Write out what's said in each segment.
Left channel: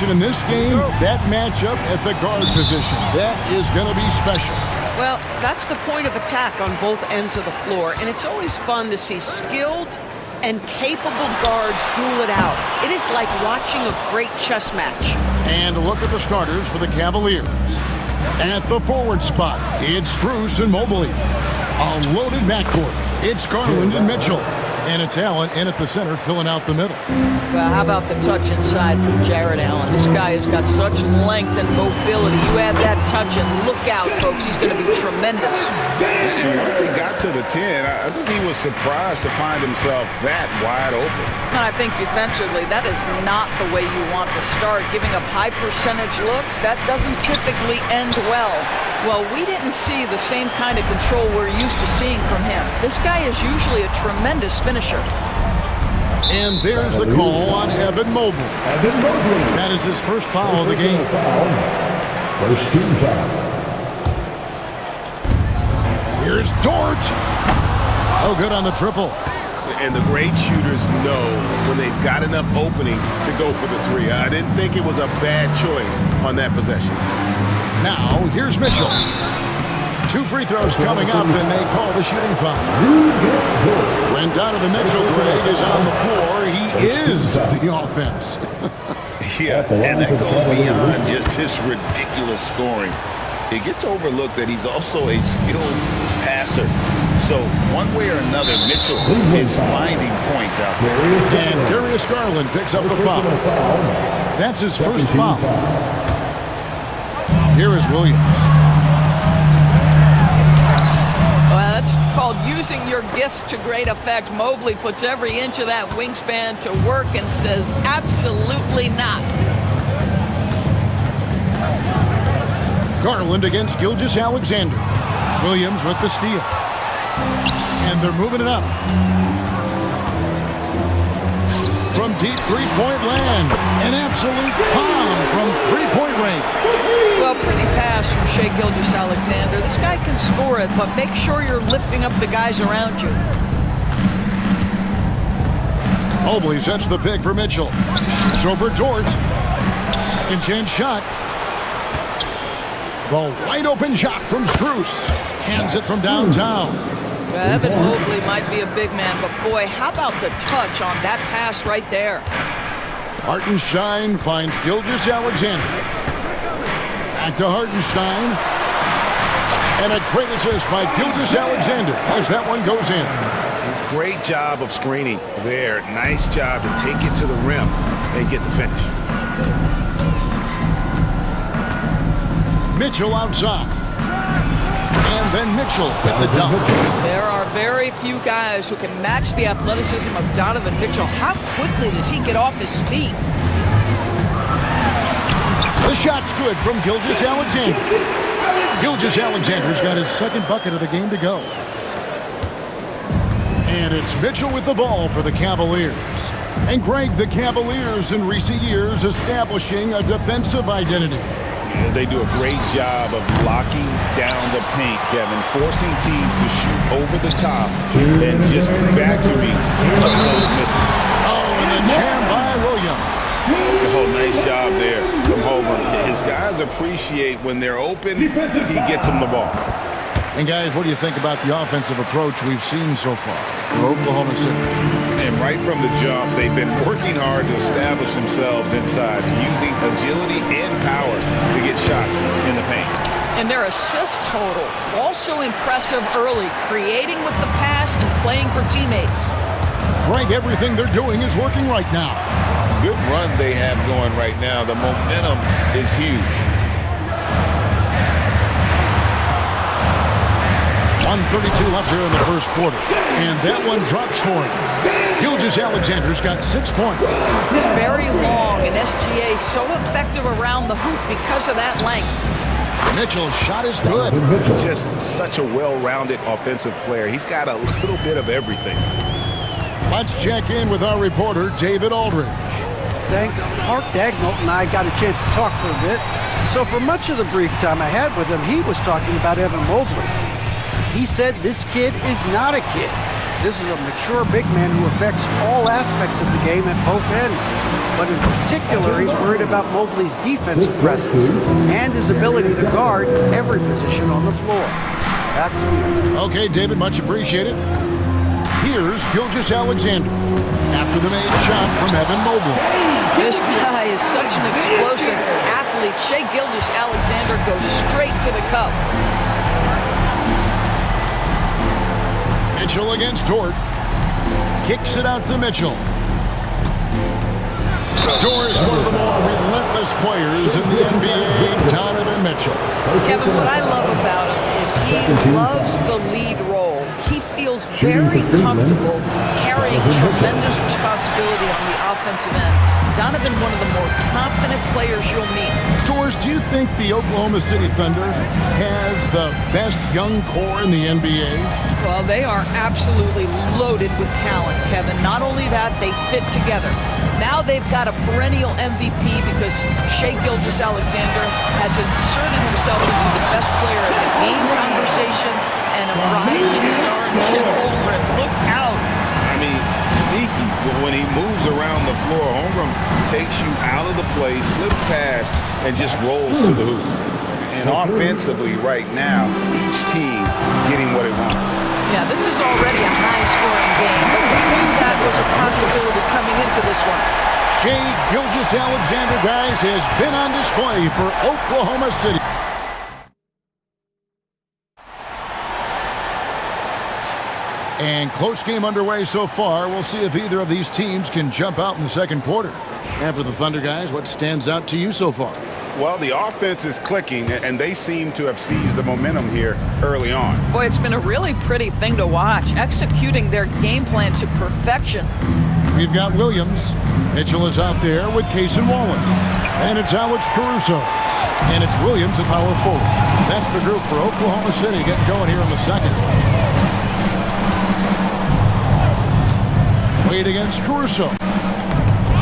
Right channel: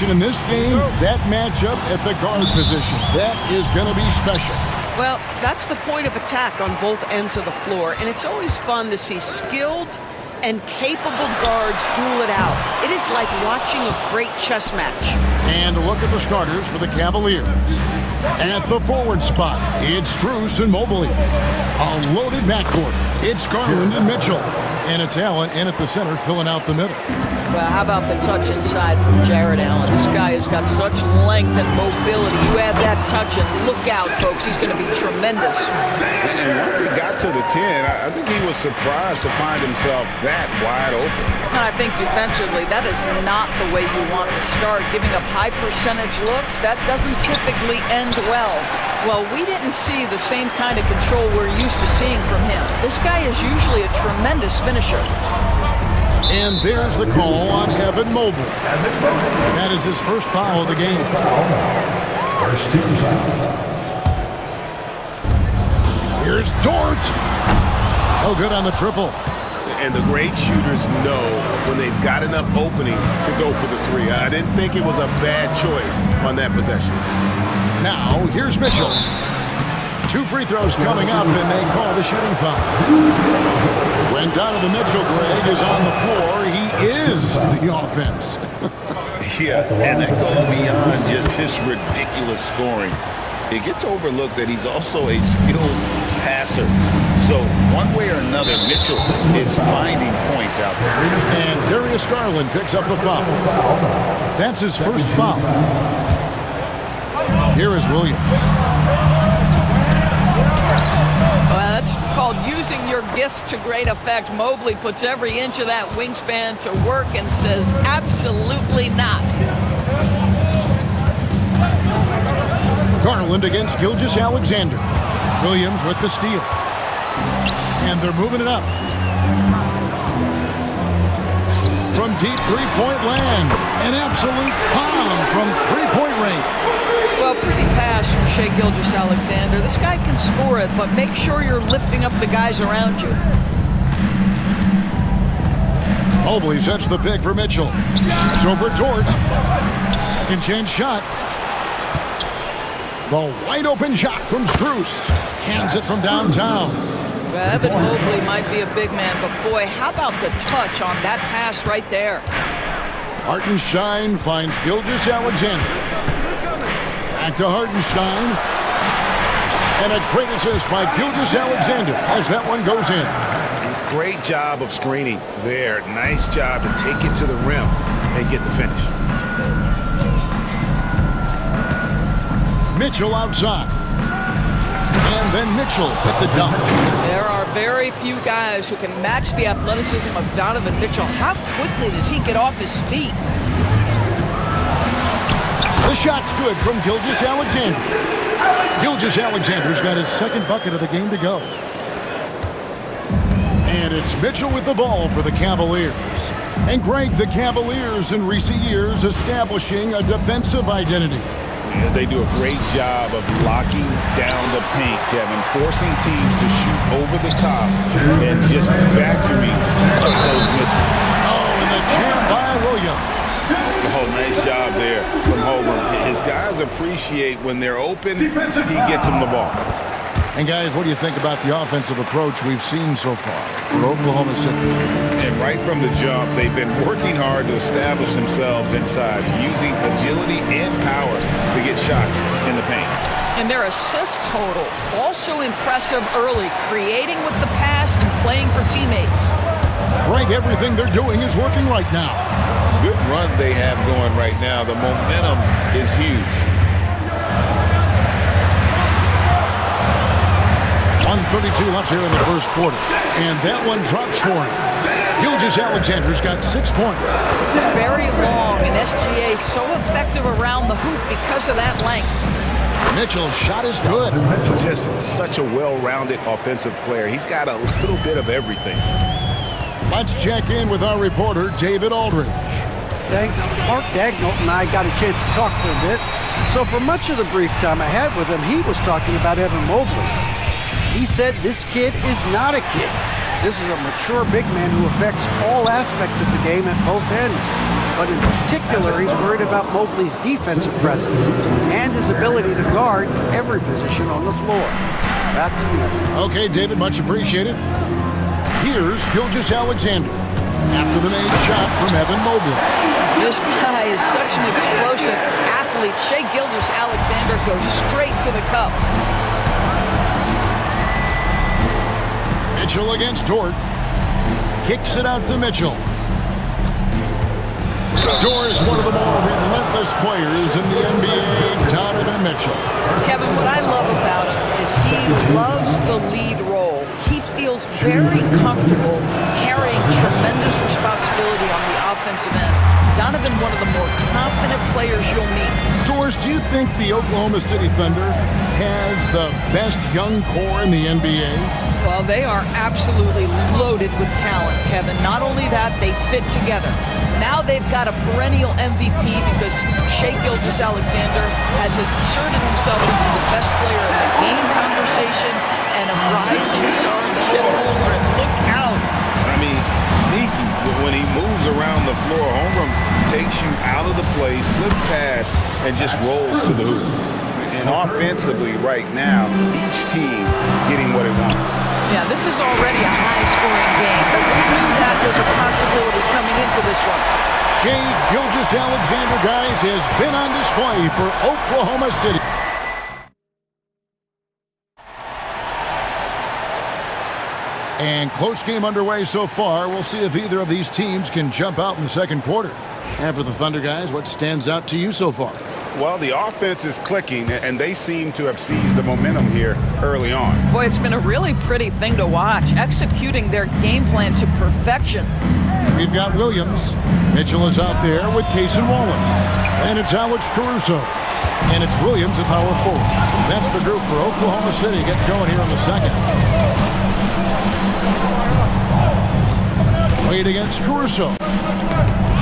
watching in this game, that matchup at the guard position, that is going to be special. Well, that's the point of attack on both ends of the floor, and it's always fun to see skilled and capable guards duel it out. It is like watching a great chess match. And look at the starters for the Cavaliers. At the forward spot, it's Strus and Mobley. A loaded backcourt, it's Garland and Mitchell. And it's Allen in at the center, filling out the middle. Well, how about the touch inside from Jared Allen? This guy has got such length and mobility. You add that touch and look out, folks. He's going to be tremendous. And once he got to the 10, I think he was surprised to find himself that wide open. And I think defensively, that is not the way you want to start. Giving up high percentage looks, that doesn't typically end well. Well, we didn't see the same kind of control we're used to seeing from him. This guy is usually a tremendous finisher. And there's the call on Evan Mobley. That is his first foul of the game. First team foul. Here's Dort. Oh, good on the triple. And the great shooters know when they've got enough opening to go for the three. I didn't think it was a bad choice on that possession. Now, here's Mitchell. 2 free throws coming up, and they call the shooting foul. When Donovan Mitchell, Greg, is on the floor, he is the offense. Yeah, and that goes beyond just his ridiculous scoring. It gets overlooked that he's also a skilled passer. So one way or another, Mitchell is finding points out there. And Darius Garland picks up the foul. That's his first foul. Here is Williams. Well, that's called using your gifts to great effect. Mobley puts every inch of that wingspan to work and says, absolutely not. Garland against Gilgeous-Alexander. Williams with the steal. And they're moving it up. From deep three-point land. An absolute bomb from three-point range. Well, pretty pass from Shai Gilgeous-Alexander. This guy can score it, but make sure you're lifting up the guys around you. Mobley sets the pick for Mitchell. Shoots over Dort. Second chance shot. The wide open shot from Strus. Cans it from downtown. Well, Evan Mobley might be a big man, but boy, how about the touch on that pass right there? Hartenstein finds Gilgeous-Alexander. Back to Hartenstein. And a great assist by Gilgeous-Alexander as that one goes in. Great job of screening there. Nice job to take it to the rim and get the finish. Mitchell outside. And then Mitchell with the dunk. There are very few guys who can match the athleticism of Donovan Mitchell. How quickly does he get off his feet? The shot's good from Gilgeous-Alexander. Gilgeous-Alexander's got his second bucket of the game to go. And it's Mitchell with the ball for the Cavaliers. And Greg, the Cavaliers in recent years establishing a defensive identity. Yeah, they do a great job of locking down the paint, Kevin, forcing teams to shoot over the top and just vacuuming those misses. Oh, and the jam by Williams. Oh, nice job there from Holmgren. His guys appreciate when they're open, he gets them the ball. And guys, what do you think about the offensive approach we've seen so far for Oklahoma City? And right from the jump, they've been working hard to establish themselves inside, using agility and power to get shots in the paint. And their assist total, also impressive early, creating with the pass and playing for teammates. Greg, everything they're doing is working right now. Good run they have going right now. The momentum is huge. 1:32 left here in the first quarter. And that one drops for him. Gilgeous-Alexander's got 6 points. It's very long, and SGA so effective around the hoop because of that length. Mitchell's shot is good. Just such a well-rounded offensive player. He's got a little bit of everything. Let's check in with our reporter, David Aldridge. Thanks. Mark Dagnall and I got a chance to talk for a bit. So for much of the brief time I had with him, he was talking about Evan Mobley. He said this kid is not a kid. This is a mature big man who affects all aspects of the game at both ends. But in particular, he's worried about Mobley's defensive presence and his ability to guard every position on the floor. Back to you. Okay, David, much appreciated. Here's Gilgeous Alexander after the made shot from Evan Mobley. This guy is such an explosive athlete. Shai Gilgeous-Alexander goes straight to the cup. Mitchell against Dort. Kicks it out to Mitchell. Dort is one of the more relentless players in the NBA, Donovan Mitchell. Kevin, what I love about him is he loves the lead role. He feels very comfortable carrying tremendous responsibility on the offensive end. Donovan, one of the more confident players you'll meet. Doris, do you think the Oklahoma City Thunder has the best young core in the NBA? Well, they are absolutely loaded with talent, Kevin. Not only that, they fit together. Now they've got a perennial MVP because Shai Gilgeous-Alexander has inserted himself into the best player in the game conversation and a rising star in Chet Holmgren. Look out. I mean, sneaky. When he moves around the floor, Holmgren takes you out of the play, slips past, and just rolls to the hoop. And offensively right now, each team getting what it wants. Yeah, this is already a high-scoring game, but we knew that was a possibility coming into this one. Shai Gilgeous-Alexander, guys, has been on display for Oklahoma City. And close game underway so far. We'll see if either of these teams can jump out in the second quarter. And for the Thunder, guys, what stands out to you so far? Well, the offense is clicking, and they seem to have seized the momentum here early on. Boy, it's been a really pretty thing to watch, executing their game plan to perfection. We've got Williams. Mitchell is out there with Cason Wallace. And it's Alex Caruso. And it's Williams at power forward. That's the group for Oklahoma City getting going here in the second. Wade against Caruso.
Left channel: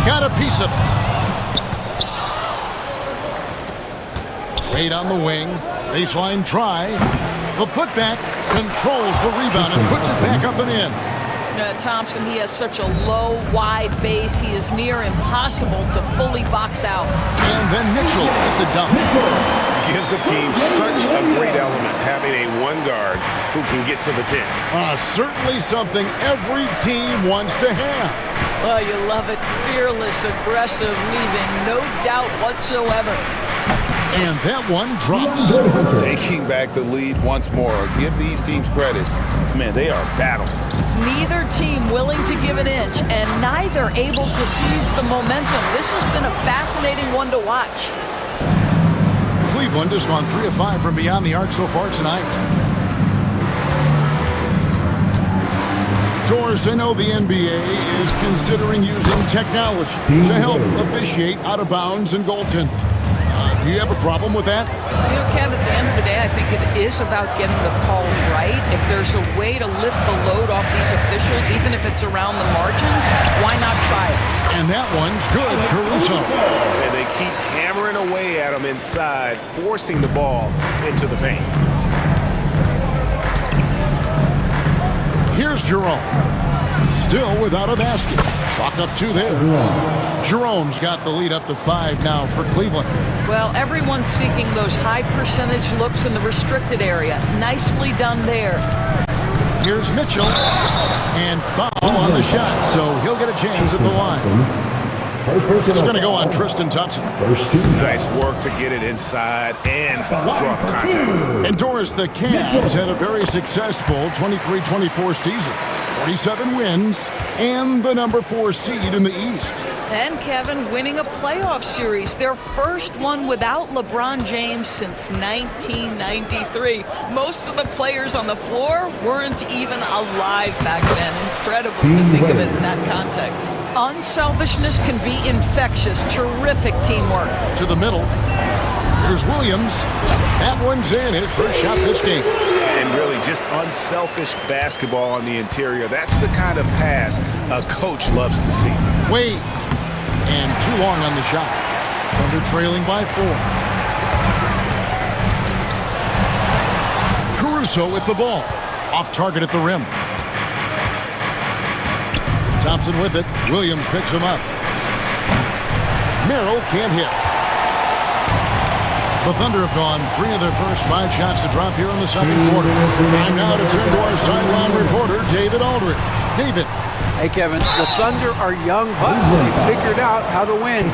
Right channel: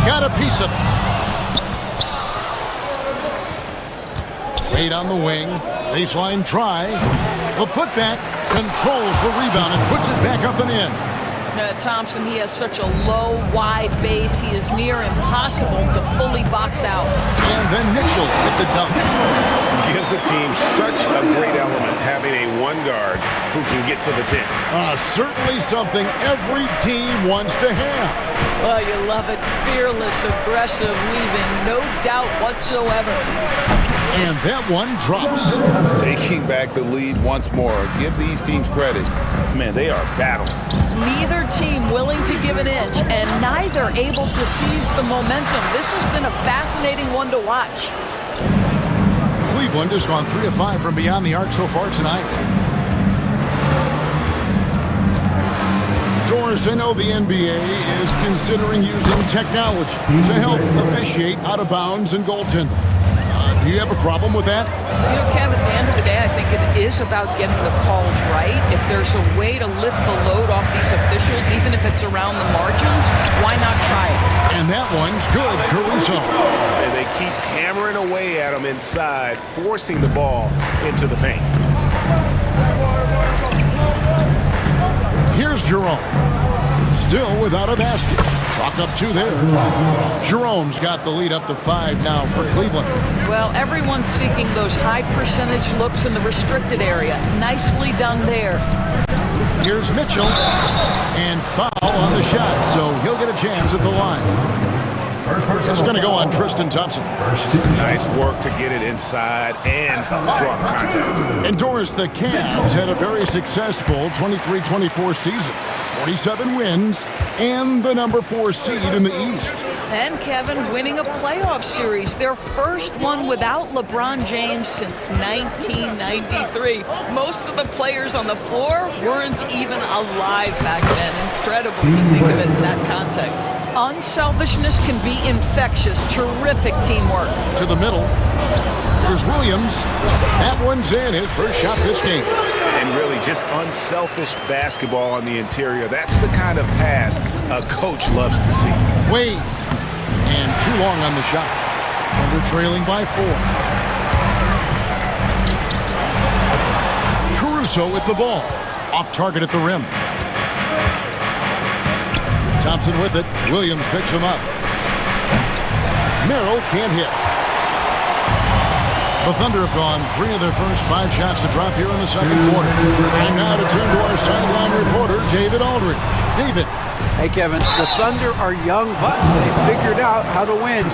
Got a piece of it. Wade on the wing. Baseline try. The putback controls the rebound and puts it back up and in. Thompson, he has such a low, wide base. He is near impossible to fully box out. And then Mitchell with the dunk. Gives the team such a great element, having a one guard who can get to the 10. Certainly something every team wants to have. Well, you love it. Fearless, aggressive, leaving no doubt whatsoever. And that one drops. Taking back the lead once more. Give these teams credit. Man, they are battling. Neither team willing to give an inch, and neither able to seize the momentum. This has been a fascinating one to watch. Cleveland has gone 3 of 5 from beyond the arc so far tonight. Doris, I know the NBA is considering using technology to help officiate out of bounds and goaltending. Do you have a problem with that? You know, Kev, at the end of the day, I think it is about getting the calls right. If there's a way to lift the load off these officials, even if it's around the margins, why not try it? And that one's good, Caruso. And they keep hammering away at him inside, forcing the ball into the paint. Here's Jerome. Still without a basket. Chalk up 2 there. Jerome's got the lead up to 5 now for Cleveland. Well, everyone's seeking those high percentage looks in the restricted area. Nicely done there. Here's Mitchell. And foul on the shot, so he'll get a chance at the line. It's going to go on Tristan Thompson. Nice work to get it inside and draw the contact. And Doris, the Cavs had a very successful 23-24 season. 47 wins and the number 4 seed in the East. And Kevin winning a playoff series, their first one without LeBron James since 1993. Most of the players on the floor weren't even alive back then. Incredible to think of it in that context. Unselfishness can be infectious. Terrific teamwork. To the middle. Here's Williams. That one's in, his first shot this game. And really just unselfish basketball on the interior. That's the kind of pass a coach loves to see. Wade. And too long on the shot. Thunder trailing by 4. Caruso with the ball. Off target at the rim. Thompson with it. Williams picks him up. Merrill can't hit. The Thunder have gone 3 of their first 5 shots to drop here in the second quarter. Time now to turn to our sideline reporter, David Aldridge. David. Hey, Kevin, the Thunder are young, but they figured out how to win.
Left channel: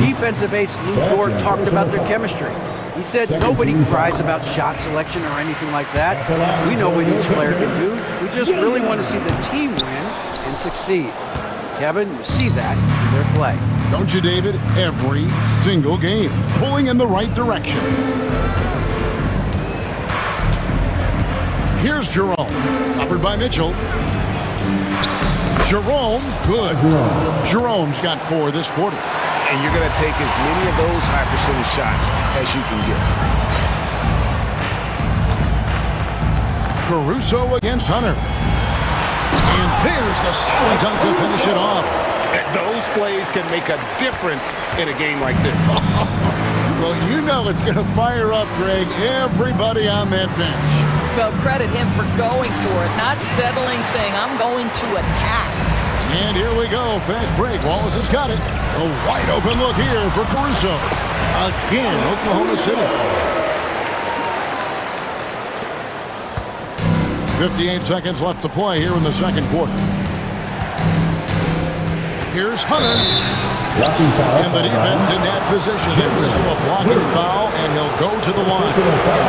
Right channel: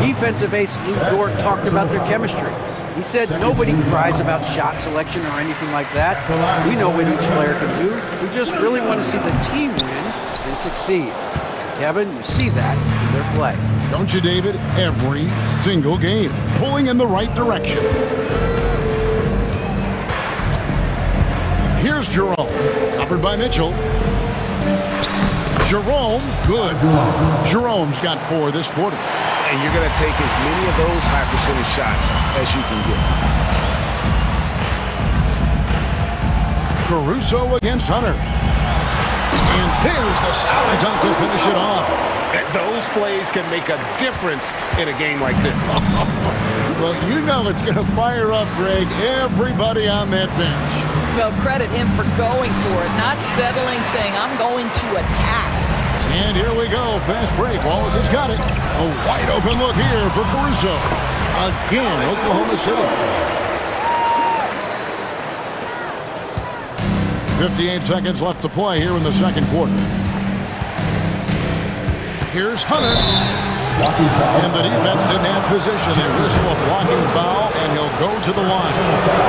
Defensive ace Lou Dort talked about their chemistry. He said nobody cries about shot selection or anything like that. We know what each player can do. We just really want to see the team win and succeed. And Kevin, you see that in their play. Don't you, David? Every single game, pulling in the right direction. Here's Jerome, covered by Mitchell. Jerome, good. Jerome's got 4 this quarter. And you're going to take as many of those high percentage shots as you can get. Caruso against Hunter. And there's the slam dunk to finish it off. Those plays can make a difference in a game like this. Well, you know it's going to fire up, Greg, everybody on that bench. Well, credit him for going for it, not settling, saying, I'm going to attack. And here we go. Fast break. Wallace has got it. A wide open look here for Caruso. Again, Oklahoma City. 58 seconds left to play here in the second quarter. Here's Hunter. And the defense didn't have position. They whistle a blocking foul, and he'll go to the line.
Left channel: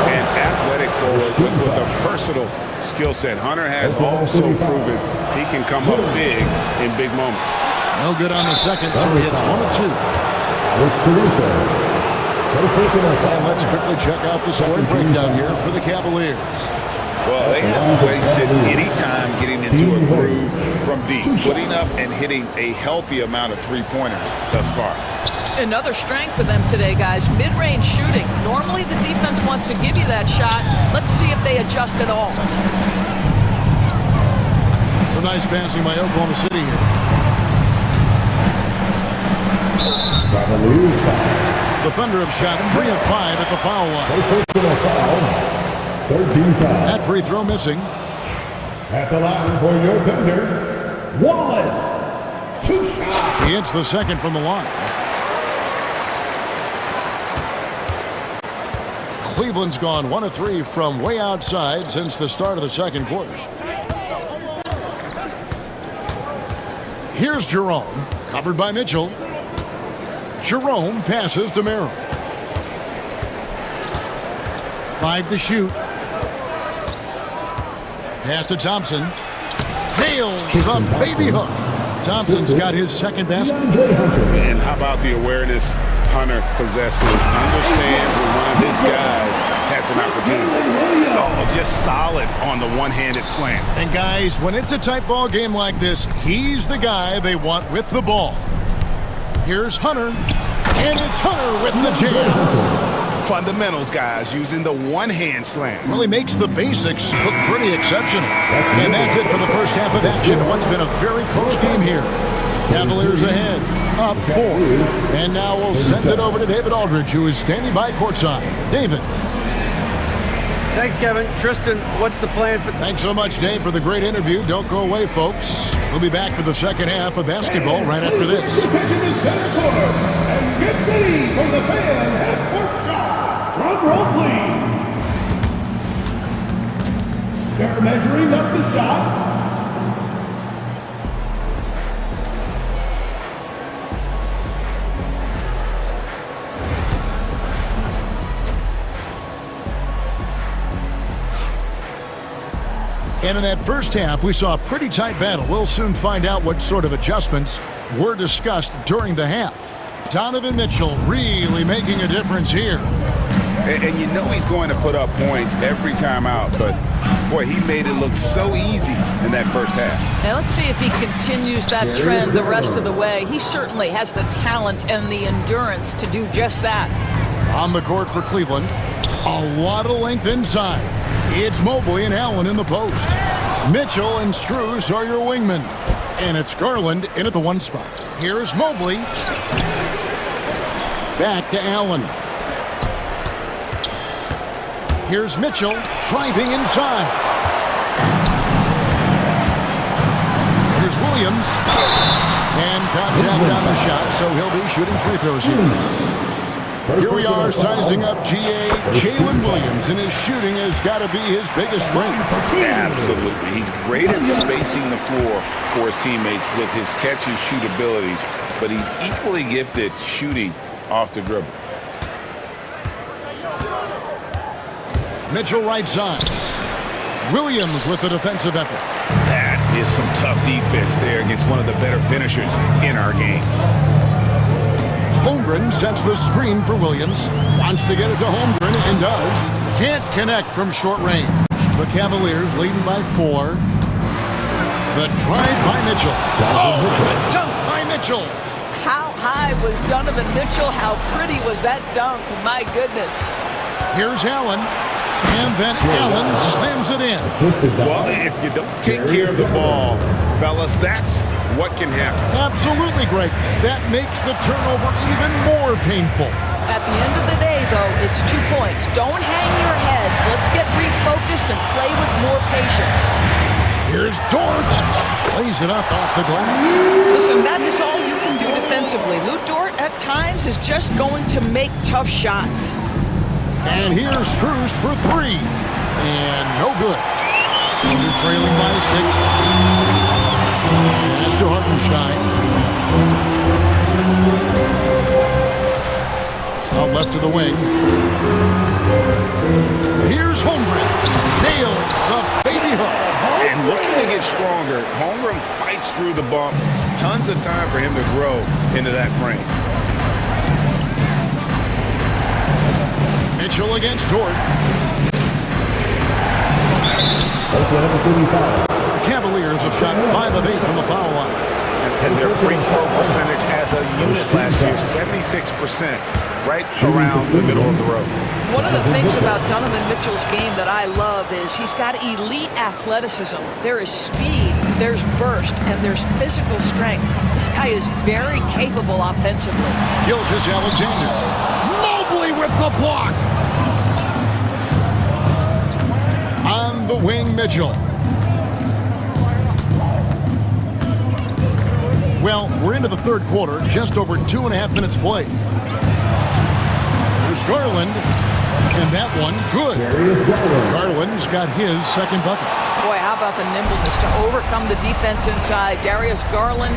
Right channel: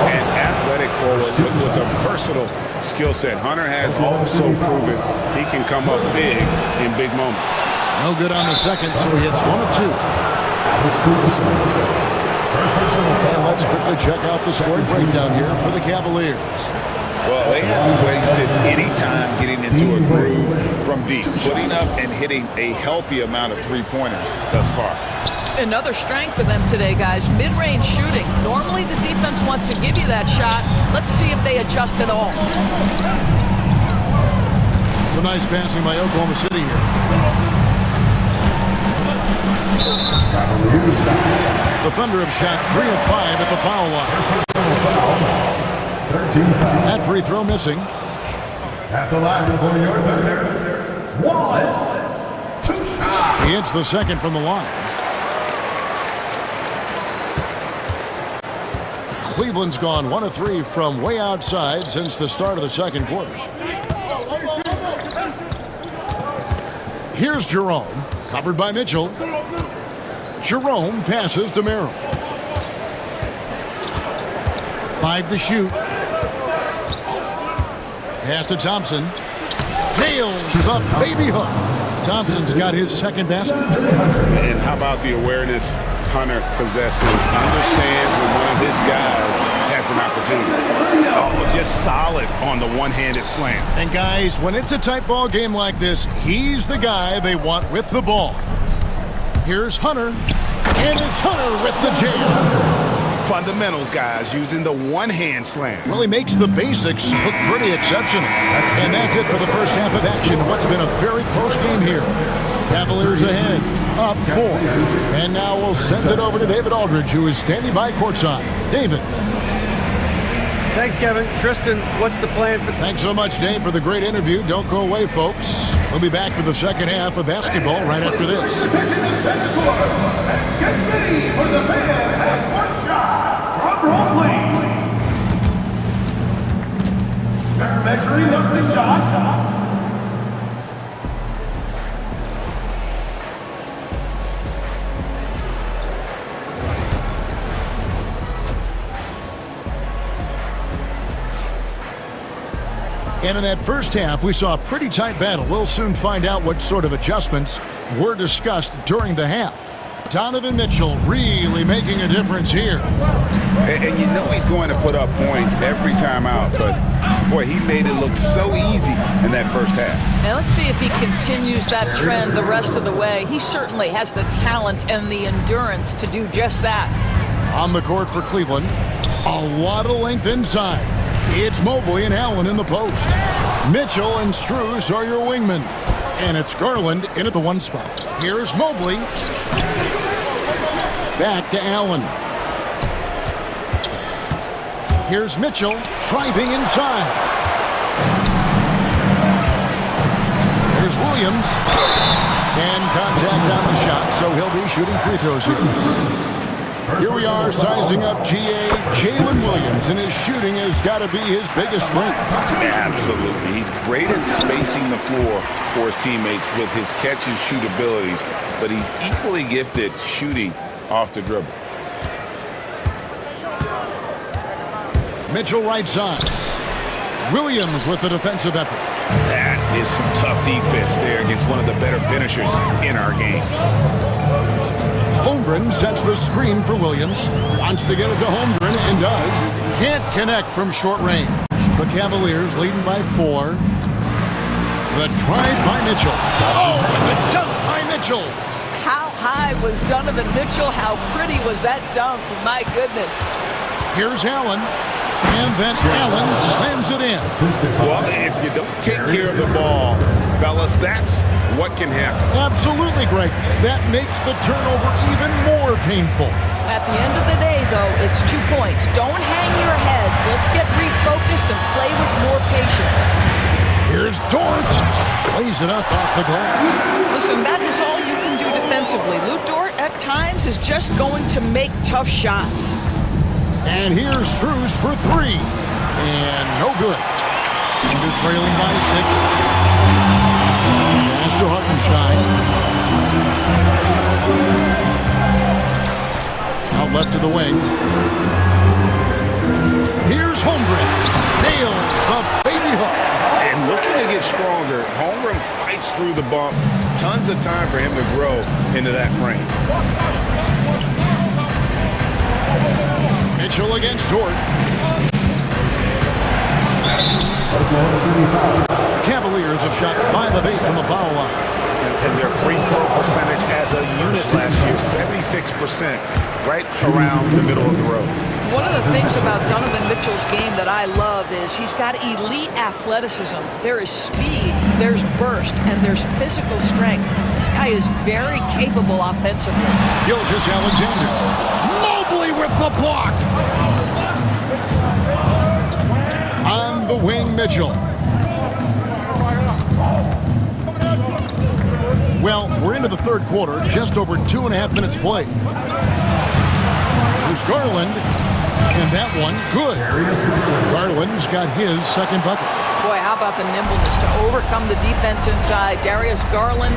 An athletic forward with a versatile skill set. Hunter has also proven he can come up big in big moments. No good on the second, so he hits 1 of 2. And let's quickly check out the scoring breakdown here for the Cavaliers. Well, they haven't wasted any time getting into a groove from deep, putting up and hitting a healthy amount of three-pointers thus far. Another strength for them today, guys, mid-range shooting. Normally the defense wants to give you that shot. Let's see if they adjust at all. Some nice passing by Oklahoma City here. The Thunder have shot 3 of 5 at the foul line. 13 fouls. That free throw missing. At the line for your Thunder, Wallace. 2 shots. He hits the second from the line. Cleveland's gone 1 of 3 from way outside since the start of the second quarter. Here's Jerome, covered by Mitchell. Jerome passes to Merrill. 5 to shoot. Pass to Thompson. Nails the baby hook. Thompson's got his second basket. And how about the awareness Hunter possesses? Understands when one of his guys has an opportunity. Oh, just solid on the one-handed slam. And guys, when it's a tight ball game like this, he's the guy they want with the ball. Here's Hunter, and it's Hunter with the jam. Fundamentals, guys, using the one-hand slam. Really makes the basics look pretty exceptional. And that's it for the first half of action. What's been a very close game here. Cavaliers ahead, up 4. And now we'll send it over to David Aldridge, who is standing by courtside. David. Thanks, Kevin. Tristan, what's the plan for... Thanks so much, Dave, for the great interview. Don't go away, folks. We'll be back for the second half of basketball right after this. Attention to center court, and get ready for the fan half-court shot. Drum roll, please. They're measuring up the shot. And in that first half, we saw a pretty tight battle. We'll soon find out what sort of adjustments were discussed during the half. Donovan Mitchell really making a difference here. And you know he's going to put up points every time out, but boy, he made it look so easy in that first half. Now let's see if he continues that trend the rest of the way. He certainly has the talent and the endurance to do just that. On the court for Cleveland, a lot of length inside. It's Mobley and Allen in the post. Mitchell and Strus are your wingmen. And it's Garland in at the 1 spot. Here's Mobley. Back to Allen. Here's Mitchell driving inside. Here's Here's Williams. And contact on the shot, so he'll be shooting free throws here. Here we are sizing up GA. Jalen Williams, and his shooting has got to be his biggest strength. Absolutely. He's great at spacing the floor for his teammates with his catch and shoot abilities, but he's equally gifted shooting off the dribble. Mitchell right side. Williams with the defensive effort. That is some tough defense there against one of the better finishers in our game. Holmgren sets the screen for Williams. Wants to get it to Holmgren and does. Can't connect from short range. The Cavaliers leading by 4. The drive by Mitchell. Oh, and the dunk by Mitchell. How high was Donovan Mitchell? How pretty was that dunk? My goodness. Here's Allen. And then Allen slams it in. Well, if you don't take care of the ball, fellas, that's what can happen. Absolutely, Greg. That makes the turnover even more painful. At the end of the day, though, it's 2 points. Don't hang your heads. Let's get refocused and play with more patience. Here's Dort. Plays it up off the glass. Listen, that is all you can do defensively. Lou Dort, at times, is just going to make tough shots. And here's Strus for 3. And no good. Under trailing by 6. Pass to Hartenstein. Out left to the wing. Here's Holmgren. Nails the baby hook. And looking to get stronger, Holmgren fights through the bump. Tons of time for him to grow into that frame. Mitchell against Dort. The Cavaliers have shot 5 of 8 from the foul line. And their free throw percentage as a unit last year, 76%, right around the middle of the road. One of the things about Donovan Mitchell's game that I love is he's got elite athleticism. There is speed, there's burst, and there's physical strength. This guy is very capable offensively. Gilgeous-Alexander. Mobley with the block. On the wing, Mitchell. Well, we're into the third quarter, just over 2.5 minutes played. There's Garland, and that one good. Garland's got his second bucket. Boy, how about the nimbleness to overcome the defense inside. Darius Garland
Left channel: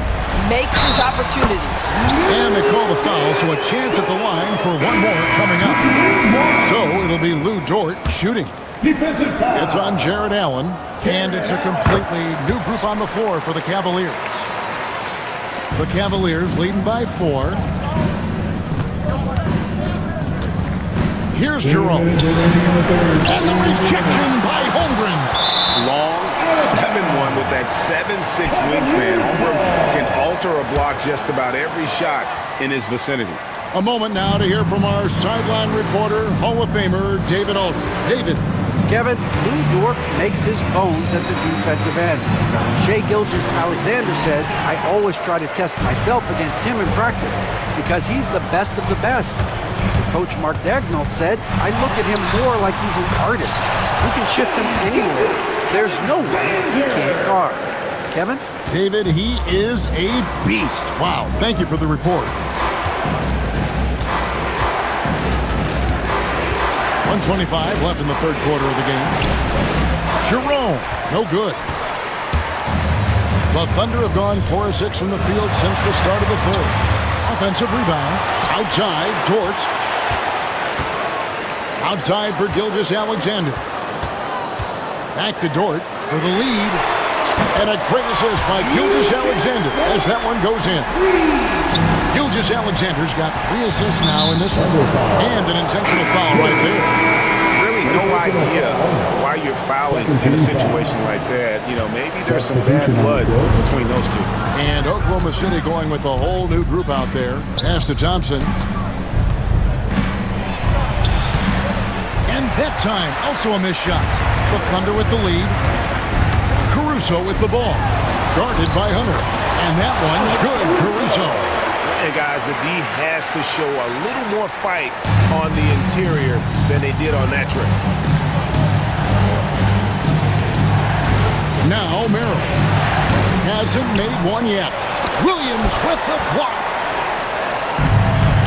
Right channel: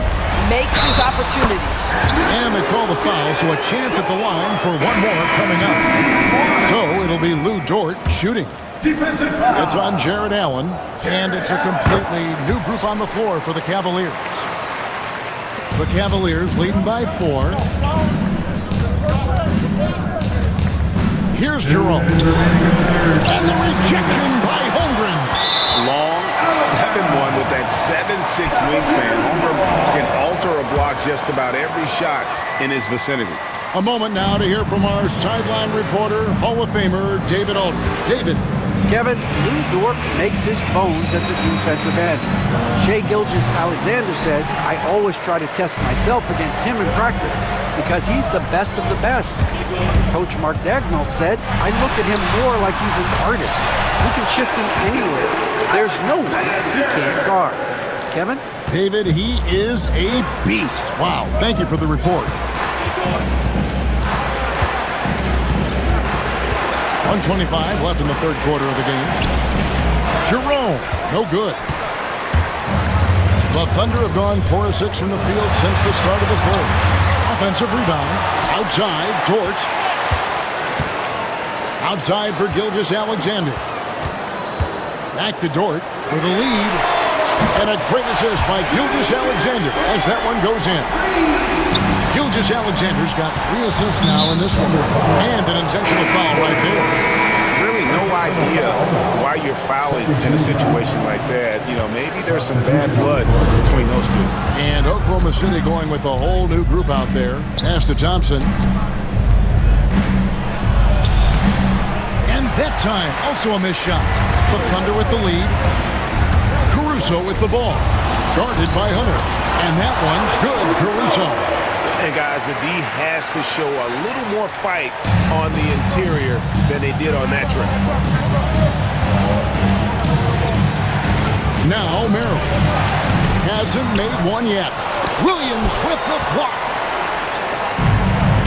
makes his opportunities. And they call the foul, so a chance at the line for one more coming up. So it'll be Lou Dort shooting. Defensive foul. It's on Jared Allen, and it's a completely new group on the floor for the Cavaliers. The Cavaliers leading by 4. Here's Jerome. And the rejection by Holmgren. Long 7-1 with that 7'6" wingspan. Holmgren can alter a block just about every shot in his vicinity. A moment now to hear from our sideline reporter, Hall of Famer David Aldridge. David. Kevin, Lou Dort makes his bones at the defensive end. Shai Gilgeous-Alexander says, I always try to test myself against him in practice because he's the best of the best. Coach Mark Daigneault said, I look at him more like he's an artist. We can shift him anywhere. There's no one he can't guard. Kevin? David, he is a beast. Wow, thank you for the report. 1:25 left in the third quarter of the game. Jerome, no good. The Thunder have gone 4 of 6 from the field since the start of the third. Offensive rebound. Outside, Dort. Outside for Gilgeous-Alexander. Back to Dort for the lead. And a great assist by Gilgeous-Alexander as that one goes in. Gilgeous-Alexander's got 3 assists now in this one. And an intentional foul right there. Really no idea why you're fouling in a situation like that. You know, maybe there's some bad blood between those two. And Oklahoma City going with a whole new group out there. Pass to Thompson. And that time, also a missed shot. The Thunder with the lead. Caruso with the ball. Guarded by Hunter. And that one's good, Caruso. And guys, the D has to show a little more fight on the interior than they did on that trip. Now Merrill. Hasn't made one yet. Williams with the block.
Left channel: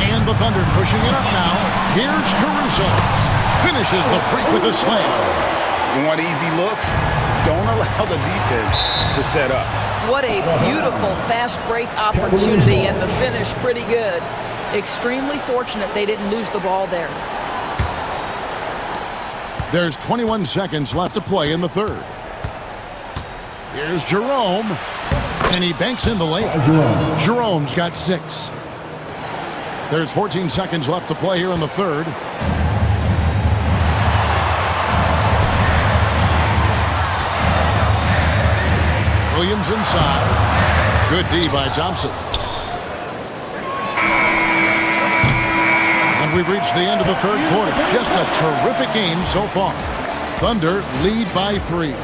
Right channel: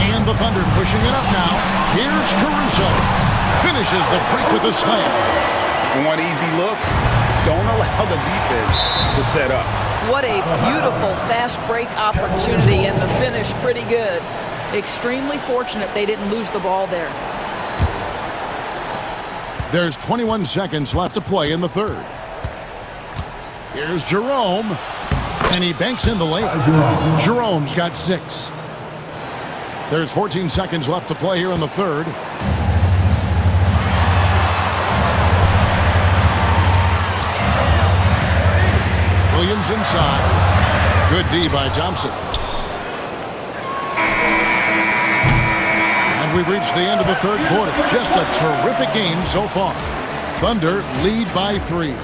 And the Thunder pushing it up now. Here's Caruso. Finishes the break with a slam. Want easy looks? Don't allow the defense to set up. What a beautiful fast break opportunity, and the finish pretty good. Extremely fortunate they didn't lose the ball there. There's 21 seconds left to play in the third. Here's Jerome. And he banks in the lane. Jerome's got 6. There's 14 seconds left to play here in the third. Williams inside. Good D by Thompson. And we've reached the end of the third quarter. Just a terrific game so far. Thunder lead by 3.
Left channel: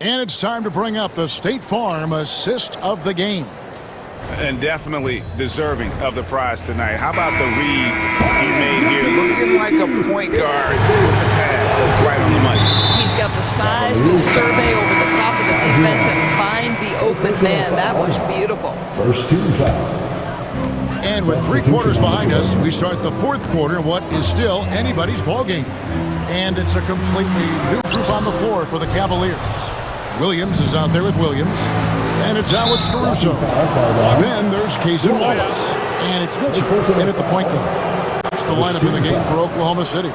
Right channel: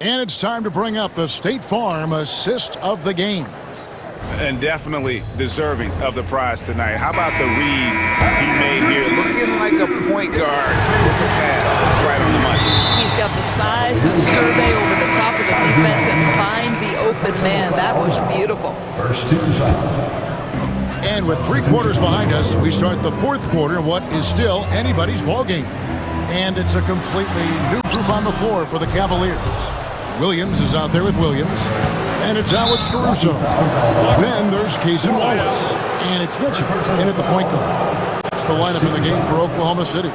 And it's time to bring up the State Farm assist of the game. And definitely deserving of the prize tonight. How about the read he made here? Looking like a point guard with the pass right on the money. He's got the size to survey over the top of the defense and find the open man. That was beautiful. First team foul. And with 3 quarters behind us, we start the fourth quarter in what is still anybody's ballgame. And it's a completely new group on the floor for the Cavaliers. Williams is out there with Williams. And it's Alex Caruso. Then there's Kaysen Wallace. And it's Mitchell in at the point guard. That's the lineup in the game for Oklahoma City.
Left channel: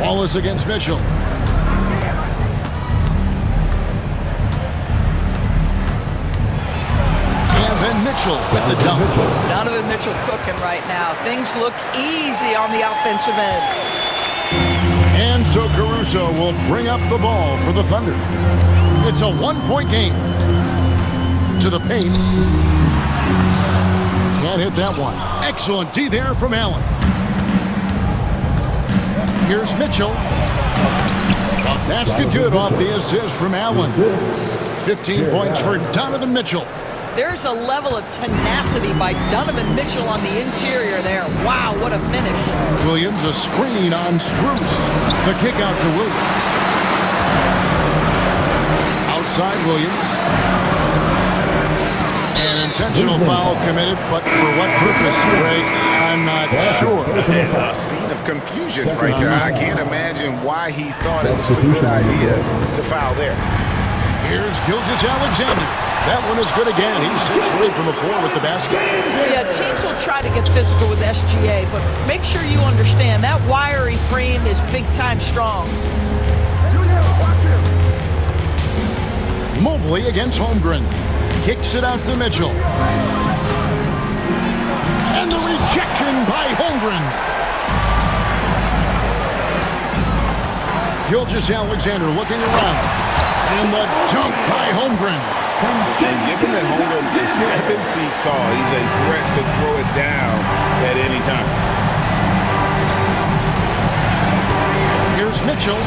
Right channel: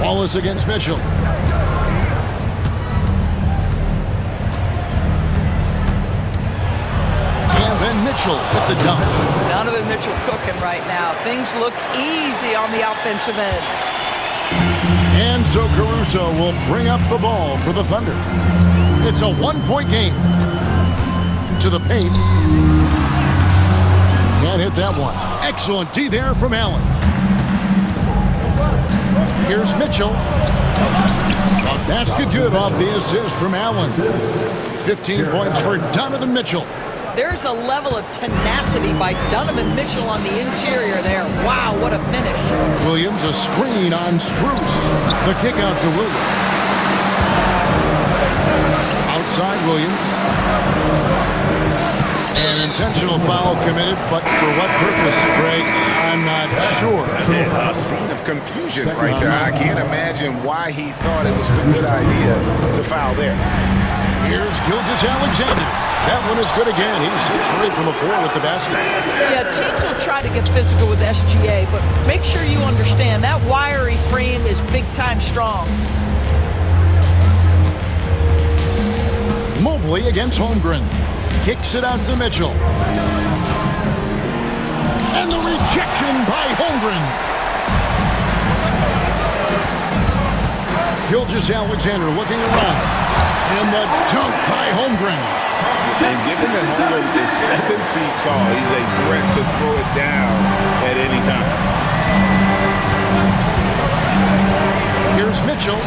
Wallace against Mitchell. And then Mitchell with the dunk. Donovan Mitchell cooking right now. Things look easy on the offensive end. And so Caruso will bring up the ball for the Thunder. It's a 1-point game. To the paint. Can't hit that one. Excellent D there from Allen. Here's Mitchell. A basket good off the assist from Allen. 15 points for Donovan Mitchell. There's a level of tenacity by Donovan Mitchell on the interior there. Wow, what a finish. Williams, a screen on Strus. The kick out to Williams. Outside Williams. An intentional foul committed, but for what purpose, Greg? I'm not sure. A scene of confusion right there. I can't imagine why he thought it was a good idea to foul there. Here's Gilgeous-Alexander. That one is good again. He's 6 for 8 from the floor with the basket. Yeah, teams will try to get physical with SGA, but make sure you understand that wiry frame is big-time strong. Mobley against Holmgren. Kicks it out to Mitchell. And the rejection by Holmgren. Gilgeous-Alexander looking around. And the dunk by Holmgren. And given that Holmgren is 7 feet tall, he's a threat to throw it down at any time. Here's Mitchell.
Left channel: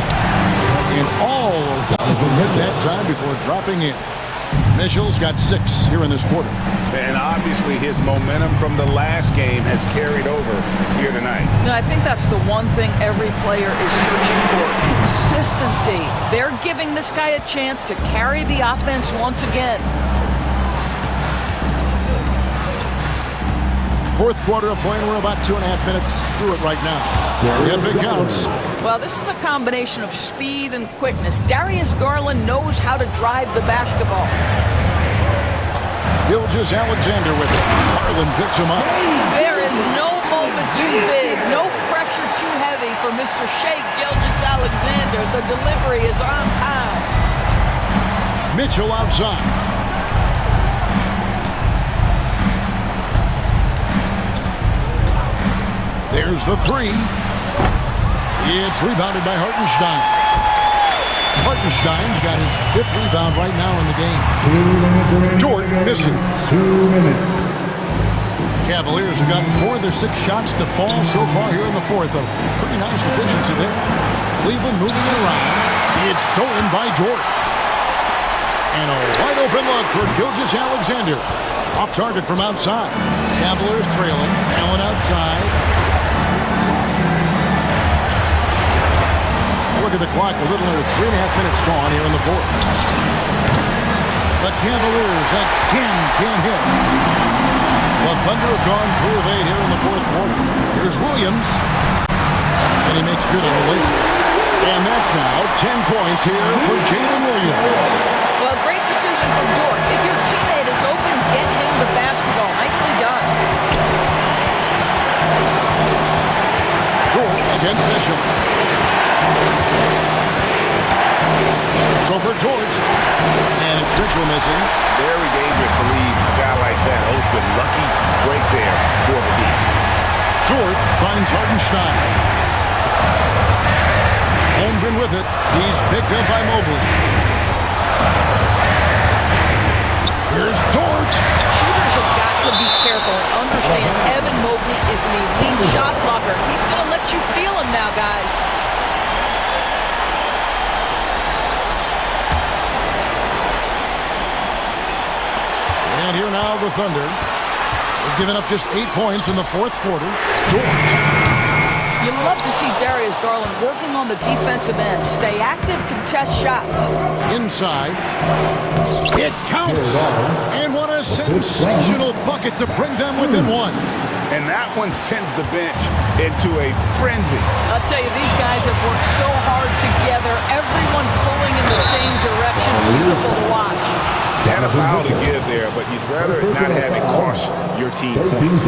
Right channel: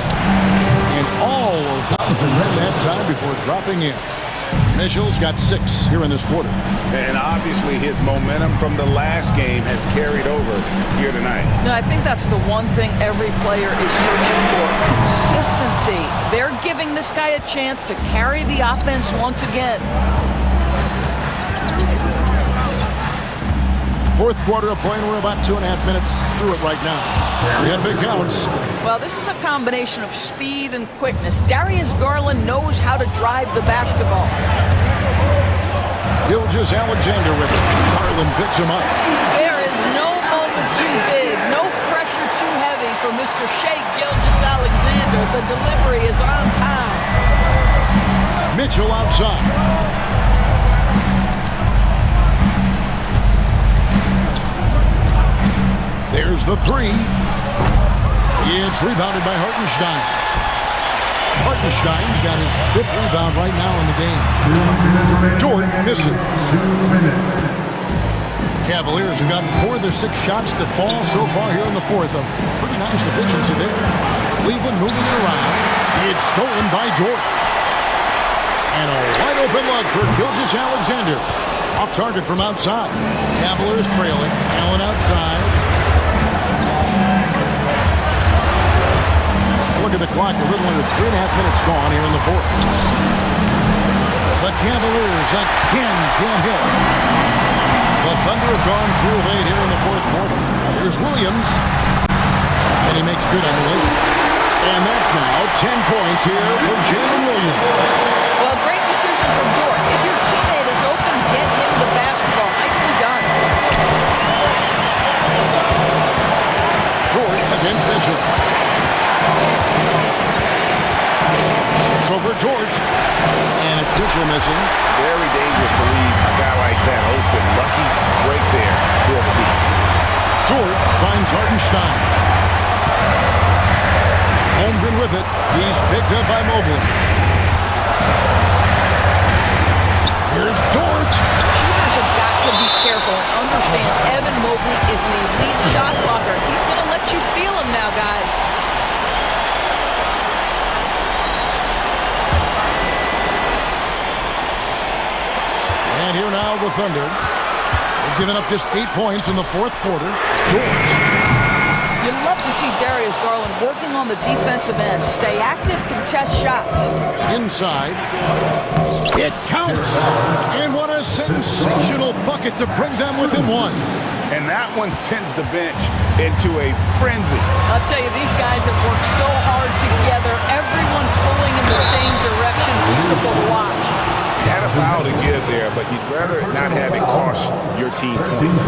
And all around the rim that time before dropping in. Mitchell's got 6 here in this quarter. And obviously his momentum from the last game has carried over here tonight. No, I think that's the one thing every player is searching for. Consistency. They're giving this guy a chance to carry the offense once again. Fourth quarter of play, and we're about 2.5 minutes through it right now. Yeah, big counts. Well, this is a combination of speed and quickness. Darius Garland knows how to drive the basketball. Gilgeous-Alexander with it. Garland picks him up. There is no moment too big, no pressure too heavy for Mr. Shea Gilgeous-Alexander. The delivery is on time. Mitchell outside. There's the 3. It's rebounded by Hartenstein. Hartenstein's got his 5th rebound right now in the game. 2 minutes remaining. Dort misses. 2 minutes. Cavaliers have gotten 4 of their 6 shots to fall so far here in the fourth. A pretty nice efficiency there. Cleveland moving it around. It's stolen by Dort. And a wide open look for Gilgeous-Alexander. Off target from outside. Cavaliers trailing. Allen outside. Look at the clock. A little under 3.5 minutes gone here in the fourth. The Cavaliers again can't hit. The Thunder have gone 3 of 8 here in the fourth quarter. Here's Williams. And he makes good on the lead. And that's now 10 points here for Jalen Williams. Well, great decision from Dort. If your teammate is open, get him the basketball. Nicely done. Dort against Mitchell. So for Dort. And it's Mitchell missing. Very dangerous to leave a guy like that open. Lucky break there for the deep. Dort finds Hartenstein. Holmgren with it. He's picked up by Mobley. Here's Dort. Shooters have got to be careful and understand Evan Mobley is an elite shot blocker. He's going to let you feel him now, guys. And here now the Thunder. They've given up just 8 points in the fourth quarter. Dort. You love to see Darius Garland working on the defensive end. Stay active, contest shots. Inside. It counts. And what a sensational bucket to bring them within one. And that one sends the bench into a frenzy. I'll tell you, these guys have worked so hard together. Everyone pulling in the same direction. Beautiful to watch. Had a foul to give there, but you'd rather not have it cost your team points.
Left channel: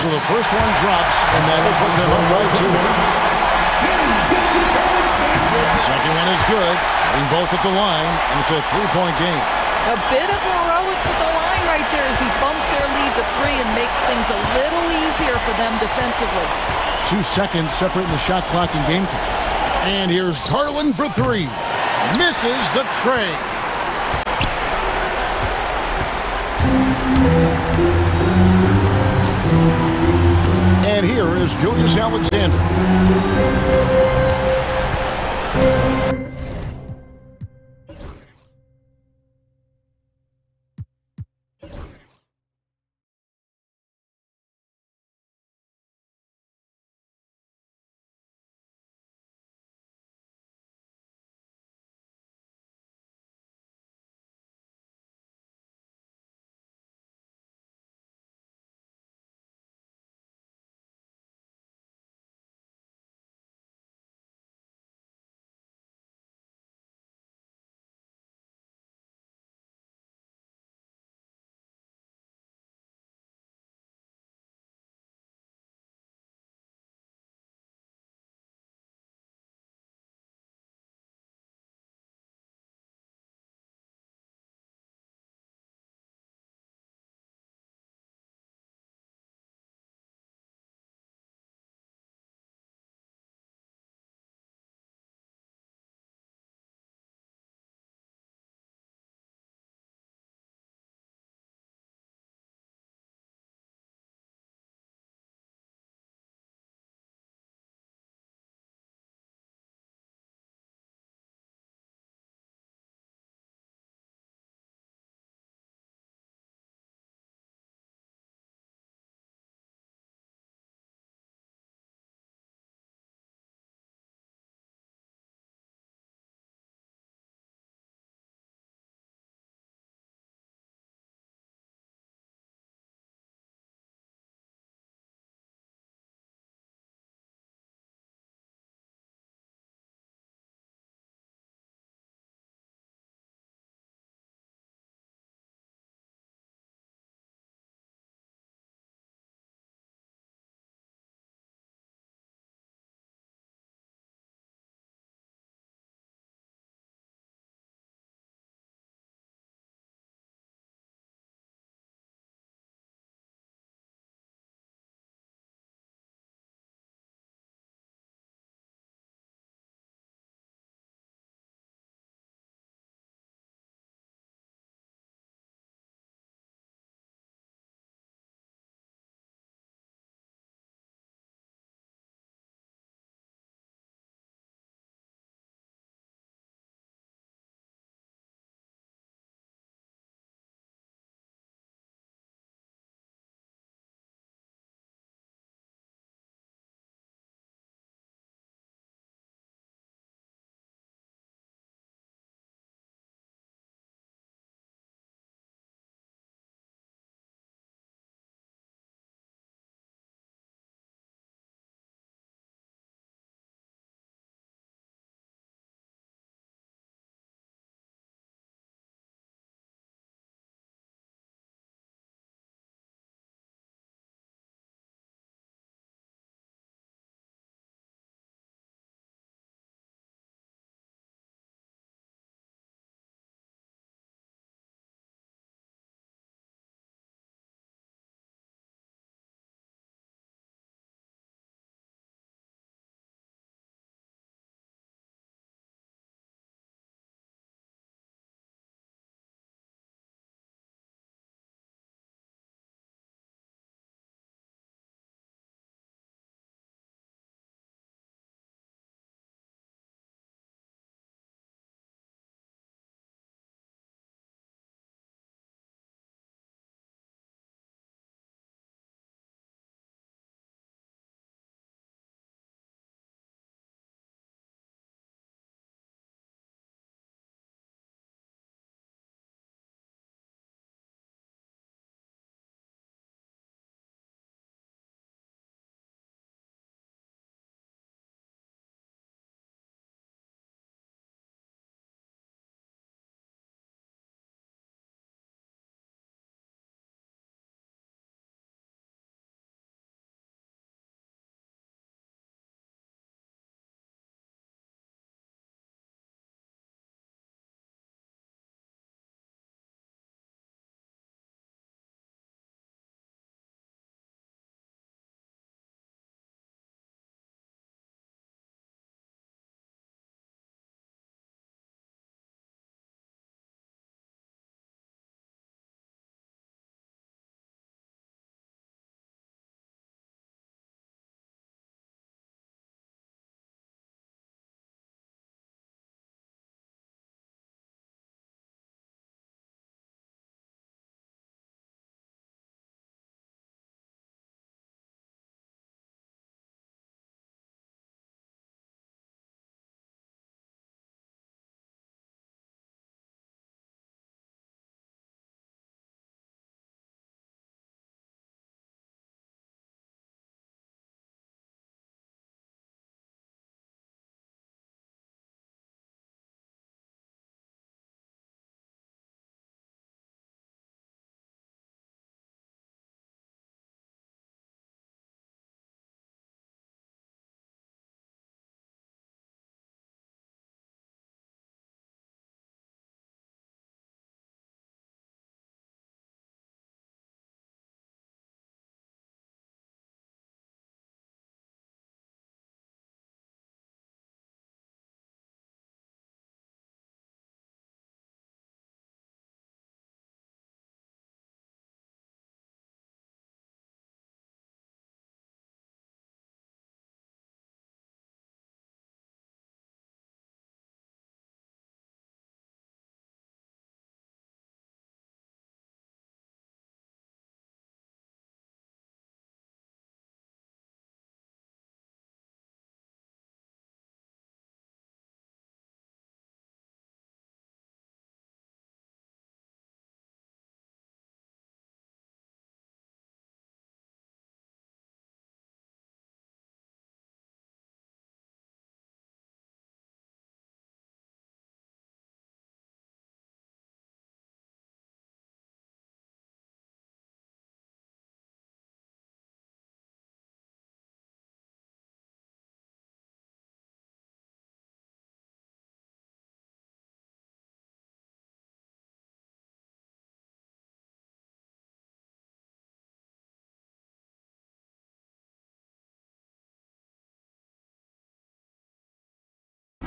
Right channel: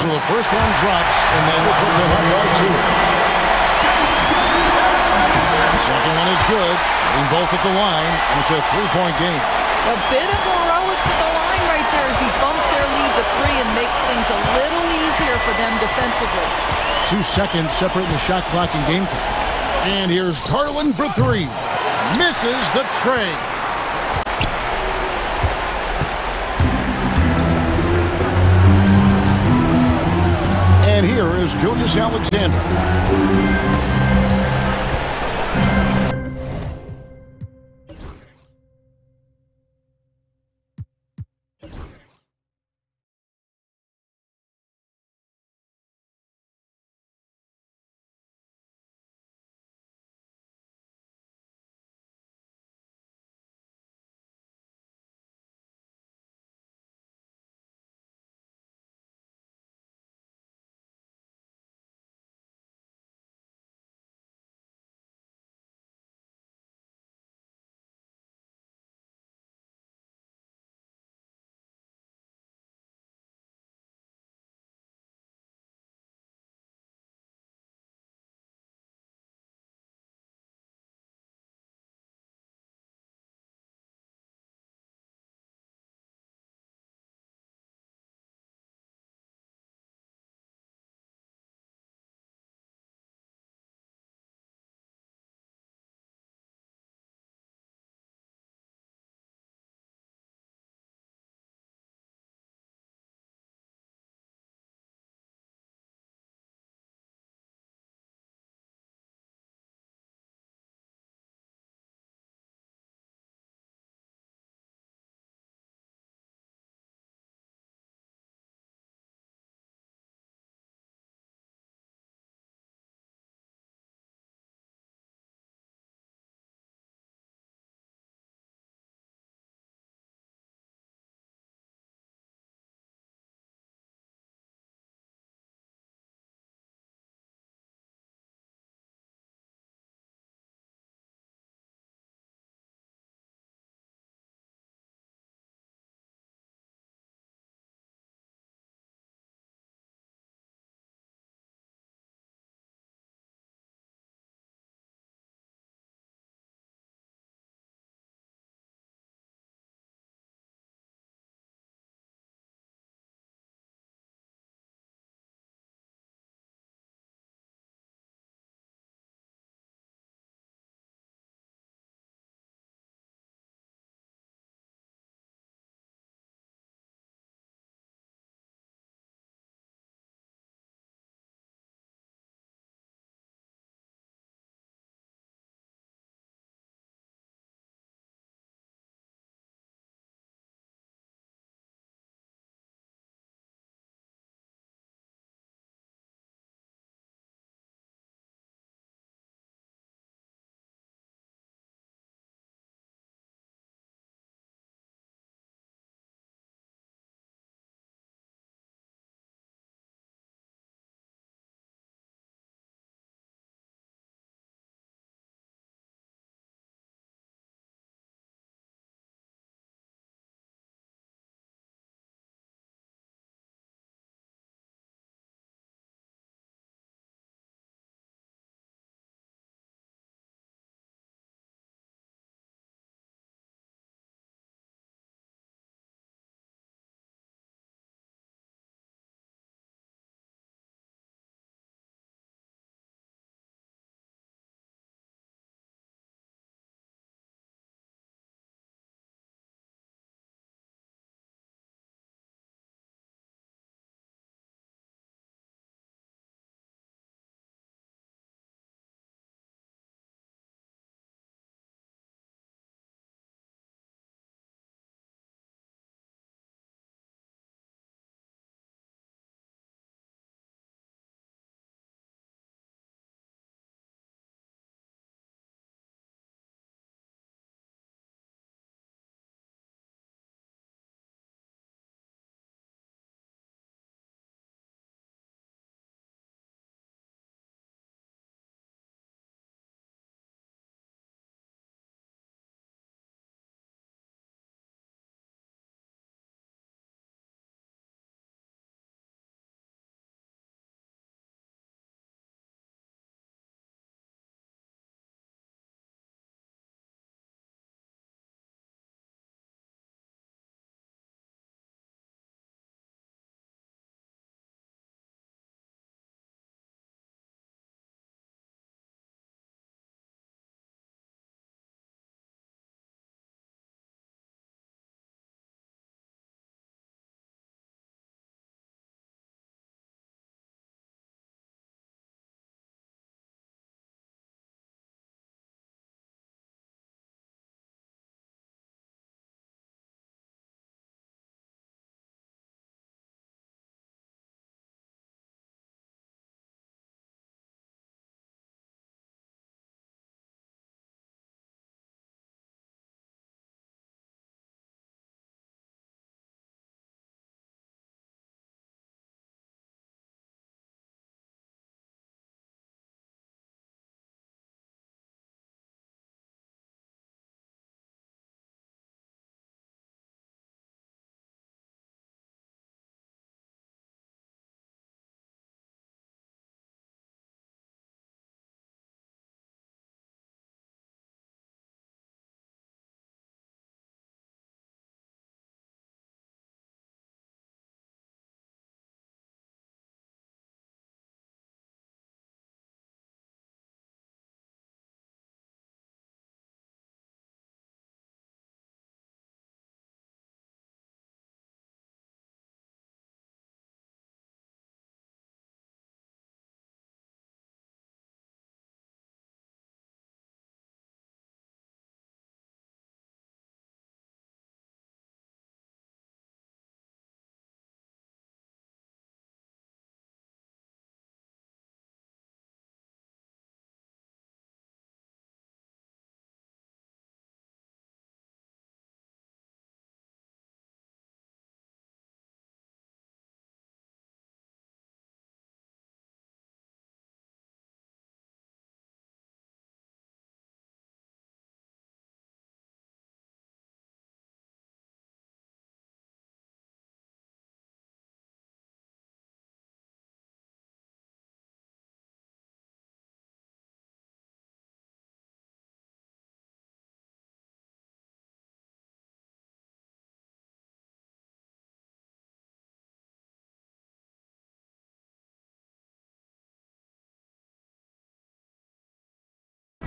So the first one drops, and that will put them up by 2. Second one is good. Getting both at the line, and it's a 3-point game. A bit of heroics at the line right there as he bumps their lead to 3 and makes things a little easier for them defensively. 2 seconds separating the shot clock and game clock. And here's Garland for 3. Misses the tray. And here is Gilgeous-Alexander.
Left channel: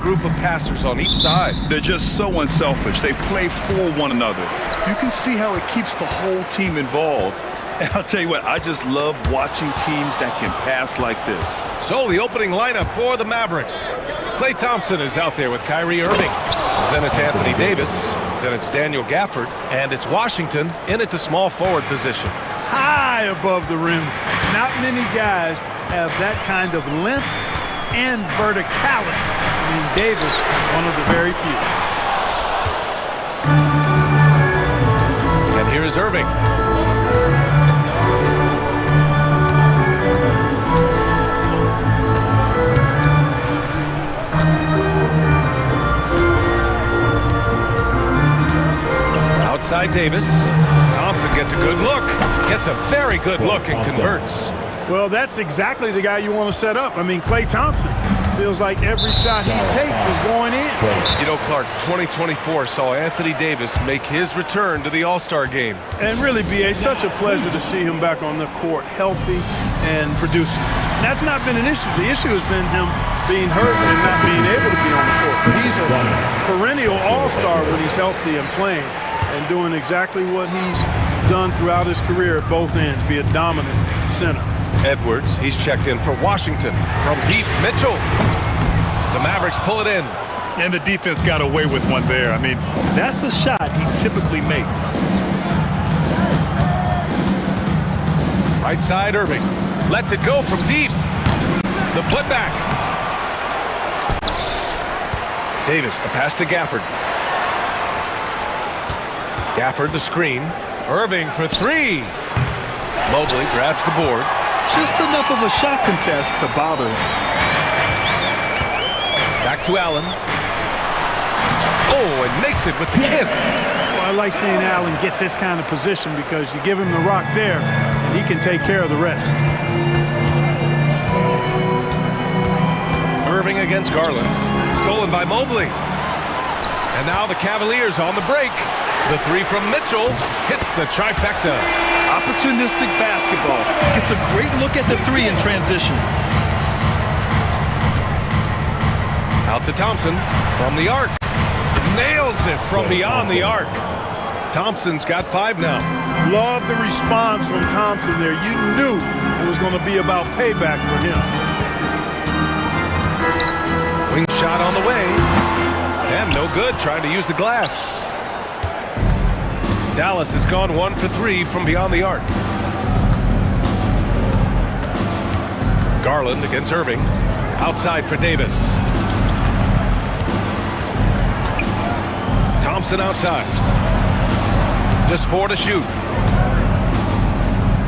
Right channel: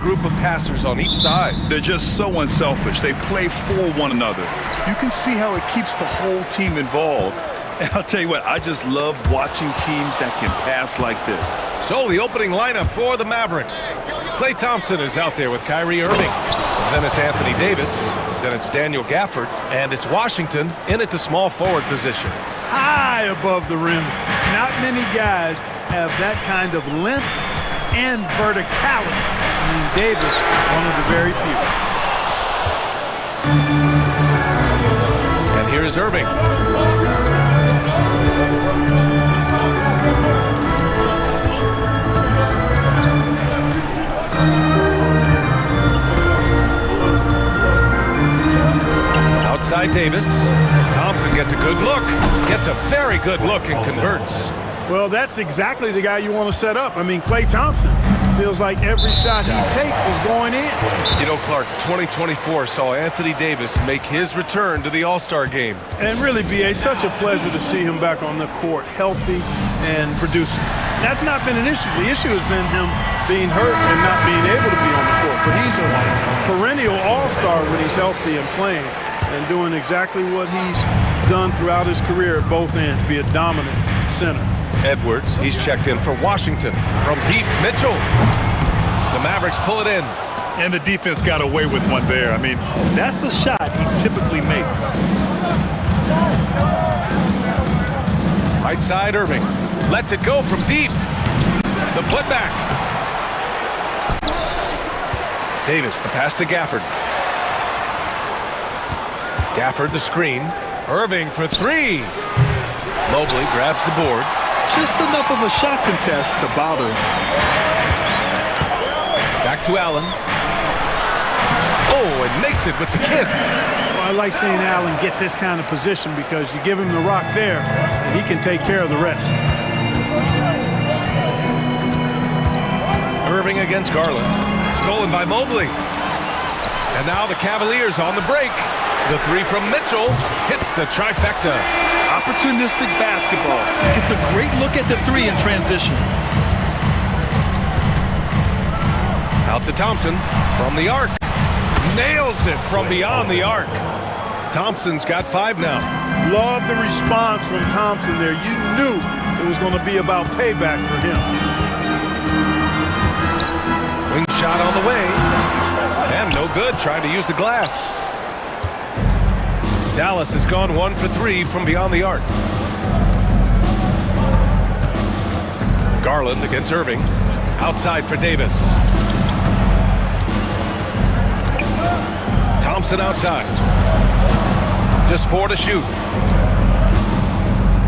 group of passers on each side. They're just so unselfish. They play for one another. You can see how it keeps the whole team involved. And I'll tell you what, I just love watching teams that can pass like this. So the opening lineup for the Mavericks. Klay Thompson is out there with Kyrie Irving. Then it's Anthony Davis. Then it's Daniel Gafford. And it's Washington in at the small forward position. High above the rim. Not many guys have that kind of length and verticality. I mean, Davis, one of the very few. And here is Irving. Outside Davis. Thompson gets a good look. Gets a very good look and converts. Well, that's exactly the guy you want to set up. I mean, Klay Thompson feels like every shot he takes is going in. You know, Clark, 2024 saw Anthony Davis make his return to the All-Star game. And really, B.A., such a pleasure to see him back on the court, healthy and producing. That's not been an issue. The issue has been him being hurt and not being able to be on the court. But he's a perennial All-Star when he's healthy and playing and doing exactly what he's done throughout his career at both ends, be a dominant center. Edwards, he's checked in for Washington. From deep, Mitchell. The Mavericks pull it in. And the defense got away with one there. I mean, that's a shot he typically makes. Right side, Irving. Lets it go from deep. The putback. Davis, the pass to Gafford. Gafford, the screen. Irving for three. Mobley grabs the board. Just enough of a shot contest to bother him. Back to Allen. Oh, and makes it with the kiss. Well, I like seeing Allen get this kind of position because you give him the rock there, and he can take care of the rest. Irving against Garland. Stolen by Mobley. And now the Cavaliers on the break. The three from Mitchell hits the trifecta. Opportunistic basketball. Gets a great look at the three in transition. Out to Thompson from the arc. Nails it from beyond the arc. Thompson's got 5 now. Love the response from Thompson there. You knew it was going to be about payback for him. Wing shot on the way. And no good, trying to use the glass. Dallas has gone 1 for 3 from beyond the arc. Garland against Irving. Outside for Davis. Thompson outside. Just 4 to shoot.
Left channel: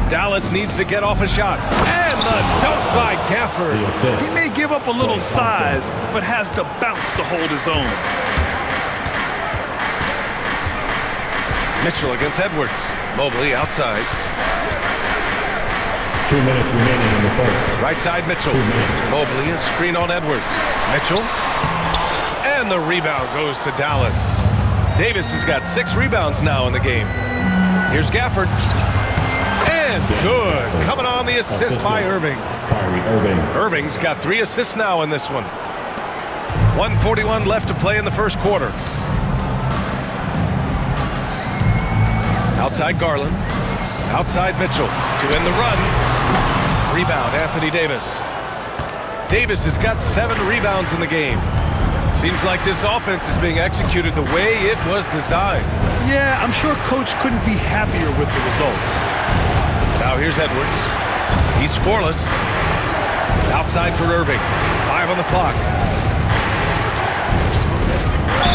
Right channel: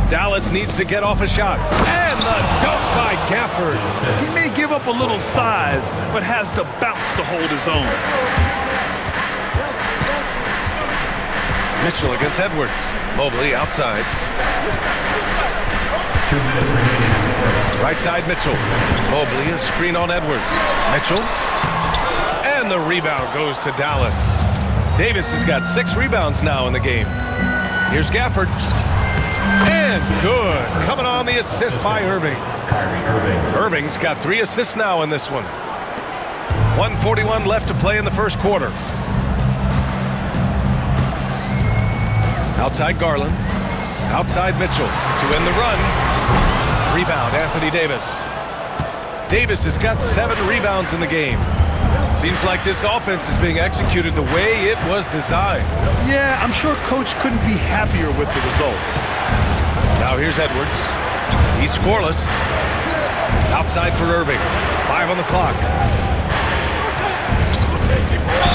Dallas needs to get off a shot. And the dunk by Gafford. He may give up a little size, but has the bounce to hold his own. Mitchell against Edwards. Mobley outside. 2 minutes remaining in the first. Right side Mitchell. Mobley, a screen on Edwards. Mitchell. And the rebound goes to Dallas. Davis has got 6 rebounds now in the game. Here's Gafford. And good. Coming on the assist by Irving. Irving's got 3 assists now in this one. 1:41 left to play in the first quarter. Outside Garland. Outside Mitchell to end the run. Rebound, Anthony Davis. Davis has got 7 rebounds in the game. Seems like this offense is being executed the way it was designed. Yeah, I'm sure Coach couldn't be happier with the results. Now here's Edwards. He's scoreless. Outside for Irving. 5 on the clock.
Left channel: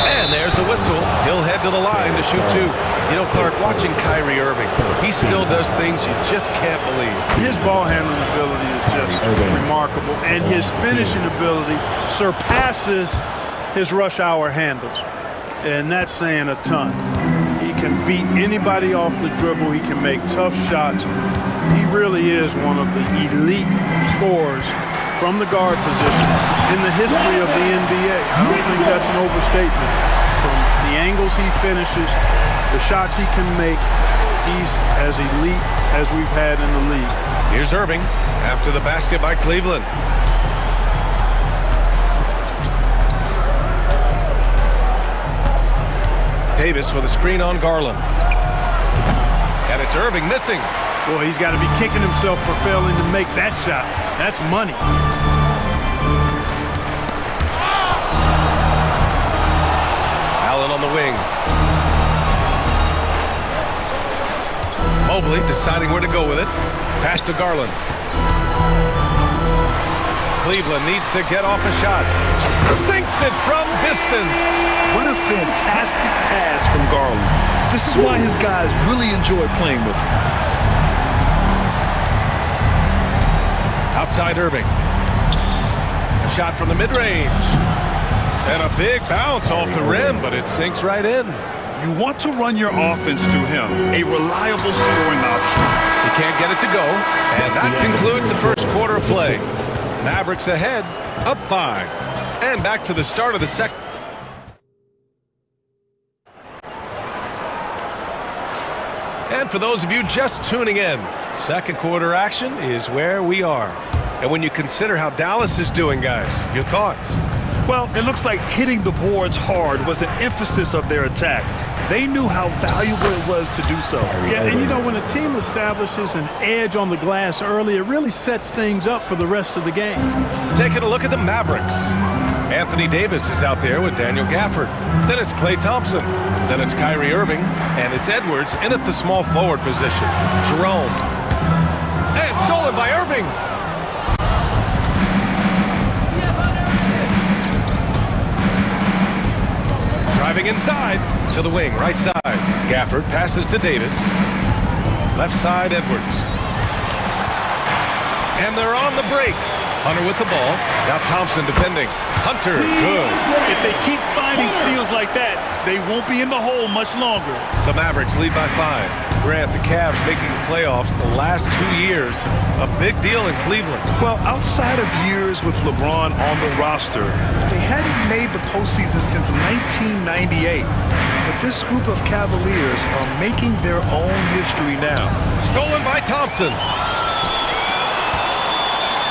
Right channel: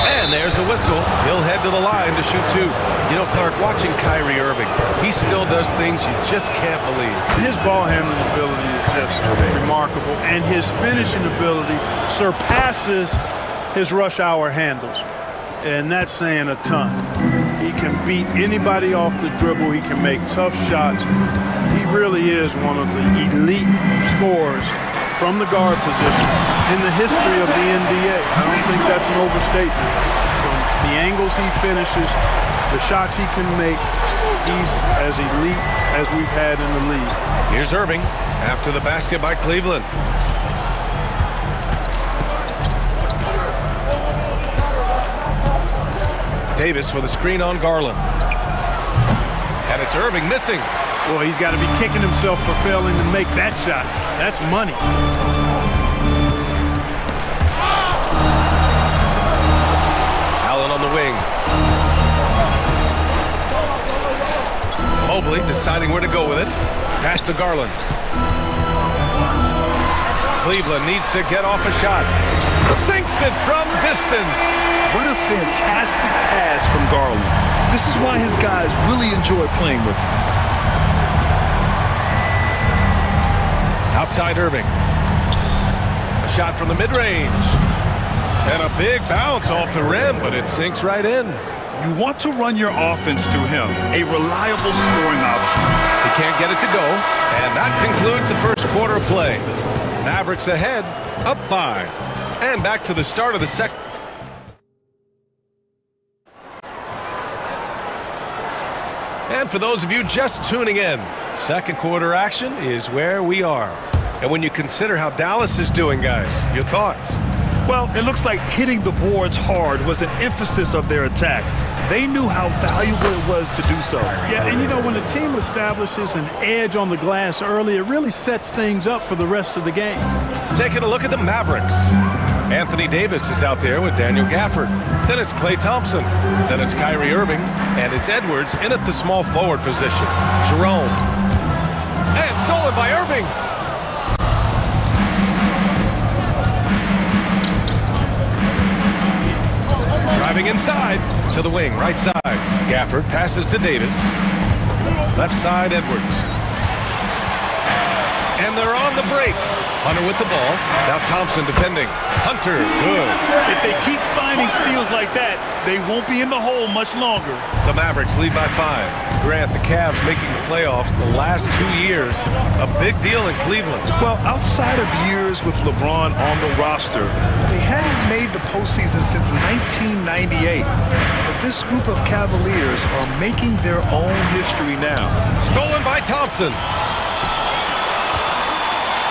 And there's a whistle. He'll head to the line to shoot 2. You know, Clark, watching Kyrie Irving, he still does things you just can't believe. His ball handling ability is just remarkable, and his finishing ability surpasses his rush hour handles. And that's saying a ton. He can beat anybody off the dribble. He can make tough shots. He really is one of the elite scorers from the guard position in the history of the NBA. I don't think that's an overstatement. From the angles he finishes, the shots he can make, he's as elite as we've had in the league. Here's Irving after the basket by Cleveland. Davis with a screen on Garland. And it's Irving missing. Boy, he's got to be kicking himself for failing to make that shot. That's money. Allen on the wing. Mobley deciding where to go with it. Pass to Garland. Cleveland needs to get off a shot. Sinks it from distance. What a fantastic pass from Garland. This is why his guys really enjoy playing with him. Outside Irving. A shot from the mid-range. And a big bounce off the rim, but it sinks right in. You want to run your offense through him, a reliable scoring option. He can't get it to go, and that concludes the first quarter of play. Mavericks ahead, up 5. And back to the start of the second. And for those of you just tuning in, second quarter action is where we are. And when you consider how Dallas is doing, guys, your thoughts? Well, it looks like hitting the boards hard was an emphasis of their attack. They knew how valuable it was to do so. Yeah, and you know, when a team establishes an edge on the glass early, it really sets things up for the rest of the game. Taking a look at the Mavericks. Anthony Davis is out there with Daniel Gafford. Then it's Klay Thompson. Then it's Kyrie Irving. And it's Edwards in at the small forward position. Jerome. And stolen by Irving. Driving inside to the wing, right side. Gafford passes to Davis. Left side, Edwards. And they're on the break. Hunter with the ball. Now Thompson defending. Hunter, good. If they keep finding steals like that, they won't be in the hole much longer. The Mavericks lead by 5. Grant, the Cavs making the playoffs the last 2 years. A big deal in Cleveland. Well, outside of years with LeBron on the roster, they hadn't made the postseason since 1998. But this group of Cavaliers are making their own history now. Stolen by Thompson.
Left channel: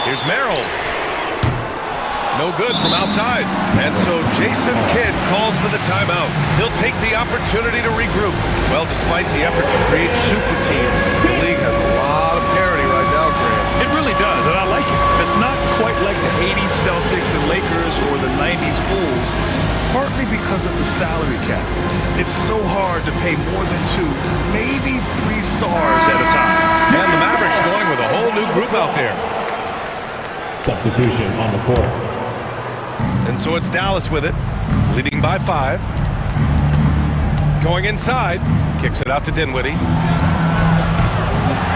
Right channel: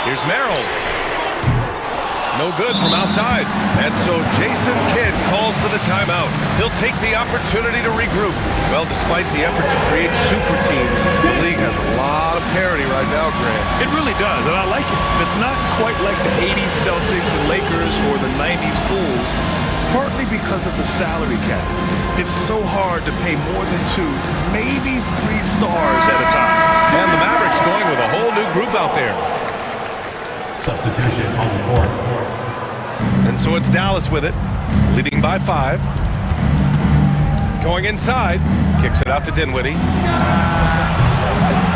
Here's Merrill. No good from outside. And so Jason Kidd calls for the timeout. He'll take the opportunity to regroup. Well, despite the effort to create super teams, the league has a lot of parity right now, Grant. It really does, and I like it. It's not quite like the 80s Celtics and Lakers or the 90s Bulls, partly because of the salary cap. It's so hard to pay more than 2, maybe 3 stars at a time. And the Mavericks going with a whole new group out there. Substitution on the court. And so it's Dallas with it, leading by 5. Going inside, kicks it out to Dinwiddie.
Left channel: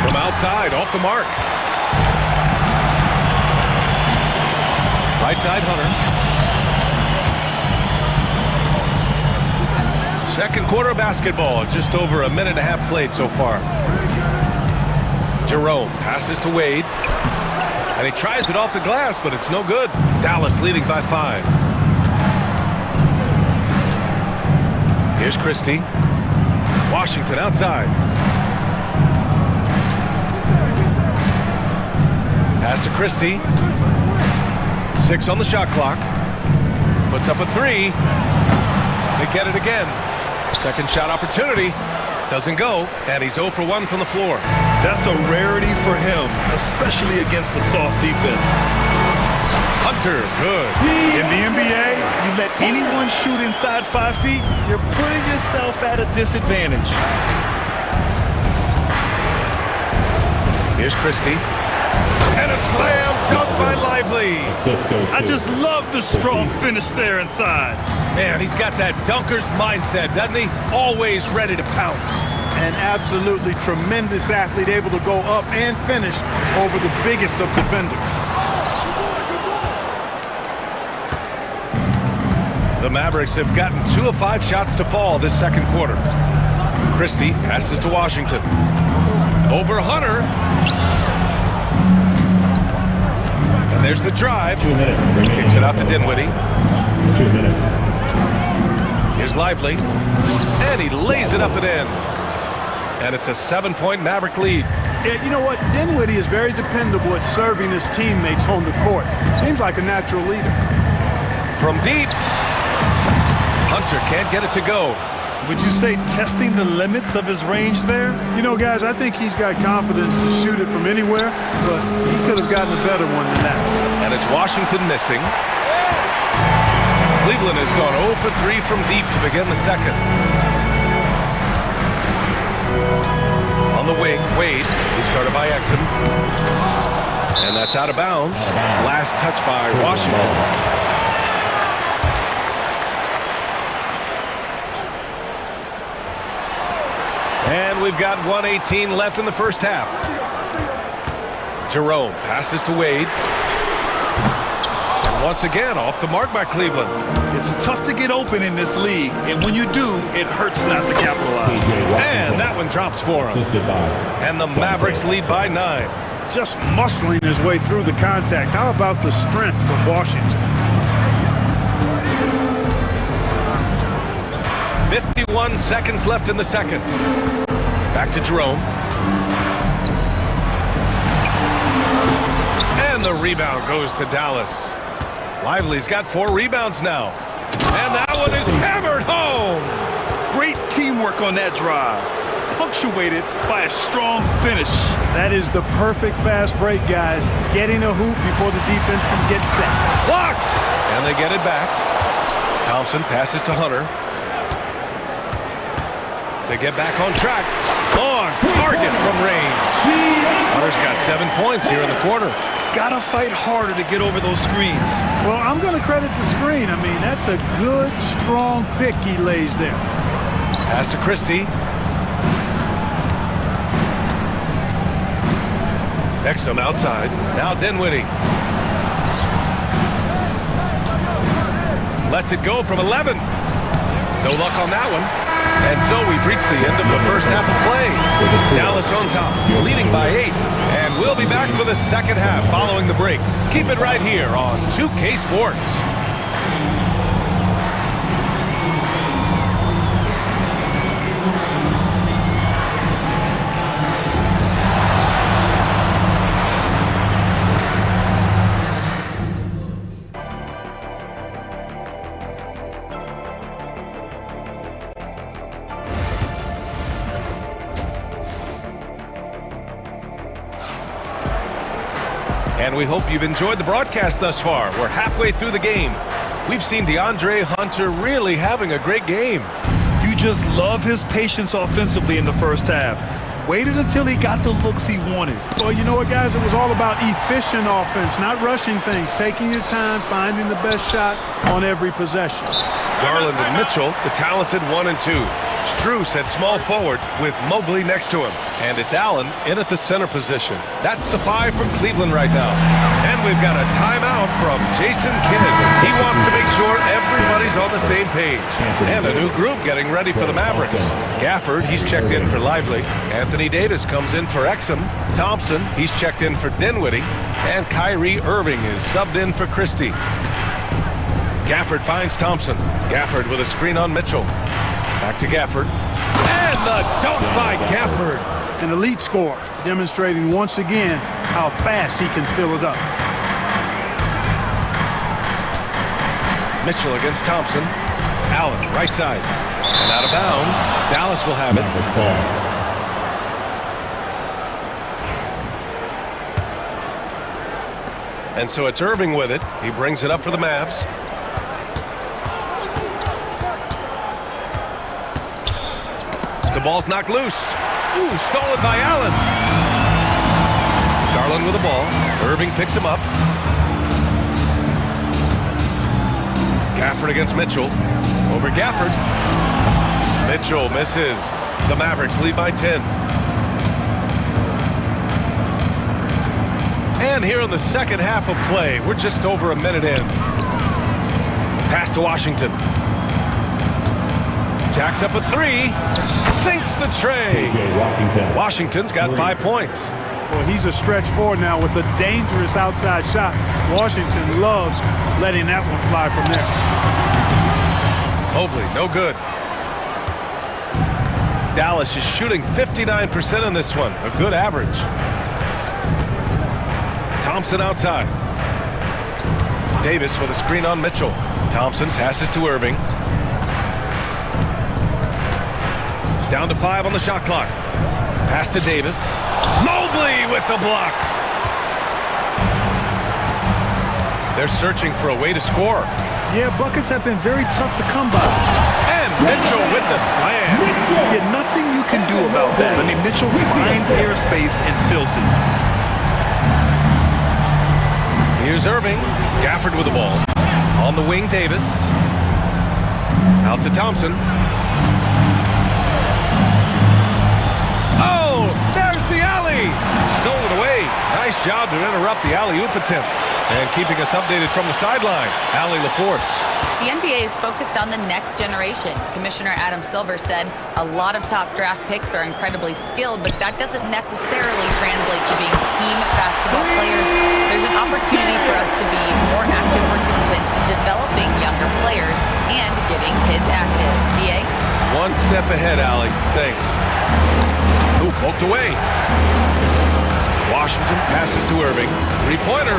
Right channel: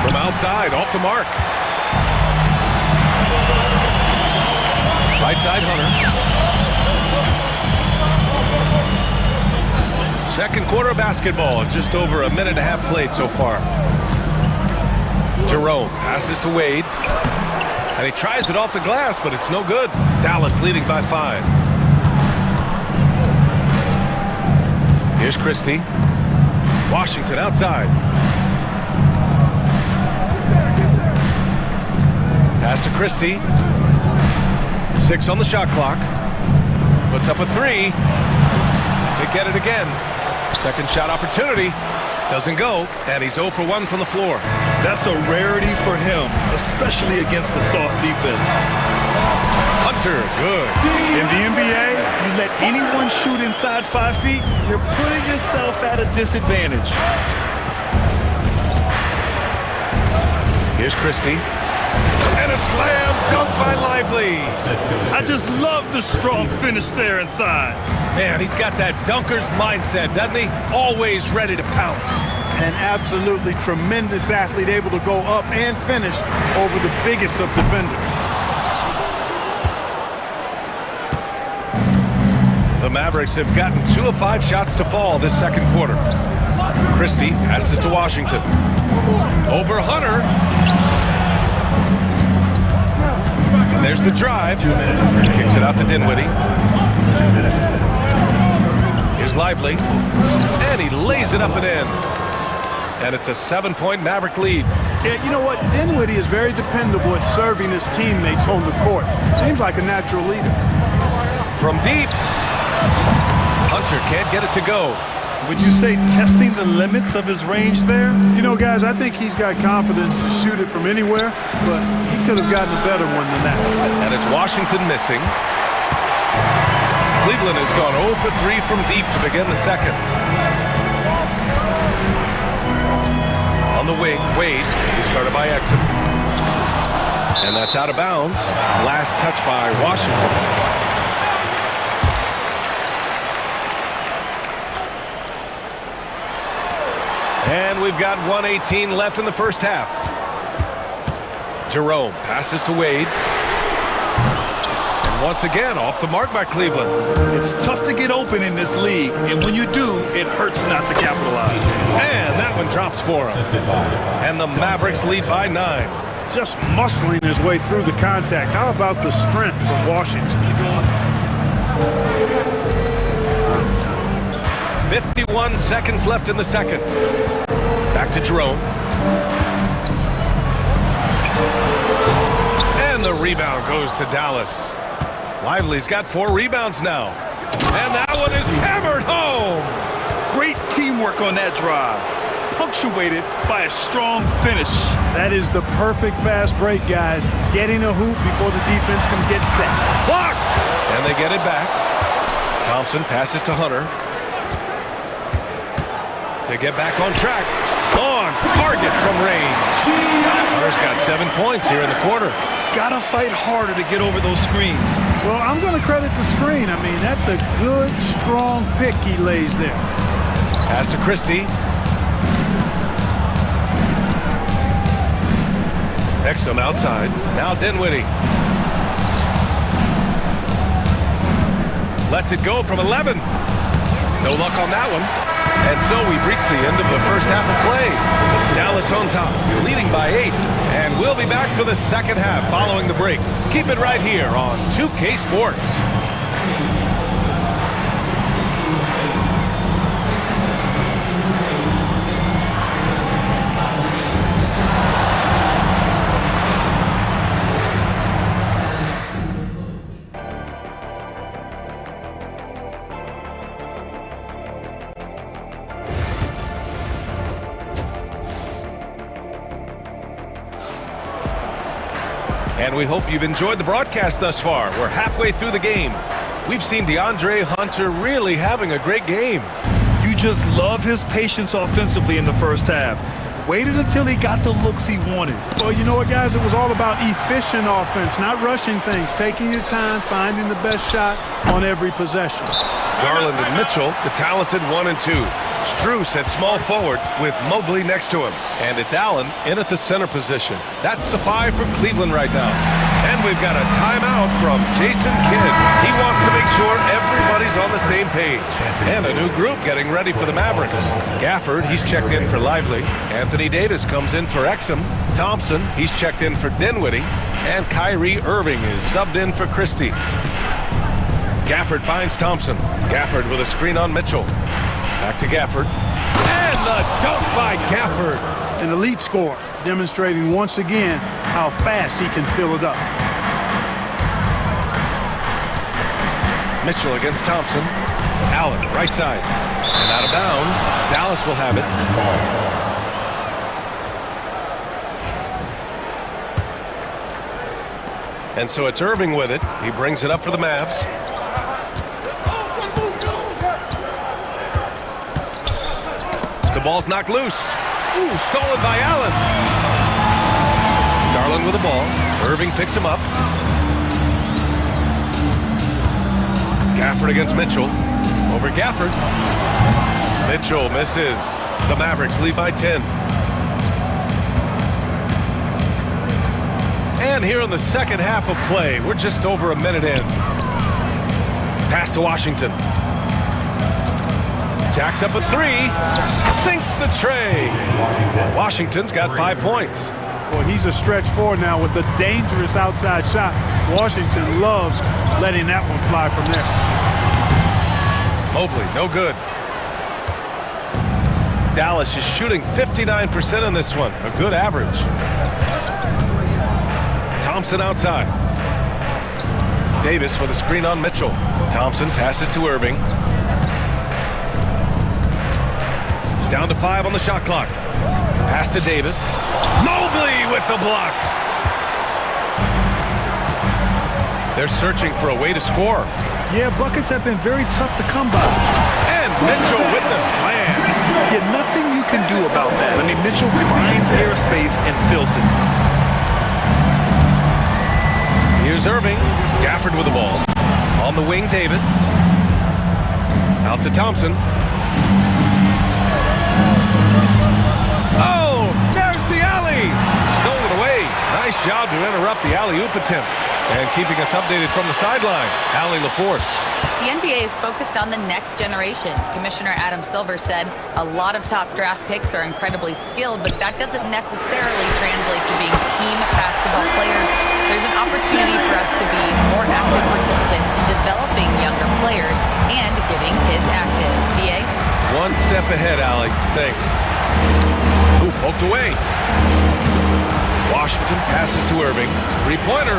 From outside, off the mark. Right side, Hunter. Second quarter of basketball, just over a minute and a half played so far. Jerome passes to Wade. And he tries it off the glass, but it's no good. Dallas leading by 5. Here's Christie. Washington outside. Pass to Christie. 6 on the shot clock. Puts up a 3. They get it again. Second shot opportunity. Doesn't go, and he's 0 for 1 from the floor. That's a rarity for him, especially against the soft defense. Hunter, good. In the NBA, you let anyone shoot inside 5 feet, you're putting yourself at a disadvantage. Here's Christie. And a slam dunk by Lively. I just love the strong finish there inside. Man, he's got that dunker's mindset, doesn't he? Always ready to pounce. An absolutely tremendous athlete, able to go up and finish over the biggest of defenders. The Mavericks have gotten 2 of 5 shots to fall this second quarter. Christie passes to Washington. Over Hunter. And there's the drive. 2 minutes. Kicks it out to Dinwiddie. 2 minutes. Here's Lively. And he lays it up and in. And it's a 7-point Maverick lead. Yeah, you know what? Dinwiddie is very dependable at serving his teammates on the court. Seems like a natural leader. From deep. Hunter can't get it to go. Would you say testing the limits of his range there? You know, guys, I think he's got confidence to shoot it from anywhere, but he could have gotten a better one than that. And it's Washington missing. Cleveland has gone 0 for 3 from deep to begin the second. On the wing, Wade is guarded by Exum. And that's out of bounds. Last touch by Washington. And we've got 1:18 left in the first half. Jerome passes to Wade. And once again, off the mark by Cleveland. It's tough to get open in this league, and when you do, it hurts not to capitalize. And that one drops for him. And the Mavericks lead by 9. Just muscling his way through the contact. How about the strength from Washington? 51 seconds left in the second. Back to Jerome. And the rebound goes to Dallas. Lively's got 4 rebounds now. And that one is hammered home. Great teamwork on that drive, punctuated by a strong finish. That is the perfect fast break, guys. Getting a hoop before the defense can get set. Blocked! And they get it back. Thompson passes to Hunter. To get back on track. On target from range. Hunter's got 7 points here in the quarter. Gotta fight harder to get over those screens. Well, I'm going to credit the screen. I mean, that's a good, strong pick he lays there. Pass to Christie. Exum outside. Now Dinwiddie. Lets it go from 11. No luck on that one. And so we've reached the end of the first half of play. Dallas on top, leading by 8. And we'll be back for the second half following the break. Keep it right here on 2K Sports. And we hope you've enjoyed the broadcast thus far. We're halfway through the game. We've seen DeAndre Hunter really having a great game. You just love his patience offensively in the first half. Waited until he got the looks he wanted. Well, you know what, guys? It was all about efficient offense, not rushing things, taking your time, finding the best shot on every possession. Garland and Mitchell, the talented 1 and 2. Strus at small forward with Mobley next to him. And it's Allen in at the center position. That's the 5 for Cleveland right now. And we've got a timeout from Jason Kidd. He wants to make sure everybody's on the same page. And a new group getting ready for the Mavericks. Gafford, he's checked in for Lively. Anthony Davis comes in for Exum. Thompson, he's checked in for Dinwiddie. And Kyrie Irving is subbed in for Christie. Gafford finds Thompson. Gafford with a screen on Mitchell. Back to Gafford. And the dunk by Gafford. An elite score, demonstrating once again how fast he can fill it up. Mitchell against Thompson. Allen, right side. And out of bounds. Dallas will have it. And so it's Irving with it. He brings it up for the Mavs. The ball's knocked loose. Ooh, stolen by Allen. Garland with the ball. Irving picks him up. Gafford against Mitchell. Over Gafford. Mitchell misses. The Mavericks lead by 10. And here in the second half of play, we're just over a minute in. Pass to Washington. Jacks up a 3. Sinks the tray. Washington's got 5 points. Well, he's a stretch forward now with a dangerous outside shot. Washington loves letting that one fly from there. Mobley, no good. Dallas is shooting 59% in this one, a good average. Thompson outside. Davis with a screen on Mitchell. Thompson passes to Irving. Down to 5 on the shot clock. Pass to Davis. Mobley with the block. They're searching for a way to score. Yeah, buckets have been very tough to come by. And Mitchell with the slam. Yeah, nothing you can do about that. I mean, Mitchell finds airspace and fills it. Here's Irving. Gafford with the ball. On the wing, Davis. Out to Thompson. Oh, there's the alley. Stolen away. Nice job to interrupt the alley-oop attempt. And keeping us updated from the sideline, Allie LaForce. The NBA is focused on the next generation. Commissioner Adam Silver said a lot of top draft picks are incredibly skilled, but that doesn't necessarily translate to being team basketball players. There's an opportunity for us to be more active participants in developing younger players and getting kids active. BA? One step ahead, Allie. Thanks. Ooh, poked away. Washington passes to Irving. Three-pointer.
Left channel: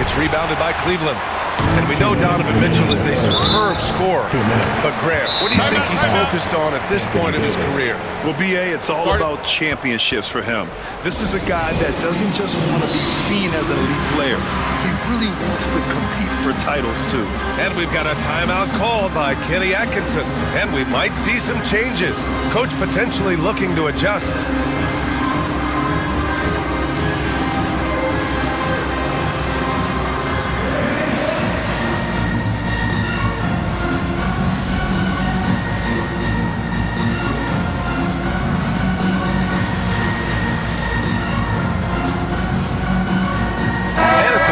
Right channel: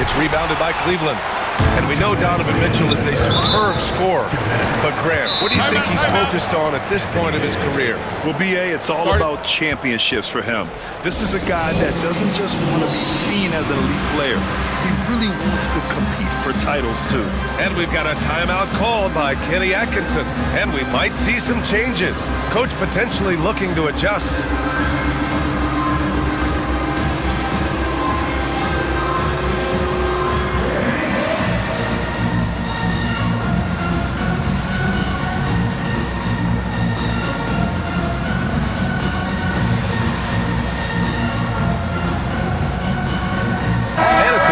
It's rebounded by Cleveland. And we know Donovan Mitchell is a superb scorer. But Grant, what do you think he's focused on at this point of his career? Well, BA, it's all about championships for him. This is a guy that doesn't just want to be seen as an elite player. He really wants to compete for titles, too. And we've got a timeout called by Kenny Atkinson. And we might see some changes. Coach potentially looking to adjust.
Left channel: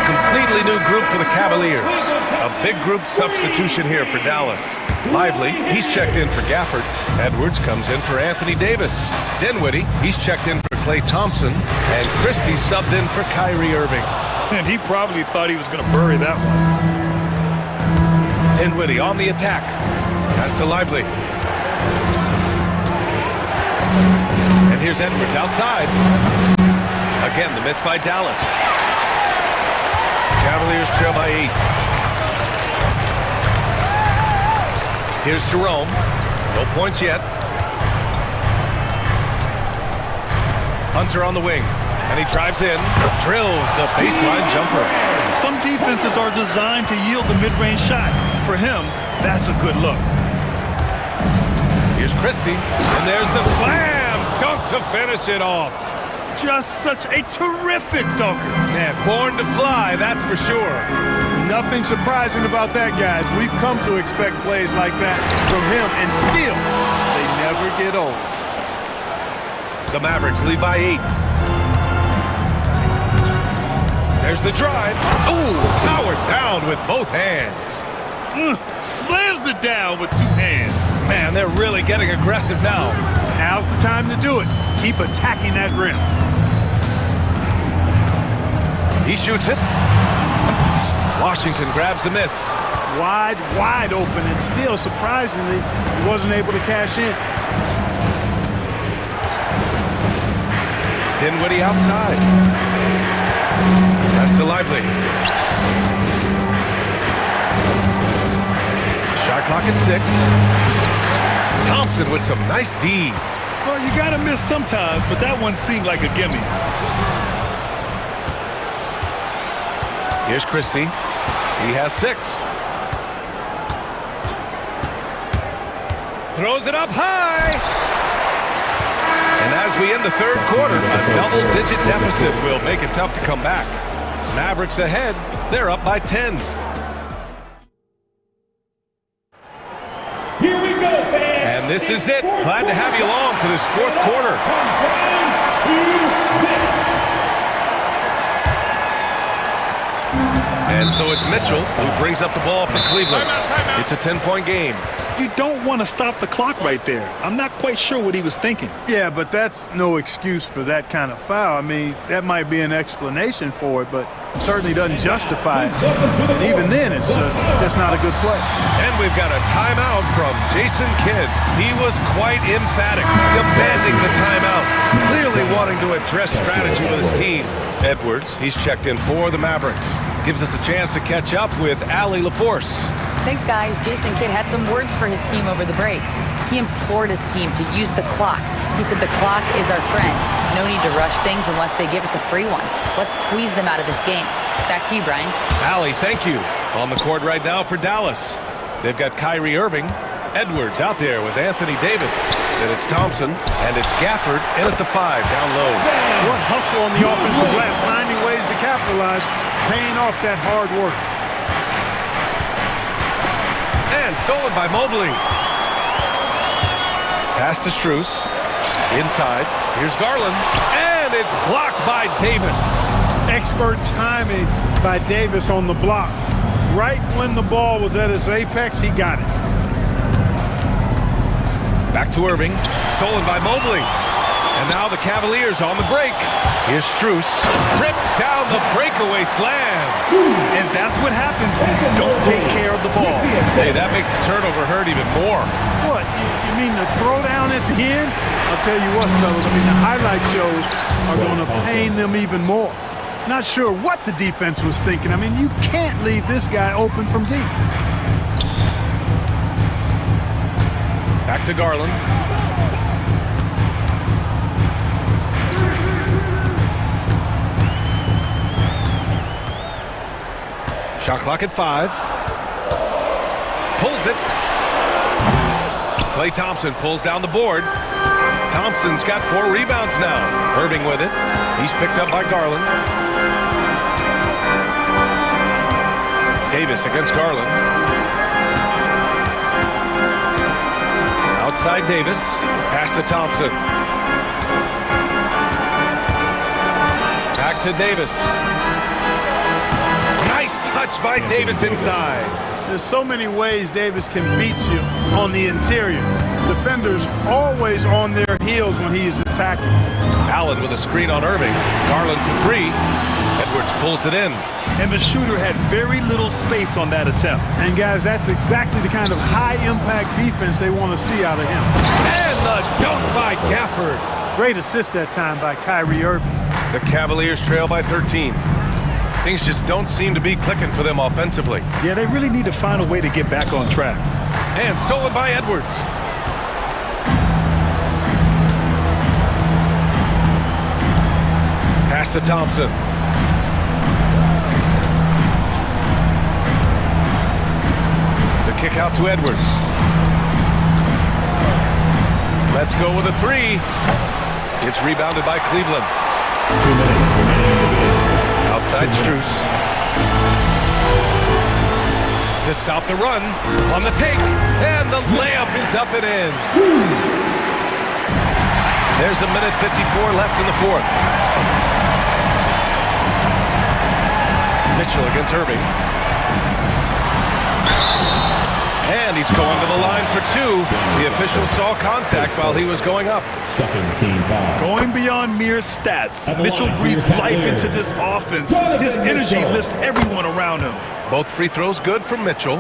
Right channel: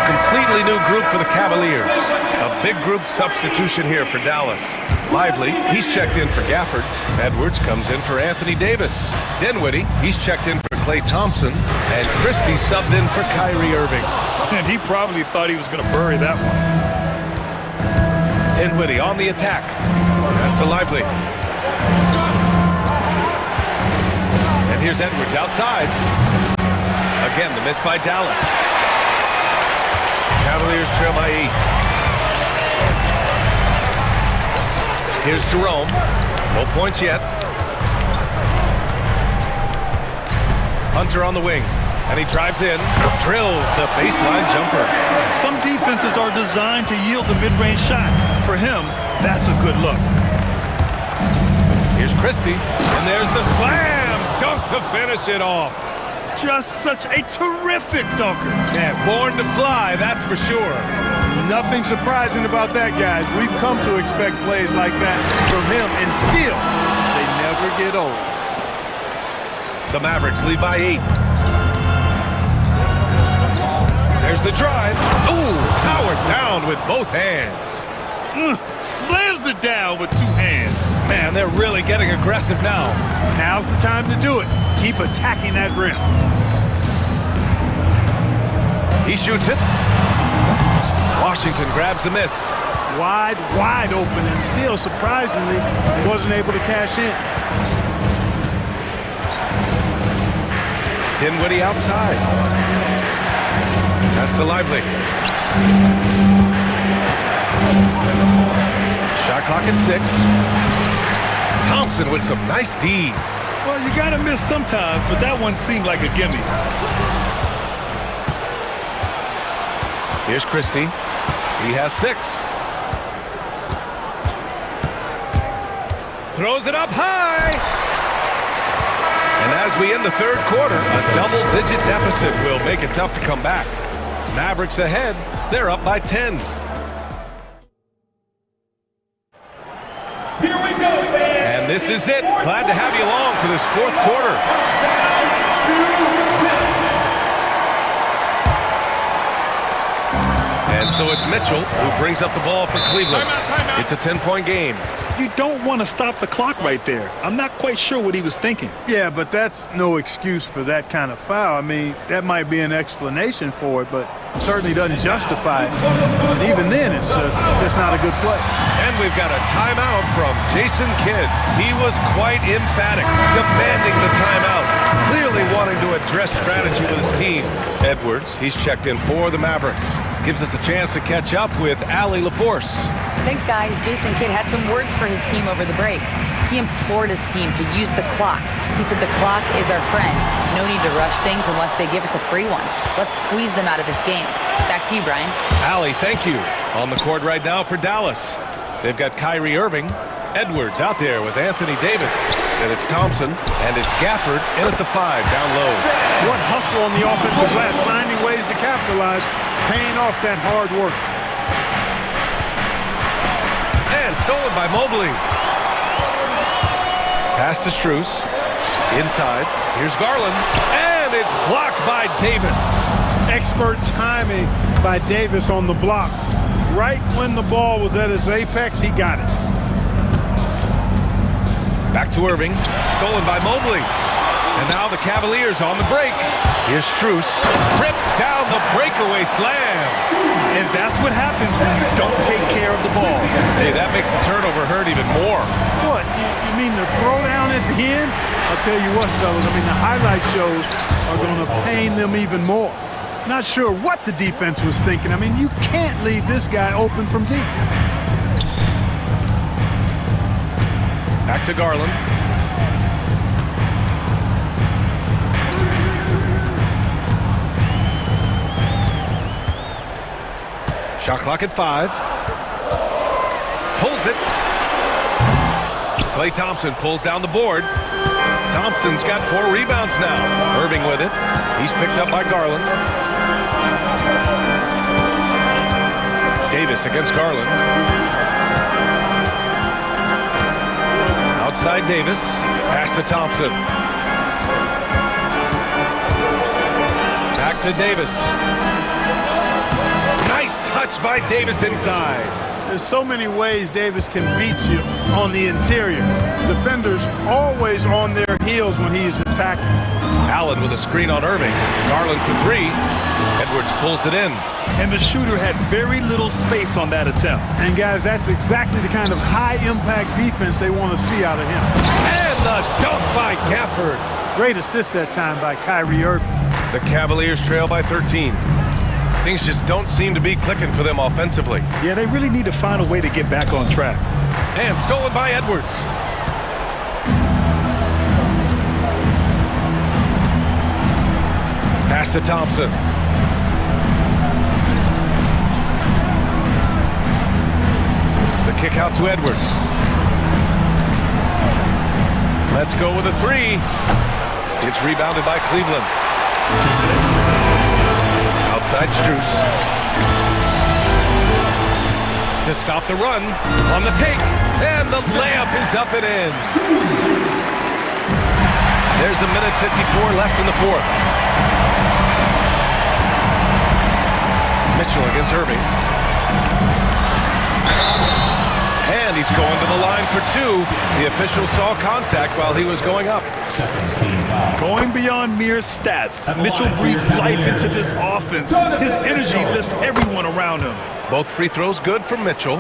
Completely new group for the Cavaliers. A big group substitution here for Dallas. Lively, he's checked in for Gafford. Edwards comes in for Anthony Davis. Dinwiddie, he's checked in for Klay Thompson. And Christie subbed in for Kyrie Irving. And he probably thought he was going to bury that one. Dinwiddie on the attack. Pass to Lively. And here's Edwards outside. Again, the miss by Dallas. Cavaliers trail by 8. Here's Jerome. No points yet. Hunter on the wing. And he drives in. Drills the baseline jumper. Some defenses are designed to yield the mid-range shot. For him, that's a good look. Here's Christie. And there's the slam dunk to finish it off. Just such a terrific dunker. Man, born to fly, that's for sure. Nothing surprising about that, guys. We've come to expect plays like that from him, and still, they never get old. The Mavericks lead by 8. There's the drive. Ooh, powered down with both hands. Slams it down with 2 hands. Man, they're really getting aggressive now. Now's the time to do it. Keep attacking that rim. He shoots it. Washington grabs the miss. Wide open, and still, surprisingly, he wasn't able to cash in. Dinwiddie outside. Pass to Lively. Shot clock at 6. Thompson with some nice D. Well, you got to miss sometimes, but that one seemed like a gimme. Here's Christie. He has 6. Throws it up high. And as we end the third quarter, a double-digit deficit will make it tough to come back. Mavericks ahead. They're up by 10. Here we go, fans. And this is it. Glad to have you along for this fourth quarter. And so it's Mitchell who brings up the ball for Cleveland. Timeout. It's a 10-point game. You don't want to stop the clock right there. I'm not quite sure what he was thinking. Yeah, but that's no excuse for that kind of foul. I mean, that might be an explanation for it, but certainly doesn't justify it. And even then, it's just not a good play. And we've got a timeout from Jason Kidd. He was quite emphatic, demanding the timeout, clearly wanting to address strategy with his team. Edwards, he's checked in for the Mavericks. Gives us a chance to catch up with Allie LaForce. Thanks, guys. Jason Kidd had some words for his team over the break. He implored his team to use the clock. He said the clock is our friend. No need to rush things unless they give us a free one. Let's squeeze them out of this game. Back to you, Brian. Allie, thank you. On the court right now for Dallas. They've got Kyrie Irving. Edwards out there with Anthony Davis. Then it's Thompson, and it's Gafford in at the 5, down low. What hustle on the offensive glass, finding ways to capitalize, paying off that hard work. And stolen by Mobley. Pass to Strus. Inside. Here's Garland. And it's blocked by Davis. Expert timing by Davis on the block. Right when the ball was at its apex, he got it. Back to Irving. Stolen by Mobley. And now the Cavaliers on the break. Here's Strus. Rips down the breakaway slam. And that's what happens when you don't take care of the ball. Hey, that makes the turnover hurt even more. What, you mean the throwdown at the end? I'll tell you what, fellas, I mean, the highlight shows are going to pain them even more. Not sure what the defense was thinking. I mean, you can't leave this guy open from deep. Back to Garland. Shot clock at 5. Pulls it. Klay Thompson pulls down the board. Thompson's got 4 rebounds now. Irving with it. He's picked up by Garland. Davis against Garland. Outside Davis. Pass to Thompson. Back to Davis. Nice touch by Davis inside. There's so many ways Davis can beat you on the interior. Defenders always on their heels when he's attacking. Allen with a screen on Irving. Garland for 3. Edwards pulls it in. And the shooter had very little space on that attempt. And guys, that's exactly the kind of high-impact defense they want to see out of him. And the dunk by Gafford. Great assist that time by Kyrie Irving. The Cavaliers trail by 13. Things just don't seem to be clicking for them offensively. Yeah, they really need to find a way to get back on track. And stolen by Edwards. Pass to Thompson. The kick out to Edwards. Let's go with a 3. It's rebounded by Cleveland. Outside Strus. To stop the run. On the take. And the layup is up and in. There's a minute 54 left in the 4th. Mitchell against Irving. And he's going to the line for 2. The official saw contact while he was going up. Going beyond mere stats, Mitchell breathes life into this offense. His energy lifts everyone around him. Both free throws good from Mitchell.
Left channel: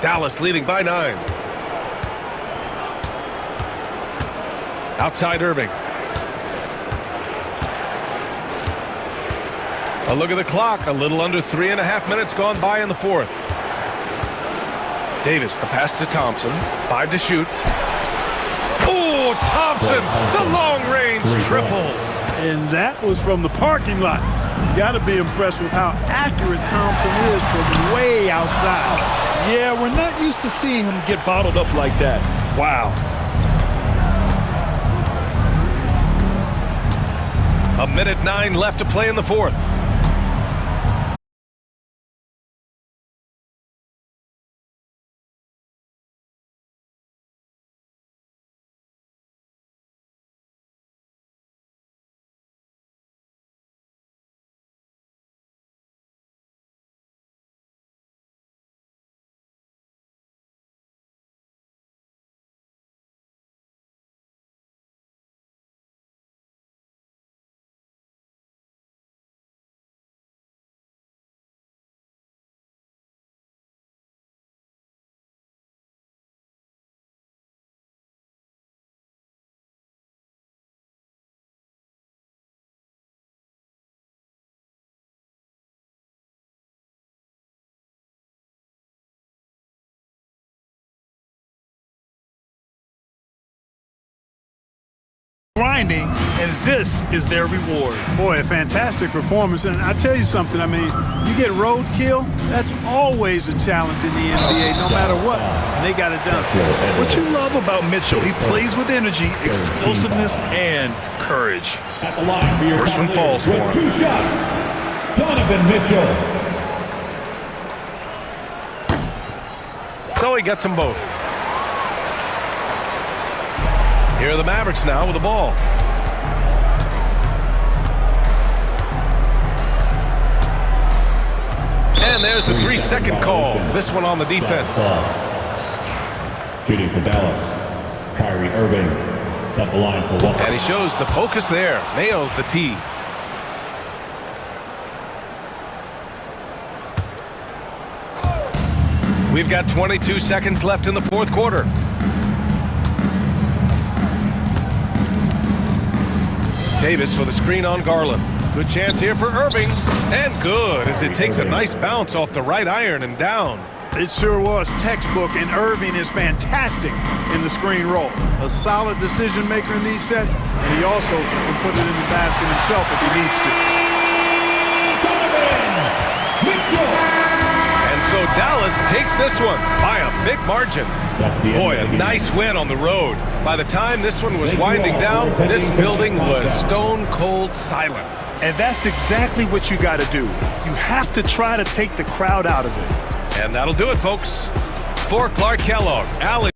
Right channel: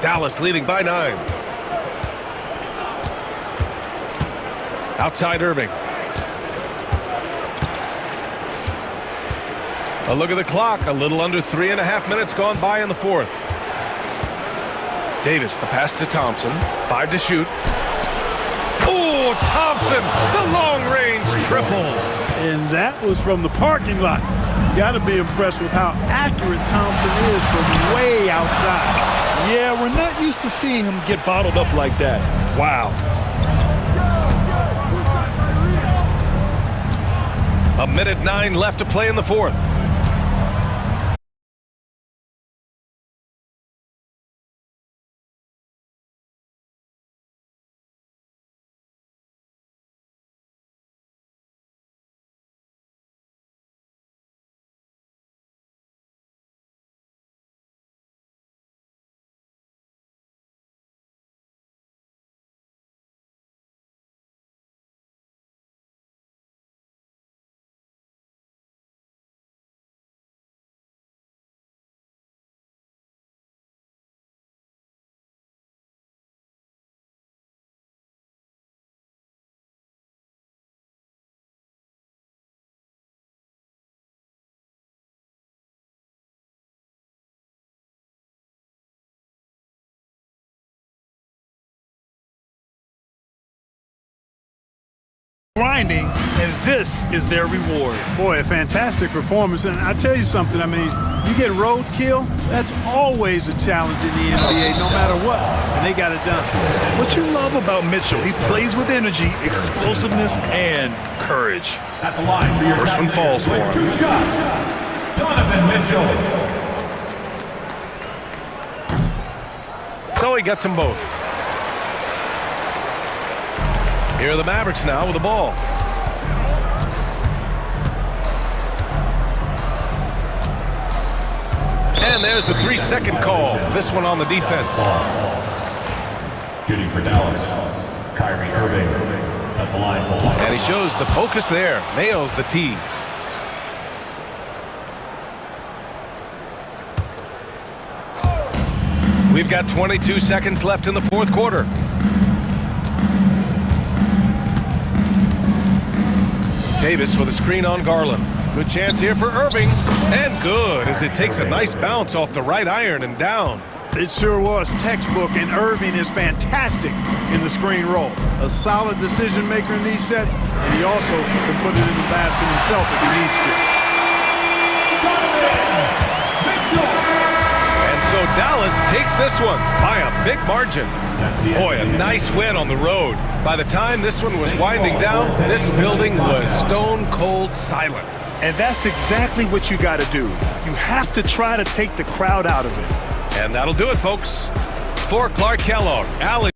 Dallas leading by 9. Outside Irving. A look at the clock. A little under 3.5 minutes gone by in the 4th. Davis, the pass to Thompson. 5 to shoot. Oh, Thompson, the long-range triple. And that was from the parking lot. You got to be impressed with how accurate Thompson is from way outside. Yeah, we're not used to seeing him get bottled up like that. Wow. A minute 9 left to play in the 4th. grinding, and this is their reward. Boy, a fantastic performance. And I tell you something, I mean, you get roadkill, that's always a challenge in the NBA, no matter what. And they got it done. What you love about Mitchell, he plays with energy, explosiveness, and courage. At the line for your First one falls for him. 2 shots. Donovan Mitchell. So he gets them both. Here are the Mavericks now with the ball. And there's the 3-second call. This one on the defense. Shooting for Dallas. Kyrie Irving at the line for one. And he shows the focus there. Nails the tee. We've got 22 seconds left in the fourth quarter. Davis with a screen on Garland. Good chance here for Irving. And good, as it takes a nice bounce off the right iron and down. It sure was textbook, and Irving is fantastic in the screen roll. A solid decision maker in these sets, and he also can put it in the basket himself if he needs to. And so Dallas takes this one by a big margin. Boy, a nice win on the road. By the time this one was winding down, this building was stone cold silent. And that's exactly what you got to do. You have to try to take the crowd out of it. And that'll do it, folks. For Clark Kellogg, Alex.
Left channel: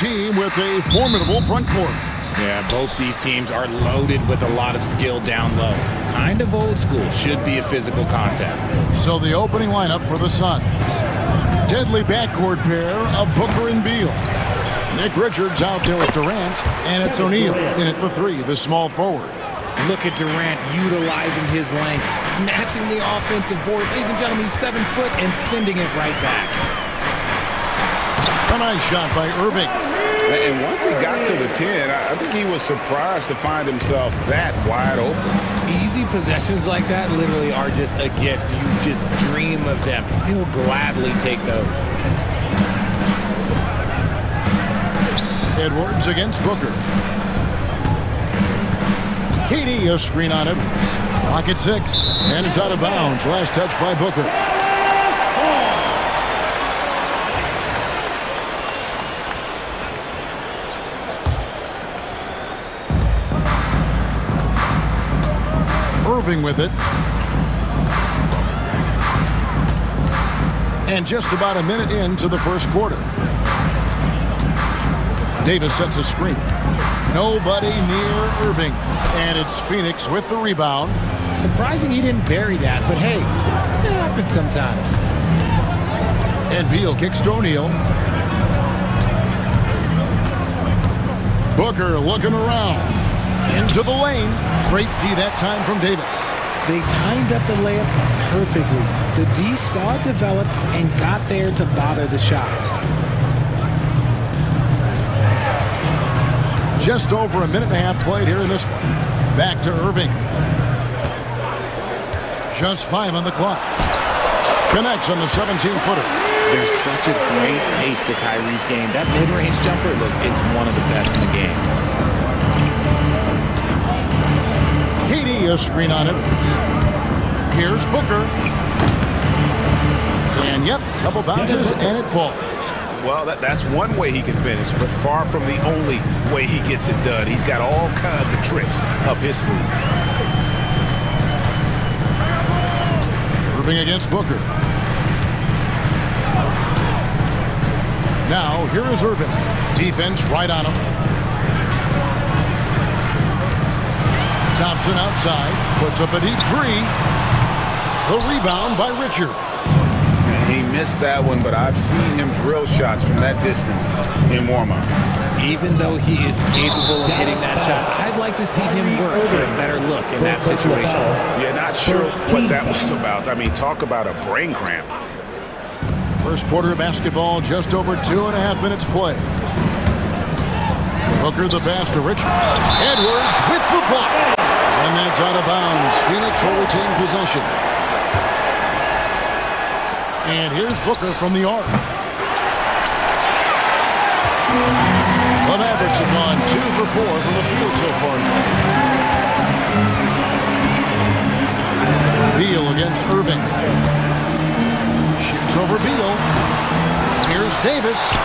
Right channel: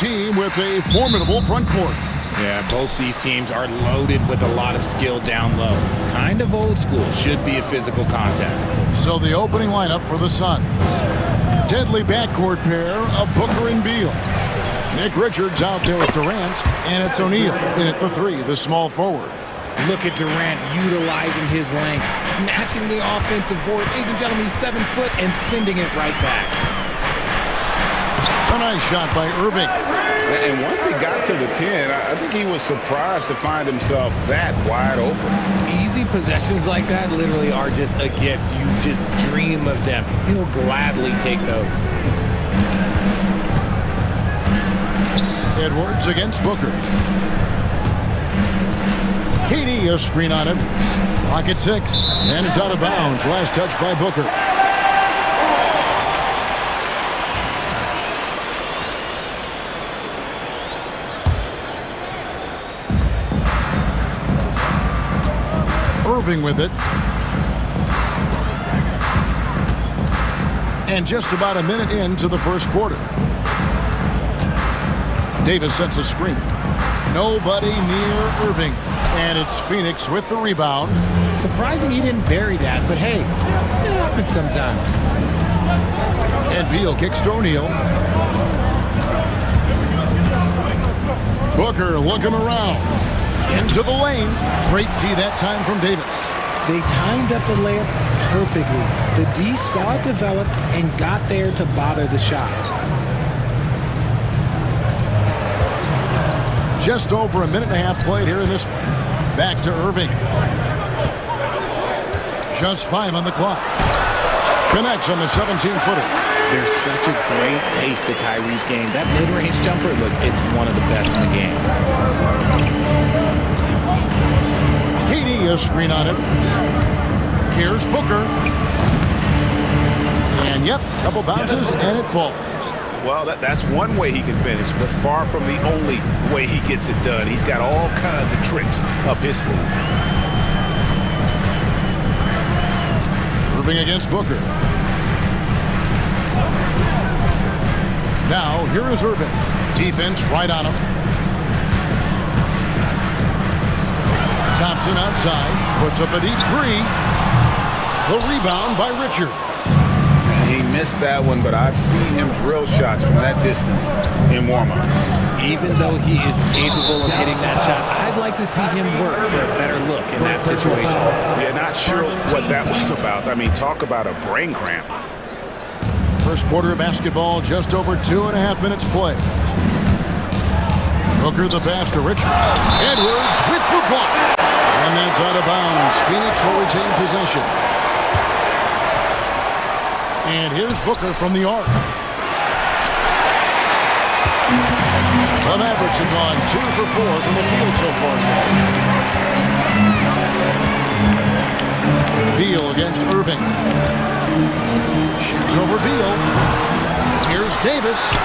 team with a formidable front court. Yeah, both these teams are loaded with a lot of skill down low. Kind of old school. Should be a physical contest. So the opening lineup for the Suns. Deadly backcourt pair of Booker and Beal. Nick Richards out there with Durant, and it's O'Neal in at the three, the small forward. Look at Durant utilizing his length, snatching the offensive board. Ladies and gentlemen, he's 7 foot and sending it right back. A nice shot by Irving. And once he got to the 10, I think he was surprised to find himself that wide open. Easy possessions like that literally are just a gift. You just dream of them. He'll gladly take those. Edwards against Booker. KD, a screen on Edwards. Clock at 6, and it's out of bounds. Last touch by Booker. Irving with it. And just about a minute into the first quarter. Davis sets a screen. Nobody near Irving. And it's Phoenix with the rebound. Surprising he didn't bury that, but hey, it happens sometimes. And Beal kicks to O'Neal. Booker looking around. Into the lane. Great D that time from Davis. They timed up the layup perfectly. The D saw it develop and got there to bother the shot. Just over a minute and a half played here in this one. Back to Irving. Just 5 on the clock. Connects on the 17-footer. There's such a great pace to Kyrie's game. That mid-range jumper, look, it's one of the best in the game. KD, a screen on Edwards. Here's Booker. And yep, couple bounces and it falls. Well, that's one way he can finish, but far from the only way he gets it done. He's got all kinds of tricks up his sleeve. Irving against Booker. Now, here is Irving. Defense right on him. Thompson outside, puts up a deep three. The rebound by Richards. And he missed that one, but I've seen him drill shots from that distance in warm-up. Even though he is capable of hitting that shot, I'd like to see him work for a better look in that situation. Yeah, not sure what that was about. I mean, talk about a brain cramp. First quarter of basketball, just over 2.5 minutes play. Booker the pass to Richards. Edwards with the block. And that's out of bounds. Phoenix will retain possession. And here's Booker from the arc. The Mavericks have gone 2 for 4 from the field so far today. Beal against Irving. Shoots over Beal. Here's Davis. 2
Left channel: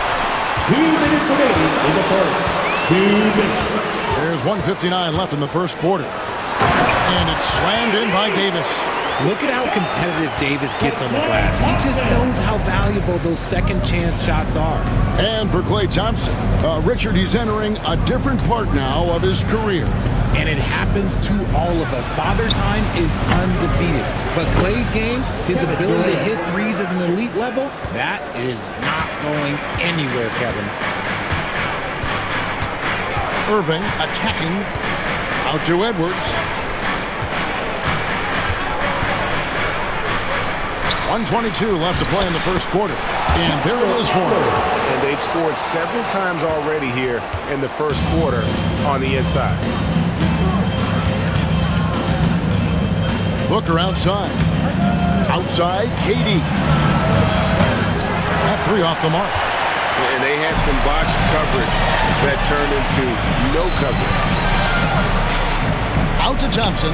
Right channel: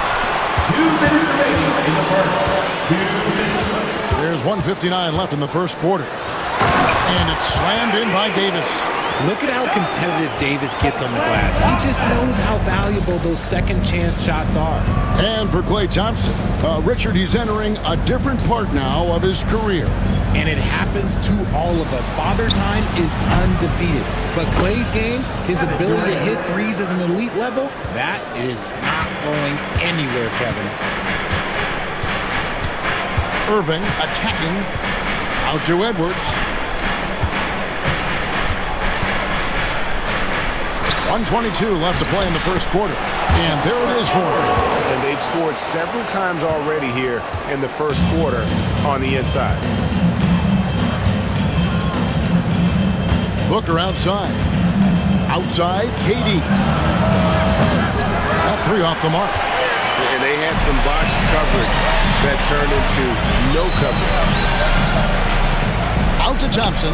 minutes remaining in the first. 2 minutes. There's 1:59 left in the first quarter. And it's slammed in by Davis. Look at how competitive Davis gets on the glass. He just knows how valuable those second chance shots are. And for Klay Thompson, Richard, he's entering a different part now of his career. And it happens to all of us. Father Time is undefeated. But Klay's game, his ability to hit threes as an elite level, that is not going anywhere, Kevin. Irving attacking. Out to Edwards. 1:22 left to play in the first quarter. And there it is for him. And they've scored several times already here in the first quarter on the inside. Booker outside. Outside, KD. That three off the mark. And they had some botched coverage that turned into no coverage. Out to Thompson.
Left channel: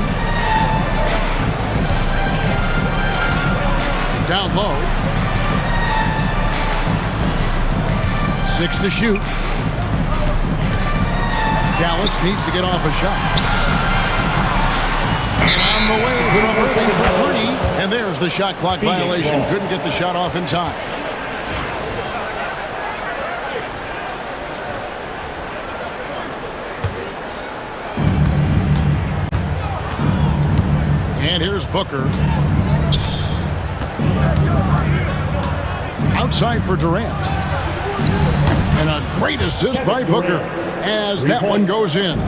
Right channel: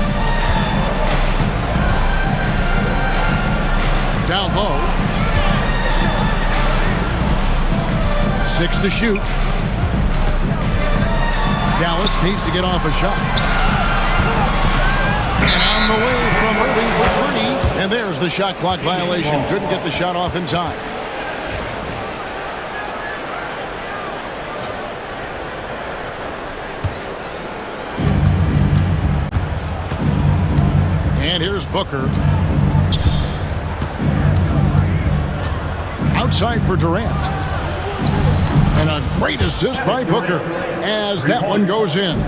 Down low. 6 to shoot. Dallas needs to get off a shot. And on the way from Irving for 3. And there's the shot clock violation. Couldn't get the shot off in time. And here's Booker. Outside for Durant. And a great assist by Booker as that one goes in.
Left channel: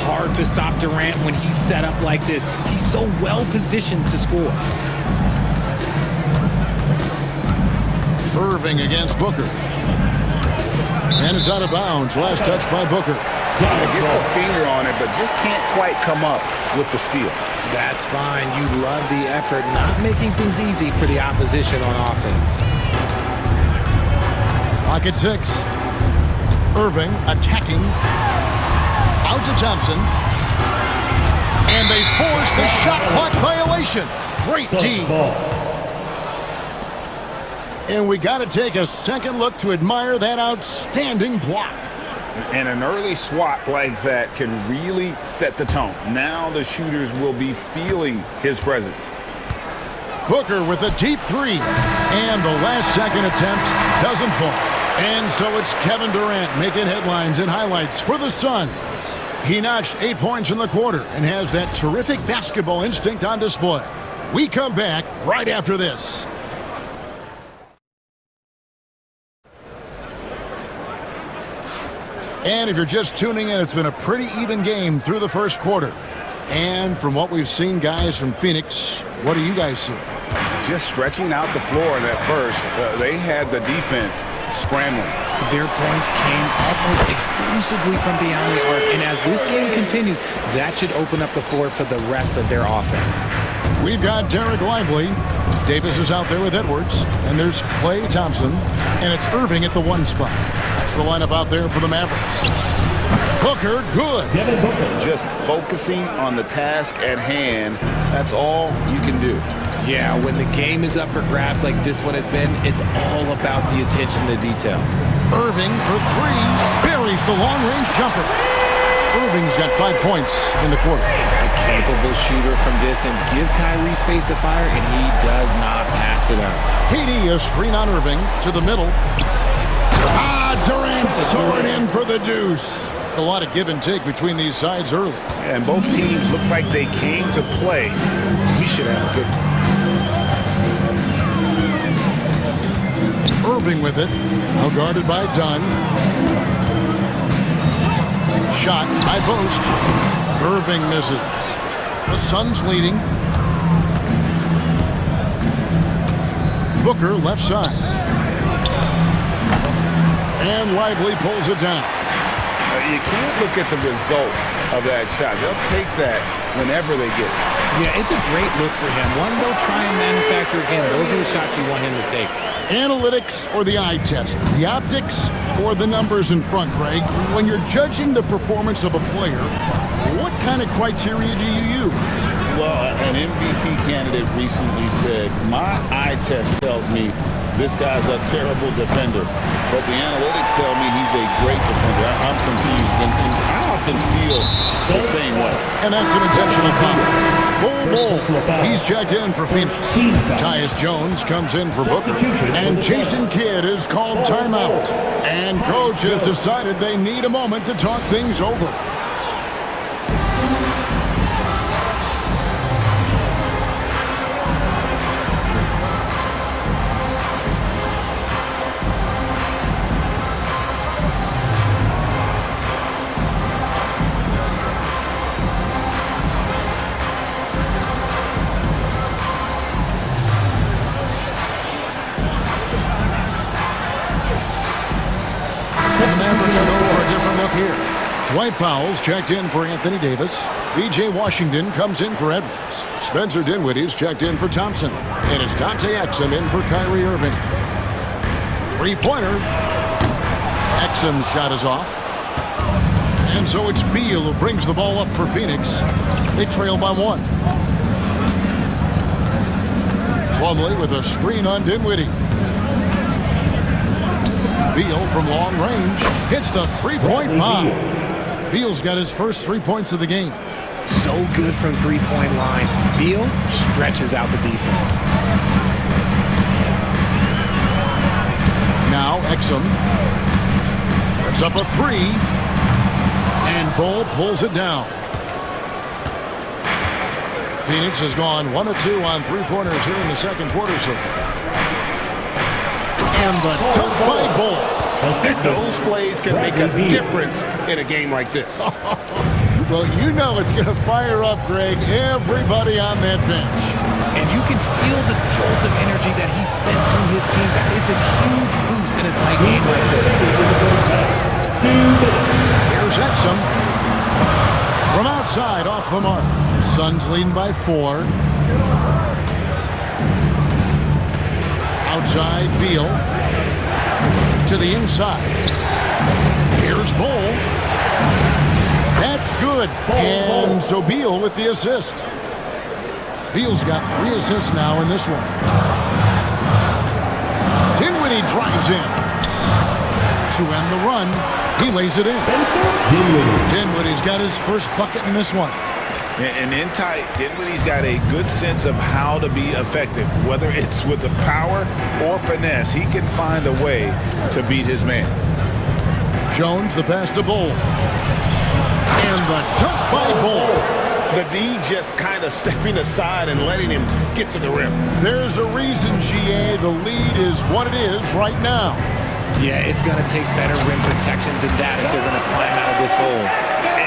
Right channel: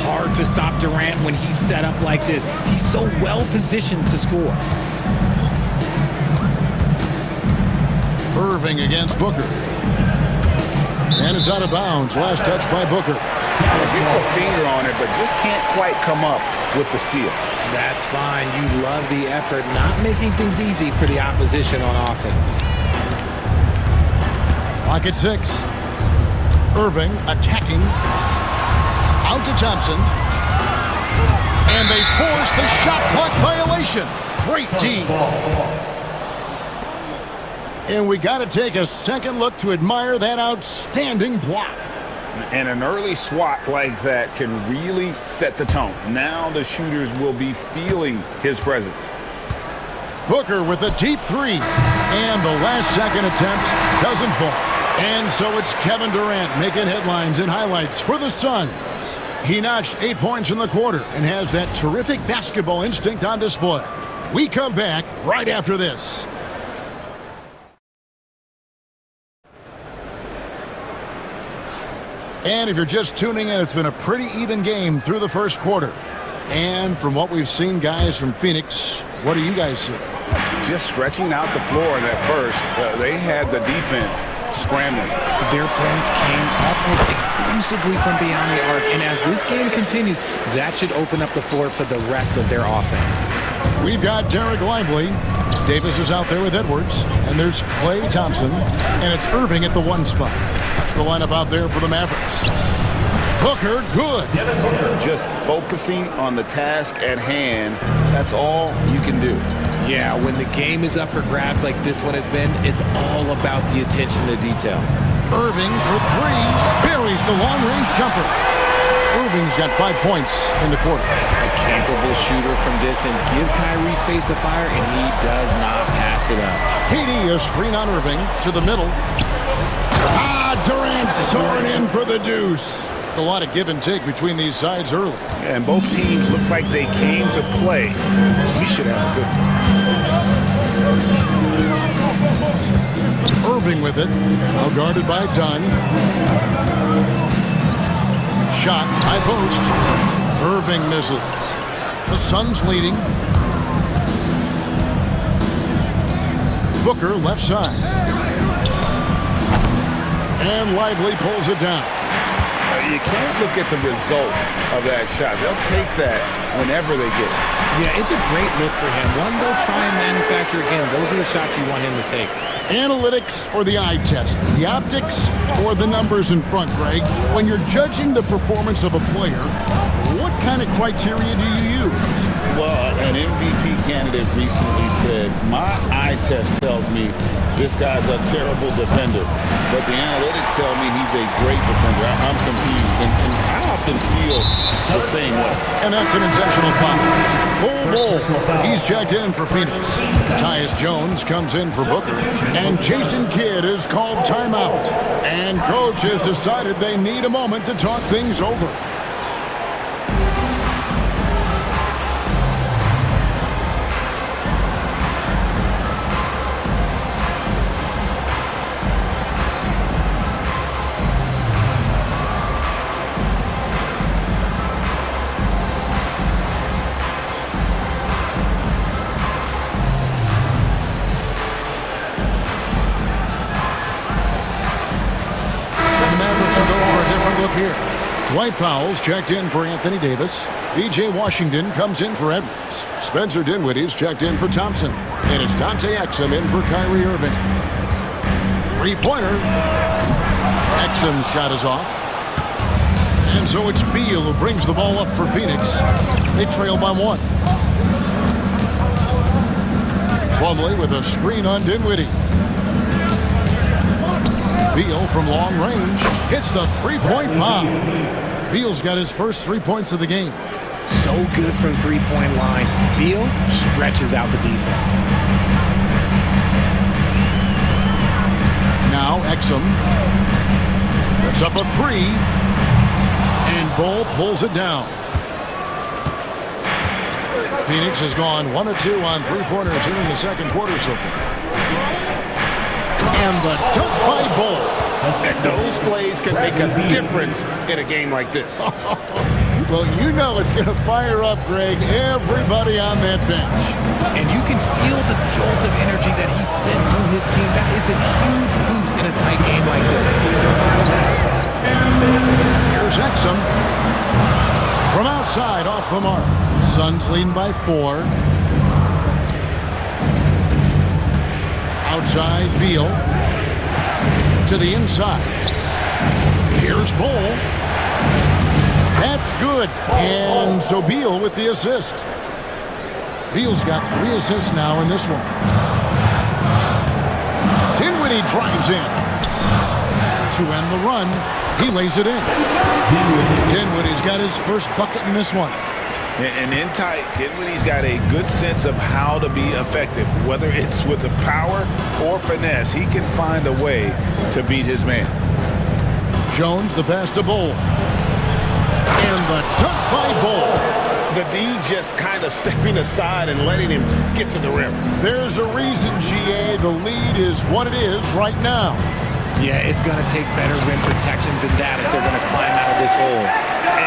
Hard to stop Durant when he's set up like this. He's so well positioned to score. Irving against Booker. And it's out of bounds. Last touch by Booker. Gets a finger on it, but just can't quite come up with the steal. That's fine. You love the effort, not making things easy for the opposition on offense. Clock at 6. Irving attacking. Out to Thompson. And they force the shot clock violation. Great D. And we got to take a second look to admire that outstanding block. And an early swat like that can really set the tone. Now the shooters will be feeling his presence. Booker with a deep three. And the last second attempt doesn't fall. And so it's Kevin Durant making headlines and highlights for the Suns. He notched 8 points in the quarter and has that terrific basketball instinct on display. We come back right after this. And if you're just tuning in, it's been a pretty even game through the first quarter. And from what we've seen, guys, from Phoenix, what do you guys see? Just stretching out the floor in that first. They had the defense scrambling. Their points came almost exclusively from beyond the arc. And as this game continues, that should open up the floor for the rest of their offense. We've got Derek Lively. Davis is out there with Edwards. And there's Klay Thompson. And it's Irving at the 1 spot. That's the lineup out there for the Mavericks. Booker, good. Just focusing on the task at hand. That's all you can do. Yeah, when the game is up for grabs like this one has been, it's all about the attention to detail. Irving for 3. Buries the long-range jumper. Irving's got 5 points in the quarter. A capable shooter from distance. Give Kyrie space to fire, and he does not pass it up. KD, a screen on Irving to the middle. Durant soaring in for the deuce. A lot of give and take between these sides early. Yeah, and both teams look like they came to play. We should have a good one. Irving with it. Now guarded by Dunn. Shot, high post. Irving misses. The Suns leading. Booker left side. And Lively pulls it down. You can't look at the result of that shot. They'll take that whenever they get it. Yeah, it's a great look for him. One they'll try and manufacture again. Those are the shots you want him to take. Analytics or the eye test? The optics or the numbers in front, Greg? When you're judging the performance of a player, what kind of criteria do you use? Well, an MVP candidate recently said, my eye test tells me this guy's a terrible defender, but the analytics tell me he's a great defender. I'm confused, and I often feel the same way. And that's an intentional foul. Bull. He's checked in for Phoenix. Tyus Jones comes in for Booker. And Jason Kidd is called timeout. And coach has decided they need a moment to talk things over. Here. Dwight Powell's checked in for Anthony Davis. V.J. Washington comes in for Edwards. Spencer Dinwiddie's checked in for Thompson. And it's Dante Exum in for Kyrie Irving. Three-pointer. Exum's shot is off. And so it's Beal who brings the ball up for Phoenix. They trail by 1. Plumlee with a screen on Dinwiddie. Beal from long range hits the three-point bomb. Beal's got his first 3 points of the game. So good from three-point line. Beal stretches out the defense. Now Exum puts up a 3, and Bull pulls it down. Phoenix has gone 1 of 2 on three-pointers here in the second quarter so far. And the dunk by Bull. And those plays can make a difference in a game like this. Well, you know it's going to fire up, Greg, everybody on that bench. And you can feel the jolt of energy that he sent through his team. That is a huge boost in a tight game like this. Here's Exum. From outside, off the mark. Suns leading by 4. Outside, Beal. To the inside. Here's Bull. That's good. And so Beal with the assist. Beal's got 3 assists now in this one. Dinwiddie drives in. To end the run, he lays it in. Dinwiddie's got his first bucket in this one. And in tight, Dinwiddie's got a good sense of how to be effective. Whether it's with the power or finesse, he can find a way to beat his man. Jones, the pass to Bull. And the dunk by Bull. The D just kind of stepping aside and letting him get to the rim. There's a reason, GA, the lead is what it is right now. Yeah, it's going to take better rim protection than that if they're going to climb out of this hole.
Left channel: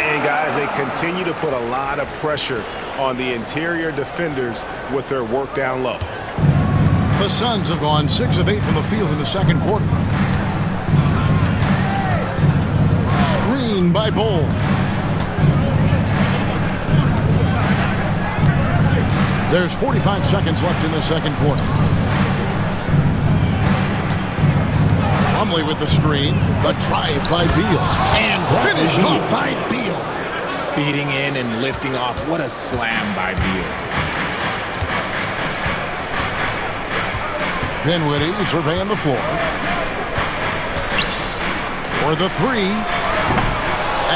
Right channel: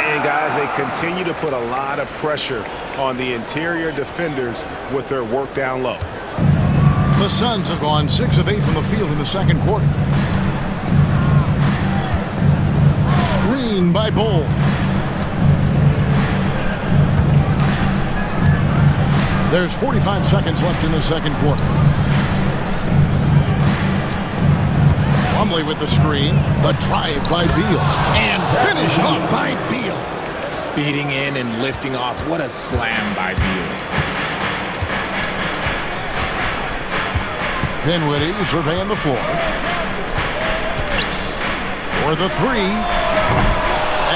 And guys, they continue to put a lot of pressure on the interior defenders with their work down low. The Suns have gone 6 of 8 from the field in the second quarter. Screen by Bull. There's 45 seconds left in the second quarter. Plumlee with the screen. The drive by Beal. And finished off by Beal. Speeding in and lifting off. What a slam by Beal. Dinwiddie surveying the floor. For the 3.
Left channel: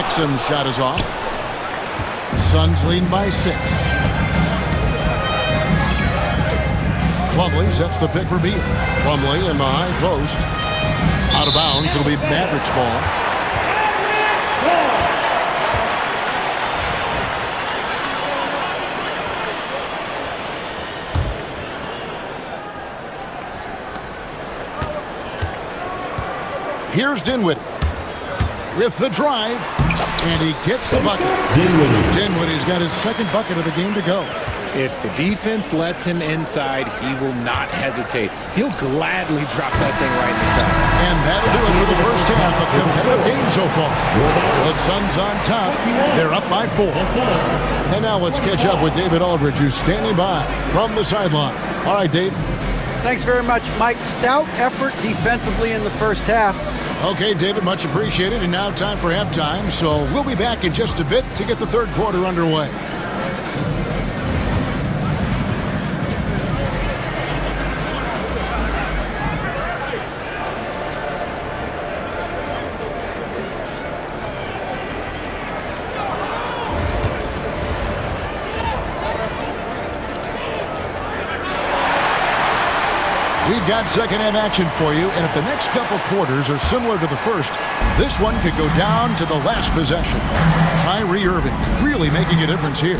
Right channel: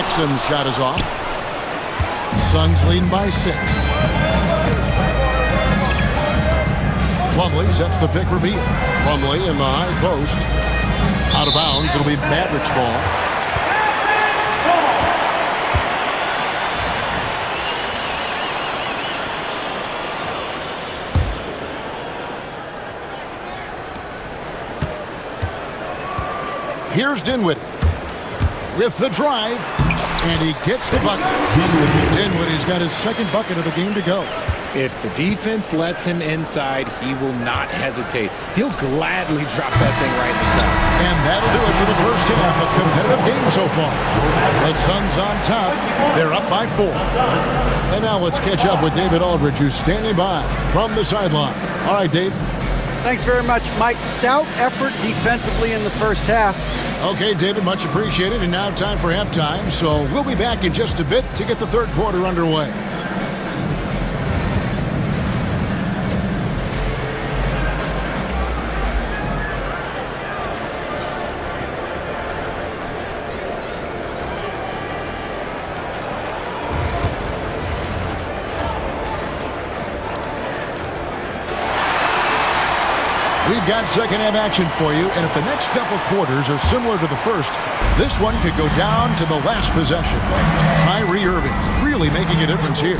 Exum's shot is off. Suns leading by 6. Plumlee sets the pick for Beal. Plumlee in the high post. Out of bounds. It'll be Mavericks ball. Here's Dinwiddie with the drive, and he gets the bucket. Dinwiddie's got his second bucket of the game to go. If the defense lets him inside, he will not hesitate. He'll gladly drop that thing right in the cup. And that'll do it for the first half. A competitive game so far. The Suns on top. They're up by 4. And now let's catch up with David Aldridge, who's standing by from the sideline. All right, Dave. Thanks very much, Mike. Stout effort defensively in the first half. Okay, David, much appreciated. And now time for halftime. So we'll be back in just a bit to get the third quarter underway. We've got second half action for you, and if the next couple quarters are similar to the first, this one could go down to the last possession. Kyrie Irving really making a difference here.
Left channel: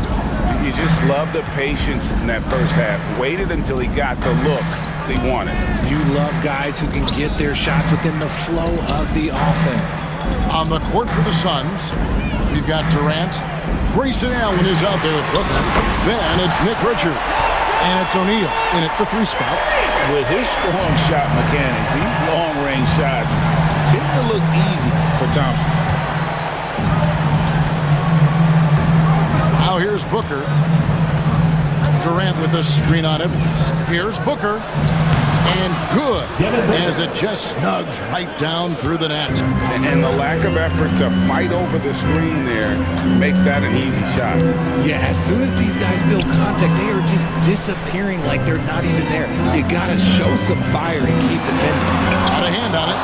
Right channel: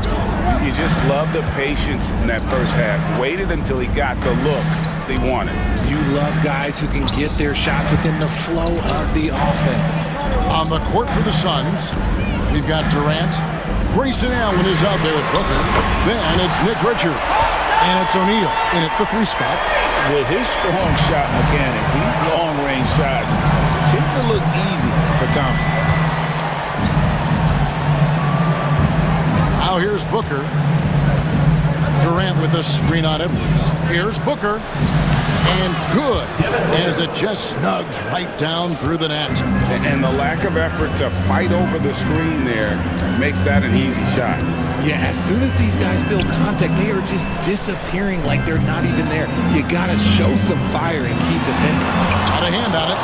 You just love the patience in that first half. Waited until he got the look they wanted. You love guys who can get their shots within the flow of the offense. On the court for the Suns, we've got Durant. Grayson Allen is out there with Booker. Then it's Nick Richards. And it's O'Neal in at the 3 spot. With his strong shot mechanics, these long-range shots tend to look easy for Thompson. Now here's Booker. Durant with a screen on Edwards. Here's Booker. And good, as it just snugs right down through the net. And the lack of effort to fight over the screen there makes that an easy shot. Yeah, as soon as these guys build contact, they are just disappearing like they're not even there. You gotta show some fire and keep defending. Out of hand on it.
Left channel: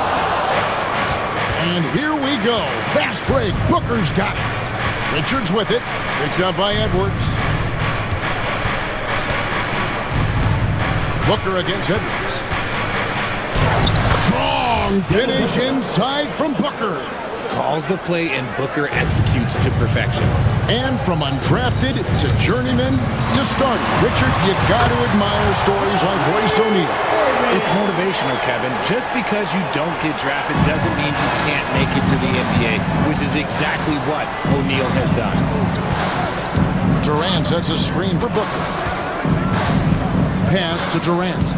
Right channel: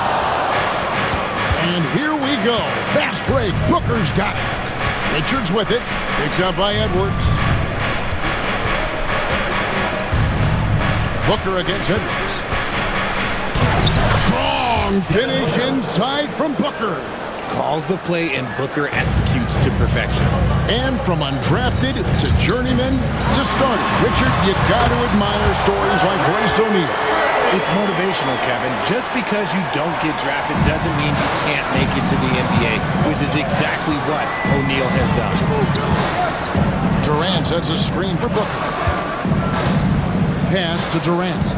And here we go. Fast break. Booker's got it. Richards with it. Picked up by Edwards. Booker against Edwards. Strong finish inside from Booker. calls the play, and Booker executes to perfection. And from undrafted to journeyman to starter, Richard, you got to admire stories like Royce O'Neal. It's motivational, Kevin. Just because you don't get drafted doesn't mean you can't make it to the NBA, which is exactly what O'Neal has done. Durant sets a screen for Booker. Pass to Durant.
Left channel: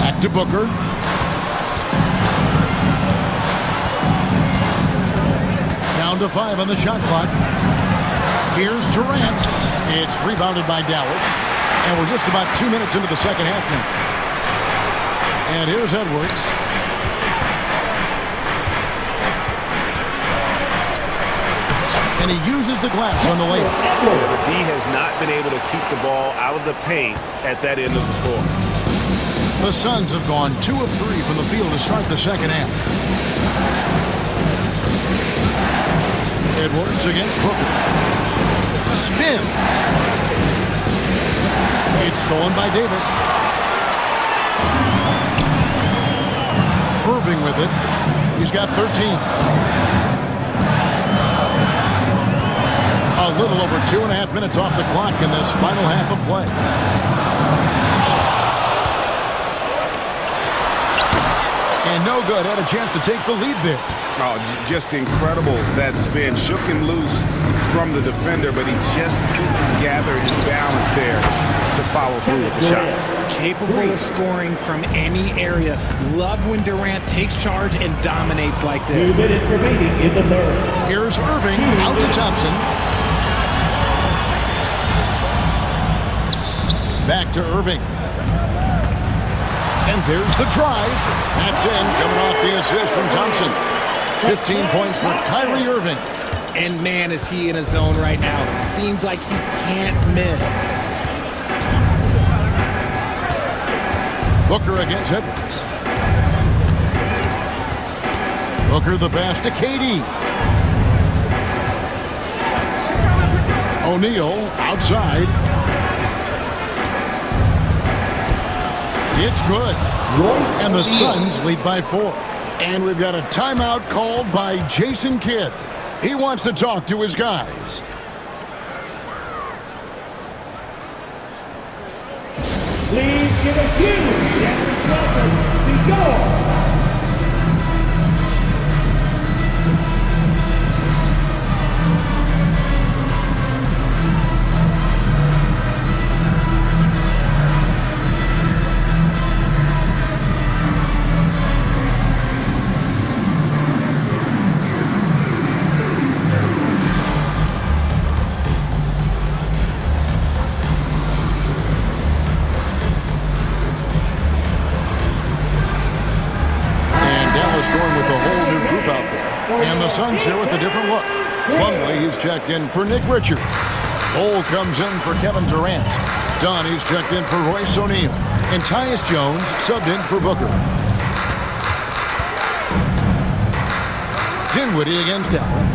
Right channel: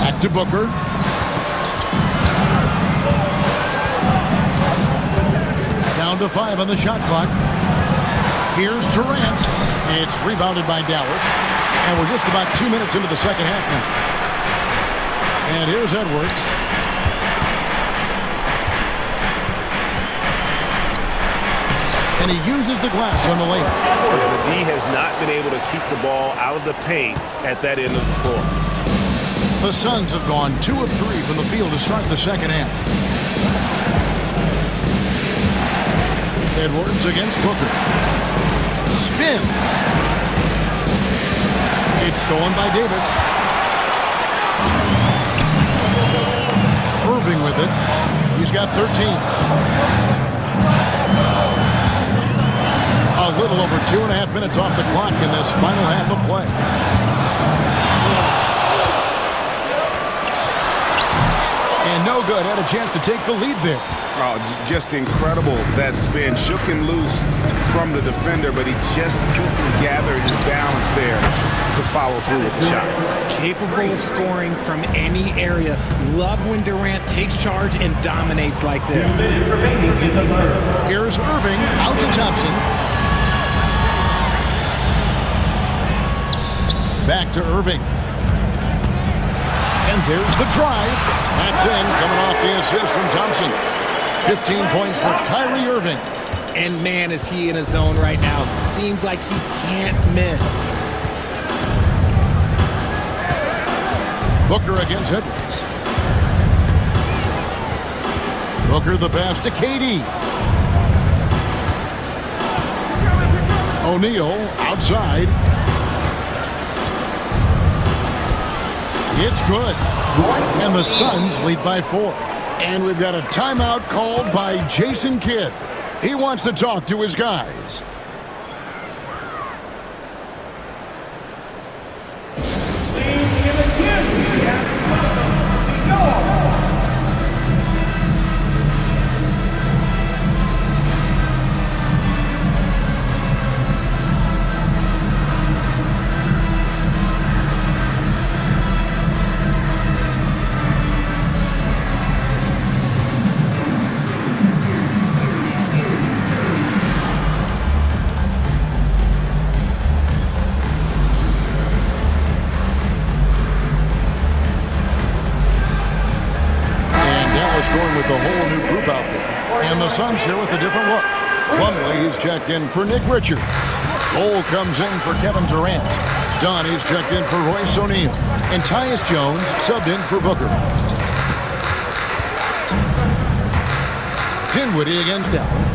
Back to Booker. Down to 5 on the shot clock. Here's Durant. It's rebounded by Dallas. And we're just about 2 minutes into the second half now. And here's Edwards. And he uses the glass on the layup. Yeah, the D has not been able to keep the ball out of the paint at that end of the floor. The Suns have gone 2 of 3 from the field to start the second half. Edwards against Booker. Spins. It's stolen by Davis. Irving with it. He's got 13. A little over 2.5 minutes off the clock in this final half of play. And no good. Had a chance to take the lead there. Oh, just incredible. That spin shook him loose from the defender, but he just couldn't gather his balance there to follow through with the shot. Capable of scoring from any area. Love when Durant takes charge and dominates like this. 2 minutes remaining in the third. Here's Irving out to Thompson. Back to Irving. And there's the drive. That's in, coming off the assist from Thompson. 15 points for Kyrie Irving. And man, is he in a zone right now. Seems like he can't miss. Booker against Edwards. Booker the pass to KD. O'Neal outside. It's good. And the Suns lead by 4. And we've got a timeout called by Jason Kidd. He wants to talk to his guys. Please give a cue. We go. Going with a whole new group out there. And the Suns here with a different look. Plumlee, he's checked in for Nick Richards. Cole comes in for Kevin Durant. Dunn, he's checked in for Royce O'Neal. And Tyus Jones subbed in for Booker. Dinwiddie against Allen.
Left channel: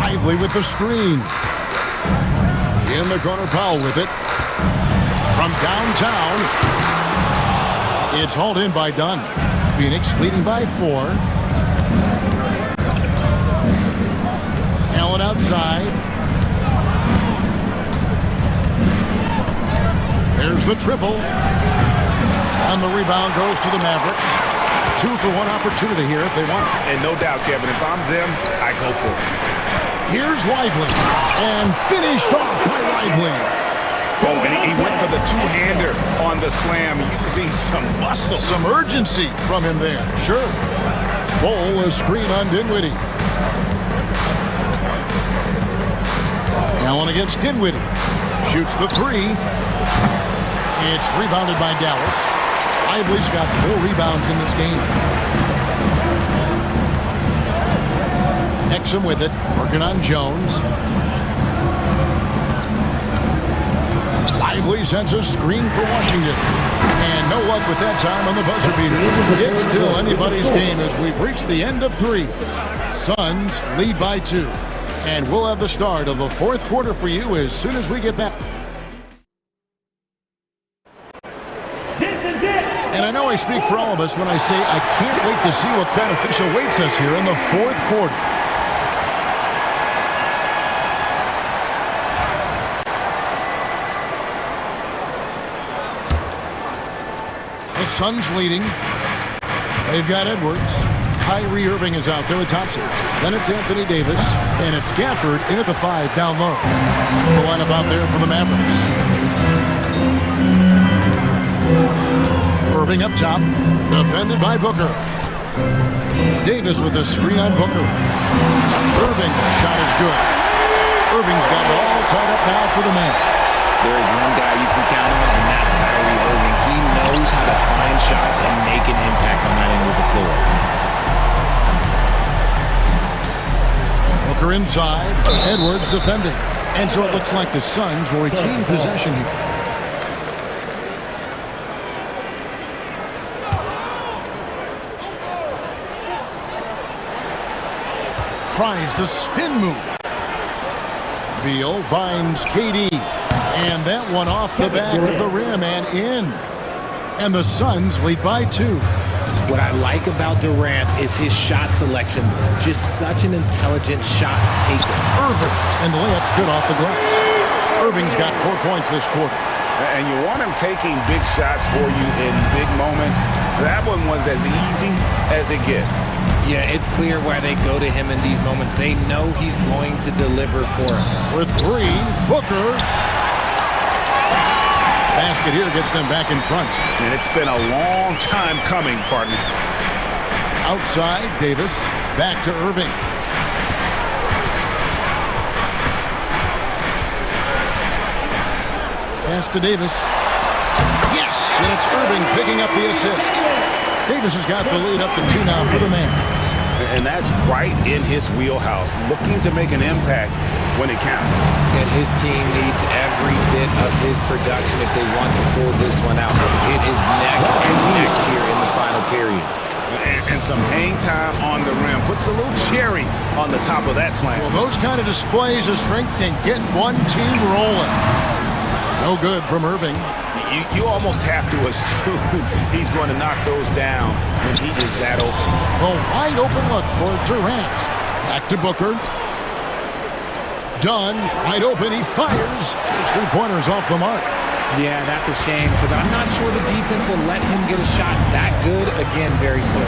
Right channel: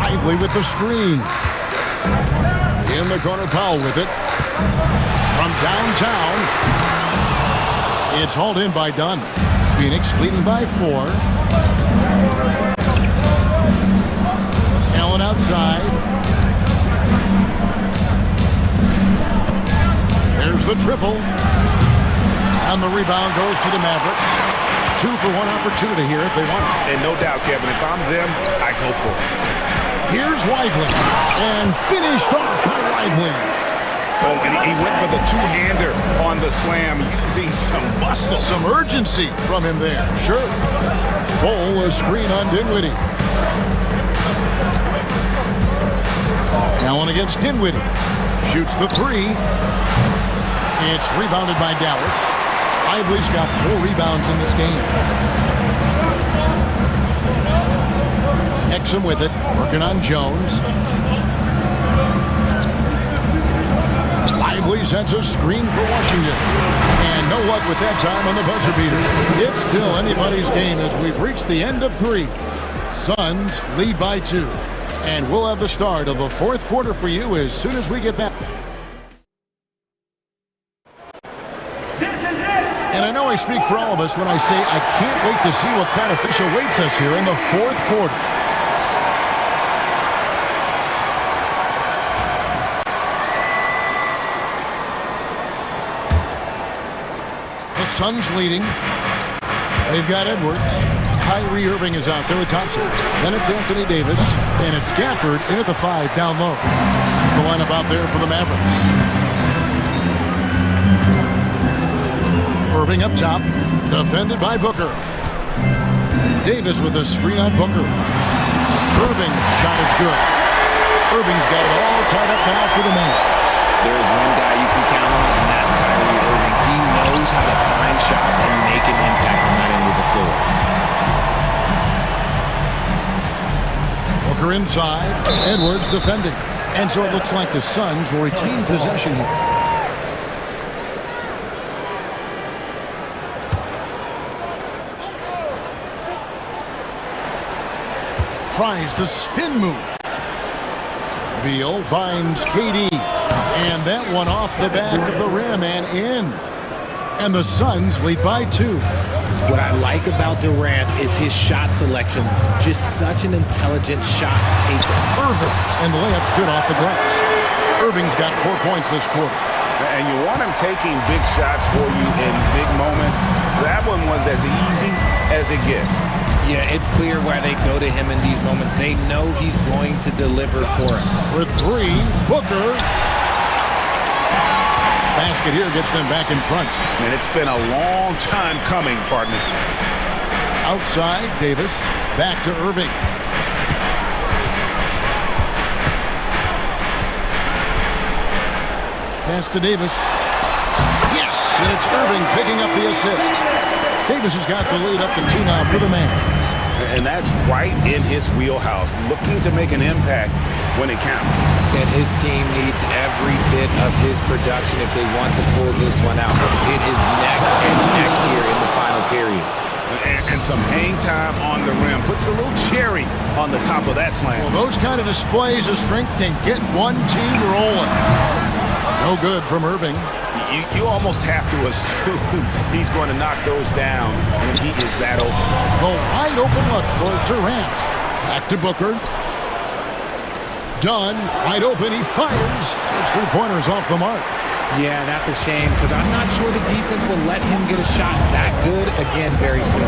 Lively with the screen. In the corner, Powell with it. From downtown, it's hauled in by Dunn. Phoenix leading by 4. Allen outside. There's the triple. And the rebound goes to the Mavericks. 2 for 1 opportunity here if they want it. And no doubt, Kevin, if I'm them, I go for it. Here's Lively. And finished off by Lively. Oh, and he went for the two-hander on the slam, using some muscle. Some urgency from him there, sure. Cole, a screen on Dinwiddie. Allen against Dinwiddie. Shoots the 3. It's rebounded by Dallas. Lively's got 4 rebounds in this game. Exum with it, working on Jones. Lively sends a screen for Washington. And no luck with that time on the buzzer beater. It's still anybody's game as we've reached the end of 3. Suns lead by 2. And we'll have the start of the 4th quarter for you as soon as we get back. This is it. And I know I speak for all of us when I say I can't wait to see what kind of fish awaits us here in the fourth quarter. The Suns leading. They've got Edwards. Kyrie Irving is out there with Thompson. Then it's Anthony Davis. And it's Gafford in at the 5 down low. It's the lineup out there for the Mavericks. Irving up top. Defended by Booker. Davis with a screen on Booker. Irving's shot is good. Irving's got it all tied up now for the Mavs. There is one guy you can count on, and that's Kyrie Irving. He knows how to find shots and make an impact on that end of the floor. Booker inside. Edwards defending. And so it looks like the Suns will retain possession here. Tries the spin move. Beal finds KD. And that one off the back of the rim and in. And the Suns lead by 2. What I like about Durant is his shot selection. Just such an intelligent shot taker. Irving. And the layup's good off the glass. Irving's got 4 points this quarter. And you want him taking big shots for you in big moments. That one was as easy as it gets. Yeah, it's clear why they go to him in these moments. They know he's going to deliver for him. With 3, Booker. Basket here gets them back in front. And it's been a long time coming, partner. Outside, Davis. Back to Irving. Pass to Davis. Yes! And it's Irving picking up the assist. Davis has got the lead up to 2 now for the Mavs. And that's right in his wheelhouse, looking to make an impact when it counts. And his team needs every bit of his production if they want to pull this one out. It is neck and neck here in the final period. And some hang time on the rim puts a little cherry on the top of that slam. Well, those kind of displays of strength can get one team rolling. No good from Irving. You almost have to assume he's going to knock those down when he is that open. A wide open look for Durant. Back to Booker. Dunn, wide open, he fires. His 3-pointers off the mark. Yeah, that's a shame because I'm not sure the defense will let him get a shot that good again very soon.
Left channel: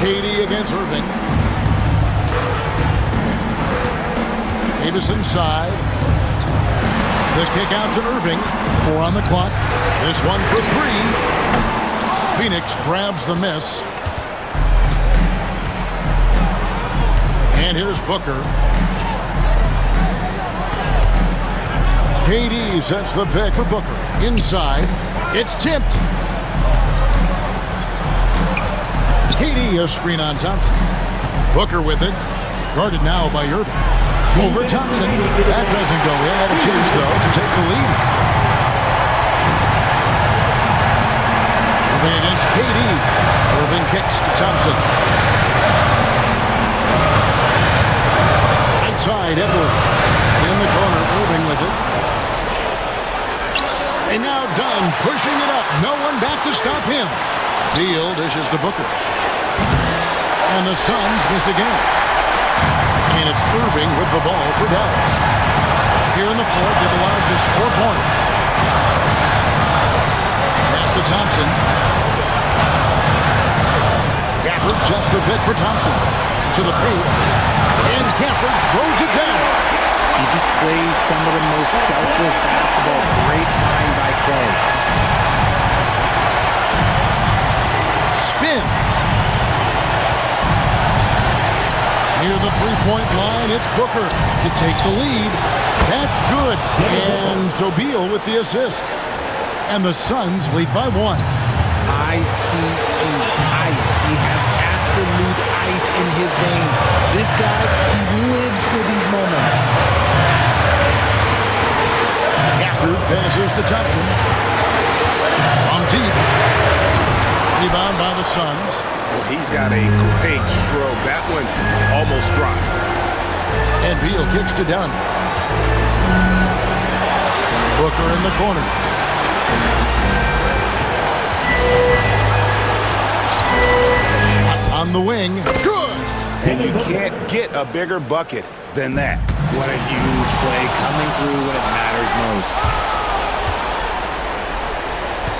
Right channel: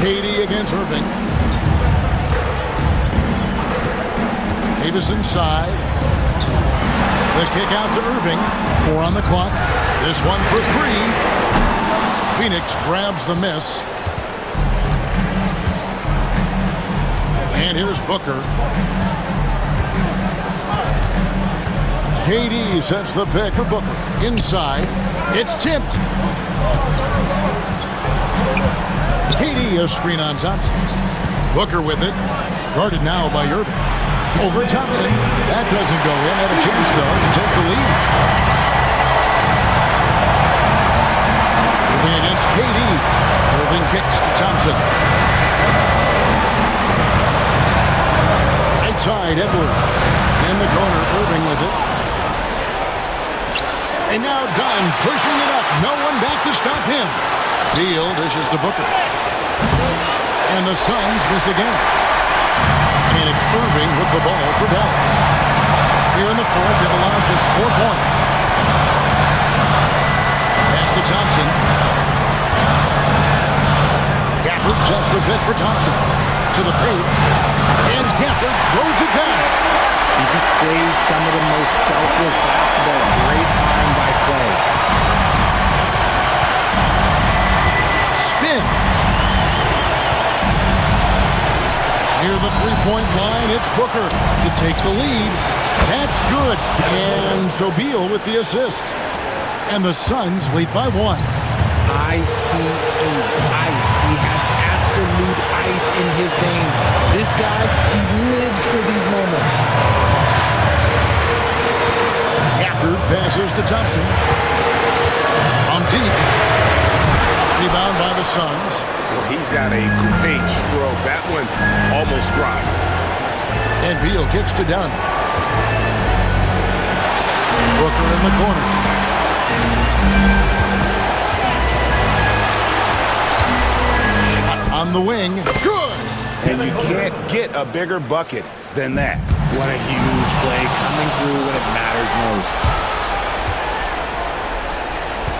KD against Irving. Davis inside. The kick out to Irving. 4 on the clock. This one for 3. Phoenix grabs the miss. And here's Booker. KD sets the pick for Booker. Inside. It's tipped. KD a screen on Thompson. Booker with it. Guarded now by Irving. Over Thompson. That doesn't go in. Had a chance, though, to take the lead. Irving against KD. Irving kicks to Thompson. Outside, Edwards. In the corner, Irving with it. And now Dunn pushing it up. No one back to stop him. Beal dishes to Booker. And the Suns miss again. And it's Irving with the ball for Dallas. Here in the fourth, they've allowed just 4 points. Pass to Thompson. Gafford sets the pick for Thompson. To the paint. And Gafford throws it down. He just plays some of the most selfless basketball. Great find by Clay. Spins. Near the 3-point line, it's Booker to take the lead. That's good. And so Beal with the assist. And the Suns lead by 1. ICE. Ice. He has absolute ice in his veins. This guy, he lives for these moments. Gafford passes to Thompson. From deep. Rebound by the Suns. Well, he's got a great stroke. That one almost dropped. And Beal kicks to Dunn. Booker in the corner. On the wing. Good. And you can't get a bigger bucket than that. What a huge play coming through when it matters most.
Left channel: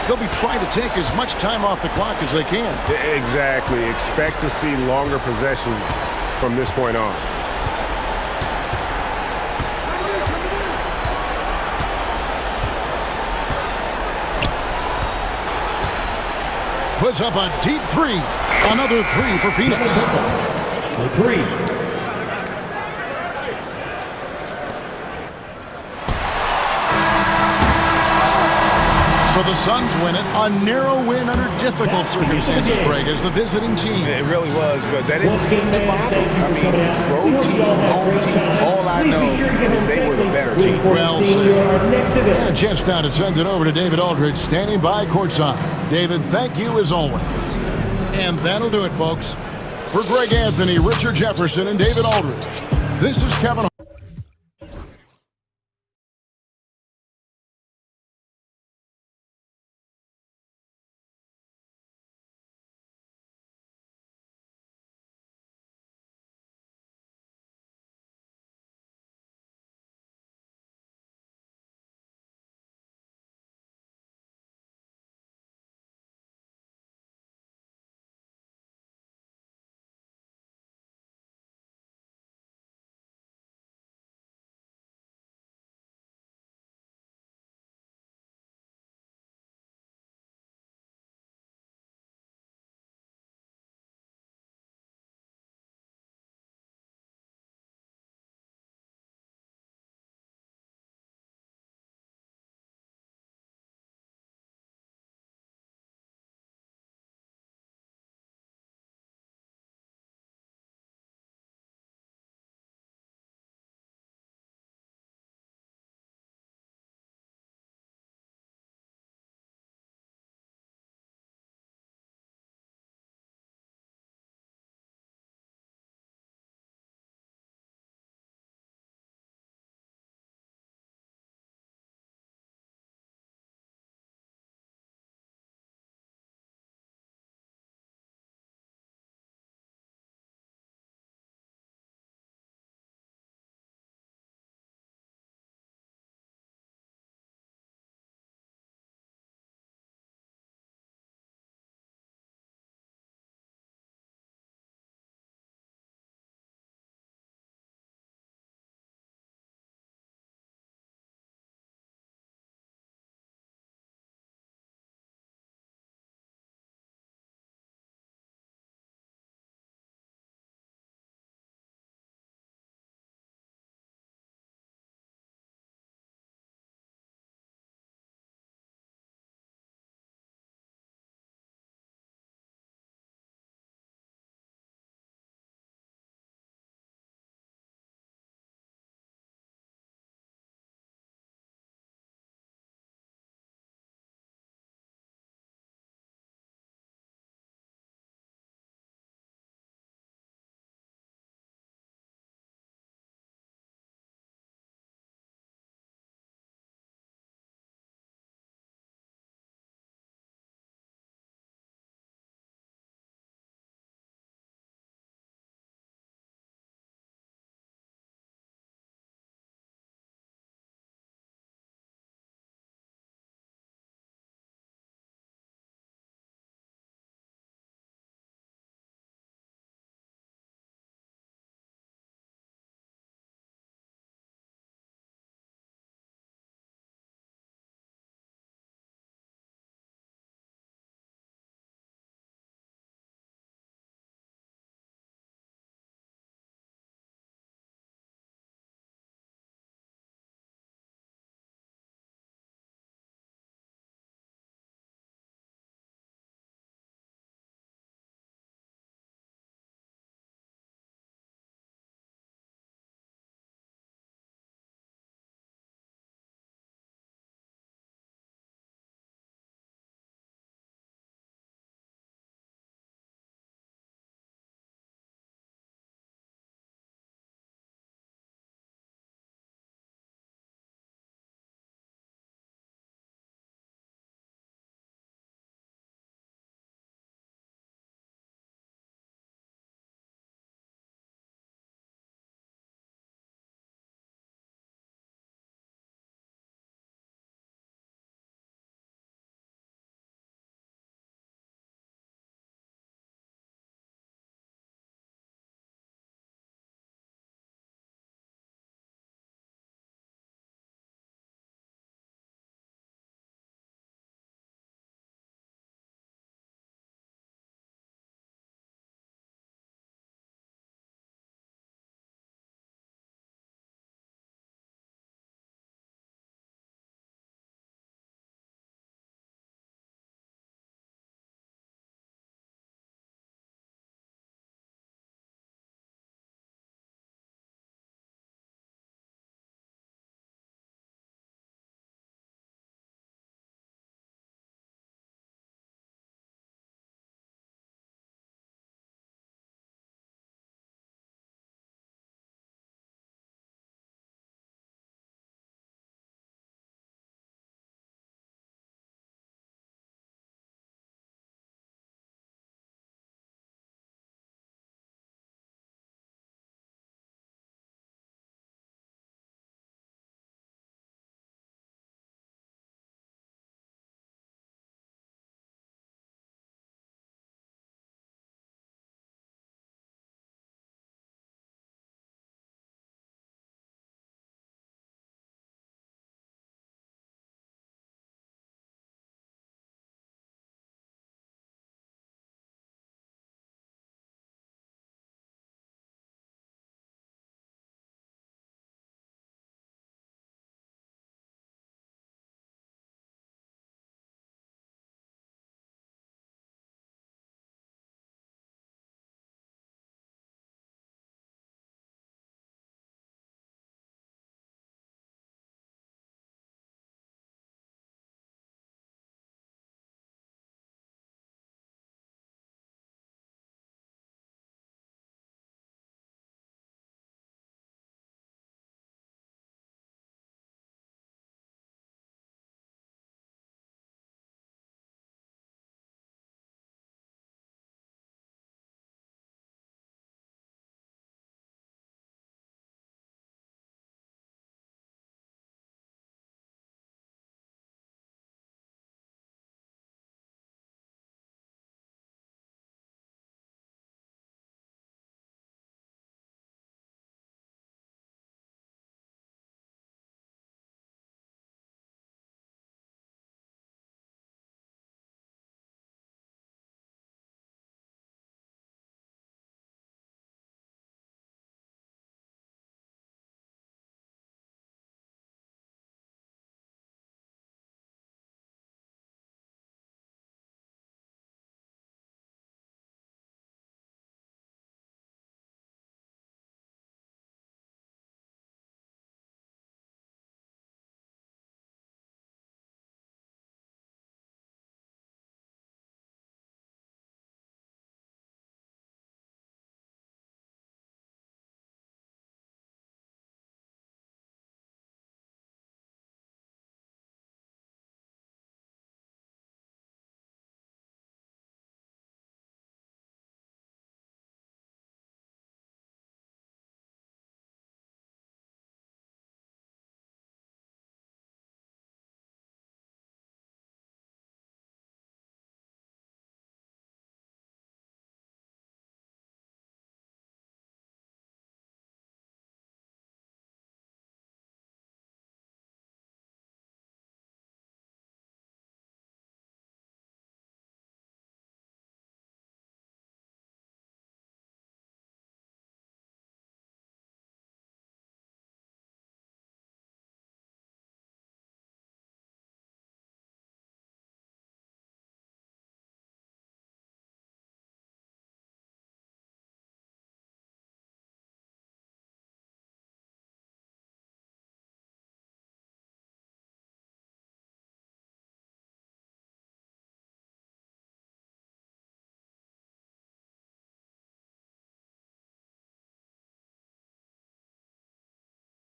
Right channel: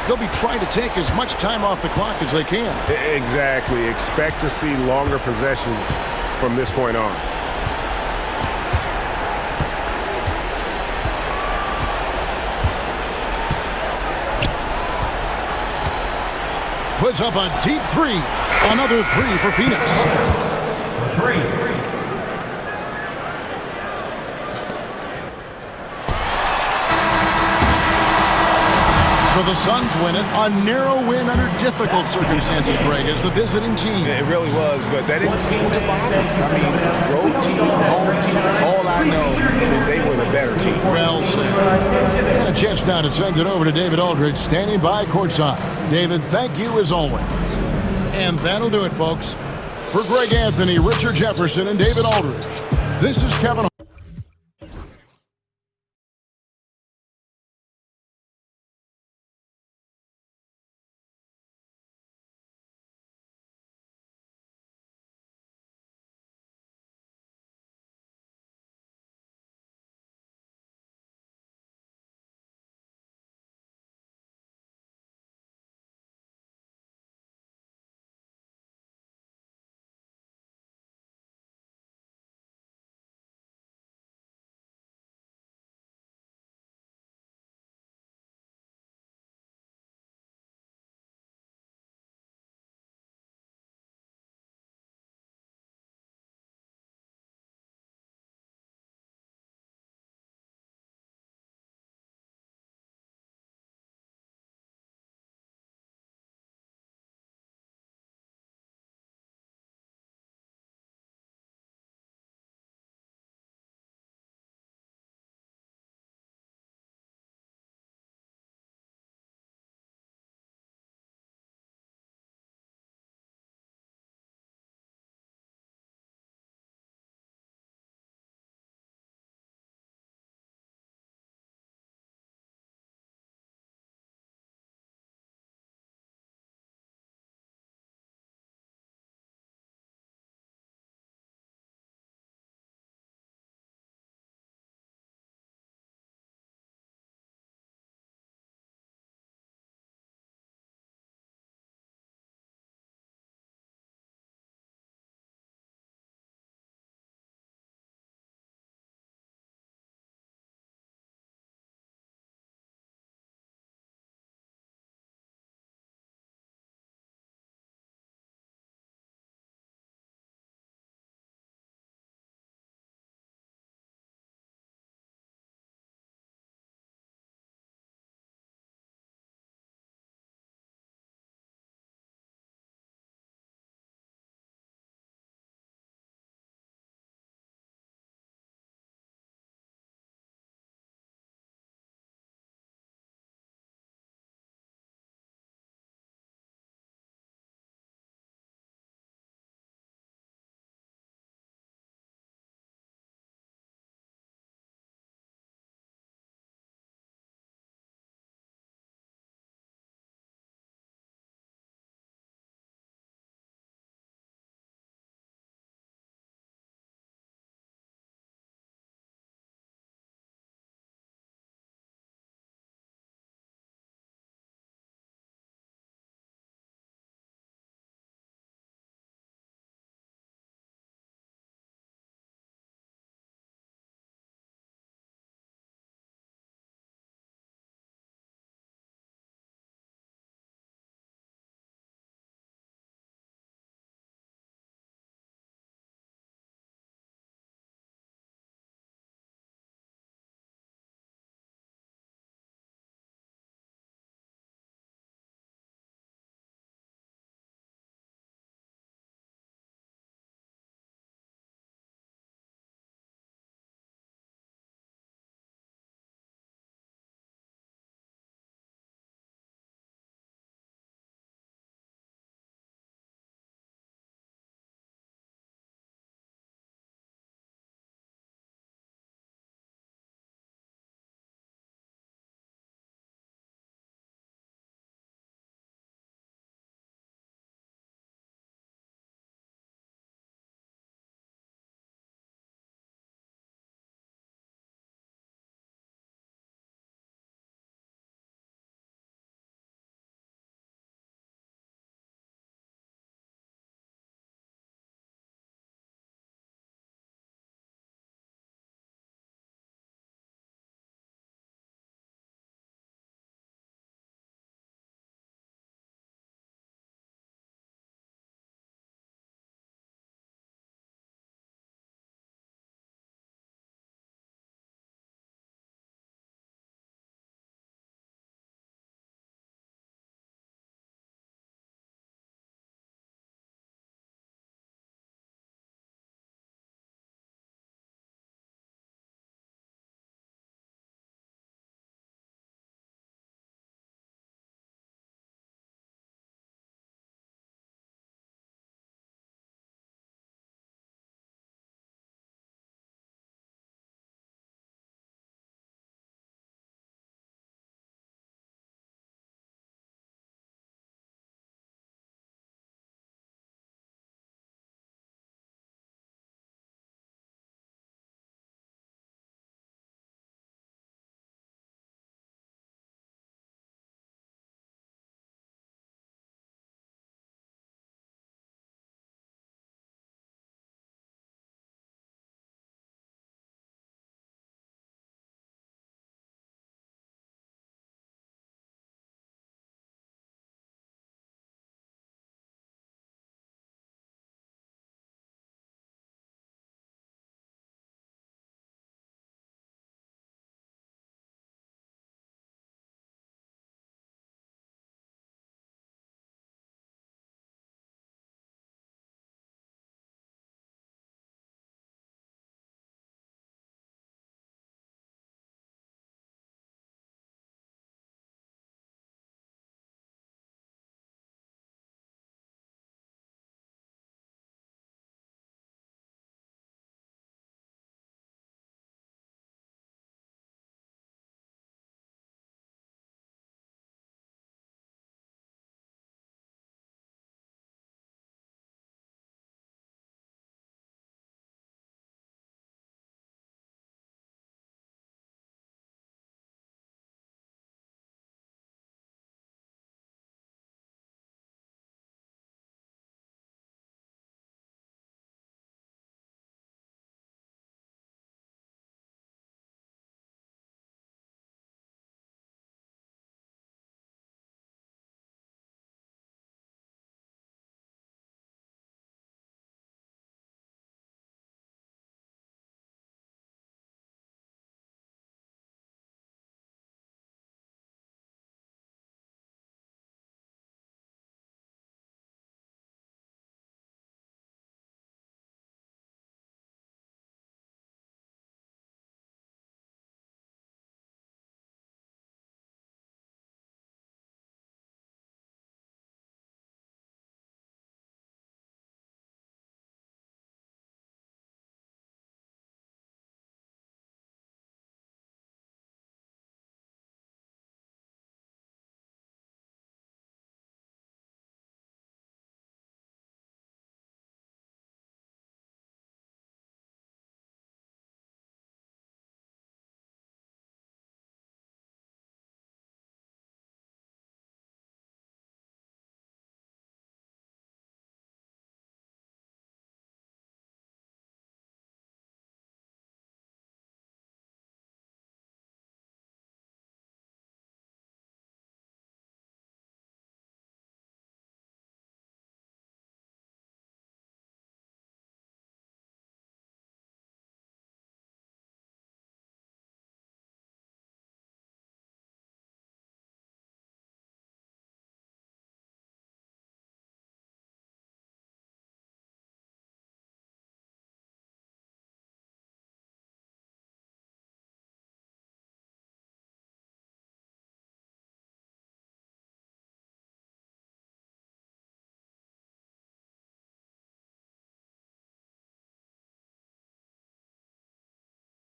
They'll be trying to take as much time off the clock as they can. Exactly. Expect to see longer possessions from this point on. Puts up a deep three. Another three for Phoenix. For three. So the Suns win it. A narrow win under difficult circumstances, Greg, as the visiting team. It really was, but that didn't seem to bother them. I mean, road team, home team, all I know is they were the better team. Well said. And a chance now to send it over to David Aldridge, standing by courtside. David, thank you as always. And that'll do it, folks. For Greg Anthony, Richard Jefferson, and David Aldridge, this is Kevin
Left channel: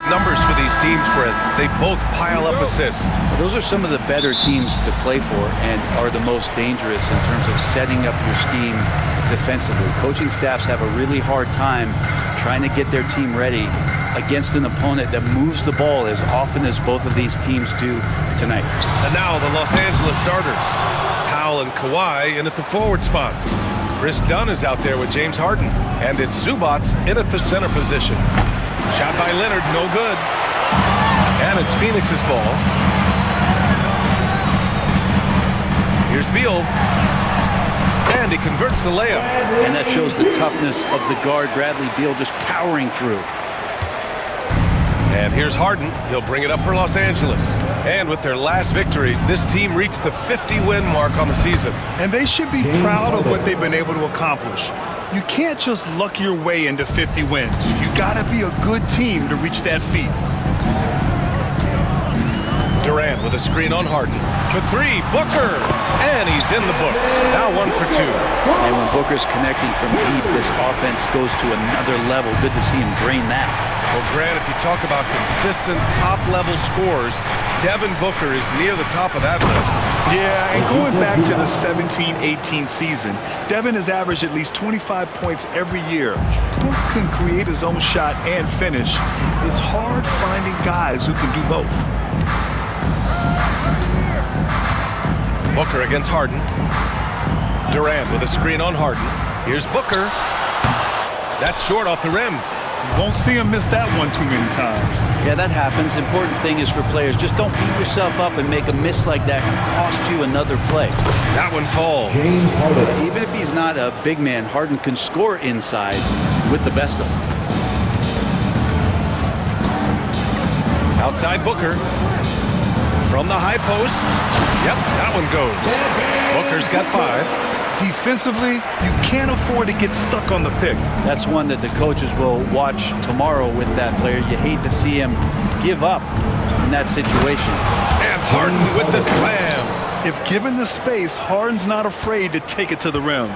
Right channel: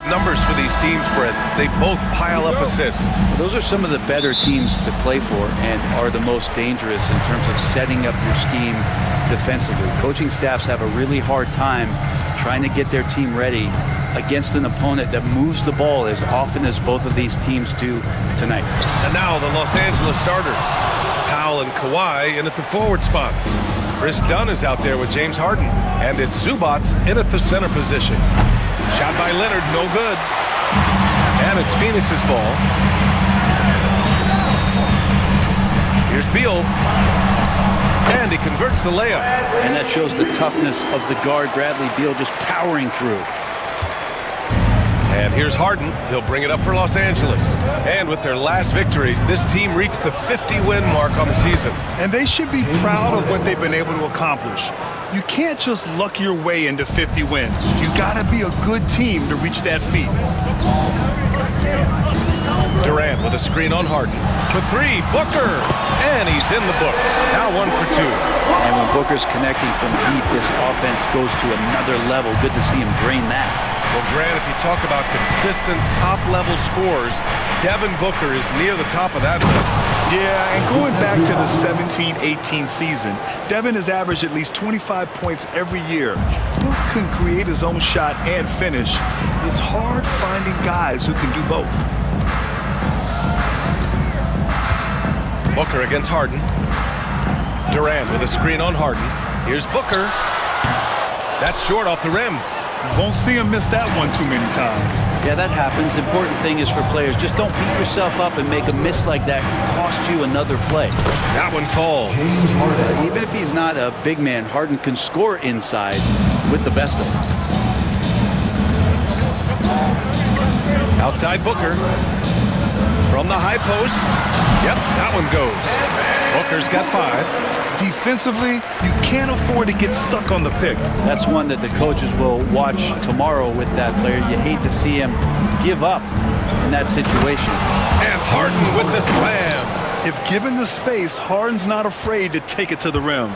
Numbers for these teams, Brent. They both pile up assists. Well, those are some of the better teams to play for and are the most dangerous in terms of setting up your scheme defensively. Coaching staffs have a really hard time trying to get their team ready against an opponent that moves the ball as often as both of these teams do tonight. And now the Los Angeles starters. Powell and Kawhi in at the forward spots. Chris Dunn is out there with James Harden. And it's Zubats in at the center position. Shot by Leonard, no good. And it's Phoenix's ball. Here's Beal. And he converts the layup. And that shows the toughness of the guard, Bradley Beal, just powering through. And here's Harden. He'll bring it up for Los Angeles. And with their last victory, this team reached the 50-win mark on the season. And they should be proud of what they've been able to accomplish. You can't just luck your way into 50 wins. You gotta be a good team to reach that feat. Durant with a screen on Harden. For three, Booker! And he's in the books. Now 1 for 2. And when Booker's connecting from deep, this offense goes to another level. Good to see him drain that. Well, Grant, if you talk about consistent top-level scores, Devin Booker is near the top of that list. Yeah, and going back to the 17-18 season, Devin has averaged at least 25 points every year. Book can create his own shot and finish. It's hard finding guys who can do both. Booker against Harden. Durant with a screen on Harden. Here's Booker. That's short off the rim. You won't see him miss that one too many times. Yeah, that happens. Important thing is for players, just don't beat yourself up and make a miss like that cost you another play. That one falls. Even if he's not a big man, Harden can score inside with the best of them. Outside Booker. From the high post. Yep, that one goes. Booker's got 5. Defensively, you can't afford to get stuck on the pick. That's one that the coaches will watch tomorrow with that player. You hate to see him give up in that situation. And Harden with the slam. If given the space, Harden's not afraid to take it to the rim.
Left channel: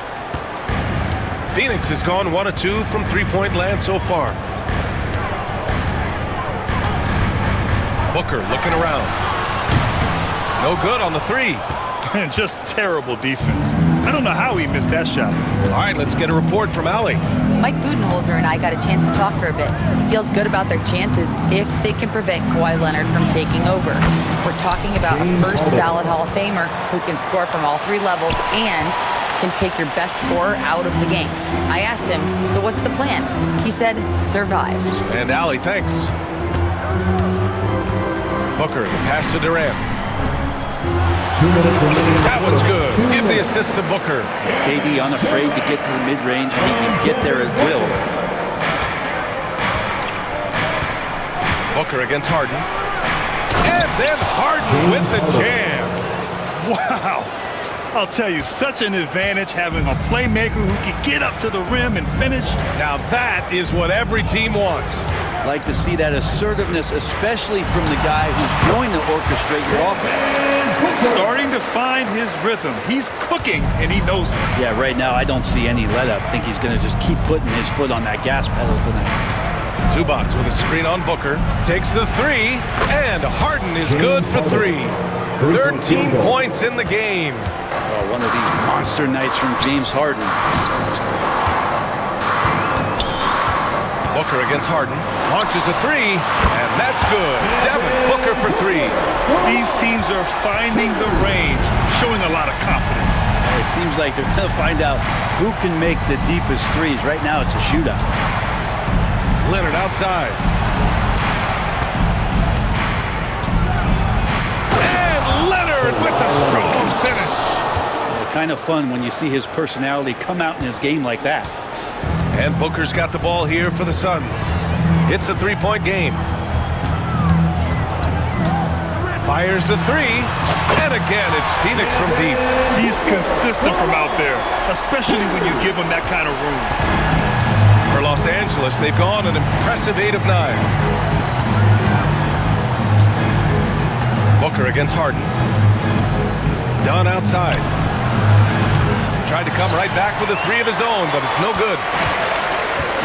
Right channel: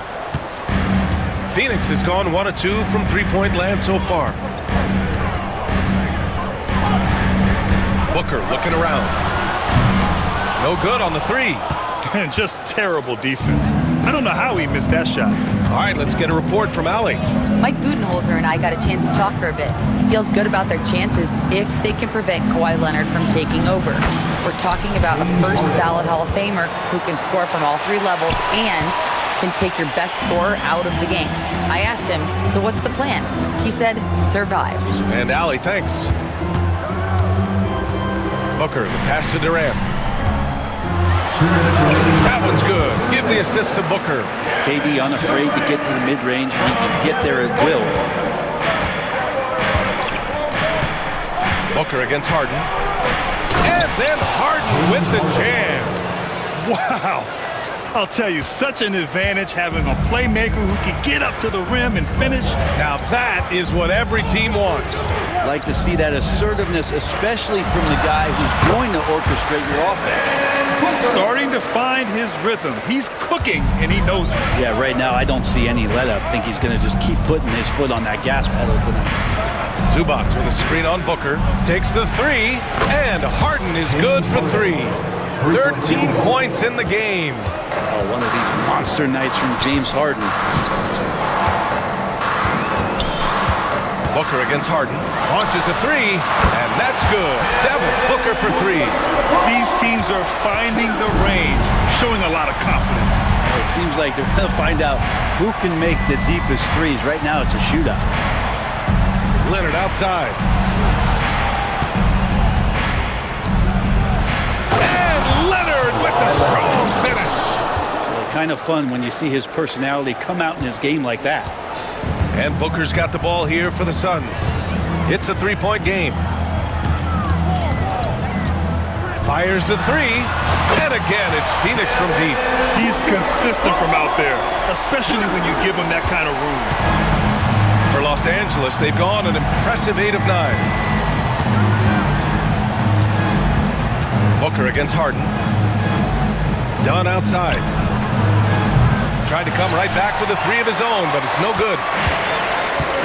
Phoenix has gone 1 of 2 from three-point land so far. Booker looking around. No good on the 3. Just terrible defense. I don't know how he missed that shot. All right, let's get a report from Allie. Mike Budenholzer and I got a chance to talk for a bit. He feels good about their chances if they can prevent Kawhi Leonard from taking over. We're talking about a first ballot Hall of Famer who can score from all 3 levels and can take your best scorer out of the game. I asked him, so what's the plan? He said, survive. And Allie, thanks. Booker, the pass to Durant. That one's good. Give the assist to Booker. KD unafraid to get to the mid-range, and he can get there at will. Booker against Harden. And then Harden with the jam. Wow. I'll tell you, such an advantage having a playmaker who can get up to the rim and finish. Now that is what every team wants. Like to see that assertiveness, especially from the guy who's going to orchestrate your offense. Starting to find his rhythm. He's cooking, and he knows it. Yeah, right now I don't see any let-up. I think he's going to just keep putting his foot on that gas pedal tonight. Zubats with a screen on Booker. Takes the 3, and Harden is good for 3. 13 points in the game. Oh, one of these monster nights from James Harden. Booker against Harden. Launches a 3, and that's good. Devin Booker for 3. These teams are finding the range, showing a lot of confidence. It seems like they're going to find out who can make the deepest threes. Right now, it's a shootout. Leonard outside. And Leonard with the strong finish. Yeah, kind of fun when you see his personality come out in his game like that. And Booker's got the ball here for the Suns. It's a 3-point game. Fires the 3, and again, it's Phoenix from deep. He's consistent from out there, especially when you give him that kind of room. For Los Angeles, they've gone an impressive 8 of 9. Booker against Harden. Dunn outside. Tried to come right back with a 3 of his own, but it's no good.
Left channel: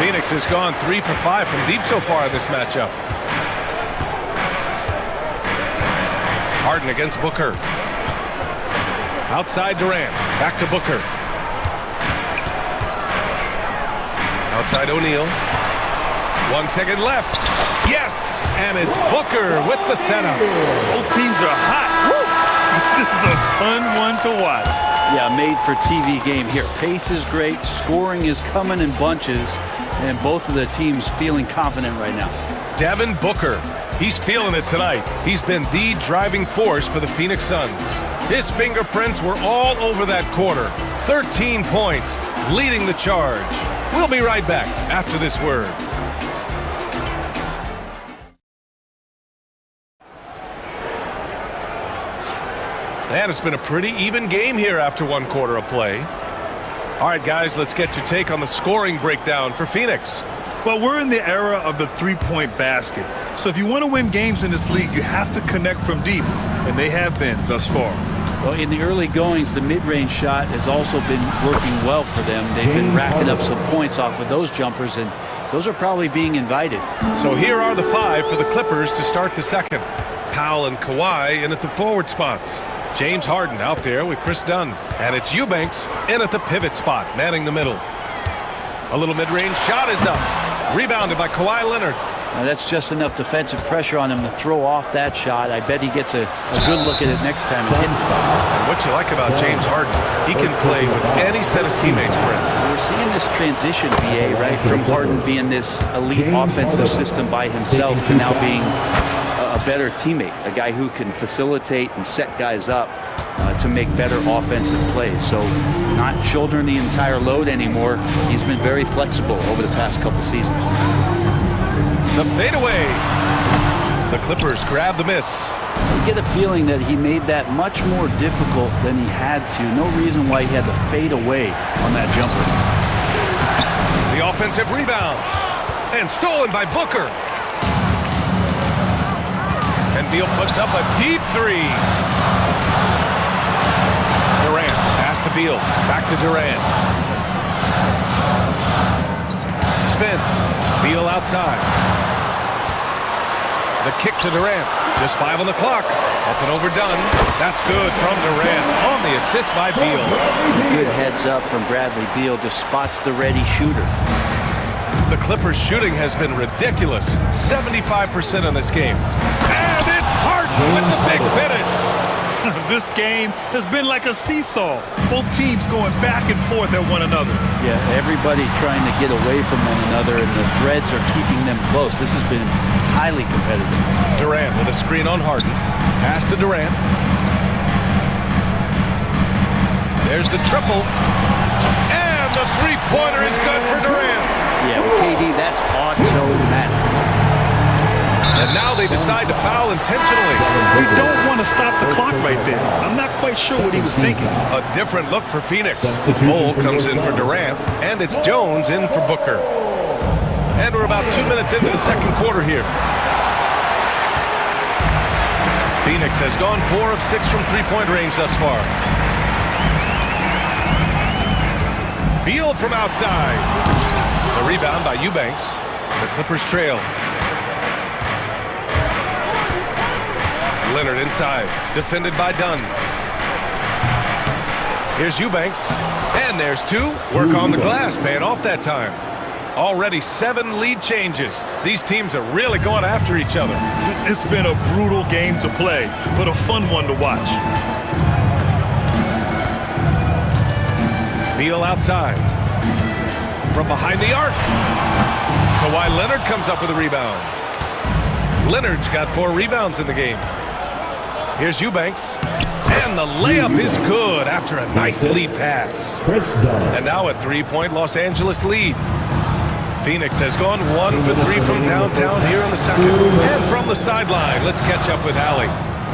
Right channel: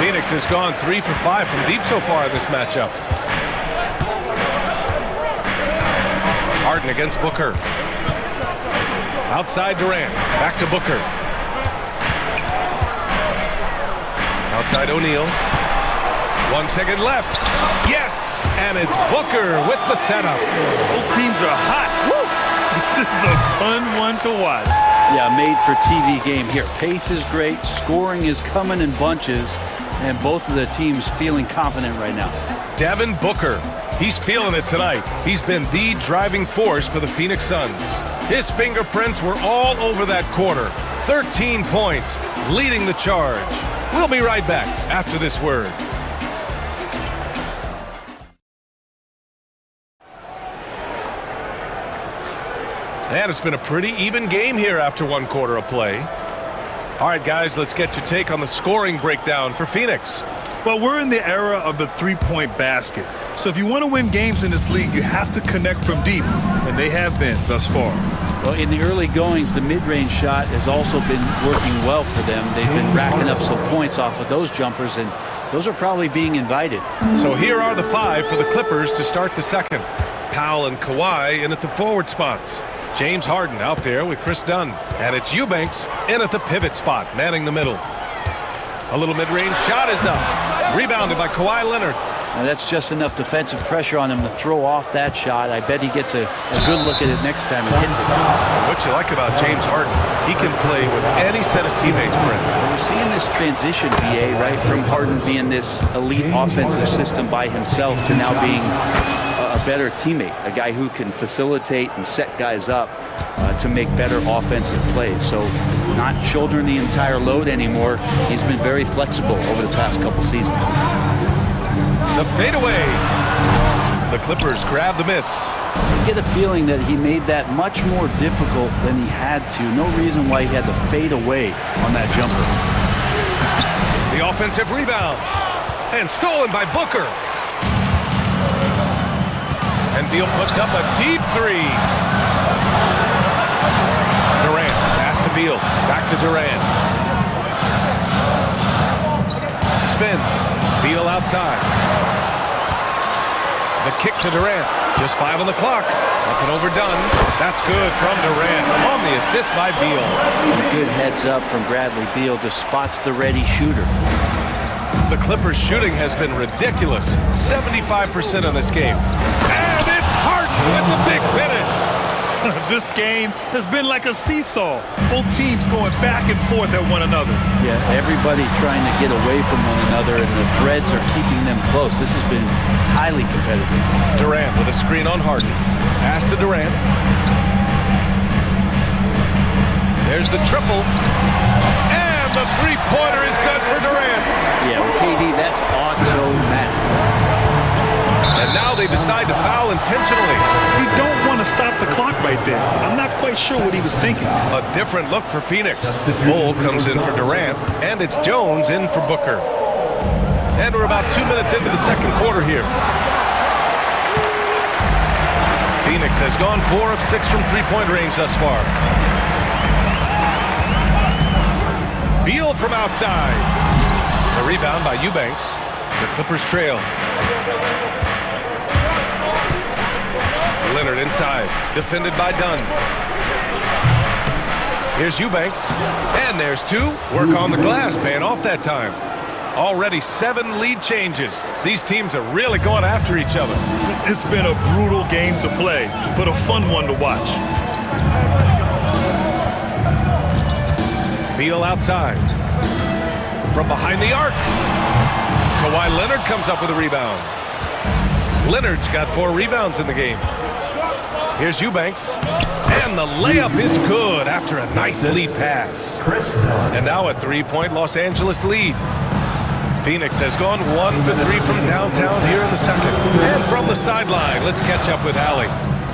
Phoenix has gone 3 for 5 from deep so far in this matchup. Harden against Booker. Outside Durant. Back to Booker. Outside O'Neal. 1 second left. Yes! And it's Booker with the setup. Both teams are hot. Woo! This is a fun one to watch. Yeah, made for TV game here. Pace is great. Scoring is coming in bunches. And both of the teams feeling confident right now. Devin Booker. He's feeling it tonight. He's been the driving force for the Phoenix Suns. His fingerprints were all over that quarter. 13 points, leading the charge. We'll be right back after this word. And it's been a pretty even game here after 1 quarter of play. All right, guys, let's get your take on the scoring breakdown for Phoenix. Well, we're in the era of the three-point basket. So if you want to win games in this league, you have to connect from deep, and they have been thus far. Well, in the early goings, the mid-range shot has also been working well for them. They've been racking up some points off of those jumpers, and those are probably being invited. So here are the 5 for the Clippers to start the second. Powell and Kawhi in at the forward spots. James Harden out there with Chris Dunn. And it's Eubanks in at the pivot spot, manning the middle. A little mid-range shot is up. Rebounded by Kawhi Leonard. Now that's just enough defensive pressure on him to throw off that shot. I bet he gets a good look at it next time and hits it. And what you like about James Harden, he can play with any set of teammates, Brent. Well, we're seeing this transition, VA, right? From Harden being this elite offensive system by himself to now being a better teammate, a guy who can facilitate and set guys up to make better offensive plays. So not shouldering the entire load anymore. He's been very flexible over the past couple seasons. The fadeaway. The Clippers grab the miss. I get a feeling that he made that much more difficult than he had to. No reason why he had to fade away on that jumper. The offensive rebound. And stolen by Booker. And Beal puts up a deep 3. Durant, pass to Beal. Back to Durant. Spins. Beal outside. The kick to Durant. Just 5 on the clock. Up and overdone. That's good from Durant on the assist by Beal. And a good heads up from Bradley Beal. Just spots the ready shooter. The Clippers' shooting has been ridiculous. 75% in this game. And it's Harden with the big finish. This game has been like a seesaw. Both teams going back and forth at one another. Yeah, everybody trying to get away from one another, and the threads are keeping them close. This has been highly competitive. Durant with a screen on Harden. Pass to Durant. There's the triple. And the three-pointer is good for Durant. Yeah, with KD, that's automatic. And now they decide to foul intentionally. We don't want to stop the clock right there. I'm not quite sure what he was thinking. A different look for Phoenix. Bull comes in for Durant, and it's Jones in for Booker. And we're about 2 minutes into the second quarter here. Phoenix has gone 4 of 6 from three-point range thus far. Beal from outside. The rebound by Eubanks. The Clippers trail. Leonard inside, defended by Dunn. Here's Eubanks, and there's 2. Work on the glass, paying off that time. Already 7 lead changes. These teams are really going after each other. It's been a brutal game to play, but a fun one to watch. Beal outside. From behind the arc. Kawhi Leonard comes up with a rebound. Leonard's got 4 rebounds in the game. Here's Eubanks. And the layup is good after a nice lead pass. And now a 3-point Los Angeles lead. Phoenix has gone 1 for 3 from downtown here in the second. And from the sideline, let's catch up with Allie.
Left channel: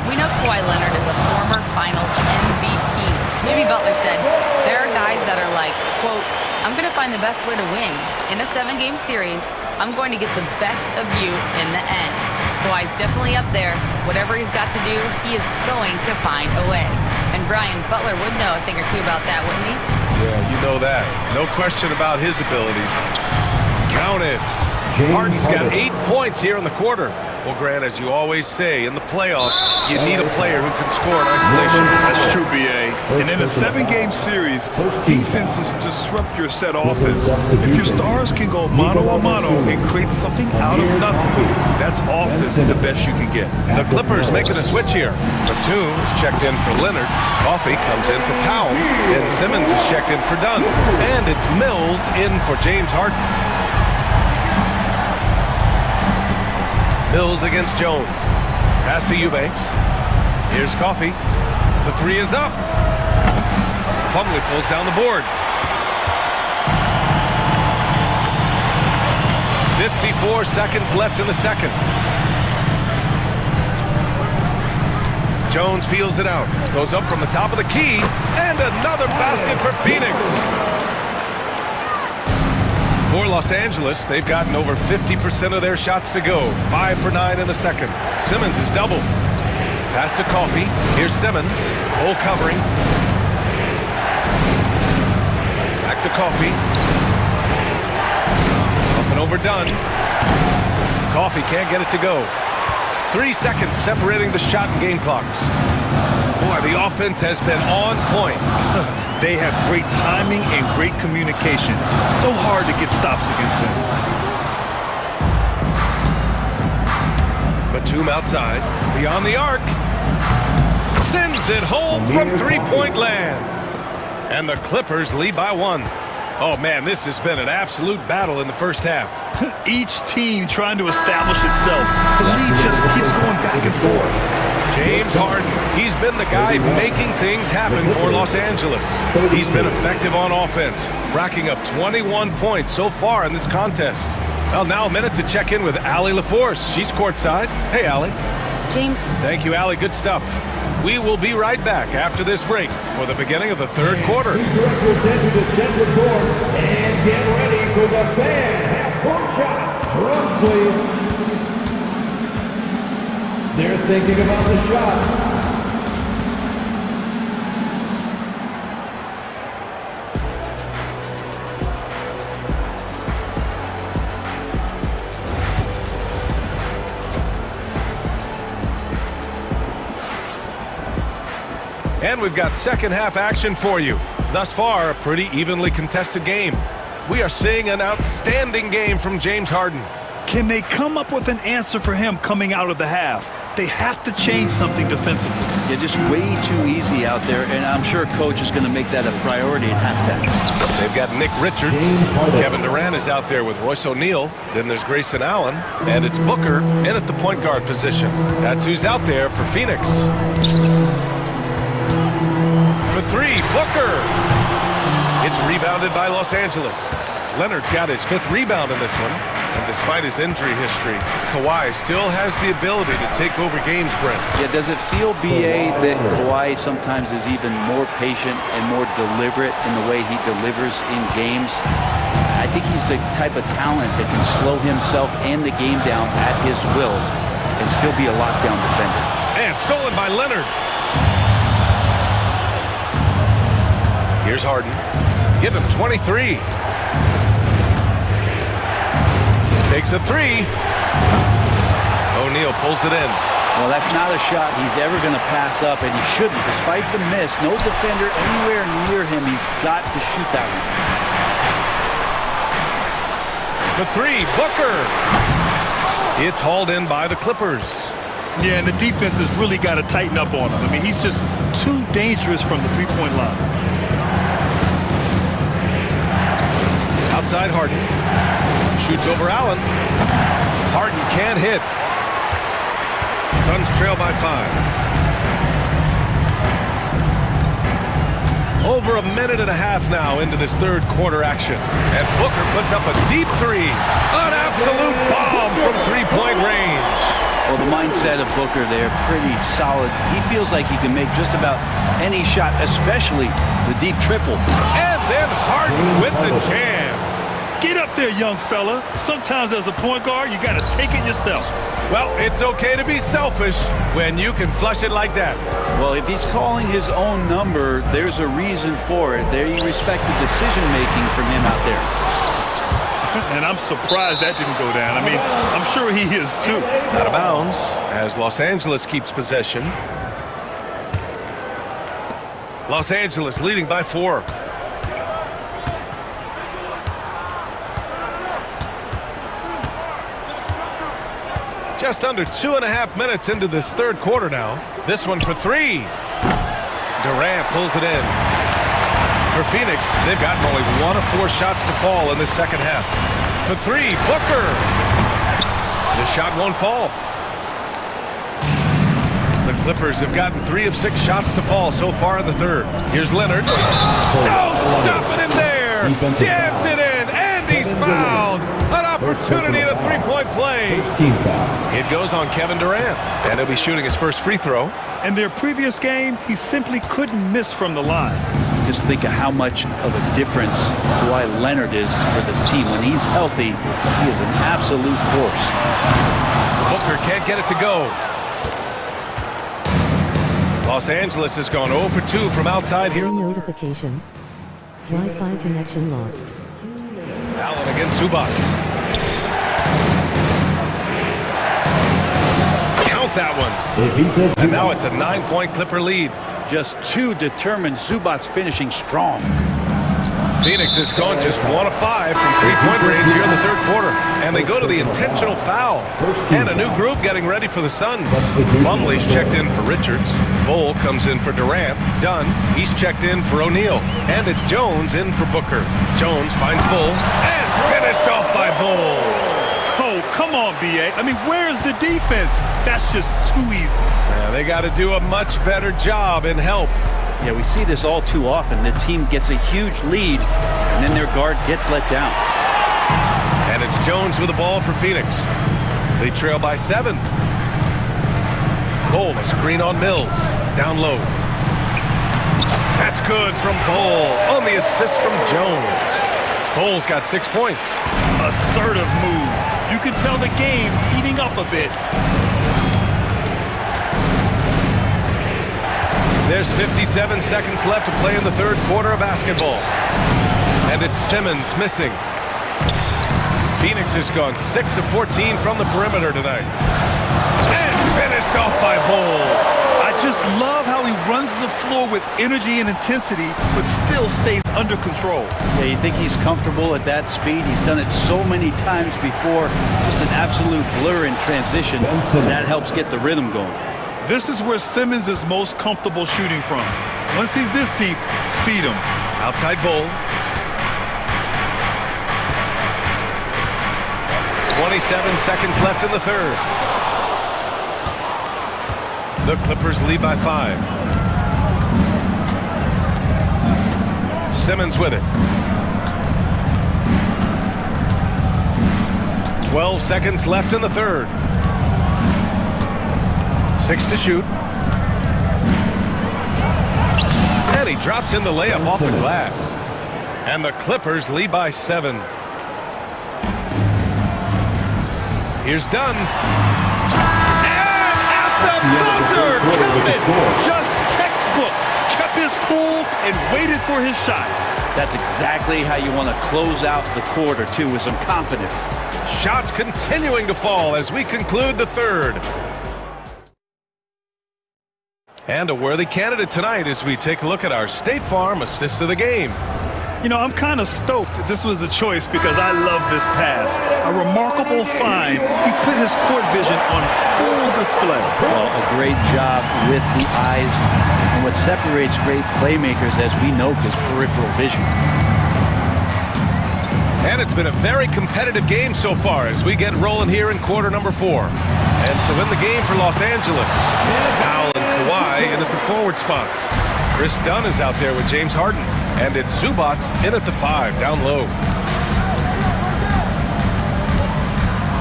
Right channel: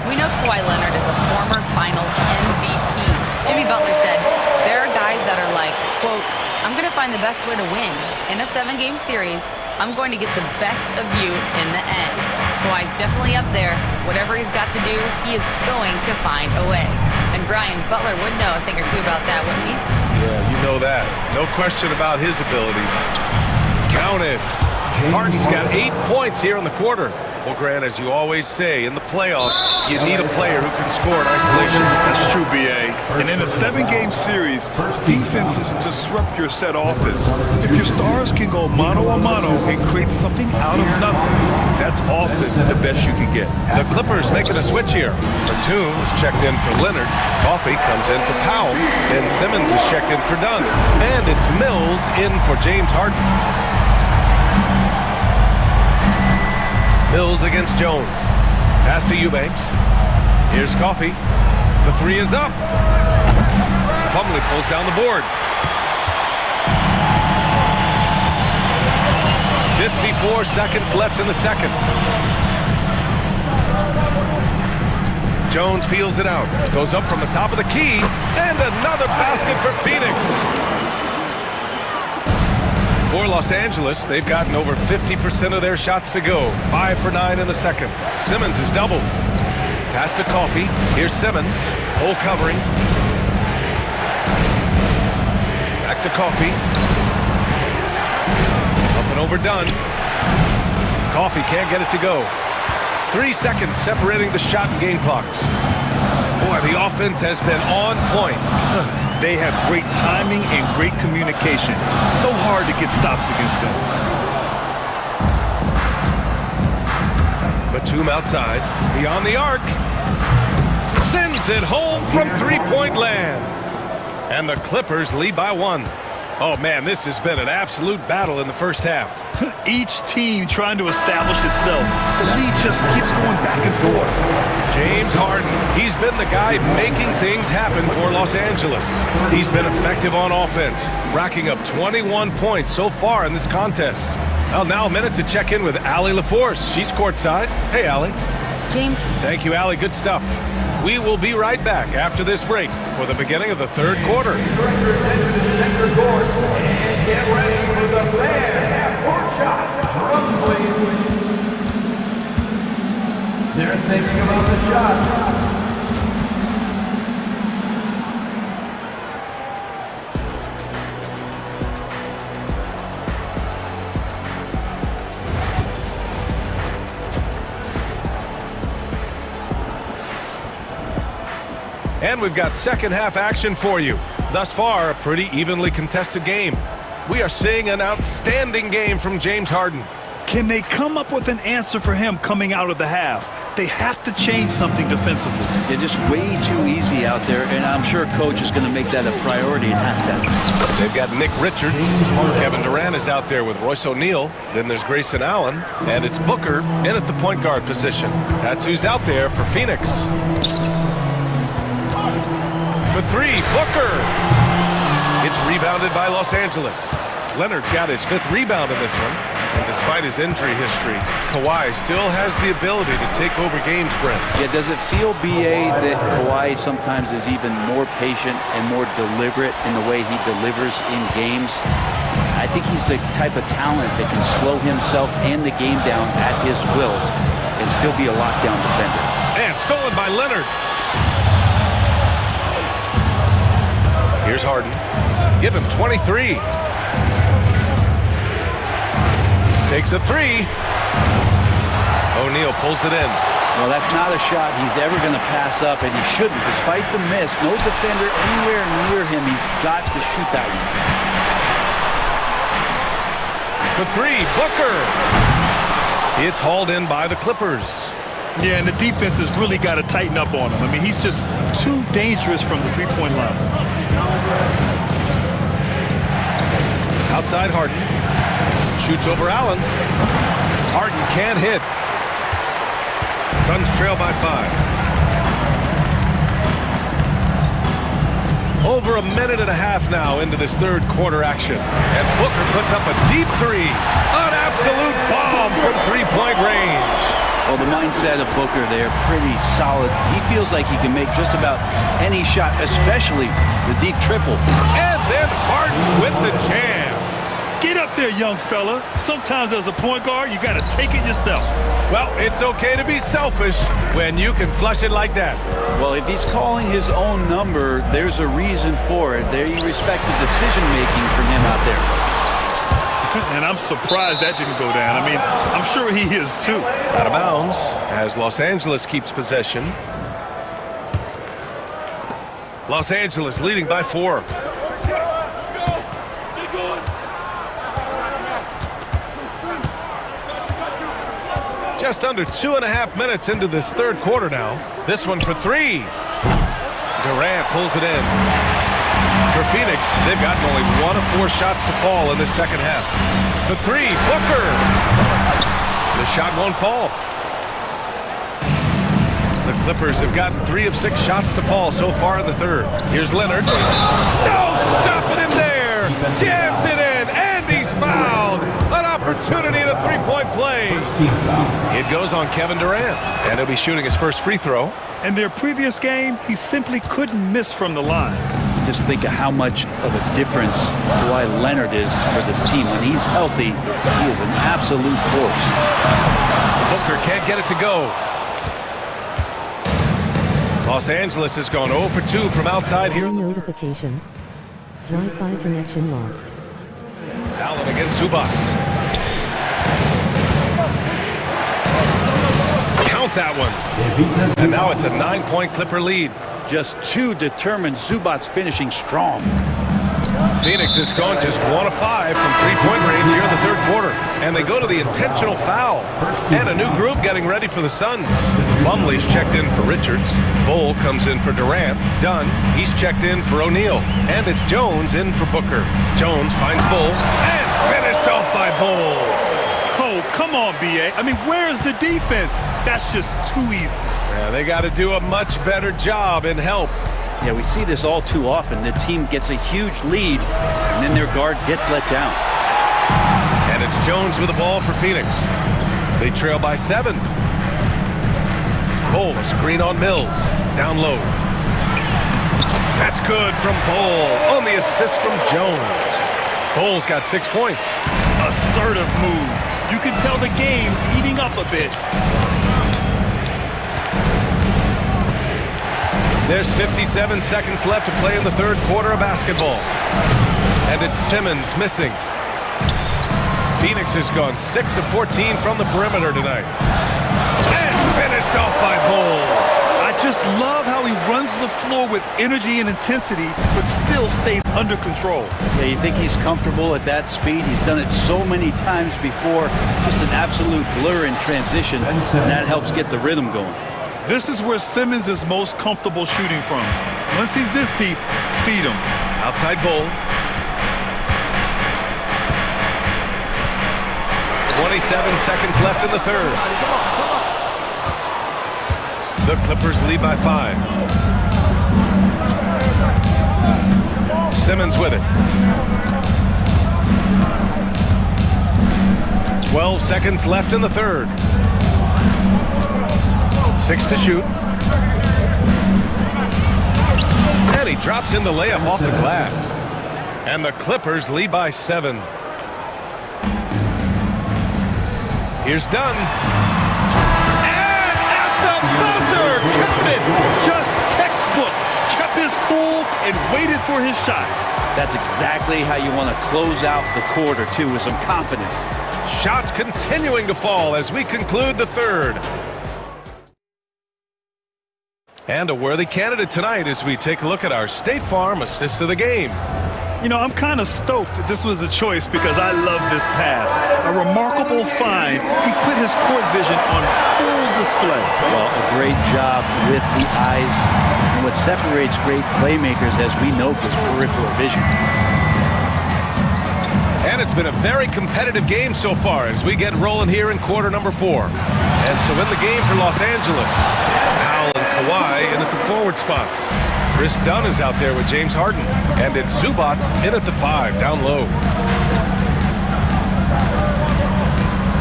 We know Kawhi Leonard is a former Finals MVP. Jimmy Butler said, there are guys that are like, quote, I'm going to find the best way to win. In a 7-game series, I'm going to get the best of you in the end. Kawhi's definitely up there. Whatever he's got to do, he is going to find a way. And Brian, Butler would know a thing or two about that, wouldn't he? Yeah, you know that. No question about his abilities. Counted. Harden's got 8 points here in the quarter. Well, Grant, as you always say, in the playoffs, you need a player who can score in isolation. That's true, B.A. And in a 7-game series, defenses disrupt your set offense. If your stars can go mano-a-mano and create something out of nothing, that's often the best you can get. The Clippers making a switch here. Batum is checked in for Leonard. Coffey comes in for Powell. Ben Simmons is checked in for Dunn. And it's Mills in for James Harden. Mills against Jones. Pass to Eubanks. Here's Coffey. The three is up. Plumlee pulls down the board. 54 seconds left in the second. Jones feels it out. Goes up from the top of the key. And another basket for Phoenix. For Los Angeles, they've gotten over 50% of their shots to go. 5 for 9 in the second. Simmons is doubled. Pass to Coffey. Here's Simmons. Hole covering. Back to Coffey. Up and over Dunn. Coffey can't get it to go. 3 seconds separating the shot and game clocks. Boy, the offense has been on point. They have great timing and great communication. So hard to get stops against them. Batum outside, beyond the arc. Sends it home from three-point land. And the Clippers lead by 1. Oh, man, this has been an absolute battle in the first half. Each team trying to establish itself. The lead just keeps going back and forth. James Harden, he's been the guy making things happen for Los Angeles. He's been effective on offense, racking up 21 points so far in this contest. Well, now a minute to check in with Allie LaForce. She's courtside. Hey, Allie. James. Thank you, Allie. Good stuff. We will be right back after this break for the beginning of the third quarter. Direct your attention to center court and get ready for the fan half-court shot. Drums, please. They're thinking about the shot. And we've got second half action for you. Thus far, a pretty evenly contested game. We are seeing an outstanding game from James Harden. Can they come up with an answer for him coming out of the half? They have to change something defensively. Yeah, just way too easy out there, and I'm sure Coach is going to make that a priority at halftime. They've got Nick Richards. Kevin Durant is out there with Royce O'Neal. Then there's Grayson Allen, and it's Booker in at the point guard position. That's who's out there for Phoenix. For three, Booker. It's rebounded by Los Angeles. Leonard's got his 5th rebound in this one. And despite his injury history, Kawhi still has the ability to take over games, Brent. Yeah, does it feel, B.A., that Kawhi sometimes is even more patient and more deliberate in the way he delivers in games? I think he's the type of talent that can slow himself and the game down at his will and still be a lockdown defender. And stolen by Leonard. Here's Harden. Give him 23. Takes a 3. O'Neal pulls it in. Well, that's not a shot he's ever going to pass up, and he shouldn't. Despite the miss, no defender anywhere near him. He's got to shoot that For one. 3, Booker. It's hauled in by the Clippers. Yeah, and the defense has really got to tighten up on him. I mean, he's just too dangerous from the three-point line. Outside Harden. Shoots over Allen. Harden can't hit. Suns trail by 5. Over a minute and a half now into this third quarter action. And Booker puts up a deep 3. An absolute bomb from three-point range. Well, the mindset of Booker there, pretty solid. He feels like he can make just about any shot, especially the deep triple. And then Harden with the jam. Get up there, young fella. Sometimes as a point guard, you got to take it yourself. Well, it's okay to be selfish when you can flush it like that. Well, if he's calling his own number, there's a reason for it. There you respect the decision-making from him out there. And I'm surprised that didn't go down. I mean, I'm sure he is too. Out of bounds as Los Angeles keeps possession. Los Angeles leading by 4. Just under 2.5 minutes into this third quarter now. This one for 3. Durant pulls it in. For Phoenix, they've gotten only 1 of 4 shots to fall in the second half. For 3, Booker. The shot won't fall. The Clippers have gotten 3 of 6 shots to fall so far in the third. Here's Leonard. No, stopping him there. Jams it in, and he's fouled. An opportunity at a three-point play. It goes on Kevin Durant, and he'll be shooting his first free throw. In their previous game, he simply couldn't miss from the line. Just think of how much of a difference Kawhi Leonard is for this team. When he's healthy, he is an absolute force. Booker can't get it to go. Los Angeles has gone 0 for 2 from outside here. Notification. Wi-Fi connection lost. Allen against Zubac. Count that one. And now it's a 9-point Clipper lead. Just 2 determined Zubac finishing strong. Phoenix has gone just 1 of 5 from three-point range here in the third quarter. And they go to the intentional foul. And a new group getting ready for the Suns. Plumlee's checked in for Richards. Bull comes in for Durant. Dunn, he's checked in for O'Neal. And it's Jones in for Booker. Jones finds Bull. And finished off by Bull. Oh, come on, B.A. I mean, where's the defense? That's just too easy. Yeah, they got to do a much better job in help. Yeah, we see this all too often. The team gets a huge lead, and then their guard gets let down. And it's Jones with the ball for Phoenix. They trail by 7. Bull, a screen on Mills. Down low. That's good from Bull on the assist from Jones. Bull's got 6 points. Assertive move. You can tell the game's heating up a bit. There's 57 seconds left to play in the third quarter of basketball. And it's Simmons missing. Phoenix has gone 6 of 14 from the perimeter tonight. And finished off by Bull. I just love how he runs the floor with energy and intensity, but still stays under control. Yeah, you think he's comfortable at that speed? He's done it so many times before. Just an absolute blur in transition, and that helps get the rhythm going. This is where Simmons is most comfortable shooting from. Once he's this deep, feed him. Outside Bull. 27 seconds left in the third. The Clippers lead by 5. Simmons with it. 12 seconds left in the third. 6 to shoot. And he drops in the layup off the glass. And the Clippers lead by 7. Here's Dunn. And at the buzzer, counted. Just textbook. Kept his cool and waited for his shot. That's exactly how you want to close out the quarter, too, with some confidence. Shots continuing to fall as we conclude the third. And a worthy candidate tonight as we take a look at our State Farm assist of the game. You know, I'm kind of stoked that this was a choice because I love this pass. A remarkable find. He put his court vision on full display. Well, a great job with the eyes. And what separates great playmakers, as we know, is peripheral vision. And it's been a very competitive game so far as we get rolling here in quarter number 4. And so in the game for Los Angeles, Powell and Kawhi in at the forward spots. Chris Dunn is out there with James Harden. And it's Zubac in at the 5, down low.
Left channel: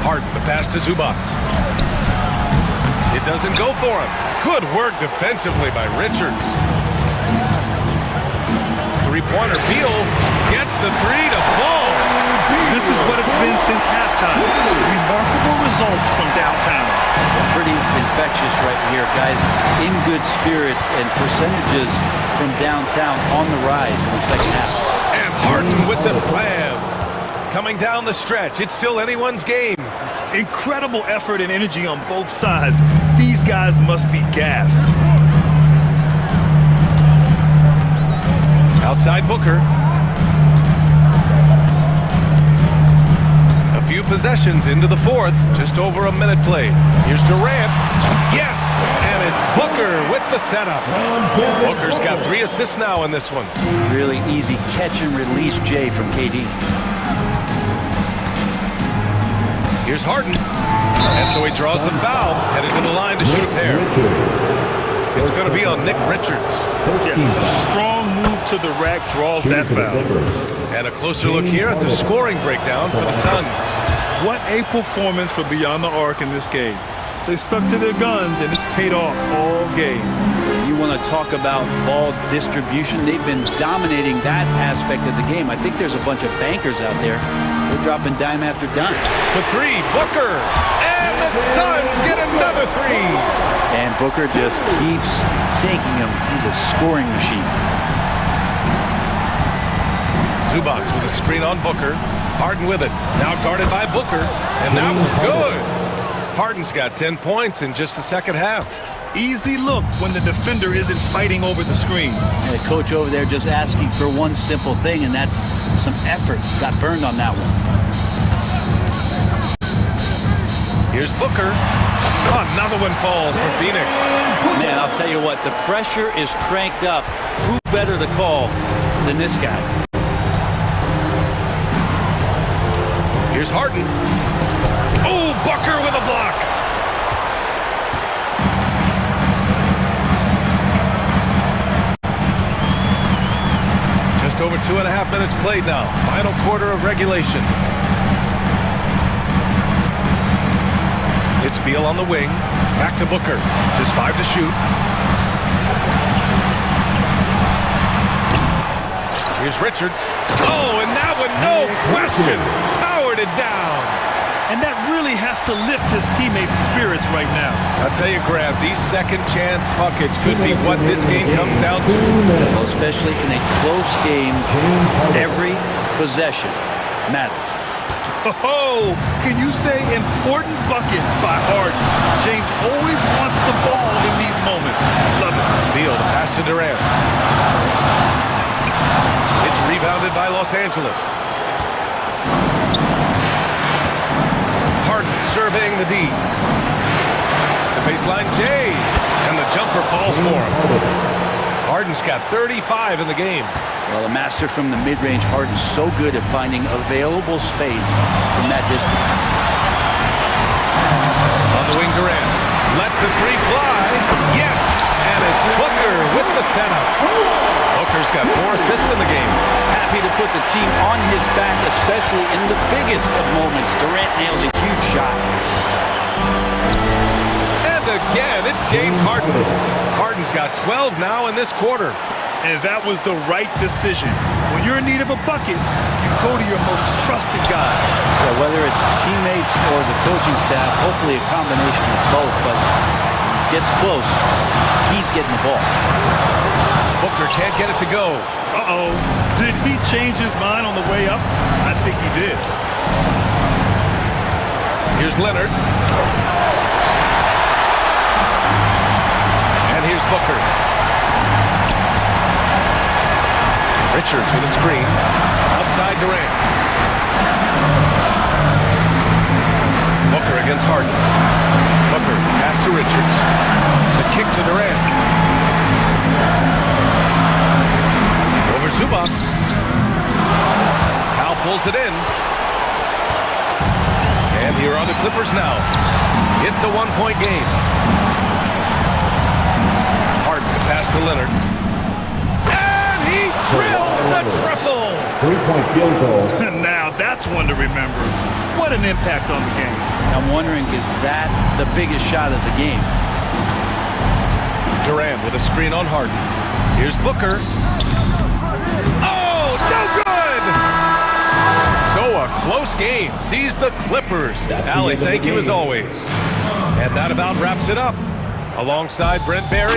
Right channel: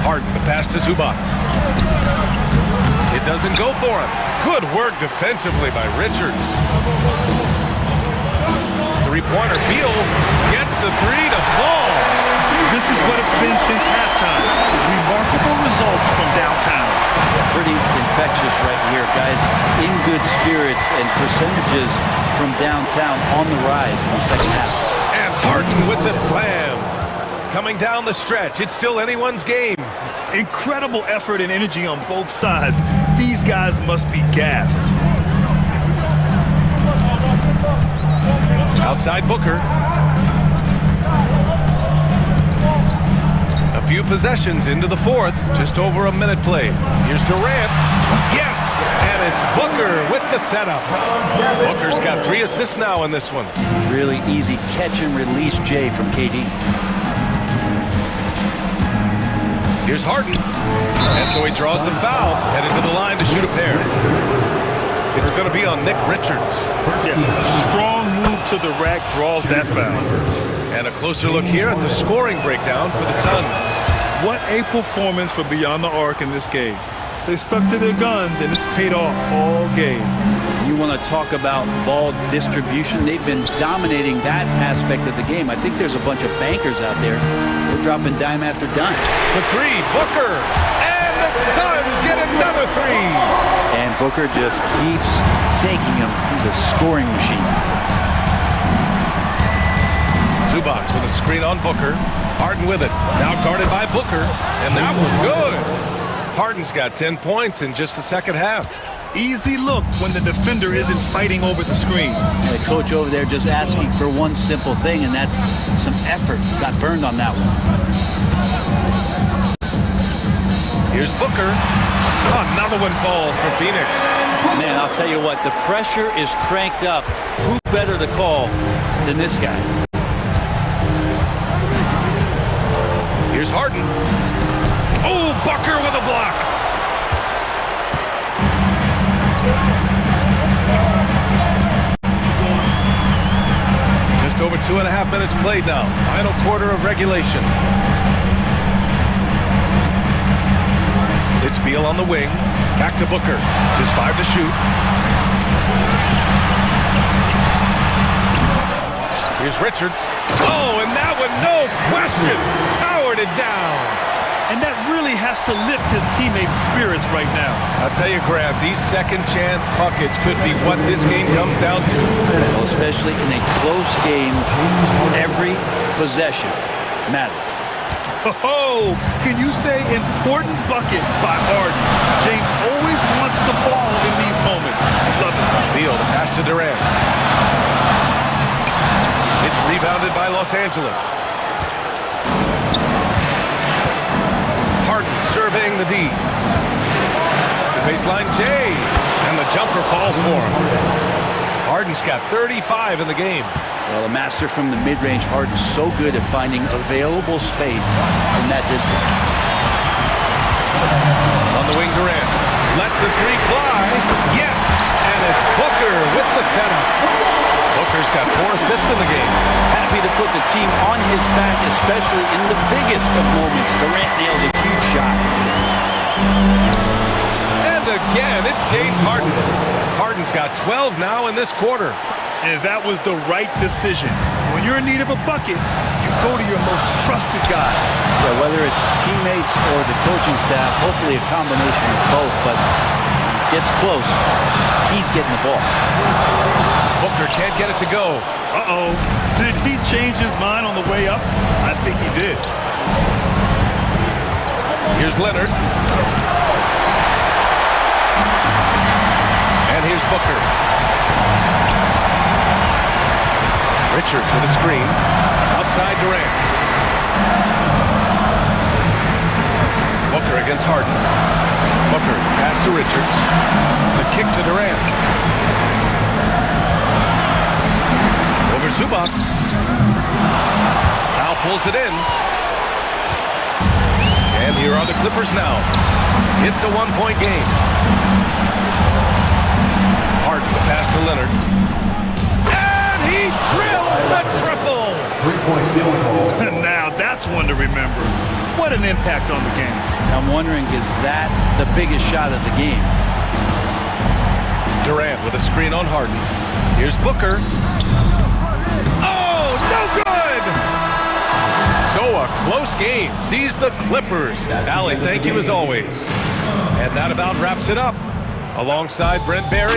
Harden, the pass to Zubac. It doesn't go for him. Good work defensively by Richards. Three-pointer, Beal gets the 3 to fall. This is what it's been since halftime. Remarkable results from downtown. Pretty infectious right here, guys. In good spirits and percentages from downtown on the rise in the second half. And Harden with the slam. coming down the stretch. It's still anyone's game. Incredible effort and energy on both sides. These guys must be gassed. Outside Booker. A few possessions into the fourth. Just over a minute played. Here's Durant. Yes! And it's Booker with the setup. Booker's got 3 assists now in this one. Really easy catch and release, Jay, from KD. Here's Harden. And so he draws the foul, headed to the line to shoot a pair. It's going to be on Nick Richards. Yeah, a strong move to the rack draws that foul. And a closer look here at the scoring breakdown for the Suns. What a performance for Beyond the Arc in this game. They stuck to their guns, and it's paid off all game. You want to talk about ball distribution? They've been dominating that aspect of the game. I think there's a bunch of bankers out there. They're dropping dime after dime. For 3, Booker. And the Suns get another 3. And Booker just keeps sinking him. He's a scoring machine. Zubac with a screen on Booker. Harden with it. Now guarded by Booker. And that was good. Harden's got 10 points in just the second half. Easy look when the defender isn't fighting over the screen. And the coach over there just asking for one simple thing, and that's some effort. Got burned on that one. Here's Booker. Another one falls for Phoenix. Man, I'll tell you what, the pressure is cranked up. Who better to call than this guy? Here's Harden. Oh, Booker with a block. Just over 2.5 minutes played now. Final quarter of regulation. It's Beal on the wing. Back to Booker. Just 5 to shoot. Here's Richards. Oh, and that one, no question, powered it down. And that really has to lift his teammates' spirits right now. I'll tell you, Grant, these second chance buckets could be what this game comes down to. Well, especially in a close game, every possession matters. Oh, can you say important bucket by Harden? James always wants the ball in these moments. Love it. Beal, the pass to Durant. It's rebounded by Los Angeles. Harden surveying the D. The baseline J. And the jumper falls for him. Harden's got 35 in the game. Well, a master from the mid-range. Harden's so good at finding available space from that distance. On the wing, Durant lets the 3 fly. Yes! And it's Booker with the setup. Booker's got 4 assists in the game. Happy to put the team on his back, especially in the biggest of moments. Durant nails a huge shot. And again, it's James Harden. Harden's got 12 now in this quarter. And that was the right decision. When you're in need of a bucket, you go to your most trusted guys. Yeah, whether it's teammates or the coaching staff, hopefully a combination of both, but when it gets close, he's getting the ball. Booker can't get it to go. Uh-oh. Did he change his mind on the way up? I think he did. Here's Leonard. And here's Booker. Richards with a screen. Outside Durant. Booker against Harden. Booker, pass to Richards. The kick to Durant. Over Zubac. Powell pulls it in. And here are the Clippers now. It's a 1-point game. Harden, the pass to Leonard. And he drills the triple! 3-point field goal. Now that's one to remember. What an impact on the game. I'm wondering, is that the biggest shot of the game? Durant with a screen on Harden. Here's Booker. Oh, no good! So a close game sees the Clippers. Allie, thank you as always. And that about wraps it up. Alongside Brent Barry.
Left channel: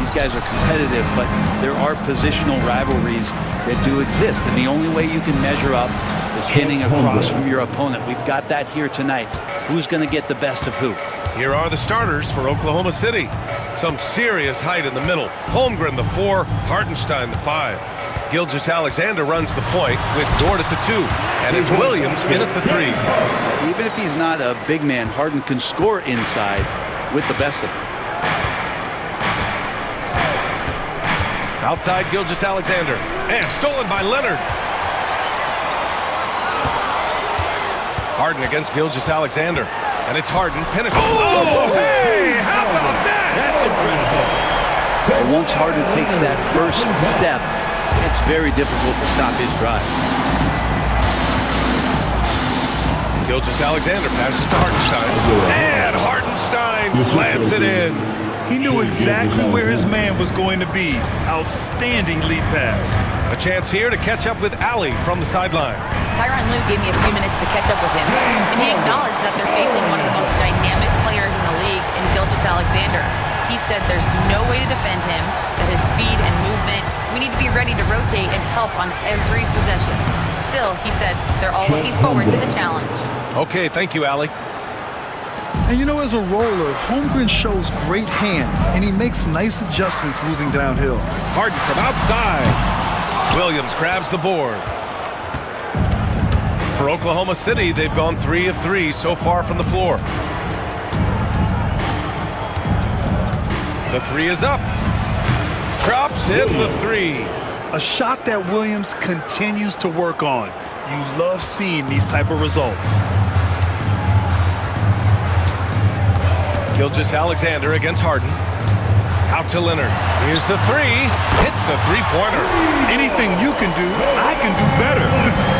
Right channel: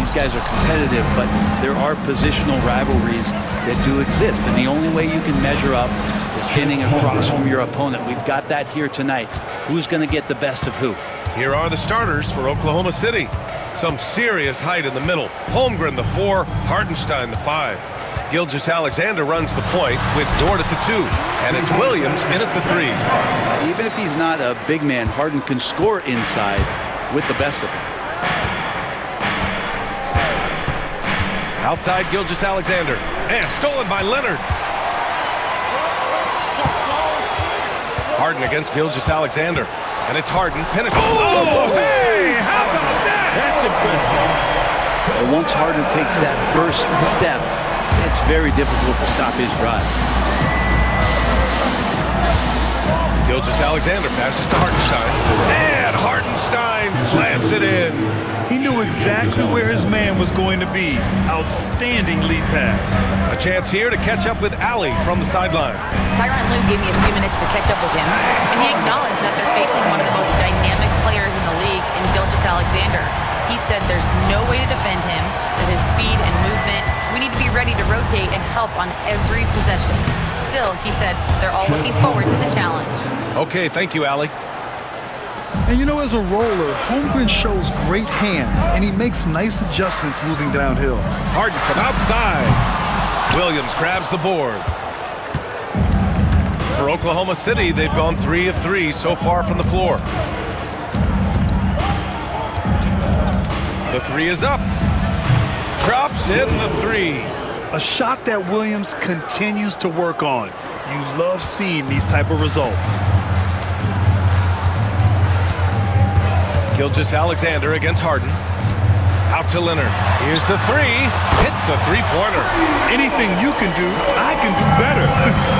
These guys are competitive, but there are positional rivalries that do exist, and the only way you can measure up is standing across from your opponent. We've got that here tonight. Who's going to get the best of who? Here are the starters for Oklahoma City. Some serious height in the middle. Holmgren, the 4, Hartenstein, the 5. Gilgeous-Alexander runs the point with Dort at the 2, and it's Williams in at the 3. Even if he's not a big man, Harden can score inside with the best of them. Outside Gilgeous-Alexander, and stolen by Leonard. Harden against Gilgeous-Alexander, and it's Harden, pinnacle. Oh, hey, how about that? That's impressive. But once Harden takes that first step, it's very difficult to stop his drive. Gilgeous-Alexander passes to Hartenstein, and Hartenstein slams it in. He knew exactly where his man was going to be. Outstanding lead pass. A chance here to catch up with Ali from the sideline. Tyronn Lue gave me a few minutes to catch up with him, and he acknowledged that they're facing one of the most dynamic players in the league in Gilgeous-Alexander. He said there's no way to defend him, that his speed and movement, we need to be ready to rotate and help on every possession. Still, he said they're all looking forward to the challenge. Okay, thank you, Ali. And you know, as a roller, Holmgren shows great hands, and he makes nice adjustments moving downhill. Harden from outside. Williams grabs the board. For Oklahoma City, they've gone 3 of 3 so far from the floor. The 3 is up. Drops in the 3. A shot that Williams continues to work on. You love seeing these type of results. Gilgeous-Alexander against Harden. Out to Leonard. Here's the 3. Hits a 3-pointer. Anything you can do, I can do better.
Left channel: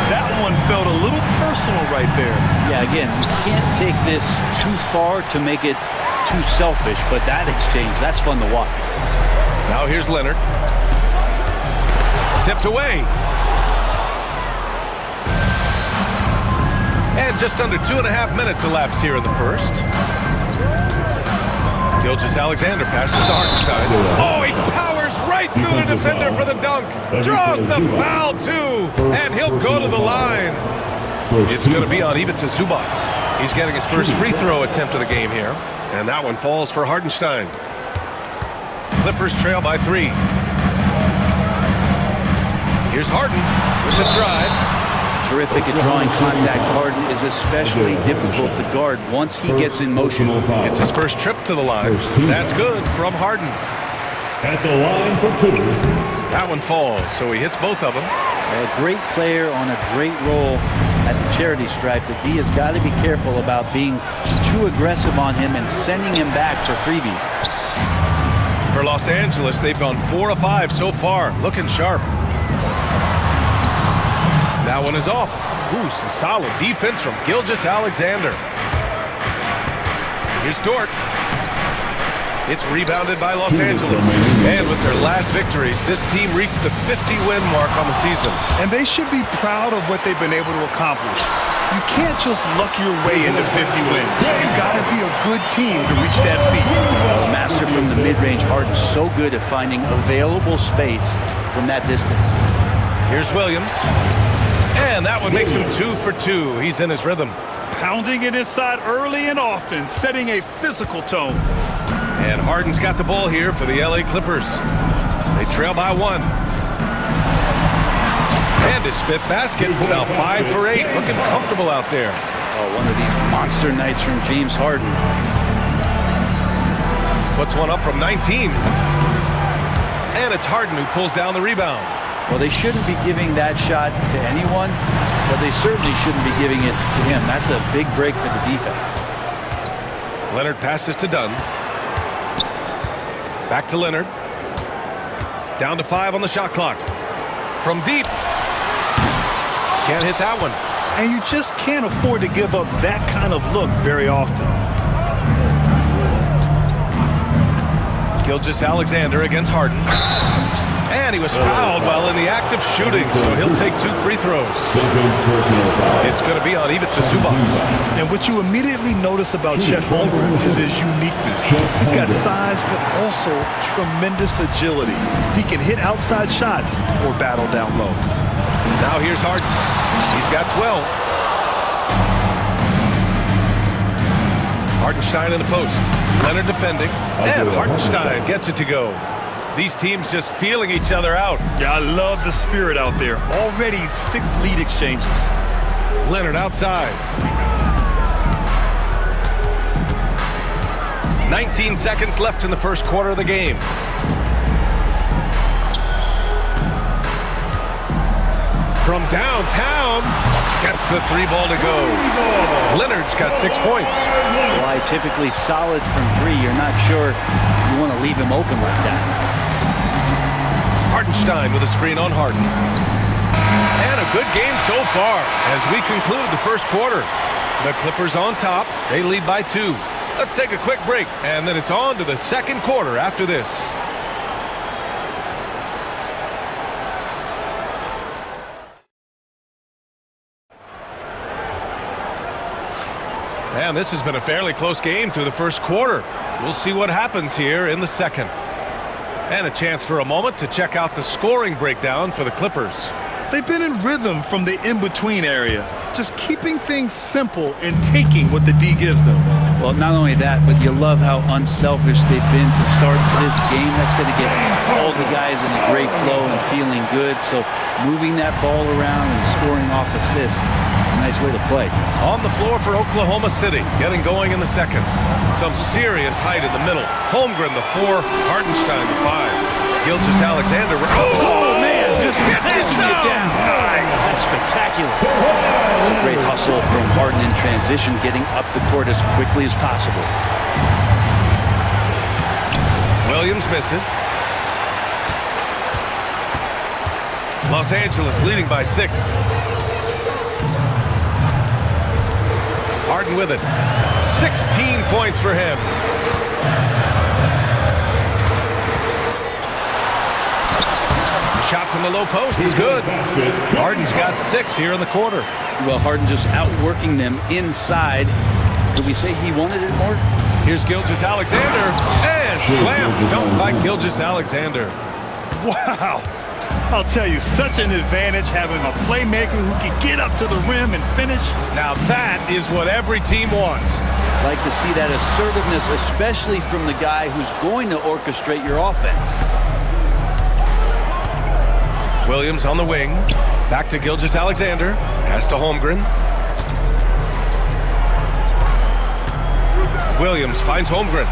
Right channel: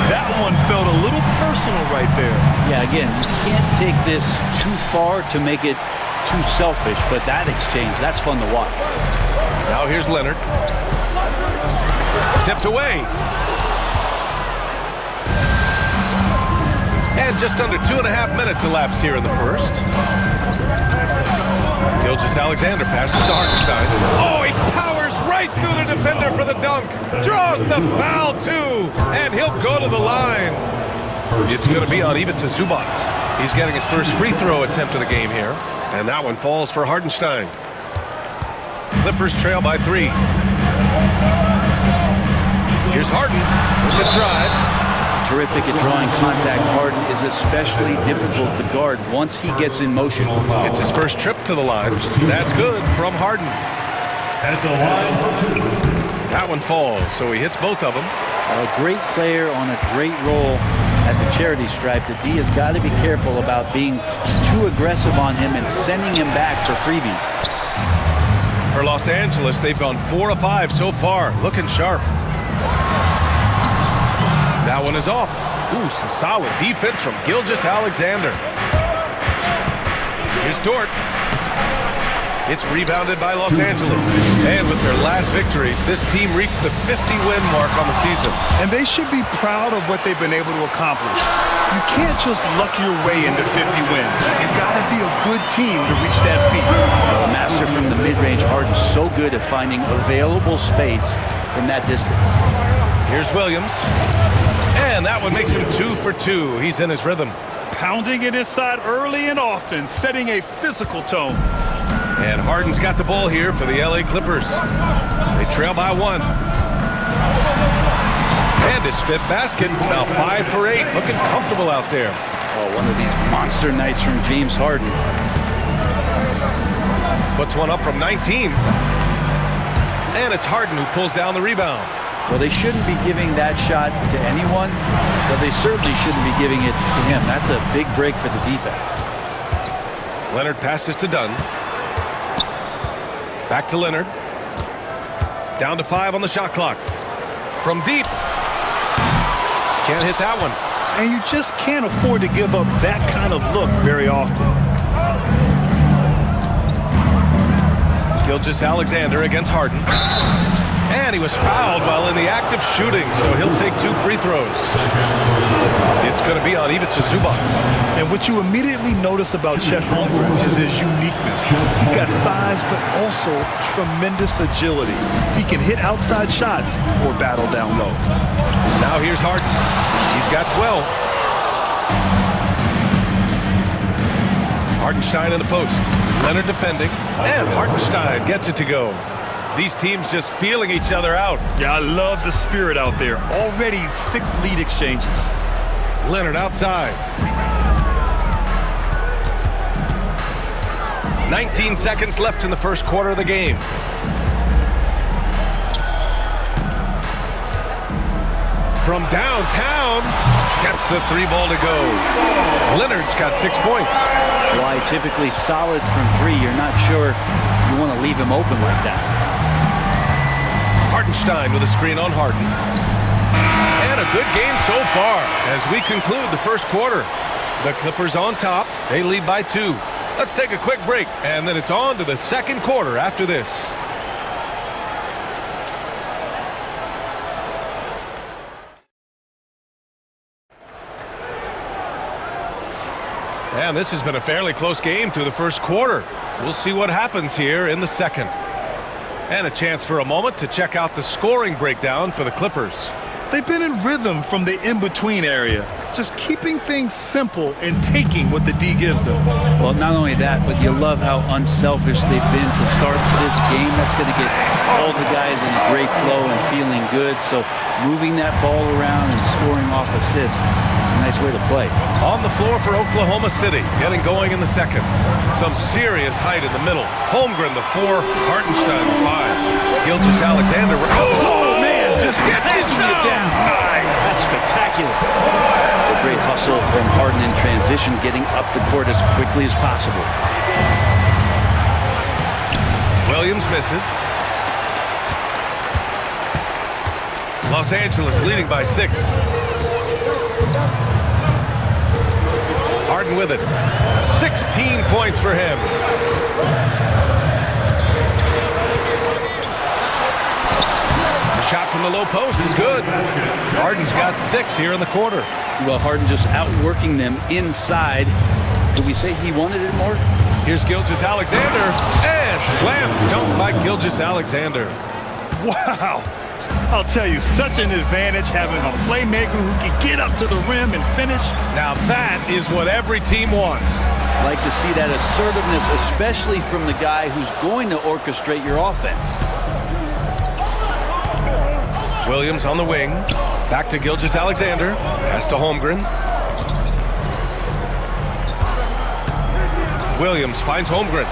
That one felt a little personal right there. Yeah, again, you can't take this too far to make it too selfish, but that exchange, that's fun to watch. Now here's Leonard. Tipped away. And just under 2.5 minutes elapsed here in the first. Gilgeous-Alexander passes to Hartenstein. Oh, he powers right through the defender for the dunk. Draws the foul, too. And he'll go to the line. It's going to be on Ivica Zubac. He's getting his first free throw attempt of the game here. And that one falls for Hartenstein. Clippers trail by 3. Here's Harden with the drive. Terrific at drawing contact. Harden is especially difficult to guard once he gets in motion. It's his first trip to the line. That's good from Harden. At the line for 2. That one falls, so he hits both of them. A great player on a great roll at the charity stripe. The D has got to be careful about being too aggressive on him and sending him back for freebies. For Los Angeles, they've gone 4 of 5 so far. Looking sharp. That one is off. Ooh, some solid defense from Gilgeous-Alexander. Here's Dort. It's rebounded by Los Angeles. And with their last victory, this team reached the 50-win mark on the season. And they should be proud of what they've been able to accomplish. You can't just luck your way into 50 wins. You gotta be a good team to reach that feat. Well, the master from the mid-range, Harden's so good at finding available space from that distance. Here's Williams. And that one makes him 2 for 2. He's in his rhythm. Pounding it inside early and often, setting a physical tone. And Harden's got the ball here for the LA Clippers. They trail by 1. And his 5th basket, now 5 for 8. Looking comfortable out there. Oh, one of these monster nights from James Harden. Puts one up from 19. And it's Harden who pulls down the rebound. Well, they shouldn't be giving that shot to anyone, but they certainly shouldn't be giving it to him. That's a big break for the defense. Leonard passes to Dunn. Back to Leonard. Down to 5 on the shot clock. From deep. Can't hit that one. And you just can't afford to give up that kind of look very often. Gilgeous-Alexander against Harden. And he was fouled while in the act of shooting, so he'll take 2 free throws. It's going to be on Ivica Zubac. And what you immediately notice about Chet Holmgren is his uniqueness. He's got size, but also tremendous agility. He can hit outside shots or battle down low. Now here's Harden. He's got 12. Hartenstein in the post. Leonard defending. And Hartenstein gets it to go. These teams just feeling each other out. Yeah, I love the spirit out there. Already 6 lead exchanges. Leonard outside. 19 seconds left in the first quarter of the game. From downtown, gets the 3 ball to go. Leonard's got 6 points. Why typically solid from 3. You're not sure you want to leave him open like that. Hartenstein with a screen on Harden. And a good game so far as we conclude the first quarter. The Clippers on top. They lead by 2. Let's take a quick break, and then it's on to the second quarter after this. And this has been a fairly close game through the first quarter. We'll see what happens here in the second. And a chance for a moment to check out the scoring breakdown for the Clippers. They've been in rhythm from the in-between area, just keeping things simple and taking what the D gives them. Well, not only that, but you love how unselfish they've been to start this game. That's going to get all the guys in a great flow and feeling good. So moving that ball around and scoring off assists, it's a nice way to play. On the floor for Oklahoma City, getting going in the second. Some serious height in the middle. Holmgren, the 4, Hartenstein, the 5. Gilgeous-Alexander. Oh, man, just passing you down. Nice. That's spectacular. A great hustle from Harden in transition, getting up the court as quickly as possible. Williams misses. Los Angeles leading by 6. Harden with it. 16 points for him. The shot from the low post is good. Harden's got 6 here in the quarter. Well, Harden just outworking them inside. Could we say he wanted it more? Here's Gilgeous-Alexander. And slam dunked by Gilgeous-Alexander. Wow. I'll tell you, such an advantage having a playmaker who can get up to the rim and finish. Now that is what every team wants. Like to see that assertiveness, especially from the guy who's going to orchestrate your offense. Williams on the wing. Back to Gilgeous-Alexander. Pass to Holmgren. Williams finds Holmgren.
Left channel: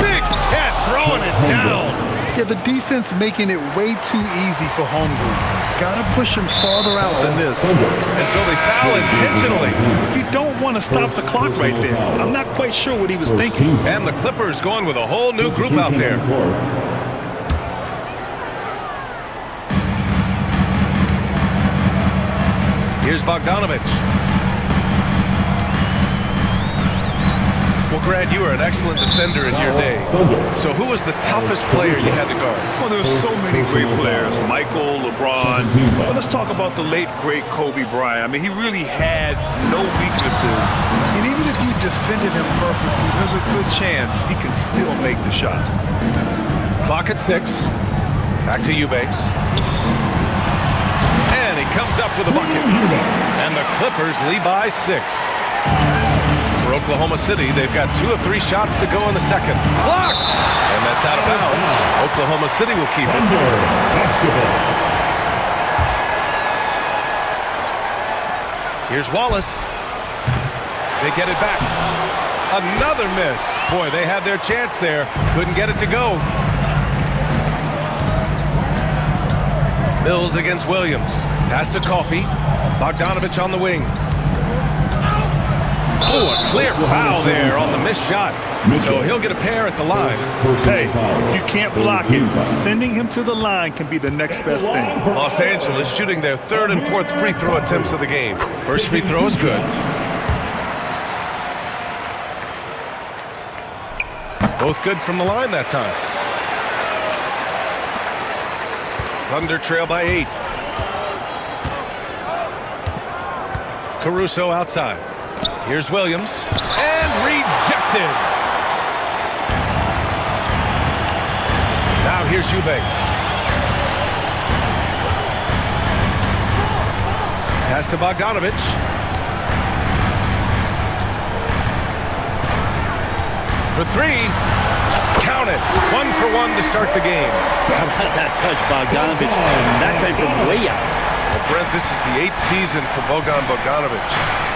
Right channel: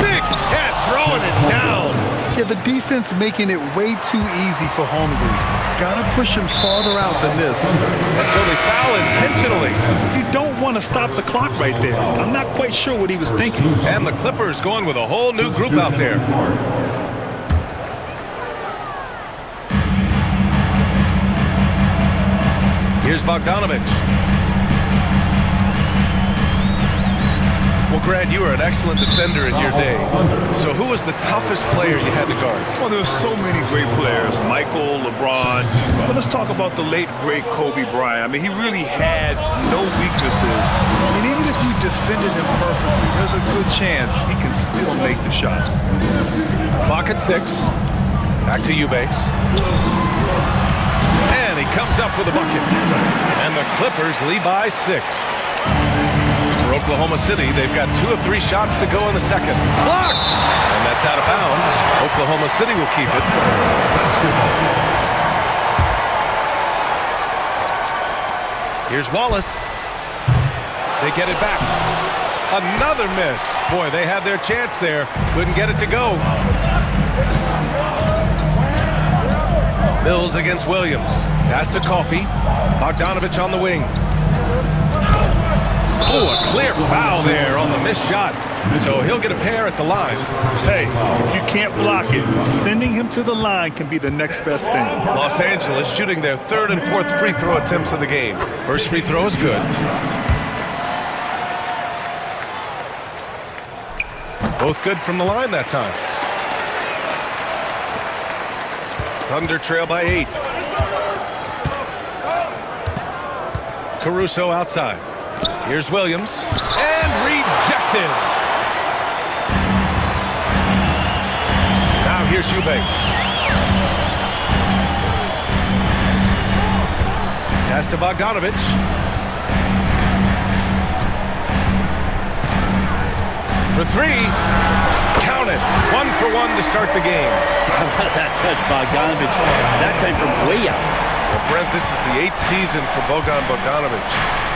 Big Ted throwing it down. Yeah, the defense making it way too easy for Holmgren. Gotta push him farther out than this. And so they foul intentionally. You don't want to stop the clock right there. I'm not quite sure what he was thinking. And the Clippers going with a whole new group out there. Here's Bogdanovich. Well, Grant, you were an excellent defender in your day. So who was the toughest player you had to guard? Well, there were so many great players. Michael, LeBron. But let's talk about the late, great Kobe Bryant. I mean, he really had no weaknesses. And even if you defended him perfectly, there's a good chance he can still make the shot. Clock at 6. Back to Eubanks. And he comes up with a bucket. And the Clippers lead by 6. For Oklahoma City, they've got 2 of 3 shots to go in the second. Blocked! And that's out of bounds. Oklahoma City will keep it. Here's Wallace. They get it back. Another miss. Boy, they had their chance there. Couldn't get it to go. Mills against Williams. Pass to Coffey. Bogdanovich on the wing. Oh, a clear foul there on the missed shot. So he'll get a pair at the line. Hey, if you can't block it, sending him to the line can be the next best thing. Los Angeles shooting their 3rd and 4th free throw attempts of the game. First free throw is good. Both good from the line that time. Thunder trail by 8. Caruso outside. Here's Williams. And rejected. Now here's Eubanks. Pass to Bogdanovich. For three. Count it. 1 for 1 to start the game. How about that touch, Bogdanovich? That time from way out. Well, Brent, this is the 8th season for Bogdanovich.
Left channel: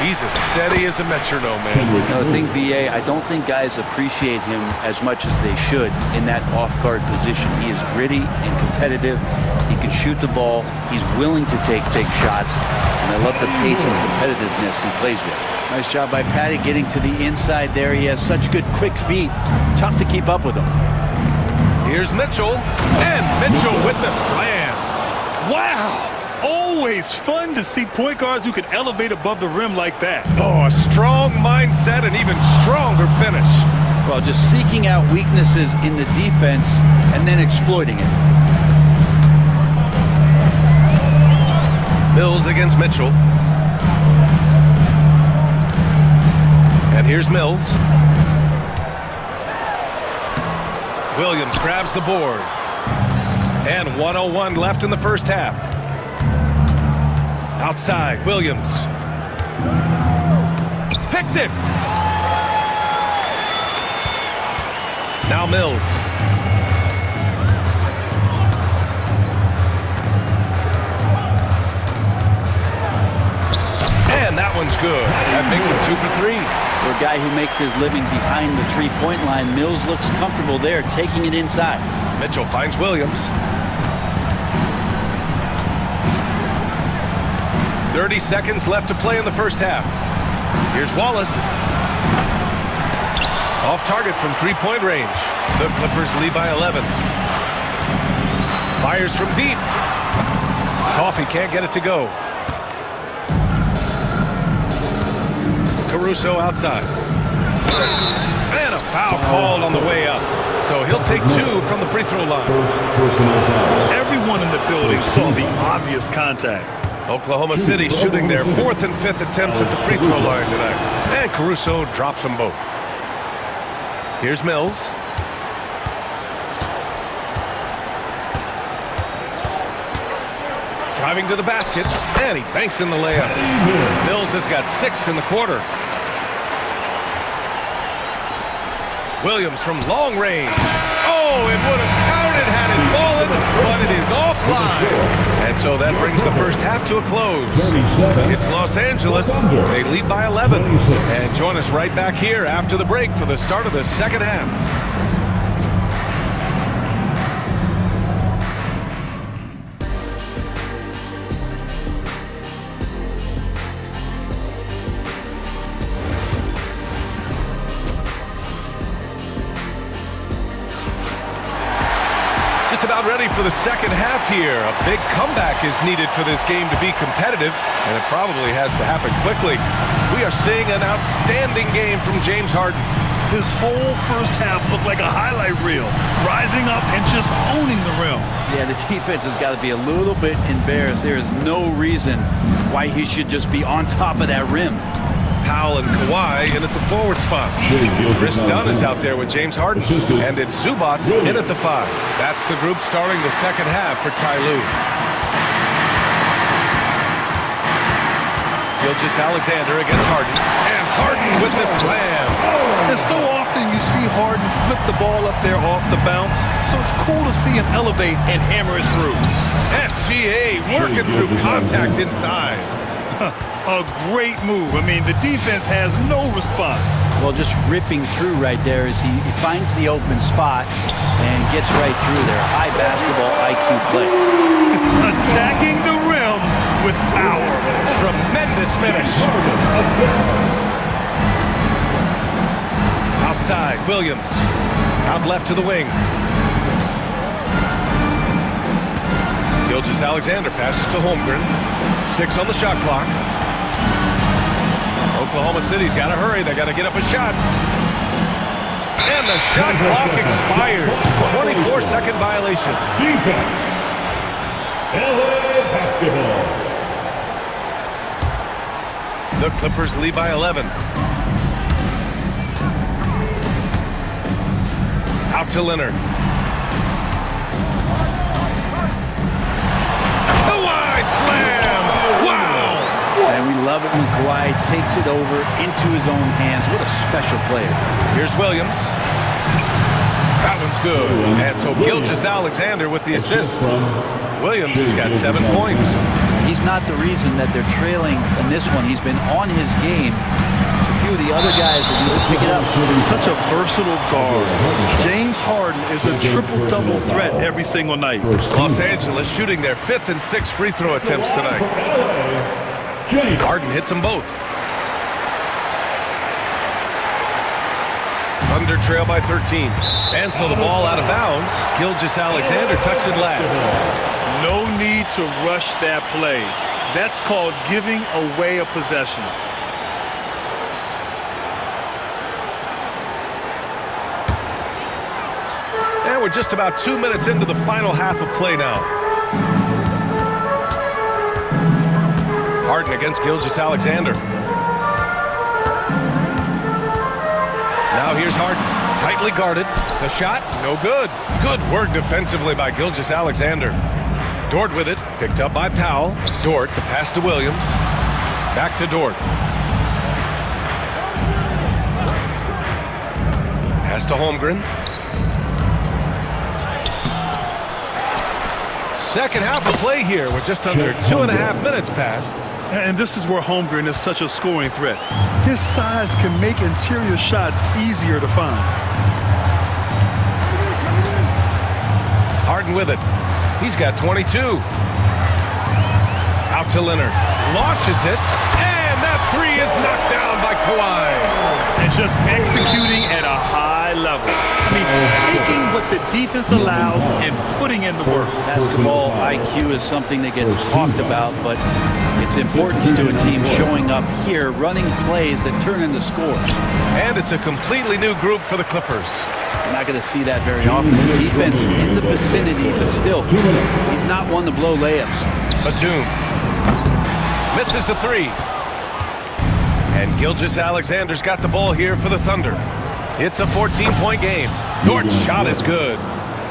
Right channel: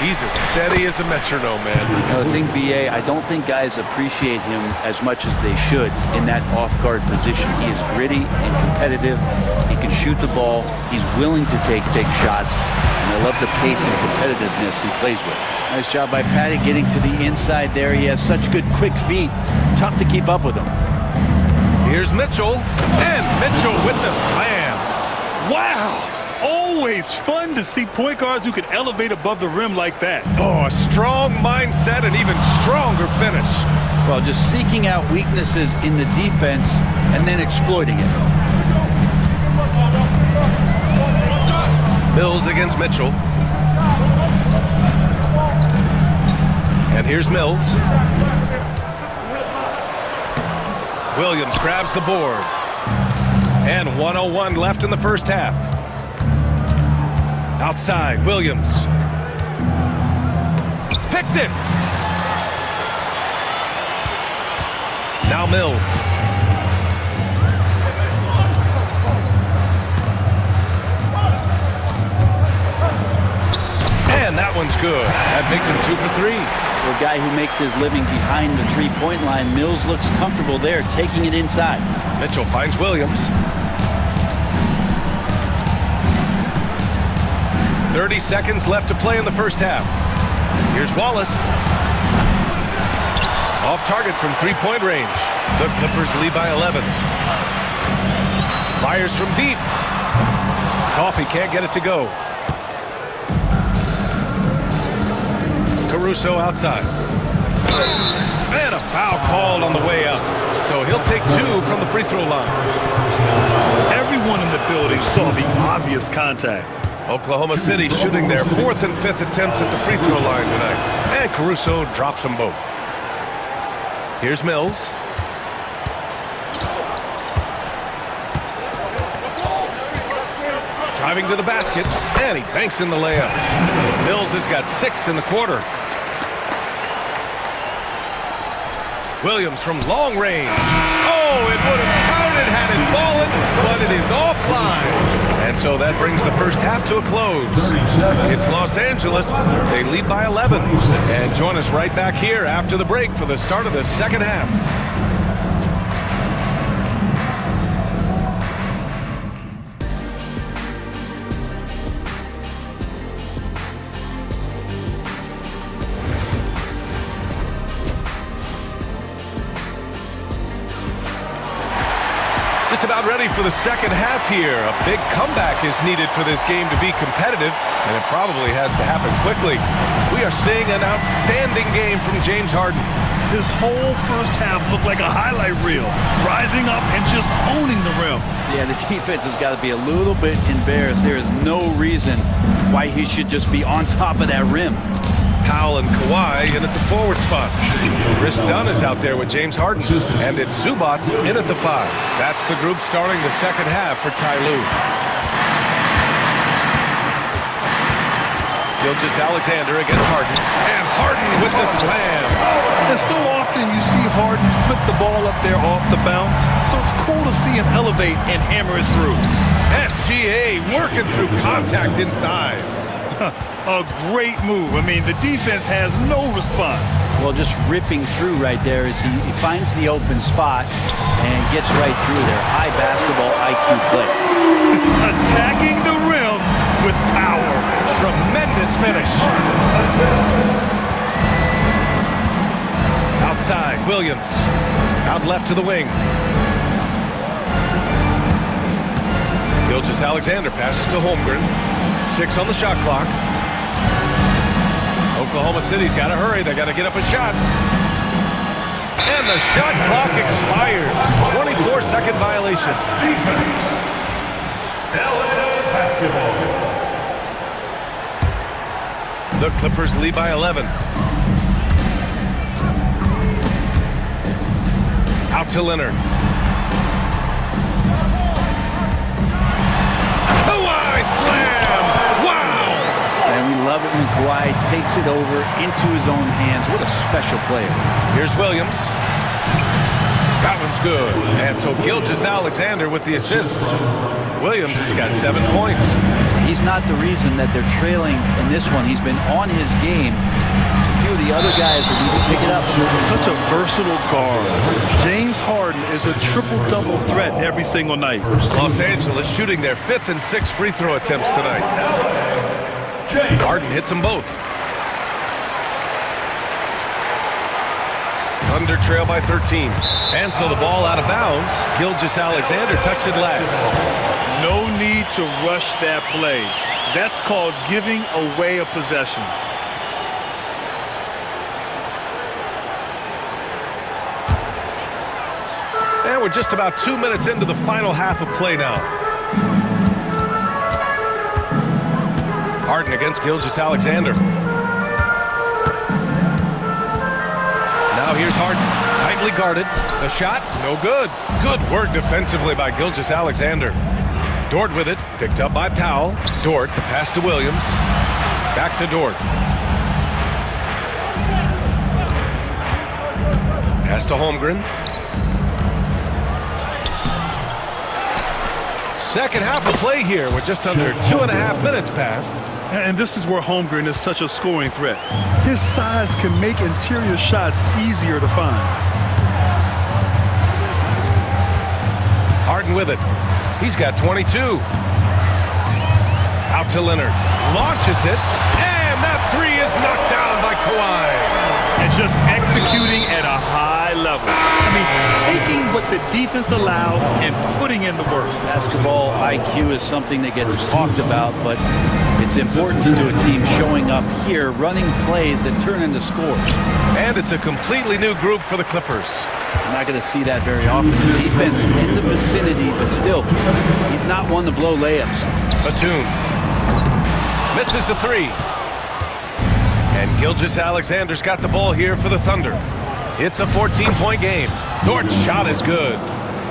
He's as steady as a metronome, man. The thing, BA, I don't think guys appreciate him as much as they should in that off-guard position. He is gritty and competitive. He can shoot the ball. He's willing to take big shots. And I love the pace and competitiveness he plays with. Nice job by Patty getting to the inside there. He has such good quick feet. Tough to keep up with him. Here's Mitchell. And Mitchell with the slam. Wow! Always fun to see point guards who can elevate above the rim like that. Oh, a strong mindset and even stronger finish. Well, just seeking out weaknesses in the defense and then exploiting it. Mills against Mitchell. And here's Mills. Williams grabs the board. And 1:01 left in the first half. Outside, Williams. Picked it. Now Mills. And that one's good. That makes him 2 for 3. For a guy who makes his living behind the three-point line, Mills looks comfortable there, taking it inside. Mitchell finds Williams. 30 seconds left to play in the first half. Here's Wallace. Off target from three-point range. The Clippers lead by 11. Fires from deep. Coffey can't get it to go. Caruso outside. And a foul called on the way up. So he'll take 2 from the free throw line. Everyone in the building saw the obvious contact. Oklahoma City shooting their 4th and 5th attempts at the free throw line tonight. And Caruso drops them both. Here's Mills. Driving to the basket, and he banks in the layup. Mills has got 6 in the quarter. Williams from long range. Oh, it would have counted had it fallen, but it is offline. And so that brings the first half to a close. It's Los Angeles. They lead by 11. And join us right back here after the break for the start of the second half. Just about ready for the second half here. A big comeback is needed for this game to be competitive, and it probably has to happen quickly. We are seeing an outstanding game from James Harden. This whole first half looked like a highlight reel, rising up and just owning the rim. Yeah, the defense has got to be a little bit embarrassed. There is no reason why he should just be on top of that rim. Powell and Kawhi in at the forward spot. Chris Dunn is out there with James Harden. And it's Zubats in at the 5. That's the group starting the second half for Ty Lue. Gilgeous-Alexander against Harden. And Harden with the slam. And so often you see Harden flip the ball up there off the bounce. So it's cool to see him elevate and hammer it through. SGA working through contact inside. A great move. I mean, the defense has no response. Well, just ripping through right there as he finds the open spot and gets right through there. High basketball IQ play. Attacking the rim with power. Tremendous finish. Outside, Williams. Out left to the wing. Gilgeous-Alexander passes to Holmgren. 6 on the shot clock. Oklahoma City's got to hurry. They got to get up a shot. And the shot clock expires. 24-second violation. Defense. LA basketball. The Clippers lead by 11. Out to Leonard. Kawhi slam! Wow! And we love it when Kawhi takes it over into his own hands. What a special player. Here's Williams. That one's good. And so Gilgeous-Alexander with the assist. Williams has got 7 points. He's not the reason that they're trailing in this one. He's been on his game. It's a few of the other guys that need to pick it up. Such a versatile guard. James Harden is a triple-double threat every single night. Los Angeles shooting their 5th and 6th free throw attempts tonight. Harden hits them both. Thunder trail by 13. And so the ball out of bounds. Gilgeous-Alexander touched it last. No need to rush that play. That's called giving away a possession. And we're just about 2 minutes into the final half of play now. Harden against Gilgeous-Alexander. Now here's Harden, tightly guarded. The shot, no good. Good work defensively by Gilgeous-Alexander. Dort with it, picked up by Powell. Dort, the pass to Williams. Back to Dort. Pass to Holmgren. Second half of play here with just under 2.5 minutes passed. And this is where Holmgren is such a scoring threat. His size can make interior shots easier to find. Harden with it. He's got 22. Out to Leonard. Launches it. And that three is knocked down by Kawhi. And just executing at a high level. I mean, taking what the defense allows and putting in the work. Basketball IQ is something that gets talked about, but its importance to a team showing up here, running plays that turn into scores. And it's a completely new group for the Clippers. I'm not going to see that very often. The defense in the vicinity, but still, he's not one to blow layups. Batum misses the three. And Gilgeous-Alexander's got the ball here for the Thunder. It's a 14-point game. Dort's shot is good.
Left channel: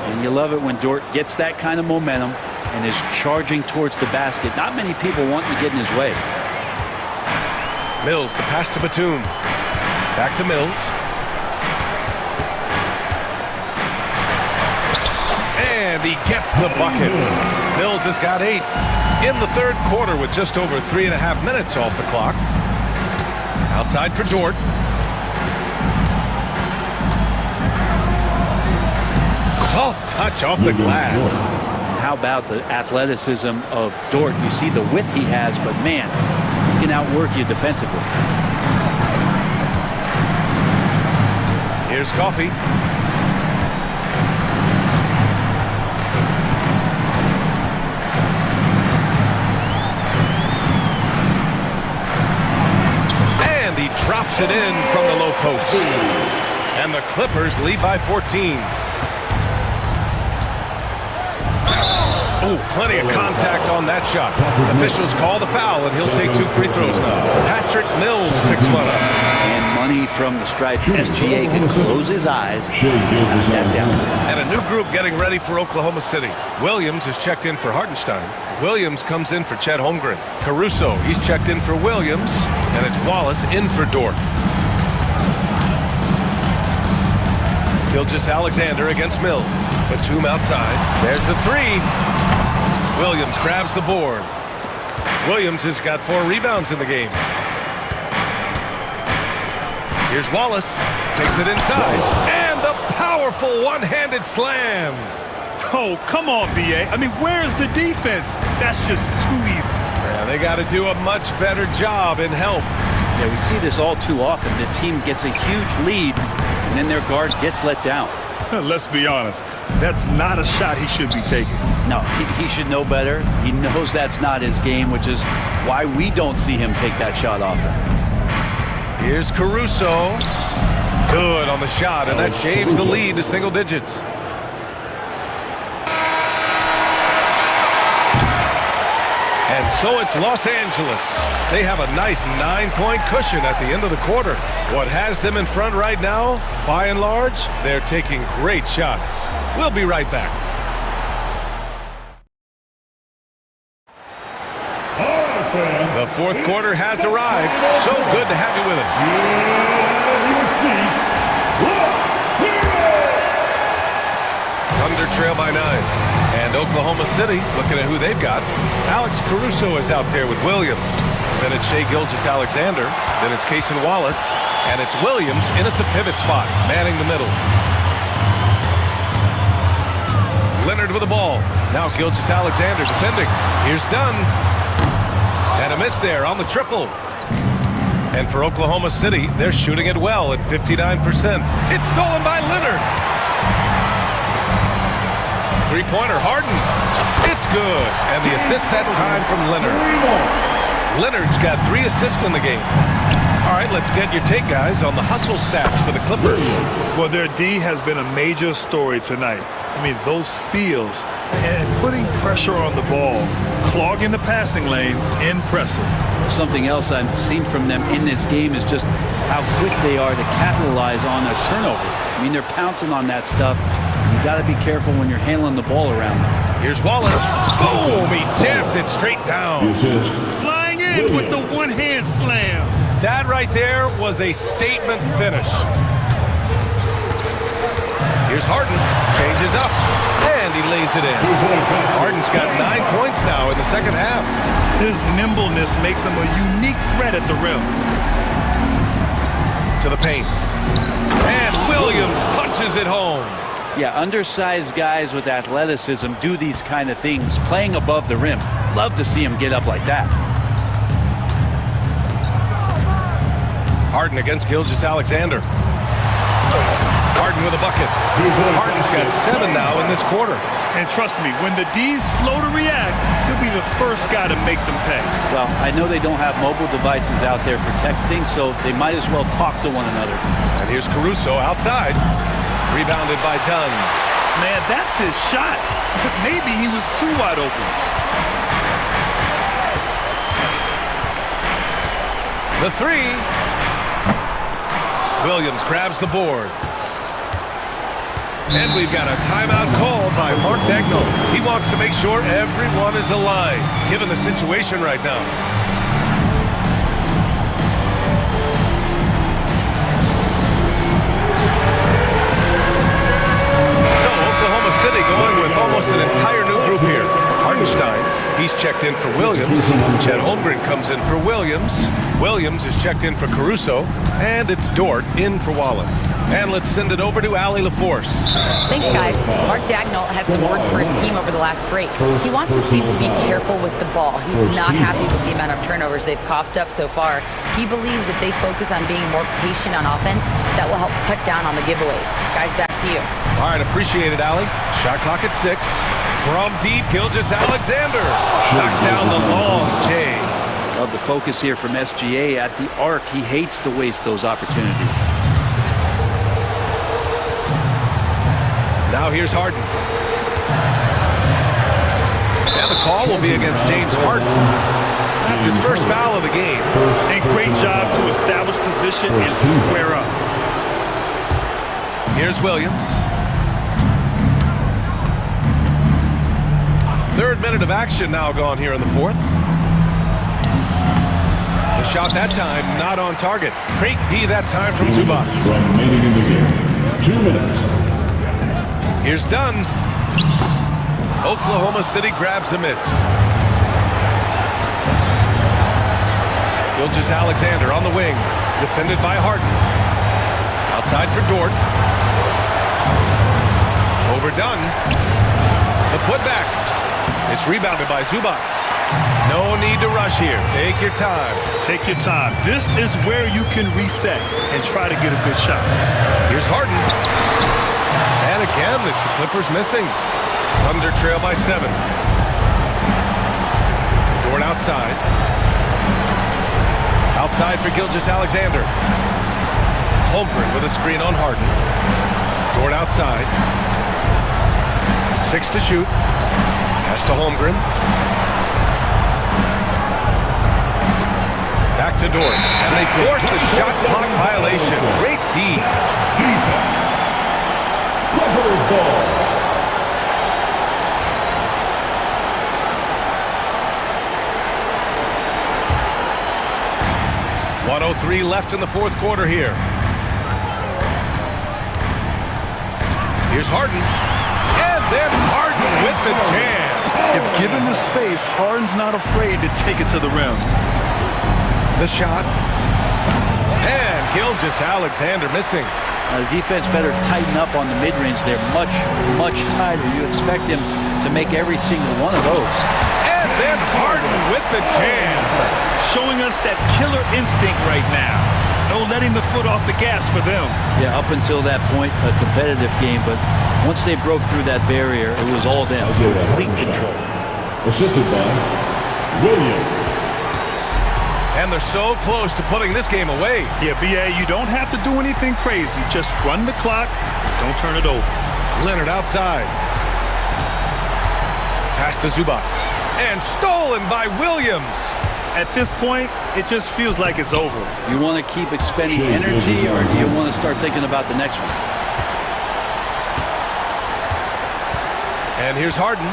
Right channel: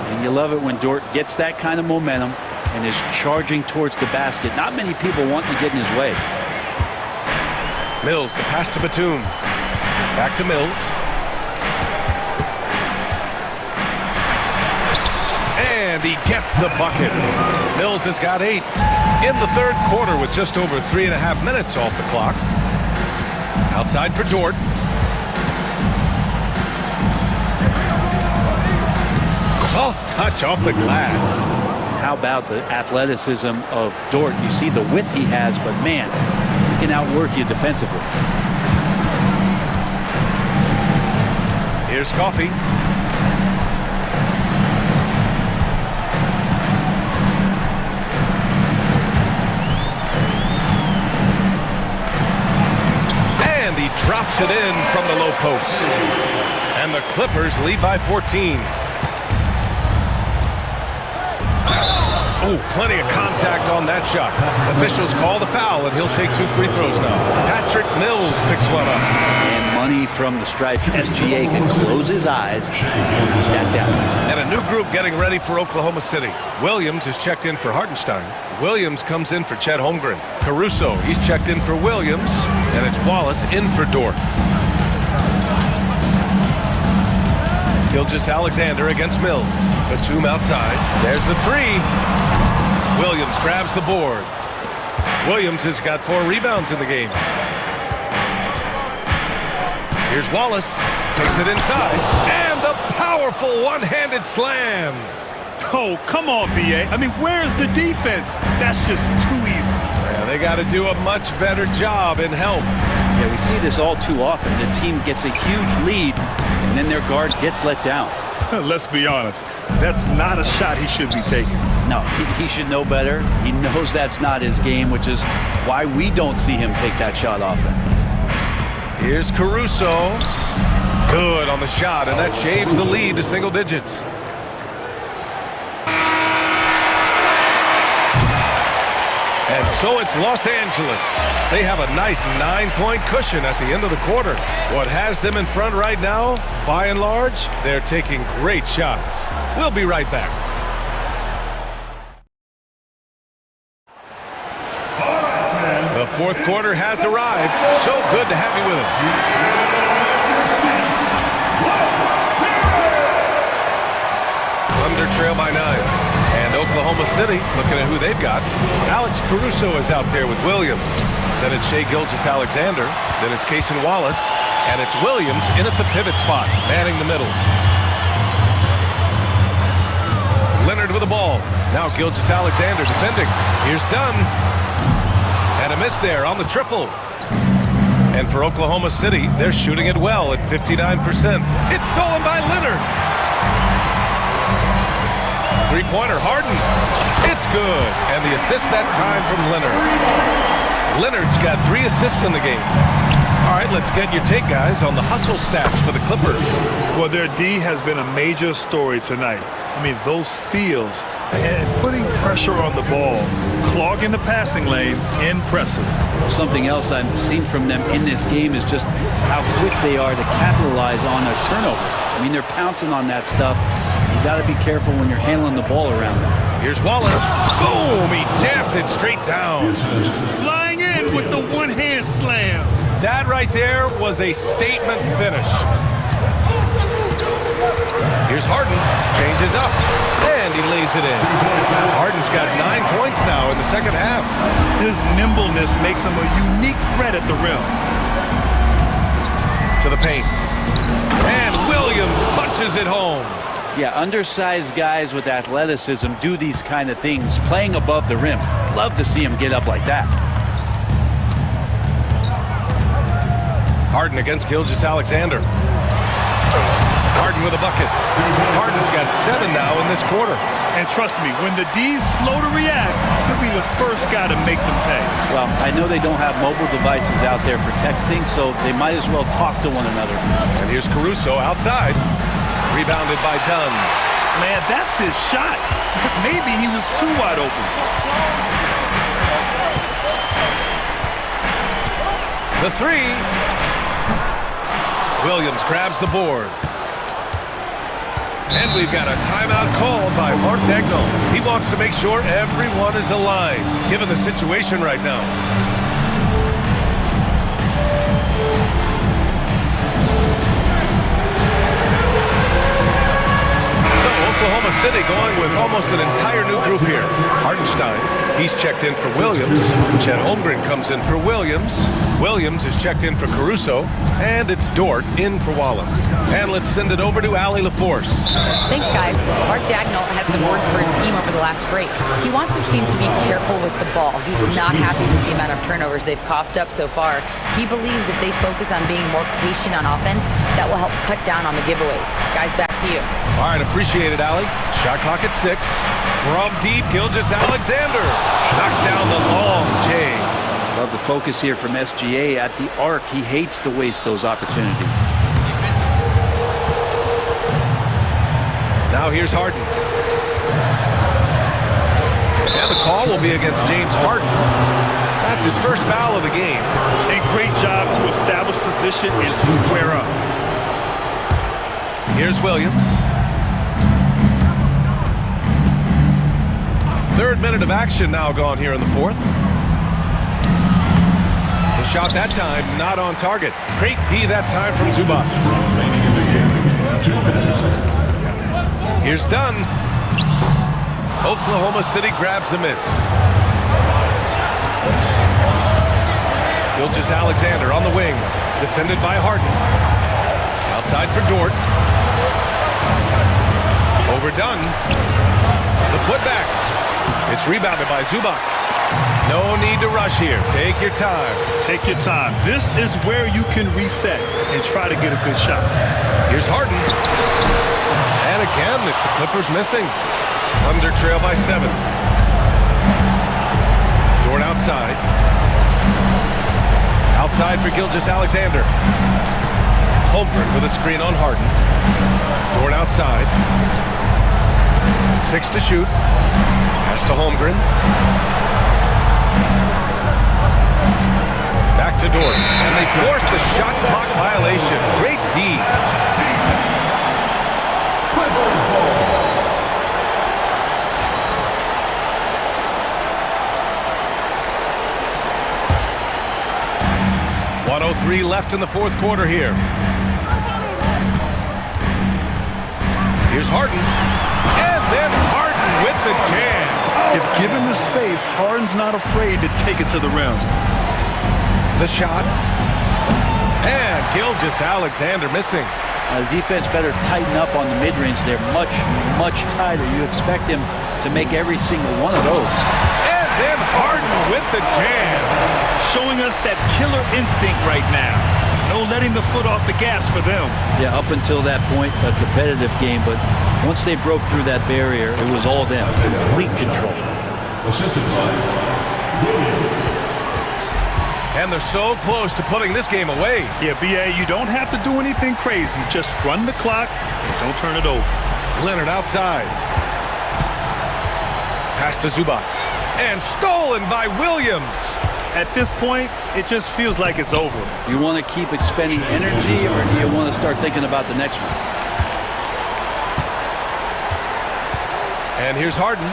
And you love it when Dort gets that kind of momentum and is charging towards the basket. Not many people wanting to get in his way. Mills, the pass to Batum. Back to Mills. And he gets the bucket. Mills has got 8 in the third quarter with just over 3.5 minutes off the clock. Outside for Dort. Soft touch off the glass. And how about the athleticism of Dort? You see the width he has, but man, he can outwork you defensively. Here's Coffey. And he drops it in from the low post. And the Clippers lead by 14. Oh, plenty of contact on that shot. Officials call the foul, and he'll take 2 free throws now. Patrick Mills picks one up. And money from the stripe. SGA can close his eyes and knock that down. And a new group getting ready for Oklahoma City. Williams is checked in for Hartenstein. Williams comes in for Chet Holmgren. Caruso, he's checked in for Williams. And it's Wallace in for Dort. Gilgeous-Alexander against Mills. Batum outside. There's the three. Williams grabs the board. Williams has got 4 rebounds in the game. Here's Wallace. Takes it inside. And the powerful one-handed slam. Oh, come on, B.A. I mean, where's the defense? That's just too easy. Yeah, they got to do a much better job in help. Yeah, we see this all too often. The team gets a huge lead, and then their guard gets let down. Let's be honest. That's not a shot he should be taking. No, he should know better. He knows that's not his game, which is why we don't see him take that shot often. Here's Caruso. Good on the shot, and that shaves the lead to single digits. And so it's Los Angeles. They have a nice 9-point cushion at the end of the quarter. What has them in front right now, by and large, they're taking great shots. We'll be right back. The fourth quarter has arrived. So good to have you with us. Thunder trail by 9. And Oklahoma City, looking at who they've got. Alex Caruso is out there with Williams. Then it's Shai Gilgeous-Alexander. Then it's Cason Wallace. And it's Williams in at the pivot spot, manning the middle. Leonard with the ball. Now Gilgeous-Alexander defending. Here's Dunn. And a miss there on the triple. And for Oklahoma City, they're shooting it well at 59%. It's stolen by Leonard. Three-pointer, Harden. It's good. And the assist that time from Leonard. Leonard's got 3 assists in the game. All right, let's get your take, guys, on the hustle stats for the Clippers. Well, their D has been a major story tonight. I mean, those steals and putting pressure on the ball, clogging the passing lanes, impressive. Something else I've seen from them in this game is just how quick they are to capitalize on a turnover. I mean, they're pouncing on that stuff. You got to be careful when you're handling the ball around them. Here's Wallace. Boom! He jams it straight down. Flying in with the one-hand slam. That right there was a statement finish. Here's Harden. Changes up. And he lays it in. Harden's got 9 points now in the second half. His nimbleness makes him a unique threat at the rim. To the paint. And Williams punches it home. Yeah, undersized guys with athleticism do these kind of things, playing above the rim. Love to see him get up like that. Harden against Gilgeous-Alexander. Harden with a bucket. Harden's got 7 now in this quarter. And trust me, when the D's slow to react, he'll be the first guy to make them pay. Well, I know they don't have mobile devices out there for texting, so they might as well talk to one another. And here's Caruso outside. Rebounded by Dunn. Man, that's his shot. Maybe he was too wide open. The 3. Williams grabs the board. And we've got a timeout called by Mark Dagnall. He wants to make sure everyone is aligned, given the situation right now. Oklahoma City going with almost an entire new group here. Hartenstein, he's checked in for Williams. Chet Holmgren comes in for Williams. Williams is checked in for Caruso. And it's Dort in for Wallace. And let's send it over to Allie LaForce. Thanks, guys. Mark Dagnall had some words for his team over the last break. He wants his team to be careful with the ball. He's not happy with the amount of turnovers they've coughed up so far. He believes if they focus on being more patient on offense, that will help cut down on the giveaways. Guys, back to you. All right, appreciate it, Allie. Shot clock at 6. From deep, Gilgeous-Alexander knocks down the long J. Love the focus here from SGA at the arc. He hates to waste those opportunities. Now here's Harden. And the call will be against James Harden. That's his first foul of the game. And great job to establish position and square up. Here's Williams. 3rd minute of action now gone here in the 4th. The shot that time not on target. Great D that time from Zubac. Here's Dunn. Oklahoma City grabs a miss. Gilgeous-Alexander on the wing. Defended by Harden. Outside for Dort. Over Dunn. The putback. It's rebounded by Zubac. No need to rush here. Take your time. Take your time. This is where you can reset and try to get a good shot. Here's Harden. And again, it's the Clippers missing. Thunder trail by 7. Dort outside. Outside for Gilgeous-Alexander. Holmgren with a screen on Harden. Dort outside. 6 to shoot. Pass to Holmgren. Back to Dort, and they forced the shot clock violation. Great D. Clippers ball. .103 left in the fourth quarter here. Here's Harden. And then Harden with the jam. If given the space, Harden's not afraid to take it to the rim. The shot. And Gilgeous-Alexander missing. The defense better tighten up on the mid-range. They're much, much tighter. You expect him to make every single one of those. And then Harden with the jam. Showing us that killer instinct right now. No letting the foot off the gas for them. Yeah, up until that point, a competitive game, but once they broke through that barrier, it was all them. Complete control. Assisted by Williams. And they're so close to putting this game away. Yeah, B.A., you don't have to do anything crazy. Just run the clock and don't turn it over. Leonard outside. Pass to Zubac. And stolen by Williams. At this point, it just feels like it's over. You want to keep expending energy, or do you want to start thinking about the next one? And here's Harden.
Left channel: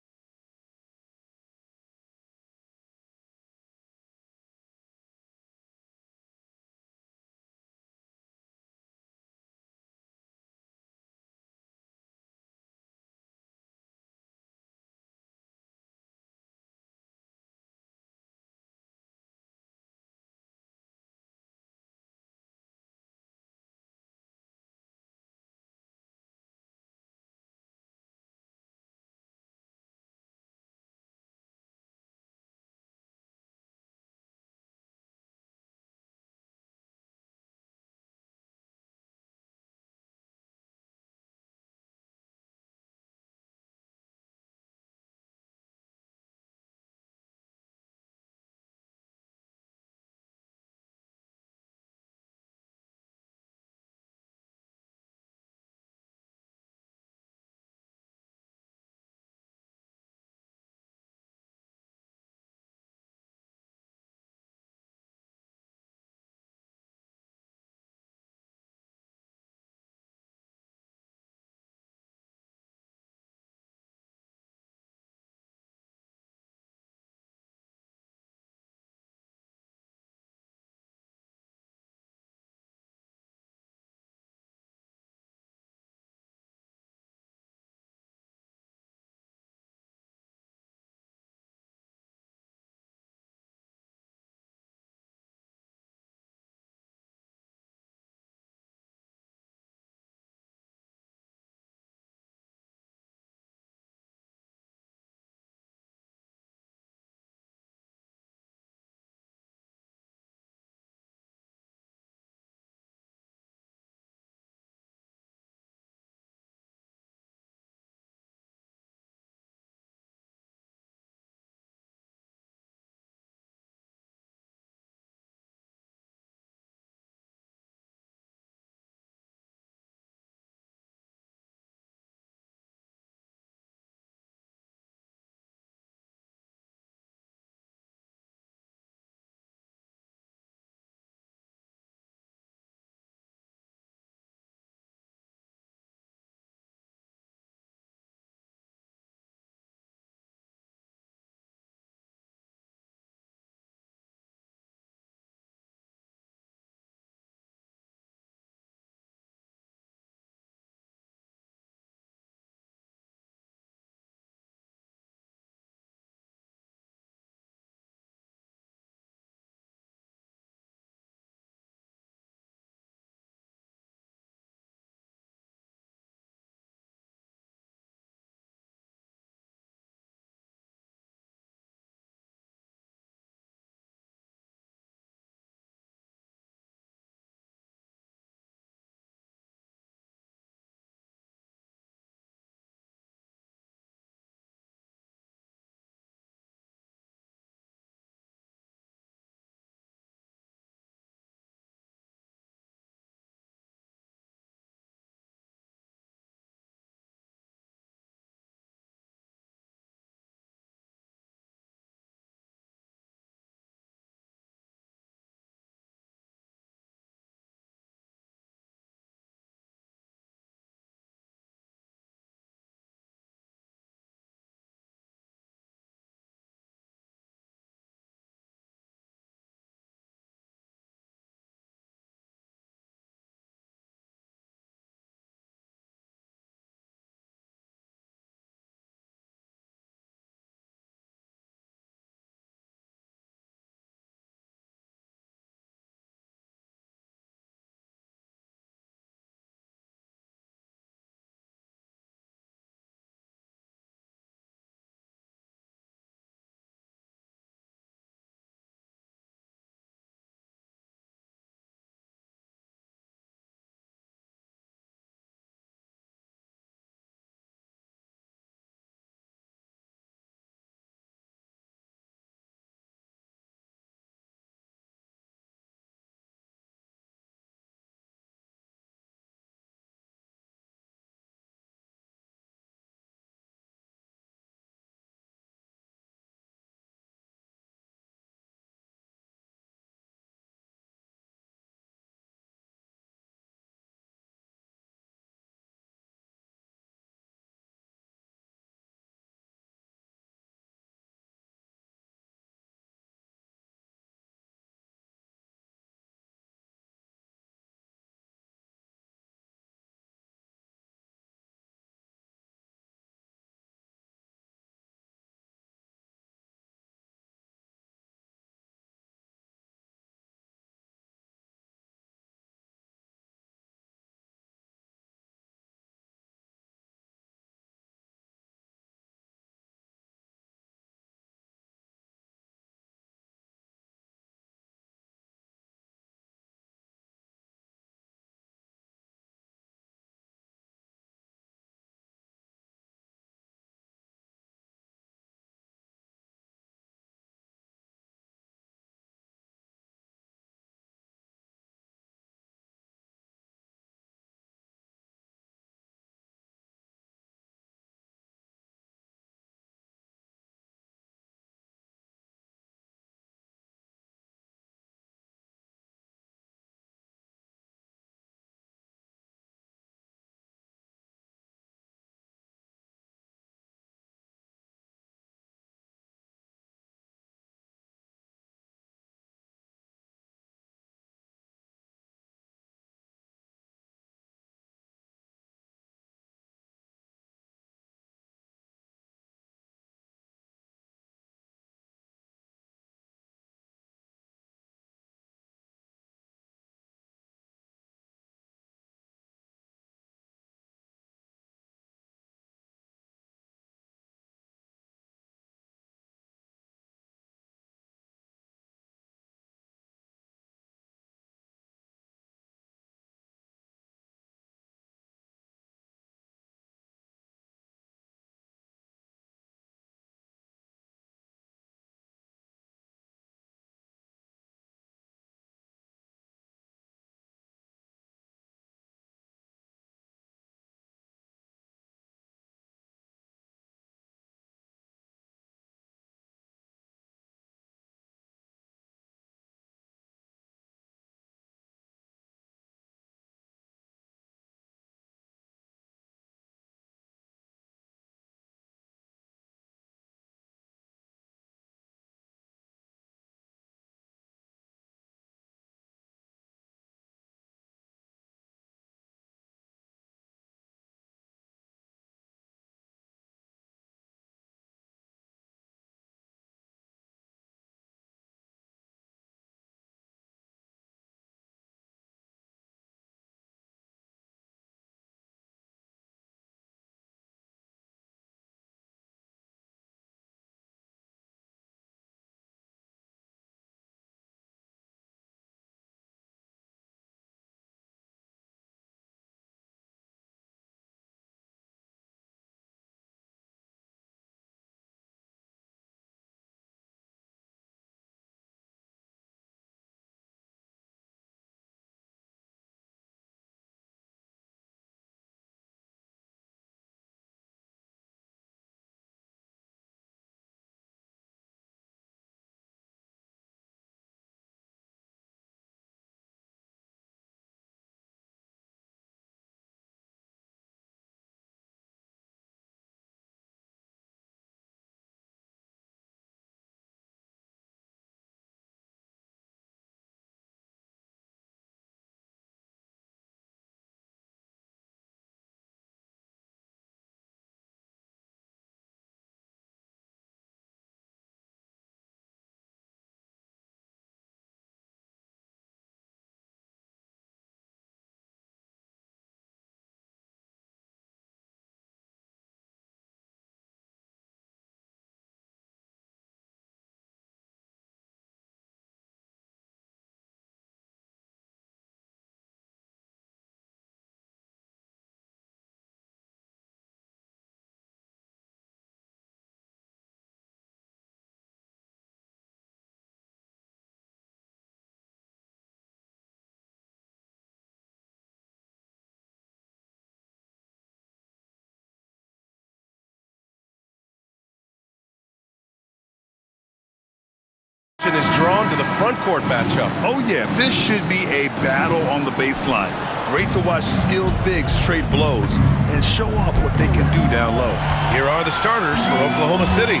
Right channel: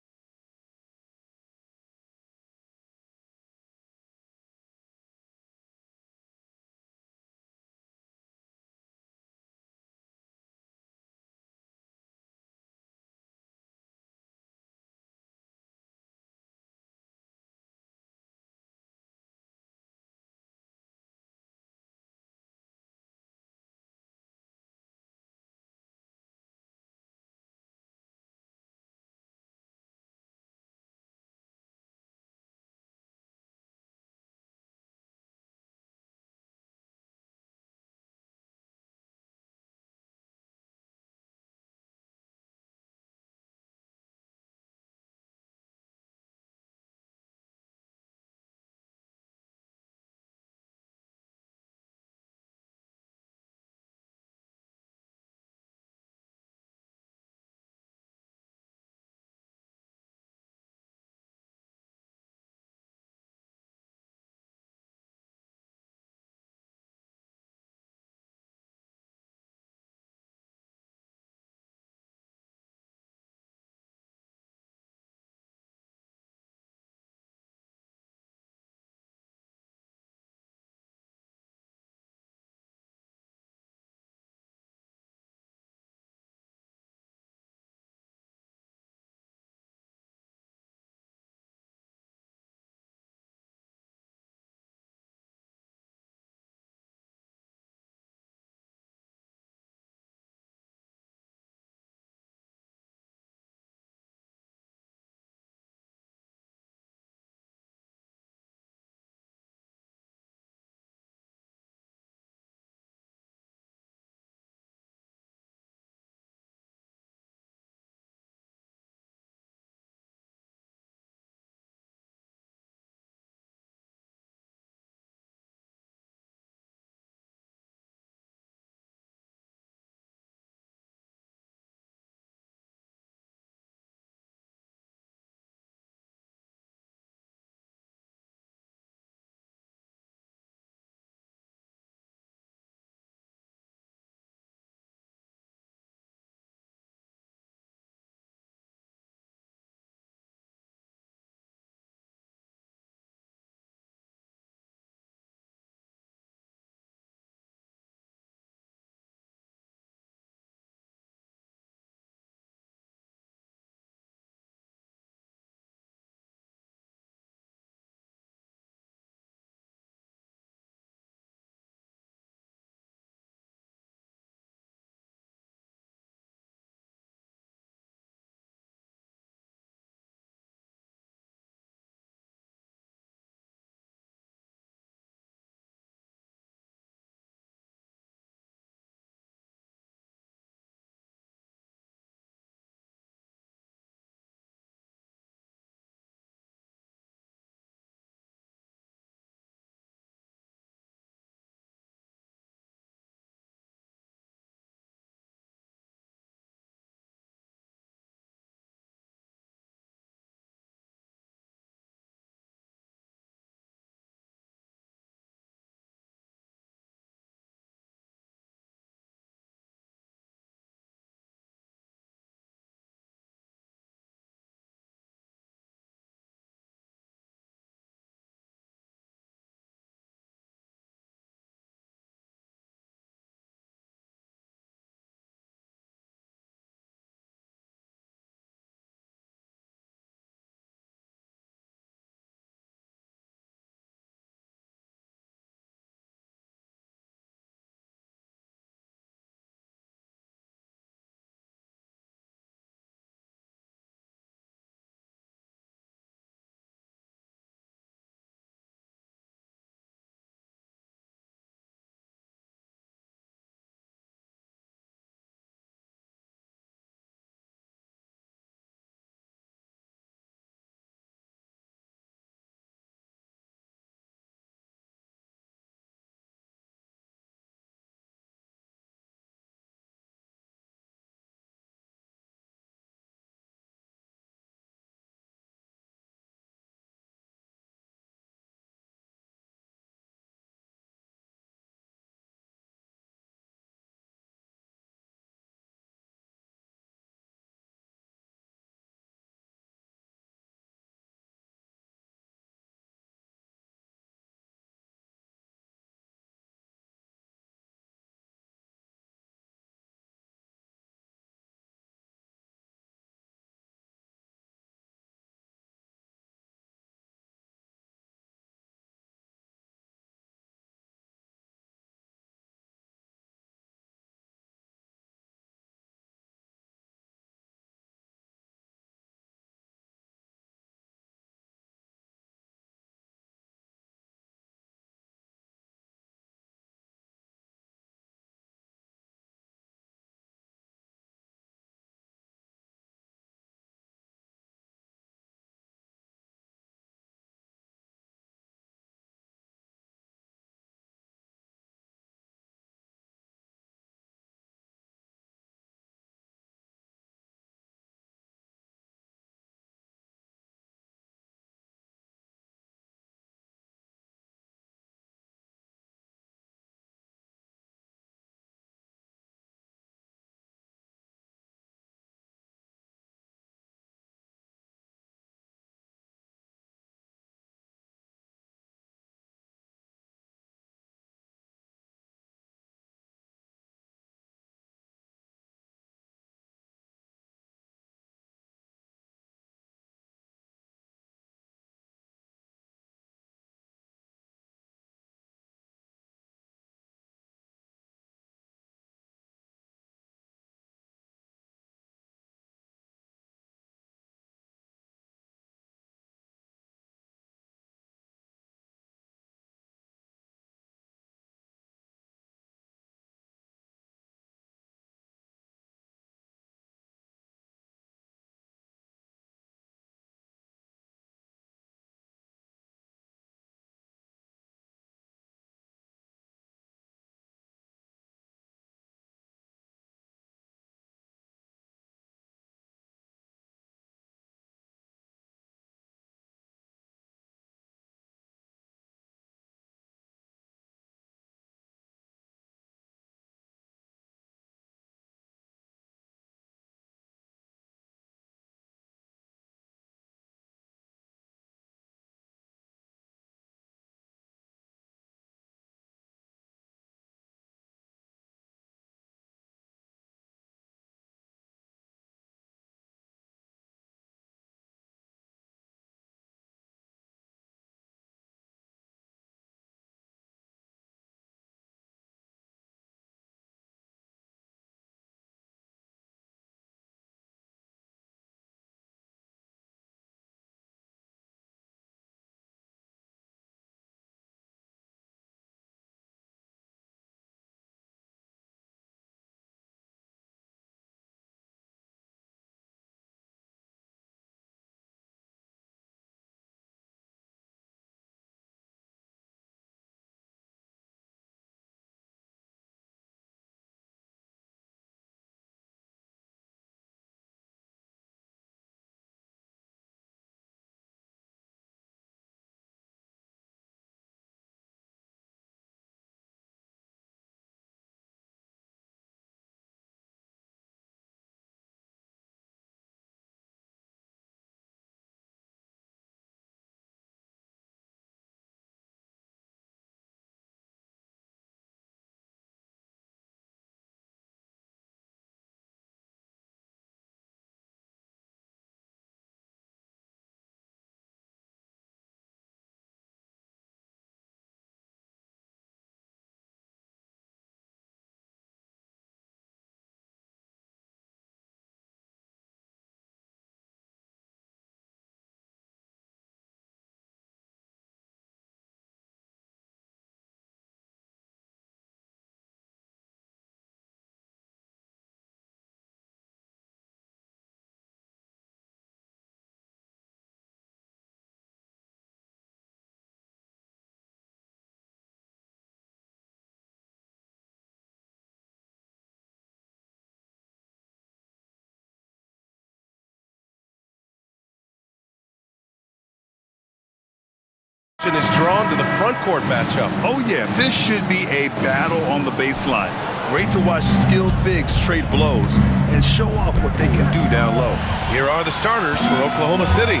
attention is drawn to the front court matchup. Oh, yeah, this should be a battle on the baseline. Great to watch skilled bigs trade blows and show off what they can do down low. Here are the starters for Oklahoma City.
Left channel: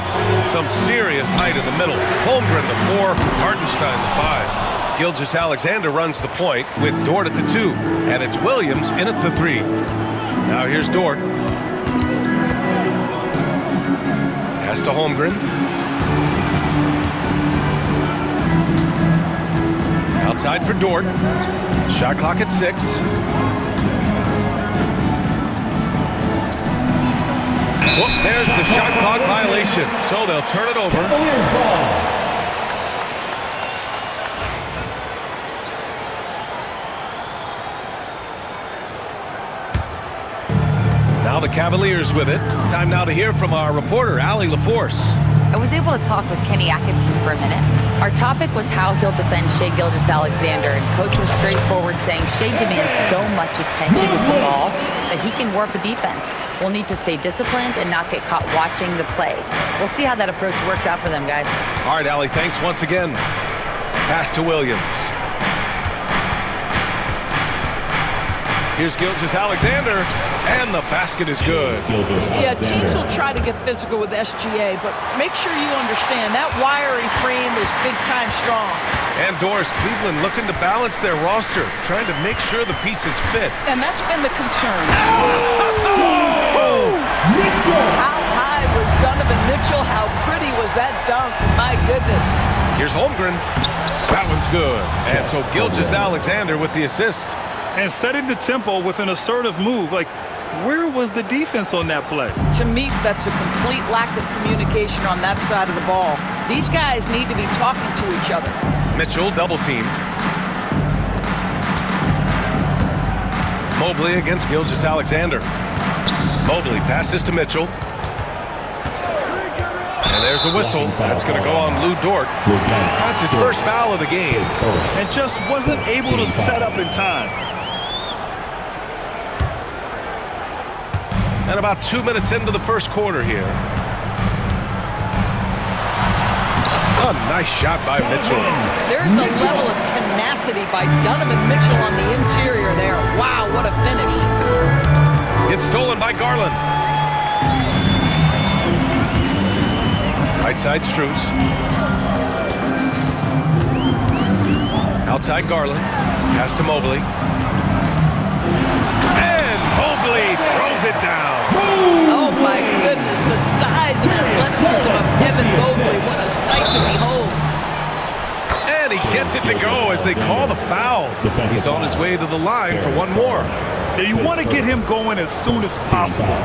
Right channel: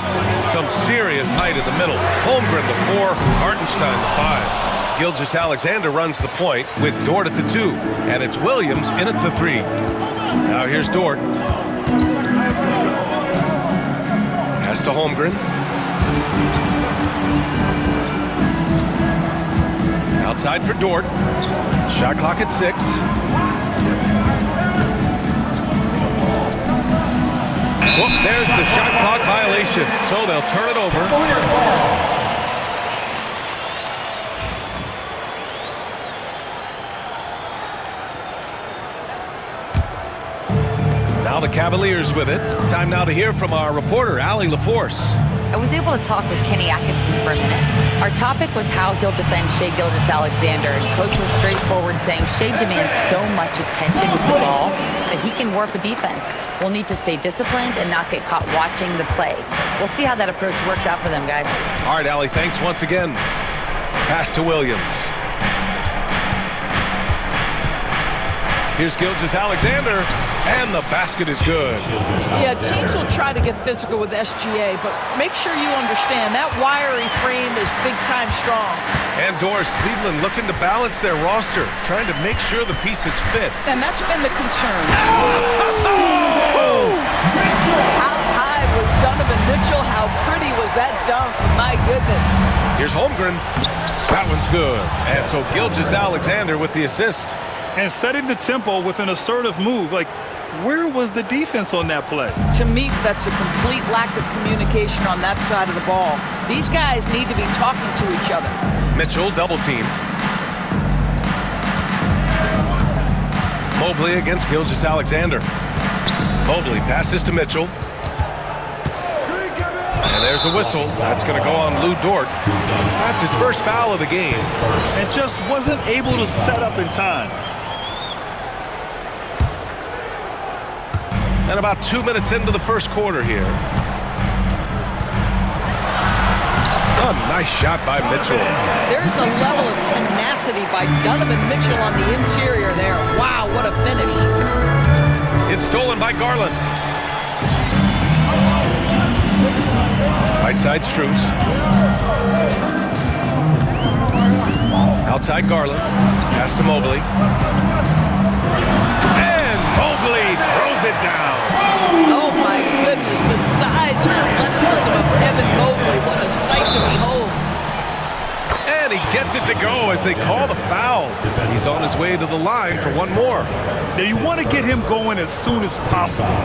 Some serious height in the middle. Holmgren the 4, Hartenstein the 5. Gilgeous-Alexander runs the point with Dort at the 2, and it's Williams in at the 3. Now here's Dort. Pass to Holmgren. Outside for Dort. Shot clock at 6. Whoop, there's the shot clock violation. So they'll turn it over. Now the Cavaliers with it. Time now to hear from our reporter, Allie LaForce. I was able to talk with Kenny Atkinson for a minute. Our topic was how he'll defend Shai Gilgeous-Alexander, and Coach was straightforward, saying Shai demands so much attention with the ball that he can warp a defense. We'll need to stay disciplined and not get caught watching the play. We'll see how that approach works out for them, guys. All right, Allie, thanks once again. Pass to Williams. Here's Gilgeous-Alexander, and the basket is good. Yeah, teams will try to get physical with SGA, but make sure you understand that wiry frame is big-time strong. And Doris, Cleveland looking to balance their roster, trying to make sure the pieces fit. And that's been the concern. How high was Donovan Mitchell? How pretty was that dunk? My goodness. Here's Holmgren. That one's good. And so Gilgeous-Alexander with the assist. And setting the tempo with an assertive move. Like, where was the defense on that play? To me, that's a complete lack of communication on that side of the ball. These guys need to be talking to each other. Mitchell double team. Mobley against Gilgeous-Alexander. Mobley passes to Mitchell. And there's a whistle. That's going to go on Lou Dort. That's his first foul of the game. And just wasn't able to set up in time. And about 2 minutes into the first quarter here. A nice shot by Mitchell. There's a level of tenacity by Donovan Mitchell on the interior there. Wow, what a finish. It's stolen by Garland. Right side, Strus. Outside Garland. Pass to Mobley. And Mobley throws it down. Oh my goodness, the size and athleticism of Evan Mobley. What a sight to behold. And he gets it to go as they call the foul. He's on his way to the line for one more. Now you want to get him going as soon as possible.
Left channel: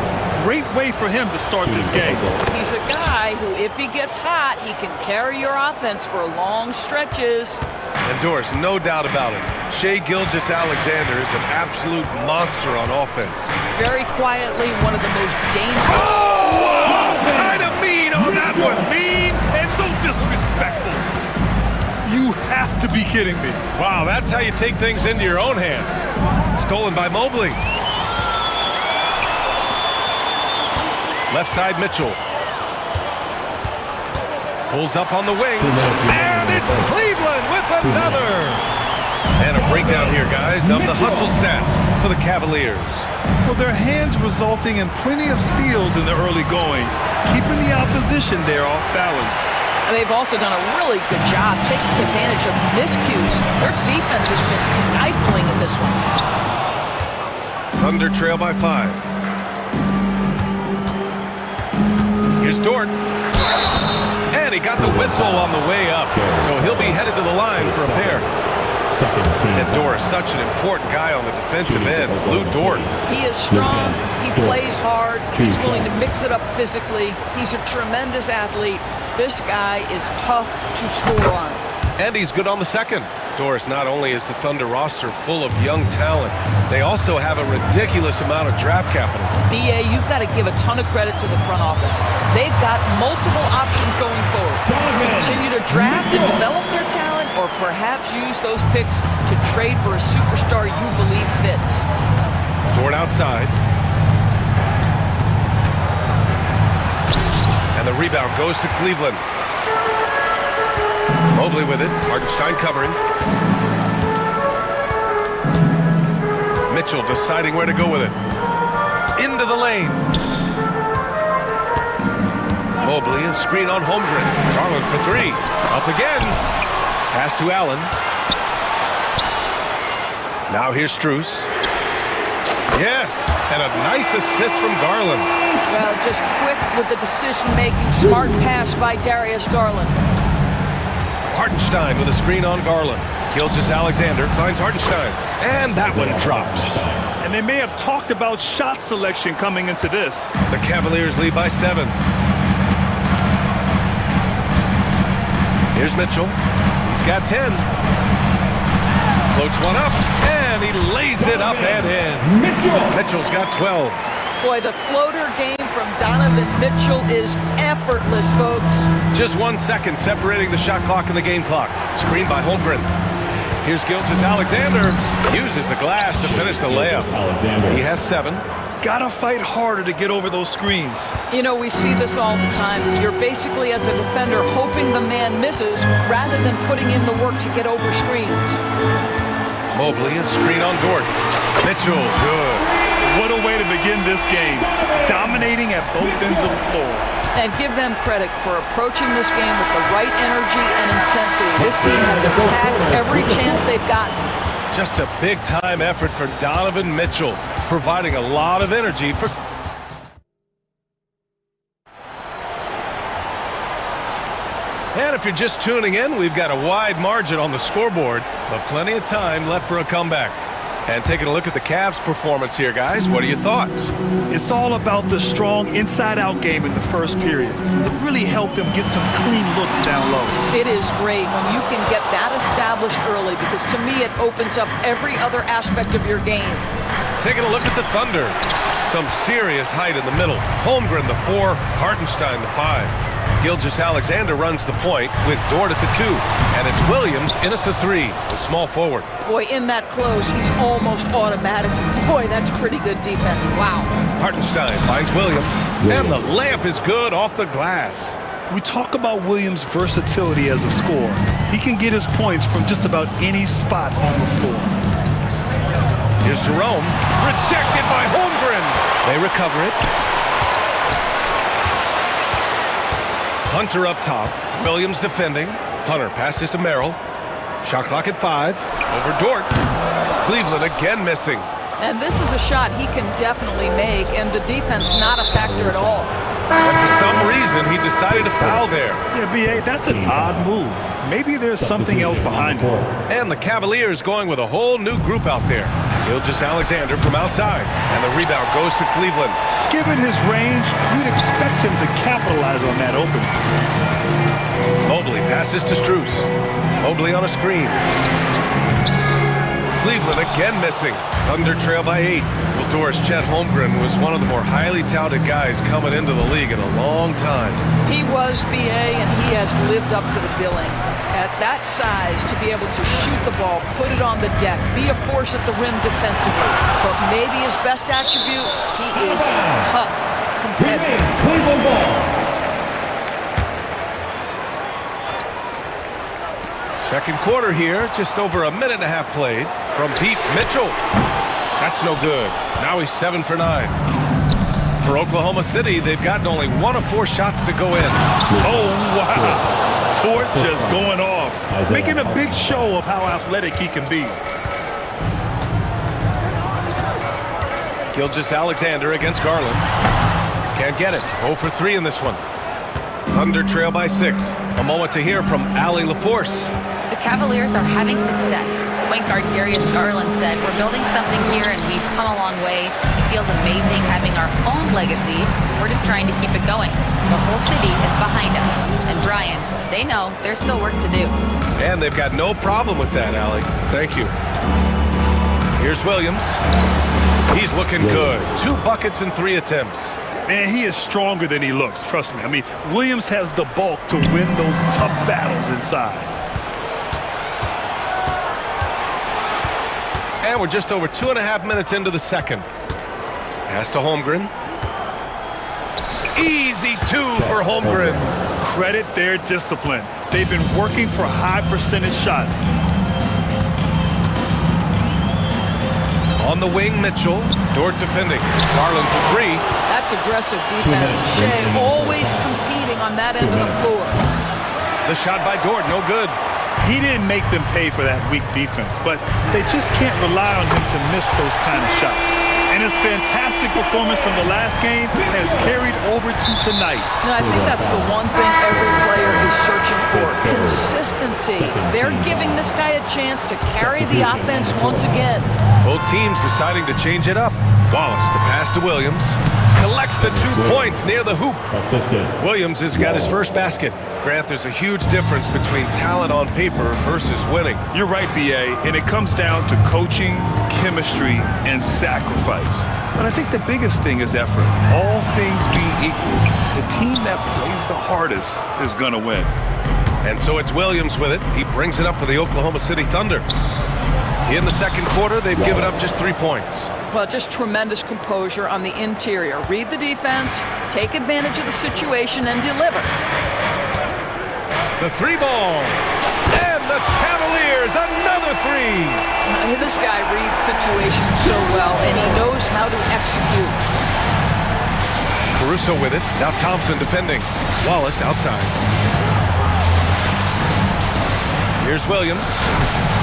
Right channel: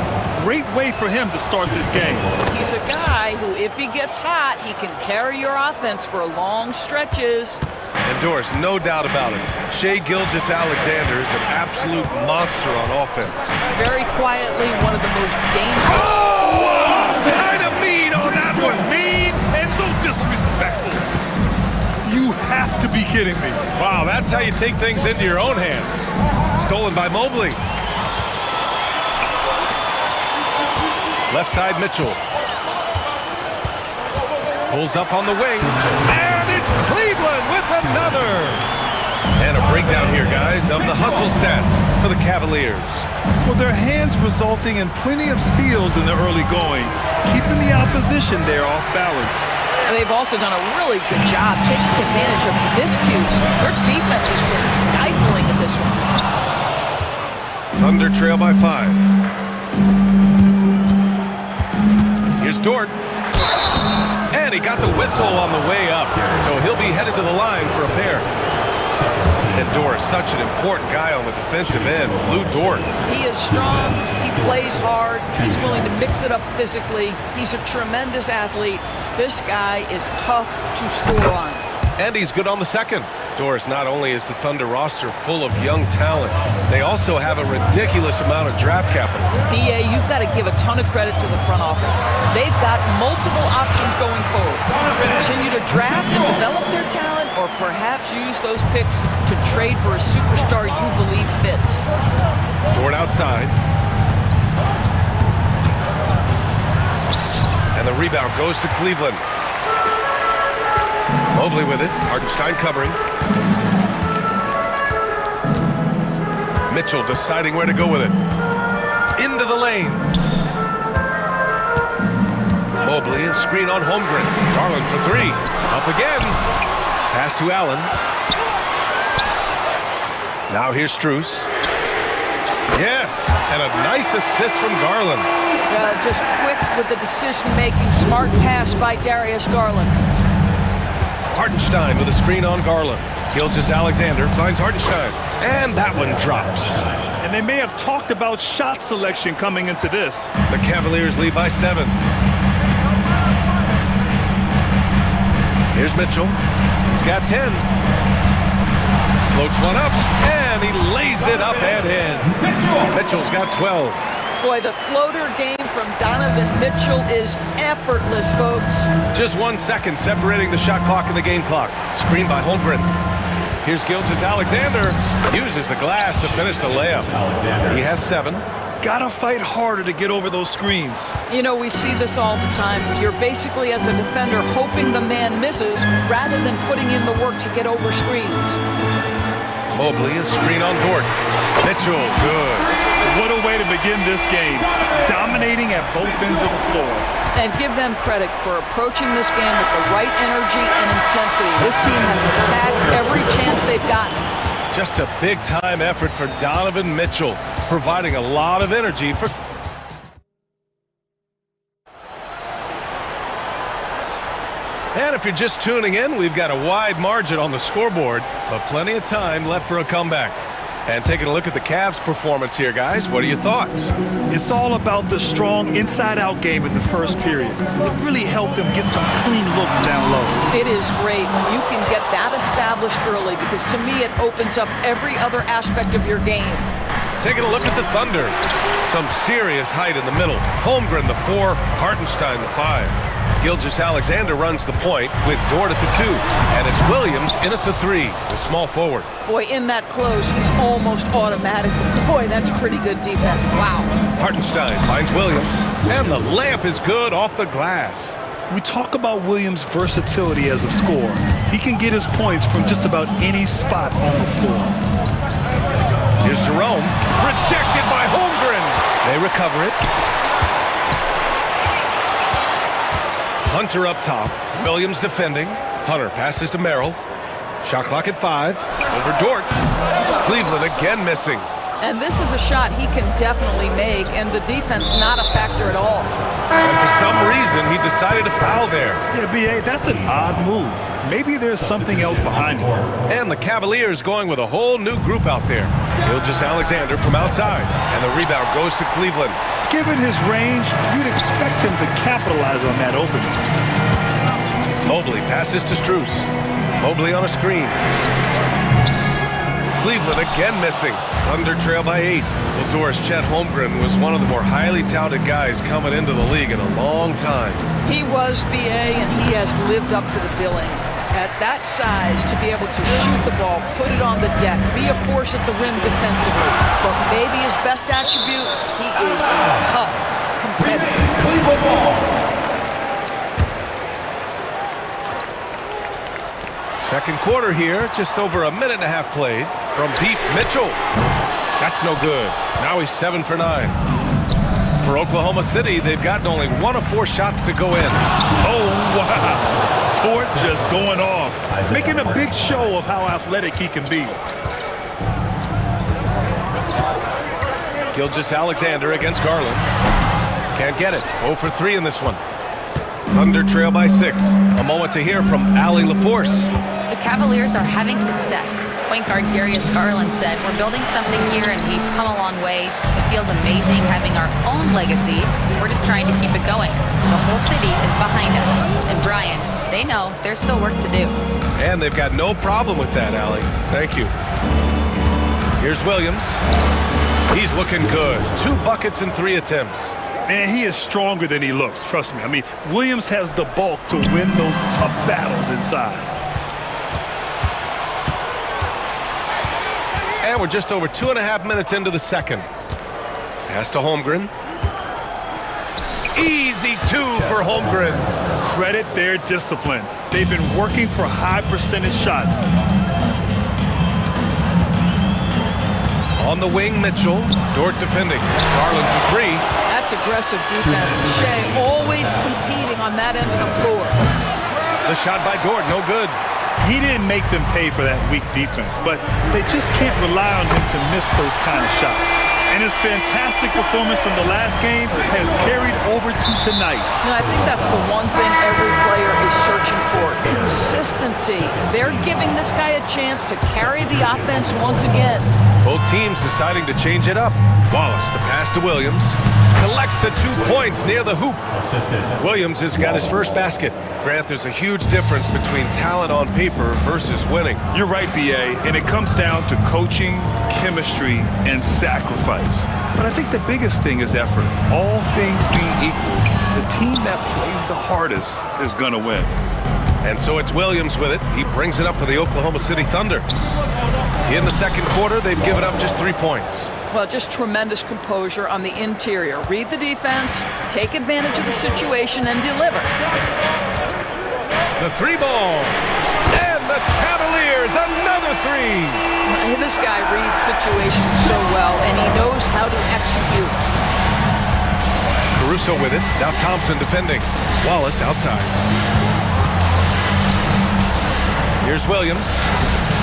Great way for him to start this game. He's a guy who, if he gets hot, he can carry your offense for long stretches. And Doris, no doubt about it, Shai Gilgeous-Alexander is an absolute monster on offense. Very quietly, one of the most dangerous. Oh! Kind of mean on that one. Mean and so disrespectful. You have to be kidding me. Wow, that's how you take things into your own hands. Stolen by Mobley. Left side, Mitchell. Pulls up on the wing. And it's Cleveland with another. And a breakdown here, guys, of the hustle stats for the Cavaliers. Well, their hands resulting in plenty of steals in the early going, keeping the opposition there off balance. And they've also done a really good job taking advantage of miscues. Their defense has been stifling in this one. Thunder trail by 5. Here's Dort. And he got the whistle on the way up, so he'll be headed to the line for a pair. And Dort is such an important guy on the defensive end. Lou Dort. He is strong. He plays hard. He's willing to mix it up physically. He's a tremendous athlete. This guy is tough to score on. And he's good on the second. Doris, not only is the Thunder roster full of young talent, they also have a ridiculous amount of draft capital. BA, you've got to give a ton of credit to the front office. They've got multiple options going forward. Continue to draft and develop their talent, or perhaps use those picks to trade for a superstar you believe fits. Dort outside. And the rebound goes to Cleveland. Mobley with it. Hartenstein covering. Mitchell deciding where to go with it. Into the lane. Mobley, a screen on Holmgren. Garland for three. Up again. Pass to Allen. Now here's Strus. Yes, and a nice assist from Garland. Well, just quick with the decision-making. Smart pass by Darius Garland. Hartenstein with a screen on Garland. Gilgeous-Alexander finds Hartenstein. And that one drops. And they may have talked about shot selection coming into this. The Cavaliers lead by 7. Here's Mitchell. He's got 10. Floats one up, and he lays it up and in. Mitchell's got 12. Boy, the floater game from Donovan Mitchell is effortless, folks. Just 1 second separating the shot clock and the game clock. Screen by Holmgren. Here's Gilgeous-Alexander. Uses the glass to finish the layup. He has 7. Gotta fight harder to get over those screens. You know, we see this all the time. You're basically, as a defender, hoping the man misses rather than putting in the work to get over screens. Mobley, a screen on Dort. Mitchell, good. What a way to begin this game. Dominating at both ends of the floor. And give them credit for approaching this game with the right energy and intensity. This team has attacked every chance they've gotten. Just a big-time effort for Donovan Mitchell, providing a lot of energy for... And if you're just tuning in, we've got a wide margin on the scoreboard, but plenty of time left for a comeback. And taking a look at the Cavs' performance here, guys, what are your thoughts? It's all about the strong inside-out game in the first period. It really helped them get some clean looks down low. It is great when you can get that established early, because to me it opens up every other aspect of your game. Taking a look at the Thunder. Some serious height in the middle. Holmgren, the 4, Hartenstein, the 5. Gilgeous-Alexander runs the point with Dort at the 2. And it's Williams in at the 3, the small forward. Boy, in that close, he's almost automatic. Boy, that's pretty good defense. Wow. Hartenstein finds Williams. And the layup is good off the glass. We talk about Williams' versatility as a scorer. He can get his points from just about any spot on the floor. Here's Jerome. Rejected by Holmgren. They recover it. Hunter up top. Williams defending. Hunter passes to Merrill. Shot clock at 5. Over Dort. Cleveland again missing. And this is a shot he can definitely make, and the defense not a factor at all. And for some reason, he decided to foul there. Yeah, B.A., that's an odd move. Maybe there's something else behind it. And the Cavaliers going with a whole new group out there. Gilgeous-Alexander from outside. And the rebound goes to Cleveland. Given his range, you'd expect him to capitalize on that opening. Mobley passes to Strus. Mobley on a screen. Cleveland again missing. Thunder trail by 8. Well, Doris, Chet Holmgren was one of the more highly touted guys coming into the league in a long time. He was, B.A., and he has lived up to the billing. At that size, to be able to shoot the ball, put it on the deck, be a force at the rim defensively. But maybe his best attribute, he is a tough competitor. Second quarter here, just over a minute and a half played. From deep, Mitchell. That's no good. Now he's 7 for 9. For Oklahoma City, they've gotten only 1 of 4 shots to go in. Oh, wow. Dort just going off, making a big show of how athletic he can be. Gilgeous-Alexander against Garland. Can't get it. 0 for 3 in this one. Thunder trail by 6. A moment to hear from Allie LaForce. The Cavaliers are having success. Point guard Darius Garland said, "We're building something here and we've come a long way. It feels amazing having our own legacy. We're just trying to keep it going. The whole city is behind us." And Brian, they know there's still work to do. And they've got no problem with that, Allie. Thank you. Here's Williams. He's looking good. 2 buckets and 3 attempts. Man, he is stronger than he looks, trust me. I mean, Williams has the bulk to win those tough battles inside. And we're just over 2.5 minutes into the second. Pass to Holmgren. Easy 2 for Holmgren. credit their discipline. They've been working for high percentage shots. On the wing, Mitchell. Dort defending. Garland for three. That's aggressive defense. Shea always competing on that end of the floor. The shot by Dort, no good. He didn't make them pay for that weak defense, but they just can't rely on him to miss those kind of shots. And his fantastic performance from the last game has carried over to tonight. No, I think that's the one thing every player is searching for. Consistency. They're giving this guy a chance to carry the offense once again. Both teams deciding to change it up. Wallace, the pass to Williams. Collects the 2 points near the hoop. Williams has got his first basket. Grant, there's a huge difference between talent on paper versus winning. You're right, B.A., and it comes down to coaching, chemistry, and sacrifice. But I think the biggest thing is effort. All things being equal, the team that plays the hardest is going to win. And so it's Williams with it. He brings it up for the Oklahoma City Thunder. In the second quarter, they've given up just 3 points. Well, just tremendous composure on the interior. Read the defense, take advantage of the situation, and deliver. The three ball. And the Cavaliers, another three. This guy reads situations so well, and he knows how to execute. Caruso with it. Now Thompson defending. Wallace outside. Here's Williams.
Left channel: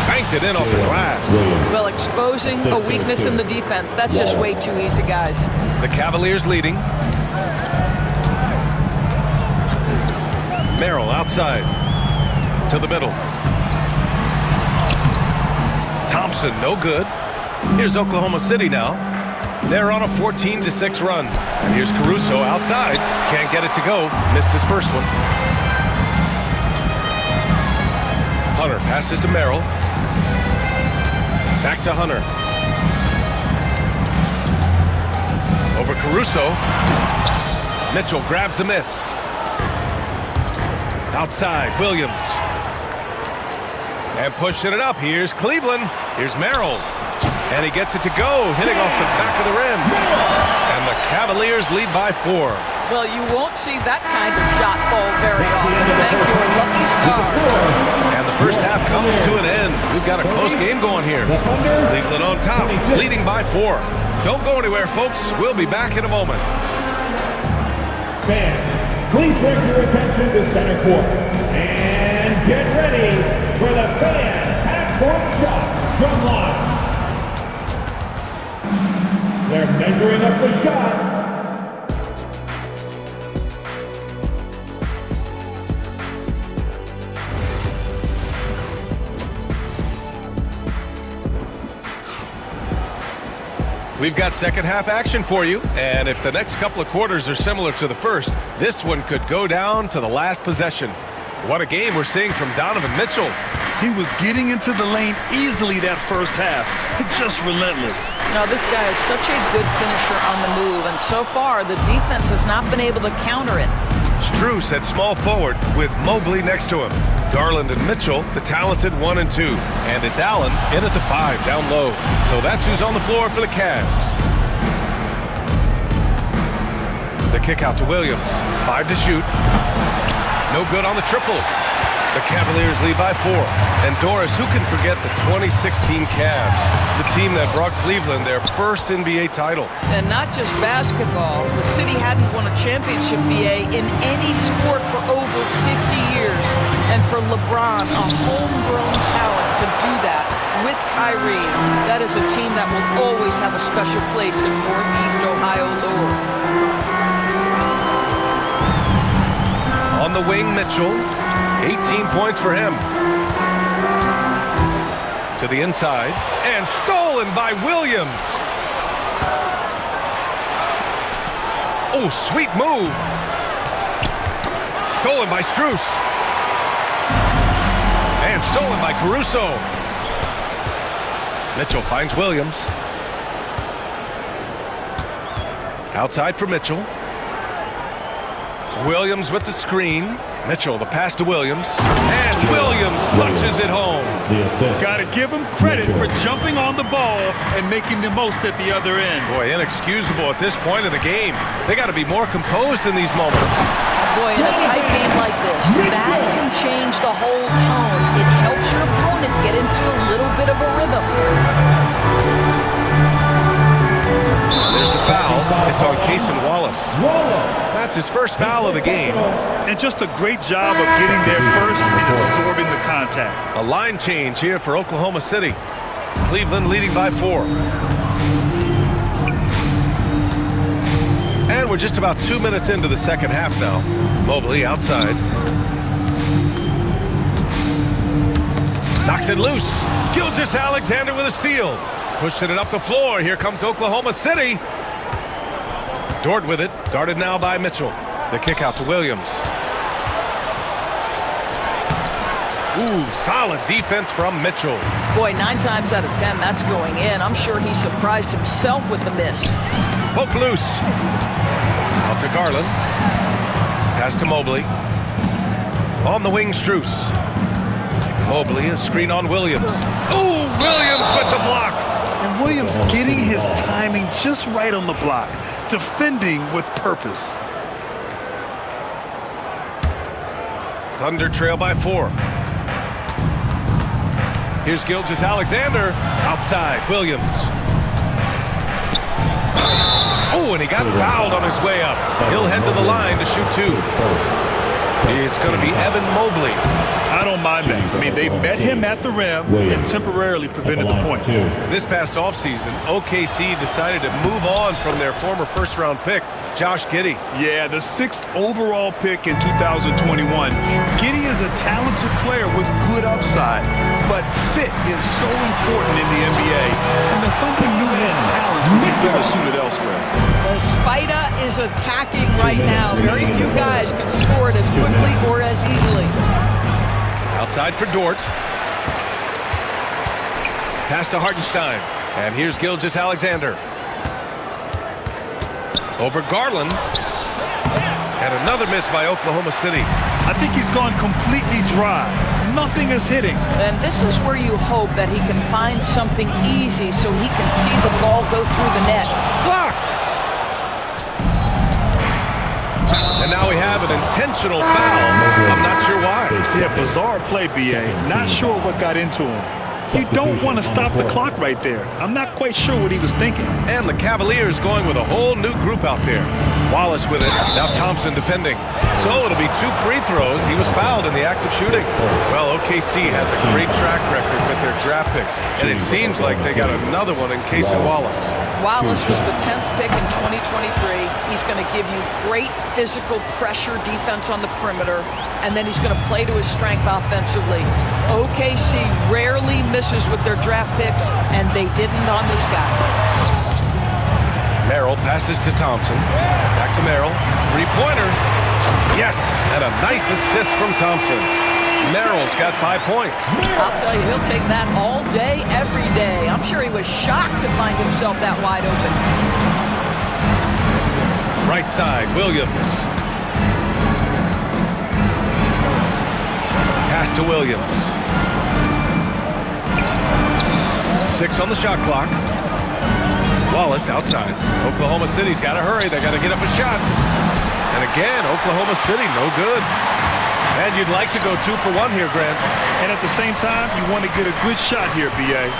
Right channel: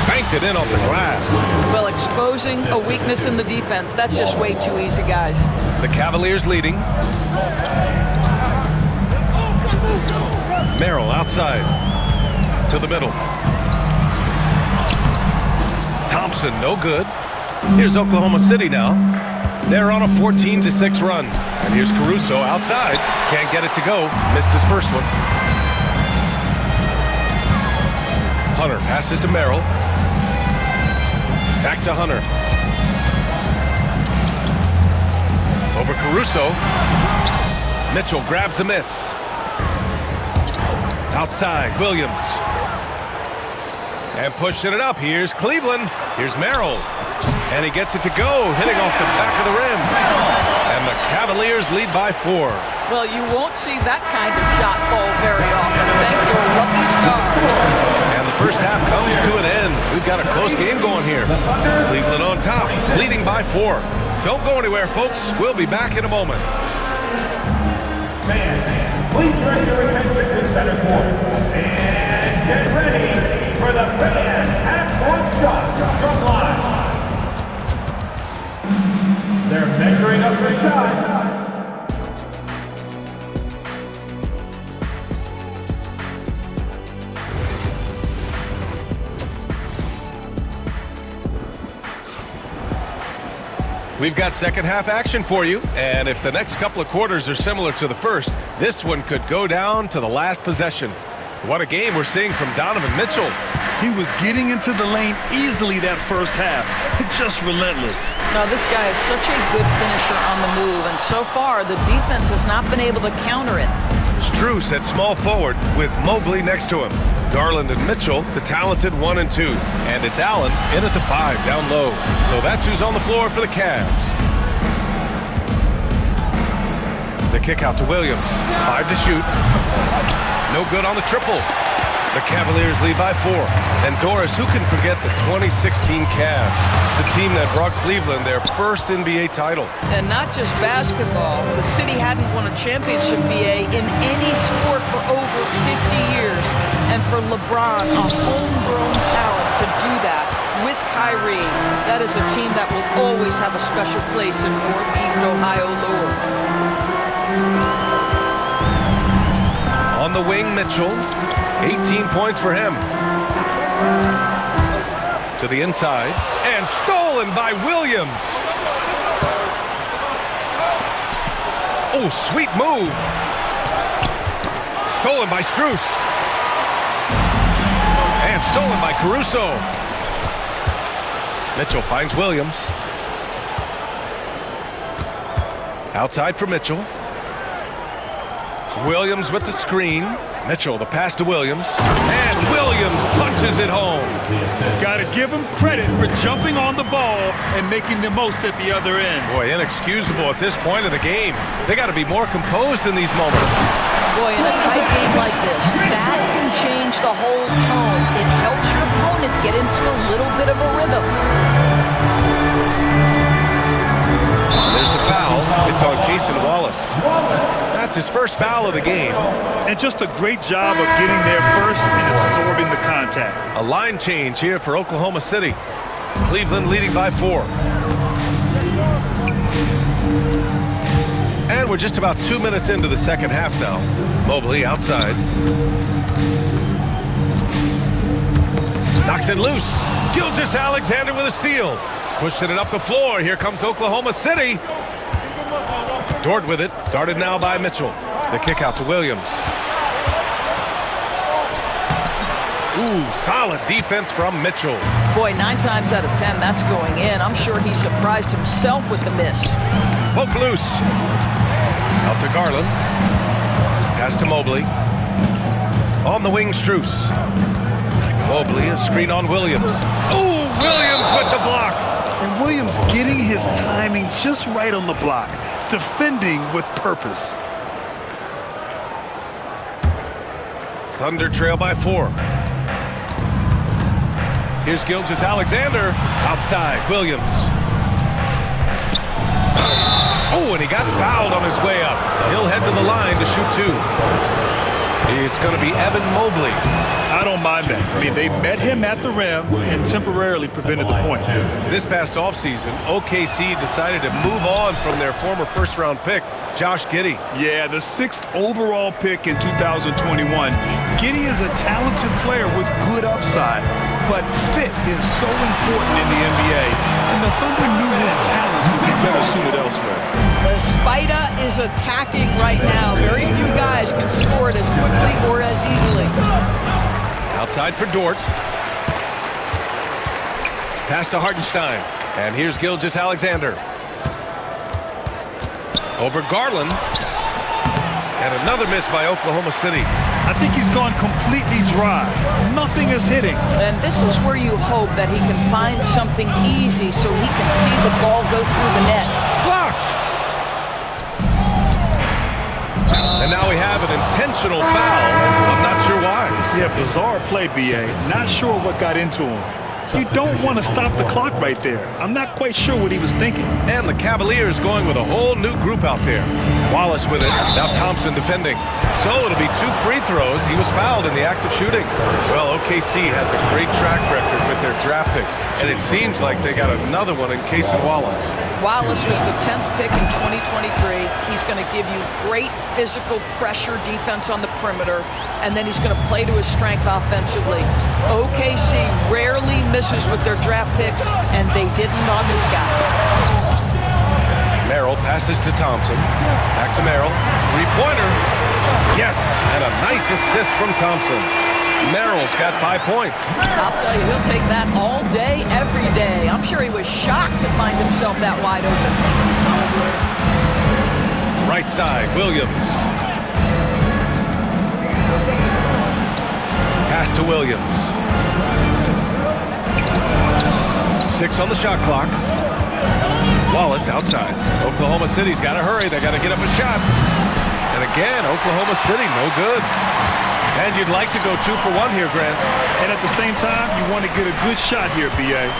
Banked it in off the glass. Well, exposing a weakness in the defense. That's just way too easy, guys. The Cavaliers leading. Merrill outside. To the middle. Thompson, no good. Here's Oklahoma City now. They're on a 14-6 run. And here's Caruso outside. Can't get it to go. Missed his first one. Hunter passes to Merrill. Back to Hunter. Over Caruso. Mitchell grabs a miss. Outside, Williams. And pushing it up. Here's Cleveland. Here's Merrill. And he gets it to go, hitting off the back of the rim. And the Cavaliers lead by 4. Well, you won't see that kind of shot fall very often. Thank your lucky stars. And the first half comes to an end. We've got a close game going here. Cleveland on top, leading by 4. Don't go anywhere, folks. We'll be back in a moment. Fans, please direct your attention to center court. And get ready for the fan half-court shot from line. They're measuring up the shot. We've got second half action for you, and if the next couple of quarters are similar to the first, this one could go down to the last possession. What a game we're seeing from Donovan Mitchell. He was getting into the lane easily that first half. Just relentless. Now, this guy is such a good finisher on the move, and so far, the defense has not been able to counter it. Strus at small forward with Mobley next to him. Garland and Mitchell, the talented 1 and 2. And it's Allen in at the 5, down low. So that's who's on the floor for the Cavs. The kick out to Williams. 5 to shoot. No good on the triple. The Cavaliers lead by 4. And Doris, who can forget the 2016 Cavs, the team that brought Cleveland their first NBA title. And not just basketball. The city hadn't won a championship, BA, in any sport for over 50 years. And for LeBron, a homegrown talent, to do that with Kyrie, that is a team that will always have a special place in Northeast Ohio lore. On the wing, Mitchell. 18 points for him. To the inside. And stolen by Williams. Oh, sweet move. Stolen by Strus. And stolen by Caruso. Mitchell finds Williams. Outside for Mitchell. Williams with the screen. Mitchell, the pass to Williams. And Williams punches it home. Got to give him credit for jumping on the ball and making the most at the other end. Boy, inexcusable at this point of the game. They got to be more composed in these moments. Boy, in a tight game like this, that can change the whole tone. It helps your opponent get into a little bit of a rhythm. There's the foul. It's on Cason Wallace. That's his first foul of the game. And just a great job of getting there first and absorbing the contact. A line change here for Oklahoma City. Cleveland leading by 4. And we're just about 2 minutes into the second half now. Mobley outside. Knocks it loose. Gilgeous-Alexander with a steal. Pushing it up the floor. Here comes Oklahoma City. Dort with it. Guarded now by Mitchell. The kick out to Williams. Ooh, solid defense from Mitchell. Boy, 9 times out of 10, that's going in. I'm sure he surprised himself with the miss. Poke loose. Out to Garland. Pass to Mobley. On the wing, Strus. Mobley, a screen on Williams. Ooh, Williams with the block. And Williams getting his timing just right on the block. Defending with purpose. Thunder trail by 4. Here's Gilgeous-Alexander. Outside, Williams. Oh, and he got fouled on his way up. He'll head to the line to shoot 2. It's going to be Evan Mobley. I don't mind that. I mean, they met him at the rim and temporarily prevented the points. This past offseason, OKC decided to move on from their former first-round pick, Josh Giddey. Yeah, the 6th overall pick in 2021. Giddey is a talented player with good upside, but fit is so important in the NBA, and the Thunder knew his talents would be better suited elsewhere. The Spider is attacking right now. Very few guys can score it as quickly or as easily. Outside for Dort. Pass to Hartenstein. And here's Gilgeous-Alexander. Over Garland. And another miss by Oklahoma City. I think he's gone completely dry. Nothing is hitting. And this is where you hope that he can find something easy so he can see the ball go through the net. Blocked! And now we have an intentional foul. I'm not sure why. Yeah, bizarre play, B.A. Not sure what got into him. You don't want to stop the clock right there. I'm not quite sure what he was thinking. And the Cavaliers going with a whole new group out there. Wallace with it. Now Thompson defending. So it'll be 2 free throws. He was fouled in the act of shooting. Well, OKC has a great track record with their draft picks. And it seems like they got another one in Cason Wallace. Wallace was the 10th pick in 2023. He's going to give you great physical pressure defense on the perimeter, and then he's going to play to his strength offensively. OKC rarely misses with their draft picks, and they didn't on this guy. Merrill passes to Thompson. Back to Merrill. 3-pointer. Yes, and a nice assist from Thompson. Merrill's got 5 points. I'll tell you, he'll take that all day, every day. I'm sure he was shocked to find himself that wide open. Right side, Williams. Pass to Williams. 6 on the shot clock. Wallace outside. Oklahoma City's got to hurry. They got to get up a shot. And again, Oklahoma City, no good. And you'd like to go 2 for 1 here, Grant. And at the same time, you want to get a good shot here, B.A.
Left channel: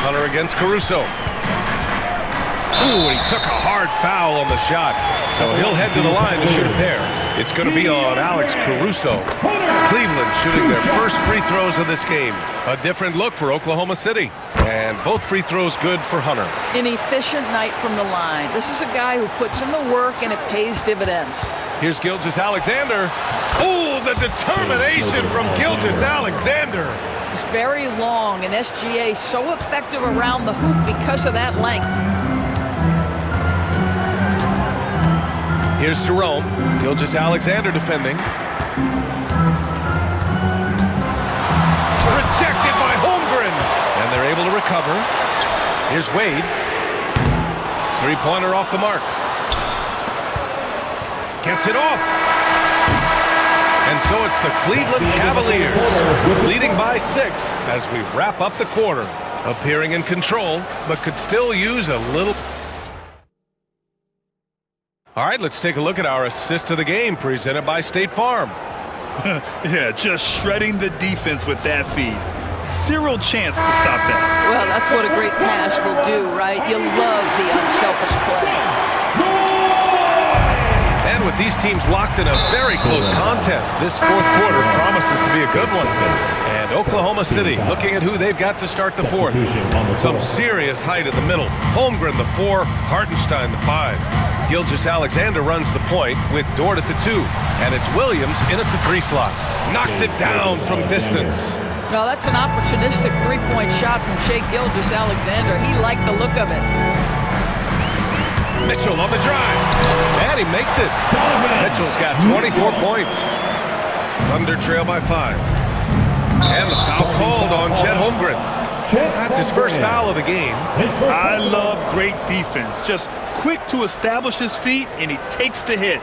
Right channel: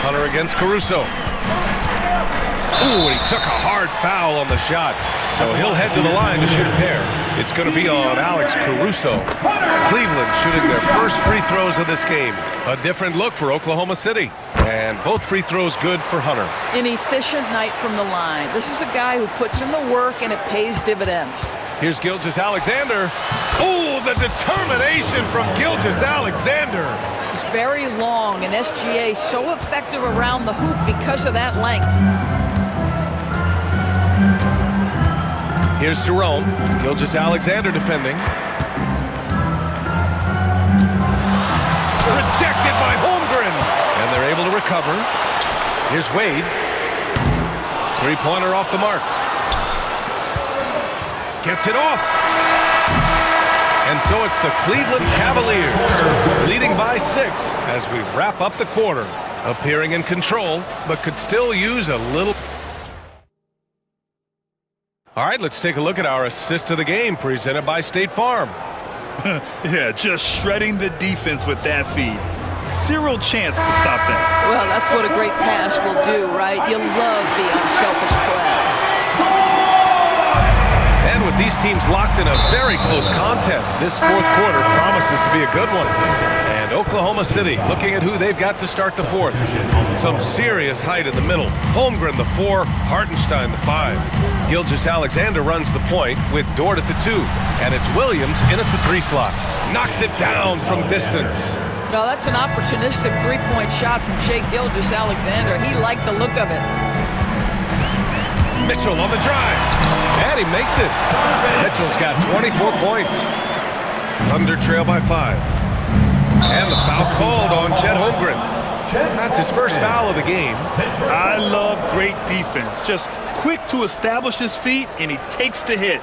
Hunter against Caruso. Ooh, and he took a hard foul on the shot. So he'll head to the line to shoot a pair. It's going to be on Alex Caruso. Cleveland shooting their first free throws of this game. A different look for Oklahoma City. And both free throws good for Hunter. An efficient night from the line. This is a guy who puts in the work and it pays dividends. Here's Gilgeous-Alexander. Oh, the determination from Gilgeous-Alexander. He's very long, and SGA so effective around the hoop because of that length. Here's Jerome. Gilgeous-Alexander defending. Rejected by Holmgren. And they're able to recover. Here's Wade. 3-pointer off the mark. Gets it off. And so it's the Cleveland Cavaliers leading by 6 as we wrap up the quarter. Appearing in control, but could still use a little All right, let's take a look at our assist of the game presented by State Farm. Yeah, just shredding the defense with that feed. Zero chance to stop that. Well, that's what a great pass will do, right? You love the unselfish play. And with these teams locked in a very close contest, this fourth quarter promises to be a good one. And Oklahoma City looking at who they've got to start the fourth. Some serious height in the middle. Holmgren, the 4, Hartenstein, the 5. Gilgeous-Alexander runs the point with Dort at the 2. And it's Williams in at the 3 slot. Knocks it down from distance. Well, that's an opportunistic three-point shot from Shai Gilgeous-Alexander. He liked the look of it. Mitchell on the drive. And he makes it. Mitchell's got 24 points. Thunder trail by 5. And the foul called on Chet Holmgren. That's his first foul of the game. I love great defense. Just quick to establish his feet, and he takes the hit.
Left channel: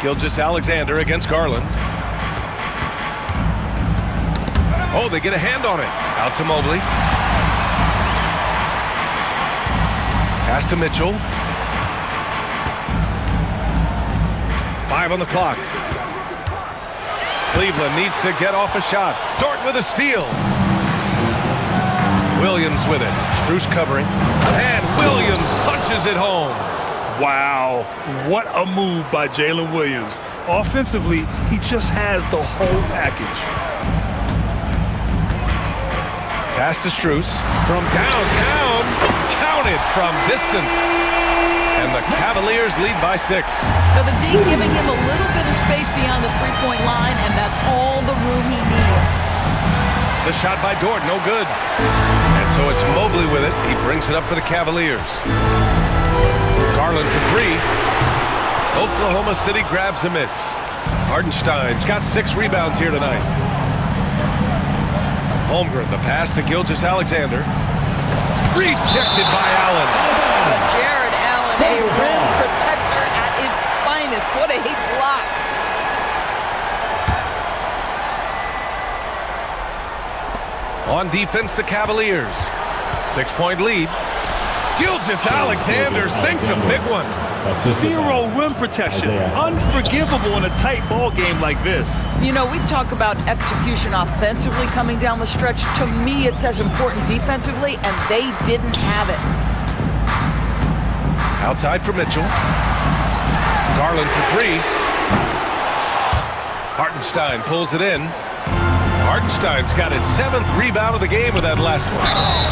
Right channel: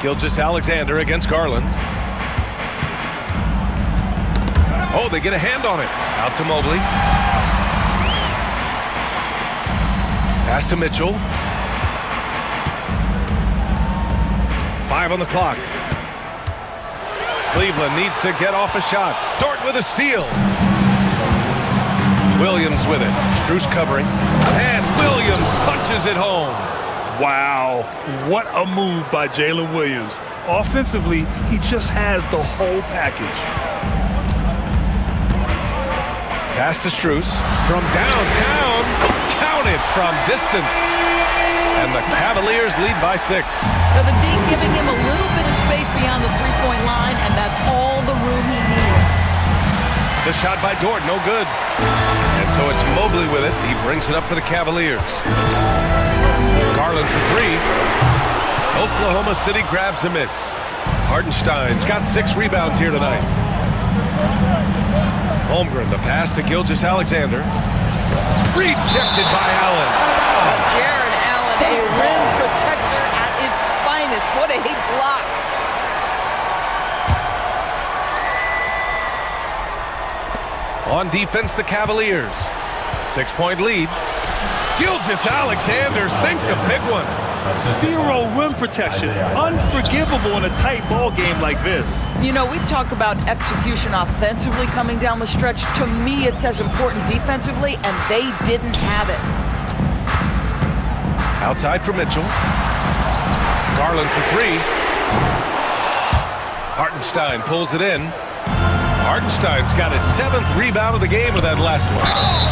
Gilgeous-Alexander against Garland. Oh, they get a hand on it. Out to Mobley. Pass to Mitchell. 5 on the clock. Cleveland needs to get off a shot. Dort with a steal. Williams with it. Strus covering. And Williams punches it home. Wow, what a move by Jalen Williams. Offensively, he just has the whole package. Pass to Strus from downtown. Counted from distance. And the Cavaliers lead by 6. So the D giving him a little bit of space beyond the three-point line, and that's all the room he needs. The shot by Dort, no good. And so it's Mobley with it. He brings it up for the Cavaliers. Garland for 3. Oklahoma City grabs a miss. Hartenstein's got 6 rebounds here tonight. Holmgren, the pass to Gilgeous-Alexander. Rejected by Allen. But Jared Allen, a rim protector at its finest. What a block. On defense, the Cavaliers. 6-point lead. Gilgeous-Alexander sinks a big one. Zero rim protection. Unforgivable in a tight ball game like this. You know, we talk about execution offensively coming down the stretch. To me, it's as important defensively, and they didn't have it. Outside for Mitchell. Garland for 3. Hartenstein pulls it in. Hartenstein's got his 7th rebound of the game with that last one.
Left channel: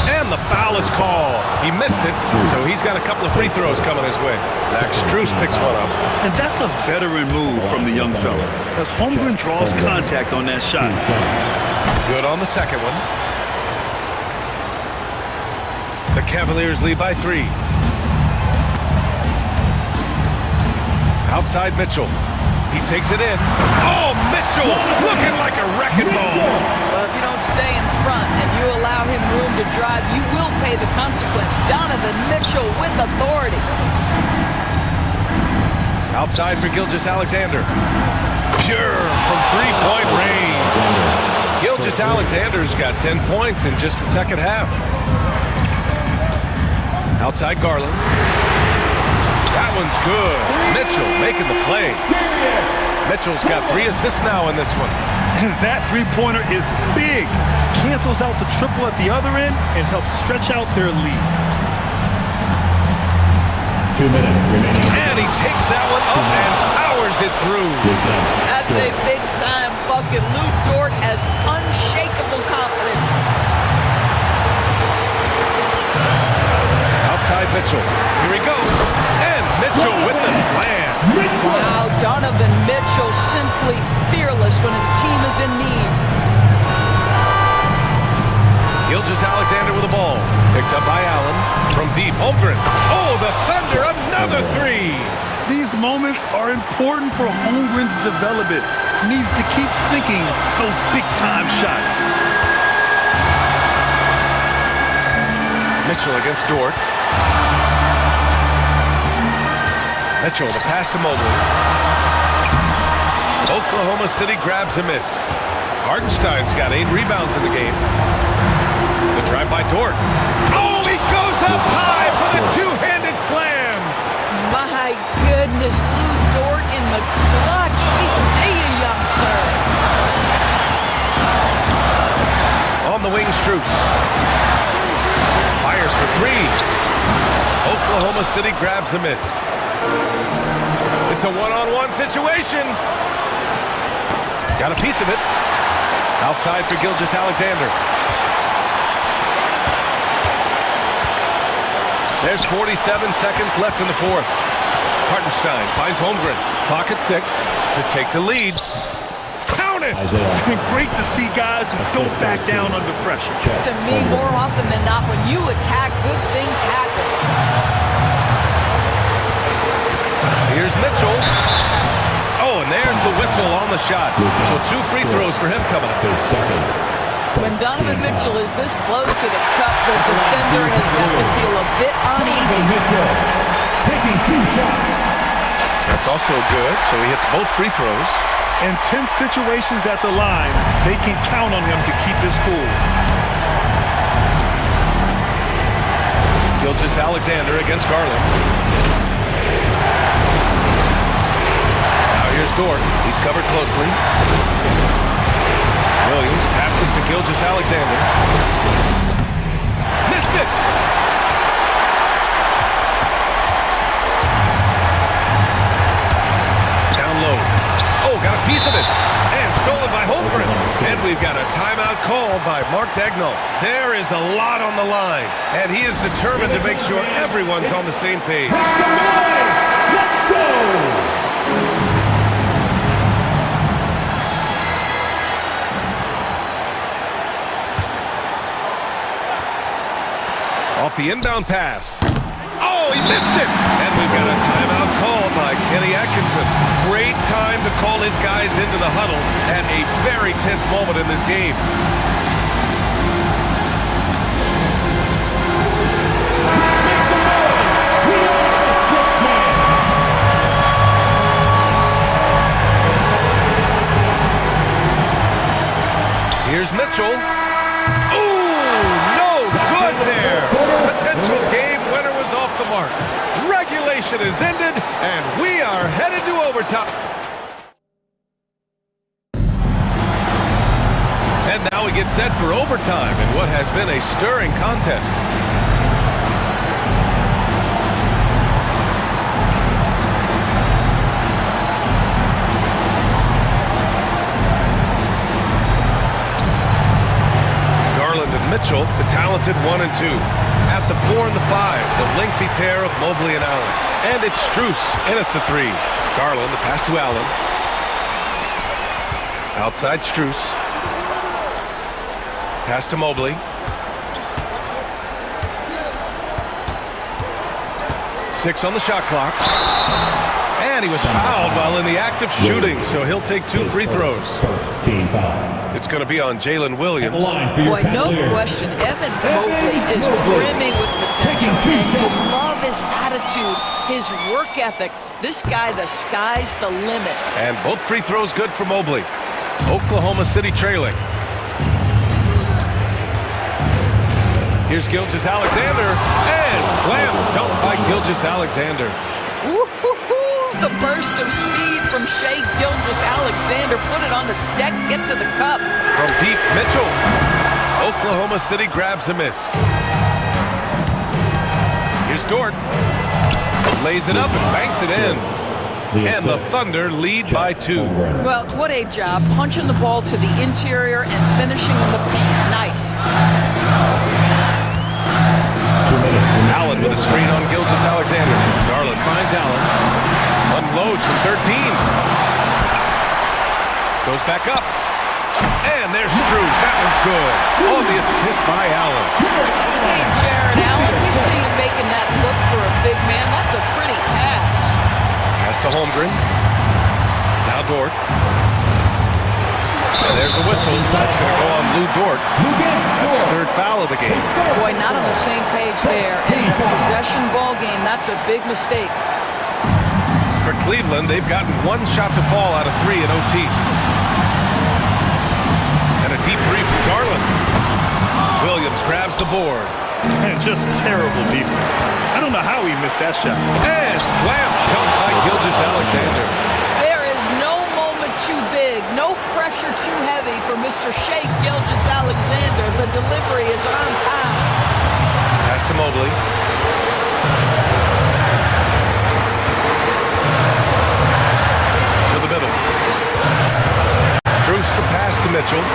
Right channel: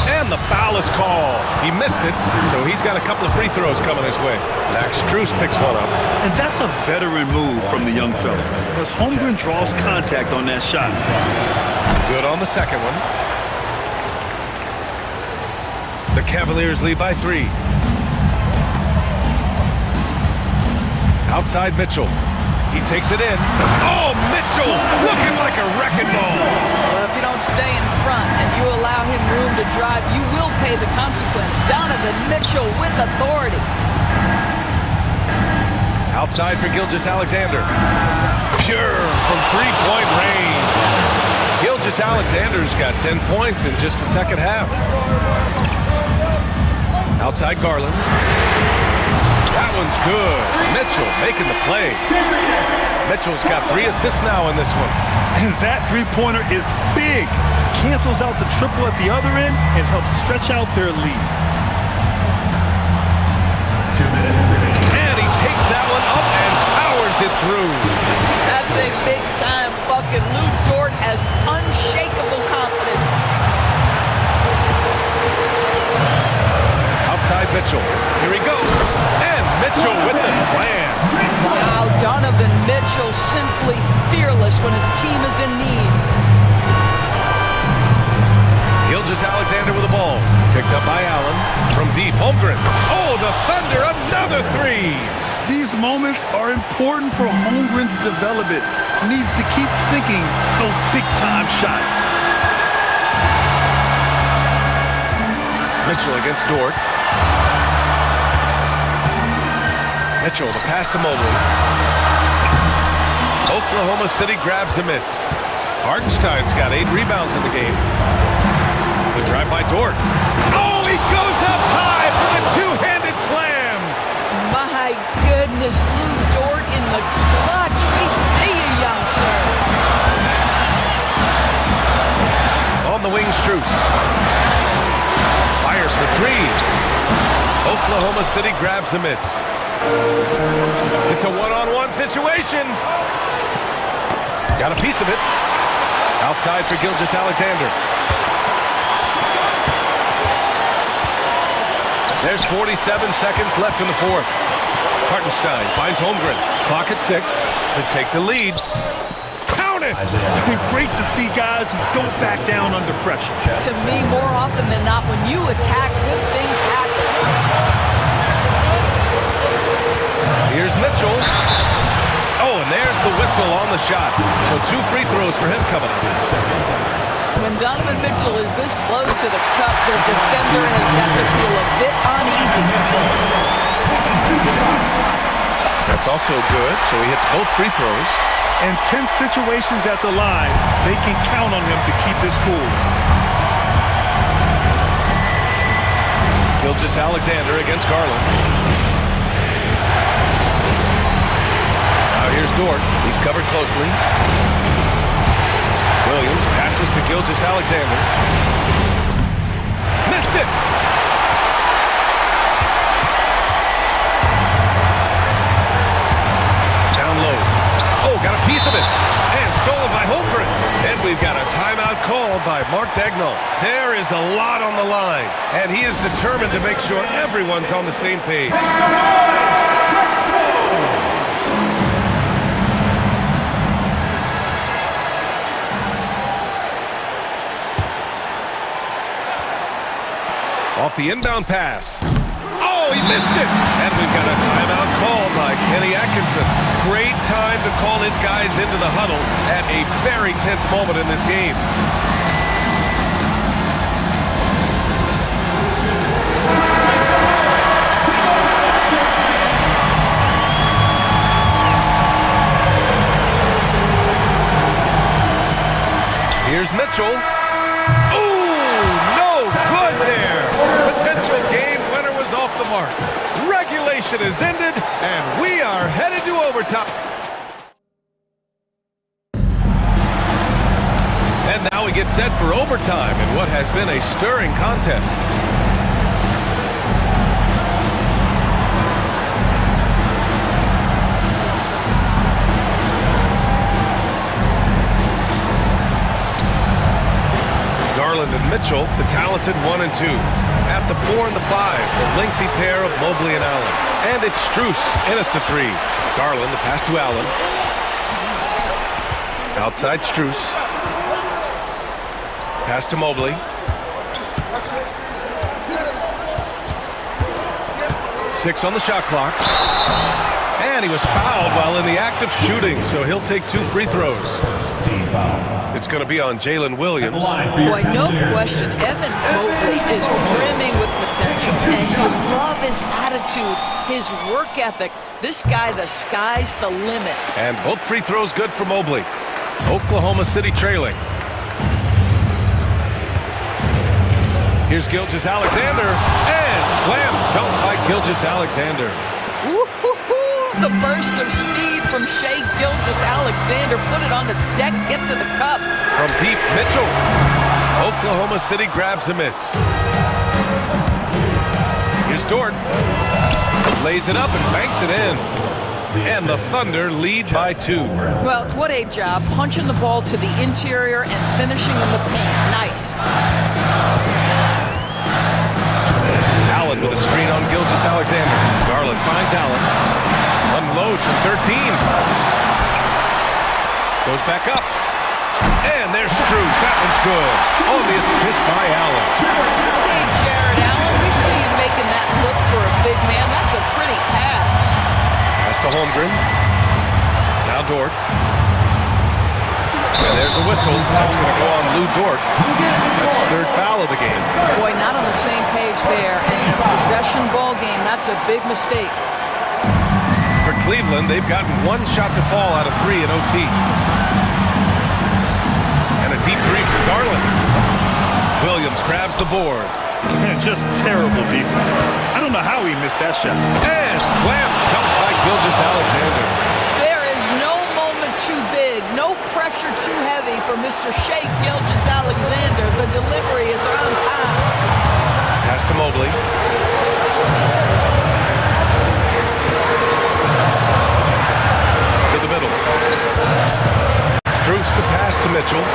And the foul is called. He missed it, so he's got a couple of free throws coming his way. Max Strus picks one up. And that's a veteran move from the young fella, as Holmgren draws contact on that shot. Good on the second one. The Cavaliers lead by 3. Outside Mitchell. He takes it in. Oh, Mitchell looking like a wrecking ball. Well, if you don't stay in front and you allow him room to drive, you will pay the consequence. Donovan Mitchell with authority. Outside for Gilgeous-Alexander. Pure from 3-point range. Gilgeous-Alexander's got 10 points in just the second half. Outside Garland. That one's good. Mitchell making the play. Mitchell's got 3 assists now in this one. And that three-pointer is big. Cancels out the triple at the other end and helps stretch out their lead. 2 minutes remaining. And he takes that one up and powers it through. That's a big-time bucket. Lou Dort has unshakable confidence. Outside Mitchell. Here he goes. And Mitchell with the slam. Wow, Donovan Mitchell simply fearless when his team is in need. Gilgeous-Alexander with the ball. Picked up by Allen. From deep, Holmgren. Oh, the Thunder, another 3. These moments are important for Holmgren's development. Needs to keep sinking those big-time shots. Mitchell against Dort. Mitchell, the pass to Mobley. Oklahoma City grabs a miss. Hartenstein's got 8 rebounds in the game. The drive by Dort. Oh, he goes up high for the two-handed slam. My goodness, Lou Dort in the clutch. We see you, young sir. On the wing, Strus. Fires for three. Oklahoma City grabs a miss. It's a one-on-one situation. Got a piece of it. Outside for Gilgeous-Alexander. There's 47 seconds left in the fourth. Hartenstein finds Holmgren. Clock at 6 to take the lead. Count it! Great to see guys who don't back down under pressure. To me, more often than not, when you attack, good things happen. Here's Mitchell. Oh, and there's the whistle on the shot. So 2 free throws for him coming up. When Donovan Mitchell is this close to the cup, the defender has got to feel a bit uneasy. Taking 2 shots. That's also good, so he hits both free throws. In tense situations at the line, they can count on him to keep his cool. Gilgeous-Alexander against Garland. Now here's Dort. He's covered closely. Williams passes to Gilgeous-Alexander. Missed it! Down low. Oh, got a piece of it. And stolen by Holmgren. And we've got a timeout called by Mark Dagnall. There is a lot on the line. And he is determined to make sure everyone's on the same page. Let's go! Off the inbound pass. Oh, he missed it! And we've got a timeout called by Kenny Atkinson. Great time to call his guys into the huddle at a very tense moment in this game. Here's Mitchell. Ooh, no good there. Potential game winner was off the mark. Regulation is ended, and we are headed to overtime. And now we get set for overtime in what has been a stirring contest. Garland and Mitchell, the talented 1 and 2. At the 4 and the 5, the lengthy pair of Mobley and Allen. And it's Strus in at the 3. Garland, the pass to Allen. Outside Strus. Pass to Mobley. Six on the shot clock. And he was fouled while in the act of shooting, so he'll take 2 free throws. Team foul. It's going to be on Jalen Williams. Boy, no question, Evan Mobley is brimming with potential, and you love his attitude, his work ethic. This guy, the sky's the limit. And both free throws good for Mobley. Oklahoma City trailing. Here's Gilgeous-Alexander, and slam dunk by Gilgeous-Alexander. The burst of speed from Shai Gilgeous-Alexander. Put it on the deck, get to the cup. From deep, Mitchell. Oklahoma City grabs a miss. Here's Dort. Lays it up and banks it in. And the Thunder lead by 2. Well, what a job. Punching the ball to the interior and finishing in the paint. Nice. Allen with a screen on Gilgeous-Alexander. Garland finds Allen. Unloads from 13. Goes back up. And there's Strus. That one's good. On the assist by Allen. Hey, Jared Allen, we see you making that look for a big man. That's a pretty pass. Pass to Holmgren. Now Dort. And there's a whistle. That's going to go on Lou Dort. That's his 3rd foul of the game. Boy, not on the same page there. And in a possession ball game, that's a big mistake. For Cleveland, they've gotten 1 shot to fall out of 3 in OT. And a deep 3 from Garland. Williams grabs the board. Just terrible defense. I don't know how he missed that shot. And slam dunk by Gilgeous-Alexander. There is no moment too big, no pressure too heavy for Mr. Shake Gilgeous-Alexander. The delivery is on time. Pass to Mobley. To the middle. Strus the pass to Mitchell.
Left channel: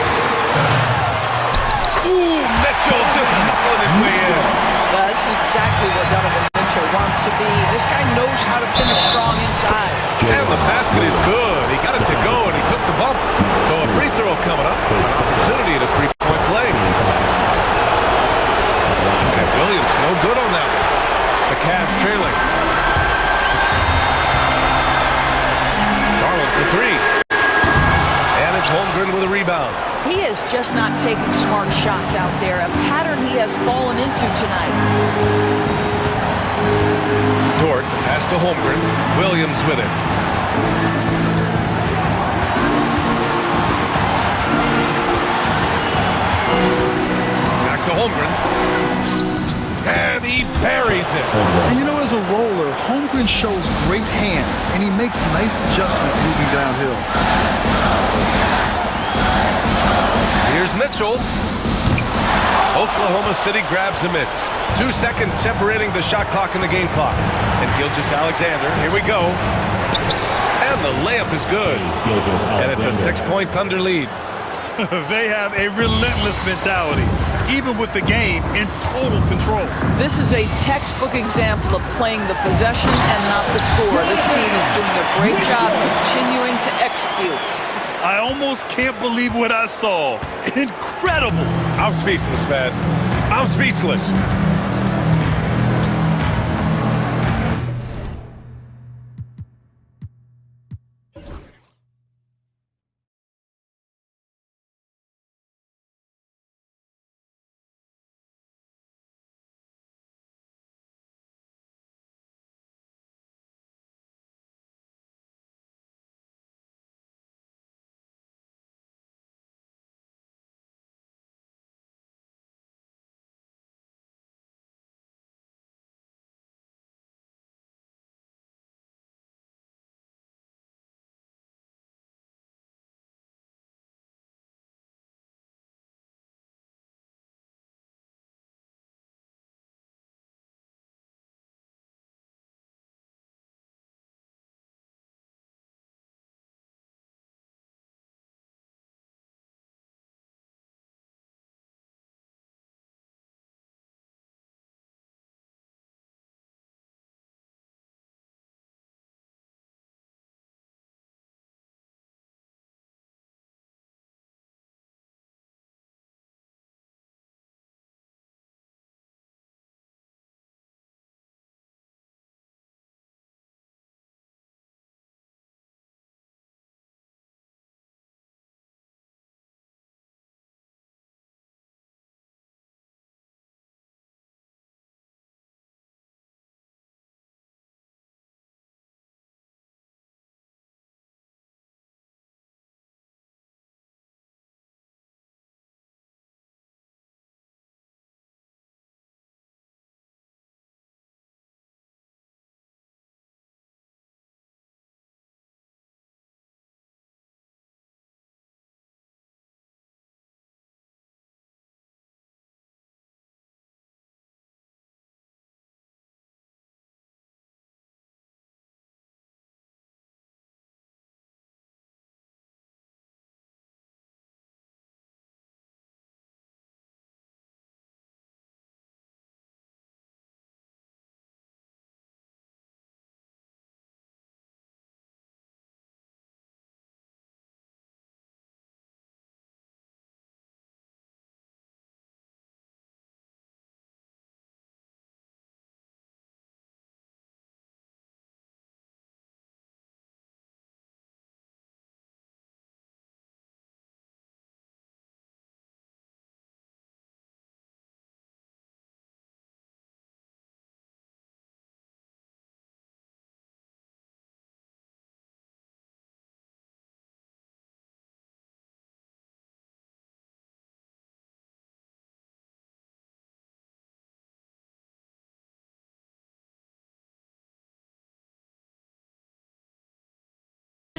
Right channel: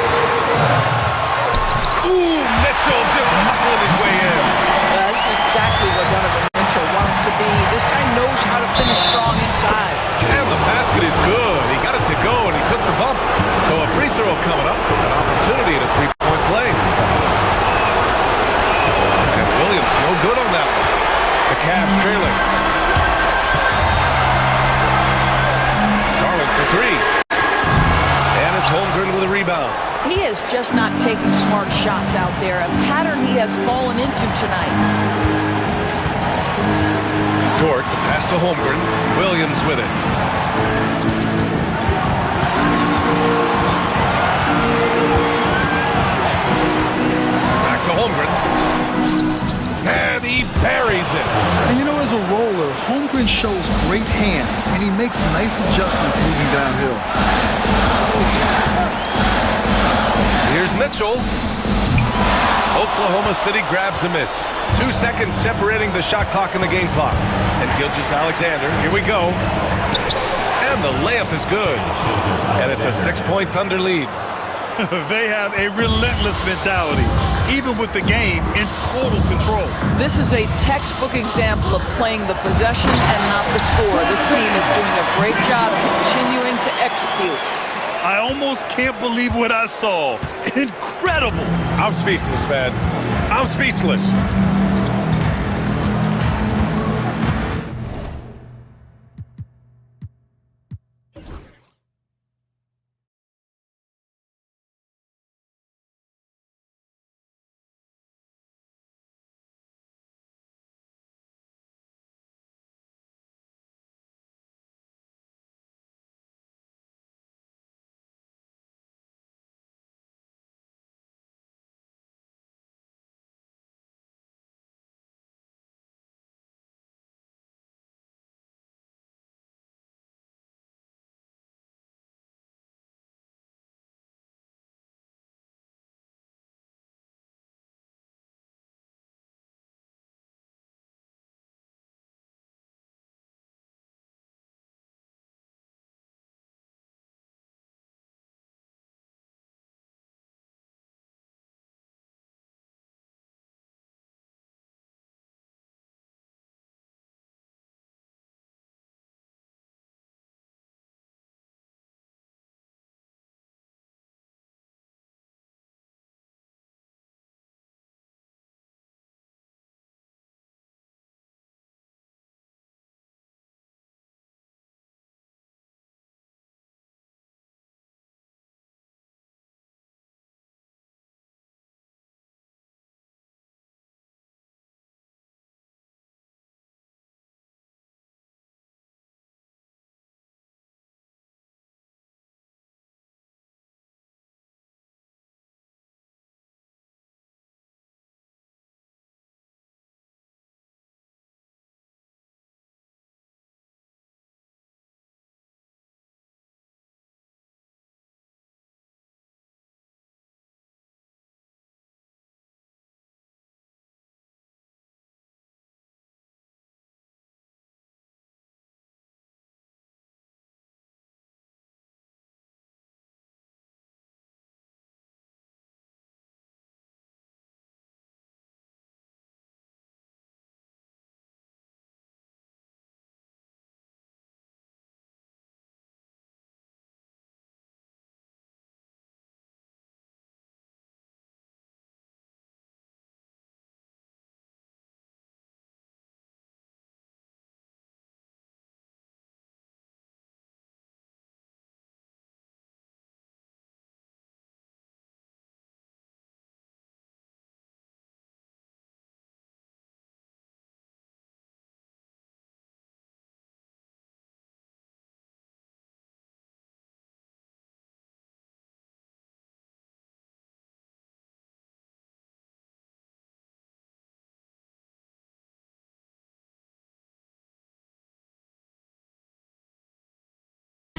Ooh, Mitchell just muscling his way in. This is exactly what Donovan Mitchell wants to be. This guy knows how to finish strong inside. And the basket is good. He got it to go, and he took the bump. So a free throw coming up. An opportunity at a three-point play. And Williams no good on that one. The Cavs trailing. Garland for three. And it's Holmgren with a rebound. He is just not taking smart shots out there, a pattern he has fallen into tonight. Dort, the pass to Holmgren. Williams with it. Back to Holmgren. And he buries it. And you know, as a roller, Holmgren shows great hands, and he makes nice adjustments moving downhill. Here's Mitchell. Oklahoma City grabs a miss. 2 seconds separating the shot clock and the game clock. And Gilgeous-Alexander, here we go. And the layup is good. And it's a 6-point Thunder lead. They have a relentless mentality, even with the game in total control. This is a textbook example of playing the possession and not the score. This team is doing a great job continuing to execute. I almost can't believe what I saw. Incredible. I'm speechless, man. I'm speechless.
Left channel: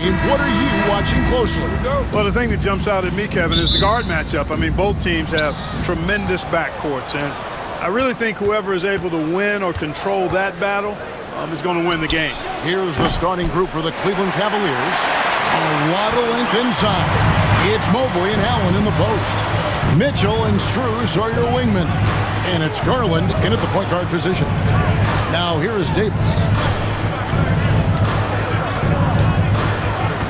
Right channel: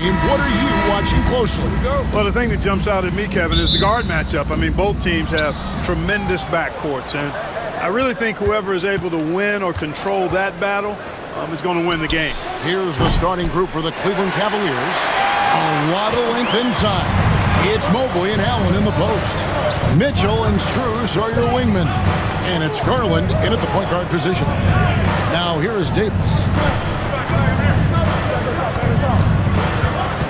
And what are you watching closely? Well, the thing that jumps out at me, Kevin, is the guard matchup. I mean, both teams have tremendous backcourts, and I really think whoever is able to win or control that battle is going to win the game. Here's the starting group for the Cleveland Cavaliers. A lot of length inside. It's Mobley and Allen in the post. Mitchell and Strus are your wingmen. And it's Garland in at the point guard position. Now here is Davis.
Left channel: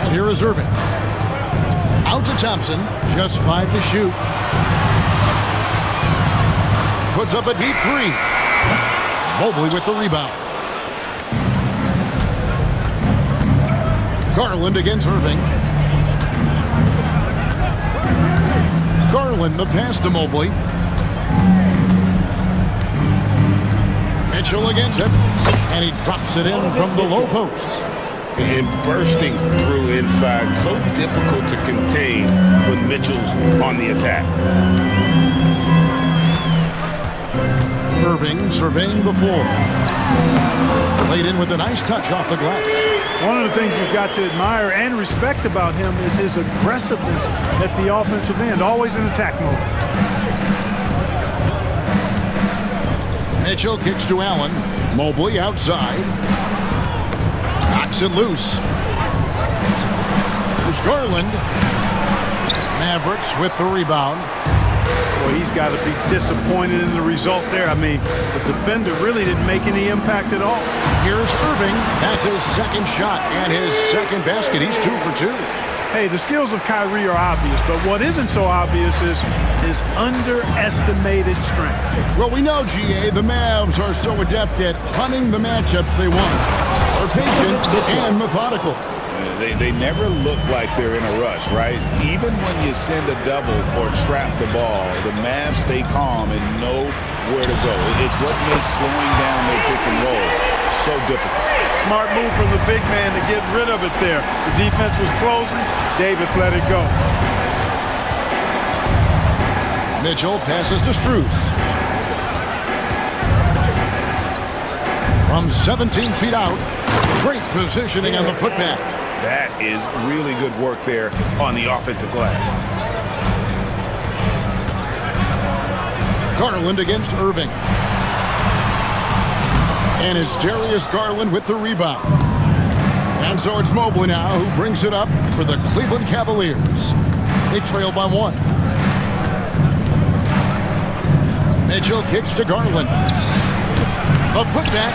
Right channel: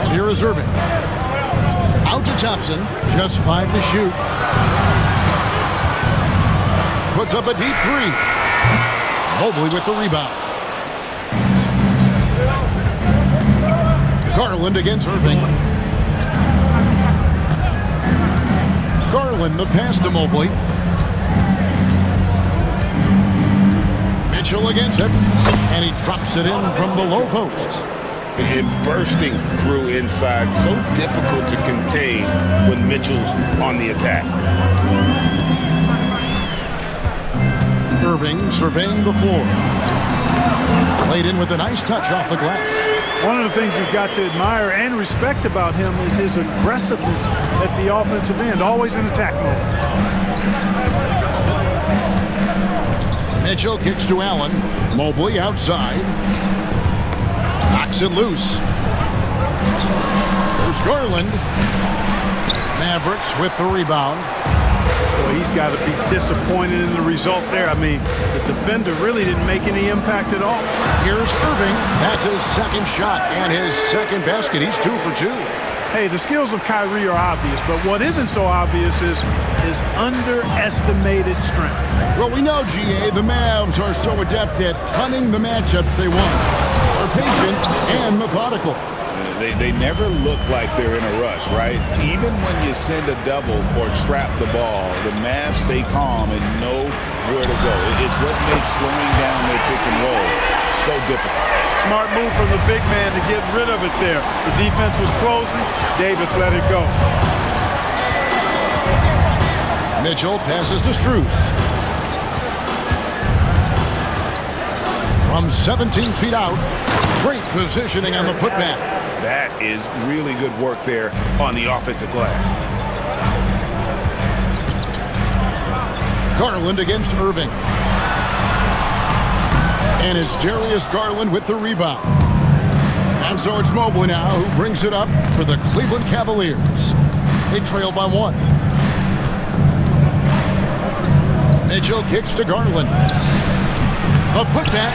And here is Irving. Out to Thompson. Just 5 to shoot. Puts up a deep three. Mobley with the rebound. Garland against Irving. Garland the pass to Mobley. Mitchell against Edwards. And he drops it in from the low post. And bursting through inside. So difficult to contain when Mitchell's on the attack. Irving surveying the floor. Played in with a nice touch off the glass. One of the things you've got to admire and respect about him is his aggressiveness at the offensive end, always in attack mode. Mitchell kicks to Allen. Mobley outside. Knocks it loose. There's Garland. Mavericks with the rebound. Boy, he's got to be disappointed in the result there. I mean, the defender really didn't make any impact at all. Here's Irving. That's his second shot and his second basket. He's 2 for 2. Hey, the skills of Kyrie are obvious, but what isn't so obvious is his underestimated strength. Well, we know, GA, the Mavs are so adept at hunting the matchups they want. They're patient and methodical. They never look like they're in a rush, right? Even when you send a double or trap the ball, the Mavs stay calm and know where to go. It's what makes slowing down their pick and roll so difficult. Smart move from the big man to get rid of it there. The defense was closing. Davis let it go. Mitchell passes to Strus. From 17 feet out, great positioning on the putback. That is really good work there on the offensive glass. Garland against Irving. And it's Darius Garland with the rebound. And so it's Mobley now who brings it up for the Cleveland Cavaliers. They trail by 1. Mitchell kicks to Garland. A putback.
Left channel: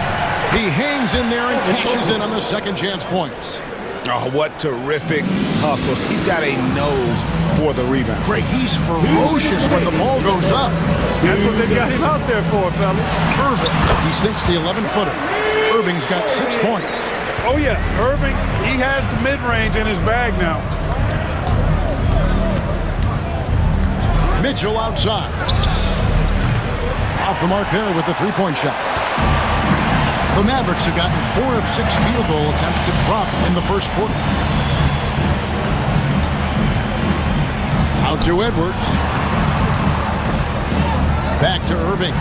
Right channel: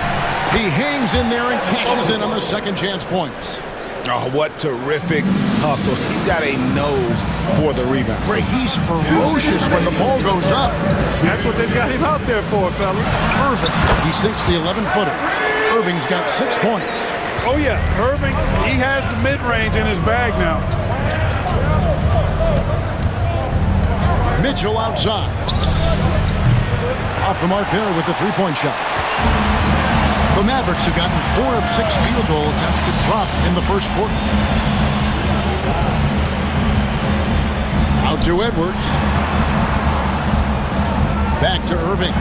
He hangs in there and cashes in on the second chance points. Oh, what terrific hustle. He's got a nose for the rebound. Great. He's ferocious when the ball goes up. That's what they've got him out there for, fella. Irving. He sinks the 11-footer. Irving's got 6 points. Oh, yeah. Irving, he has the mid-range in his bag now. Mitchell outside. Off the mark there with the three-point shot. The Mavericks have gotten 4 of 6 field goal attempts to drop in the first quarter. Out to Edwards. Back to Irving.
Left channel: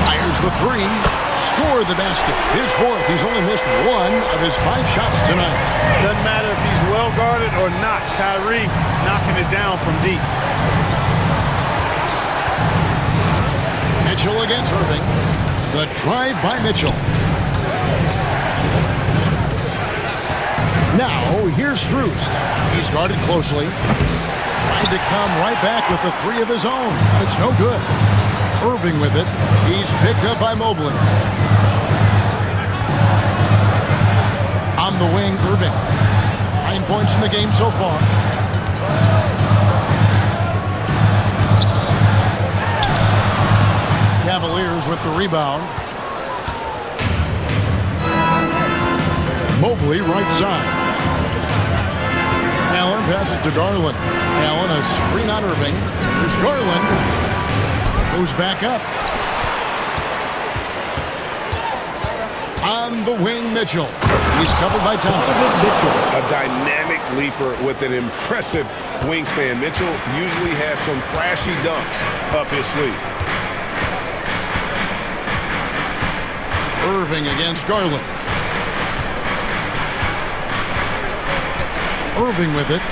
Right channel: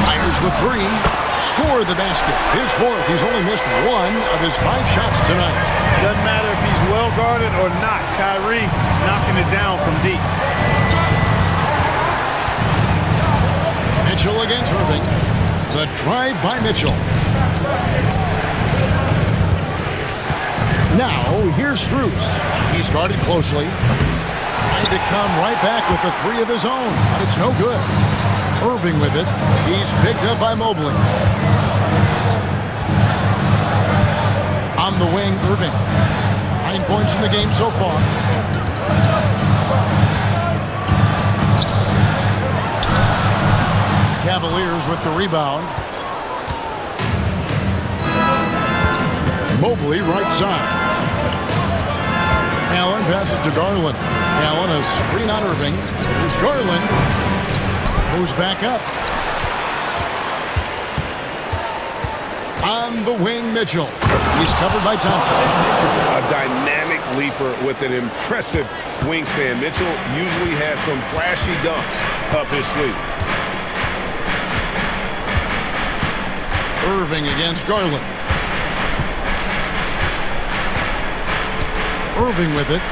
Fires the 3. Scored the basket. His 4th. He's only missed 1 of his 5 shots tonight. Doesn't matter if he's well guarded or not. Kyrie knocking it down from deep. Mitchell against Irving. The drive by Mitchell. Now, here's Strus. He's guarded closely. Trying to come right back with the 3 of his own, but it's no good. Irving with it. He's picked up by Mobley. On the wing, Irving. 9 points in the game so far. Cavaliers with the rebound. Mobley right side. Allen passes to Garland. Allen a screen on Irving. There's Garland. Goes back up. On the wing, Mitchell. He's covered by Thompson. A dynamic leaper with an impressive wingspan. Mitchell usually has some flashy dunks up his sleeve. Irving against Garland. Irving with it.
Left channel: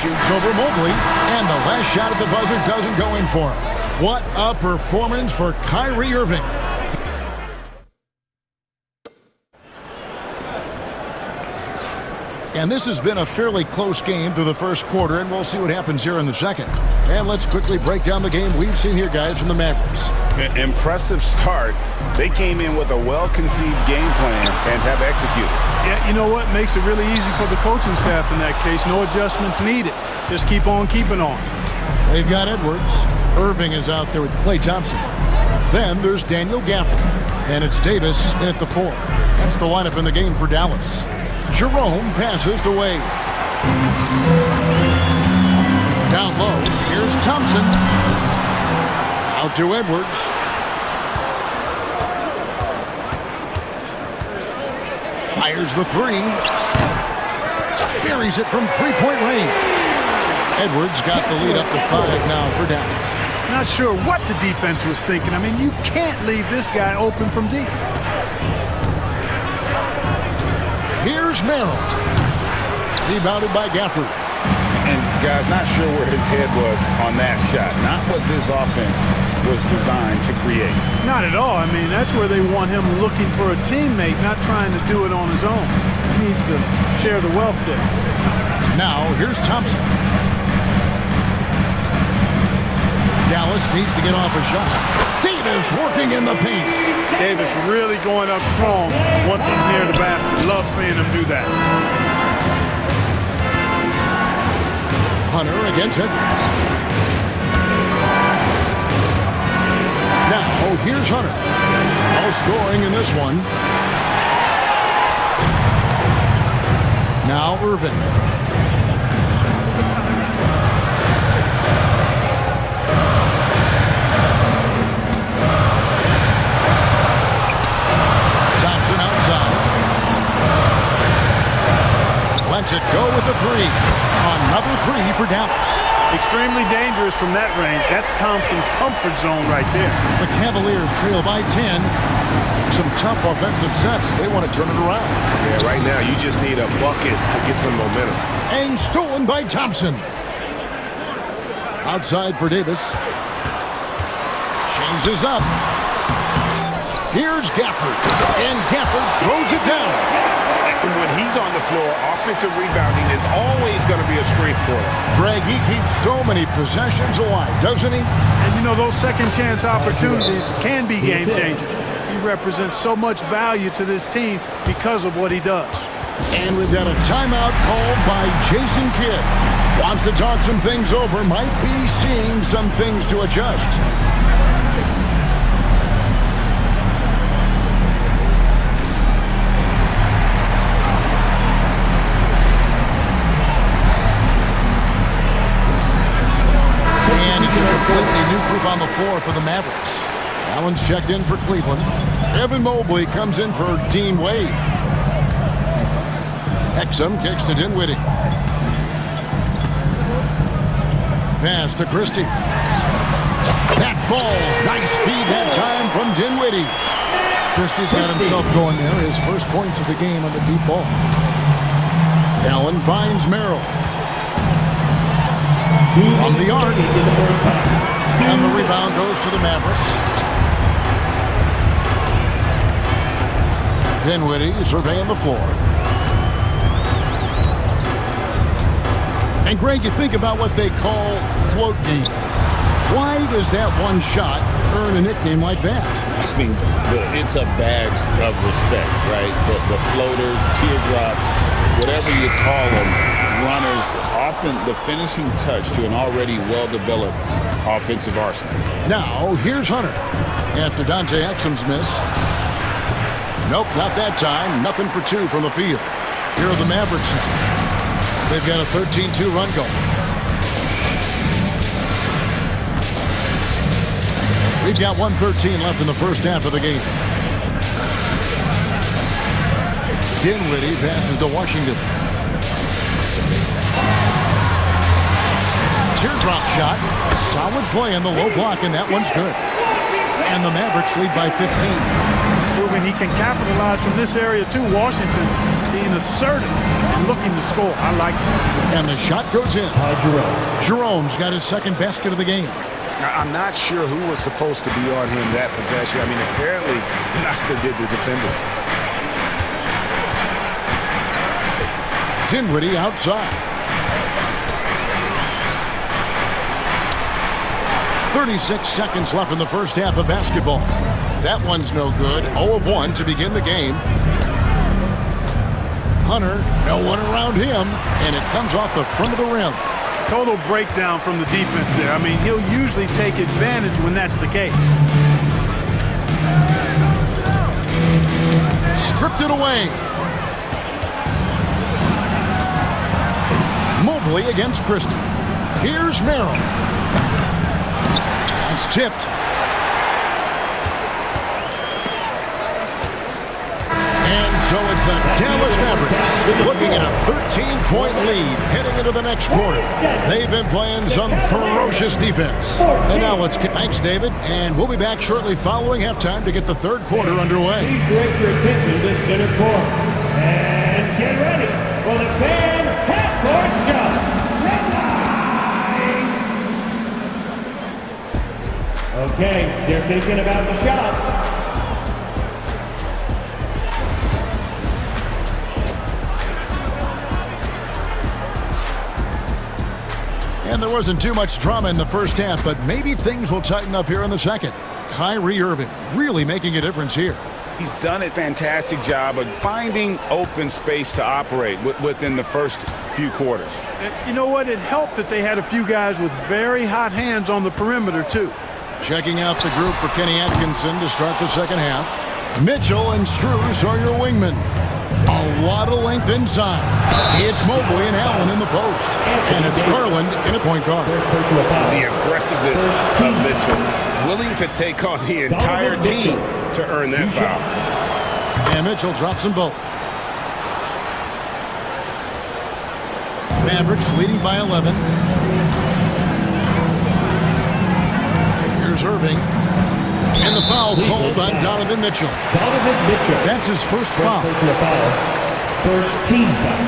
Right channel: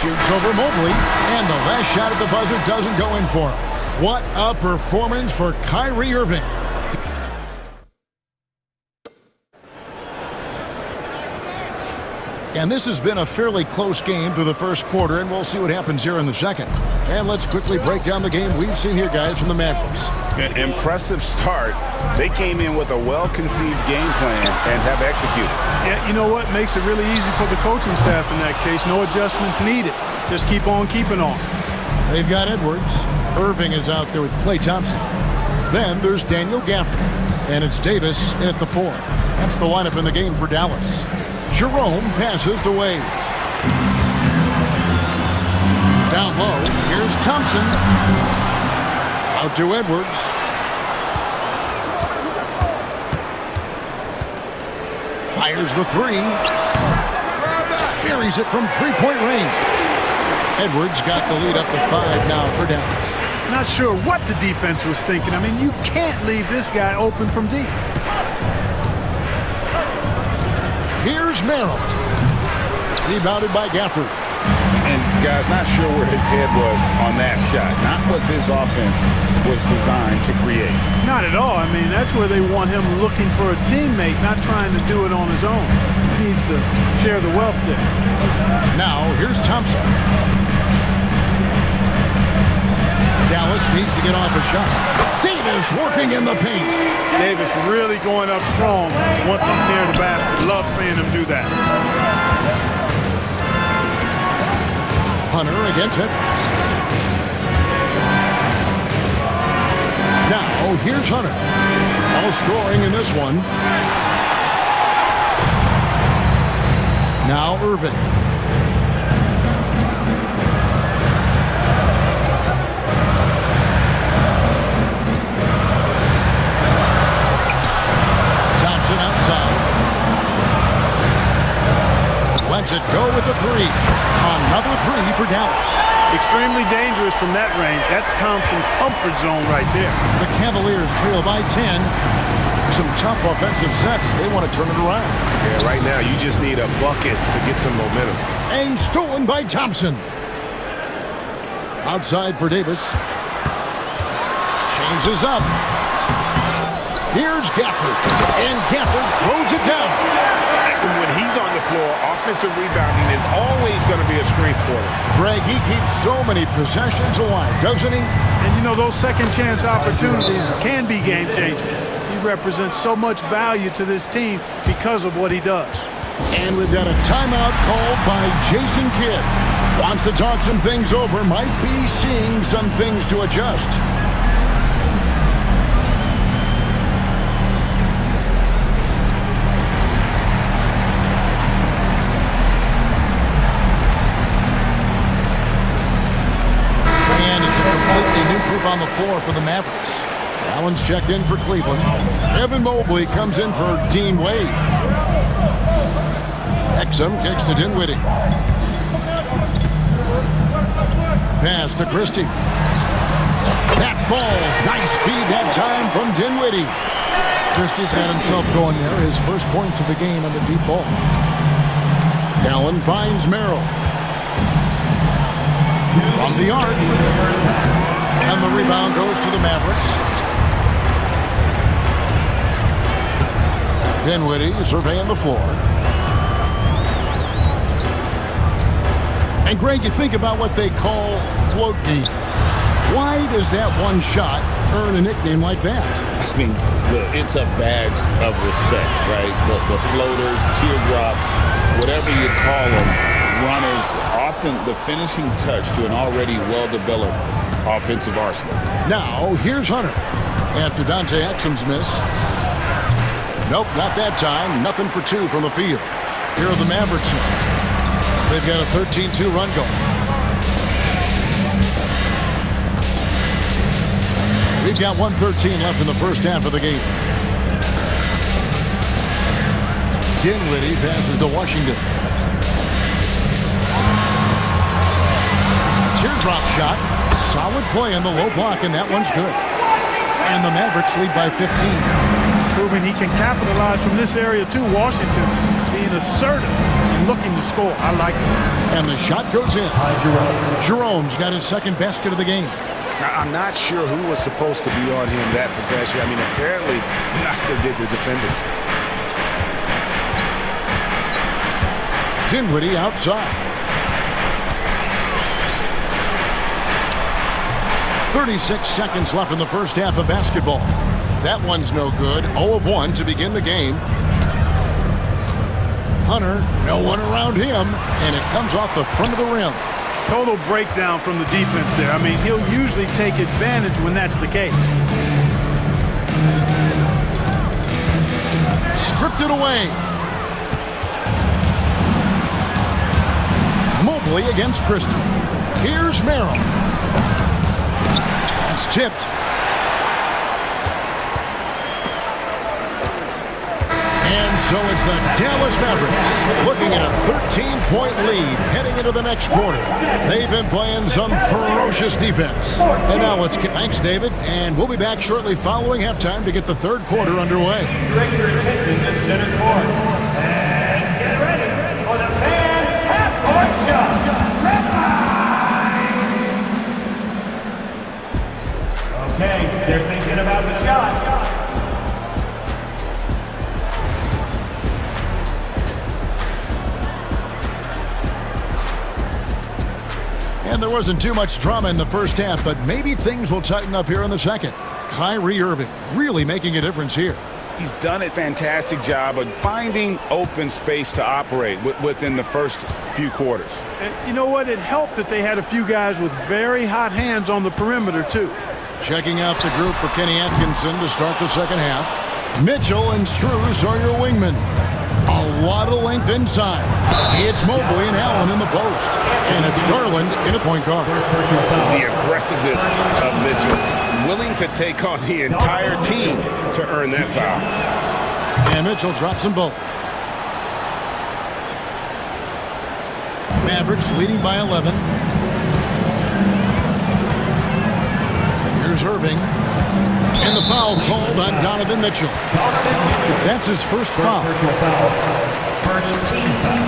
Shoots over Mobley, and the last shot at the buzzer doesn't go in for him. What a performance for Kyrie Irving. And this has been a fairly close game through the first quarter, and we'll see what happens here in the second. And let's quickly break down the game we've seen here, guys, from the Mavericks. Impressive start. They came in with a well-conceived game plan and have executed. Yeah, you know what? Makes it really easy for the coaching staff in that case. No adjustments needed. Just keep on keeping on. They've got Edwards. Irving is out there with Klay Thompson. Then there's Daniel Gafford. And it's Davis in at the 4. That's the lineup in the game for Dallas. Jerome passes to Wade. Down low, here's Thompson. Out to Edwards. Fires the 3. Buries it from three-point range. Edwards got the lead up to 5 now for Dallas. Not sure what the defense was thinking. I mean, you can't leave this guy open from deep. Here's Merrill. Rebounded by Gafford. And, guys, not sure where his head was on that shot. Not what this offense was designed to create. Not at all. I mean, that's where they want him looking for a teammate, not trying to do it on his own. He needs to share the wealth there. Now, here's Thompson. Dallas needs to get off a shot. Davis working in the paint. Davis really going up strong once he's near the basket. Love seeing him do that. Hunter against Edwards. Now, here's Hunter. No scoring in this one. Now, Irving. Thompson outside. Lets it go with the 3. Another 3 for Dallas. Extremely dangerous from that range. That's Thompson's comfort zone right there. The Cavaliers trail by 10. Some tough offensive sets. They want to turn it around. Yeah, right now you just need a bucket to get some momentum. And stolen by Thompson. Outside for Davis. Changes up. Here's Gafford. And Gafford throws it down. When he's on the floor, offensive rebounding is always going to be a strength for them. Greg, he keeps so many possessions alive, doesn't he? And you know, those second chance opportunities can be game changers. He represents so much value to this team because of what he does. And we've got a timeout called by Jason Kidd. Wants to talk some things over, might be seeing some things to adjust. Completely new group on the floor for the Mavericks. Allen's checked in for Cleveland. Evan Mobley comes in for Dean Wade. Exum kicks to Dinwiddie. Pass to Christie. That falls. Nice feed that time from Dinwiddie. Christie's got himself going there. His first points of the game on the deep ball. Allen finds Merrill. From the arc. And the rebound goes to the Mavericks. Dinwiddie surveying the floor. And Greg, you think about what they call float game. Why does that one shot earn a nickname like that? I mean, it's a badge of respect, right? The floaters, teardrops, whatever you call them, runners, often the finishing touch to an already well-developed offensive arsenal. Now, here's Hunter. After Dante Exum's miss. Nope, not that time. Nothing for 2 from the field. Here are the Mavericks now. They've got a 13-2 run going. We've got 1:13 left in the first half of the game. Dinwiddie passes to Washington. Teardrop shot. Solid play on the low block, and that one's good. And the Mavericks lead by 15. Proving he can capitalize from this area too. Washington being assertive and looking to score. I like it. And the shot goes in. Jerome's got his second basket of the game. Now, I'm not sure who was supposed to be on him that possession. I mean, apparently neither did the defenders. Dinwiddie outside. 36 seconds left in the first half of basketball. That one's no good. 0 of 1 to begin the game. Hunter, no one around him, and it comes off the front of the rim. Total breakdown from the defense there. I mean, he'll usually take advantage when that's the case. Stripped it away. Mobley against Christie. Here's Merrill. That's tipped. And so it's the Dallas Mavericks looking at a 13-point lead heading into the next quarter. They've been playing some ferocious defense. And now let's get... Thanks, David. And we'll be back shortly following halftime to get the third quarter underway. Please direct your attention to center court. And get ready for the fan half-court shot. Red line! Okay, they're thinking about the shot. And there wasn't too much drama in the first half, but maybe things will tighten up here in the second. Kyrie Irving really making a difference here. He's done a fantastic job of finding open space to operate within the first few quarters. And you know what? It helped that they had a few guys with very hot hands on the perimeter, too. Checking out the group for Kenny Atkinson to start the second half. Mitchell and Strus are your wingmen. A lot of length inside. It's Mobley and Allen in the post. And it's Garland in a point guard. The aggressiveness of Mitchell, willing to take on the entire team to earn that foul. And Mitchell drops them both. Mavericks leading by 11. Here's Irving. And the foul called on Donovan Mitchell. That's his first foul. First team foul.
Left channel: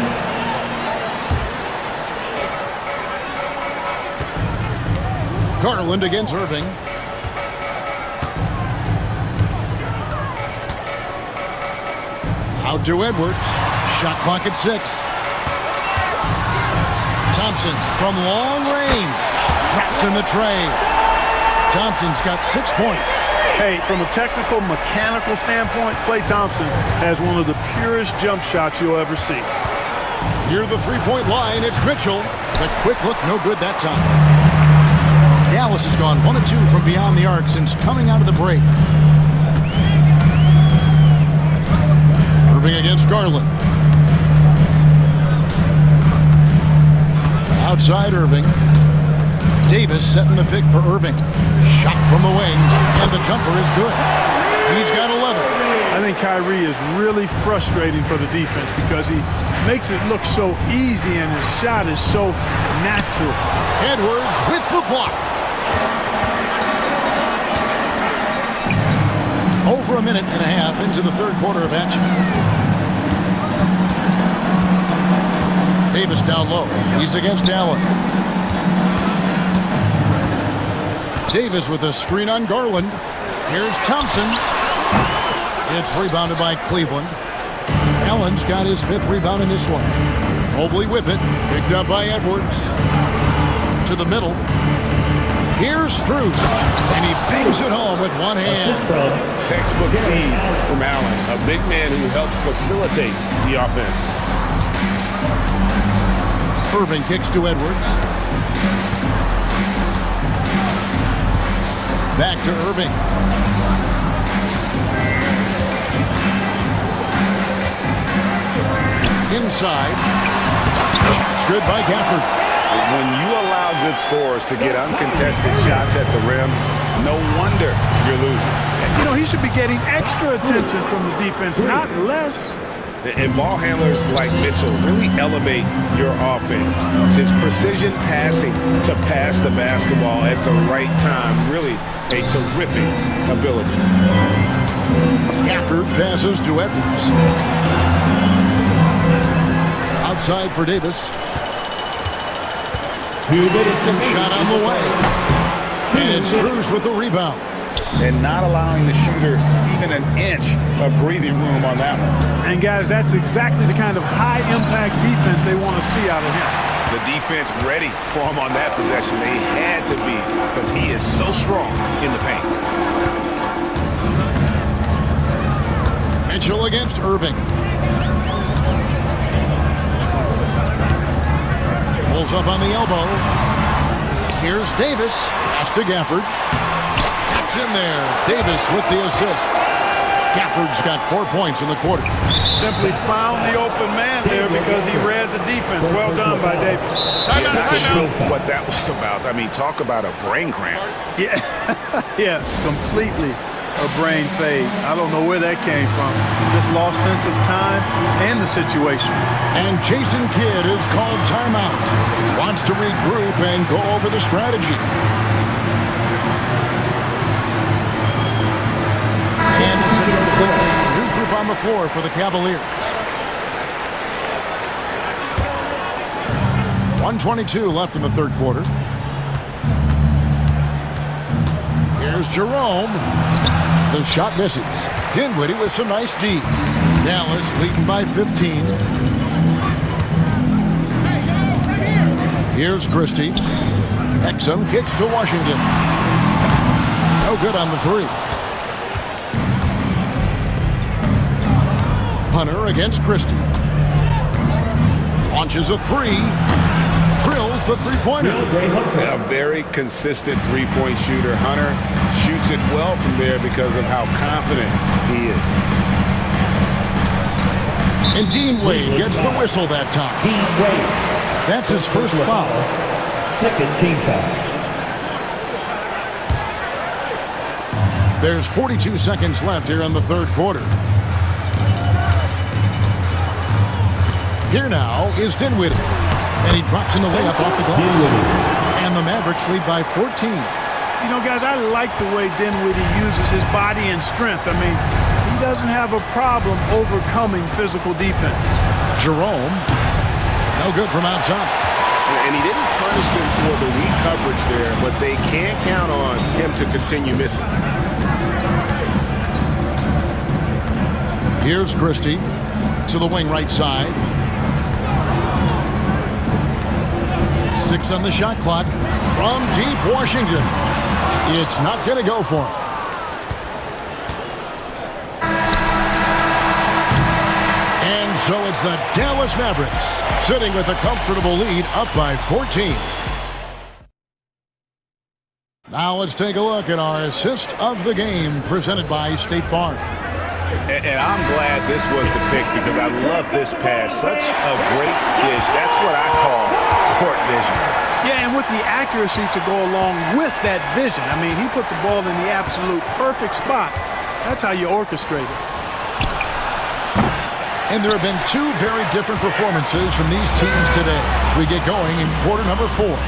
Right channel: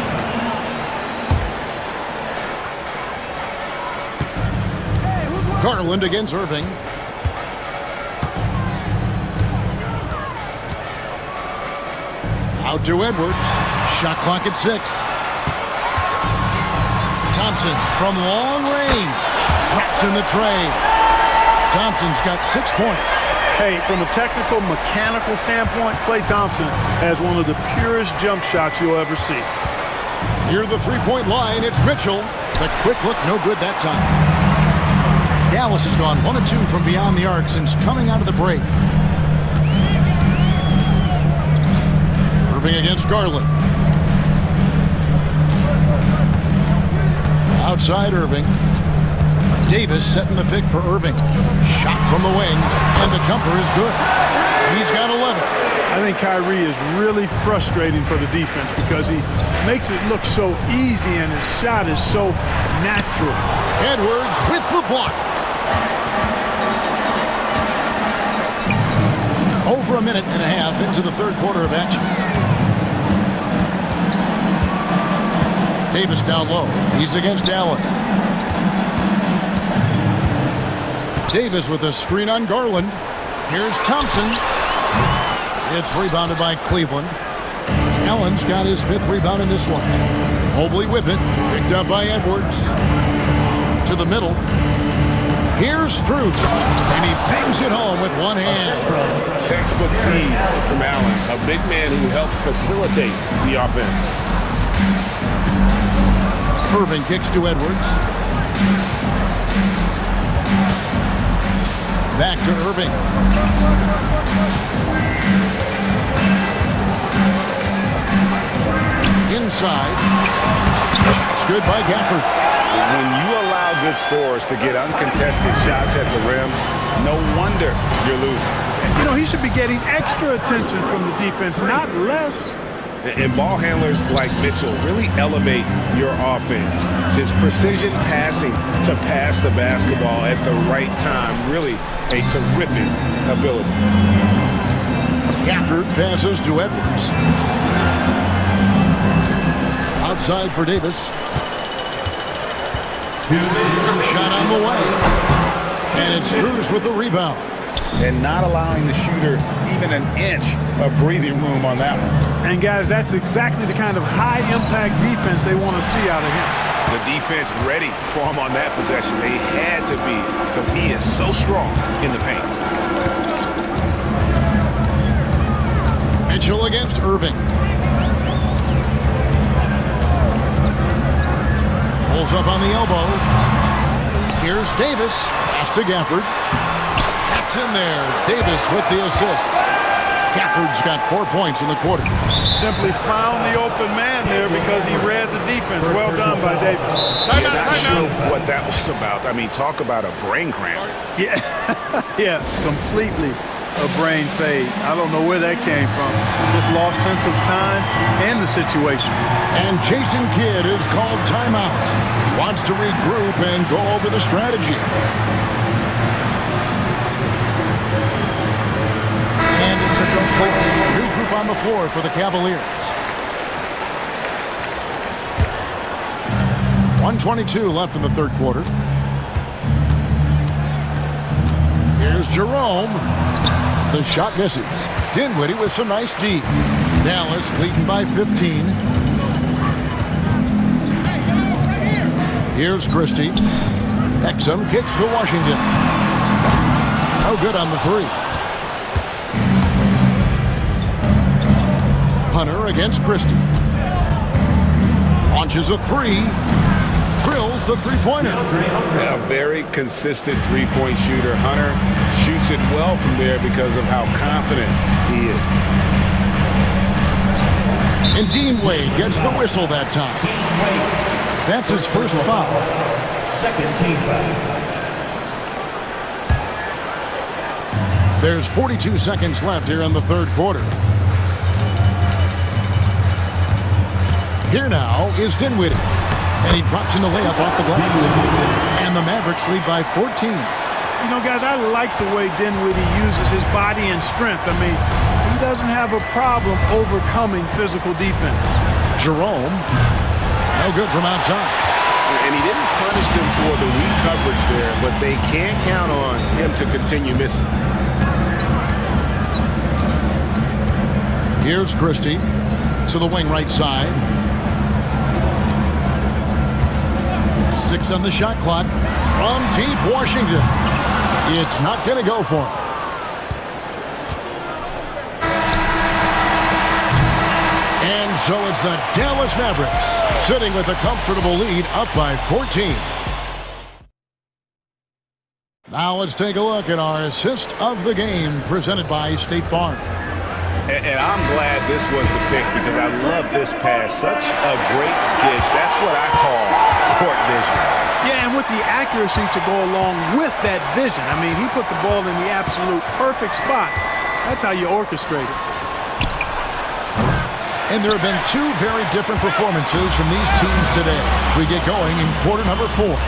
Garland against Irving. Out to Edwards. Shot clock at 6. Thompson from long range. Drops in the tray. Thompson's got 6 points. Hey, from a technical, mechanical standpoint, Klay Thompson has one of the purest jump shots you'll ever see. Near the three-point line, it's Mitchell. The quick look, no good that time. Dallas has gone 1 of 2 from beyond the arc since coming out of the break. Irving against Garland. Outside Irving. Davis setting the pick for Irving. Shot from the wings, and the jumper is good. He's got 11. I think Kyrie is really frustrating for the defense because he makes it look so easy and his shot is so natural. Edwards with the block. Over a minute and a half into the third quarter of action. Davis down low. He's against Allen. Davis with a screen on Garland. Here's Thompson. It's rebounded by Cleveland. Allen's got his 5th rebound in this one. Mobley with it. Picked up by Edwards. To the middle. Here's Strus. And he bangs it home with one hand. Textbook feed from Allen. A big man who helps facilitate the offense. Irving kicks to Edwards. Back to Irving. Inside. It's good by Gafford. When you allow good scorers to get uncontested shots at the rim, no wonder you're losing. You know, he should be getting extra attention from the defense, not less. And ball handlers like Mitchell really elevate your offense. It's his precision passing to pass the basketball at the right time. Really a terrific ability. Gafford passes to Edwards. Outside for Davis. 2 minutes. Shot on the way. And it's Strus with the rebound. And not allowing the shooter even an inch of breathing room on that one. And guys, that's exactly the kind of high-impact defense they want to see out of him. The defense ready for him on that possession. They had to be, because he is so strong in the paint. Mitchell against Irving. Pulls up on the elbow. Here's Davis. Pass to Gafford. That's in there. Davis with the assist. Gafford's got 4 points in the quarter. Simply found the open man there because he read the defense. Well done by Davis. Not sure what that was about. I mean, talk about a brain cramp. Yeah, yeah, completely a brain fade. I don't know where that came from. Just lost sense of time and the situation. And Jason Kidd is called timeout. Wants to regroup and go over the strategy. And it's a completely new group on the floor for the Cavaliers. 1:22 left in the third quarter. Here's Jerome. The shot misses. Dinwiddie with some nice D. Dallas leading by 15. Here's Christie. Exum kicks to Washington. No good on the three. Hunter against Christie. Launches a three. Drills the three-pointer. A very consistent three-point shooter. Hunter shoots it well from there because of how confident he is. And Dean Wade gets the whistle that time. Dean Wade. That's his first foul. Second team foul. There's 42 seconds left here in the third quarter. Here now is Dinwiddie. And he drops in the layup off the glass. And the Mavericks lead by 14. You know, guys, I like the way Dinwiddie uses his body and strength. I mean, he doesn't have a problem overcoming physical defense. Jerome, no good from outside. And he didn't punish them for the weak coverage there, but they can't count on him to continue missing. Here's Christie to the wing right side. 6 on the shot clock from deep Washington. It's not going to go for him. And so it's the Dallas Mavericks sitting with a comfortable lead up by 14. Now let's take a look at our assist of the game presented by State Farm. And I'm glad this was the pick because I love this pass. Such a great dish. That's what I call court vision. Yeah, and with the accuracy to go along with that vision. I mean, he put the ball in the absolute perfect spot. That's how you orchestrate it. And there have been two very different performances from these teams today as we get going in quarter number 4.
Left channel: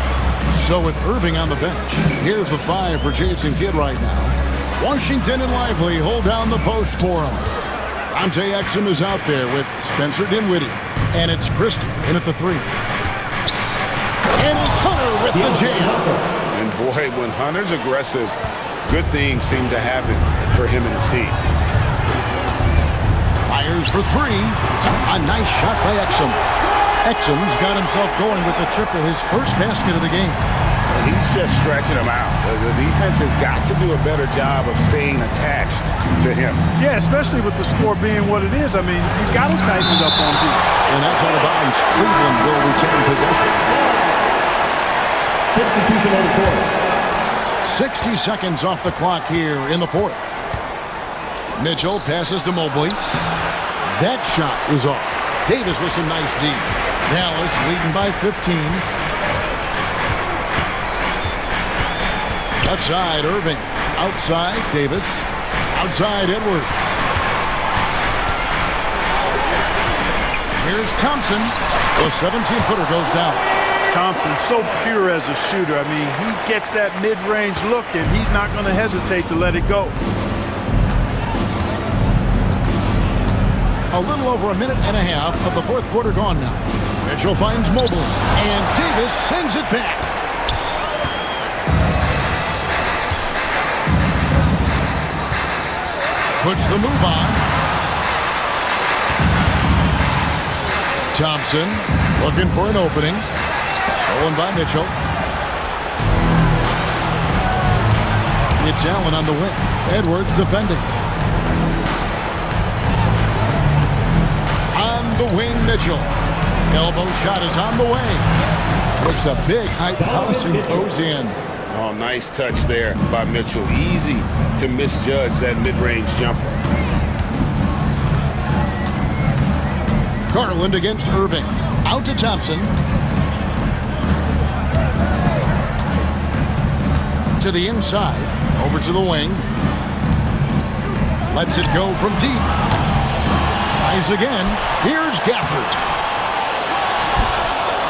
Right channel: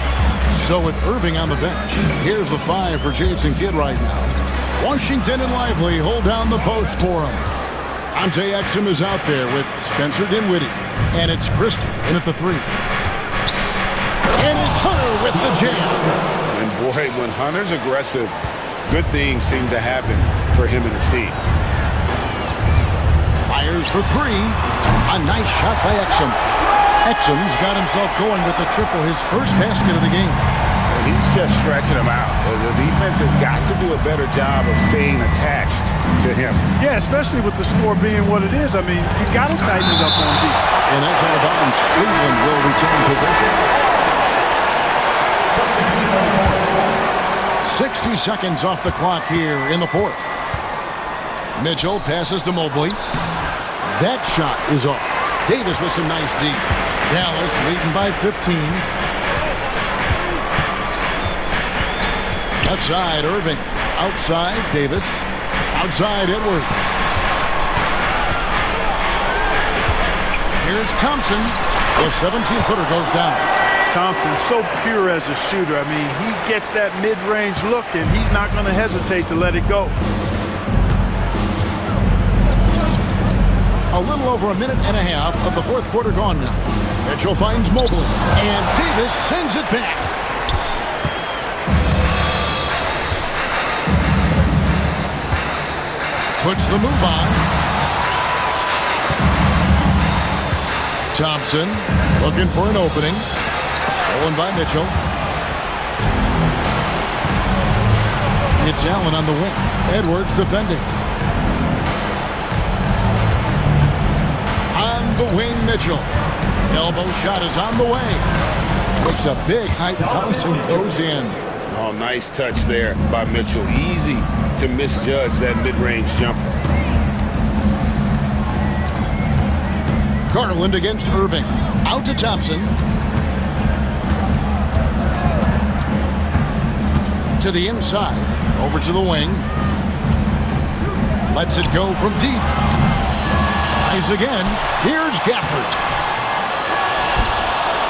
So with Irving on the bench, here's the 5 for Jason Kidd right now. Washington and Lively hold down the post for him. Dante Exum is out there with Spencer Dinwiddie. And it's Christie in at the 3. And it's Hunter with the jam. And boy, when Hunter's aggressive, good things seem to happen for him and his team. Fires for 3. A nice shot by Exum. Exum's got himself going with the triple, his first basket of the game. He's just stretching him out. The defense has got to do a better job of staying attached to him. Yeah, especially with the score being what it is. I mean, you got to tighten it up on deep. And that's out of bounds. Cleveland will retain possession. Substitution on the court. 60 seconds off the clock here in the fourth. Mitchell passes to Mobley. That shot is off. Davis with some nice D. Dallas leading by 15. Left side, Irving. Outside, Davis. Outside, Edwards. Here's Thompson. The 17-footer goes down. Thompson, so pure as a shooter. I mean, he gets that mid-range look, and he's not going to hesitate to let it go. A little over a minute and a half of the fourth quarter gone now. Mitchell finds Mobley, and Davis sends it back. Puts the move on. Thompson looking for an opening. Stolen by Mitchell. It's Allen on the wing. Edwards defending. On the wing, Mitchell. Elbow shot is on the way. Looks a big high bounce and goes in. Oh, nice touch there by Mitchell. Easy to misjudge that mid-range jumper. Garland against Irving. Out to Thompson. To the inside. Over to the wing. Lets it go from deep. Tries again. Here's Gafford.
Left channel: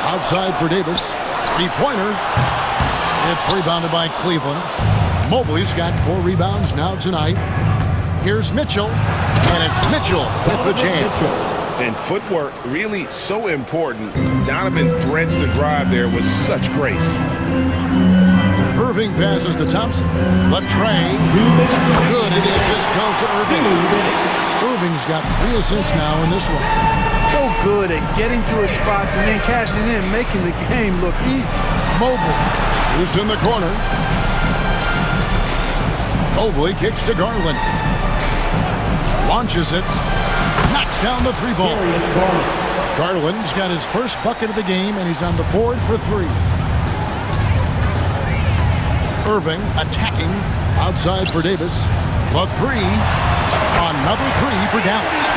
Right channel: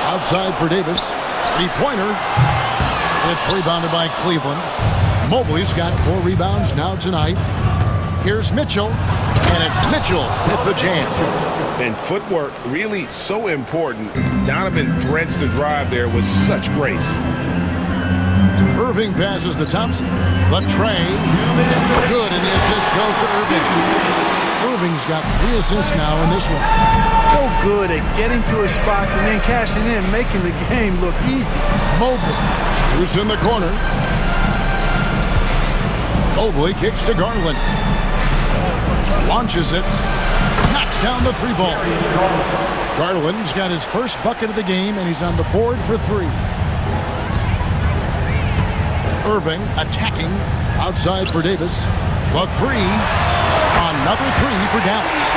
Outside for Davis. Three-pointer. It's rebounded by Cleveland. Mobley's got 4 rebounds now tonight. Here's Mitchell. And it's Mitchell with the jam. And footwork really so important. Donovan threads the drive there with such grace. Irving passes to Thompson. The tray. Good, and the assist goes to Irving. Irving's got 3 assists now in this one. So good at getting to his spots and then cashing in, making the game look easy. Mobley. Who's in the corner? Mobley kicks to Garland. Launches it. Knocks down the 3-ball. Garland's got his first bucket of the game, and he's on the board for 3. Irving attacking outside for Davis. The 3. Another 3 for Dallas.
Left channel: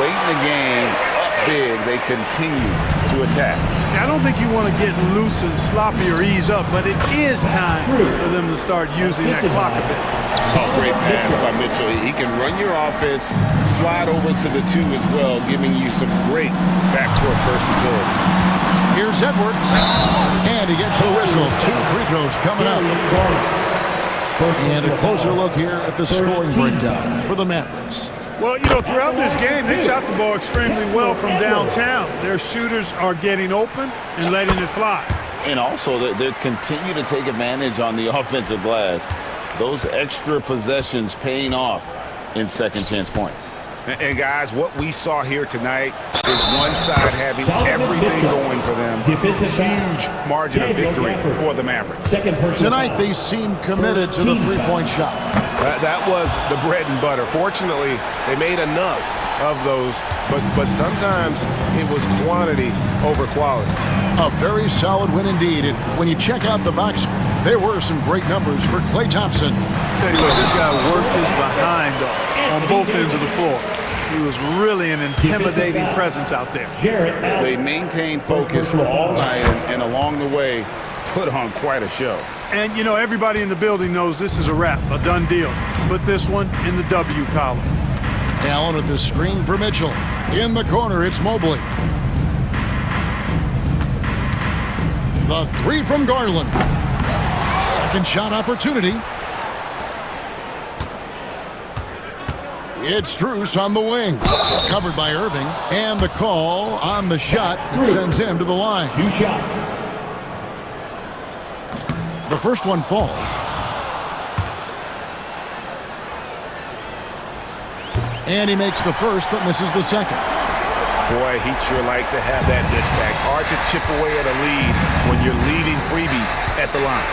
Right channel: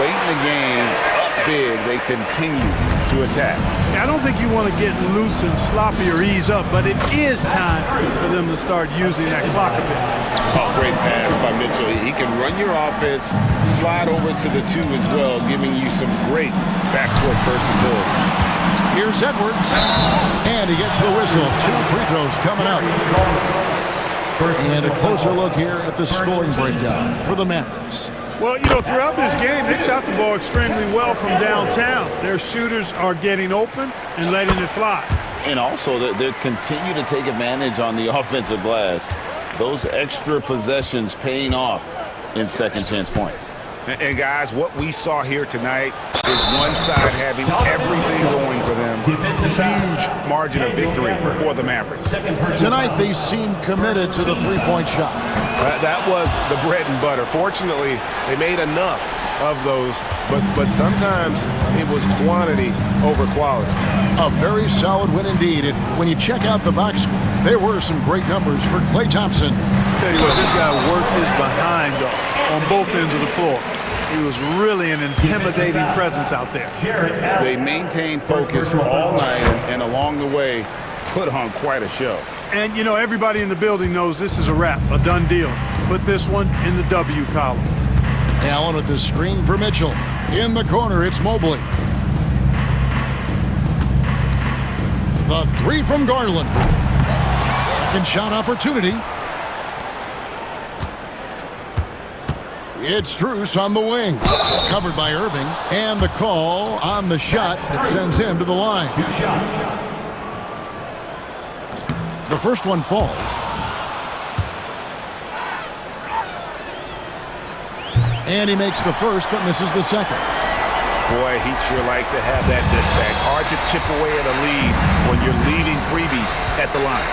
Late in the game, up big, they continue to attack. I don't think you want to get loose and sloppy or ease up, but it is time for them to start using that clock a bit. Oh, great pass by Mitchell. He can run your offense, slide over to the 2 as well, giving you some great backcourt versatility. Here's Edwards. And he gets the whistle. 2 free throws coming up. And a closer look here at the scoring breakdown for the Mavericks. Well, you know, throughout this game, they've shot the ball extremely well from downtown. Their shooters are getting open and letting it fly. And also, they continue to take advantage on the offensive glass. Those extra possessions paying off in second chance points. And guys, what we saw here tonight is one side having everything going for them. Huge margin of victory for the Mavericks. Tonight they seem committed to the 3-point shot. That was the bread and butter. Fortunately, they made enough of those, but sometimes it was quantity over quality. A very solid win indeed. And when you check out the box score, there were some great numbers for Klay Thompson. Tell you what, this guy worked his behind off on both ends of the floor. He was really an intimidating presence out there. They maintained focus all night and along the way put on quite a show. And, you know, everybody in the building knows this is a wrap, a done deal. Put this one in the W column. Allen with the screen for Mitchell. In the corner, it's Mobley. The 3 from Garland. Second shot opportunity. It's Strus on the wing. Covered by Irving. And the call on the shot that sends him to the line. 2 shots. The first one falls. And he makes the first, but misses the second. Boy, he'd sure like to have that miss back. Hard to chip away at a lead when you're leaving freebies at the line.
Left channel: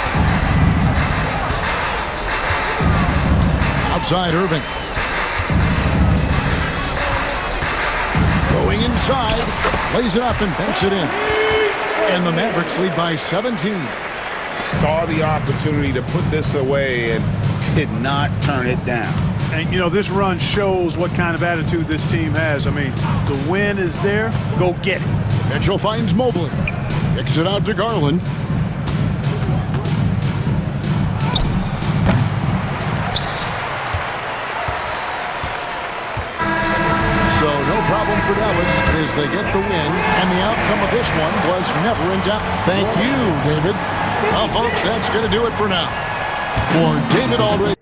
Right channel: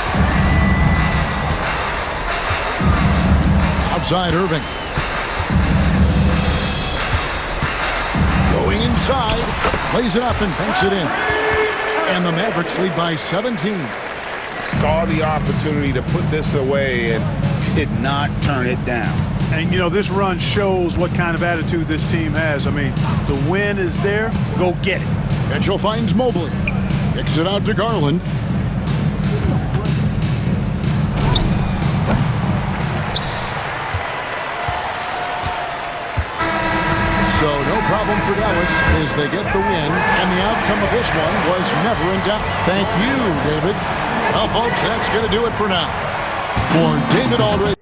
Outside Irving. Going inside, lays it up and banks it in. And the Mavericks lead by 17. Saw the opportunity to put this away and did not turn it down. And, you know, this run shows what kind of attitude this team has. I mean, the win is there. Go get it. Mitchell finds Mobley. Kicks it out to Garland. So no problem for Dallas as they get the win, and the outcome of this one was never in doubt. Thank you, David. Well, folks, that's going to do it for now. For David Aldridge.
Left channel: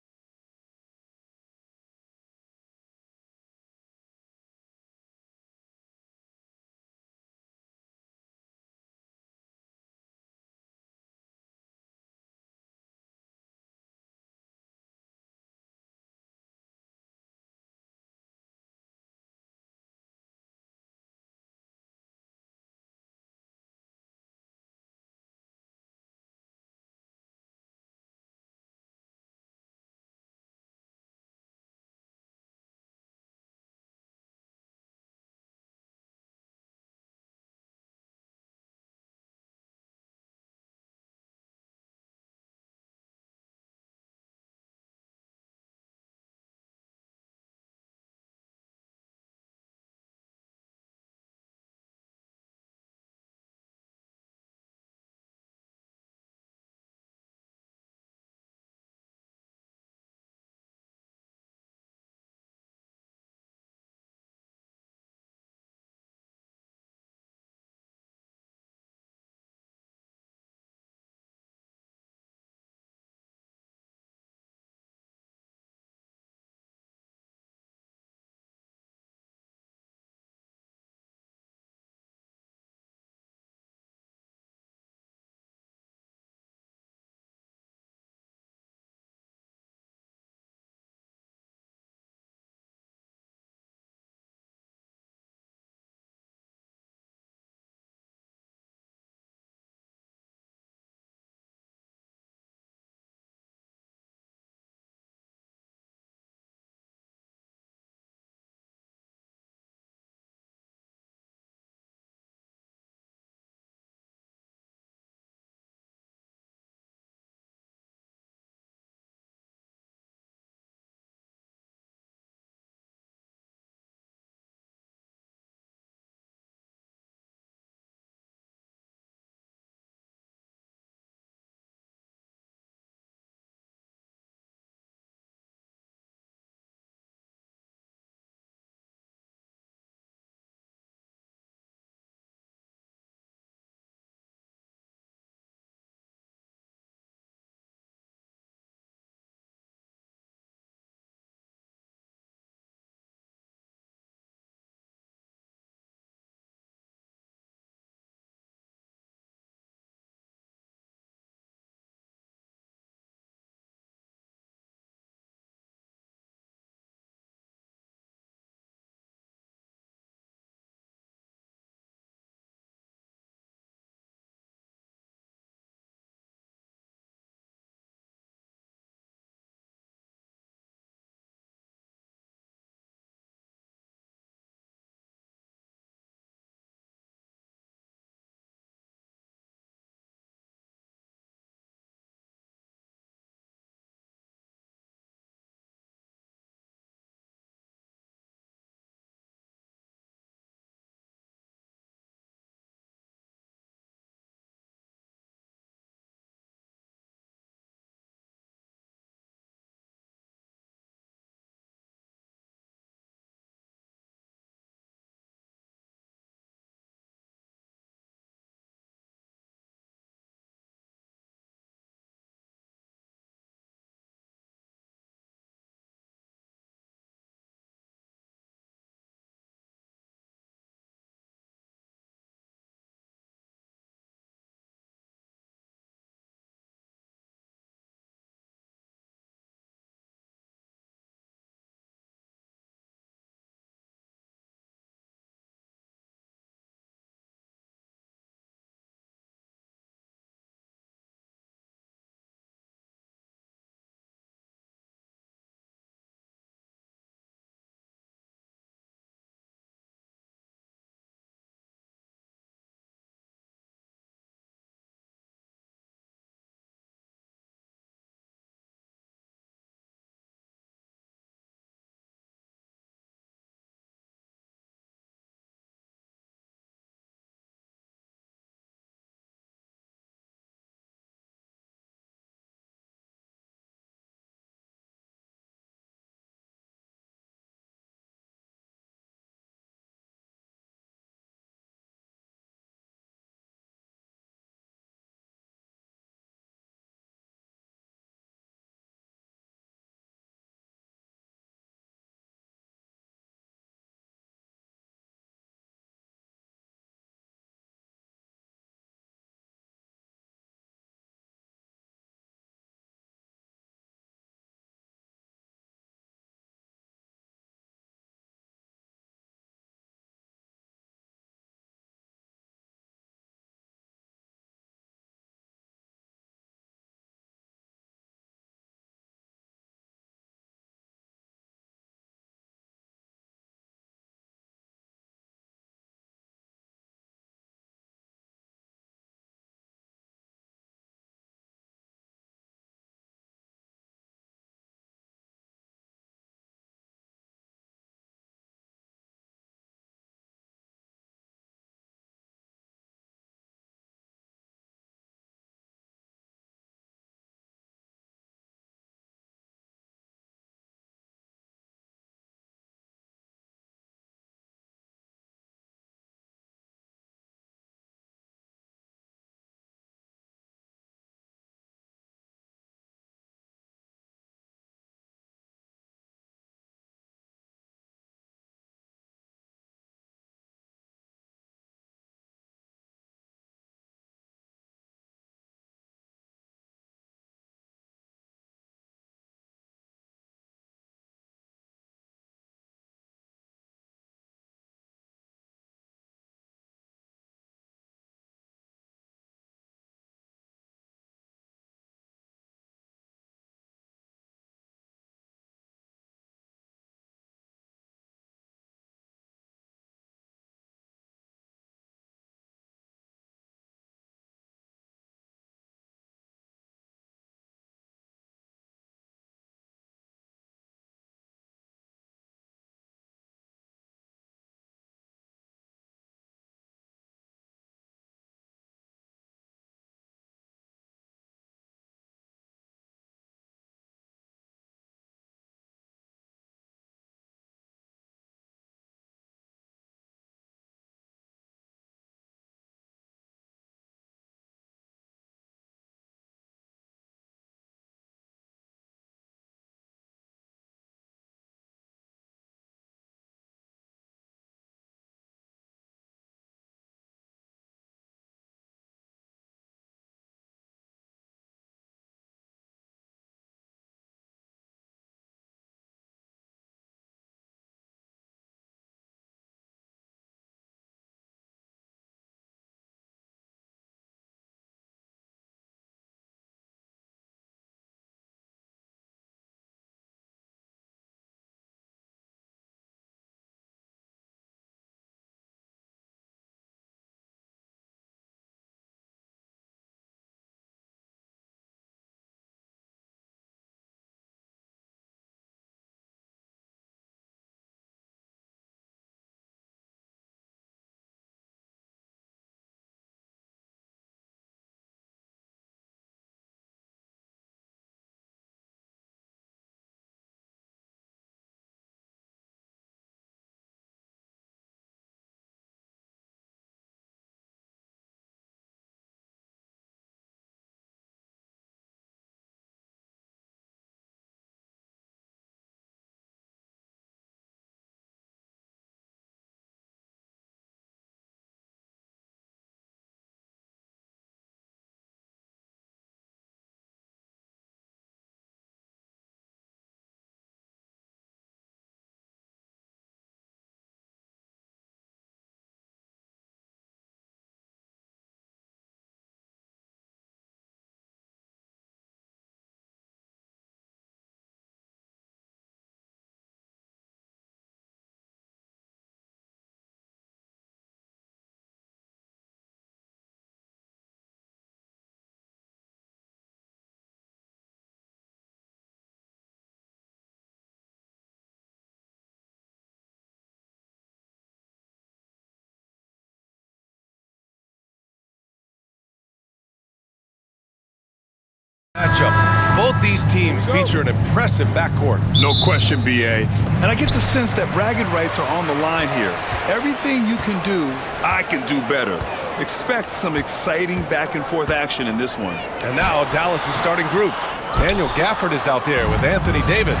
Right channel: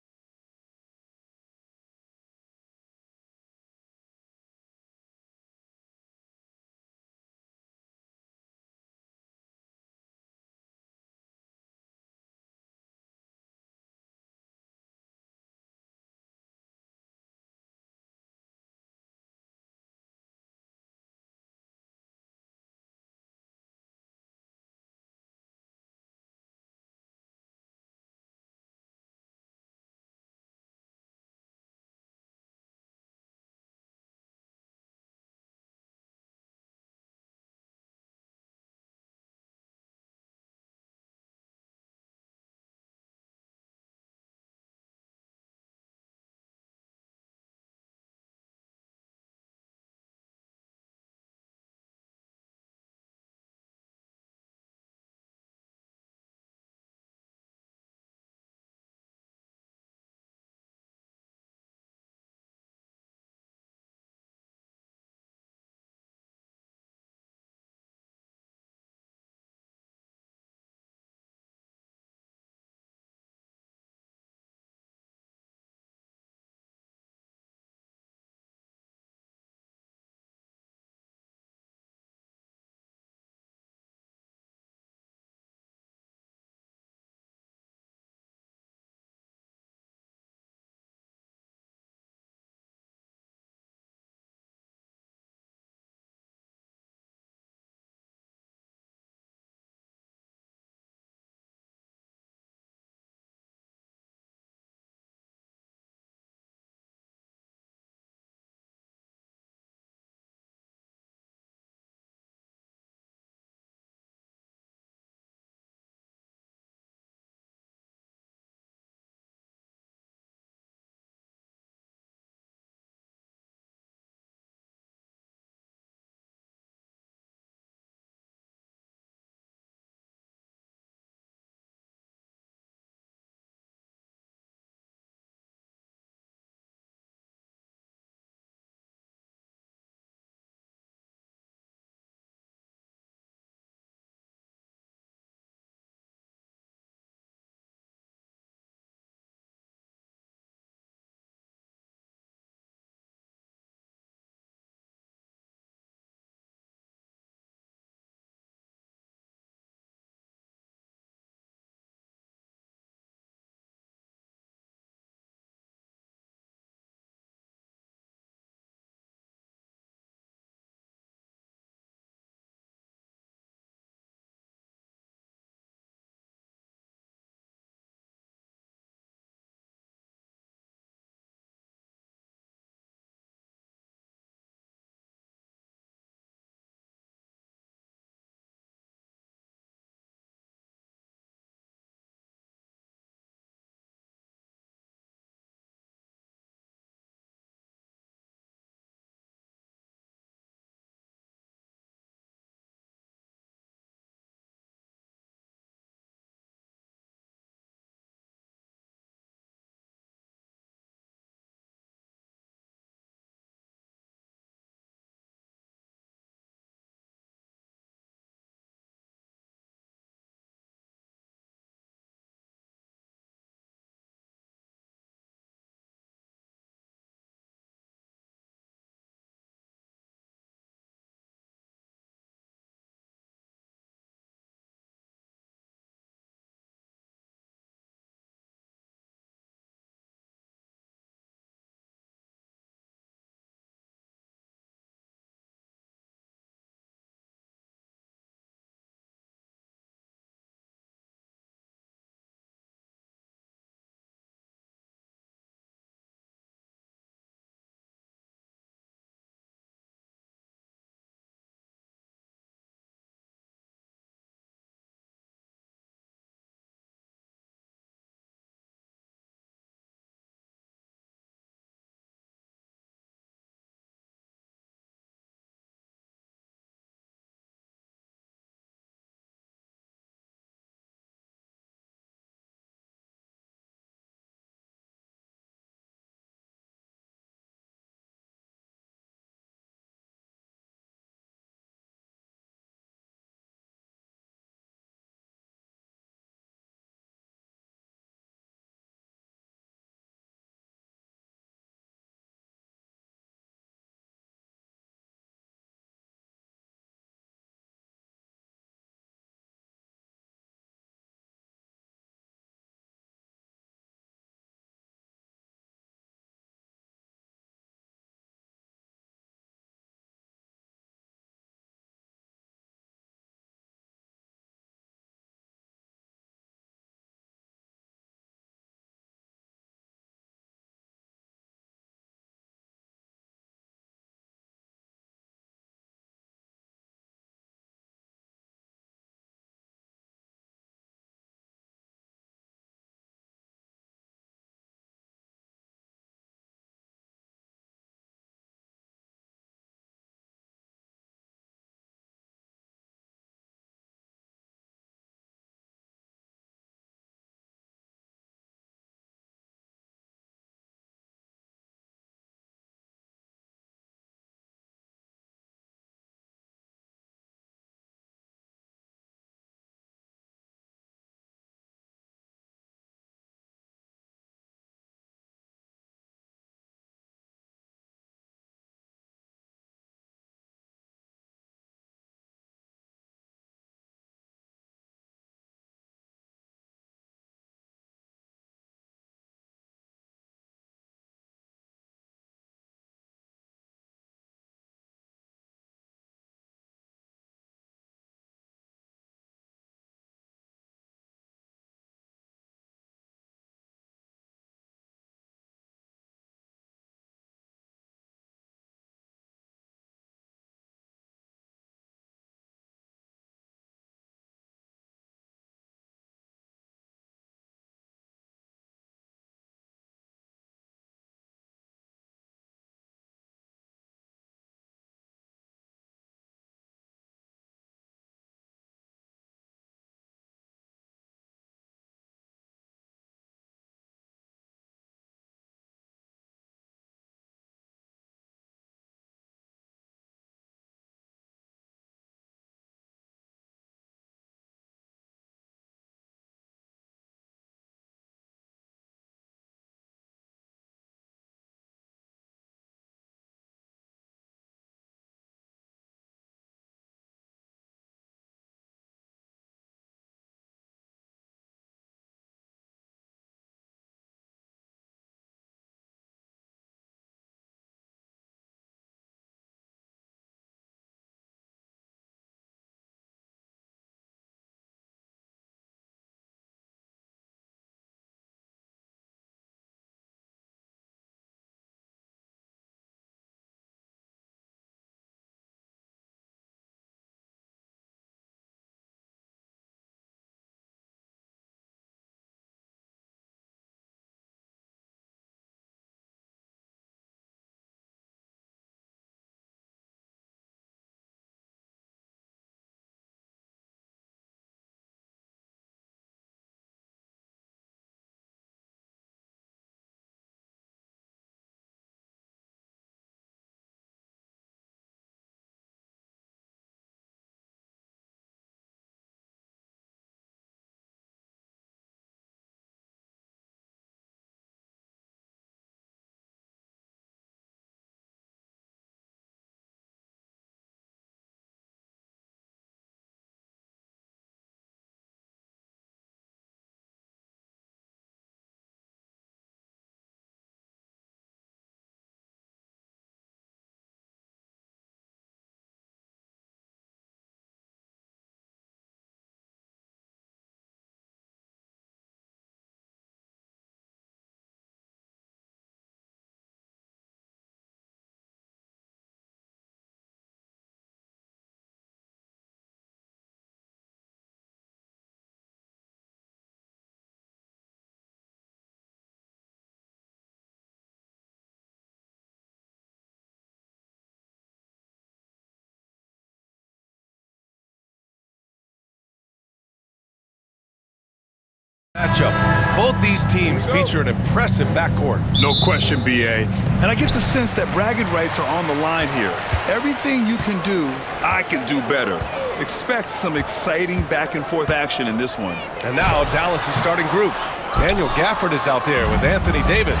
Matchup. Both these teams feature an impressive backcourt. No question, BA. And I get the sense that bragging rights are on the line here. Everything you can do, I can do better. Expect some exciting back-and-forth action in this one. And now Dallas' starting group. Daniel Gafford is out there with Anthony Davis.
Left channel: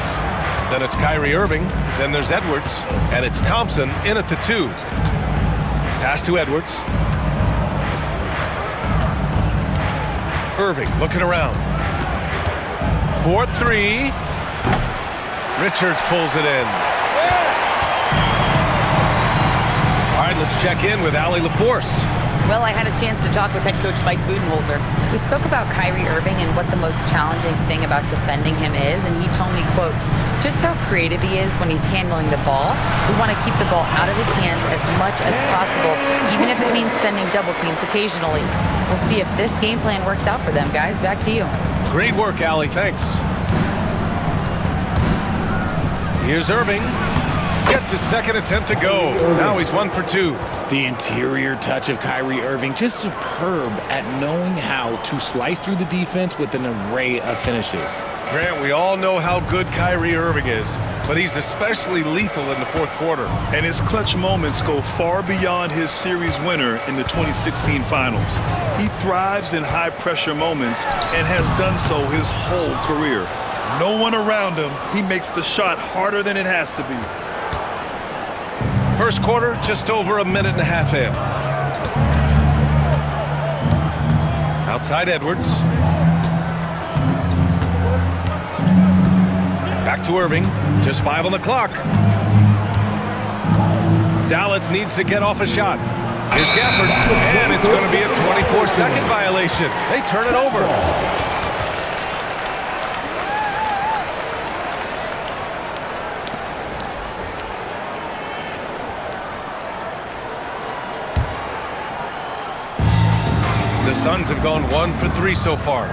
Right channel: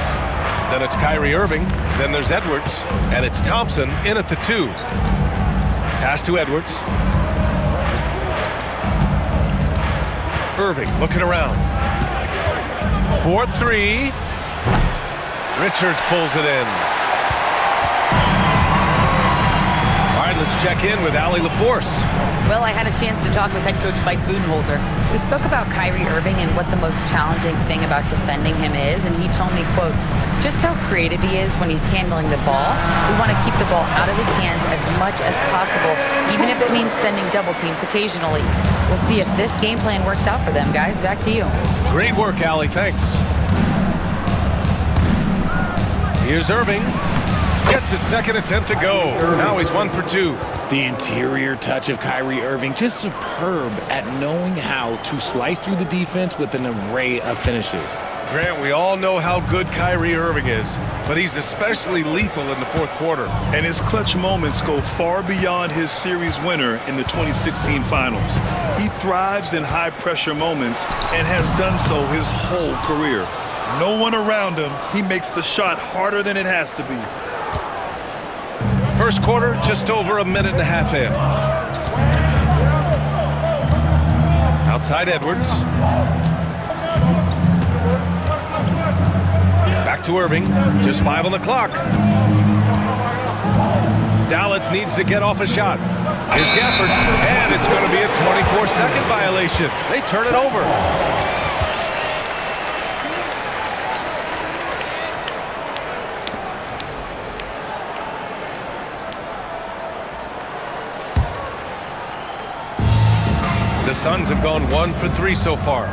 Then it's Kyrie Irving. Then there's Edwards. And it's Thompson in at the 2. Pass to Edwards. Irving looking around. 4-3. Richards pulls it in. All right, let's check in with Allie LaForce. Well, I had a chance to talk with head coach Mike Budenholzer. We spoke about Kyrie Irving and what the most challenging thing about defending him is, and he told me, quote, just how creative he is when he's handling the ball. We want to keep the ball out of his hands as much as possible, even if it means sending double teams occasionally. We'll see if this game plan works out for them, guys. Back to you. Great work, Allie. Thanks. Here's Irving. Gets his second attempt to go. Now he's 1 for 2. The interior touch of Kyrie Irving, just superb at knowing how to slice through the defense with an array of finishes. Grant, we all know how good Kyrie Irving is, but he's especially lethal in the fourth quarter. And his clutch moments go far beyond his series winner in the 2016 finals. He thrives in high-pressure moments and has done so his whole career. No one around him, he makes the shot harder than it has to be. First quarter, just over a minute and a half in. Outside Edwards. Back to Irving. Just 5 on the clock. Dallas needs to get off a shot. Here's Gafford, and it's going to be a 24-second violation. They turn it over. The Suns have gone 1 for 3 so far.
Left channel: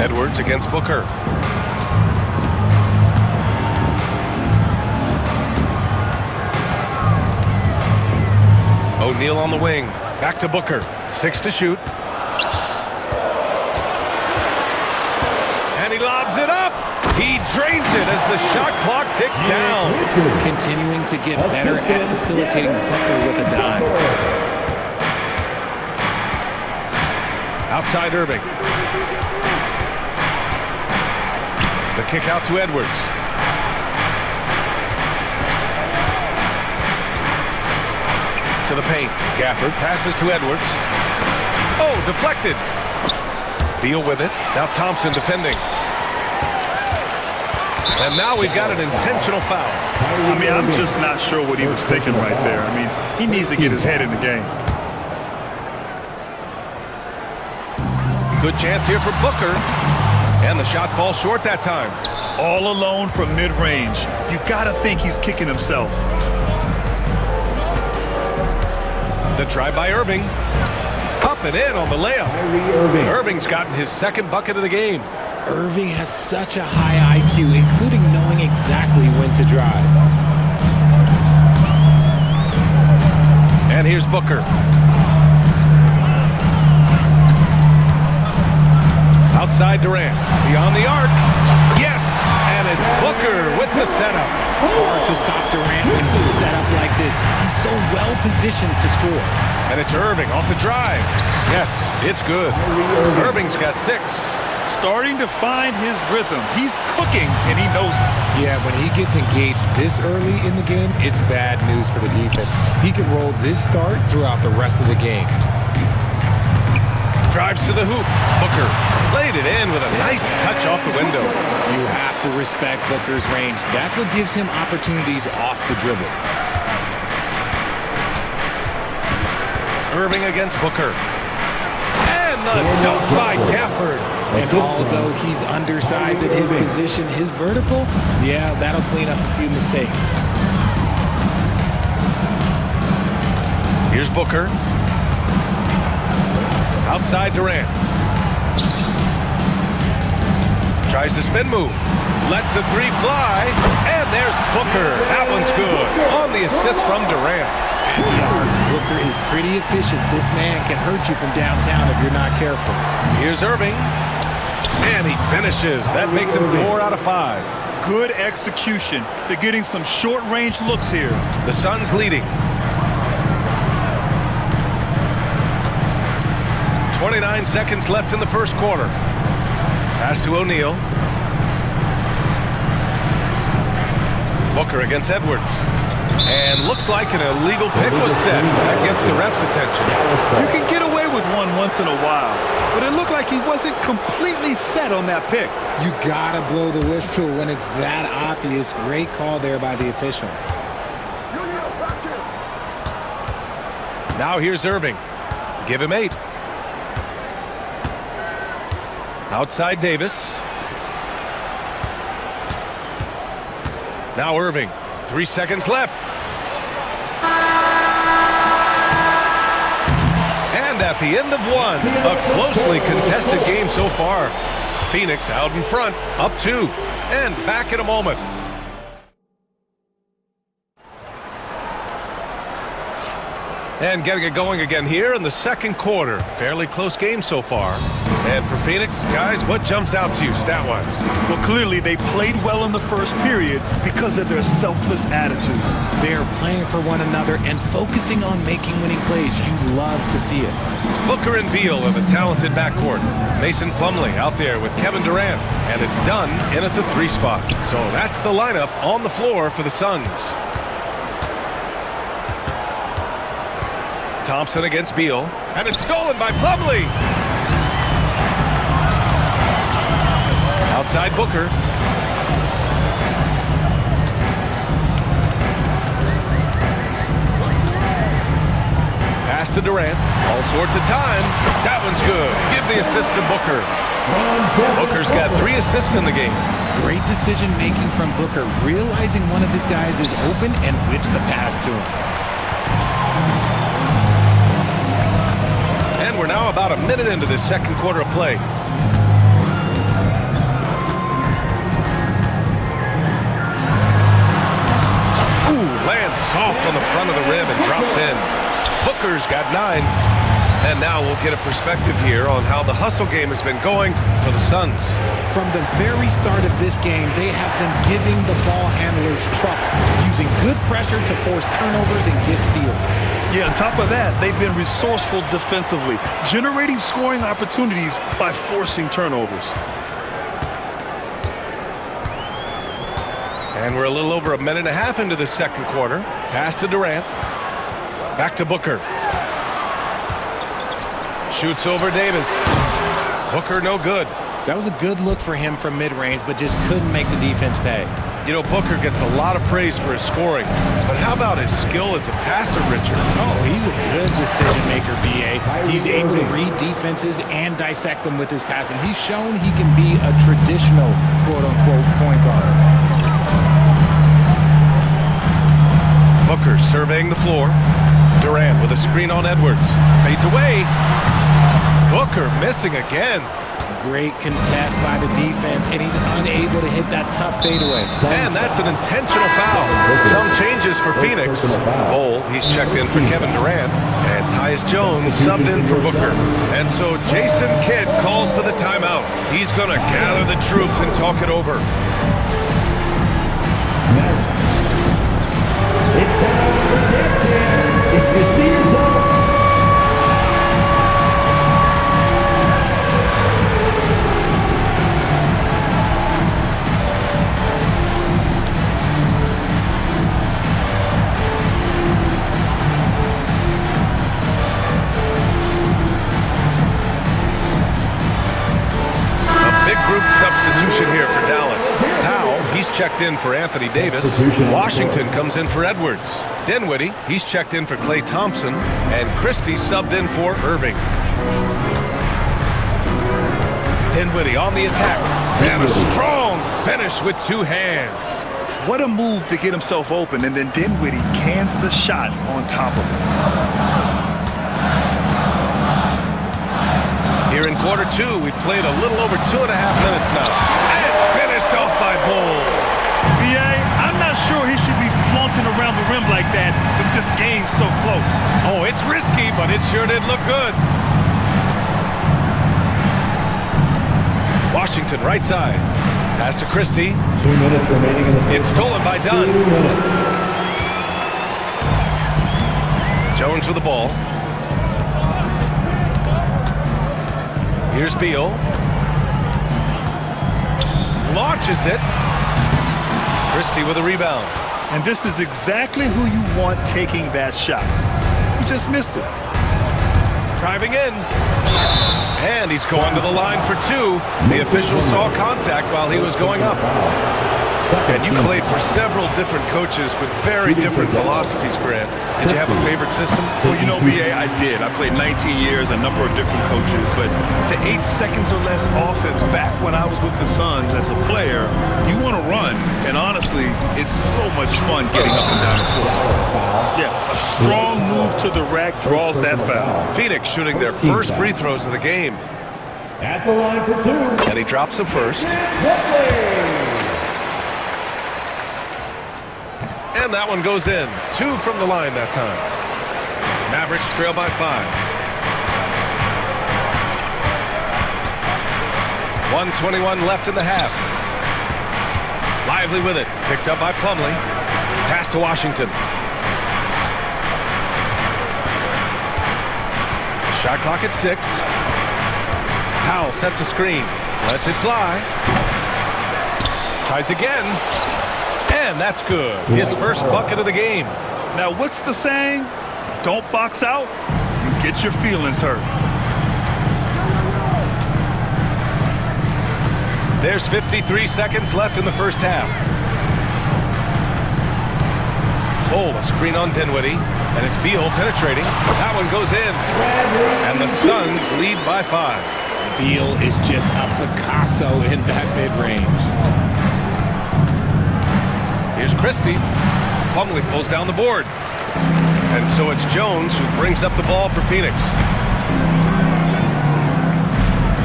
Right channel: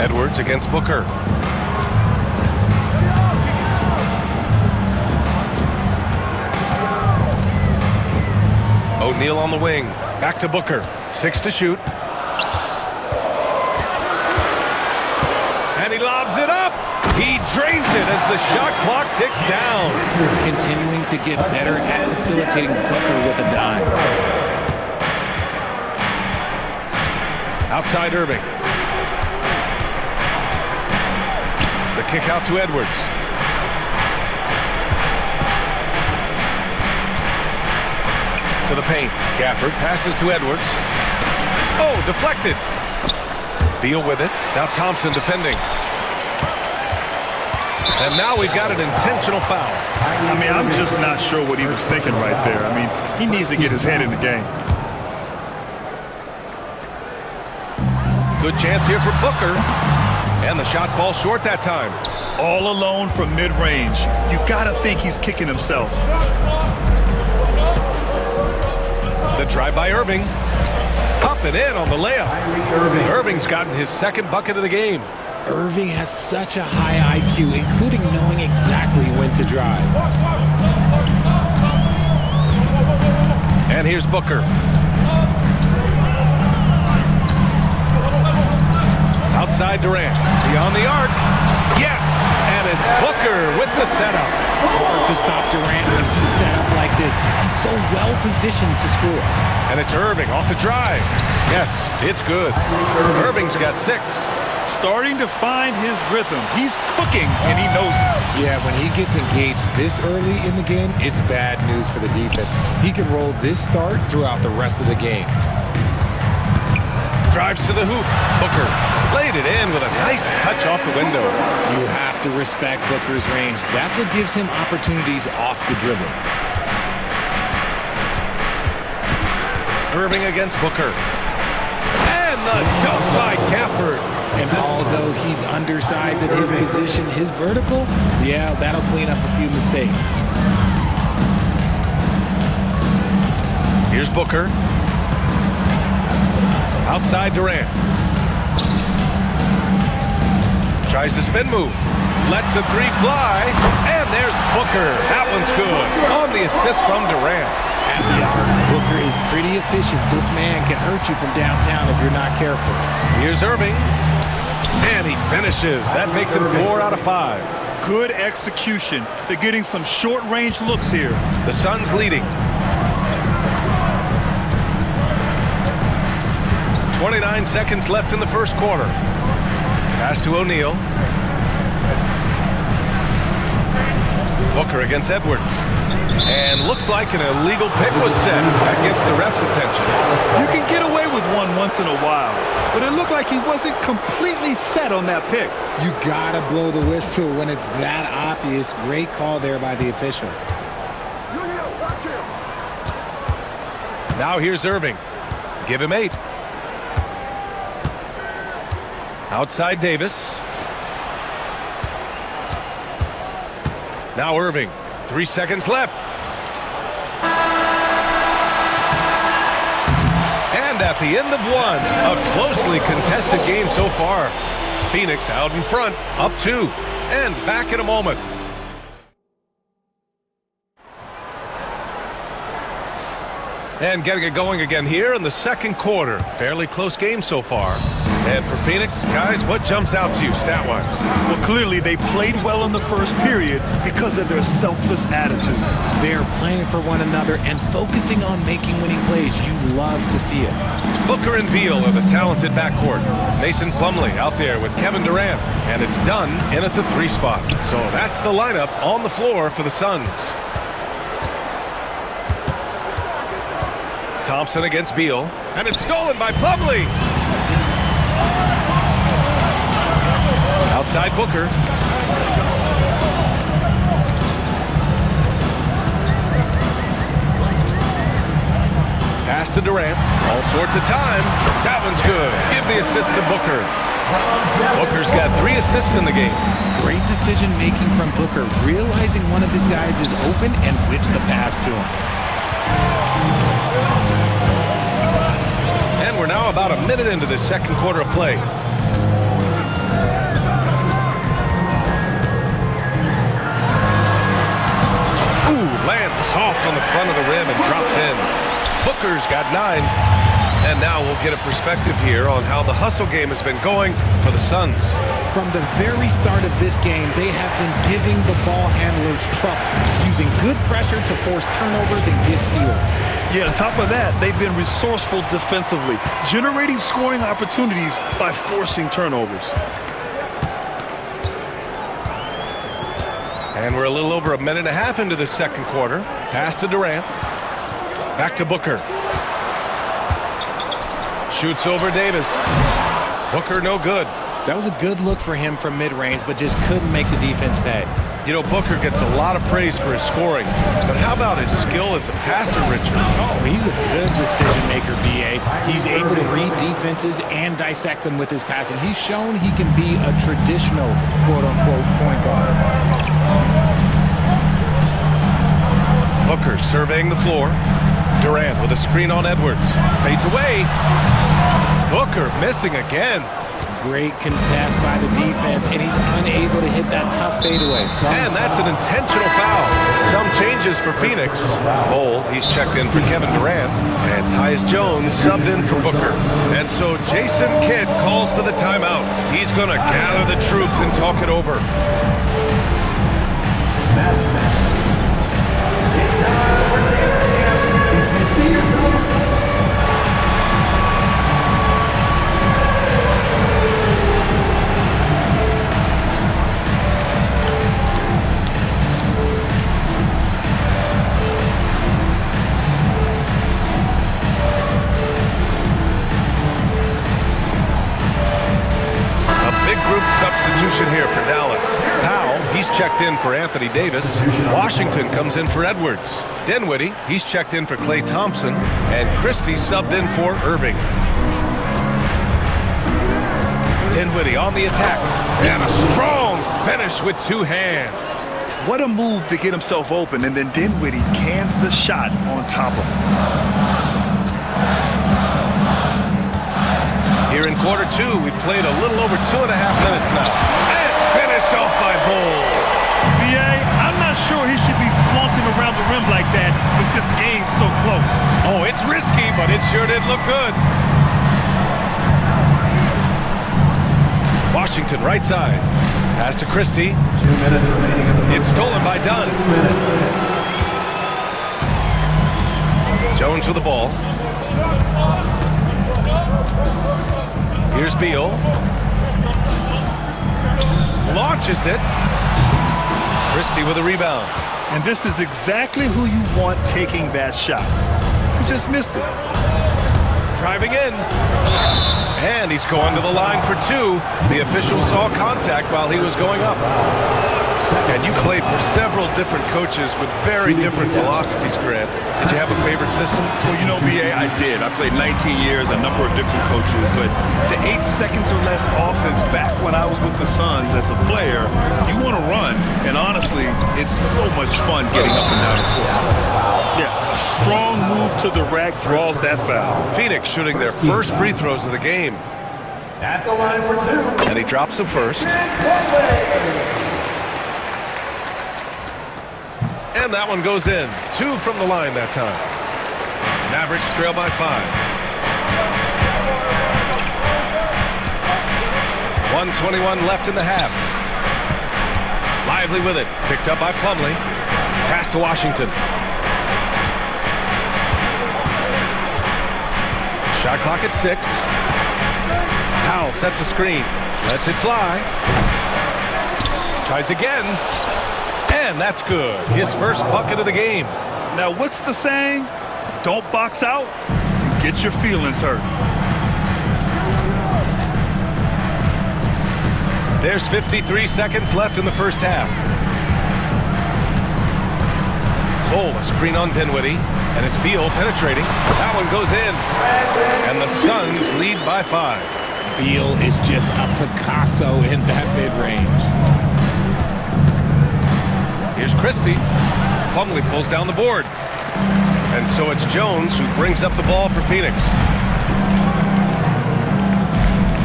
Edwards against Booker. O'Neal on the wing. Back to Booker. 6 to shoot. And he lobs it up. He drains it as the shot clock ticks down. Continuing to get better at facilitating Booker with a dime. Outside Irving. The kick out to Edwards. To the paint. Gafford passes to Edwards. Oh, deflected. Beal with it. Now Thompson defending. And now we've got an intentional foul. I mean, I'm just not sure what he was thinking right there. I mean, he needs to get his head in the game. Good chance here for Booker. And the shot falls short that time. All alone from mid-range. You gotta think he's kicking himself. The drive by Irving. Up and in on the layup. Irving's gotten his second bucket of the game. Irving has such a high IQ, including knowing exactly when to drive. And here's Booker. Outside Durant. Beyond the arc. Yes! And it's Booker with the setup. Hard to stop Durant when he's set up like this. He's so well positioned to score. And it's Irving off the drive. Yes, it's good. Irving's got 6. Starting to find his rhythm. He's cooking, and he knows it. Yeah, when he gets engaged this early in the game, it's bad news for the defense. He can roll this start throughout the rest of the game. Drives to the hoop. Booker laid it in with a nice touch off the window. You have to respect Booker's range. That's what gives him opportunities off the dribble. Irving against Booker. And the dunk by Gafford. And although he's undersized at his position, his vertical, yeah, that'll clean up a few mistakes. Here's Booker. Outside Durant. Tries the spin move. Lets the 3 fly. And there's Booker. That one's good. On the assist from Durant. At the arc, Booker is pretty efficient. This man can hurt you from downtown if you're not careful. Here's Irving. And he finishes. That makes him 4 out of 5. Good execution. They're getting some short-range looks here. The Suns leading. 29 seconds left in the first quarter. Pass to O'Neal. Booker against Edwards. And looks like an illegal pick was set. That gets the ref's attention. You can get away with one once in a while, but it looked like he wasn't completely set on that pick. You gotta blow the whistle when it's that obvious. Great call there by the official. Now here's Irving. Give him 8. Outside Davis. Now Irving. 3 seconds left. And at the end of one, a closely contested game so far. Phoenix out in front, up 2, and back in a moment. And getting it going again here in the second quarter. Fairly close game so far. And for Phoenix, guys, what jumps out to you stat-wise? Well, clearly they played well in the first period because of their selfless attitude. They're playing for one another and focusing on making winning plays. You love to see it. Booker and Beal in the talented backcourt. Mason Plumlee out there with Kevin Durant. And it's done in at the 3 spot. So that's the lineup on the floor for the Suns. Thompson against Beal. And it's stolen by Plumlee. Outside Booker. Pass to Durant. All sorts of time. That one's good. Give the assist to Booker. Booker's got 3 assists in the game. Great decision making from Booker, realizing one of his guys is open and whips the pass to him. And we're now about a minute into this second quarter of play. Ooh, lands soft on the front of the rim and drops in. Booker's got 9. And now we'll get a perspective here on how the hustle game has been going for the Suns. From the very start of this game, they have been giving the ball handlers trouble, using good pressure to force turnovers and get steals. Yeah, on top of that, they've been resourceful defensively, generating scoring opportunities by forcing turnovers. And we're a little over a minute and a half into the second quarter. Pass to Durant. Back to Booker. Shoots over Davis. Booker no good. That was a good look for him from mid-range, but just couldn't make the defense pay. You know, Booker gets a lot of praise for his scoring, but how about his skill as a passer, Richard? Oh, he's a good decision maker, BA. He's able to read defenses and dissect them with his passing. He's shown he can be a traditional quote-unquote point guard. Booker surveying the floor. Durant with a screen on Edwards. Fades away. Booker missing again. Great contest by the defense, and he's unable to hit that tough fadeaway. And that's an intentional foul. Some changes for Phoenix. Bowl, he's checked in for Kevin Durant. And Tyus Jones subbed in for Booker. And so Jason Kidd calls for the timeout. He's going to gather the troops and talk it over. It's time for Kids Camp. If you see yourself Group substitution here for Dallas. Powell, he's checked in for Anthony Davis. Washington comes in for Edwards. Dinwiddie, he's checked in for Klay Thompson. And Christie subbed in for Irving. Dinwiddie on the attack. And a strong finish with 2 hands. What a move to get himself open, and then Dinwiddie cans the shot on top of it. Here in quarter 2, we played a little over 2.5 minutes now. And finished off by Bowl. BA, I'm not sure he should be flaunting around the rim like that with this game so close. Oh, it's risky, but it sure did look good. Washington, right side. Pass to Christie. 2 minutes remaining in the first. It's stolen by Dunn. 2 minutes. Jones with the ball. Here's Beal. Launches it. Christie with a rebound. And this is exactly who you want taking that shot. He just missed it. Driving in. And he's going to the line for two. The official saw contact while he was going up. And you played for several different coaches with very different philosophies, Grant. Did you have a favorite system? Well, you know, BA, I did. I played 19 years, a number of different coaches, but the 8 seconds or less offense back when I was with the Suns as a player, you want to run, and honestly, it's so much fun getting up and down the court. Yeah, a strong move to the rack draws that foul. Phoenix shooting their first free throws of the game. At the line for two. And he drops them first. And that one goes in. 2 from the line that time. Mavericks trail by 5. 1:21 left in the half. Lively with it. Picked up by Plumlee. Pass to Washington. Shot clock at 6. Powell sets a screen. Lets it fly. Tries again. And that's good. His first bucket of the game. Now, what's the saying? Don't box out, you get your feelings hurt. There's 53 seconds left in the first half. A screen on Dinwiddie, and it's Beal penetrating. That one goes in, and the Suns lead by 5. Beal is just a Picasso in that mid-range. Here's Christie. Plumlee pulls down the board. And so it's Jones who brings up the ball for Phoenix.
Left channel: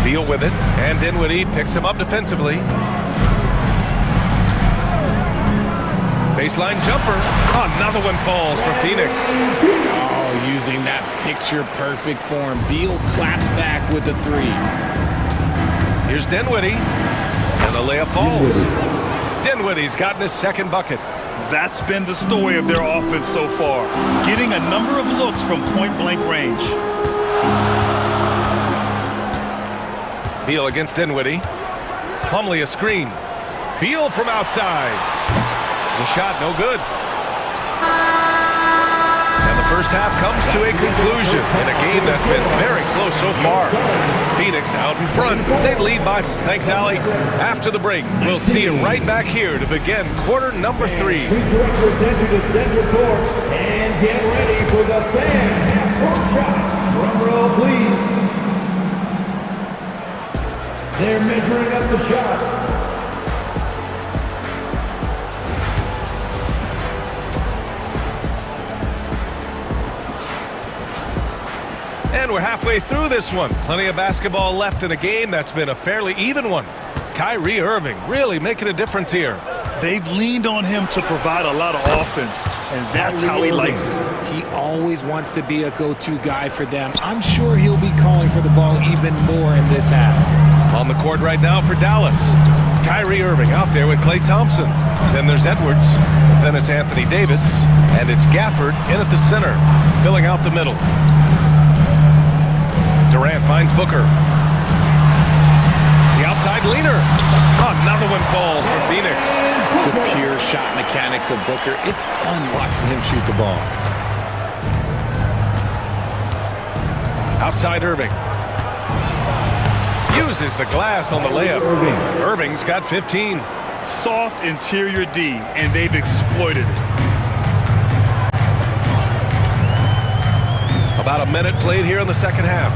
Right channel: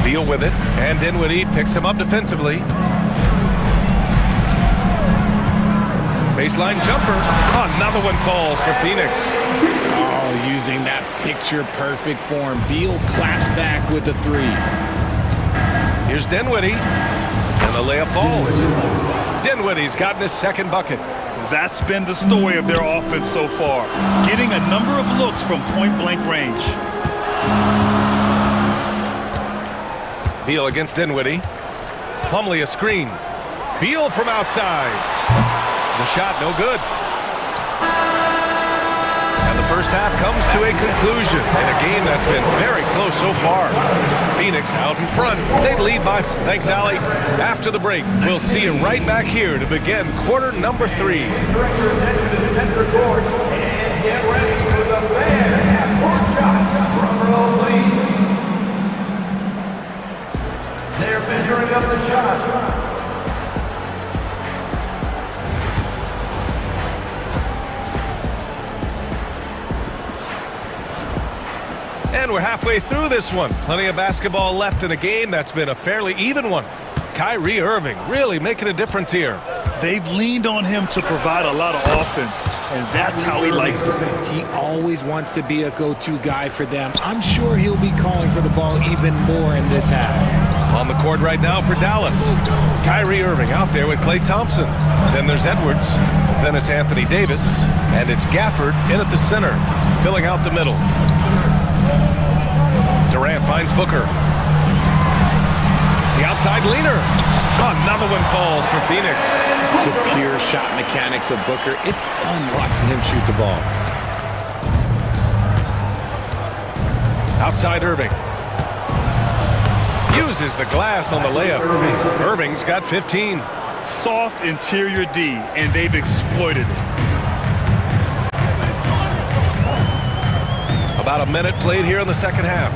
Beal with it, and Dinwiddie picks him up defensively. Baseline jumper. Another one falls for Phoenix. Oh, using that picture-perfect form. Beal claps back with the 3. Here's Dinwiddie, and the layup falls. Dinwiddie's gotten his second bucket. That's been the story of their offense so far, getting a number of looks from point-blank range. Beal against Dinwiddie. Plumlee a screen. Beal from outside. The shot no good. And the first half comes to a conclusion in a game that's been very close so far. Phoenix out in front. They lead by... Thanks, Allie. After the break, we'll see you right back here to begin quarter number 3. Please direct your attention to center court and get ready for the fan half-court shot. Drum roll, please. They're measuring up the shot. And we're halfway through this one. Plenty of basketball left in a game that's been a fairly even one. Kyrie Irving really making a difference here. They've leaned on him to provide a lot of offense, and that's how he likes it. He always wants to be a go-to guy for them. I'm sure he'll be calling for the ball even more in this half. On the court right now for Dallas. Kyrie Irving out there with Klay Thompson. Then there's Edwards. Then it's Anthony Davis. And it's Gafford in at the center, filling out the middle. Durant finds Booker. The outside leaner. Another one falls for Phoenix. The pure shot mechanics of Booker. It's fun watching him shoot the ball. Outside Irving. Uses the glass on the layup. Irving's got 15. Soft interior D, and they've exploited it. About a minute played here in the second half.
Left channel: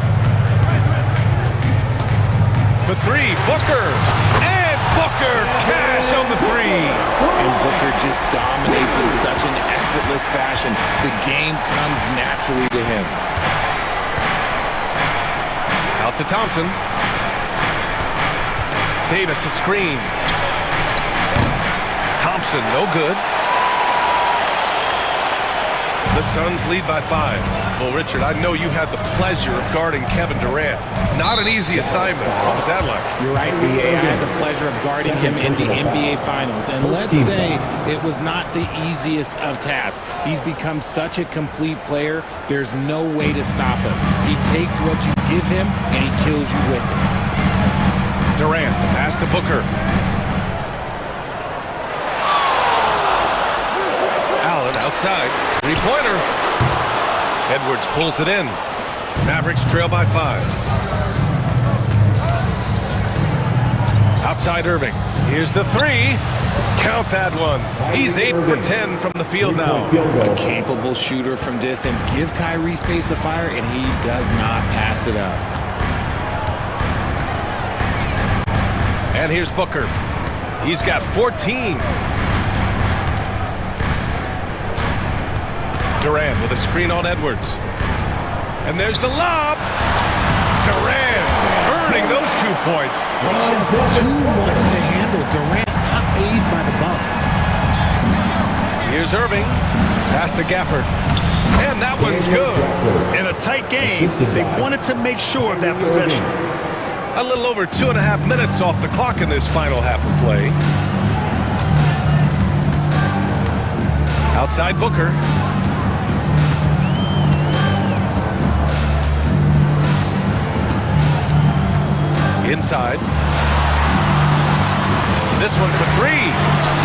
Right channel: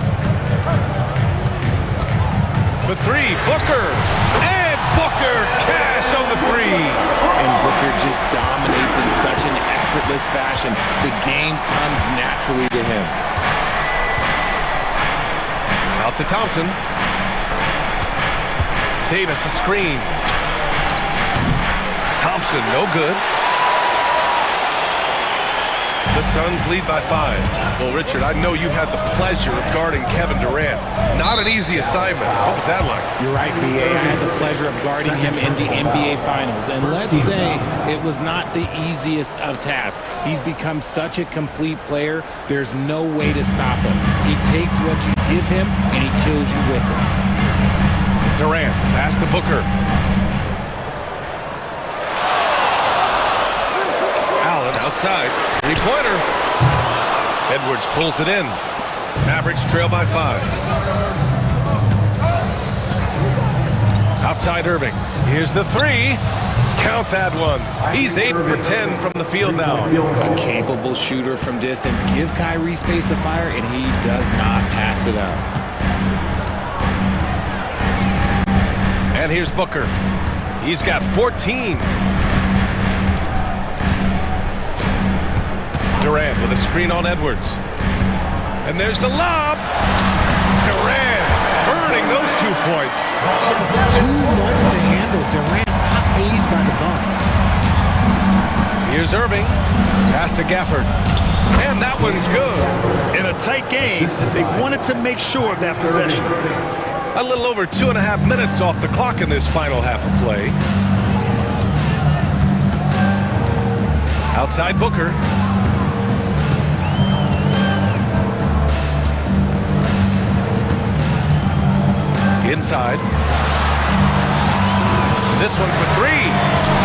For 3, Booker. And Booker cash on the 3. And Booker just dominates in such an effortless fashion. The game comes naturally to him. Out to Thompson. Davis a screen. Thompson, no good. The Suns lead by 5. Well, Richard, I know you had the pleasure of guarding Kevin Durant. Not an easy assignment. What was that like? You're right, B.A. I had the pleasure of guarding him in the NBA Finals. And let's say it was not the easiest of tasks. He's become such a complete player, there's no way to stop him. He takes what you give him, and he kills you with it. Durant, the pass to Booker. Allen outside. Three-pointer. Edwards pulls it in. Mavericks trail by 5. Outside Irving. Here's the 3. Count that one. He's 8 for 10 from the field now. A capable shooter from distance. Give Kyrie space to fire, and he does not pass it up. And here's Booker. He's got 14. Durant with a screen on Edwards. And there's the lob. Durant earning those 2 points. Just too much to handle. Durant not fazed by the bump. Here's Irving. Pass to Gafford. And that one's good. In a tight game, they wanted to make sure of that possession. A little over 2.5 minutes off the clock in this final half of play. Outside Booker. Inside. This one for 3.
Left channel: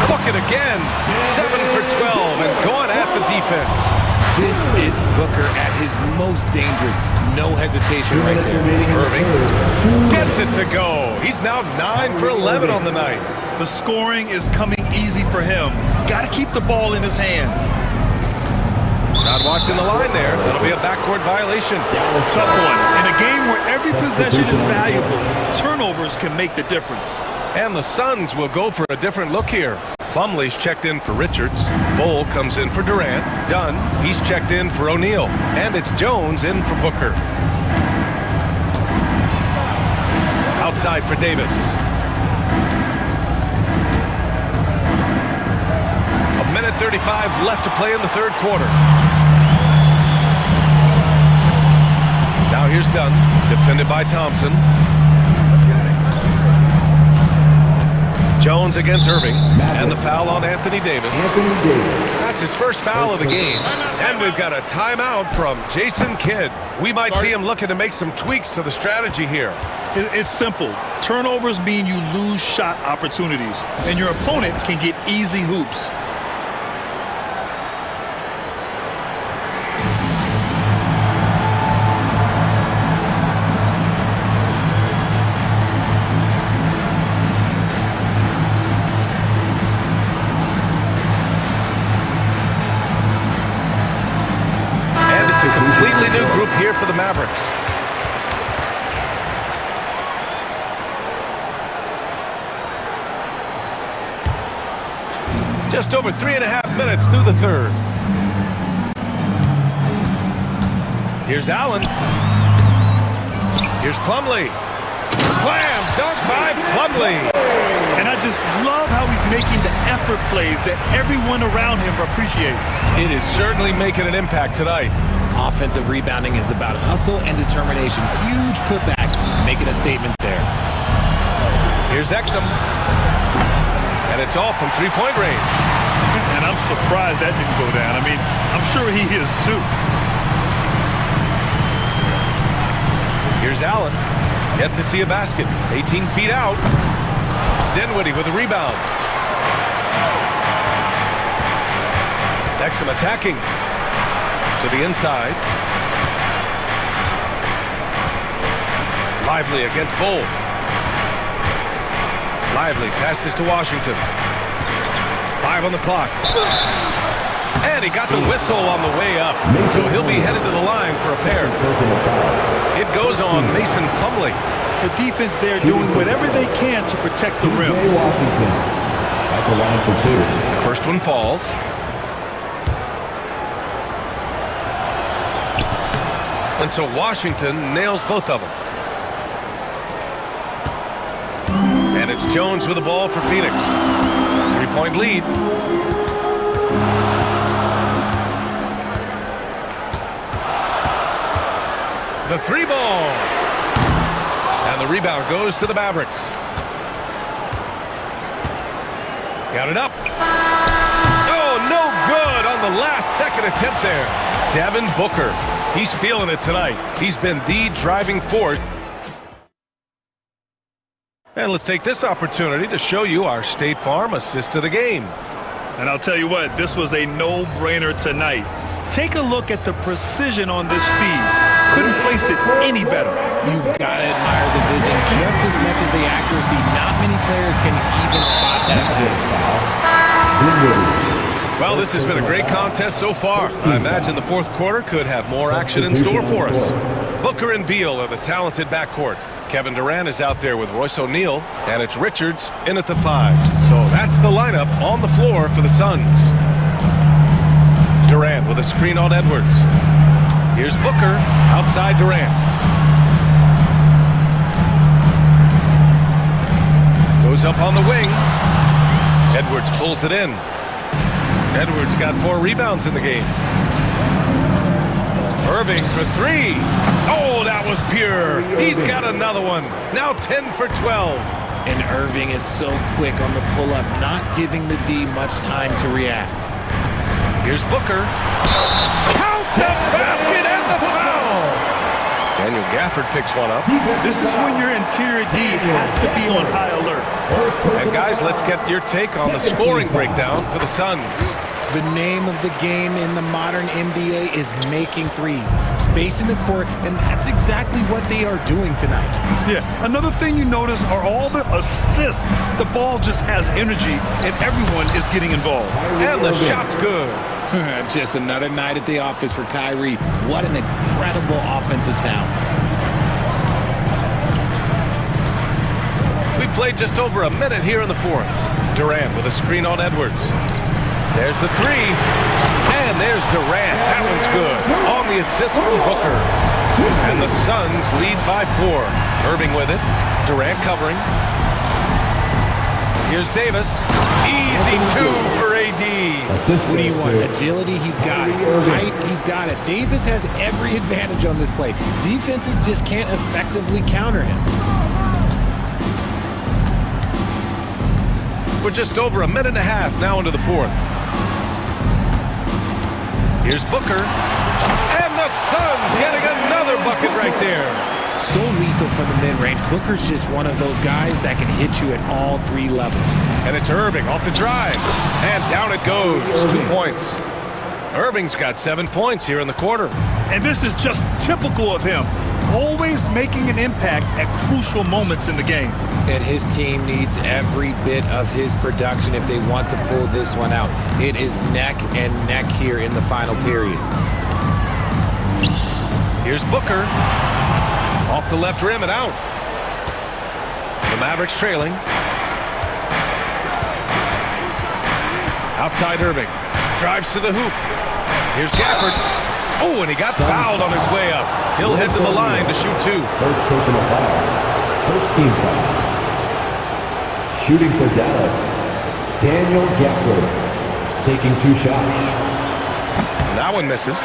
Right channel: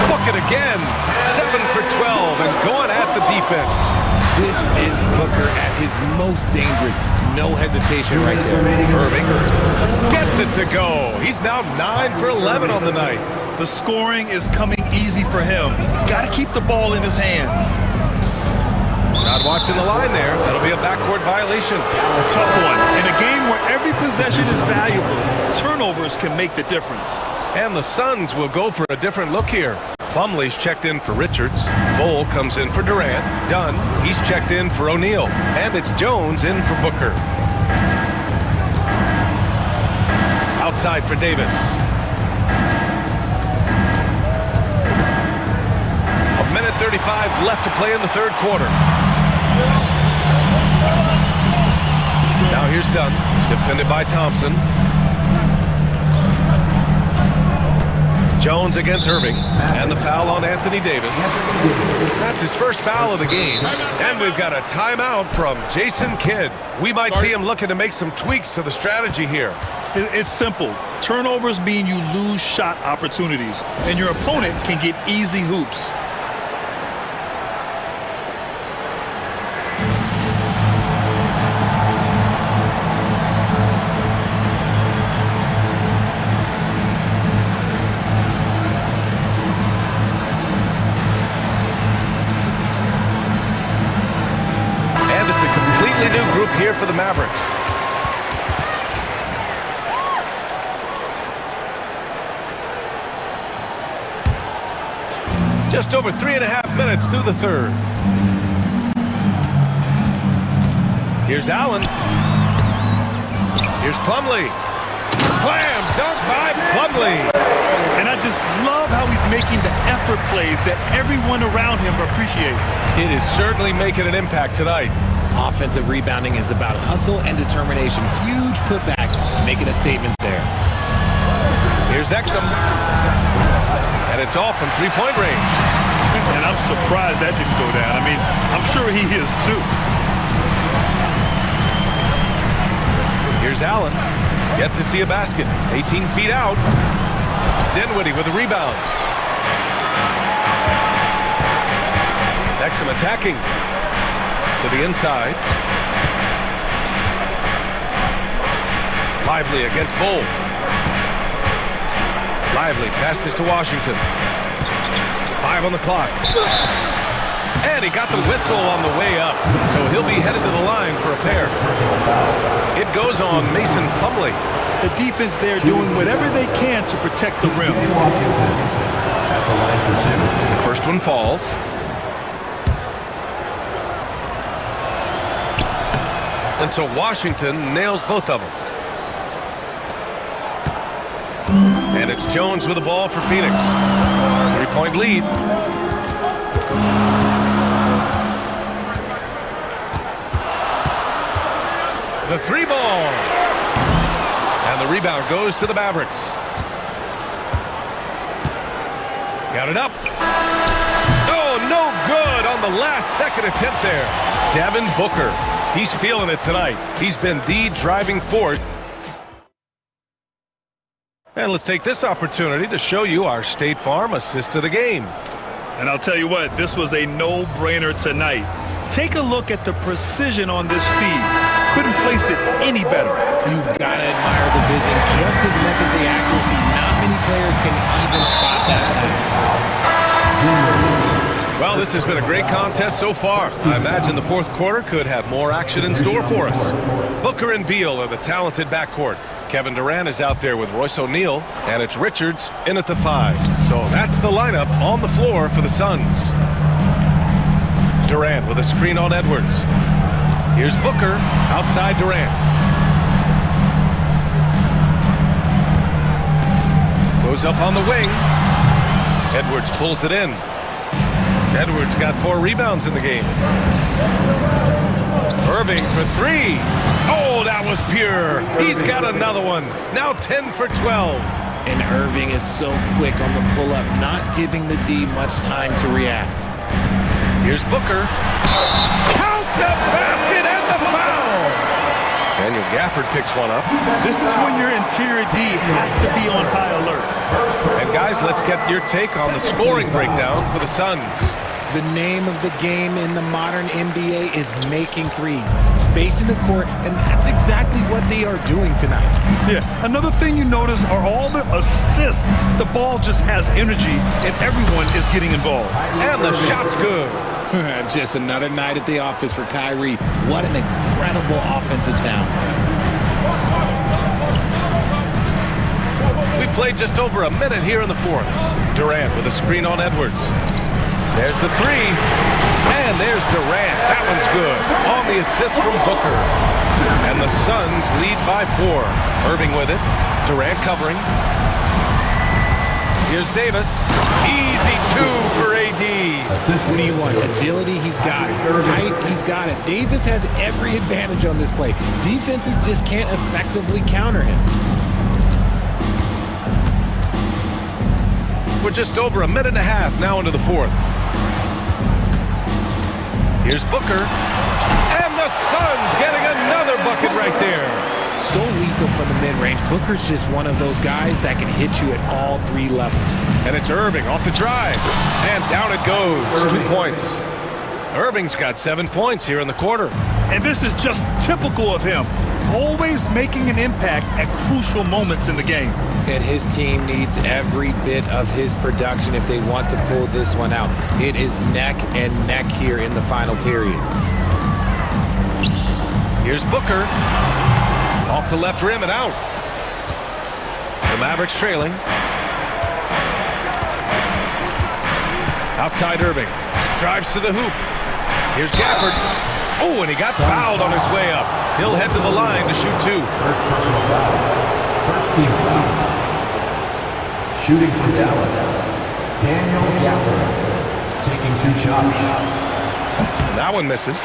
Book it again. 7 for 12 and going at the defense. This is Booker at his most dangerous. No hesitation right there. Irving gets it to go. He's now 9 for 11 on the night. The scoring is coming easy for him. Got to keep the ball in his hands. Not watching the line there. That'll be a backcourt violation. Tough one. In a game where every possession is valuable, turnovers can make the difference. And the Suns will go for a different look here. Plumlee's checked in for Richards. Bol comes in for Durant. Dunn, he's checked in for O'Neal. And it's Jones in for Booker. Outside for Davis. A minute 35 left to play in the third quarter. Now here's Dunn, defended by Thompson. Jones against Irving, and the foul on Anthony Davis. That's his first foul of the game. And we've got a timeout from Jason Kidd. We might see him looking to make some tweaks to the strategy here. It's simple. Turnovers mean you lose shot opportunities, and your opponent can get easy hoops. It's a completely new group here for the Mavericks. Just over 3.5 minutes through the third. Here's Allen. Here's Plumlee. Slam dunk by Plumlee. And I just love how he's making the effort plays that everyone around him appreciates. It is certainly making an impact tonight. Offensive rebounding is about hustle and determination. Huge putback, making a statement there. Here's Exum. And it's off from three-point range. And I'm surprised that didn't go down. I mean, I'm sure he is too. Here's Allen. Yet to see a basket. 18 feet out. Dinwiddie with a rebound. Exum attacking. To the inside. Lively against Bol. Lively passes to Washington. 5 on the clock. And he got the whistle on the way up. So he'll be headed to the line for a pair. It goes on Mason Plumlee. The defense there doing whatever they can to protect the rim. At the line for 2. The first one falls. And so Washington nails both of them. And it's Jones with the ball for Phoenix. 3-point lead. The three ball. And the rebound goes to the Mavericks. Got it up. Oh, no good on the last second attempt there. Devin Booker. He's feeling it tonight. He's been the driving force. And let's take this opportunity to show you our State Farm assist of the game. And I'll tell you what, this was a no-brainer tonight. Take a look at the precision on this feed. Couldn't place it any better. You've got to admire the vision just as much as the accuracy. Not many players can even spot that pass. Well, this has been a great contest so far. I imagine the fourth quarter could have more action in store for us. Booker and Beal are the talented backcourt. Kevin Durant is out there with Royce O'Neal, and it's Richards in at the 5. So that's the lineup on the floor for the Suns. Durant with a screen on Edwards. Here's Booker outside Durant. Goes up on the wing. Edwards pulls it in. Edwards got 4 rebounds in the game. Irving for 3. Oh, that was pure. He's got another one. Now 10 for 12. And Irving is so quick on the pull-up, not giving the D much time to react. Here's Booker. Count the basket and the foul. Daniel Gafford picks one up. This is when your interior D has to be on high alert. And guys, let's get your take on the scoring breakdown for the Suns. The name of the game in the modern NBA is making threes, spacing the court, and that's exactly what they are doing tonight. Yeah, another thing you notice are all the assists. The ball just has energy, and everyone is getting involved. And the shot's good. Just another night at the office for Kyrie. What an incredible offensive talent. We played just over a minute here in the fourth. Durant with a screen on Edwards. There's the 3. And there's Durant. That one's good. On the assist from Booker. And the Suns lead by 4. Irving with it. Durant covering. Here's Davis. Easy 2 for AD. What do you want? Agility, he's got it. Height, he's got it. Davis has every advantage on this play. Defenses just can't effectively counter him. We're just over a minute and a half now into the fourth. Here's Booker. And the Suns getting another bucket right there. So lethal from the mid-range. Booker's just one of those guys that can hit you at all 3 levels. And it's Irving off the drive. And down it goes. 2 points. Irving's got 7 points here in the quarter. And this is just typical of him. Always making an impact at crucial moments in the game. And his team needs every bit of his production if they want to pull this one out. It is neck and neck here in the final period. Here's Booker. Off the left rim and out. The Mavericks trailing. Outside Irving. Drives to the hoop. Here's Gafford. Oh, and he got fouled on his way up. He'll head to the line to shoot 2. First personal foul. First team foul. Shooting for Dallas, Daniel Gafford, taking 2 shots. And that one misses.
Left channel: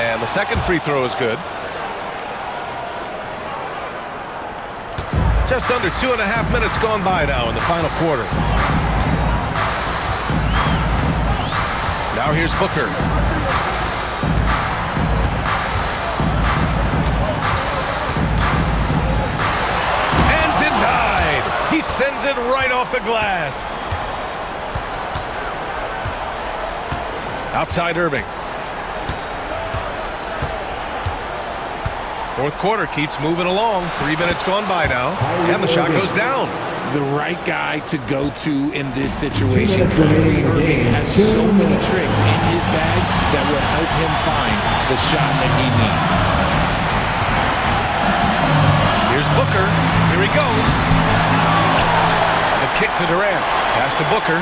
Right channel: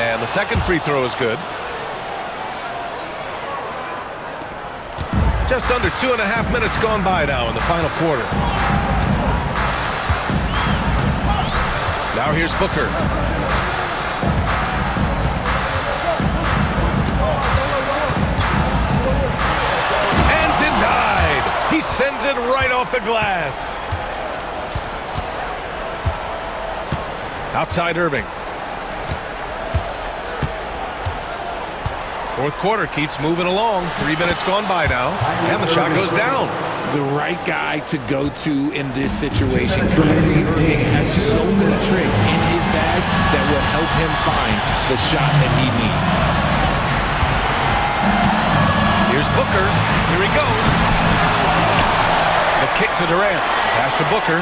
And the second free throw is good. Just under 2.5 minutes gone by now in the final quarter. Now here's Booker. He sends it right off the glass. Outside Irving. Fourth quarter keeps moving along. 3 minutes gone by now. And the shot goes down. The right guy to go to in this situation. Kyrie Irving has so many tricks in his bag that will help him find the shot that he needs. Here's Booker. Here he goes. The kick to Durant. Pass to Booker.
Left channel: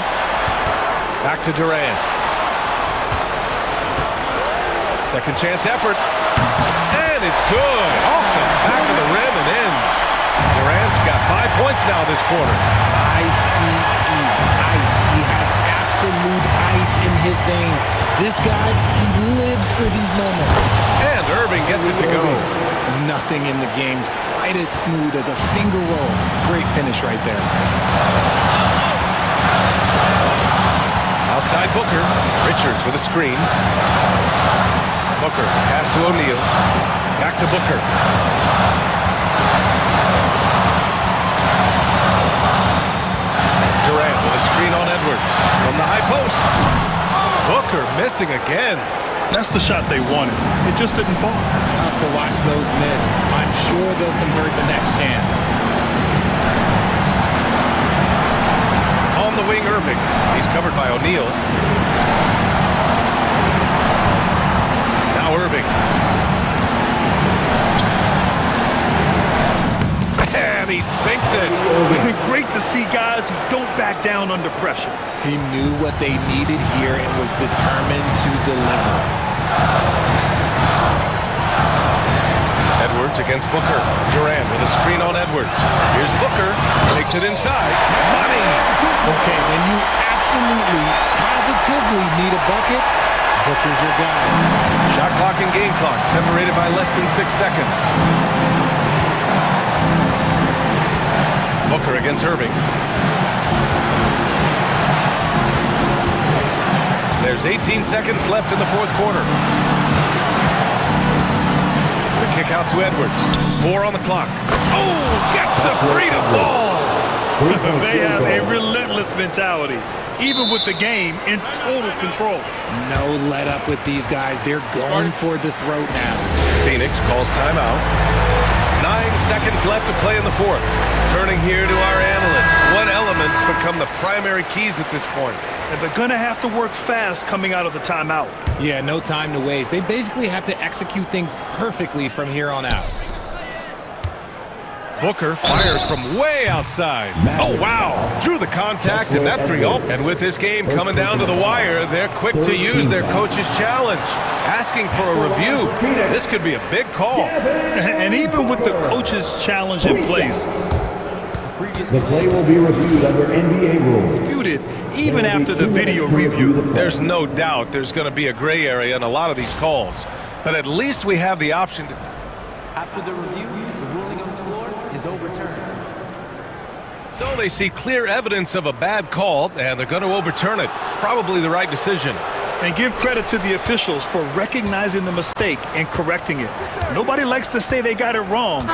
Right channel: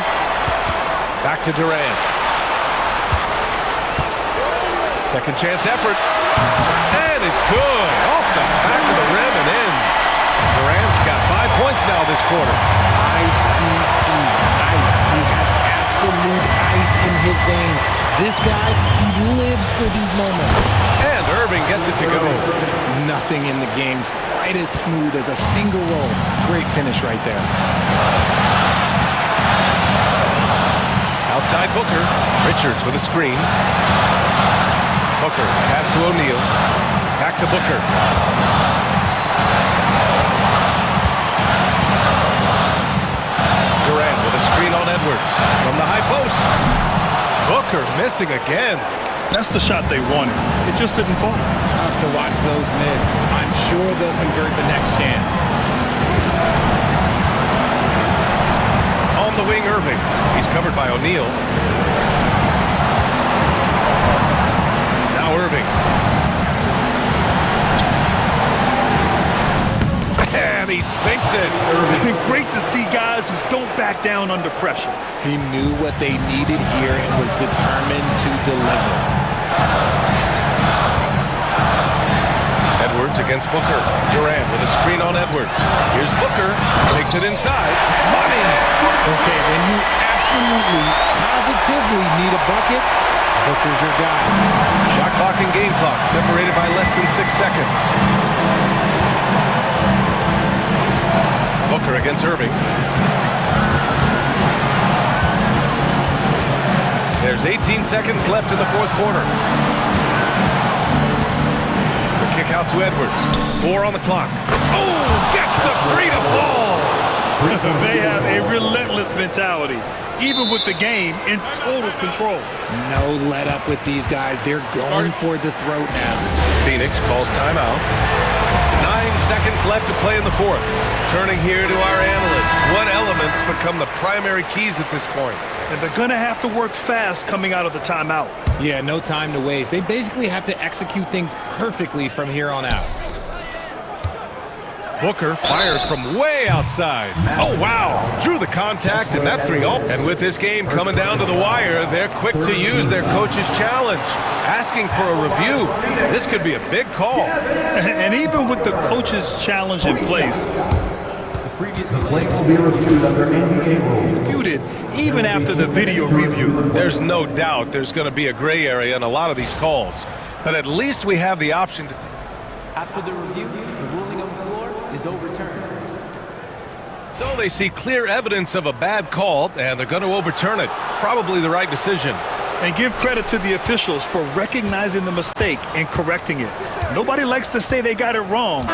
Back to Durant. Second chance effort. And it's good. Off the back of the rim and in. Durant's got 5 points now this quarter. ICE, ice. He has absolute ice in his veins. This guy, he lives for these moments. And Irving gets it to go. Nothing in the game's quite as smooth as a finger roll. Great finish right there. Outside Booker. Richards with a screen. Booker, pass to O'Neal. Back to Booker. Durant with a screen on Edwards. From the high post. Booker missing again. That's the shot they wanted. It just didn't fall. Tough to watch those miss. I'm sure they'll convert the next chance. On the wing, Irving. He's covered by O'Neal. Now Irving. And he sinks it. Great to see guys who don't back down under pressure. He knew what they needed here and was determined to deliver. Edwards against Booker. Durant with a screen on Edwards. Here's Booker. Takes it inside. Money! Okay, when you absolutely, positively need a bucket, Booker's your guy. Shot clock and game clock separated by less than 6 seconds. Booker against Irving. There's 18 seconds left in the fourth quarter. The kick out to Edwards. 4 on the clock. Oh, gets the 3 to fall. They have a relentless mentality, even with the game in total control. No let up with these guys. They're going for the throat now. Phoenix calls timeout. 9 seconds left to play in the fourth. Turning here to our analyst. What elements become the primary keys at this point? And they're going to have to work fast coming out of the timeout. Yeah, no time to waste. They basically have to execute things perfectly from here on out. Booker fires from way outside. Oh, wow. Drew the contact and that 3-0. And with this game coming down to the wire, they're quick to use their coach's challenge. Asking for a review. This could be a big call. And even with the coach's challenge in place, The play will be reviewed under NBA rules. disputed even after the video review. There's no doubt there's going to be a gray area in a lot of these calls. But at least we have the option to... After the review, the ruling on the floor is overturned. So they see clear evidence of a bad call, and they're going to overturn it. Probably the right decision. And give credit to the officials for recognizing the mistake and correcting it. Nobody likes to say they got it wrong.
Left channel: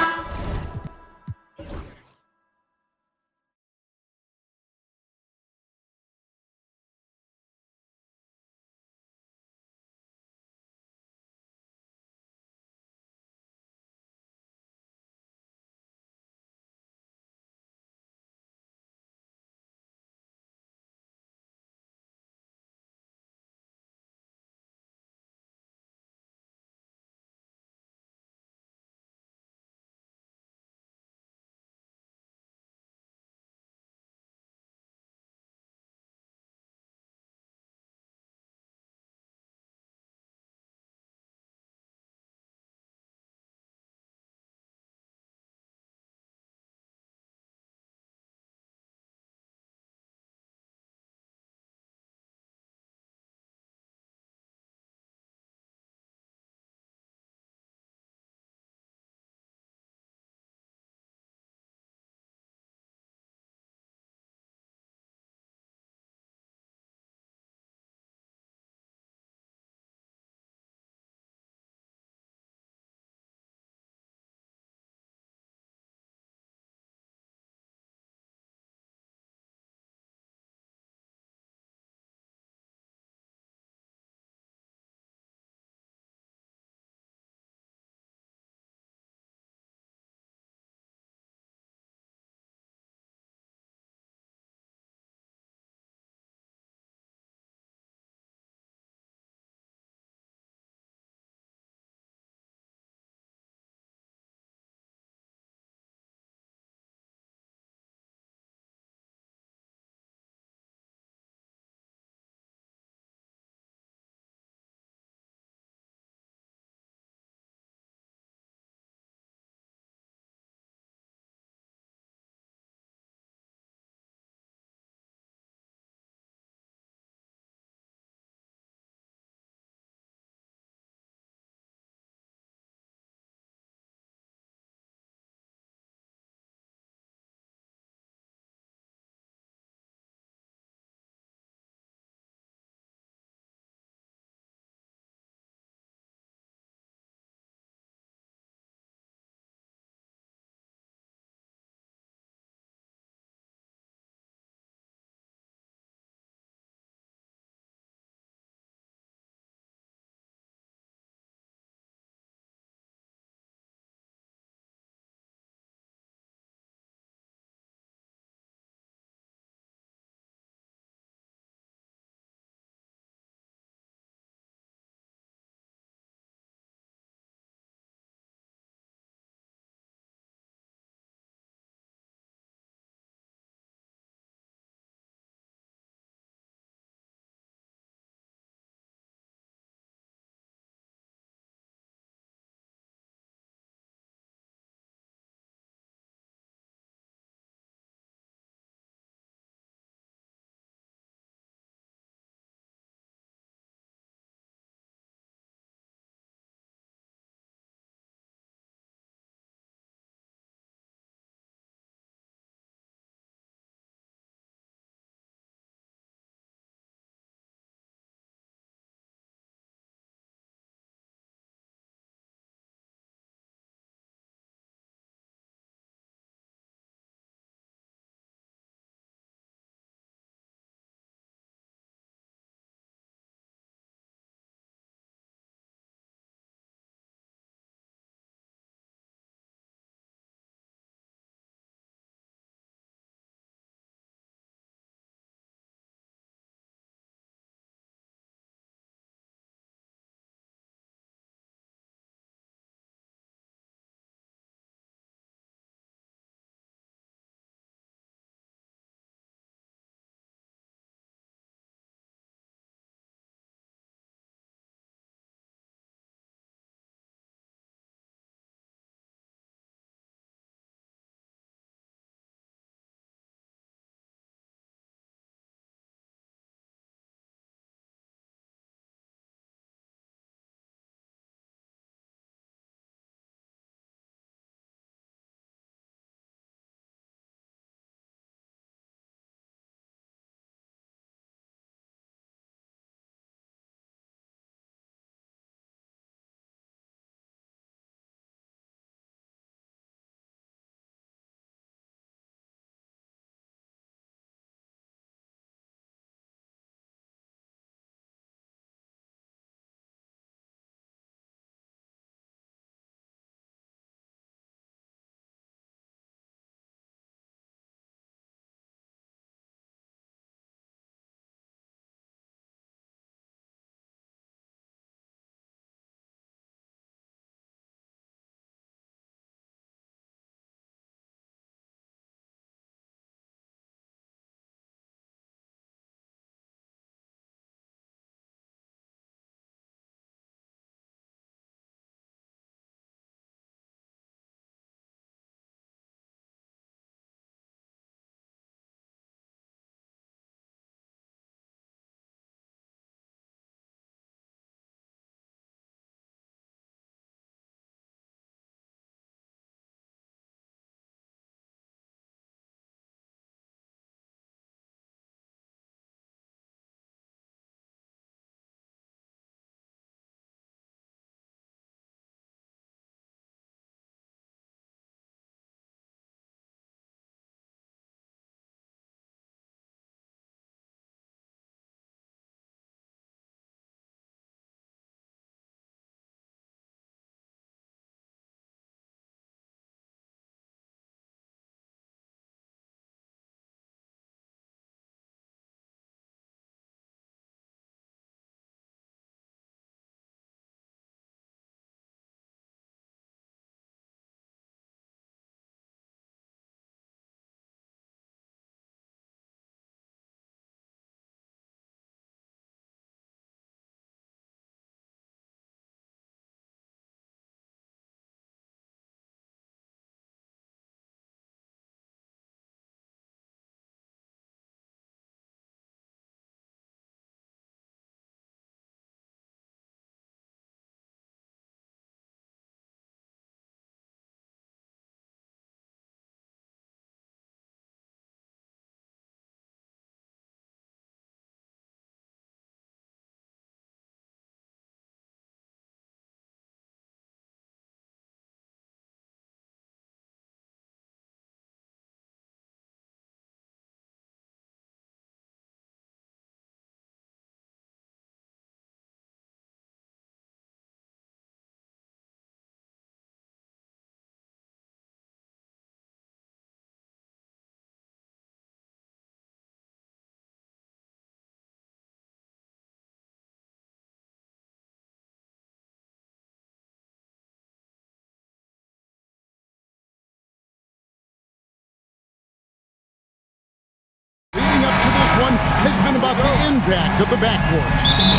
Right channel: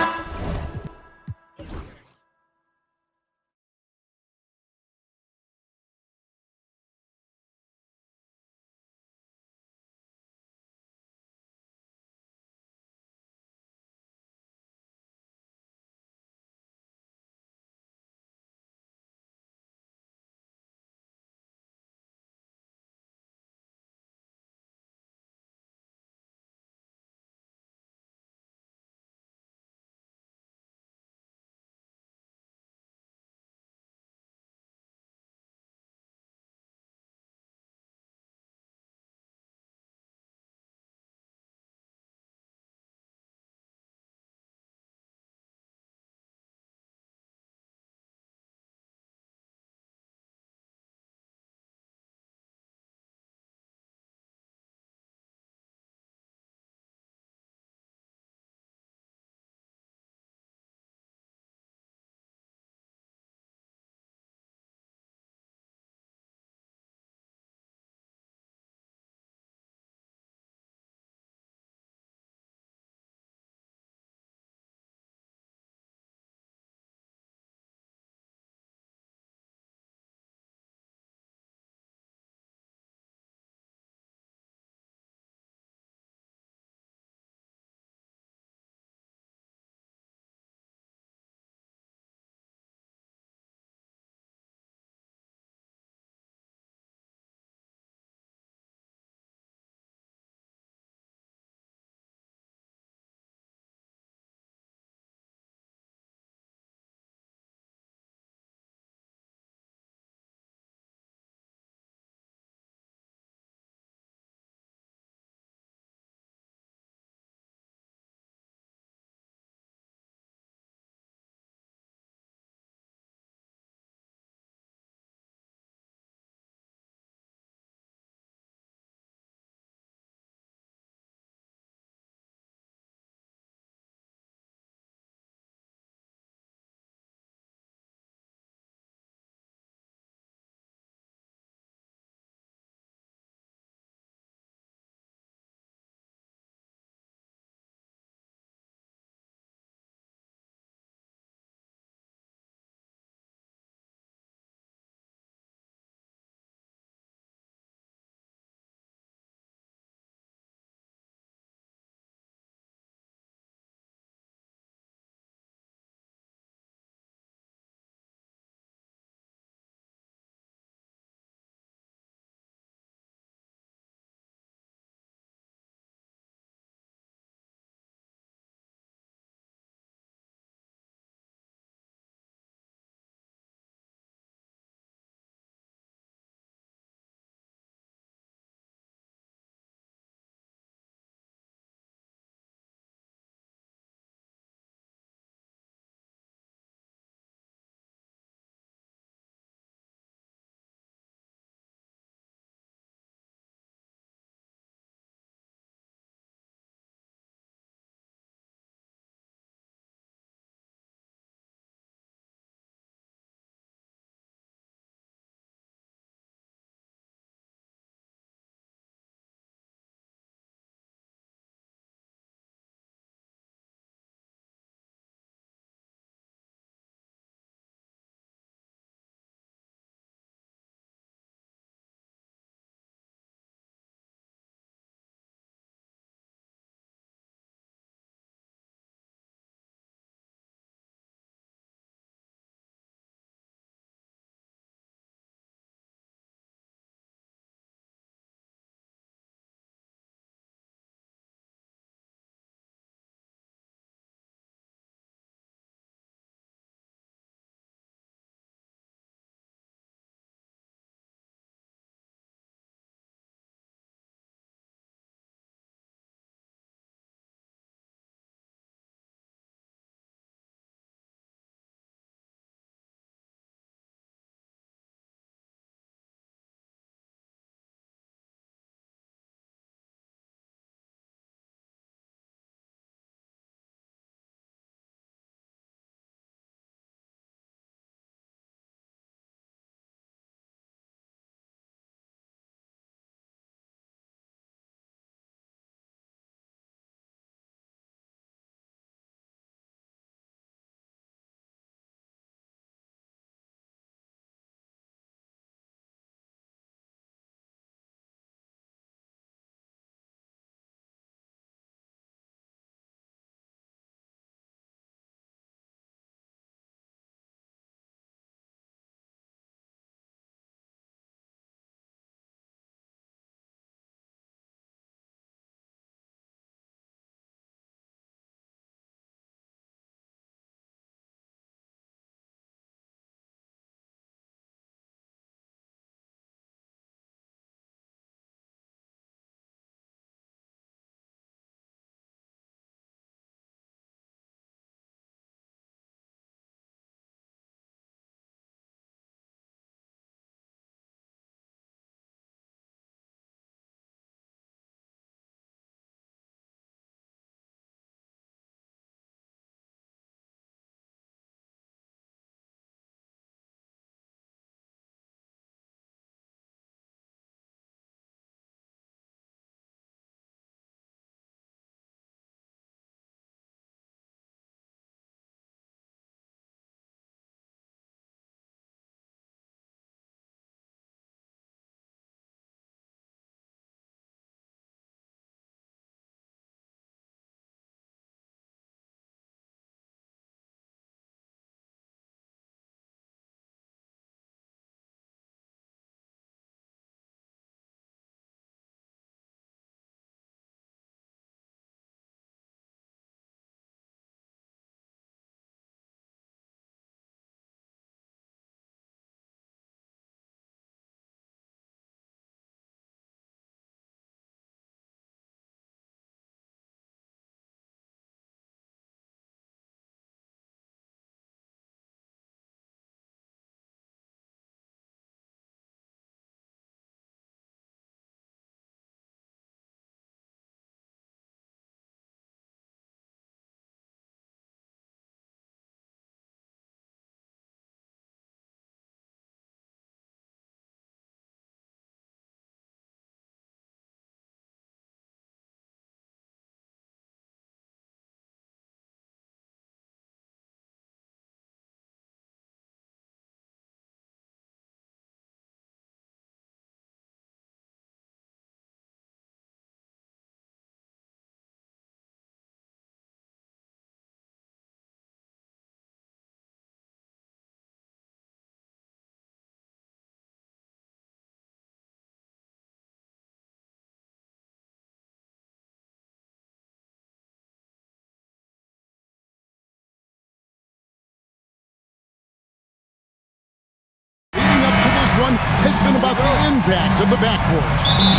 one has been about the impact of the backcourt.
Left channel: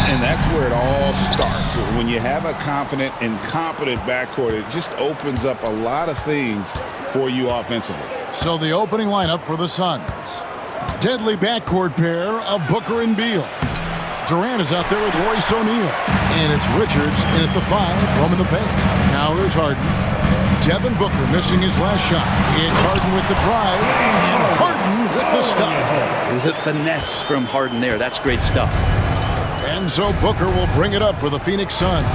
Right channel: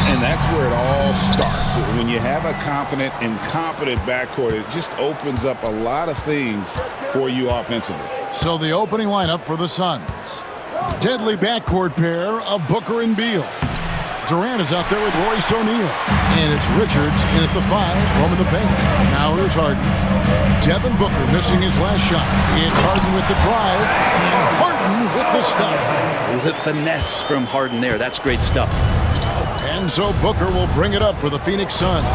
And that's where it all starts. When you have a confident and competent backcourt, it just opens up a lot of things for you offensively. So the opening lineup for the Suns. Deadly backcourt pair of Booker and Beal. Durant is out there with Royce O'Neal. And it's Richards in at the 5, roaming the paint. Now here's Harden. Devin Booker missing his last shot. It's Harden with the drive, and Harden with the stuff. It was a finesse from Harden there. That's great stuff. And so Booker will bring it up for the Phoenix Suns.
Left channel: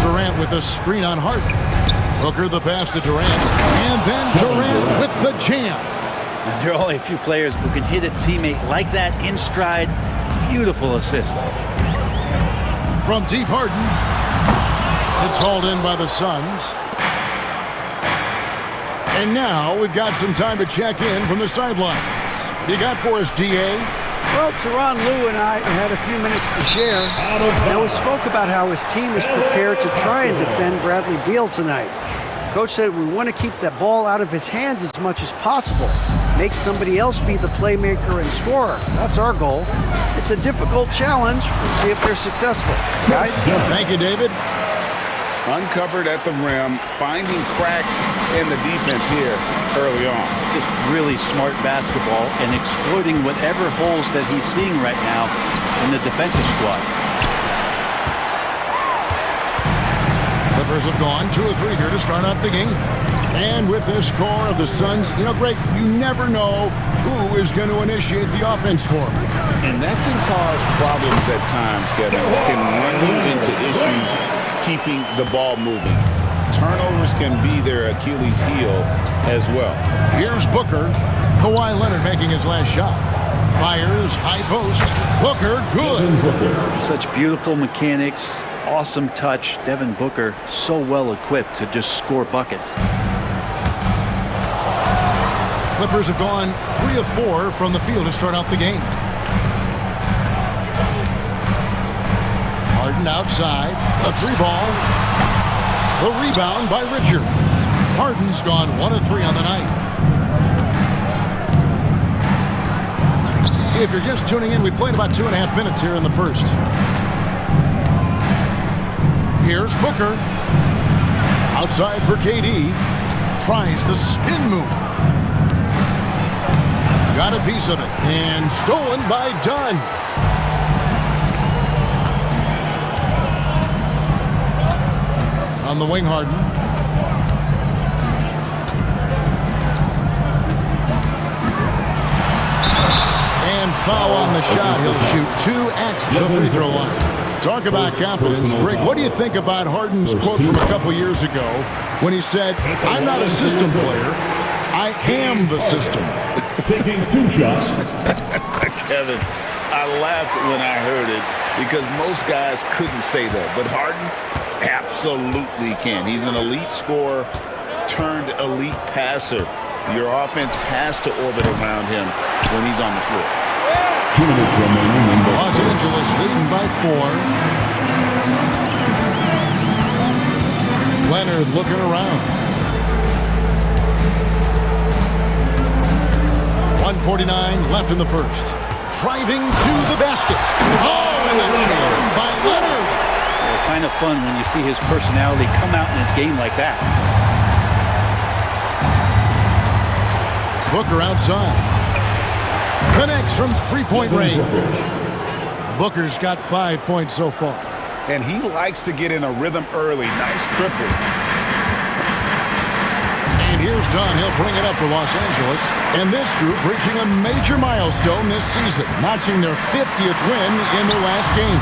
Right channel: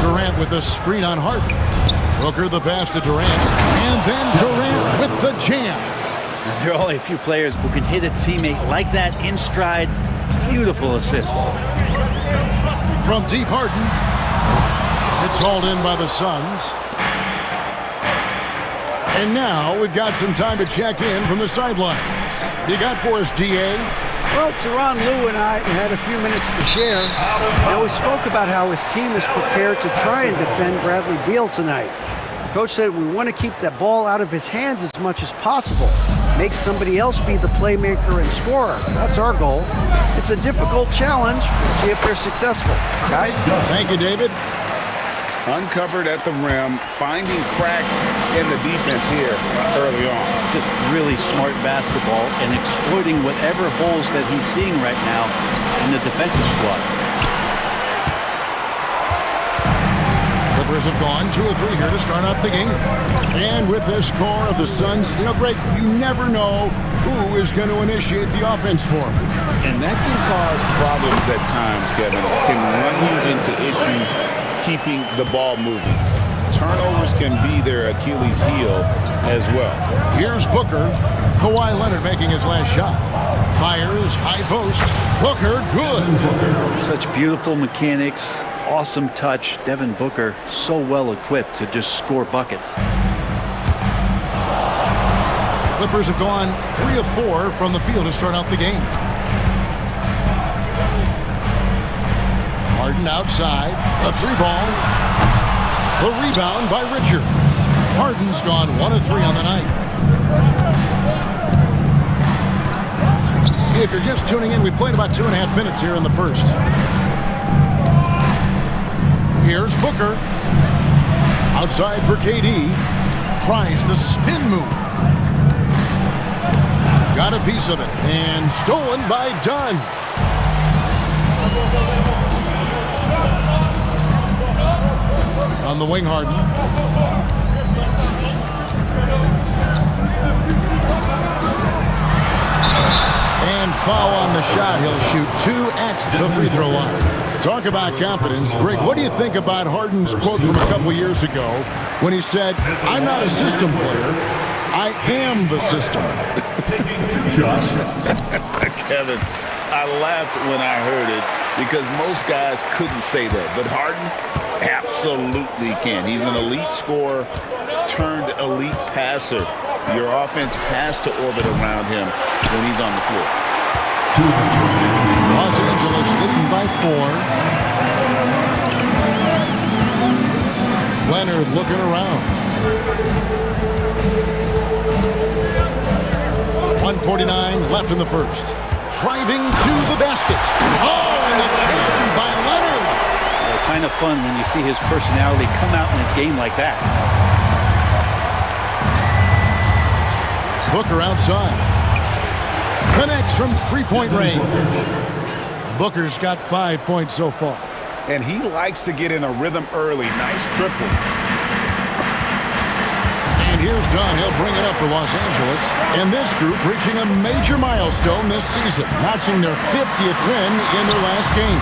Durant with the screen on Harden. Booker the pass to Durant, and then Durant with the jam. Now, there are only a few players who can hit a teammate like that in stride. Beautiful assist. From deep, Harden. It's hauled in by the Suns. And now we've got some time to check in from the sidelines. What do you got for us, D.A.? Well, Tyronn Lue and I had a few minutes to share. Now, we spoke about how his team is prepared to try and defend Bradley Beal tonight. Coach said we want to keep that ball out of his hands as much as possible. Make somebody else be the playmaker and scorer. That's our goal. It's a difficult challenge. We'll see if they're successful. Guys? Thank you, David. Uncovered at the rim, finding cracks in the defense here early on. Just really smart basketball and exploiting whatever holes that he's seeing right now in the defensive squad. Clippers have gone 2 or 3 here to start out the game. And with this score of the Suns, you know, Greg, you never know who is going to initiate the offense for them. And that can cause problems at times, Kevin. Can run you into issues keeping the ball moving. Turnovers can be their Achilles heel as well. Here's Booker. Kawhi Leonard making his last shot. Fires, high post. Booker, good. Such beautiful mechanics, awesome touch. Devin Booker, so well equipped to just score buckets. Clippers have gone 3 of 4 from the field to start out the game. Harden outside, a 3-ball. The rebound by Richards. Harden's gone 1 of 3 on the night. If you're just tuning in, we've played about 2.5 minutes here in the first. Here's Booker. Outside for KD. Tries the spin move. Got a piece of it. And stolen by Dunn. On the wing, Harden. And foul on the shot. He'll shoot 2 at the free throw line. Talk about confidence. Greg, what do you think about Harden's quote from a couple years ago when he said, "I'm not a system player, I am the system"? Taking 2 shots. Kevin, I laughed when I heard it because most guys couldn't say that. But Harden absolutely can. He's an elite scorer turned elite passer. Your offense has to orbit around him when he's on the floor. Los Angeles leading by 4. Leonard looking around. 1:49 left in the first. Driving to the basket. Oh, and the jam by Leonard. Yeah, kind of fun when you see his personality come out in his game like that. Booker outside. Connects from 3-point range. Booker's got 5 points so far. And he likes to get in a rhythm early. Nice triple. And here's Dunn. He'll bring it up for Los Angeles. And this group reaching a major milestone this season, notching their 50th win in their last game.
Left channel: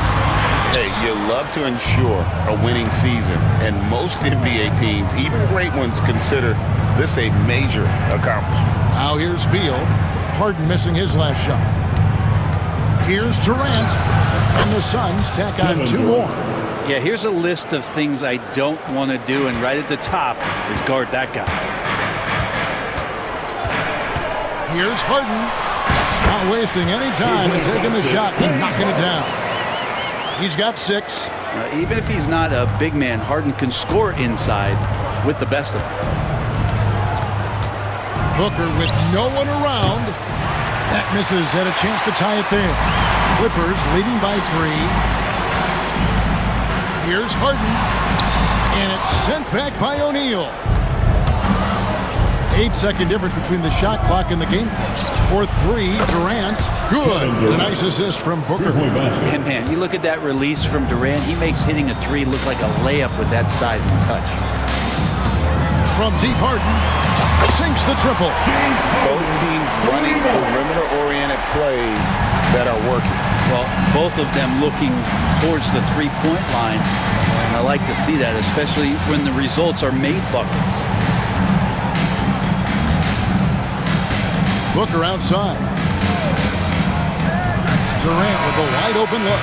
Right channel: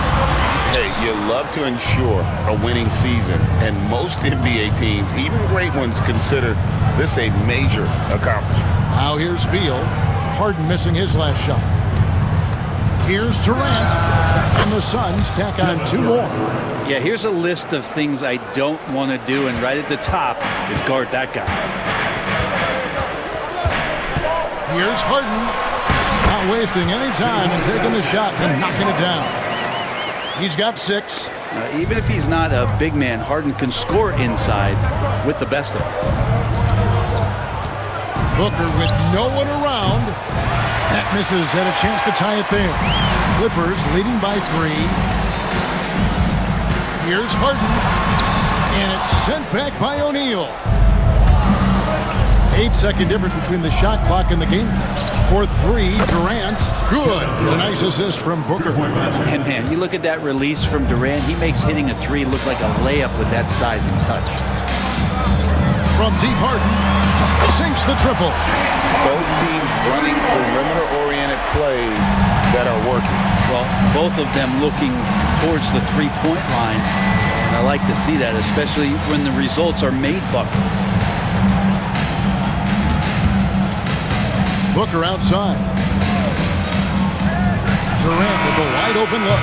Hey, you love to ensure a winning season. And most NBA teams, even great ones, consider this a major accomplishment. Now here's Beal. Harden missing his last shot. Here's Durant. And the Suns tack on 2 more. Yeah, here's a list of things I don't want to do, and right at the top is guard that guy. Here's Harden. Not wasting any time and taking the shot and knocking it down. He's got 6. Even if he's not a big man, Harden can score inside with the best of them. Booker with no one around. That misses, had a chance to tie it there. Clippers leading by 3. Here's Harden. And it's sent back by O'Neal. 8-second difference between the shot clock and the game clock. For 3, Durant. Good. A nice assist from Booker. And man, you look at that release from Durant. He makes hitting a 3 look like a layup with that size and touch. From deep, Harden sinks the triple. Both teams running perimeter-oriented plays that are working. Well, both of them looking towards the three-point line. And I like to see that, especially when the results are made buckets. Booker outside. Durant with a wide open look.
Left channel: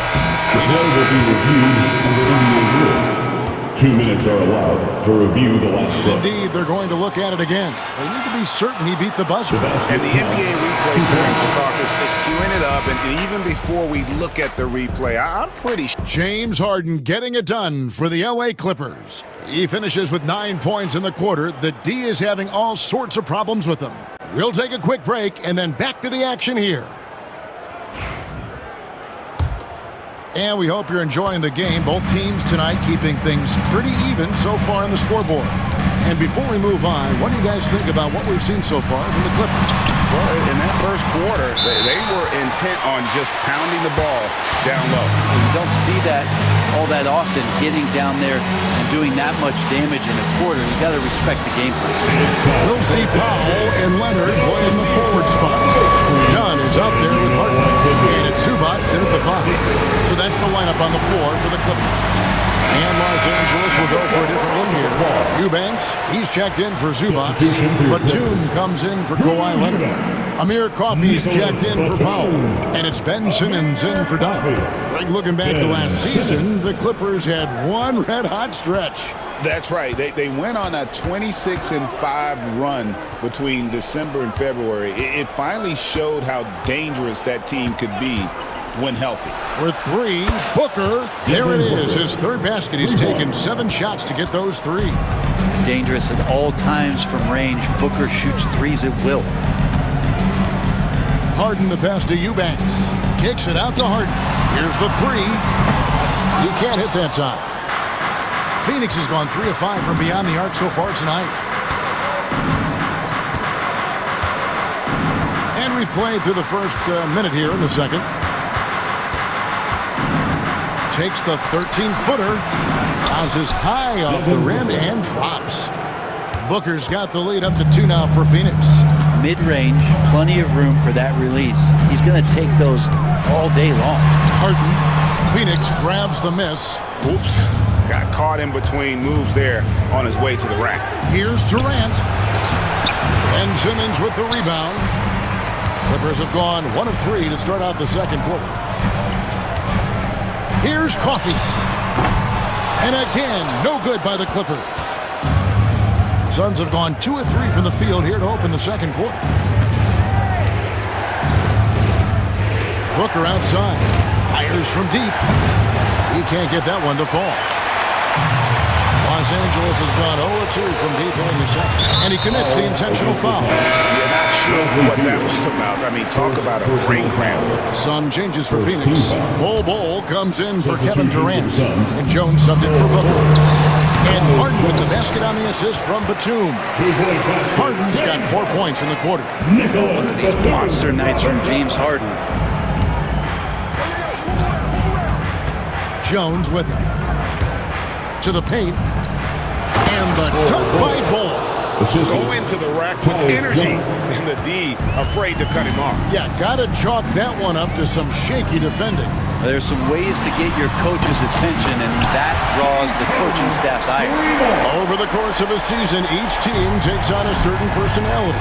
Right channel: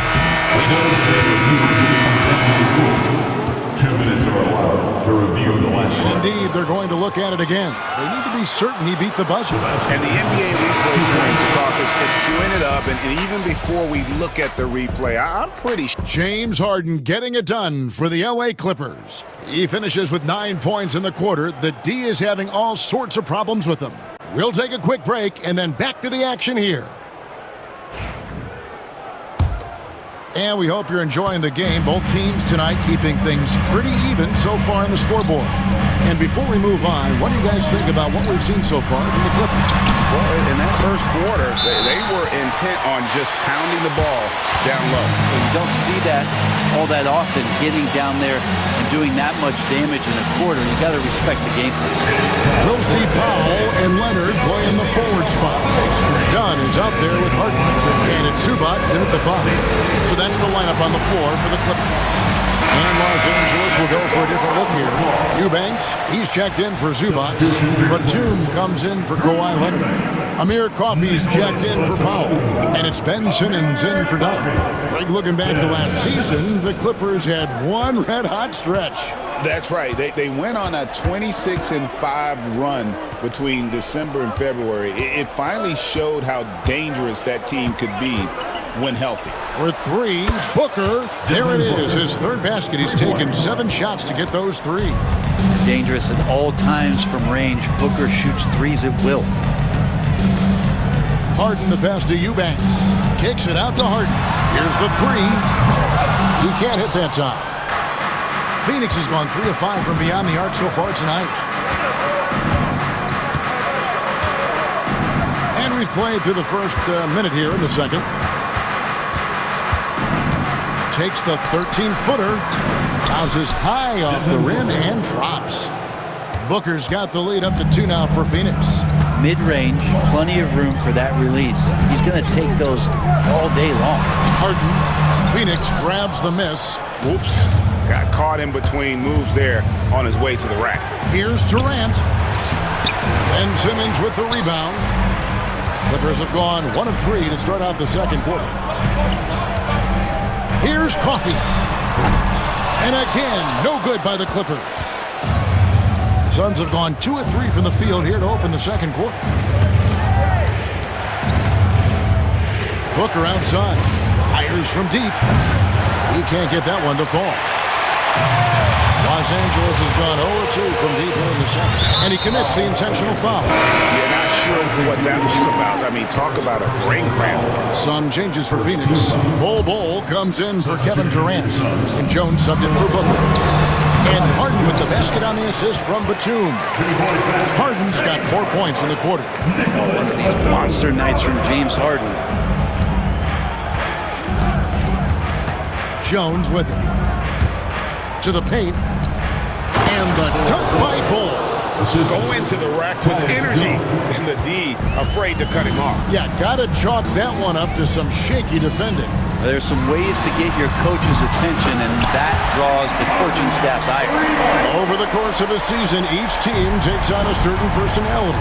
2 minutes are allowed to review the last play. Indeed, they're going to look at it again. They need to be certain he beat the buzzer. And the NBA replay center, Secaucus, is queuing it up, and even before we look at the replay, I'm pretty sure. James Harden getting it done for the LA Clippers. He finishes with 9 points in the quarter. The D is having all sorts of problems with him. We'll take a quick break and then back to the action here. And we hope you're enjoying the game. Both teams tonight keeping things pretty even so far on the scoreboard. And before we move on, what do you guys think about what we've seen so far from the Clippers? Well, in that first quarter, they were intent on just pounding the ball down low. And you don't see that all that often, getting down there and doing that much damage in a quarter. You got to respect the game plan. We'll see Powell and Leonard play in the forward spot. Dunn is out there with Harden. And it's Zubac in at the 5. So that's the lineup on the floor for the Clippers. And Los Angeles will go for a different look here. Eubanks, he's checked in for Zubac. Batum comes in for Kawhi Leonard. Amir Coffey's checked in for Powell. And it's Ben Simmons in for Dunn. Like looking back to last season, the Clippers had one red-hot stretch. That's right. They went on a 26-5 run between December and February. It finally showed how dangerous that team could be when healthy. With 3, Booker. There it is, his third basket. He's taken 7 shots to get those 3. Dangerous at all times from range. Booker shoots 3s at will. Harden the pass to Eubanks. Kicks it out to Harden. Here's the 3. He can't hit that time. Phoenix has gone 3 of 5 from beyond the arc so far tonight. And we've played through the first minute here in the second. Takes the 13-footer, bounces high off the rim and drops. Booker's got the lead up to 2 now for Phoenix. Mid-range, plenty of room for that release. He's going to take those all day long. Harden, Phoenix grabs the miss. Oops, got caught in between moves there on his way to the rack. Here's Durant. Ben Simmons with the rebound. Clippers have gone 1 of 3 to start out the second quarter. Here's Coffey. And again, no good by the Clippers. The Suns have gone 2 of 3 from the field here to open the second quarter. Booker outside. Fires from deep. He can't get that one to fall. Los Angeles has gone 0-2 from deep here in the second. And he commits the intentional foul. Yeah, not sure what that was about. I mean, talk about a brain cramp. Some changes for Phoenix. Bol comes in for Kevin Durant. And Jones subbed in for Booker. And Harden with the basket on the assist from Batum. Harden's got 4 points in the quarter. One of these monster nights from James Harden. Jones with it. To the paint. And the dunk by Bol. Go into the rack with energy. And the D afraid to cut him off. Yeah, gotta chalk that one up to some shaky defending. There's some ways to get your coach's attention, and that draws the coaching staff's ire. Over the course of a season, each team takes on a certain personality.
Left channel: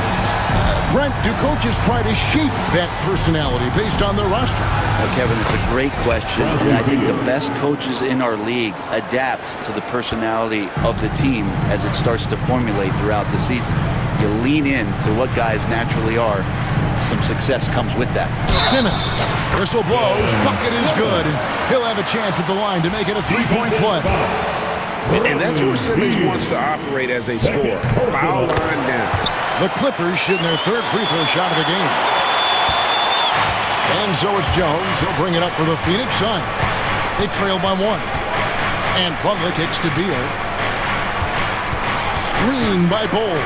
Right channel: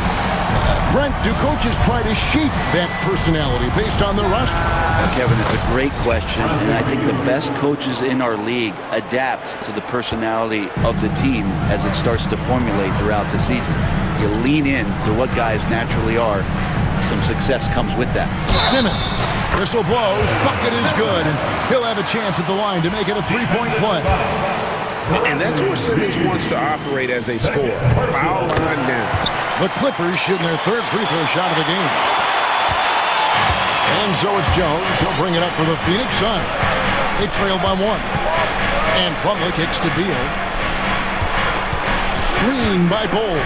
Brent, do coaches try to shape that personality based on their roster? Well, Kevin, it's a great question, and I think the best coaches in our league adapt to the personality of the team as it starts to formulate throughout the season. You lean in to what guys naturally are. Some success comes with that. Simmons, whistle blows, bucket is good, and he'll have a chance at the line to make it a 3-point play. And that's where Simmons wants to operate as a scorer. Foul line down. The Clippers shooting their third free throw shot of the game. And so it's Jones. He'll bring it up for the Phoenix Suns. They trail by 1. And Plumlee kicks to Beal. Screen by Bowl.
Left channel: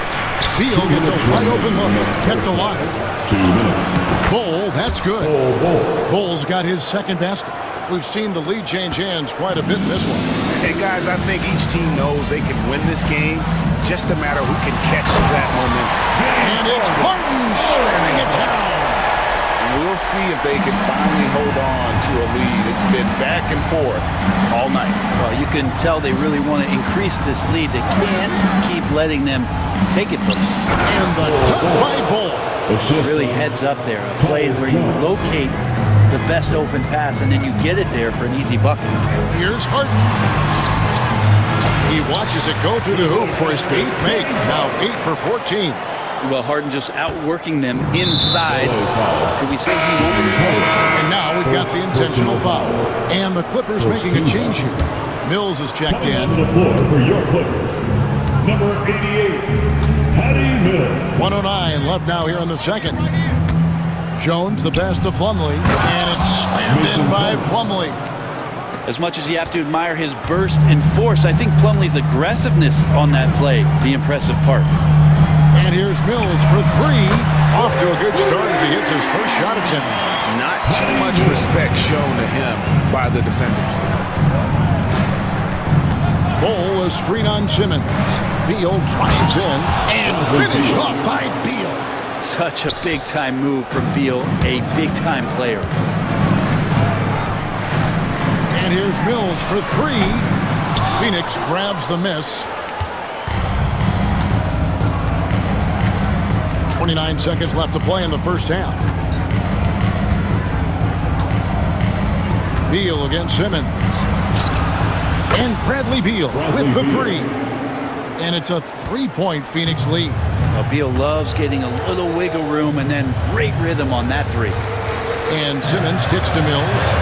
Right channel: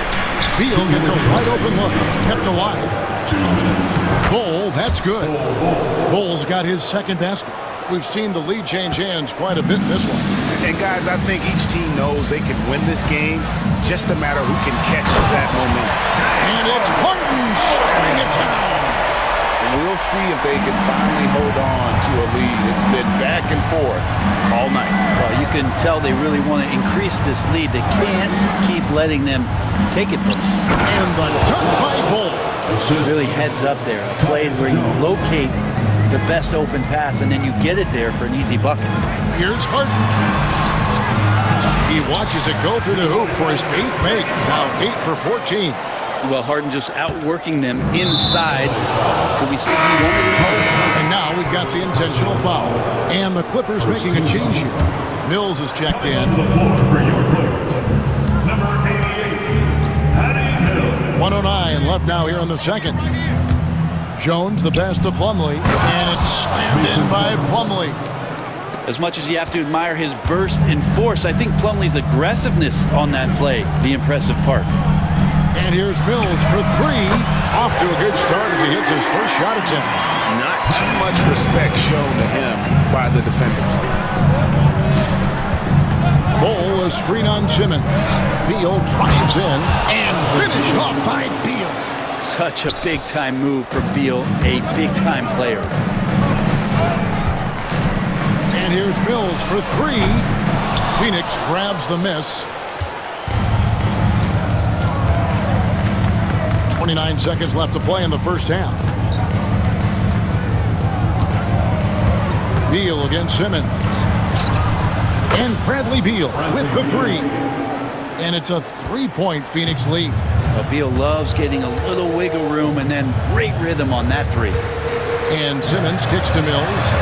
Beal gets a wide open look. Kept alive. 2 minutes. Bowl, that's good. Bowl's got his second basket. We've seen the lead change hands quite a bit in this one. And guys, I think each team knows they can win this game. Just a matter who can catch that momentum. And it's Harden slamming it down. We'll see if they can finally hold on to a lead. It's been back and forth all night. Well, you can tell they really want to increase this lead. They can't keep letting them take it from them. And the dunk by Bowl. Really heads up there. A play where you locate the best open pass and then you get it there for an easy bucket. Here's Harden. He watches it go through the hoop for his 8th make. Now 8 for 14. Well, Harden just outworking them inside. Could we say he wanted it? And now we've got the intentional foul. And the Clippers making a change here. Mills is checked in. On the floor for your Clippers, number 88, Patty Mills. 1:09 left now here in the second. Jones, the pass to Plumlee. And it's slammed in by Plumlee. As much as you have to admire his burst and force, I think Plumlee's aggressiveness on that play, the impressive part. And here's Mills for 3. Off to a good start as he hits his first shot attempt. Not too much respect shown to him by the defenders. Bowl, a screen on Simmons. Beal drives in and finished off by Beal. Such a big-time move from Beal, a big-time player. And here's Mills for 3. Phoenix grabs the miss. 29 seconds left to play in the first half. Beal against Simmons. And Bradley Beal with the 3. And it's a 3-point Phoenix lead. Well, Beal loves getting a little wiggle room and then great rhythm on that 3. And Simmons kicks to Mills.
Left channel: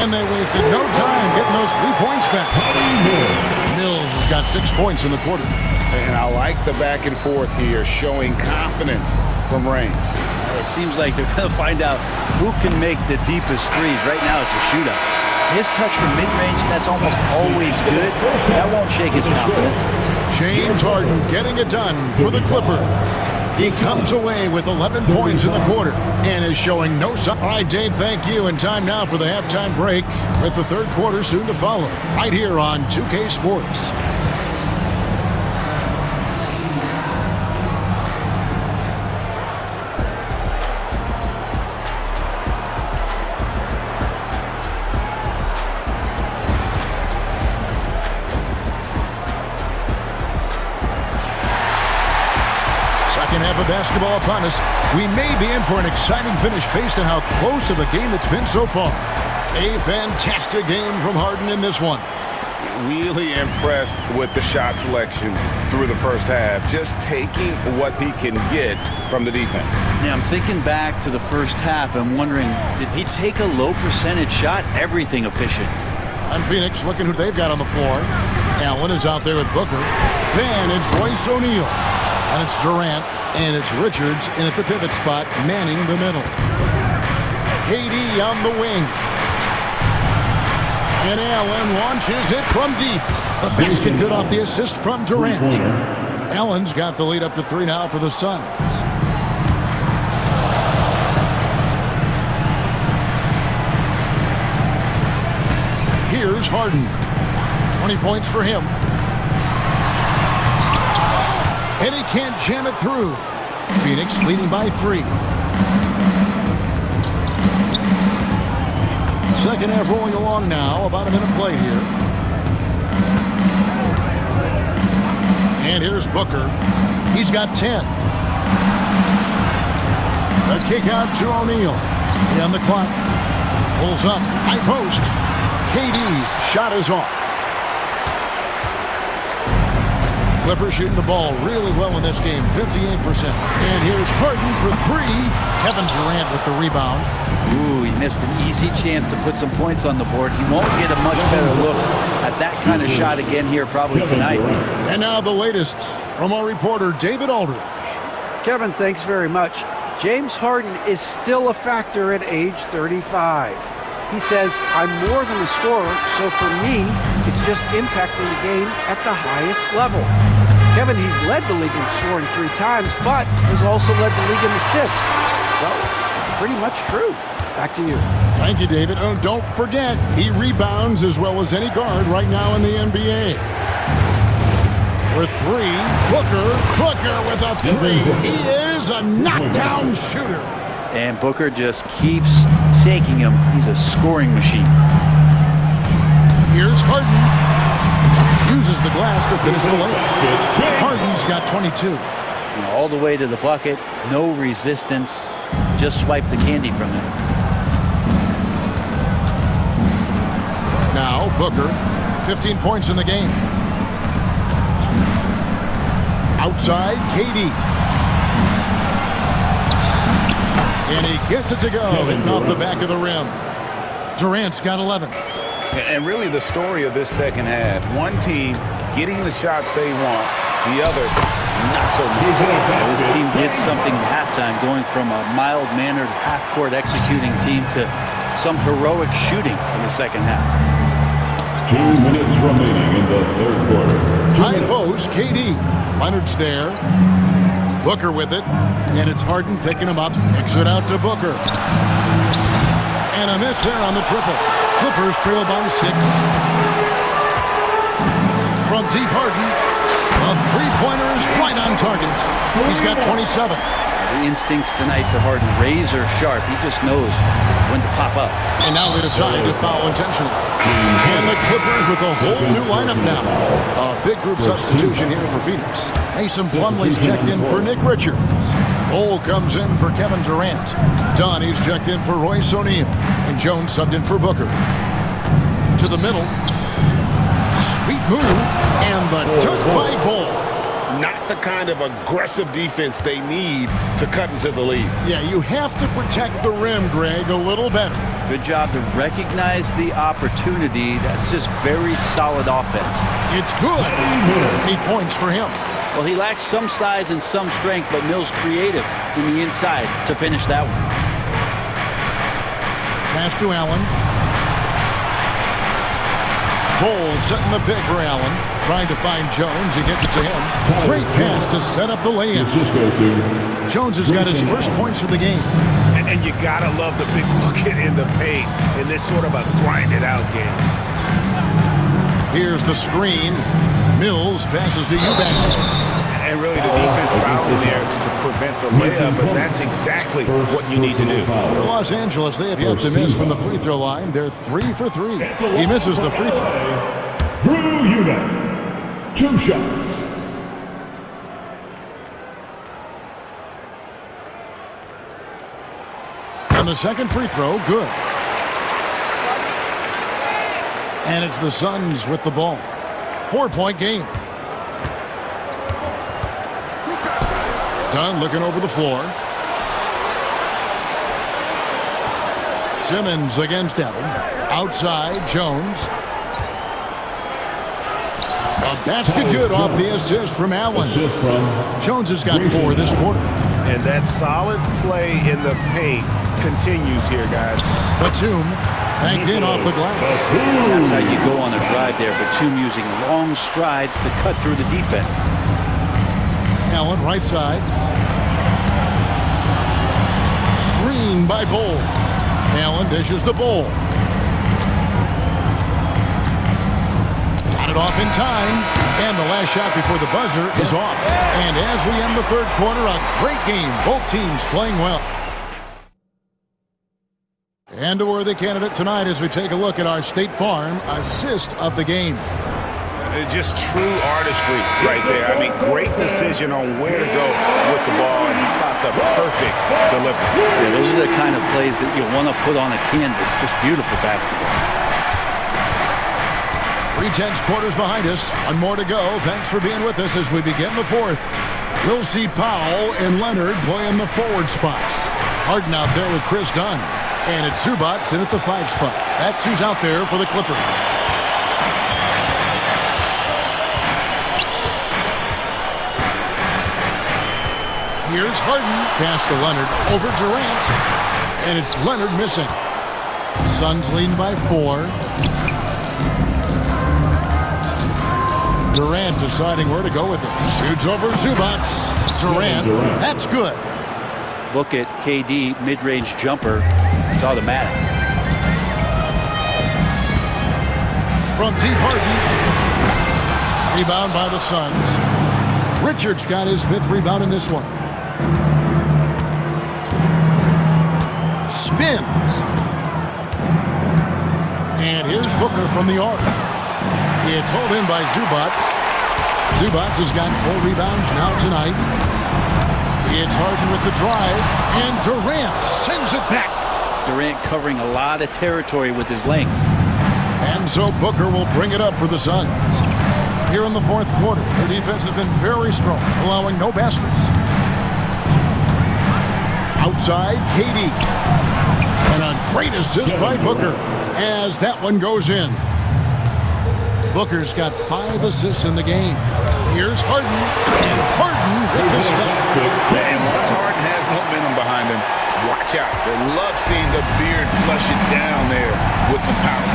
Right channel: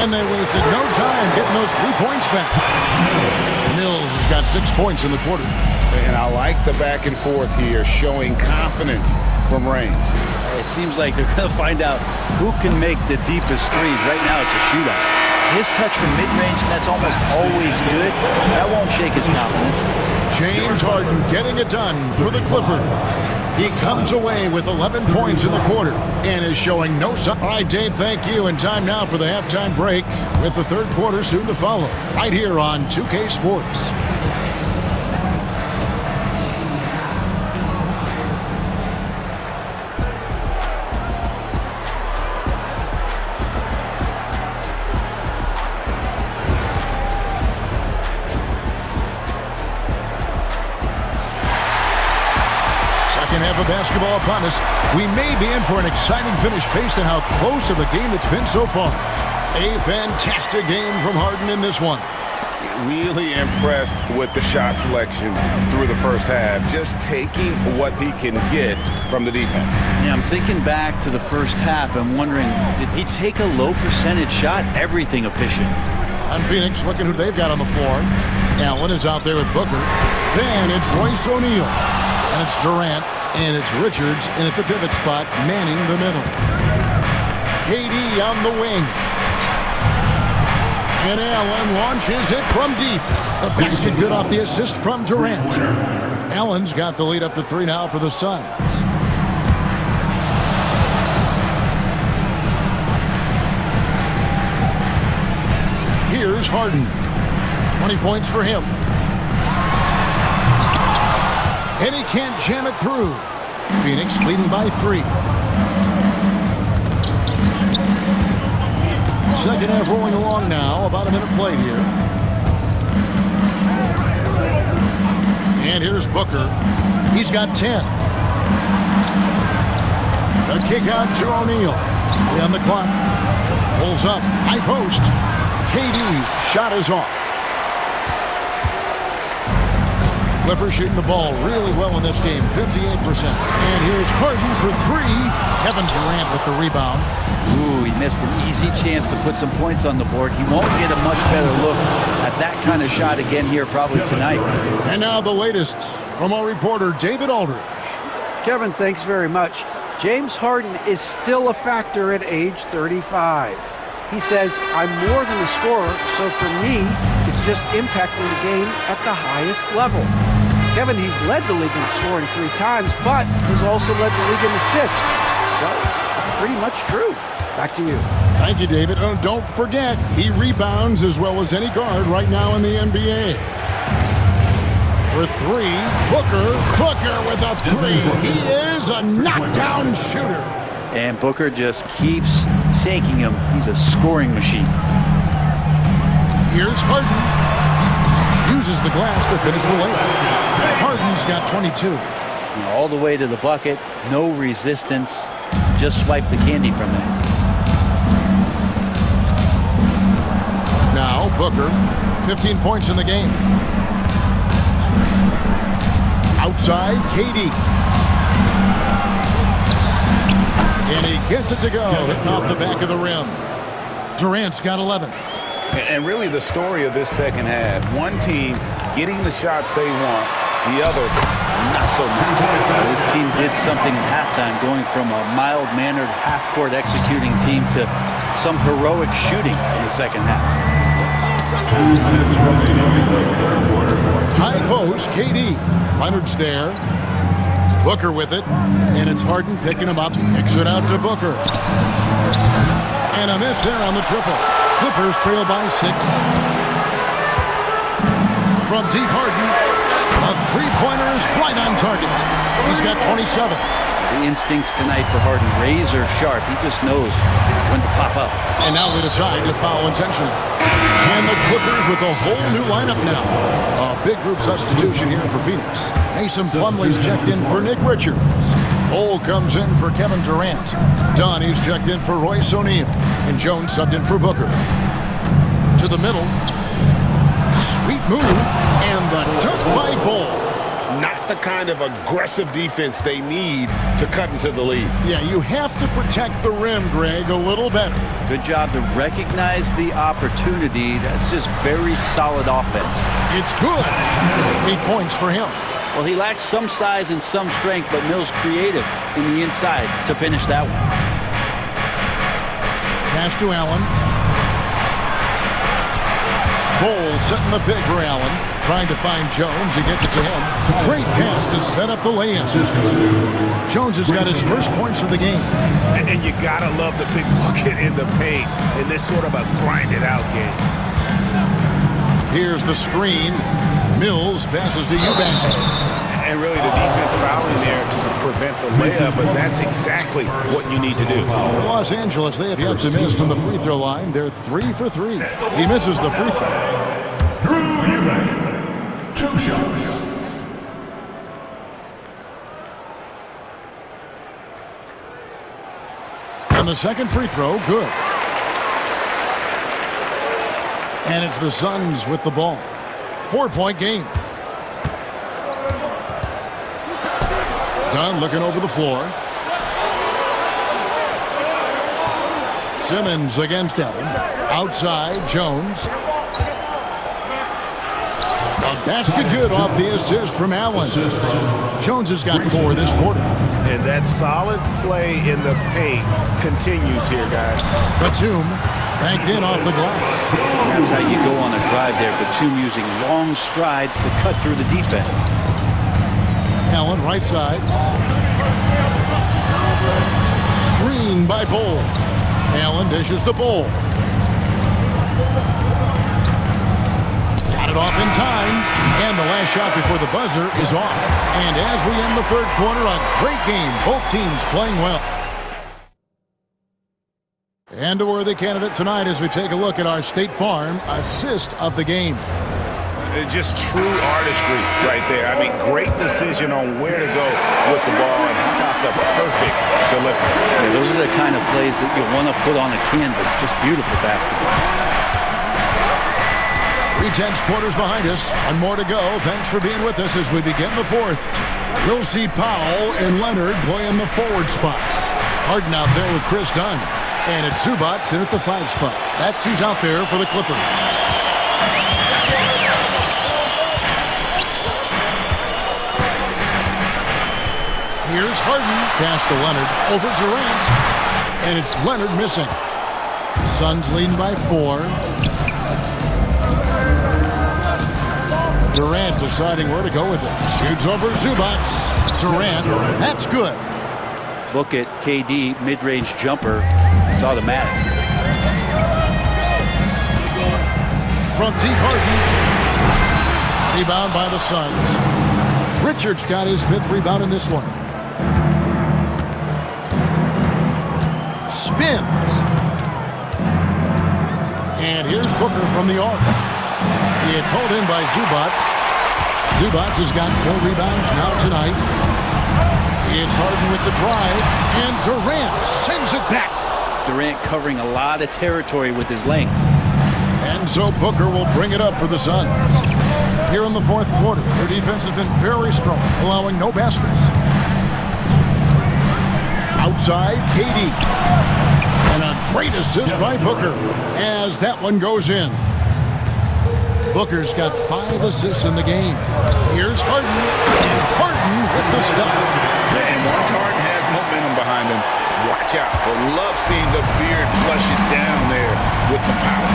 And they wasted no time getting those 3 points back. Mills has got 6 points in the quarter. And I like the back and forth here, showing confidence from range. It seems like they're going to find out who can make the deepest threes. Right now, it's a shootout. His touch from mid-range, that's almost always good. That won't shake his confidence. James Harden getting it done for the Clippers. He comes away with 11 points in the quarter and is showing no sign. All right, Dave, thank you. And time now for the halftime break with the third quarter soon to follow. Right here on 2K Sports. Second half of basketball upon us. We may be in for an exciting finish based on how close of a game it's been so far. A fantastic game from Harden in this one. Really impressed with the shot selection through the first half. Just taking what he can get from the defense. Yeah, I'm thinking back to the first half. I'm wondering, did he take a low percentage shot? Everything efficient. On Phoenix, looking who they've got on the floor. Allen is out there with Booker. Then it's Royce O'Neal. And it's Durant, and it's Richards in at the pivot spot, manning the middle. KD on the wing. And Allen launches it from deep. The basket good off the assist from Durant. Allen's got the lead up to 3 now for the Suns. Here's Harden. 20 points for him. And he can't jam it through. Phoenix leading by 3. Second half rolling along now. About a minute played here. And here's Booker. He's got 10. A kick out to O'Neal. On the clock. Pulls up. High post. KD's shot is off. Clippers shooting the ball really well in this game, 58%. And here's Harden for 3. Kevin Durant with the rebound. Ooh, he missed an easy chance to put some points on the board. He won't get a much better look at that kind of shot again here probably tonight. And now the latest from our reporter, David Aldridge. Kevin, thanks very much. James Harden is still a factor at age 35. He says, I'm more than a scorer, so for me, it's just impacting the game at the highest level. Kevin, he's led the league in scoring 3 times, but has also led the league in assists. So, it's pretty much true. Back to you. Thank you, David. Oh, don't forget, he rebounds as well as any guard right now in the NBA. For 3, Booker with a 3. He is a knockdown shooter. And Booker just keeps taking him. He's a scoring machine. Here's Harden. Uses the glass to finish the layup. Harden's got 22. All the way to the bucket, no resistance. Just swipe the candy from him. Now Booker, 15 points in the game. Outside, KD. And he gets it to go, hitting off the back of the rim. Durant's got 11. And really the story of this second half, one team getting the shots they want, the other not so much. This team did something in halftime, going from a mild-mannered half-court executing team to some heroic shooting in the second half. 2 minutes remaining in the third quarter. High post, KD. Leonard's there. Booker with it. And it's Harden picking him up. Kicks it out to Booker. And a miss there on the triple. Clippers trail by 6. From deep, Harden. A three-pointer is right on target. He's got 27. The instincts tonight for Harden, razor sharp. He just knows when to pop up. And now they decide to foul intentionally. And the Clippers with a whole new lineup now. A big group substitution here for Phoenix. Mason Plumlee's checked in for Nick Richards. Bol comes in for Kevin Durant. Donnie's checked in for Royce O'Neal. And Jones subbed in for Booker. To the middle. Sweet move. And the dunk by Bol. Not the kind of aggressive defense they need to cut into the lead. Yeah, you have to protect the rim, Greg, a little better. Good job to recognize the opportunity. That's just very solid offense. It's good. 8 points for him. Well, he lacks some size and some strength, but Mills creative in the inside to finish that one. Pass to Allen. Bol setting the pick for Allen. Trying to find Jones. He gets it to him. Great pass to set up the layup. Jones has got his first points of the game. And you gotta love the big bucket in the paint in this sort of a grinded-out game. Here's the screen. Mills passes to Eubanks. And really the defense fouling there to prevent the layup, but that's exactly what you need to do. For Los Angeles, they have yet to miss from the free throw line. They're 3 for 3. He misses the free throw. Drew Eubanks, 2 shots. And the second free throw, good. And it's the Suns with the ball. 4-point game. Dunn looking over the floor. Simmons against Allen. Outside, Jones. A basket good off the assist from Allen. Jones has got 4 this quarter. And that solid play in the paint continues here, guys. Batum banked in off the glass. That's how you go on a drive there. Batum using long strides to cut through the defense. Allen right side. Screen by Bol. Allen dishes the Bol. Got it off in time. And the last shot before the buzzer is off. And as we end the third quarter, a great game. Both teams playing well. And a worthy candidate tonight as we take a look at our State Farm assist of the game. Just true artistry right there. I mean, great decision on where to go with the ball, and how about the perfect delivery. Yeah, those are the kind of plays that you want to put on a canvas. Just beautiful basketball. 3/10 quarters behind us. One more to go. Thanks for being with us as we begin the fourth. We'll see Powell and Leonard play in the forward spots. Harden out there with Chris Dunn. And it's Zubac in at the 5 spot. That's who's out there for the Clippers. Here's Harden. Pass to Leonard. Over Durant. And it's Leonard missing. Suns leading by 4. Durant deciding where to go with it. Shoots over Zubac. Durant. That's good. Look at KD, mid-range jumper. It's automatic. From deep, Harden. Rebound by the Suns. Richards got his 5th rebound in this one. Spins. And here's Booker from the arc. It's hauled in by Zubac. Zubac has got 4 rebounds now tonight. It's Harden with the drive, and Durant sends it back. Durant covering a lot of territory with his length. And so Booker will bring it up for the Suns. Here in the 4th quarter, their defense has been very strong, allowing no baskets. Outside, KD. And a great assist by Booker as that one goes in. Booker's got 5 assists in the game. Here's Harden, and Harden with the stuff. And once Harden has momentum behind him, watch out. They love seeing the beard flush it down there with some power.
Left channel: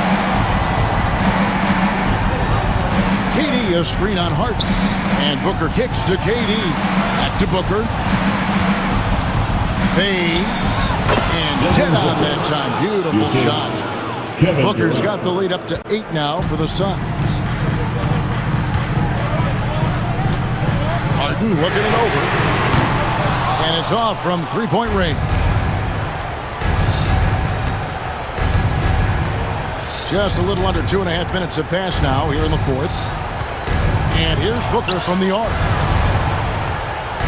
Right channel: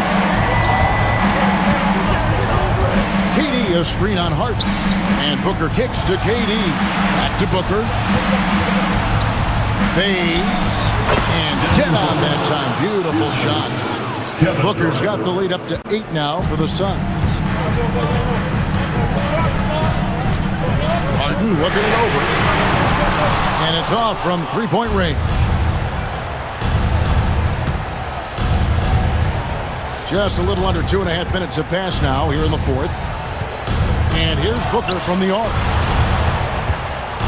KD a screen on Harden, and Booker kicks to KD. Back to Booker. Fades, and dead on that time. Beautiful shot. Booker's got the lead up to 8 now for the Suns. Harden looking it over. And it's off from 3-point range. Just a little under 2.5 minutes have passed now here in the 4th. And here's Booker from the arc.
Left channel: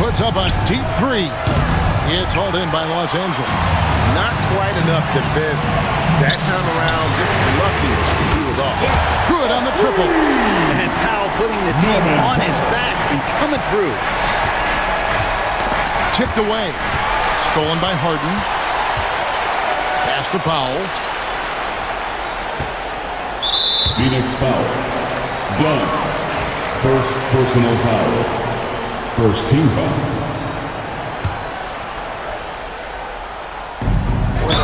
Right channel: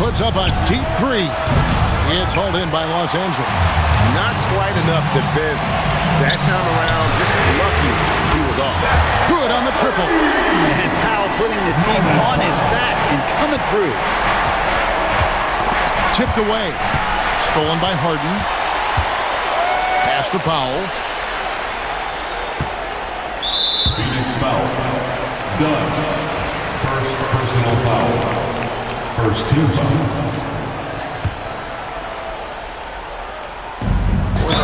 Puts up a deep 3. It's hauled in by Los Angeles. Not quite enough defense. That time around, just lucky he was off. Good on the triple. And Powell putting the team on his back and coming through. Tipped away. Stolen by Harden. Pass to Powell. Phoenix foul. Done. First personal foul. First team foul.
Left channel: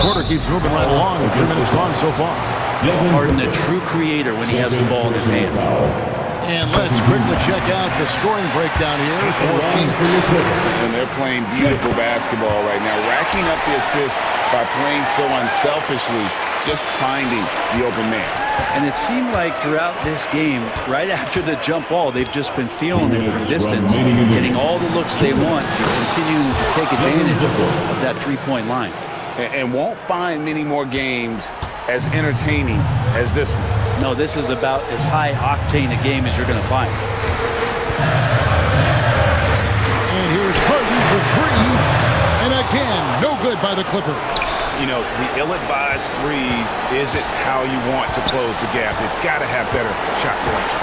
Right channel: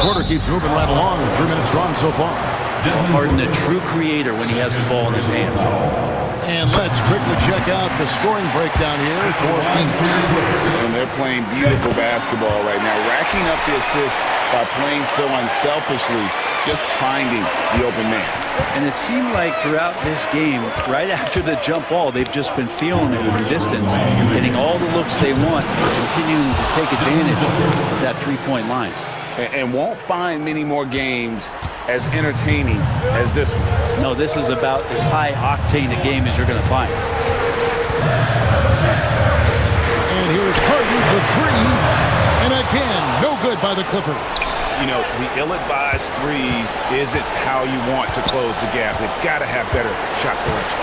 Quarter keeps moving right along. 3 minutes gone so far. Harden, a true creator when he has the ball in his hands. And let's quickly check out the scoring breakdown here for Phoenix. And they're playing beautiful basketball right now, racking up the assists by playing so unselfishly, just finding the open man. And it seemed like throughout this game, right after the jump ball, they've just been feeling it from distance, getting all the looks they want and continuing to take advantage of that 3-point line. And won't find many more games as entertaining as this one. No, this is about as high octane a game as you're going to find. And here's Harden for 3. And again, no good by the Clippers. You know, the ill-advised threes isn't how you want to close the gap. They've got to have better shot selection.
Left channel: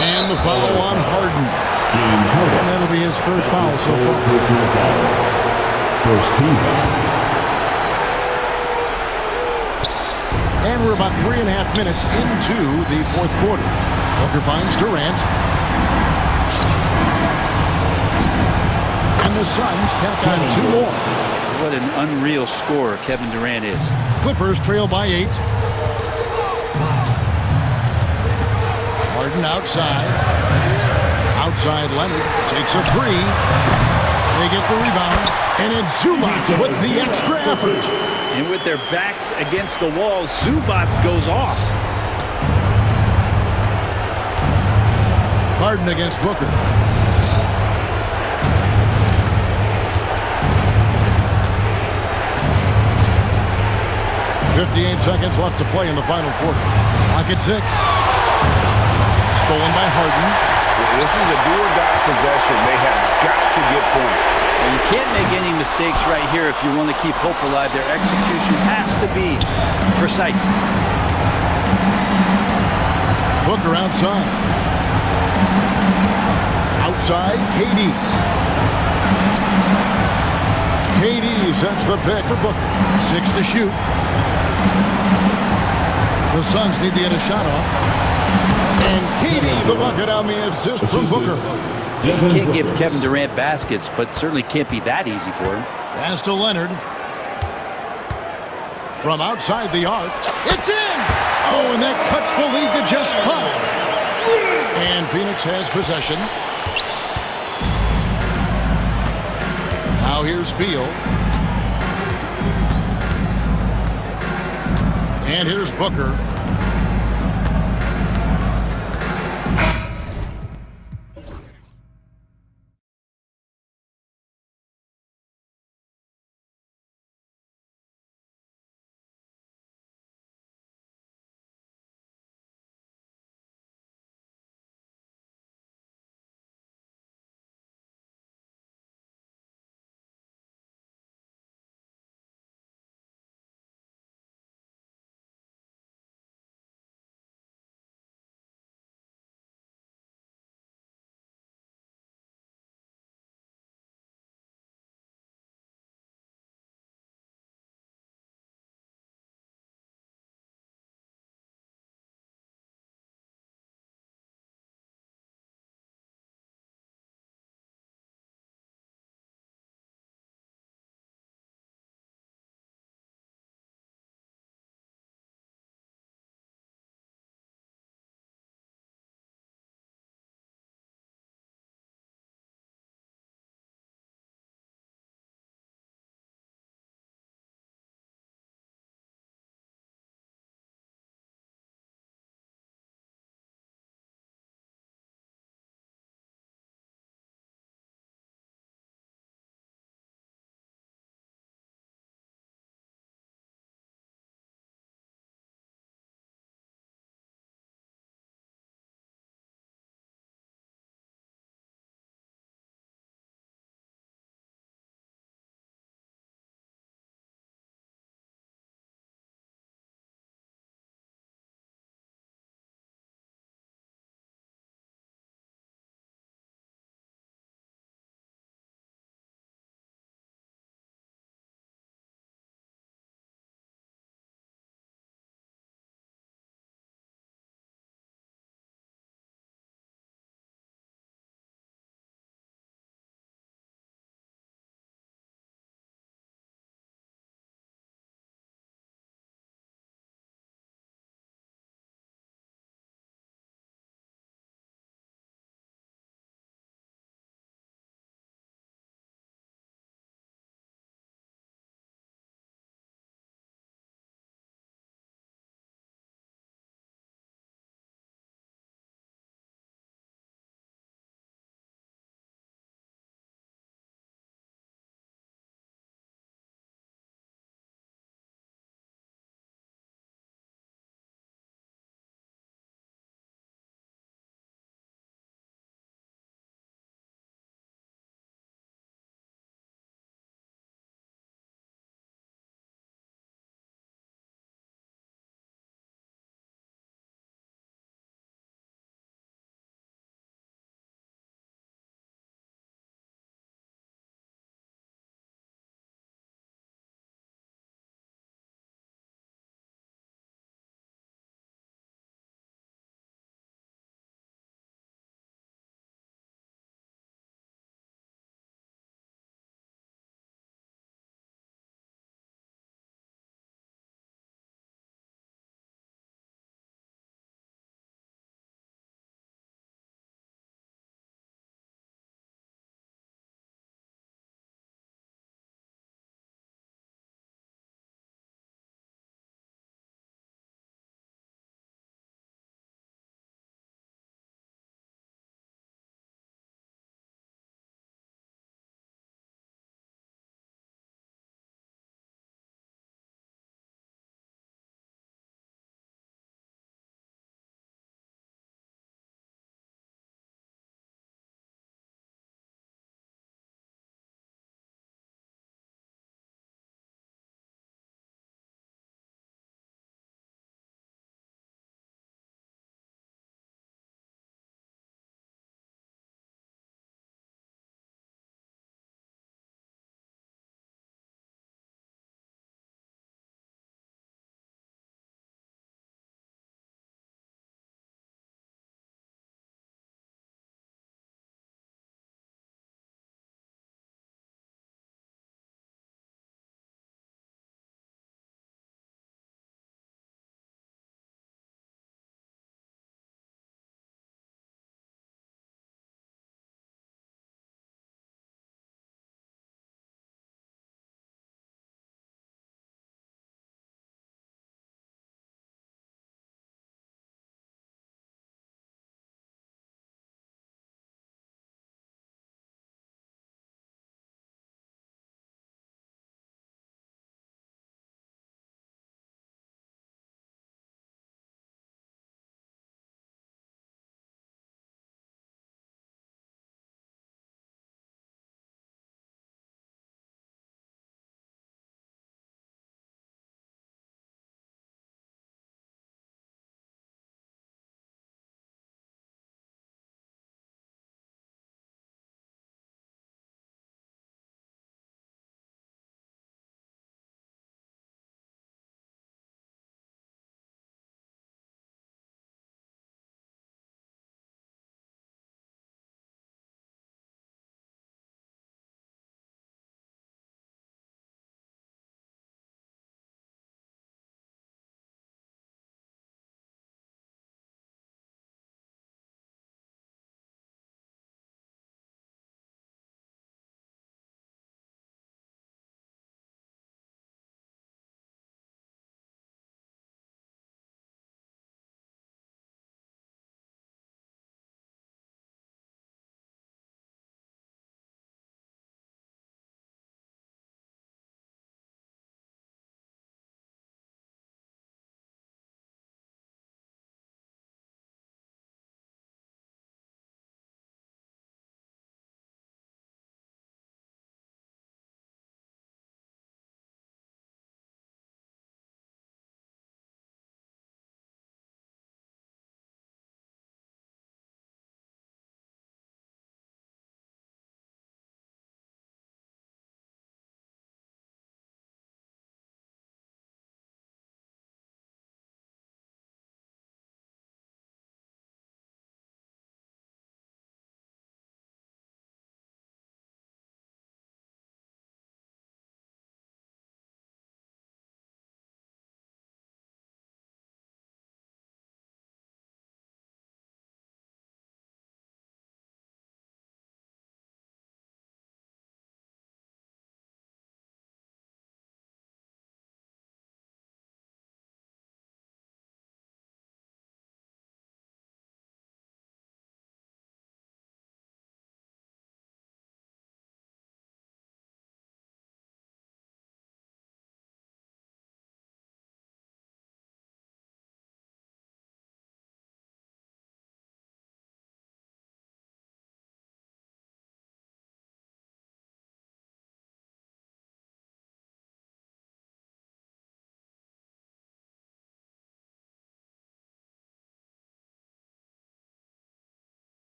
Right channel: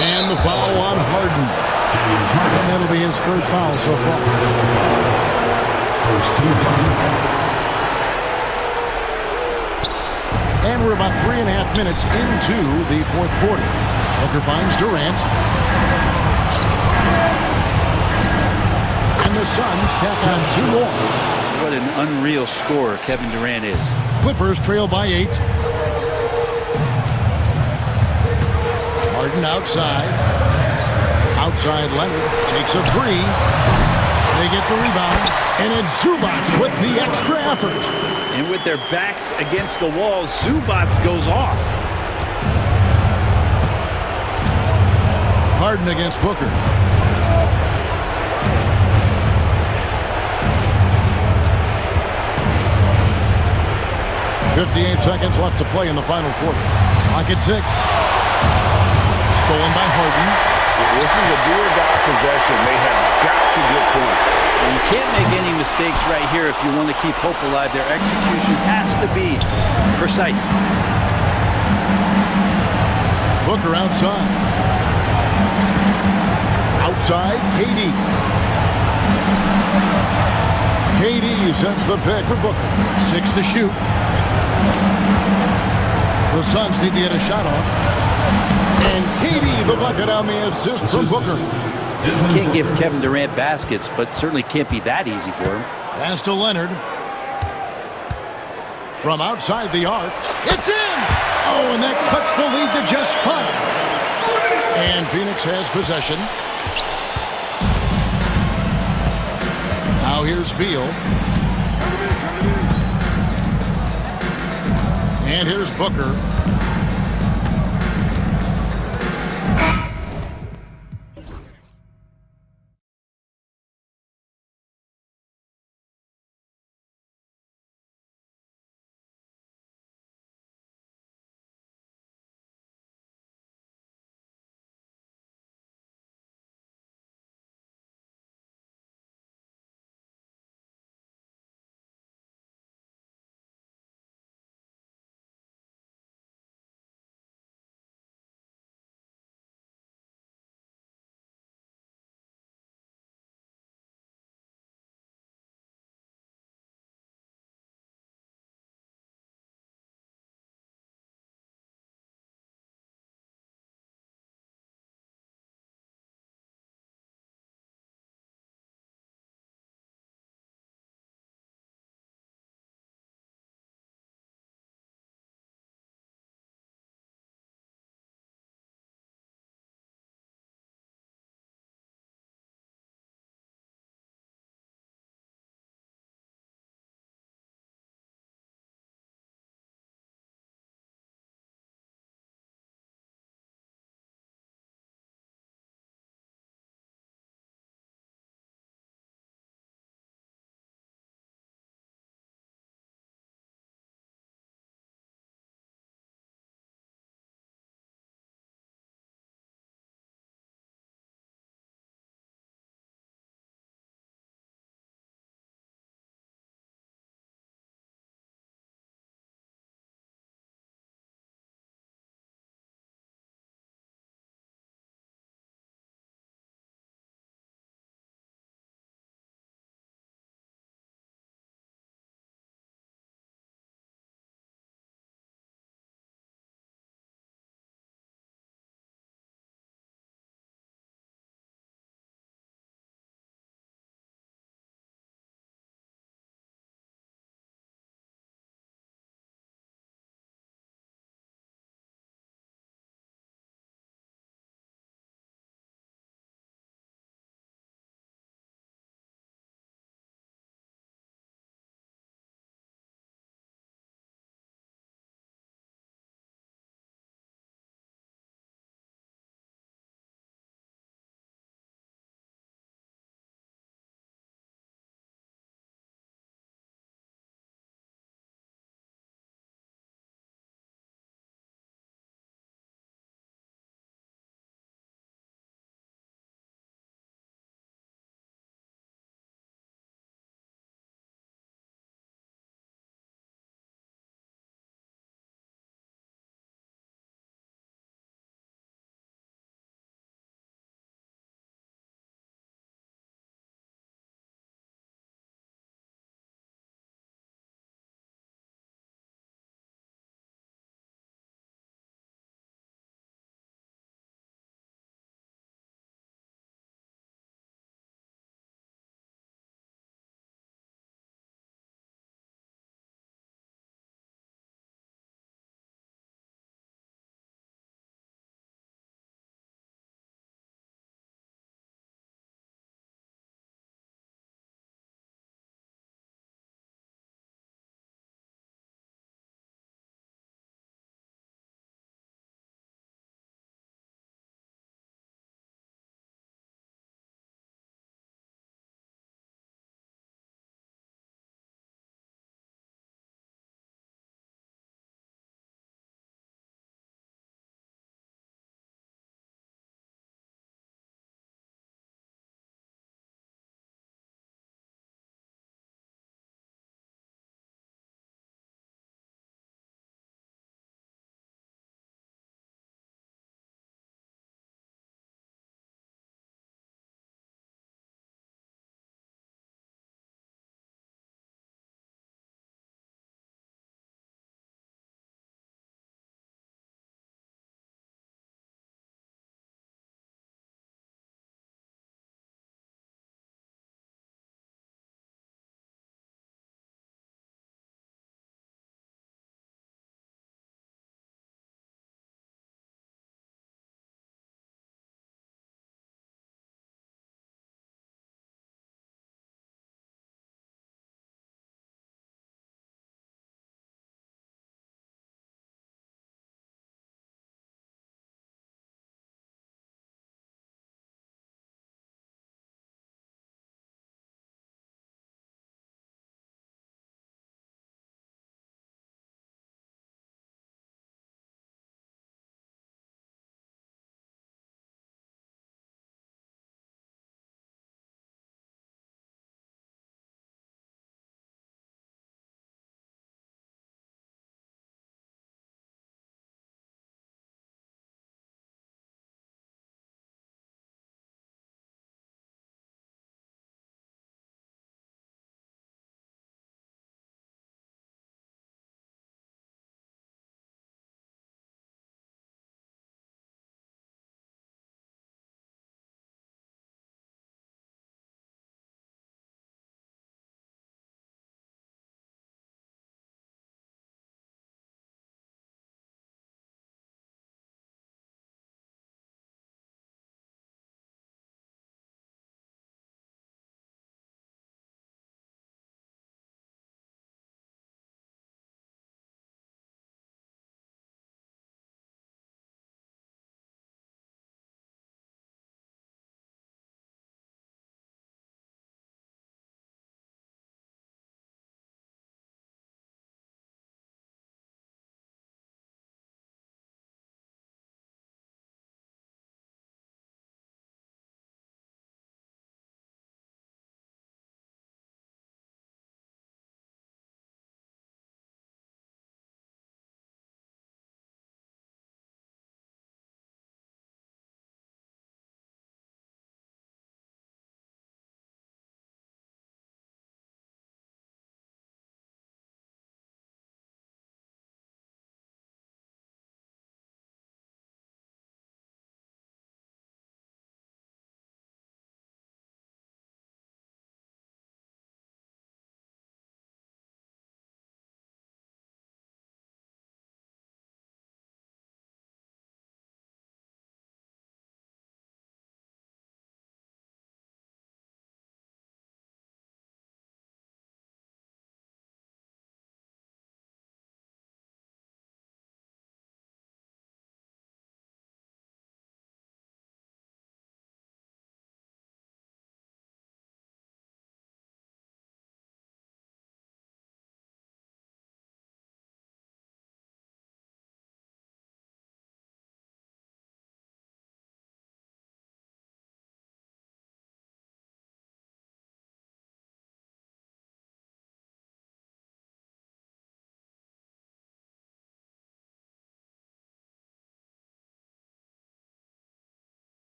And the foul on Harden. And that'll be his 3rd foul so far. First team foul. And we're about 3.5 minutes into the 4th quarter. Booker finds Durant. And the Suns tack on 2 more. What an unreal scorer Kevin Durant is. Clippers trail by 8. Harden outside. Outside Leonard takes a 3. They get the rebound. And it's Zubac with the extra effort. And with their backs against the wall, Zubac goes off. Harden against Booker. .58 seconds left to play in the final quarter. Clock at 6. Stolen by Harden. This is a do-or-die possession. They have got to get points. Well, you can't make any mistakes right here if you want to keep hope alive. Their execution has to be precise. Booker outside. Outside, KD. KD sets the pick for Booker. 6 to shoot. The Suns need to get a shot off. And KD the bucket on the assist from Booker. You can't give Kevin Durant baskets, but certainly can't be that easy for him. Pass to Leonard. From outside the arc, it's in! Oh, and that cuts the lead to just 5. And Phoenix has possession. Now here's Beal. And here's Booker.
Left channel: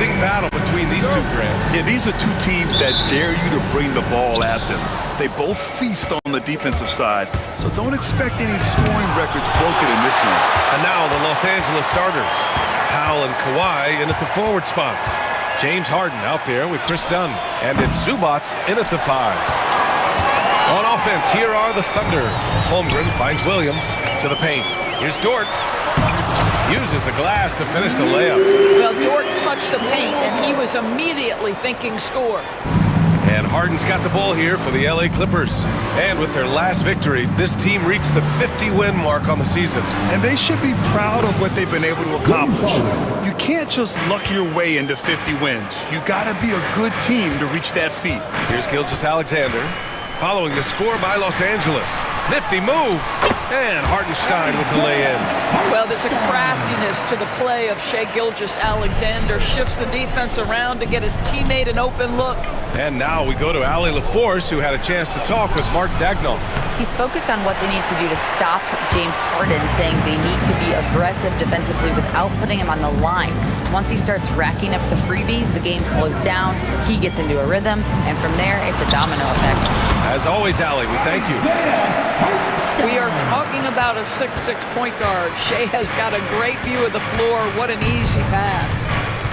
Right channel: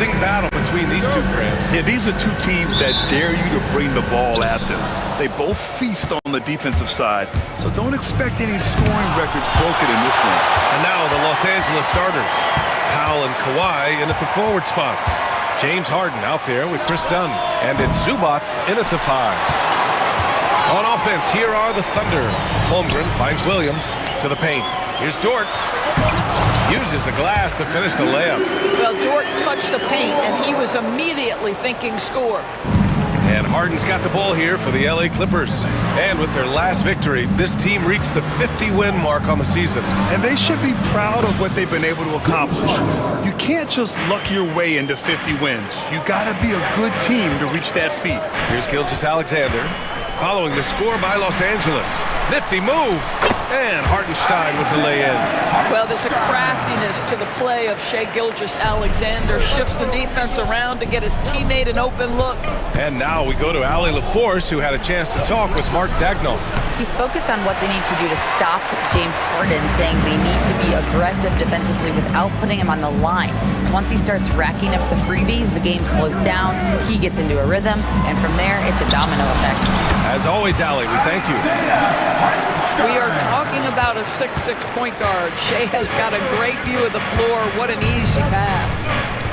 rousing battle between these two, Grant. Yeah, these are two teams that dare you to bring the ball at them. They both feast on the defensive side, so don't expect any scoring records broken in this one. And now the Los Angeles starters. Powell and Kawhi in at the forward spots. James Harden out there with Chris Dunn. And it's Zubats in at the 5. On offense, here are the Thunder. Holmgren finds Williams to the paint. Here's Dort. Uses the glass to finish the layup. Well, Dort touched the paint, and he was immediately thinking score. And Harden's got the ball here for the LA Clippers. And with their last victory, this team reached the 50-win mark on the season. And they should be proud of what they've been able to accomplish. You can't just luck your way into 50 wins. You gotta be a good team to reach that feat. Here's Gilgeous-Alexander, following the score by Los Angeles. Nifty move, and Hartenstein with the lay-in. Well, there's a craftiness to the play of Shai Gilgeous-Alexander. Shifts the defense around to get his teammate an open look. And now we go to Ali LaForce, who had a chance to talk with Mark Dagnall. He's focused on what they need to do to stop James Harden, saying they need to be aggressive defensively without putting him on the line. Once he starts racking up the freebies, the game slows down, he gets into a rhythm, and from there, it's a domino effect. As always, Ali, we thank you. We are talking about a 6'6" point guard. Shai has got a great view of the floor. What an easy pass.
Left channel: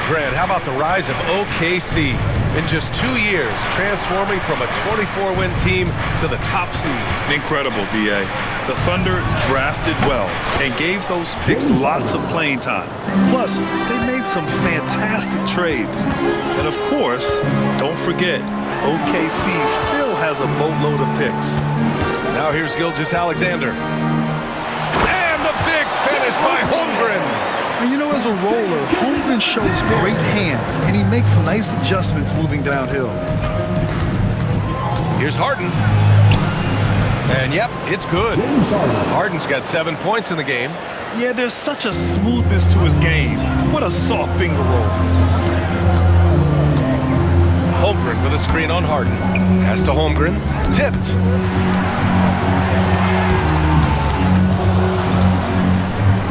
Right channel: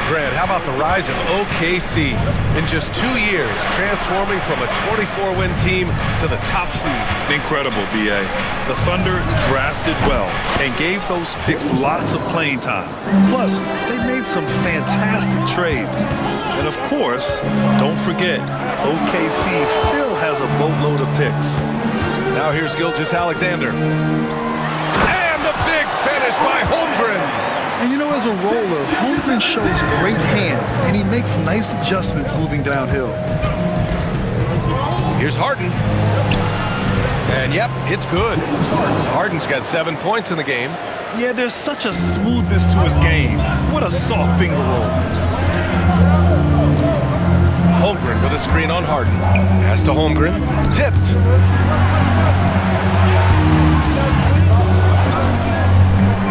Grant, how about the rise of OKC? In just 2 years, transforming from a 24-win team to the top seed. Incredible, B.A. The Thunder drafted well and gave those picks lots of playing time. Plus, they made some fantastic trades. And of course, don't forget, OKC still has a boatload of picks. Now here's Gilgeous-Alexander. And the big finish by Holmgren. And you know, as a roller, Holmgren shows great hands, and he makes nice adjustments moving downhill. Here's Harden. And yep, it's good. Harden's got 7 points in the game. Yeah, there's such a smoothness to his game. What a soft finger roll. Holmgren with a screen on Harden. Pass to Holmgren. Tipped.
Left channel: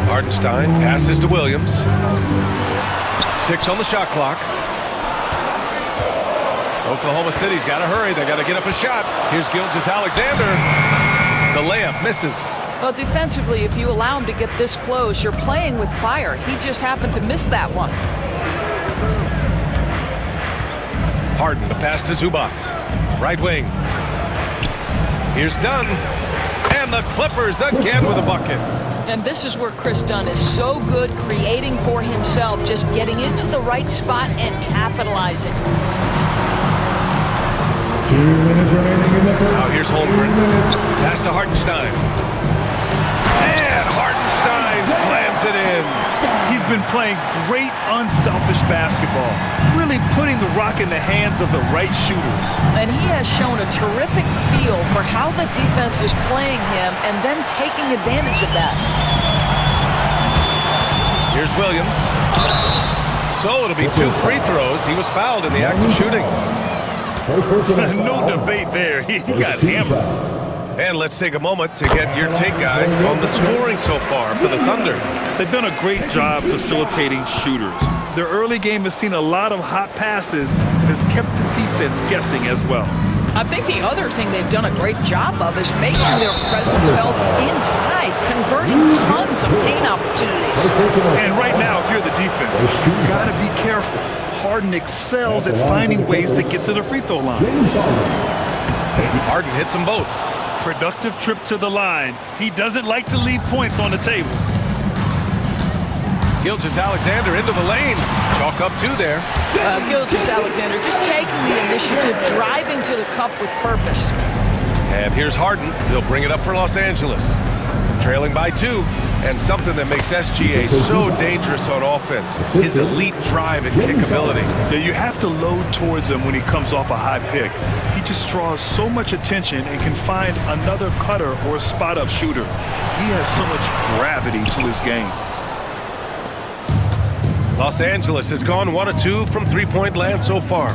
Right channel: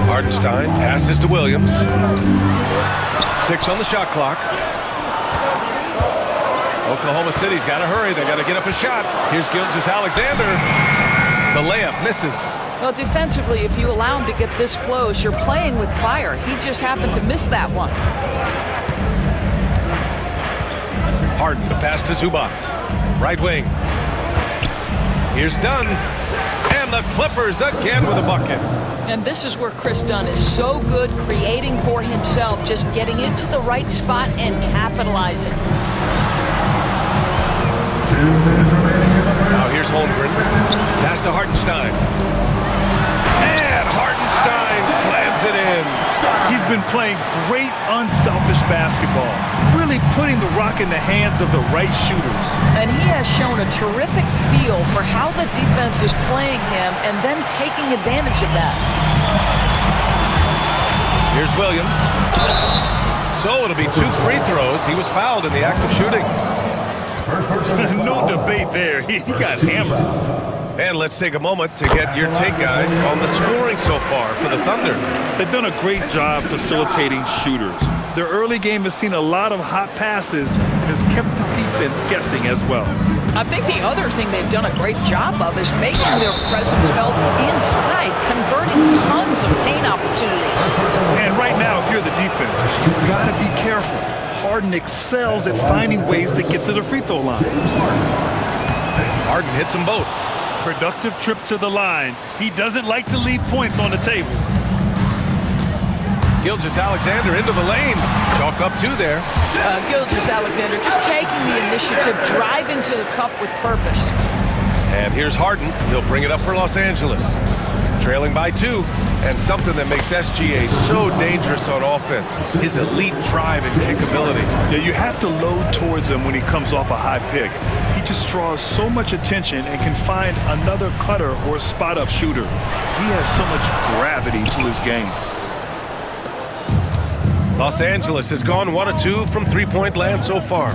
Hartenstein passes to Williams. 6 on the shot clock. Oklahoma City's got to hurry. They got to get up a shot. Here's Gilgeous-Alexander. The layup misses. Well, defensively, if you allow him to get this close, you're playing with fire. He just happened to miss that one. Harden, the pass to Zubats. Right wing. Here's Dunn. And the Clippers again with a bucket. And this is where Chris Dunn is so good creating for himself, just getting into the right spot and capitalizing. 2 minutes remaining in the first. Now here's Holmgren. Pass to Hartenstein. And Hartenstein slams it in. He's been playing great unselfish basketball, really putting the rock in the hands of the right shooters. And he has shown a terrific feel for how the defense is playing him and then taking advantage of that. Here's Williams. So it'll be 2 free throws. He was fouled in the act of shooting. First person. No debate there. He got hammered. And let's take a moment to get your take, guys, on the scoring so far for the Thunder. They've done a great job facilitating shooters. Their early game has seen a lot of hot passes and has kept the defense guessing as well. I think the other thing they've done a great job of is making their presence felt inside, converting tons of paint opportunities. And right now, if you're the defense, you've got to be careful. Harden excels at finding ways to get to the free throw line. Harden hits them both. Productive trip to the line. He doesn't like to leave points on the table. Gilgeous-Alexander into the lane. Chalk up 2 there. Gilgeous-Alexander just taking the initiative, driving to the cup with purpose. And here's Harden. He'll bring it up for Los Angeles. Trailing by 2. And something that makes SGA so dangerous on offense, his elite drive and kick ability. Yeah, you have to load towards him when he comes off a high pick. He just draws so much attention and can find another cutter or spot-up shooter. He has so much gravity to his game. Los Angeles has gone 1 of 2 from three-point land so far.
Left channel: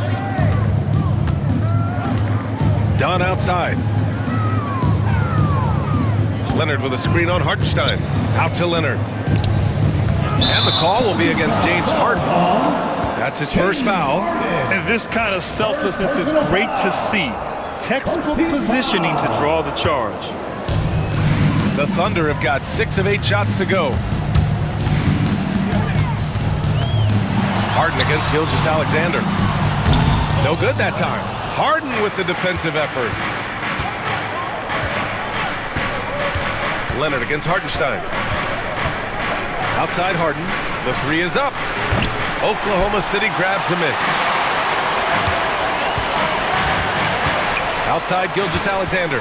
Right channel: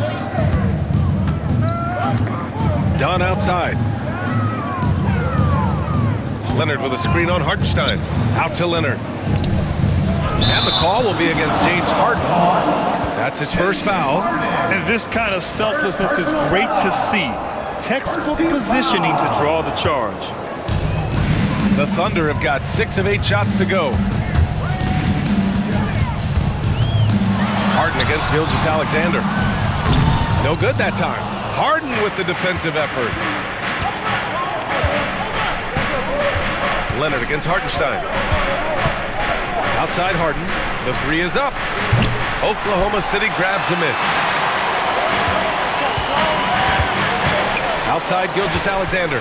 Dunn outside. Leonard with a screen on Hartenstein. Out to Leonard. And the call will be against James Harden. That's his first foul. And this kind of selflessness is great to see. Textbook positioning to draw the charge. The Thunder have got 6 of 8 shots to go. Harden against Gilgeous-Alexander. No good that time. Harden with the defensive effort. Leonard against Hartenstein. Outside Harden. The three is up. Oklahoma City grabs a miss. Outside Gilgeous-Alexander.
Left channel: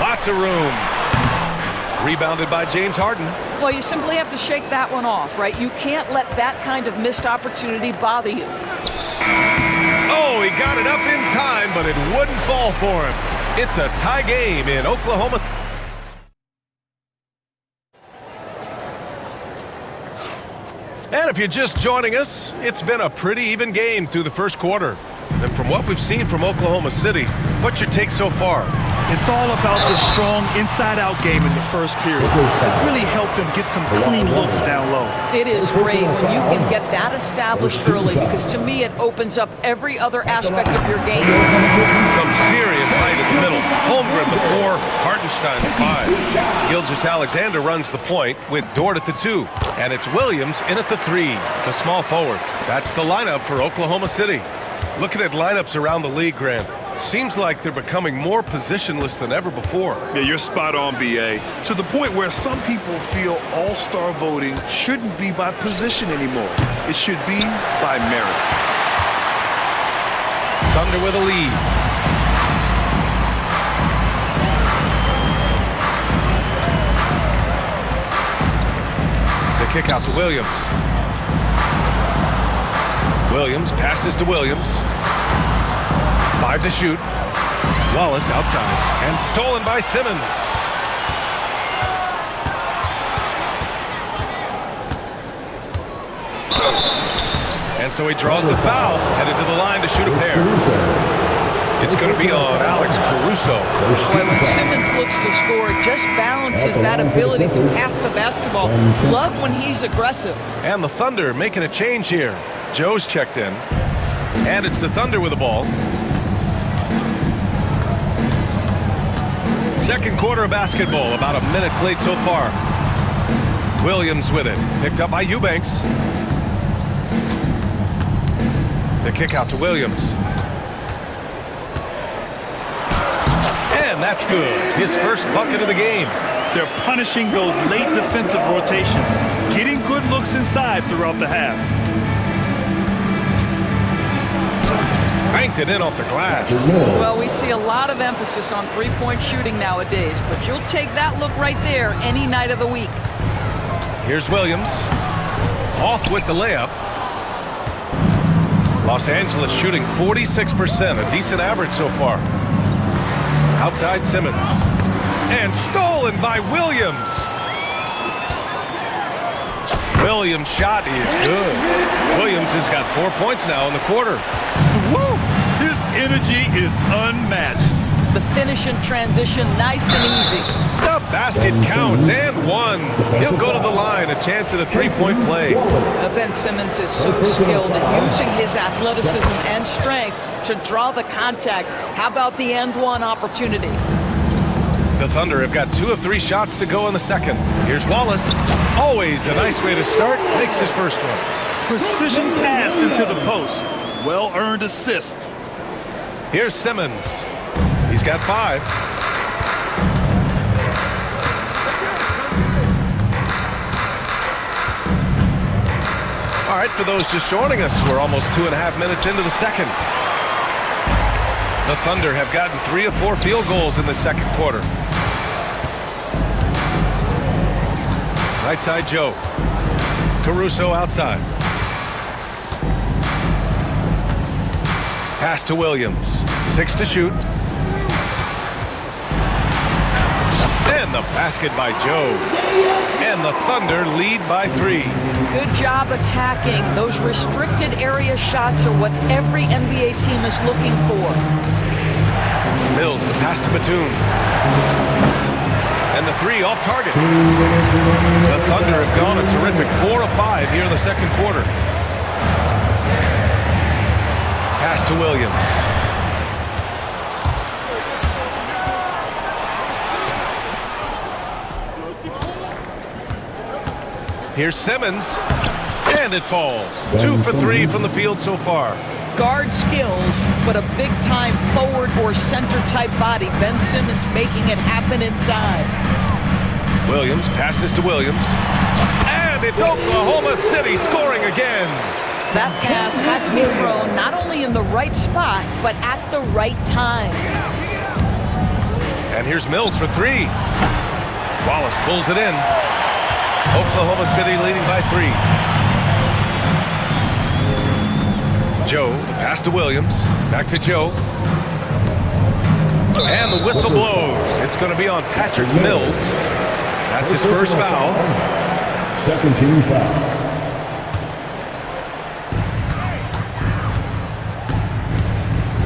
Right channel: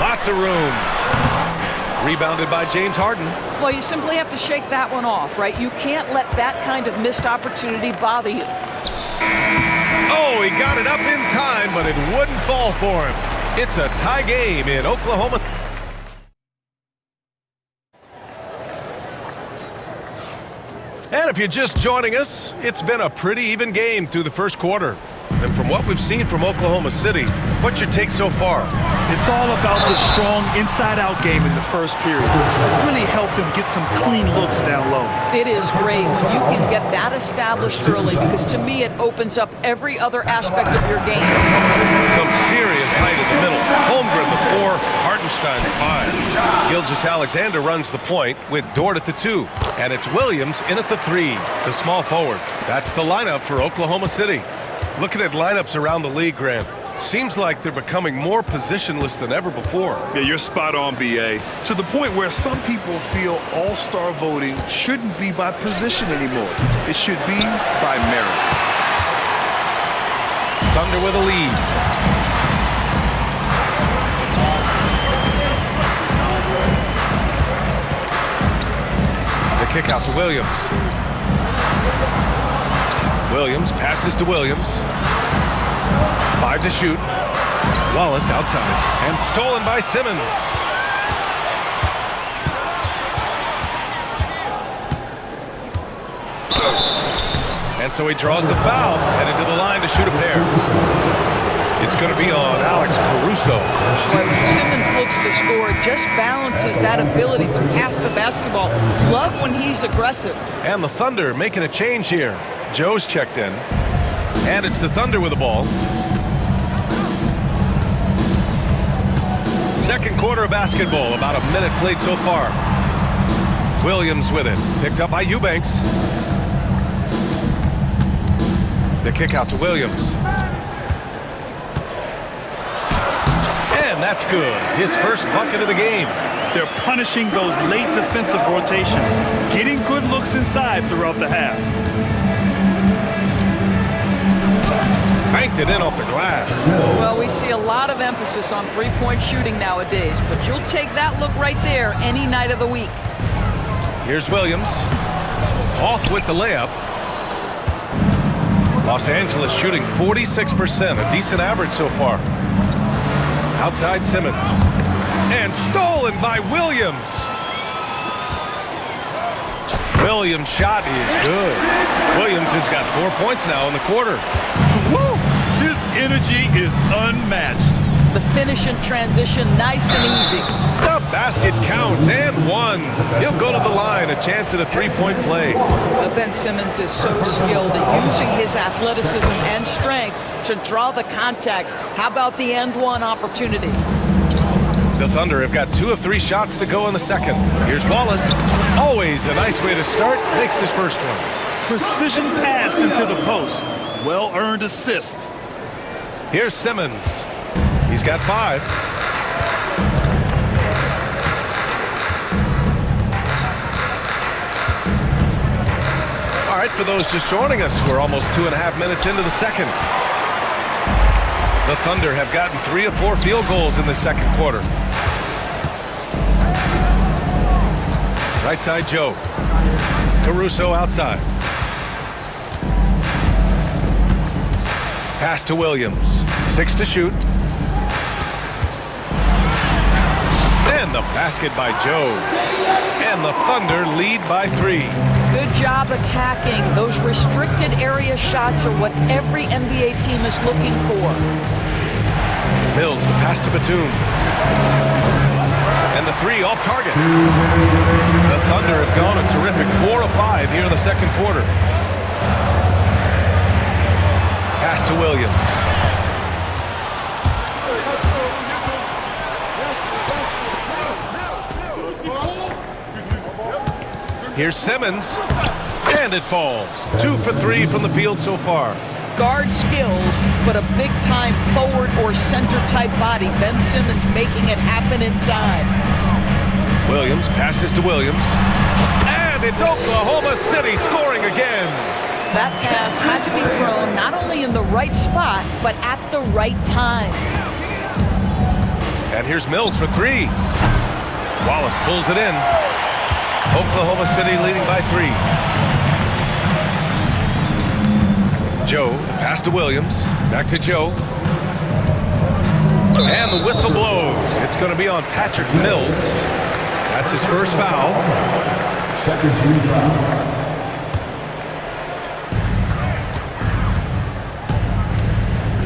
Lots of room. Rebounded by James Harden. Well, you simply have to shake that one off, right? You can't let that kind of missed opportunity bother you. Oh, he got it up in time, but it wouldn't fall for him. It's a tie game in Oklahoma. And if you're just joining us, it's been a pretty even game through the first quarter. And from what we've seen from Oklahoma City, what's your take so far? It's all about the strong inside-out game in the first period. It really helped them get some clean looks down low. It is great when you can get that established early, because to me it opens up every other aspect of your game. Some serious height in the middle. Holmgren the 4, Hartenstein the 5. Gilgeous-Alexander runs the point with Dort at the 2. And it's Williams in at the 3, the small forward. That's the lineup for Oklahoma City. Looking at lineups around the league, Grant, seems like they're becoming more positionless than ever before. Yeah, you're spot on, B.A. To the point where some people feel all-star voting shouldn't be by position anymore. It should be by merit. Thunder with a lead. The kick out to Williams. Williams passes to Williams. 5 to shoot. Wallace outside. And stolen by Simmons. And so he draws the foul, headed to the line to shoot a pair. It's going to be on Alex Caruso. Boy, when Simmons looks to score, it just balances that ability to pass the basketball. Love when he's aggressive. And the Thunder making a change here. Joe's checked in. And it's the Thunder with the ball. Second quarter of basketball, about a minute played so far. Williams with it, picked up by Eubanks. The kick out to Williams. And that's good. His first bucket of the game. They're punishing those late defensive rotations, getting good looks inside throughout the half. Banked it in off the glass. Well, we see a lot of emphasis on three-point shooting nowadays, but you'll take that look right there any night of the week. Here's Williams. Off with the layup. Los Angeles shooting 46%, a decent average so far. Outside Simmons. And stolen by Williams. Williams' shot is good. Williams has got 4 points now in the quarter. Woo! His energy is unmatched. The finish in transition, nice and easy. The basket counts, and one. He'll go to the line, a chance at a three-point play. Ben Simmons is so skilled at using his athleticism and strength to draw the contact. How about the end one opportunity? The Thunder have got 2 of 3 shots to go in the second. Here's Wallace. Always a nice way to start. Makes his first one. Precision pass into the post. Well-earned assist. Here's Simmons. He's got 5. All right, for those just joining us, we're almost 2.5 minutes into the second. The Thunder have gotten 3 of 4 field goals in the second quarter. Right side, Joe. Caruso outside. Pass to Williams. 6 to shoot. And the basket by Joe. And the Thunder lead by 3. Good job attacking. Those restricted area shots are what every NBA team is looking for. Mills, the pass to Batum. And the 3 off target. The The Thunder have gone a terrific 4 of 5 here in the second quarter. Pass to Williams. Here's Simmons, and it falls. 2 for 3 from the field so far. Guard skills, but a big-time forward or center-type body. Ben Simmons making it happen inside. Williams passes to Williams, and it's Oklahoma City scoring again. That pass had to be thrown not only in the right spot, but at the right time. And here's Mills for 3. Wallace pulls it in. Oklahoma City leading by 3. Joe, the pass to Williams. Back to Joe. And the whistle blows. It's going to be on Patrick Mills. That's his first foul. Second team foul.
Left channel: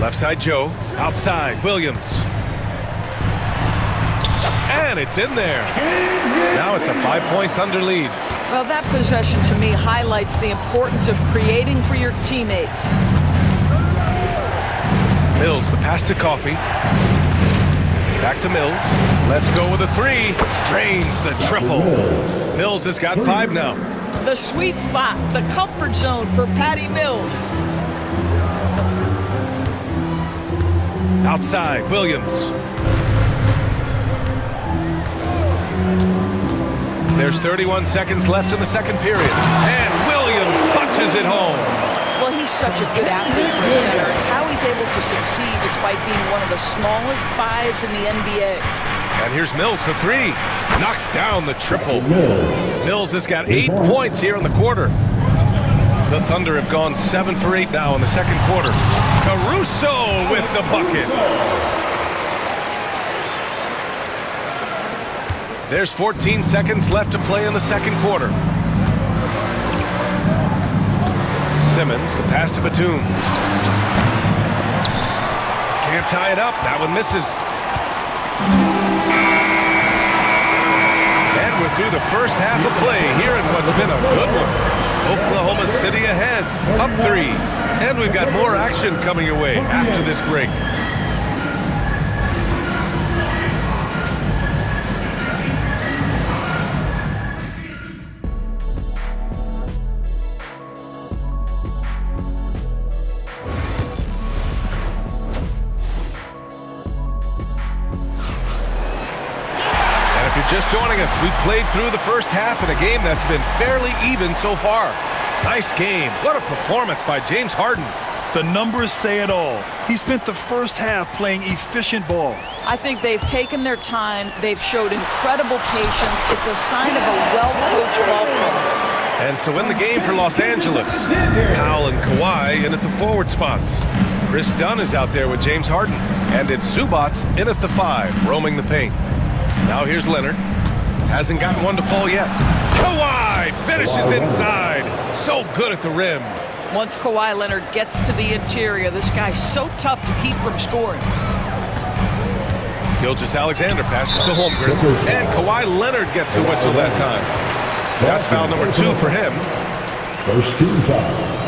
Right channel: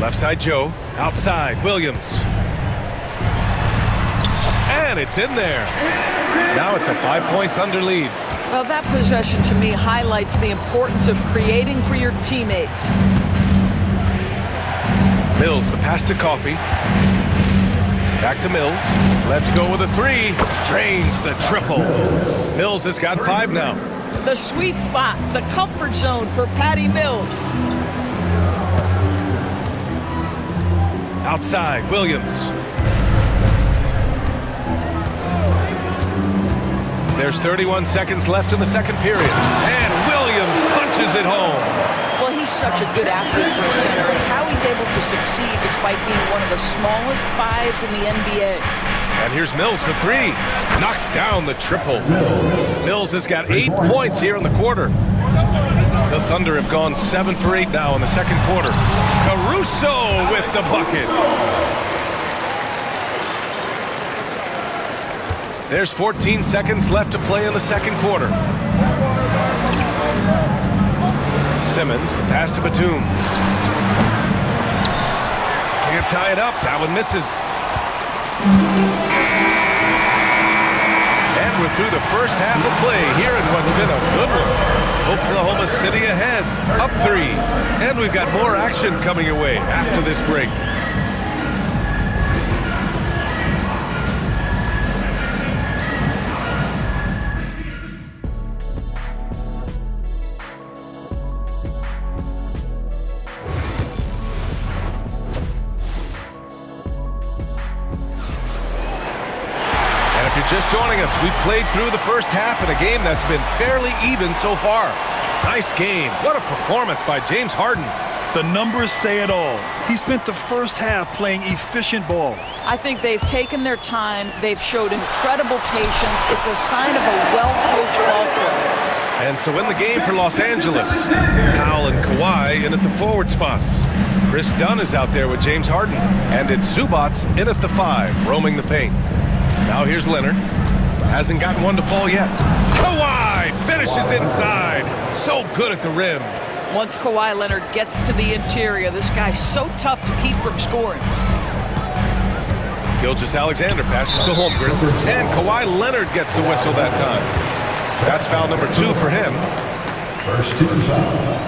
Left side Joe. Outside Williams. And it's in there. Now it's a 5-point Thunder lead. Well, that possession to me highlights the importance of creating for your teammates. Mills, the pass to Coffey. Back to Mills. Let's go with a 3. Drains the triple. Mills has got 5 now. The sweet spot, the comfort zone for Patty Mills. Outside, Williams. There's 31 seconds left in the second period. And Williams punches it home. Well, he's such a good athlete for a center. It's how he's able to succeed despite being one of the smallest 5s in the NBA. And here's Mills for 3. Knocks down the triple. Mills has got 8 points here in the quarter. The Thunder have gone 7 for 8 now in the second quarter. Caruso with the bucket. There's 14 seconds left to play in the second quarter. Simmons, the pass to Batum. Can't tie it up. That one misses. And we're through the first half of play here in what's been a good one. Oklahoma City ahead, up 3. And we've got more action coming your way after this break. If you're just joining us, we played through the first half in a game that's been fairly even so far. Nice game. What a performance by James Harden. The numbers say it all. He spent the first half playing efficient ball. I think they've taken their time. They've showed incredible patience. It's a sign of a well-coached ball club. And so in the game for Los Angeles, Powell and Kawhi in at the forward spots. Chris Dunn is out there with James Harden. And it's Zubats in at the 5, roaming the paint. Now here's Leonard. Hasn't gotten one to fall yet. Kawhi finishes inside. So good at the rim. Once Kawhi Leonard gets to the interior, this guy's so tough to keep from scoring. Gilgeous-Alexander passes to Holmgren. And Kawhi Leonard gets the whistle that time. That's foul number 2 for him. First team foul.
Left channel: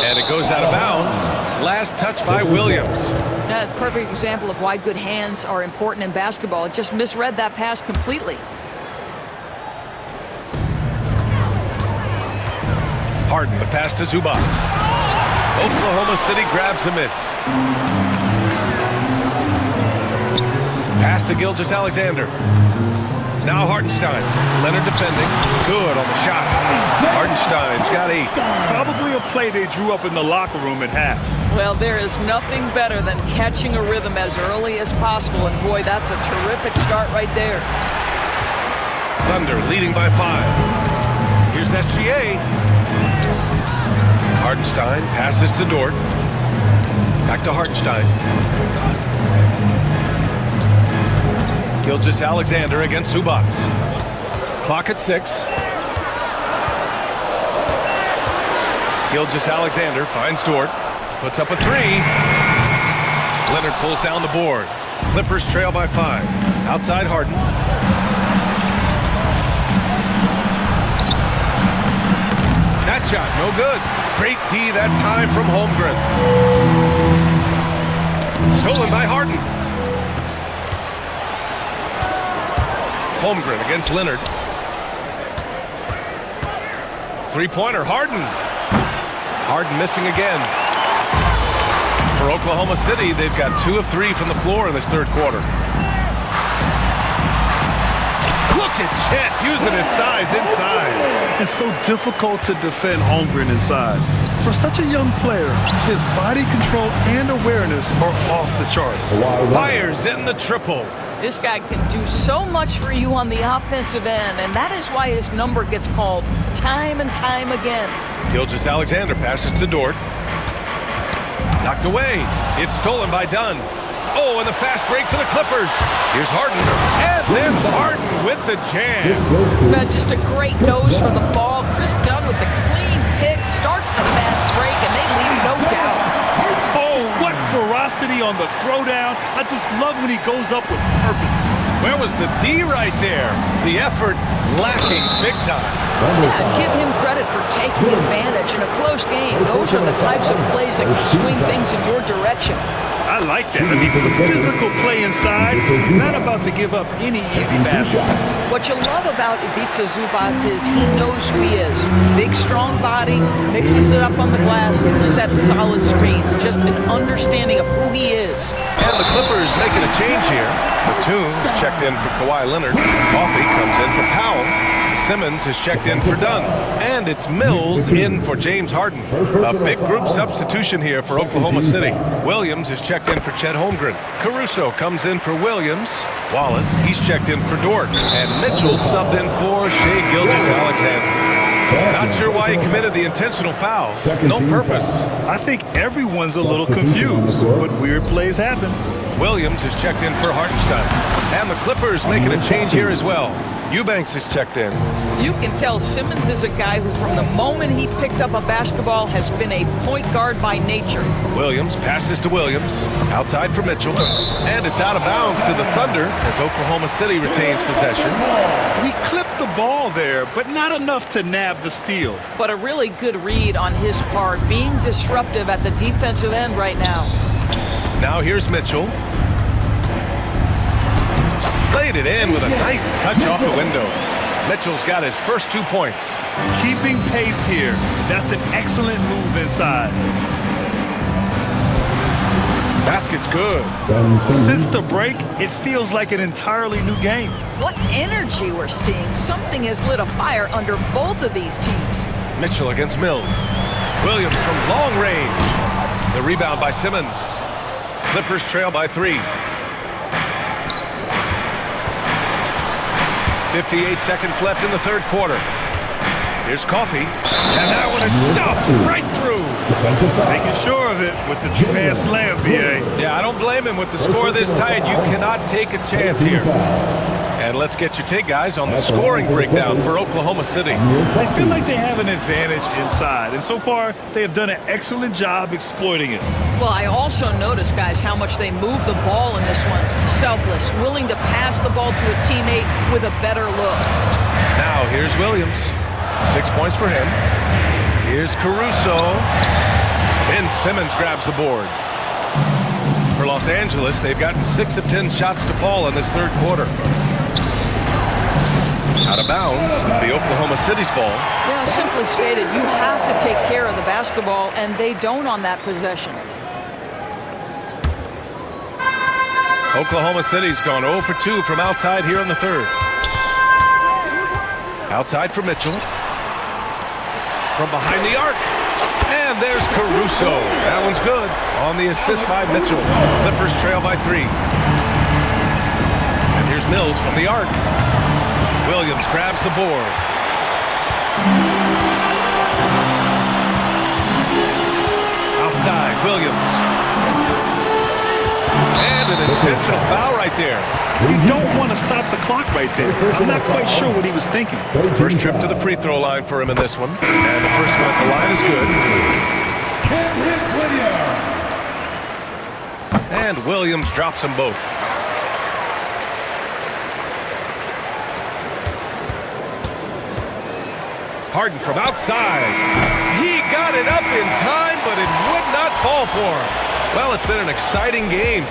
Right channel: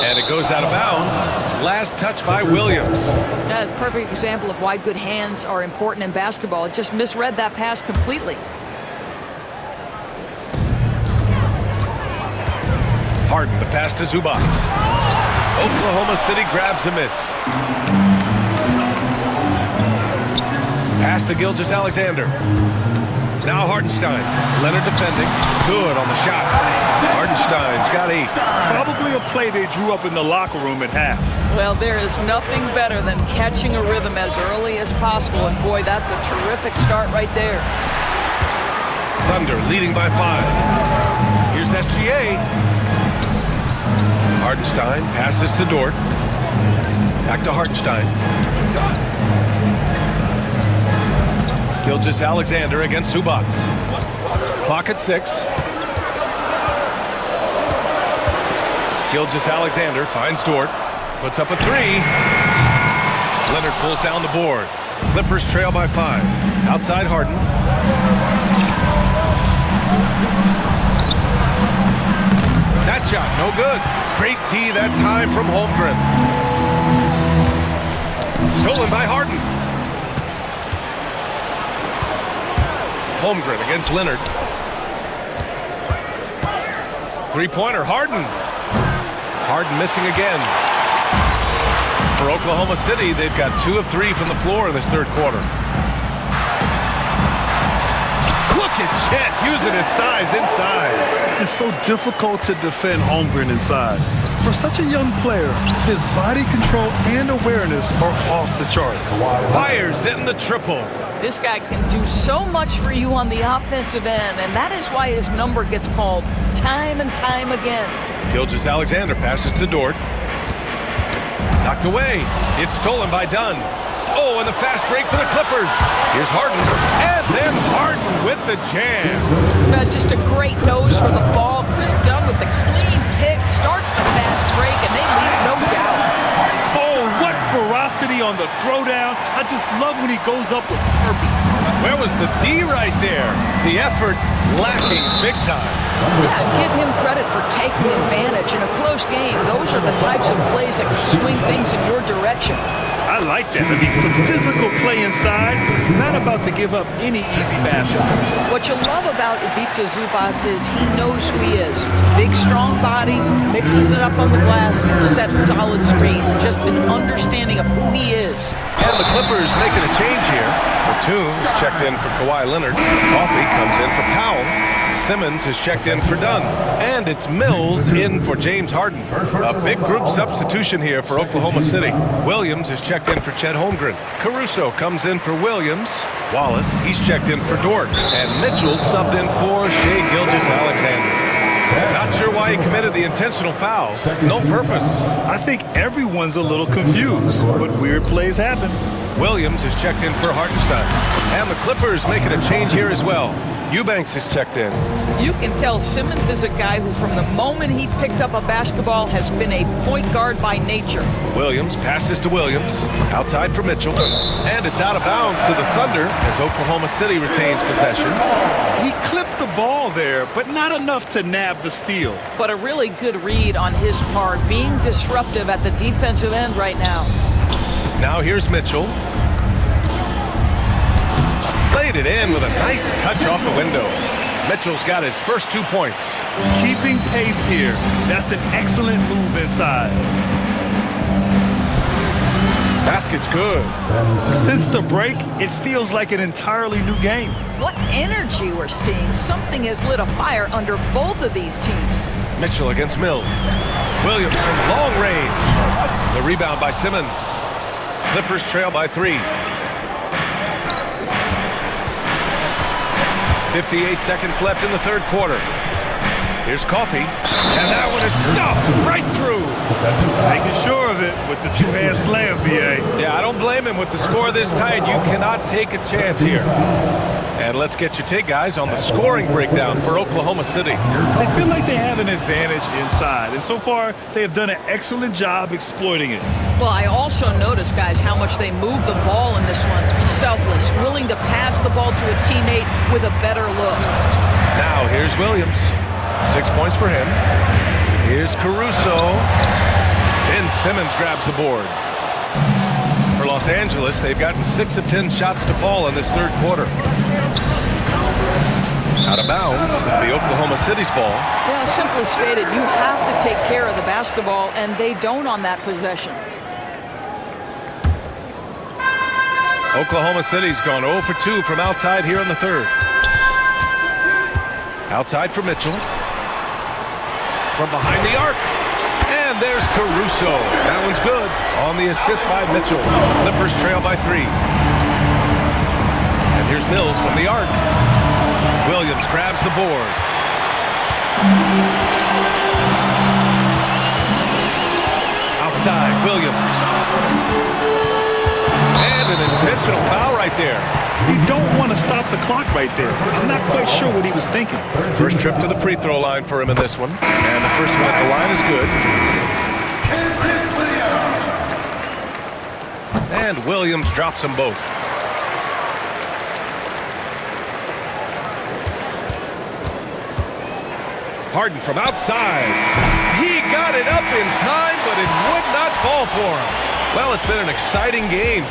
And it goes out of bounds. Last touch by Williams. That's a perfect example of why good hands are important in basketball. It just misread that pass completely. Harden, the pass to Zubats. Oklahoma City grabs a miss. Pass to Gilgeous-Alexander. Now Hardenstein. Leonard defending. Good on the shot. Hardenstein's got 8. Probably a play they drew up in the locker room at half. Well, there is nothing better than catching a rhythm as early as possible. And boy, that's a terrific start right there. Thunder leading by 5. Here's SGA. Hardenstein passes to Dort. Back to Hardenstein. Gilgeous-Alexander against Zubats. Clock at 6. Gilgeous-Alexander finds Dort. Puts up a 3. Leonard pulls down the board. Clippers trail by 5. Outside Harden. That shot, no good. Great D that time from Holmgren. Stolen by Harden. Holmgren against Leonard. Three-pointer, Harden. Harden missing again. For Oklahoma City, they've got 2 of 3 from the floor in this third quarter. Look at Chet using his size inside. It's so difficult to defend Holmgren inside. For such a young player, his body control and awareness are off the charts. Fires in the triple. This guy can do so much for you on the offensive end, and that is why his number gets called time and time again. Gilgeous-Alexander passes to Dort. Knocked away. It's stolen by Dunn. Oh, and the fast break for the Clippers. Here's Harden. And then Harden with the jam. Just a great nose for the ball. Chris Dunn with the clean pick starts the fast break, and they leave no doubt. Oh, what ferocity on the throwdown. I just love when he goes up with purpose. Where was the D right there? The effort lacking big time. Yeah, give him credit for taking advantage in a close game. Those are the types of plays that can swing things in your direction. I like that. I mean, some physical play inside. He's not about to give up any easy baskets. What you love about Ivica Zubac is he knows who he is. Big, strong body, mixes it up on the glass, sets solid screens. Just an understanding of who he is. And the Clippers making a change here. Batum is checked in for Kawhi Leonard. Coffey comes in for Powell. Simmons is checked in for Dunn. And it's Mills in for James Harden. A big group substitution here for Oklahoma City. Williams is checked in for Chet Holmgren. Caruso comes in for Williams. Wallace, he's checked in for Dort. And Mitchell subbed in for Shai Gilgeous-Alexander. Not sure why he committed the intentional foul. No purpose. I think everyone's a little confused, but weird plays happen. Williams is checked in for Hartenstein. And the Clippers making a change here as well. Eubanks is checked in. You can tell Simmons is a guy who, from the moment he picked up a basketball, has been a point guard by nature. Williams passes to Williams. Outside for Mitchell. And it's out of bounds to the Thunder as Oklahoma City retains possession. He clipped the ball there, but not enough to nab the steal. But a really good read on his part, being disruptive at the defensive end right now. Now here's Mitchell. Played it in with a nice touch off the window. Mitchell's got his first 2 points. Keeping pace here. That's an excellent move inside. Basket's good. Since the break, it feels like an entirely new game. What energy we're seeing. Something has lit a fire under both of these teams. Mitchell against Mills. Williams from long range. The rebound by Simmons. Clippers trail by 3. 58 seconds left in the third quarter. Here's Coffey, and that one is stuffed right through. Making sure of it with the two-hand slam, B.A. Yeah, I don't blame him with the score this tight. You cannot take a chance here. And let's get your take, guys, on the scoring breakdown for Oklahoma City. They feel like they have an advantage inside, and so far, they have done an excellent job exploiting it. Well, I also noticed, guys, how much they move the ball in this one. Selfless, willing to pass the ball to a teammate with a better look. Now, here's Williams. 6 points for him. Here's Caruso. Ben Simmons grabs the board. For Los Angeles, they've gotten 6 of 10 shots to fall in this third quarter. Out of bounds, it'll be Oklahoma City's ball. Yeah, simply stated, you have to take care of the basketball, and they don't on that possession. Oklahoma City's gone 0 for 2 from outside here in the third. Outside for Mitchell. From behind the arc. And there's Caruso. That one's good. On the assist by Mitchell. Clippers trail by 3. And here's Mills from the arc. Williams grabs the board. Outside, Williams. And an intentional foul right there. You don't want to stop the clock right there. I'm not quite sure what he was thinking. First trip to the free throw line for him in this one. And the first one at the line is good. And Williams drops them both. Harden from outside. He got it up in time, but it would not fall for him. Well, it's been an exciting game.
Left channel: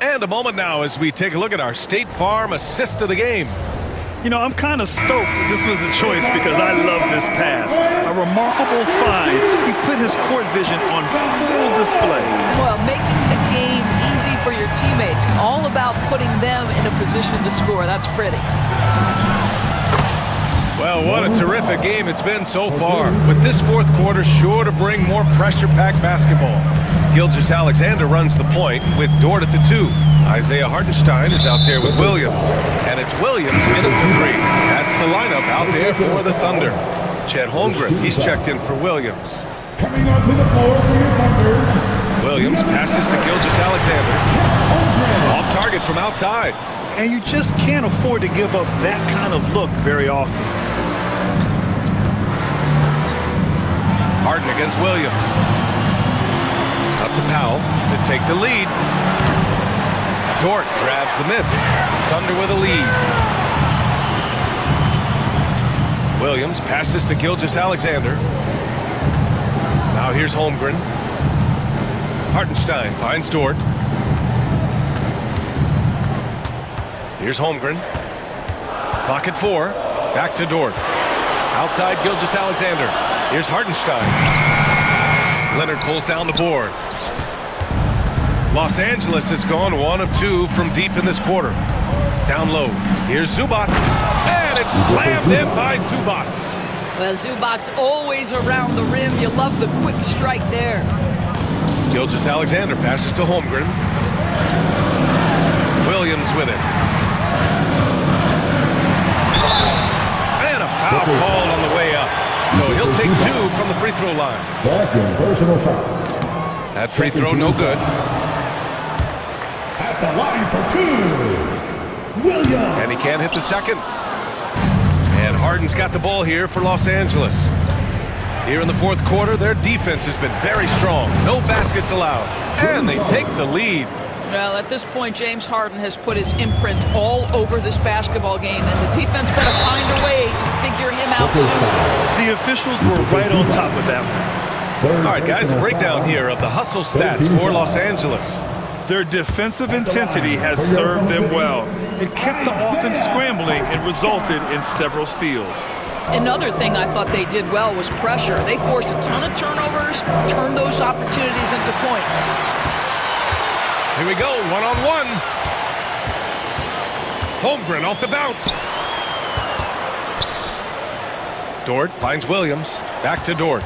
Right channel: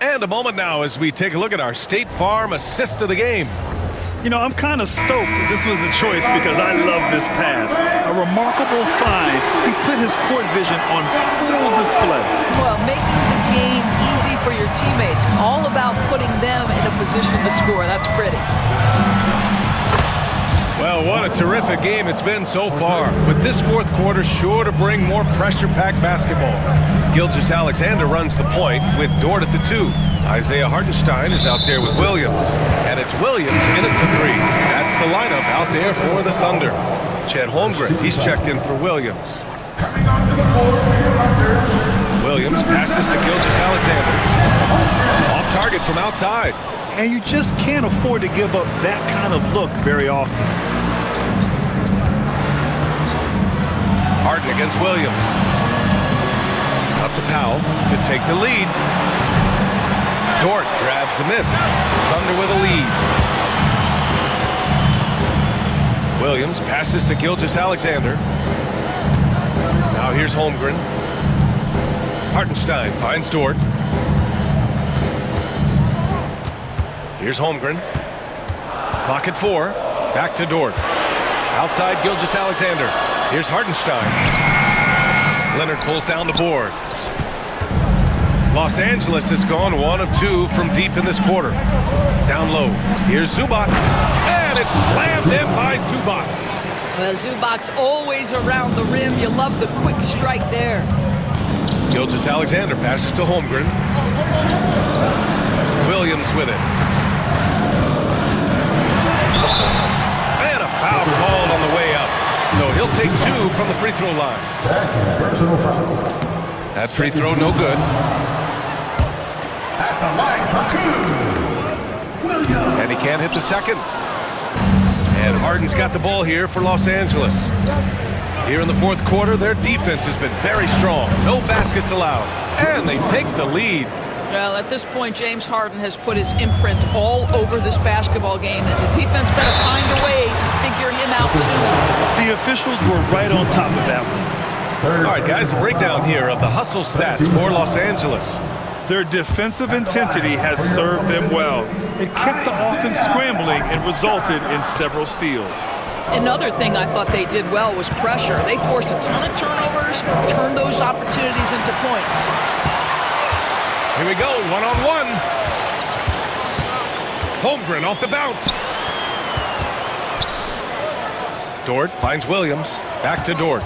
And a moment now as we take a look at our State Farm assist of the game. You know, I'm kind of stoked that this was a choice because I love this pass. A remarkable find. He put his court vision on full display. Well, making the game easy for your teammates. All about putting them in a position to score. That's pretty. Well, what a terrific game it's been so far. With this fourth quarter sure to bring more pressure-packed basketball. Gilgeous-Alexander runs the point with Dort at the 2. Isaiah Hartenstein is out there with Williams. And it's Williams in at the 3. That's the lineup out there for the Thunder. Chet Holmgren, he's checked in for Williams. Coming onto the floor for your Thunder. Williams passes to Gilgeous-Alexander. Off target from outside. And you just can't afford to give up that kind of look very often. Harden against Williams. Out to Powell to take the lead. Dort grabs the miss. Thunder with a lead. Williams passes to Gilgeous-Alexander. Now here's Holmgren. Hartenstein finds Dort. Here's Holmgren. Clock at 4. Back to Dort. Outside Gilgeous-Alexander. Here's Hartenstein. Leonard pulls down the board. Los Angeles has gone 1 of 2 from deep in this quarter. Down low. Here's Zubats. And it's slammed in by Zubats. Well, Zubats always around the rim. You love the quick strike there. Gilgeous-Alexander passes to Holmgren. Williams with it. And a foul called on the way up. So he'll take 2 from the free throw line. Second personal foul. That free throw no good. At the line for 2, Williams. And he can't hit the second. And Harden's got the ball here for Los Angeles. Here in the fourth quarter, their defense has been very strong. No baskets allowed. And they take the lead. Well, at this point, James Harden has put his imprint all over this basketball game, and the defense better find a way to figure him out soon. The officials were right on top of that one. All right, guys, a breakdown here of the hustle stats for Los Angeles. Their defensive intensity has served them well. It kept the offense scrambling and resulted in several steals. Another thing I thought they did well was pressure. They forced a ton of turnovers, turned those opportunities into points. Here we go, one-on-one. Holmgren off the bounce. Dort finds Williams. Back to Dort.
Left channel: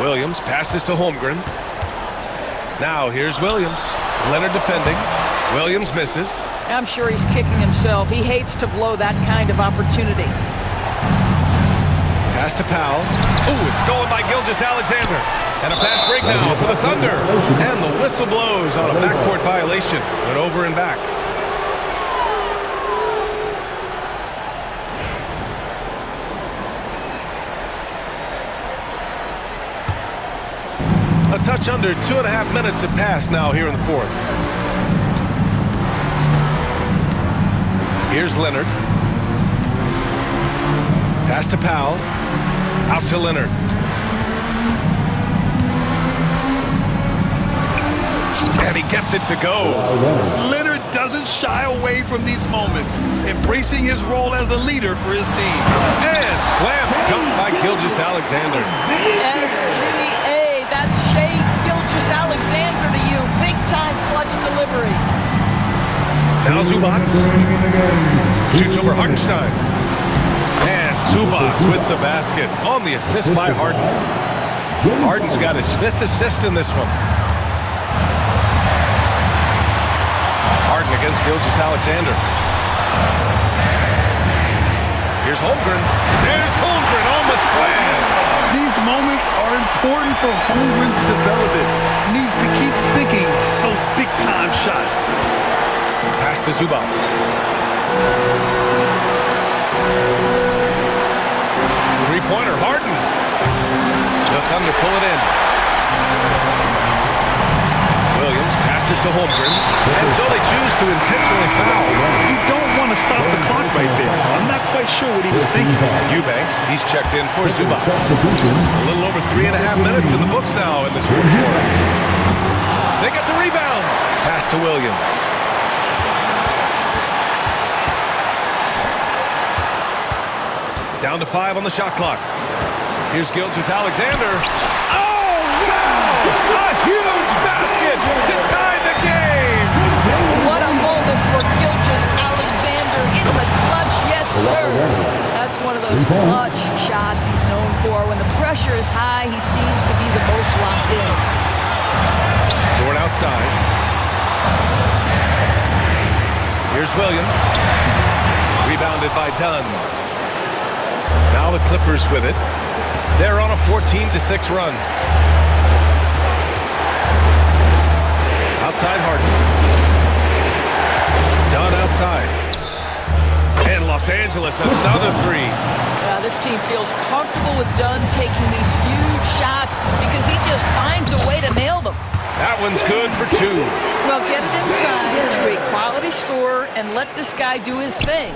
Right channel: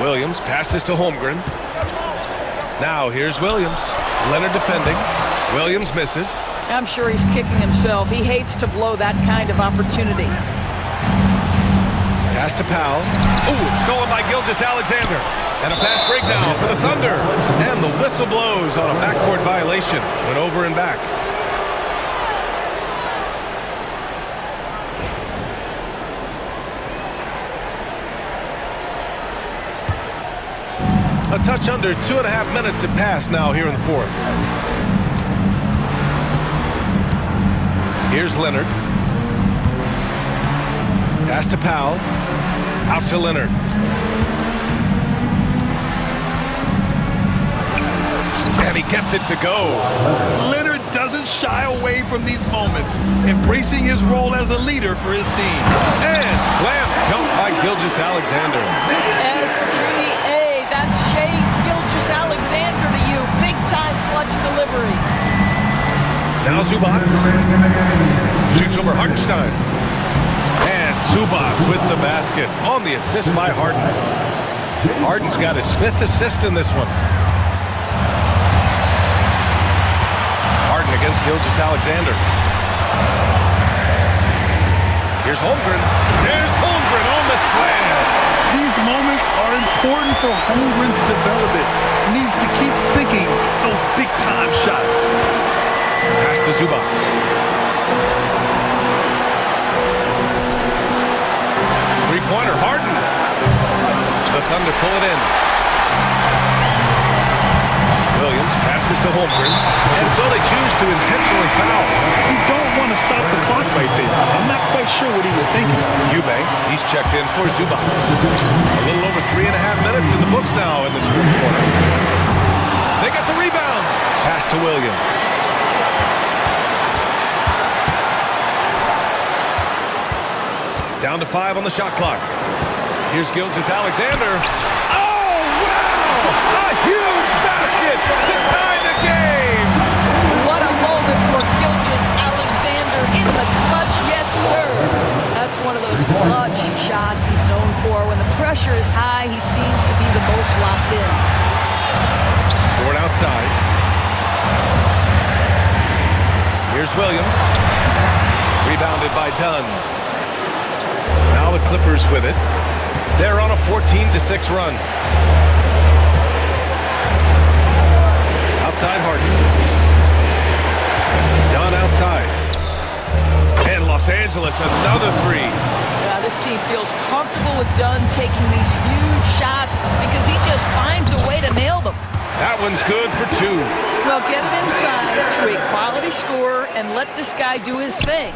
Williams passes to Holmgren. Now here's Williams. Leonard defending. Williams misses. I'm sure he's kicking himself. He hates to blow that kind of opportunity. Pass to Powell. Oh, it's stolen by Gilgeous-Alexander. And a fast break now for the Thunder. And the whistle blows on a backcourt violation. Went over and back. A touch under 2.5 minutes have passed now here in the fourth. Here's Leonard. Pass to Powell. Out to Leonard. And he gets it to go. Leonard doesn't shy away from these moments, embracing his role as a leader for his team. And slam dunk by Gilgeous-Alexander. SGA, that's Shea Gilgeous-Alexander to you. Big time clutch delivery. Now Zubats shoots over Hartenstein. And Zubats with the basket on the assist by Harden. Harden's got his 5th assist in this one. Harden against Gilgeous-Alexander. Here's Holmgren. There's Holmgren on the slam. These moments are important for Holmgren's development. He needs to keep sinking those big-time shots. Pass to Zubats. Three-pointer, Harden. The Thunder pull it in. Williams passes to Holmgren, and so they choose to intentionally foul. You don't want to stop the clock right there. I'm not quite sure what he was thinking. Eubanks, he's checked in for Zubats. A little over 3.5 minutes in the books now in this fourth quarter. They get the rebound. Pass to Williams. Down to 5 on the shot clock. Here's Gilgeous-Alexander. Oh, wow! A huge basket to tie the game! What a moment for Gilgeous-Alexander in the clutch, yes sir! That's one of those clutch shots he's known for. When the pressure is high, he seems to be the most locked in. Dort outside. Here's Williams. Rebounded by Dunn. Now the Clippers with it. They're on a 14-6 run. Outside Harden. Dunn outside. And Los Angeles, another three. This team feels comfortable with Dunn taking these huge shots because he just finds a way to nail them. That one's good for 2. Well, get it inside to a quality scorer and let this guy do his thing.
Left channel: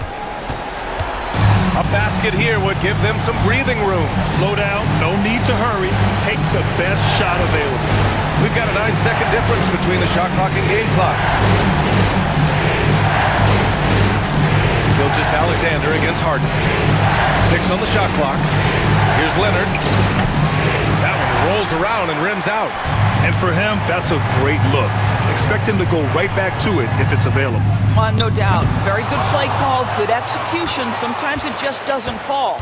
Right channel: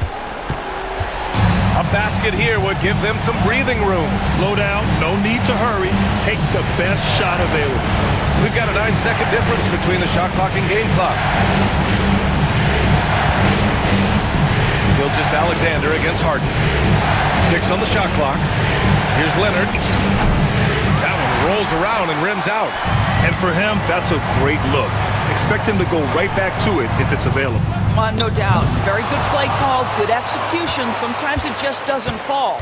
A basket here would give them some breathing room. Slow down, no need to hurry. Take the best shot available. We've got a 9-second difference between the shot clock and game clock. Gilgeous-Alexander against Harden. 6 on the shot clock. Here's Leonard. That one rolls around and rims out. And for him, that's a great look. Expect him to go right back to it if it's available. No doubt. Very good play call, good execution. Sometimes it just doesn't fall.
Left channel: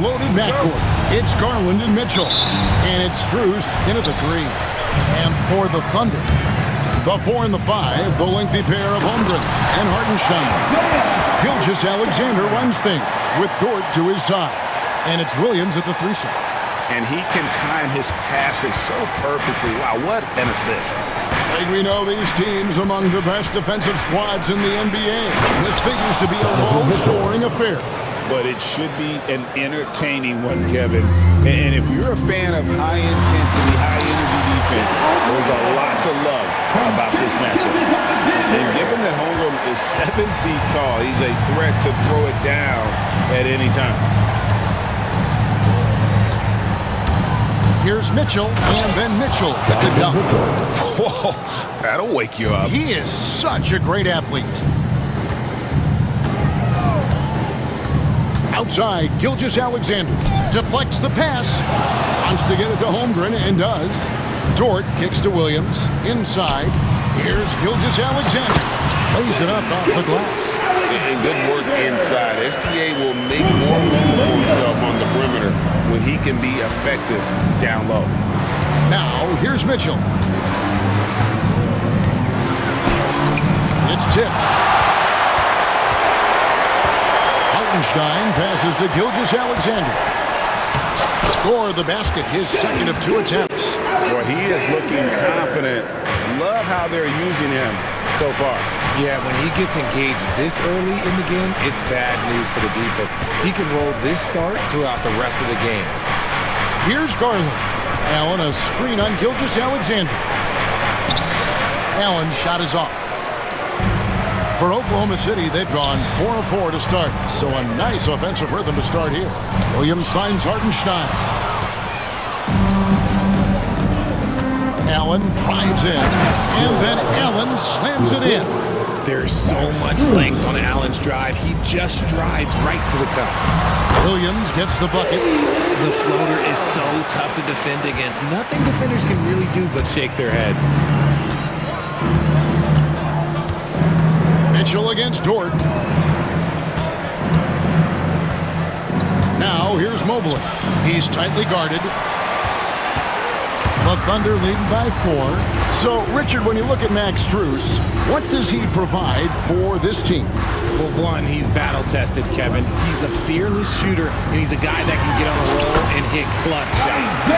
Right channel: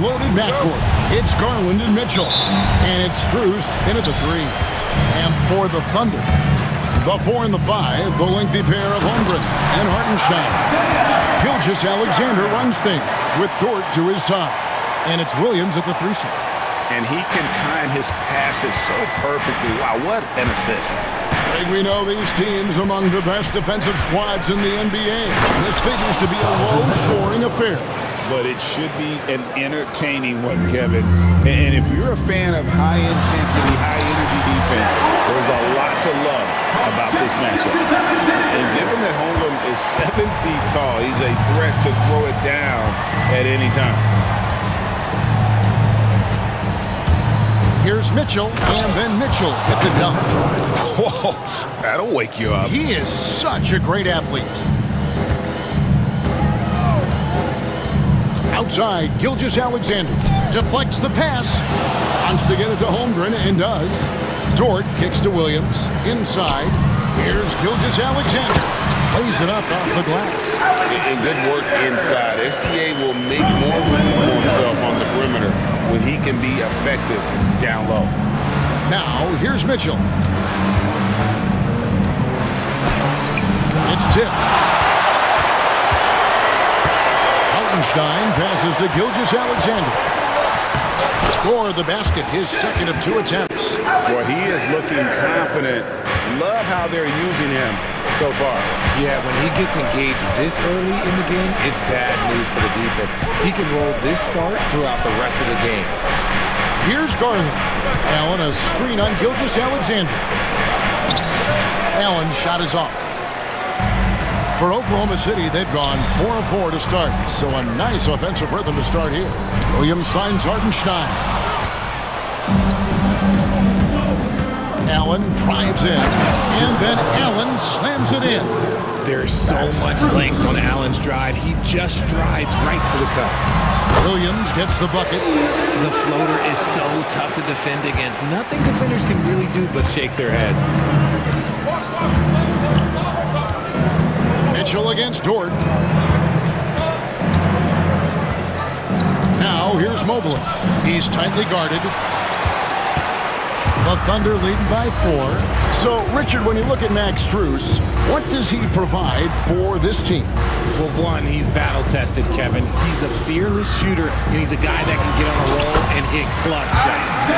Loaded backcourt. It's Garland and Mitchell. And it's Strus in at the 3. And for the Thunder, the 4 and the 5, the lengthy pair of Holmgren and Hartenstein. Gilgeous-Alexander runs things with Dort to his side. And it's Williams at the 3 slot. And he can time his passes so perfectly. Wow, what an assist. Like we know these teams among the best defensive squads in the NBA. This figures to be a low-scoring affair. But it should be an entertaining one, Kevin. And if you're a fan of high-intensity, high-energy defense, there's a lot to love about this matchup. And given that Holmgren is 7 feet tall, he's a threat to throw it down at any time. Here's Mitchell, and then Mitchell with the dunk. Whoa, that'll wake you up. He is such a great athlete. Outside, Gilgeous-Alexander deflects the pass. Wants to get it to Holmgren, and does. Dort kicks to Williams. Inside, here's Gilgeous-Alexander. Plays it up off the glass. And good work inside. SGA will make more room for himself on the perimeter when he can be effective down low. Now, here's Mitchell. It's tipped. Hartenstein passes to Gilgeous-Alexander. Score the basket, his second of 2 attempts. Well, he is looking confident. Love how they're using him so far. Yeah, when he gets engaged this early in the game, it's bad news for the defense. He can roll this start throughout the rest of the game. Here's Garland. Allen, a screen on Gilgeous-Alexander. Allen's shot is off. For Oklahoma City, they've gone 4 of 4 to start, so a nice offensive rhythm to start here. Williams finds Hartenstein. Allen drives in, and then Allen slams it in. There's so much length on Allen's drive. He just strides right to the cup. Williams gets the bucket. The floater is so tough to defend against. Nothing defenders can really do but shake their heads. Mitchell against Dort. Now here's Mobley. He's tightly guarded. The Thunder leading by 4. So, Richard, when you look at Max Strus, what does he provide for this team? Well, one, he's battle-tested, Kevin. He's a fearless shooter, and he's a guy that can get on a roll and hit clutch shots.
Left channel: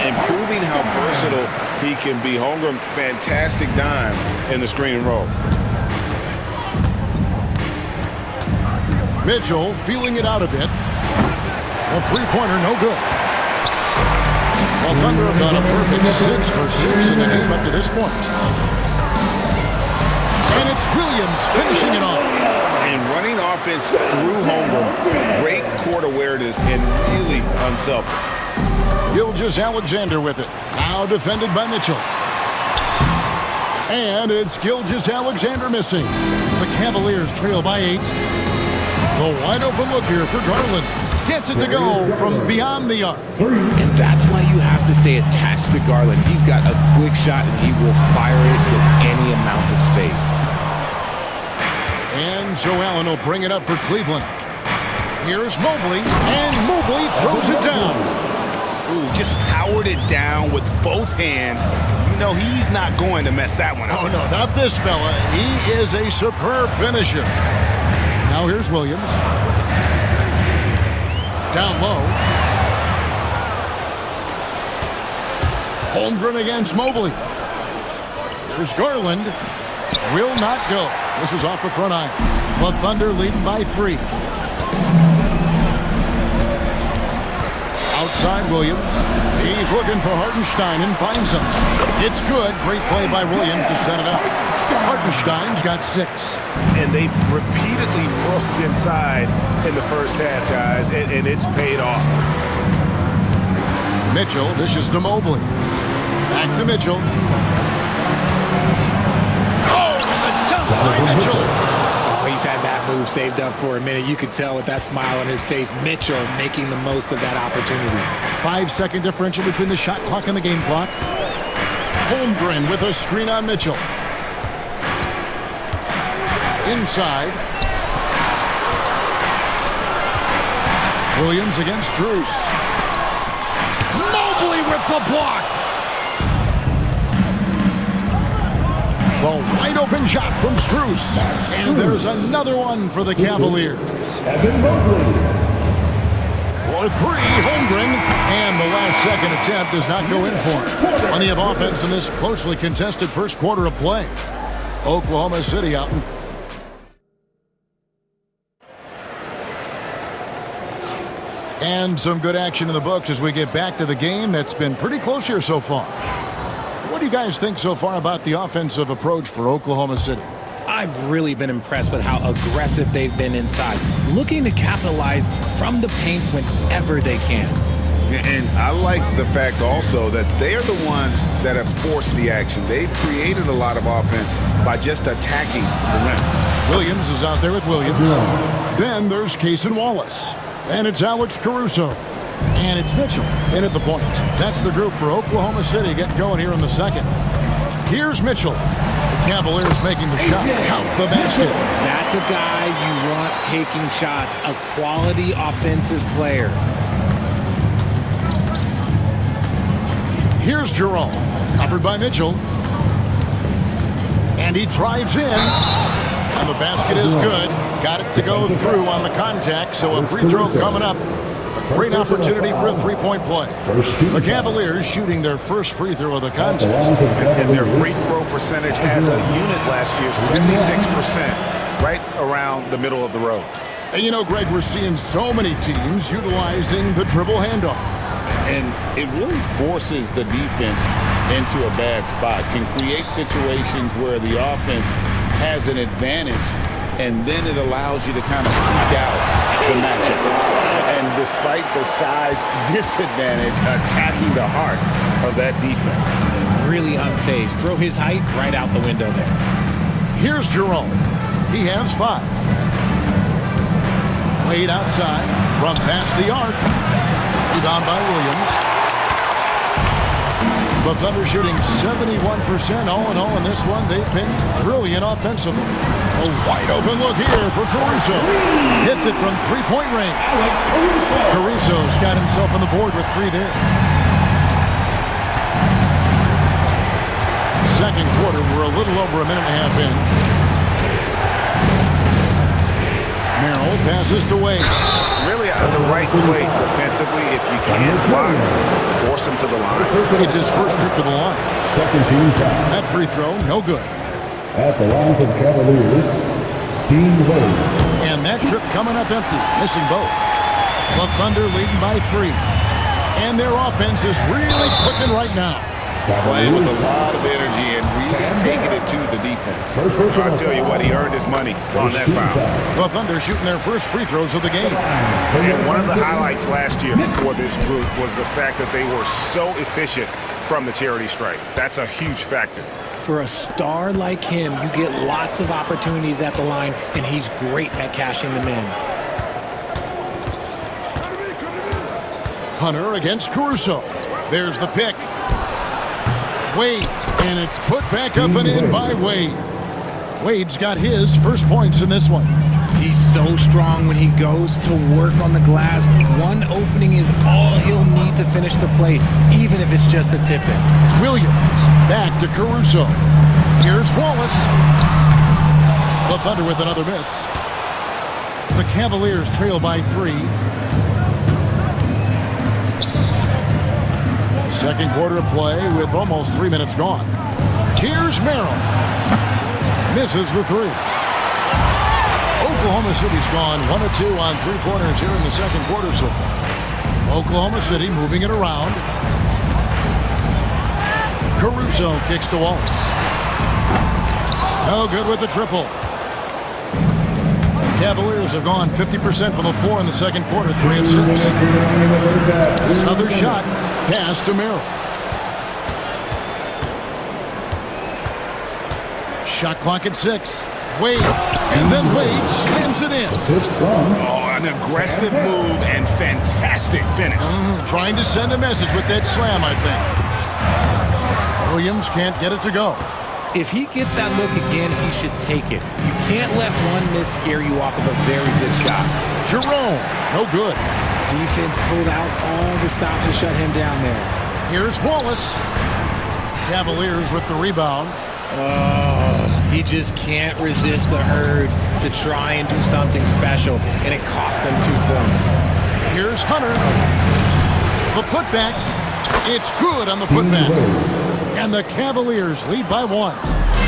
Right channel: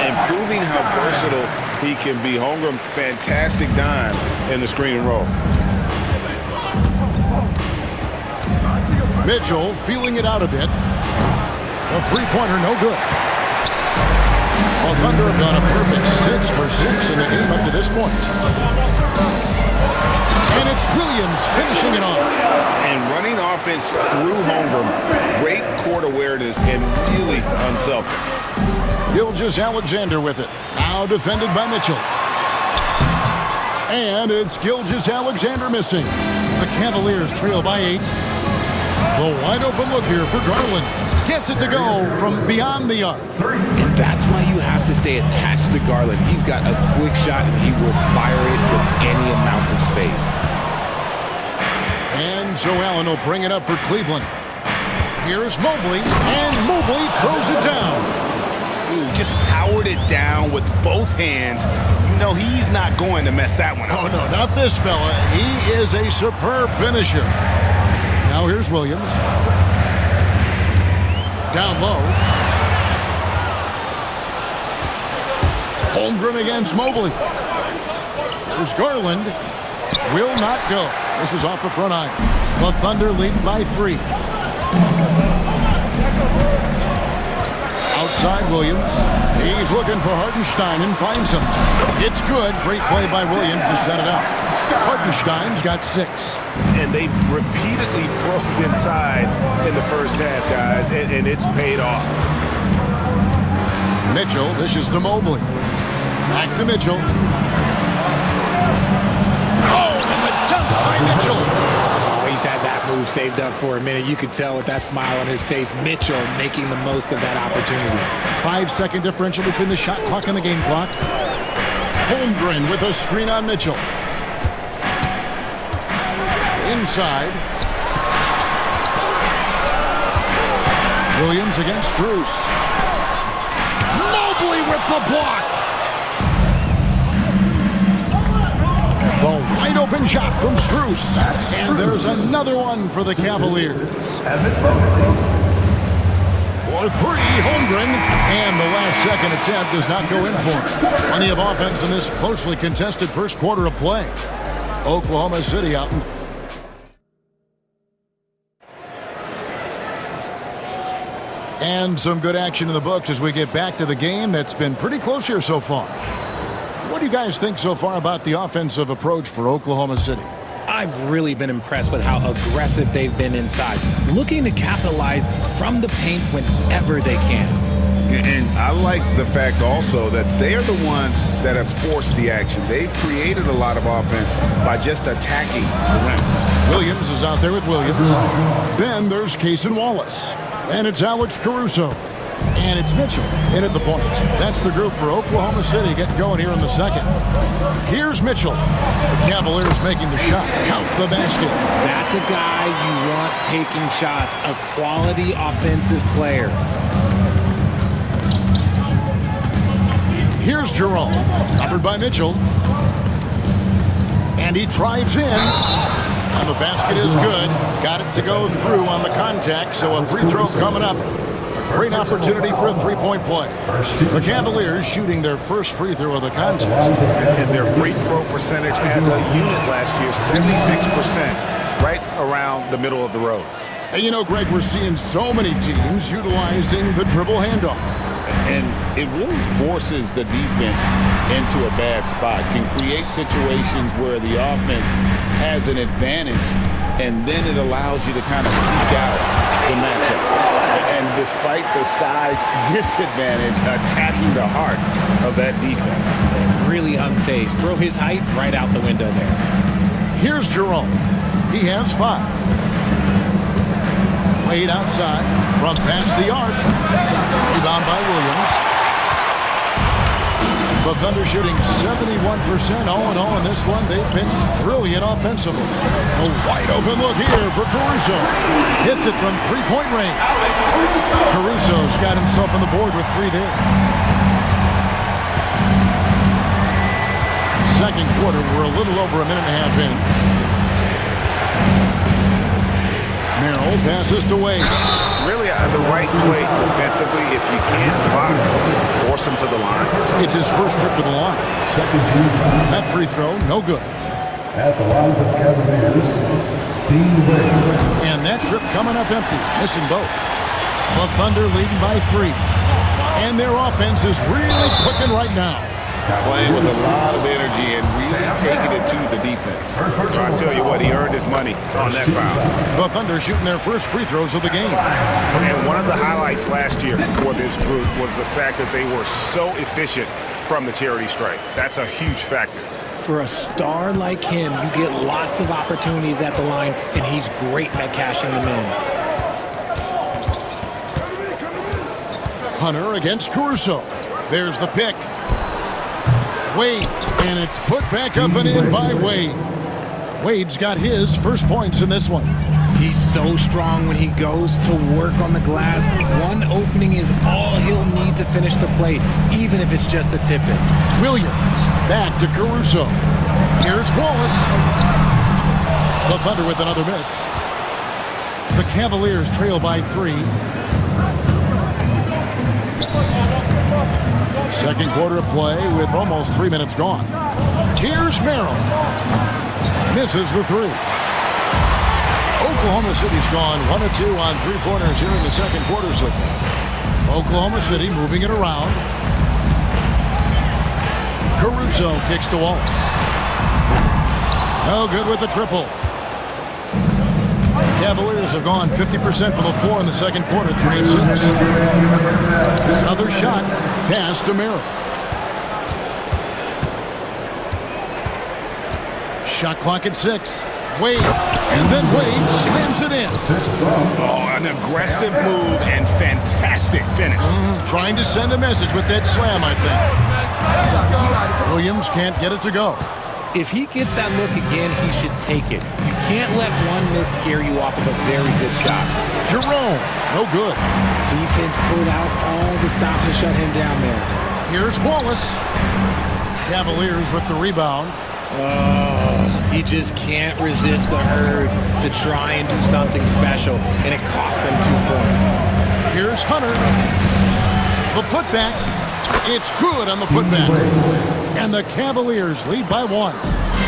And proving how versatile he can be. Holmgren, fantastic dime in the screen and roll. Mitchell feeling it out a bit. A three-pointer, no good. Well, Thunder have gone a perfect 6 for 6 in the game up to this point. And it's Williams finishing it off. And running offense through Holmgren. Great court awareness and really unselfish. Gilgeous-Alexander with it. Now defended by Mitchell. And it's Gilgeous-Alexander missing. The Cavaliers trail by 8. The wide open look here for Garland. Gets it to go from beyond the arc. And that's why you have to stay attached to Garland. He's got a quick shot, and he will fire it with any amount of space. And Joe Allen will bring it up for Cleveland. Here's Mobley, and Mobley throws it down. Ooh, just powered it down with both hands. You know he's not going to mess that one up. Oh, no, not this fella. He is a superb finisher. Now here's Williams. Down low. Holmgren against Mobley. Here's Garland. Will not go. This is off the front iron. The Thunder leading by 3. Outside Williams. He's looking for Hartenstein and finds him. It's good. Great play by Williams to set it up. Hartenstein's got 6. And they've repeatedly probed inside in the first half, guys, and it's paid off. Mitchell dishes to Mobley. Back to Mitchell. Oh, and the dunk by Mitchell. Oh, he's had that move saved up for a minute. You could tell with that smile on his face, Mitchell making the most of that opportunity. 5-second differential between the shot clock and the game clock. Holmgren with a screen on Mitchell. Inside. Williams against Strus. Mobley with the block. The wide open shot from Strus. And there's another one for the Cavaliers. For three, Holmgren. And the last second attempt does not go in for him. Plenty of offense in this closely contested first quarter of play. Oklahoma City out in. And some good action in the books as we get back to the game that's been pretty close here so far. What do you guys think so far about the offensive approach for Oklahoma City? I've really been impressed with how aggressive they've been inside, looking to capitalize from the paint whenever they can. And I like the fact also that they are the ones that have forced the action. They've created a lot of offense by just attacking the rim. Williams is out there with Williams. Then there's Cason Wallace. And it's Alex Caruso. And it's Mitchell in at the point. That's the group for Oklahoma City getting going here in the second. Here's Mitchell. The Cavaliers making the shot. Count the basket. That's a guy you want taking shots, a quality offensive player. Here's Jerome. Covered by Mitchell. And he drives in. And the basket is good. Got it to go through on the contact, so a free throw coming up. A great opportunity for a three-point play. The Cavaliers shooting their first free throw of the contest. And their free throw percentage as a unit last year, 76%, right around the middle of the road. And you know, Greg, we're seeing so many teams utilizing the dribble handoff. And it really forces the defense into a bad spot, can create situations where the offense has an advantage, and then it allows you to kind of seek out the matchup. And despite the size disadvantage, attacking the heart of that defense. Really unfazed. Throw his height right out the window there. Here's Jerome. He has 5. Wade outside from past the arc. Rebound by Williams. The Thunder shooting 71% all in all in this one. They've been brilliant offensively. A wide open look here for Caruso. Hits it from three-point range. Caruso's got himself on the board with 3 there. Second quarter, we're a little over a minute and a half in. Merrill passes to Wade. Really the right play defensively. If you can't block, force him to the line. It's his first trip to the line. Second team foul. That free throw, no good. At the line for the Cavaliers, Dean Wade. And that trip coming up empty, missing both. The Thunder leading by 3. And their offense is really clicking right now. Playing with a lot of energy and really taking it to the defense. So I tell you what, he earned his money on that foul. The Thunder shooting their first free throws of the game. And one of the highlights last year for this group was the fact that they were so efficient from the charity stripe. That's a huge factor. For a star like him, you get lots of opportunities at the line, and he's great at cashing them in. Hunter against Caruso. There's the pick. Wade, and it's put back up and in by Wade. Wade's got his first points in this one. He's so strong when he goes to work on the glass. One opening is all he'll need to finish the play, even if it's just a tip-in. Williams back to Caruso. Here's Wallace. The Thunder with another miss. The Cavaliers trail by 3. Second quarter of play with almost 3 minutes gone. Here's Merrill. Misses the 3. Oklahoma City's gone 1 of 2 on 3-pointers here in the second quarter so far. Oklahoma City moving it around. Caruso kicks to Wallace. No good with the triple. Cavaliers have gone 50% from the floor in the second quarter, 3 of 6. Another shot, pass to Merrill. Shot clock at 6. Wade, and then Wade slams it in. Oh, an aggressive move and fantastic finish. Trying to send a message with that slam, I think. Williams can't get it to go. If he gets that look again, he should take it. You can't let one miss scare you off of a very good shot. Jerome, no good. Defense pulled out all the stops to shut him down there. Here's Wallace. Cavaliers with the rebound. Oh, he just can't resist the urge to try and do something special, and it cost them 2 points. Here's Hunter. The putback. It's good on the putback. And the Cavaliers lead by 1.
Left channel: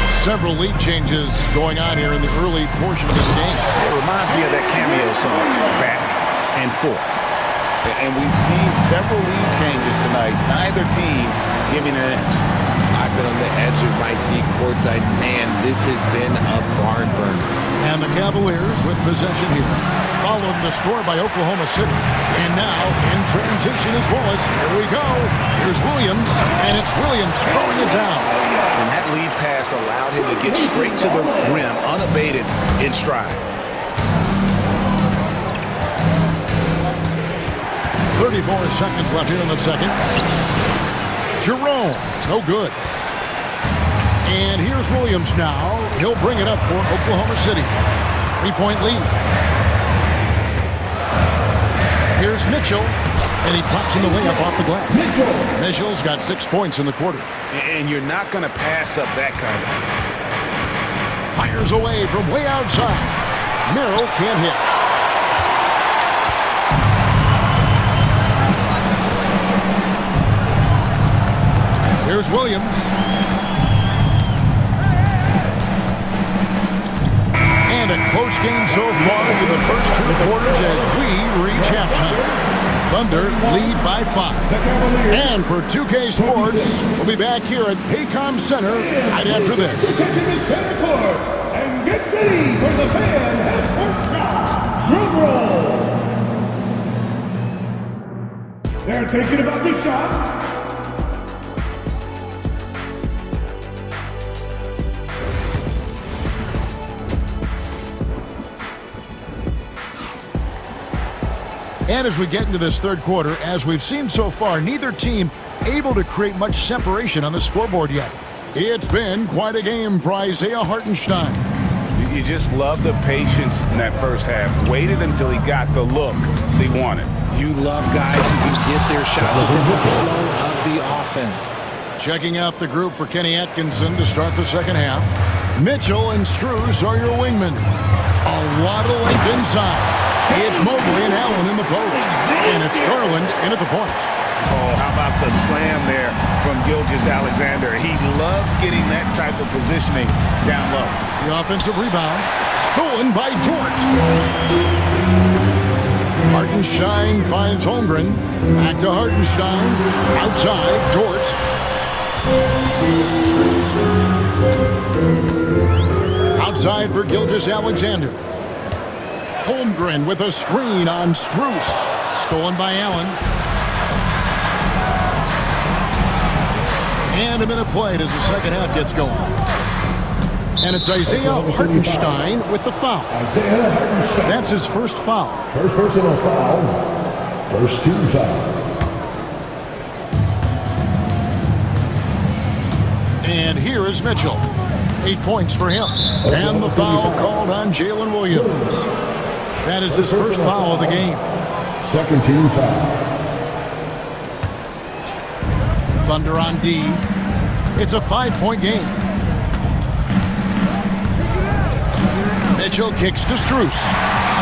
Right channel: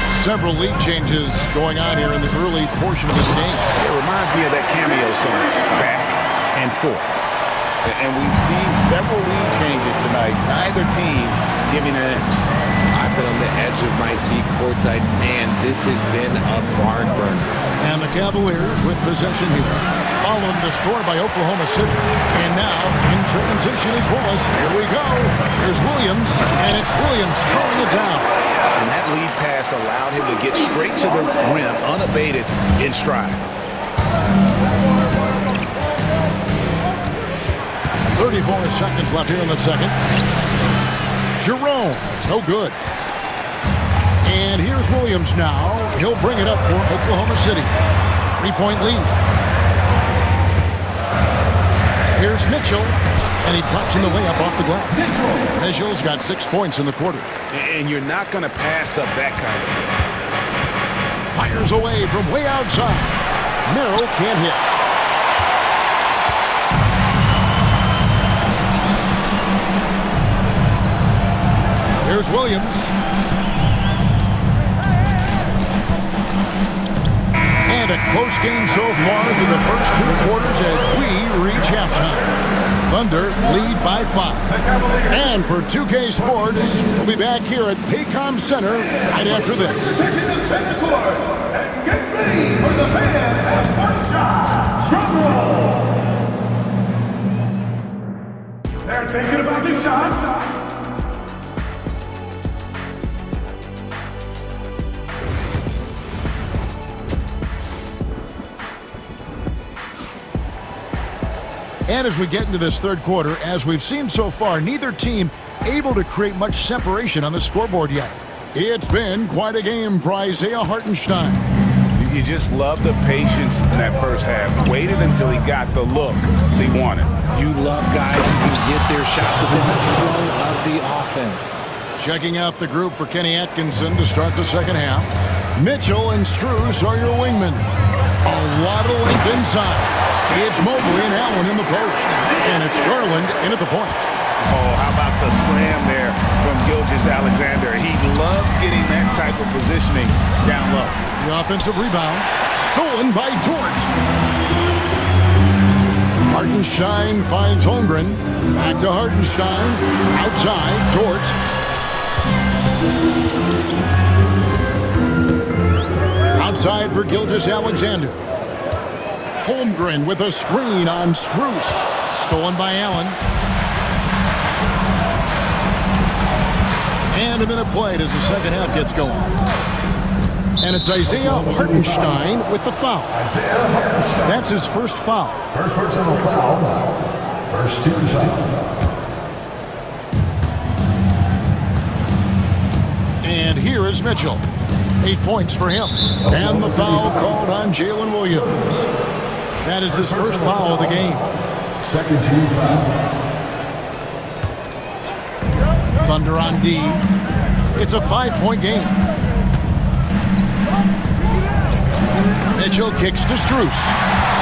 Several lead changes going on here in the early portion of this game. It reminds me of that cameo song, Back and Forth. And we've seen several lead changes tonight, neither team giving an inch. I've been on the edge of my seat courtside. Man, this has been a barn burner. And the Cavaliers with possession here. Followed the score by Oklahoma City. And now in transition is Wallace. Here we go. Here's Williams. And it's Williams throwing it down. And that lead pass allowed him to get straight to the rim unabated in stride. 34 seconds left here in the second. Jerome, no good. And here's Williams now. He'll bring it up for Oklahoma City. 3-point lead. Here's Mitchell, and he drops in the layup off the glass. Mitchell's got 6 points in the quarter. And you're not going to pass up that kind of thing. Fires away from way outside. Merrill can't hit. Here's Williams. And a close game so far through the first 2 quarters as we reach halftime. Thunder lead by 5. And for 2K Sports, we'll be back here at Paycom Center right after this. Taking the center court and get ready for the fan half-court shot. Drum roll. They're thinking about the shot. And as we get into this third quarter, as we've seen so far, neither team able to create much separation on the scoreboard yet. It's been quite a game for Isaiah Hartenstein. You just love the patience in that first half. Waited until he got the look they wanted. You love guys who can get their shot within the flow of the offense. Checking out the group for Kenny Atkinson to start the second half. Mitchell and Strus are your wingmen. A lot of length inside. It's Mobley and Allen in the post. And it's Garland in at the point. Oh, how about the slam there from Gilgeous-Alexander? He loves getting that type of positioning down low. The offensive rebound stolen by Dort. Hartenstein finds Holmgren. Back to Hartenstein. Outside, Dort. Outside for Gilgeous-Alexander. Holmgren with a screen on Strus. Stolen by Allen. And a minute played as the second half gets going. And it's Isaiah Hartenstein with the foul. Isaiah Hartenstein. That's his first foul. First personal foul. First 2 fouls. And here is Mitchell. 8 points for him. And the foul called on Jalen Williams. That is his first foul of the game. Second team foul. Thunder on D. It's a 5-point game. Mitchell kicks to Strus.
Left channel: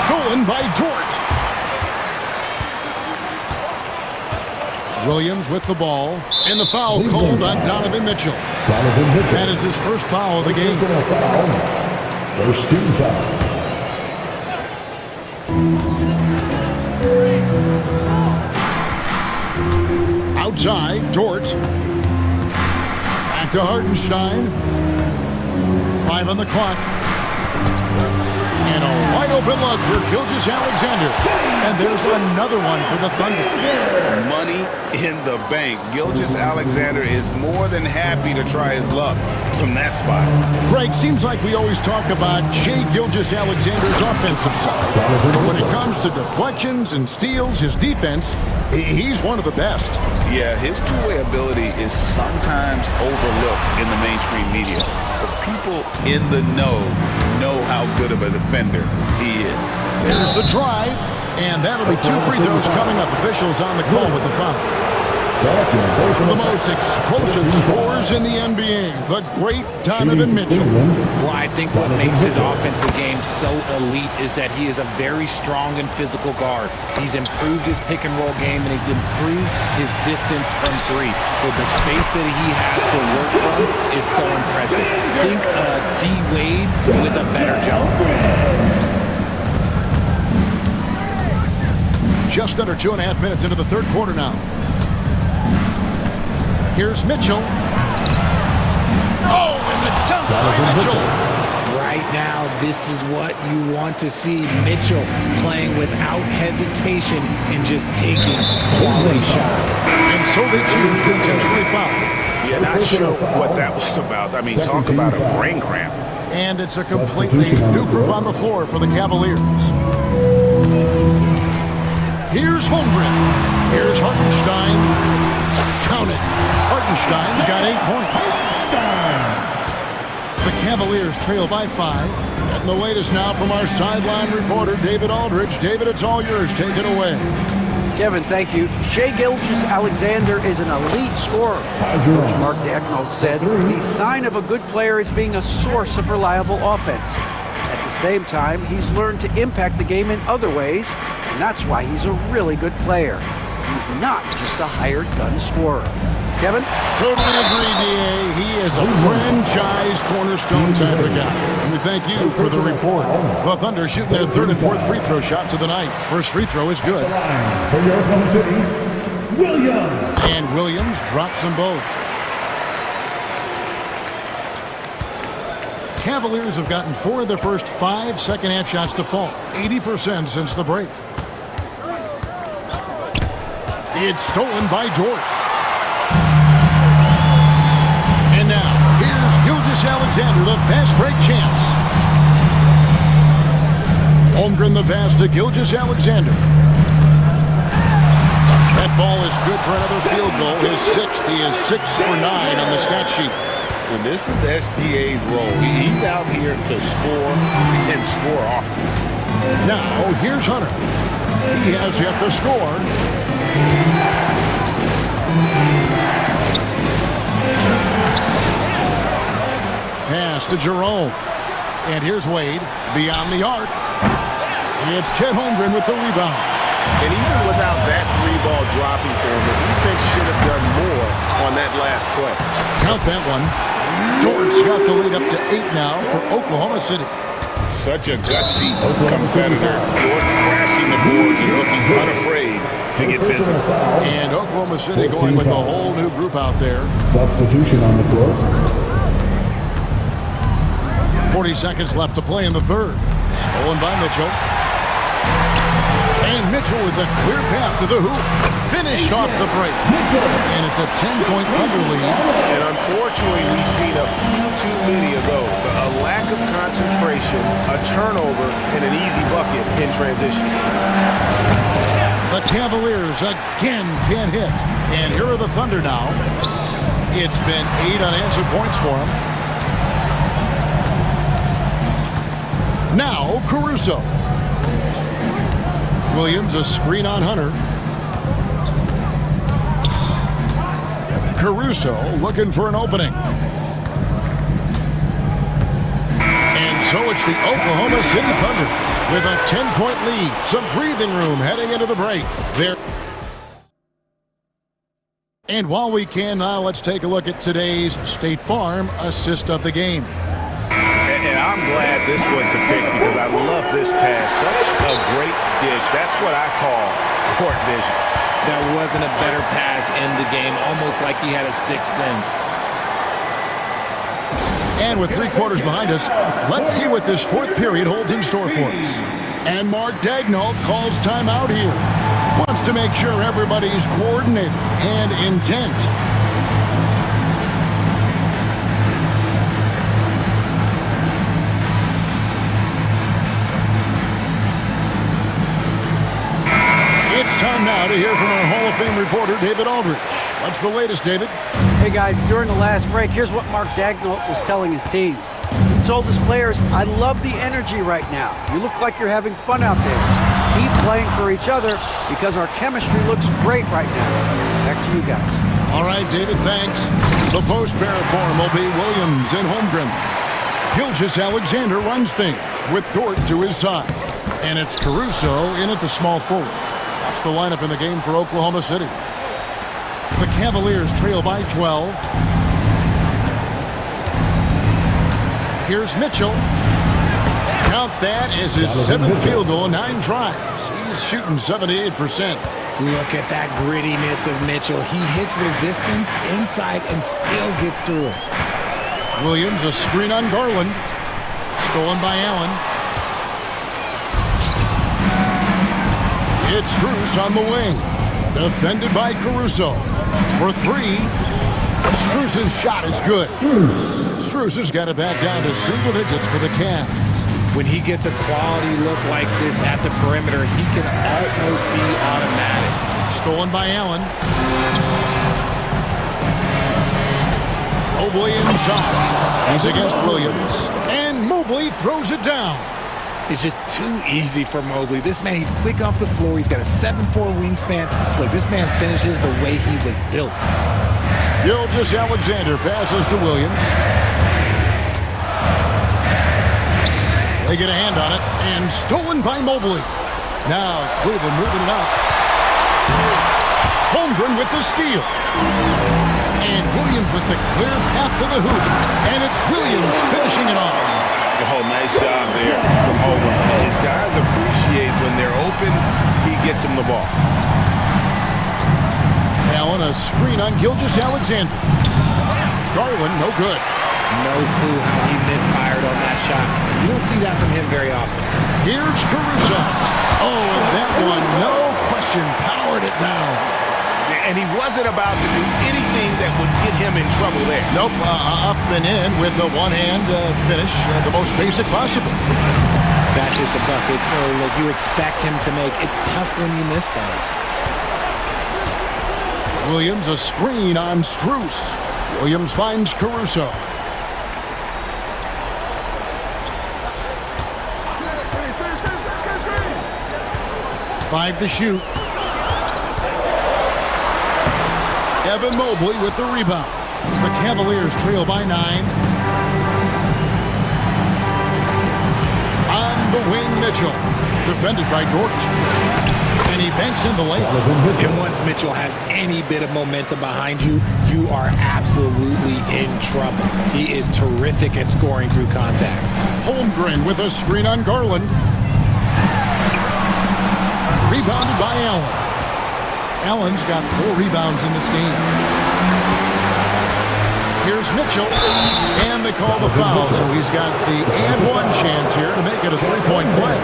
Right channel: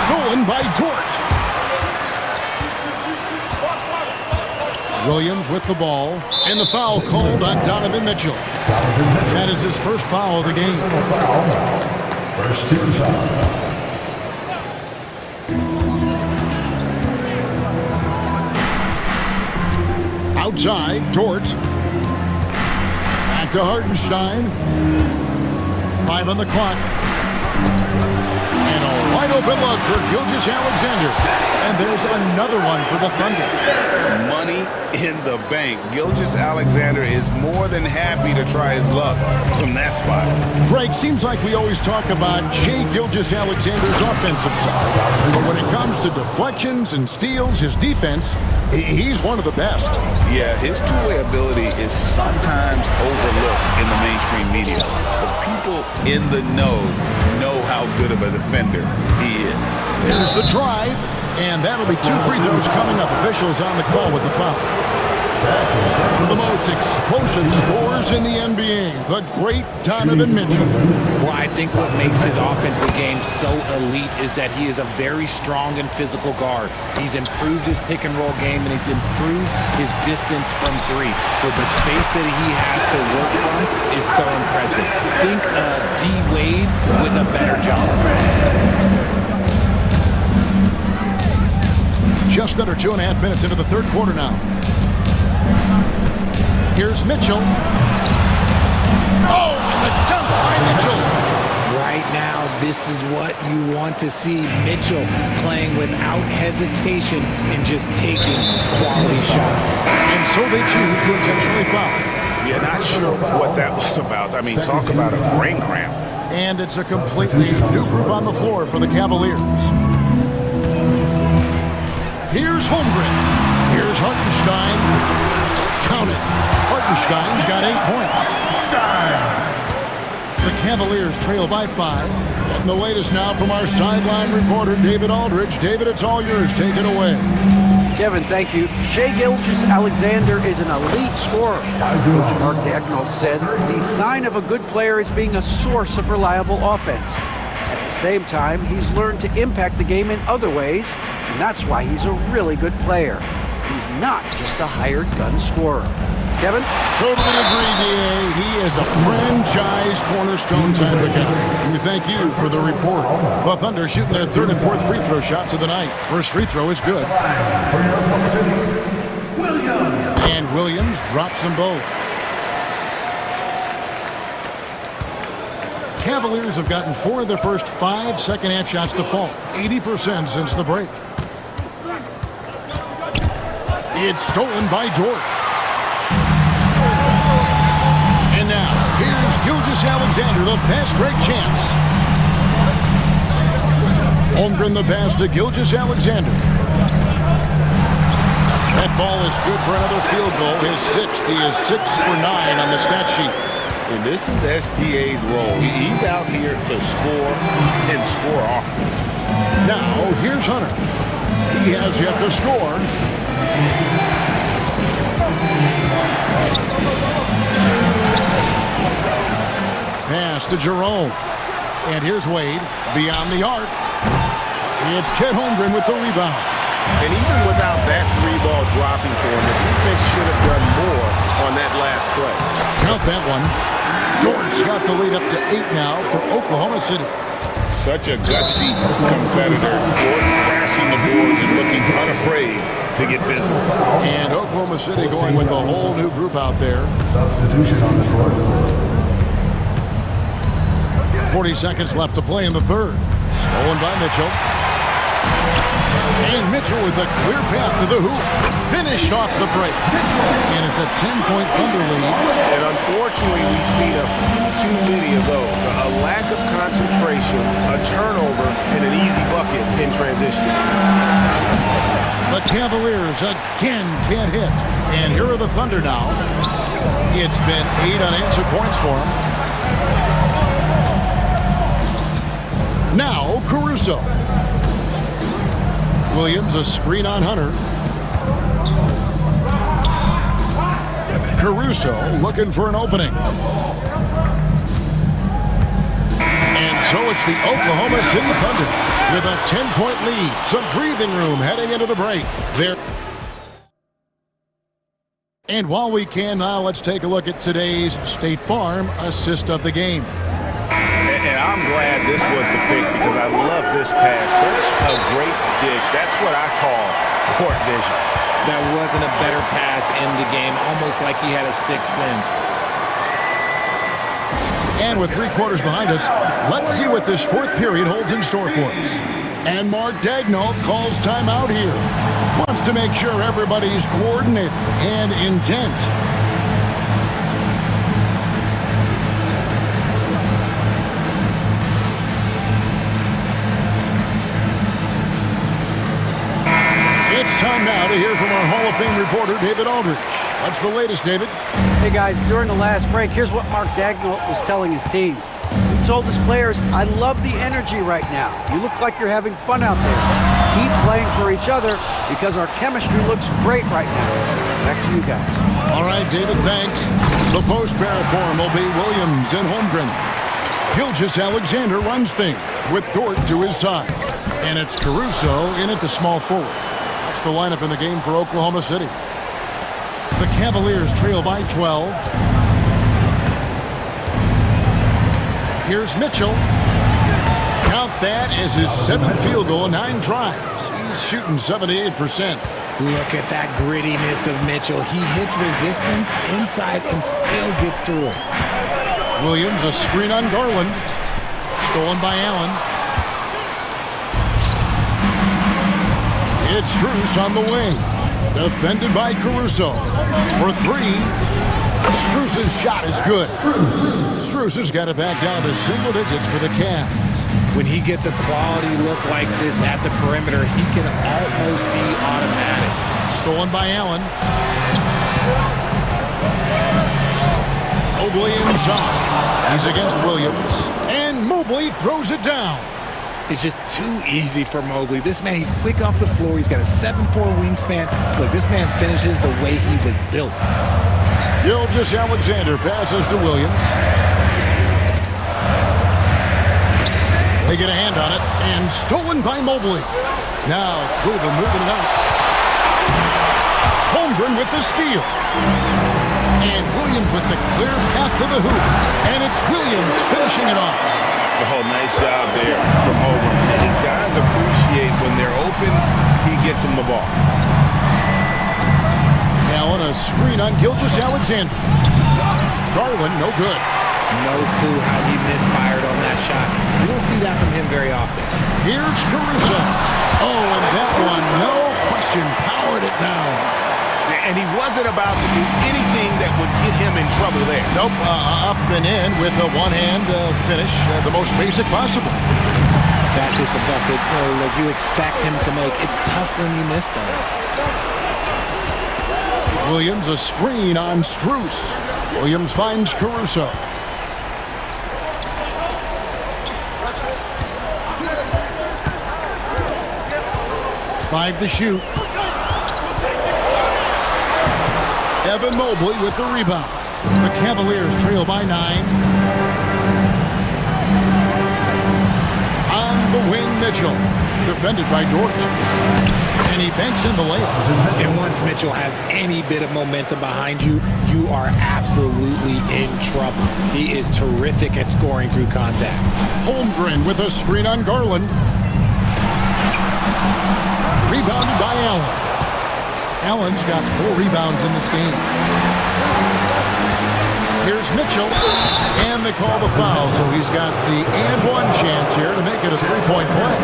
Stolen by Dort. Williams with the ball. And the foul called on Donovan Mitchell. That is his first foul of the game. First 2 fouls. Outside, Dort. Back to Hartenstein. 5 on the clock. And a wide open look for Gilgeous-Alexander. And there's another one for the Thunder. Money in the bank. Gilgeous-Alexander is more than happy to try his luck from that spot. Greg, seems like we always talk about Shai Gilgeous-Alexander's offensive side. But when it comes to deflections and steals, his defense, he's one of the best. Yeah, his two-way ability is sometimes overlooked in the mainstream media. But people in the know how good of a defender he is. There's the drive. And that'll be 2 free throws coming up. Officials on the call with the foul. The most explosive scorers in the NBA, the great Donovan Mitchell. Well, I think what makes his offensive game so elite is that he is a very strong and physical guard. He's improved his pick and roll game, and he's improved his distance from 3. So the space that he has to work from is so impressive. Think D. Wade with a better jump. Just under 2.5 minutes into the third quarter now. Here's Mitchell. Oh, and the dunk by Mitchell. Right now, this is what you want to see. Mitchell playing without hesitation and just taking quality shots. And so they choose to intentionally foul. Yeah, not sure what that was about. I mean, talk about a brain cramp. And it's a completely new group on the floor for the Cavaliers. Here's Holmgren. Here's Hartenstein. Count it. Hartenstein's got 8 points. The Cavaliers trail by 5. Getting the latest now from our sideline reporter, David Aldridge. David, it's all yours. Take it away. Kevin, thank you. Shai Gilgeous-Alexander is an elite scorer. Coach Mark Daigneault said the sign of a good player is being a source of reliable offense. At the same time, he's learned to impact the game in other ways, and that's why he's a really good player. He's not just a hired gun scorer. Kevin? Totally agree, D.A. He is a franchise cornerstone type of guy. And we thank you for the report. The Thunder shooting their 3rd and 4th free throw shots of the night. First free throw is good. For your Oklahoma City, Williams. And Williams drops them both. Cavaliers have gotten 4 of their first 5 second-half shots to fall. 80% since the break. It's stolen by Dort. And now, here's Gilgeous-Alexander, the fast break champs. Holmgren the pass to Gilgeous-Alexander. That ball is good for another field goal. His 6th. He is 6 for 9 on the stat sheet. And this is SGA's role. He's out here to score and score often. Now, here's Hunter. He has yet to score. Pass to Jerome. And here's Wade beyond the arc. It's Chet Holmgren with the rebound. And even without that 3-ball dropping for him, the defense should have done more on that last play. Count that one. Dort's got the lead up to 8 now for Oklahoma City. Such a gutsy competitor. Dort crashing the boards and looking unafraid to get physical. And Oklahoma City going with a whole new group out there. Substitution on the court. 40 seconds left to play in the third. Stolen by Mitchell. And Mitchell with a clear path to the hoop. Finished off the break. And it's a 10-point Thunder lead. And unfortunately, we've seen a few too many of those. A lack of concentration, a turnover, and an easy bucket in transition. The Cavaliers again can't hit. And here are the Thunder now. It's been 8 unanswered points for them. Now, Caruso. Williams, a screen on Hunter. Caruso looking for an opening. And so it's the Oklahoma City Thunder with a 10-point lead. Some breathing room heading into the break. And while we can now, let's take a look at today's State Farm assist of the game. And I'm glad this was the pick because I love this pass. Such a great dish. That's what I call court vision. That wasn't a better pass in the game, almost like he had a 6th sense. And with 3 quarters behind us, let's see what this 4th period holds in store for us. And Mark Daigneault calls timeout here. Wants to make sure everybody's coordinated and intent. It's time now to hear from our Hall of Fame reporter, David Aldridge. What's the latest, David? Hey, guys, during the last break, here's what Mark Daigneault was telling his team. He told his players, I love the energy right now. You look like you're having fun out there. keep playing for each other because our chemistry looks great right now. Back to you guys. All right, David, thanks. The post pair form will be Williams and Holmgren. Gilgeous-Alexander runs things with Dort to his side. And it's Caruso in at the small forward. That's the lineup in the game for Oklahoma City. The Cavaliers trail by 12. Here's Mitchell. Count that as his 7th field goal, 9 tries. He's shooting 78%. Look at that grittiness of Mitchell. He hits resistance inside and still gets through it. Williams, a screen on Garland. Stolen by Allen. It's Strus on the wing. Defended by Caruso. For 3. Strus's shot is good. Strus has got it back down to single digits for the Cavs. When he gets a quality look like this at the perimeter, he can almost be automatic. Stolen by Allen. Mobley inside. He's against Williams. And Mobley throws it down. It's just too easy for Mobley. This man, he's quick off the floor. He's got a 7'4" wingspan. Look, this man finishes the way he was built. Gilgeous-Alexander passes to Williams. They get a hand on it, and stolen by Mobley. Now Cleveland moving it up. Holmgren with the steal. And Williams with the clear path to the hoop. And it's Williams finishing it off. Oh, nice job there from Holmgren. His guys appreciate when they're open, he gets them the ball. Allen, a screen on Gilgeous-Alexander. Garland, no good. No clue how he misfired on that shot. You don't see that from him very often. Here's Caruso. Oh, and that one, no question, powered it down. And he wasn't about to do anything that would get him in trouble there. Nope, up and in with a one-hand finish, the most basic possible. That's just a bucket like you expect him to make. It's tough when you miss those. Williams, a screen on Strus. Williams finds Caruso. 5 to shoot. Evan Mobley with the rebound. The Cavaliers trail by 9. On the wing, Mitchell. Defended by Dort. And he banks in the layup. And once Mitchell has any bit of momentum behind you, you are absolutely in trouble. He is terrific at scoring through contact. Holmgren with a screen on Garland. Rebounded by Allen. Allen's got 4 rebounds in this game. Here's Mitchell, and they call the foul, so he's got the and one chance here to make it a 3-point play.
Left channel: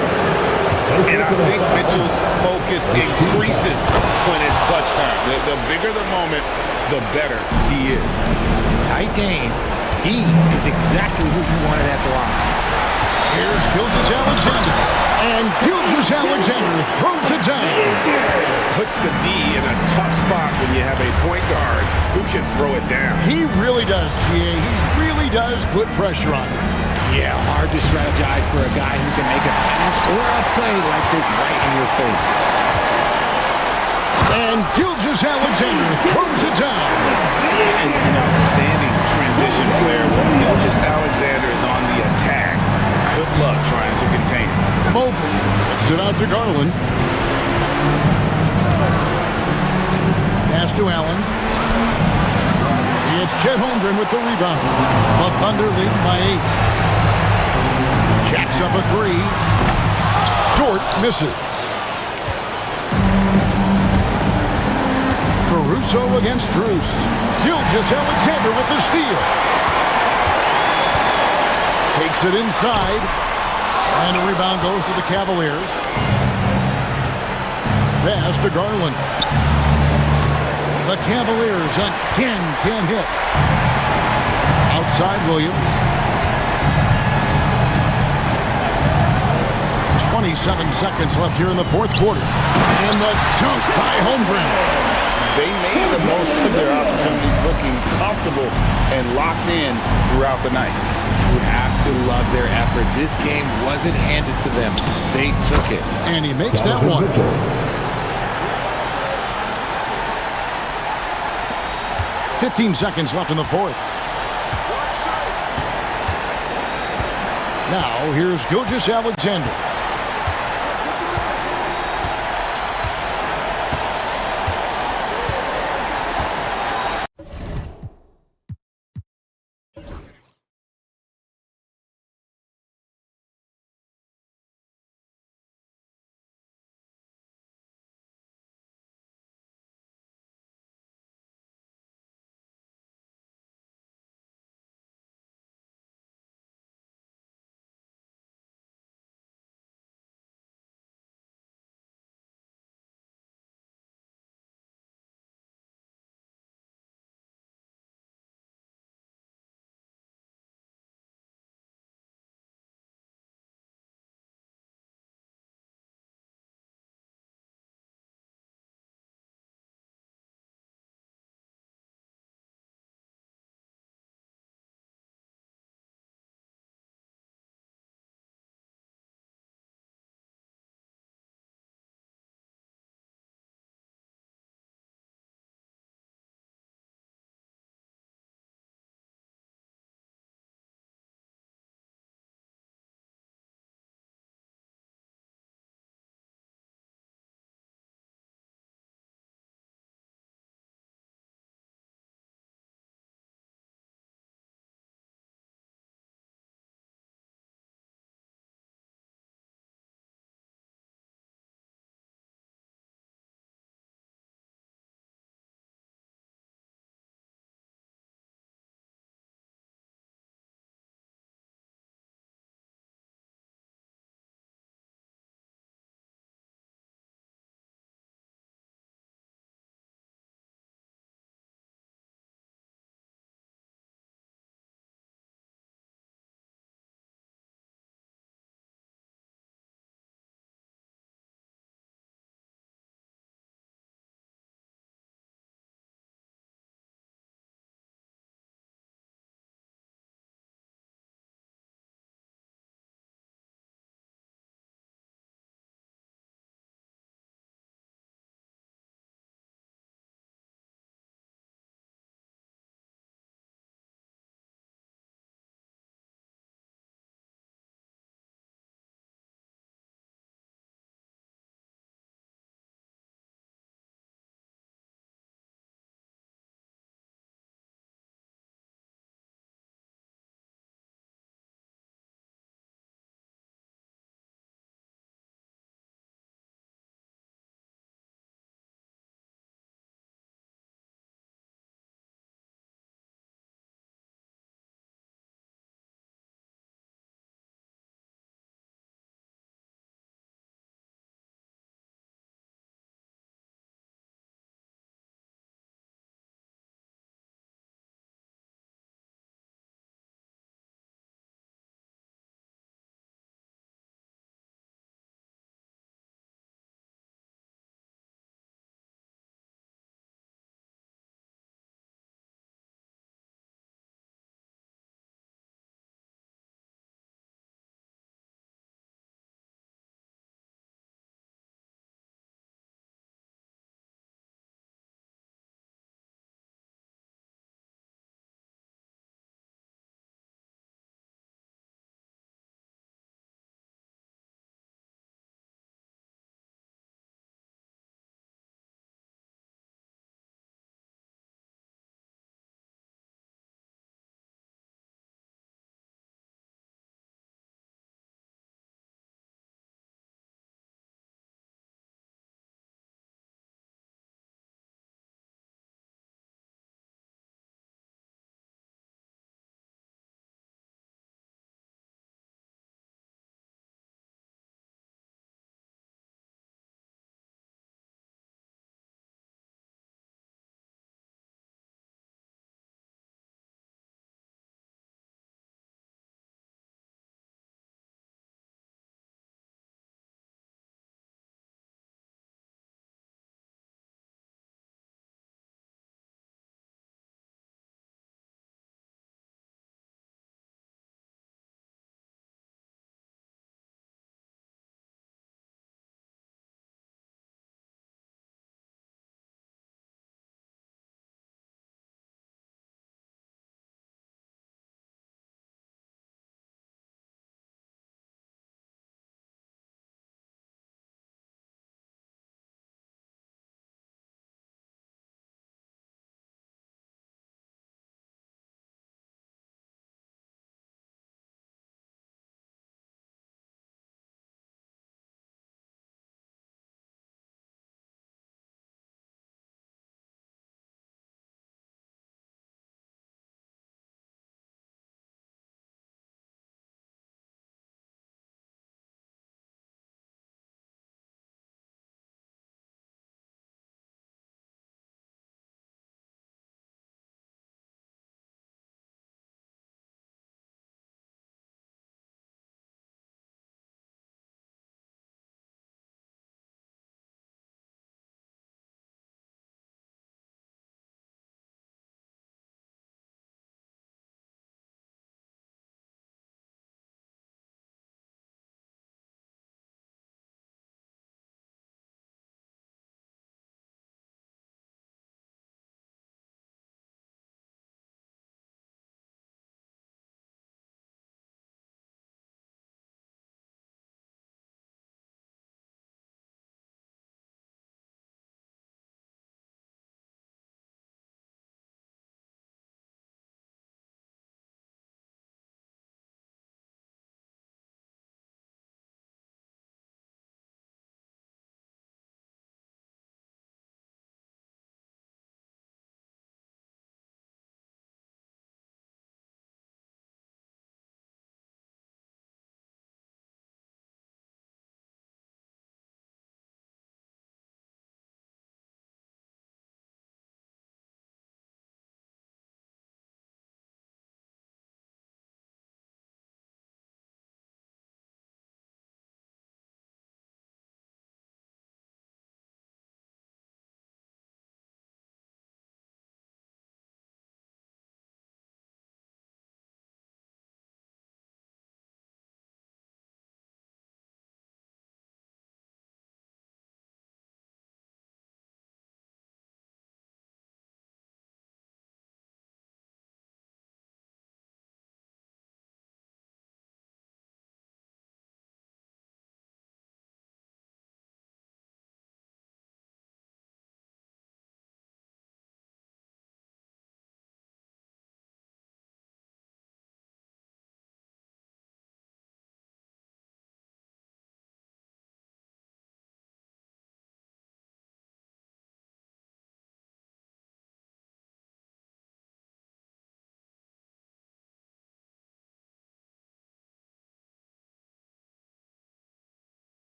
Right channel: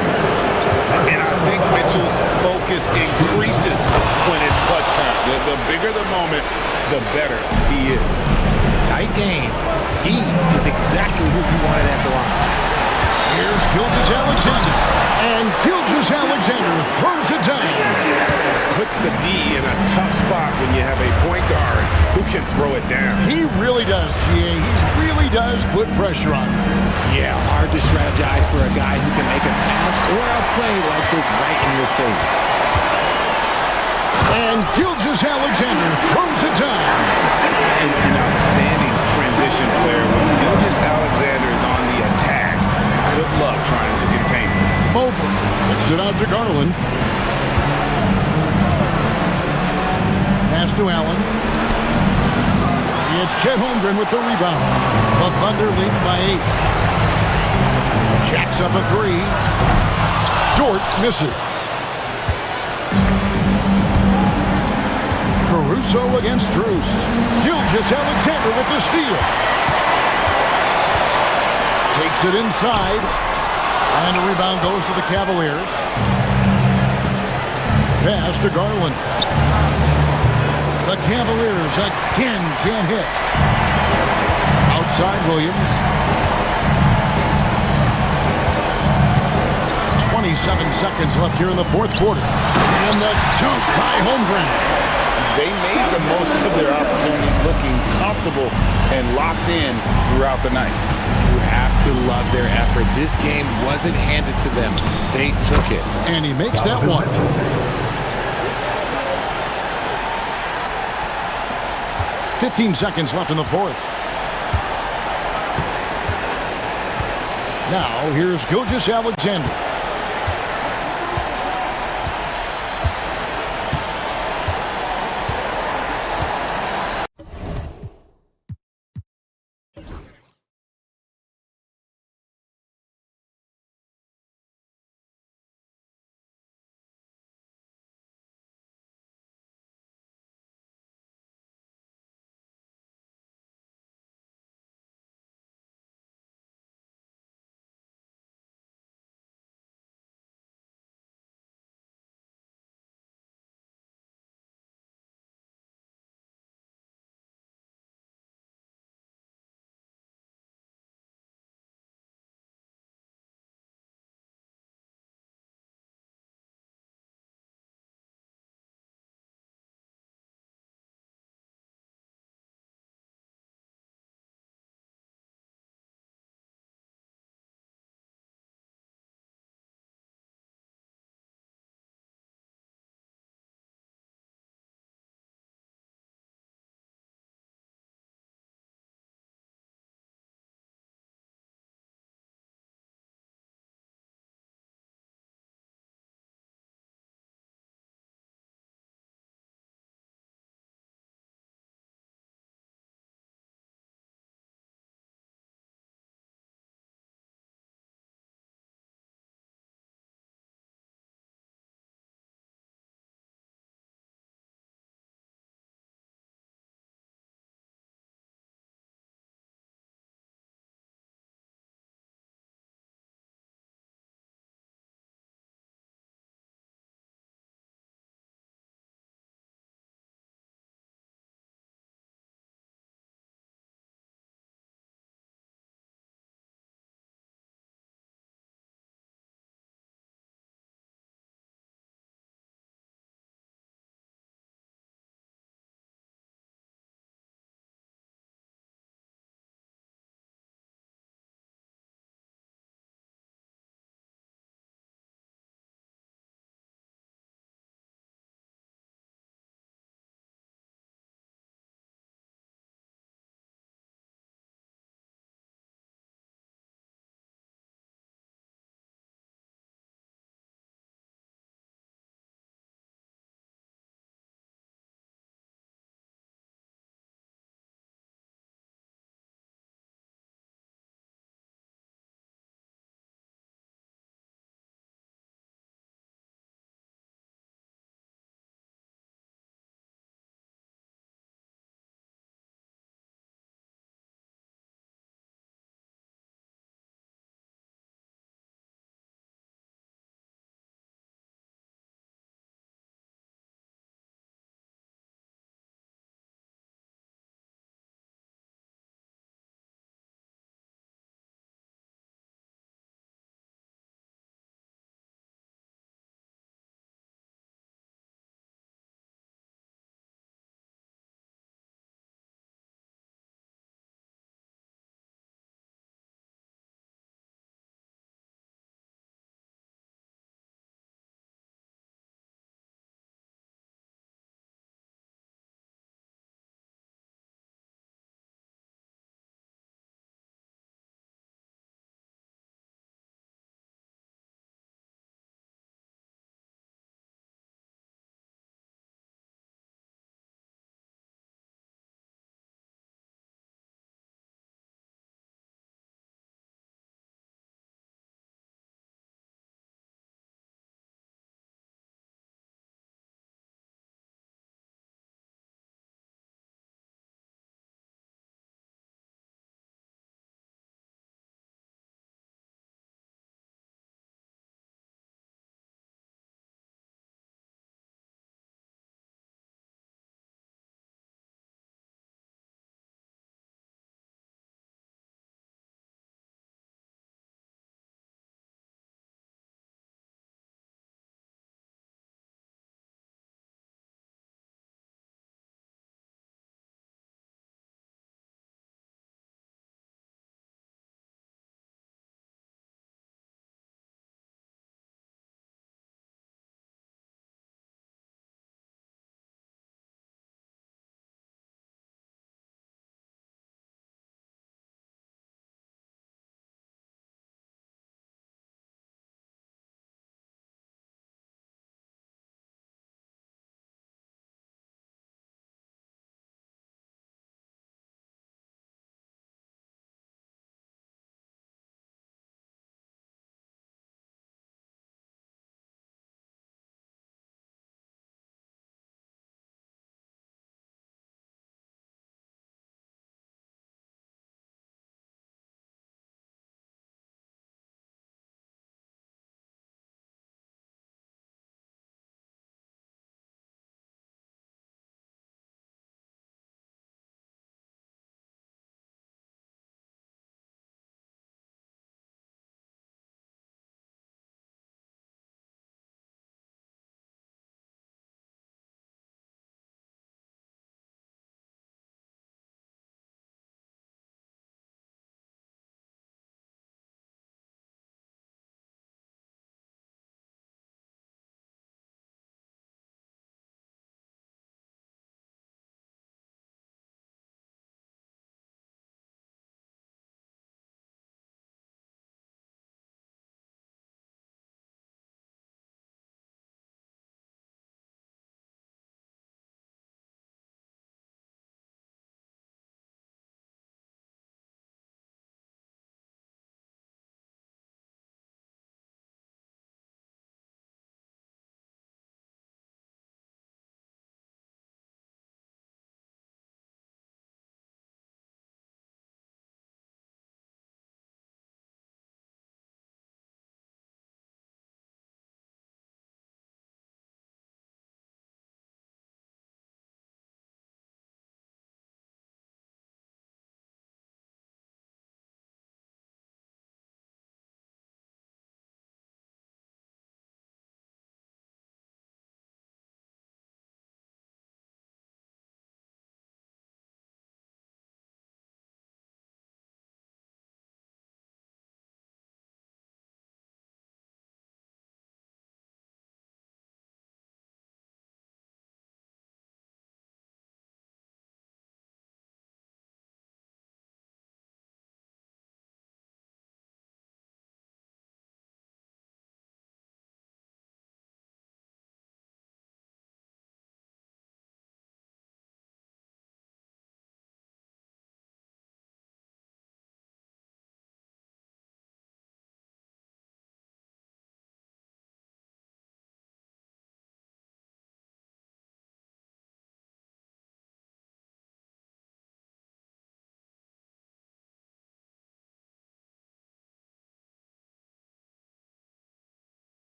And I think Mitchell's focus increases when it's clutch time. The bigger the moment, the better he is. Tight game. He is exactly who you wanted at the line. Here's Gilgeous-Alexander, and Gilgeous-Alexander throws it down. Puts the D in a tough spot when you have a point guard who can throw it down. He really does, GA. He really does put pressure on him. Yeah, hard to strategize for a guy who can make a pass or a play like this right in your face. And Gilgeous-Alexander throws it down. An outstanding transition player. When Gilgeous-Alexander is on the attack, good luck trying to contain him. Mobley kicks it out to Garland. Pass to Allen. It's Chet Holmgren with the rebound. The Thunder lead by 8. Jacks up a 3. Dort misses. Caruso against Strus. Gilgeous-Alexander with the steal. Takes it inside. And the rebound goes to the Cavaliers. Pass to Garland. The Cavaliers again can't hit. Outside Williams. 27 seconds left here in the fourth quarter. And the dunk by Holmgren. They made the most of their opportunities, looking comfortable and locked in throughout the night. You have to love their effort. This game wasn't handed to them. They took it. And he makes that one. 15 seconds left in the fourth. Now, here's Gilgeous-Alexander.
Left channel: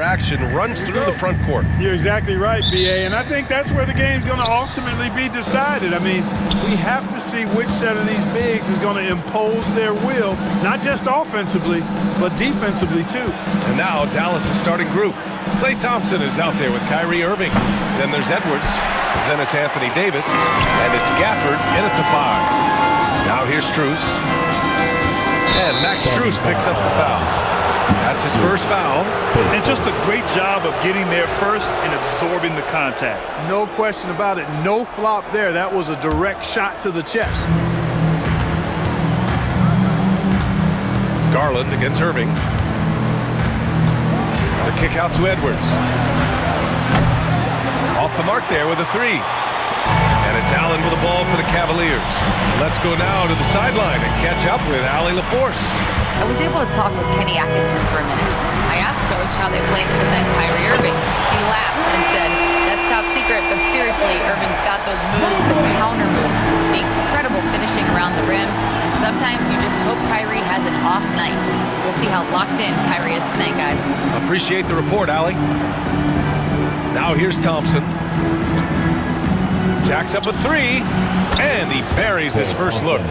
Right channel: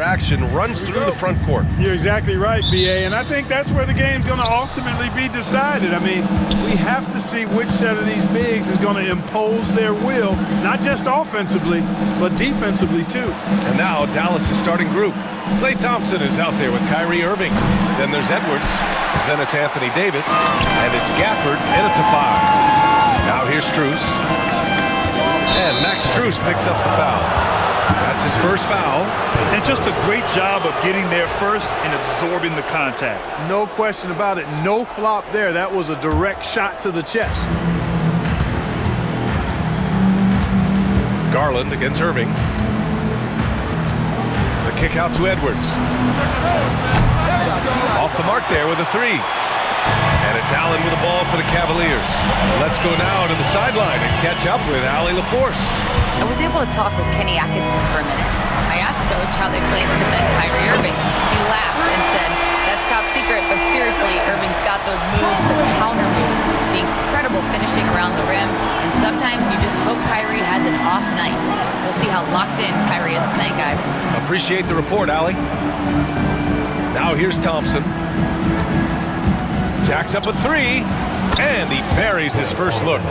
Action runs through the front court. You're exactly right, BA, and I think that's where the game's going to ultimately be decided. I mean, we have to see which set of these bigs is going to impose their will, not just offensively, but defensively too. And now Dallas' starting group. Klay Thompson is out there with Kyrie Irving. Then there's Edwards. Then it's Anthony Davis. And it's Gafford in at the 5. Now here's Strus. And Max Strus picks up the foul. That's his first foul. And just a great job of getting there first and absorbing the contact. No question about it. No flop there. That was a direct shot to the chest. Garland against Irving. The kick out to Edwards. Off the mark there with a 3. And it's Allen with the ball for the Cavaliers. Let's go now to the sideline and catch up with Allie LaForce. I was able to talk with Kenny Atkinson for a minute. I asked Coach how they plan to defend Kyrie Irving. He laughed and said, "That's top secret, but seriously, Irving's got those moves, the counter moves, the incredible finishing around the rim, and sometimes you just hope Kyrie has an off night." We'll see how locked in Kyrie is tonight, guys. Appreciate the report, Allie. Now here's Thompson. Jacks up a 3, and he buries his first look.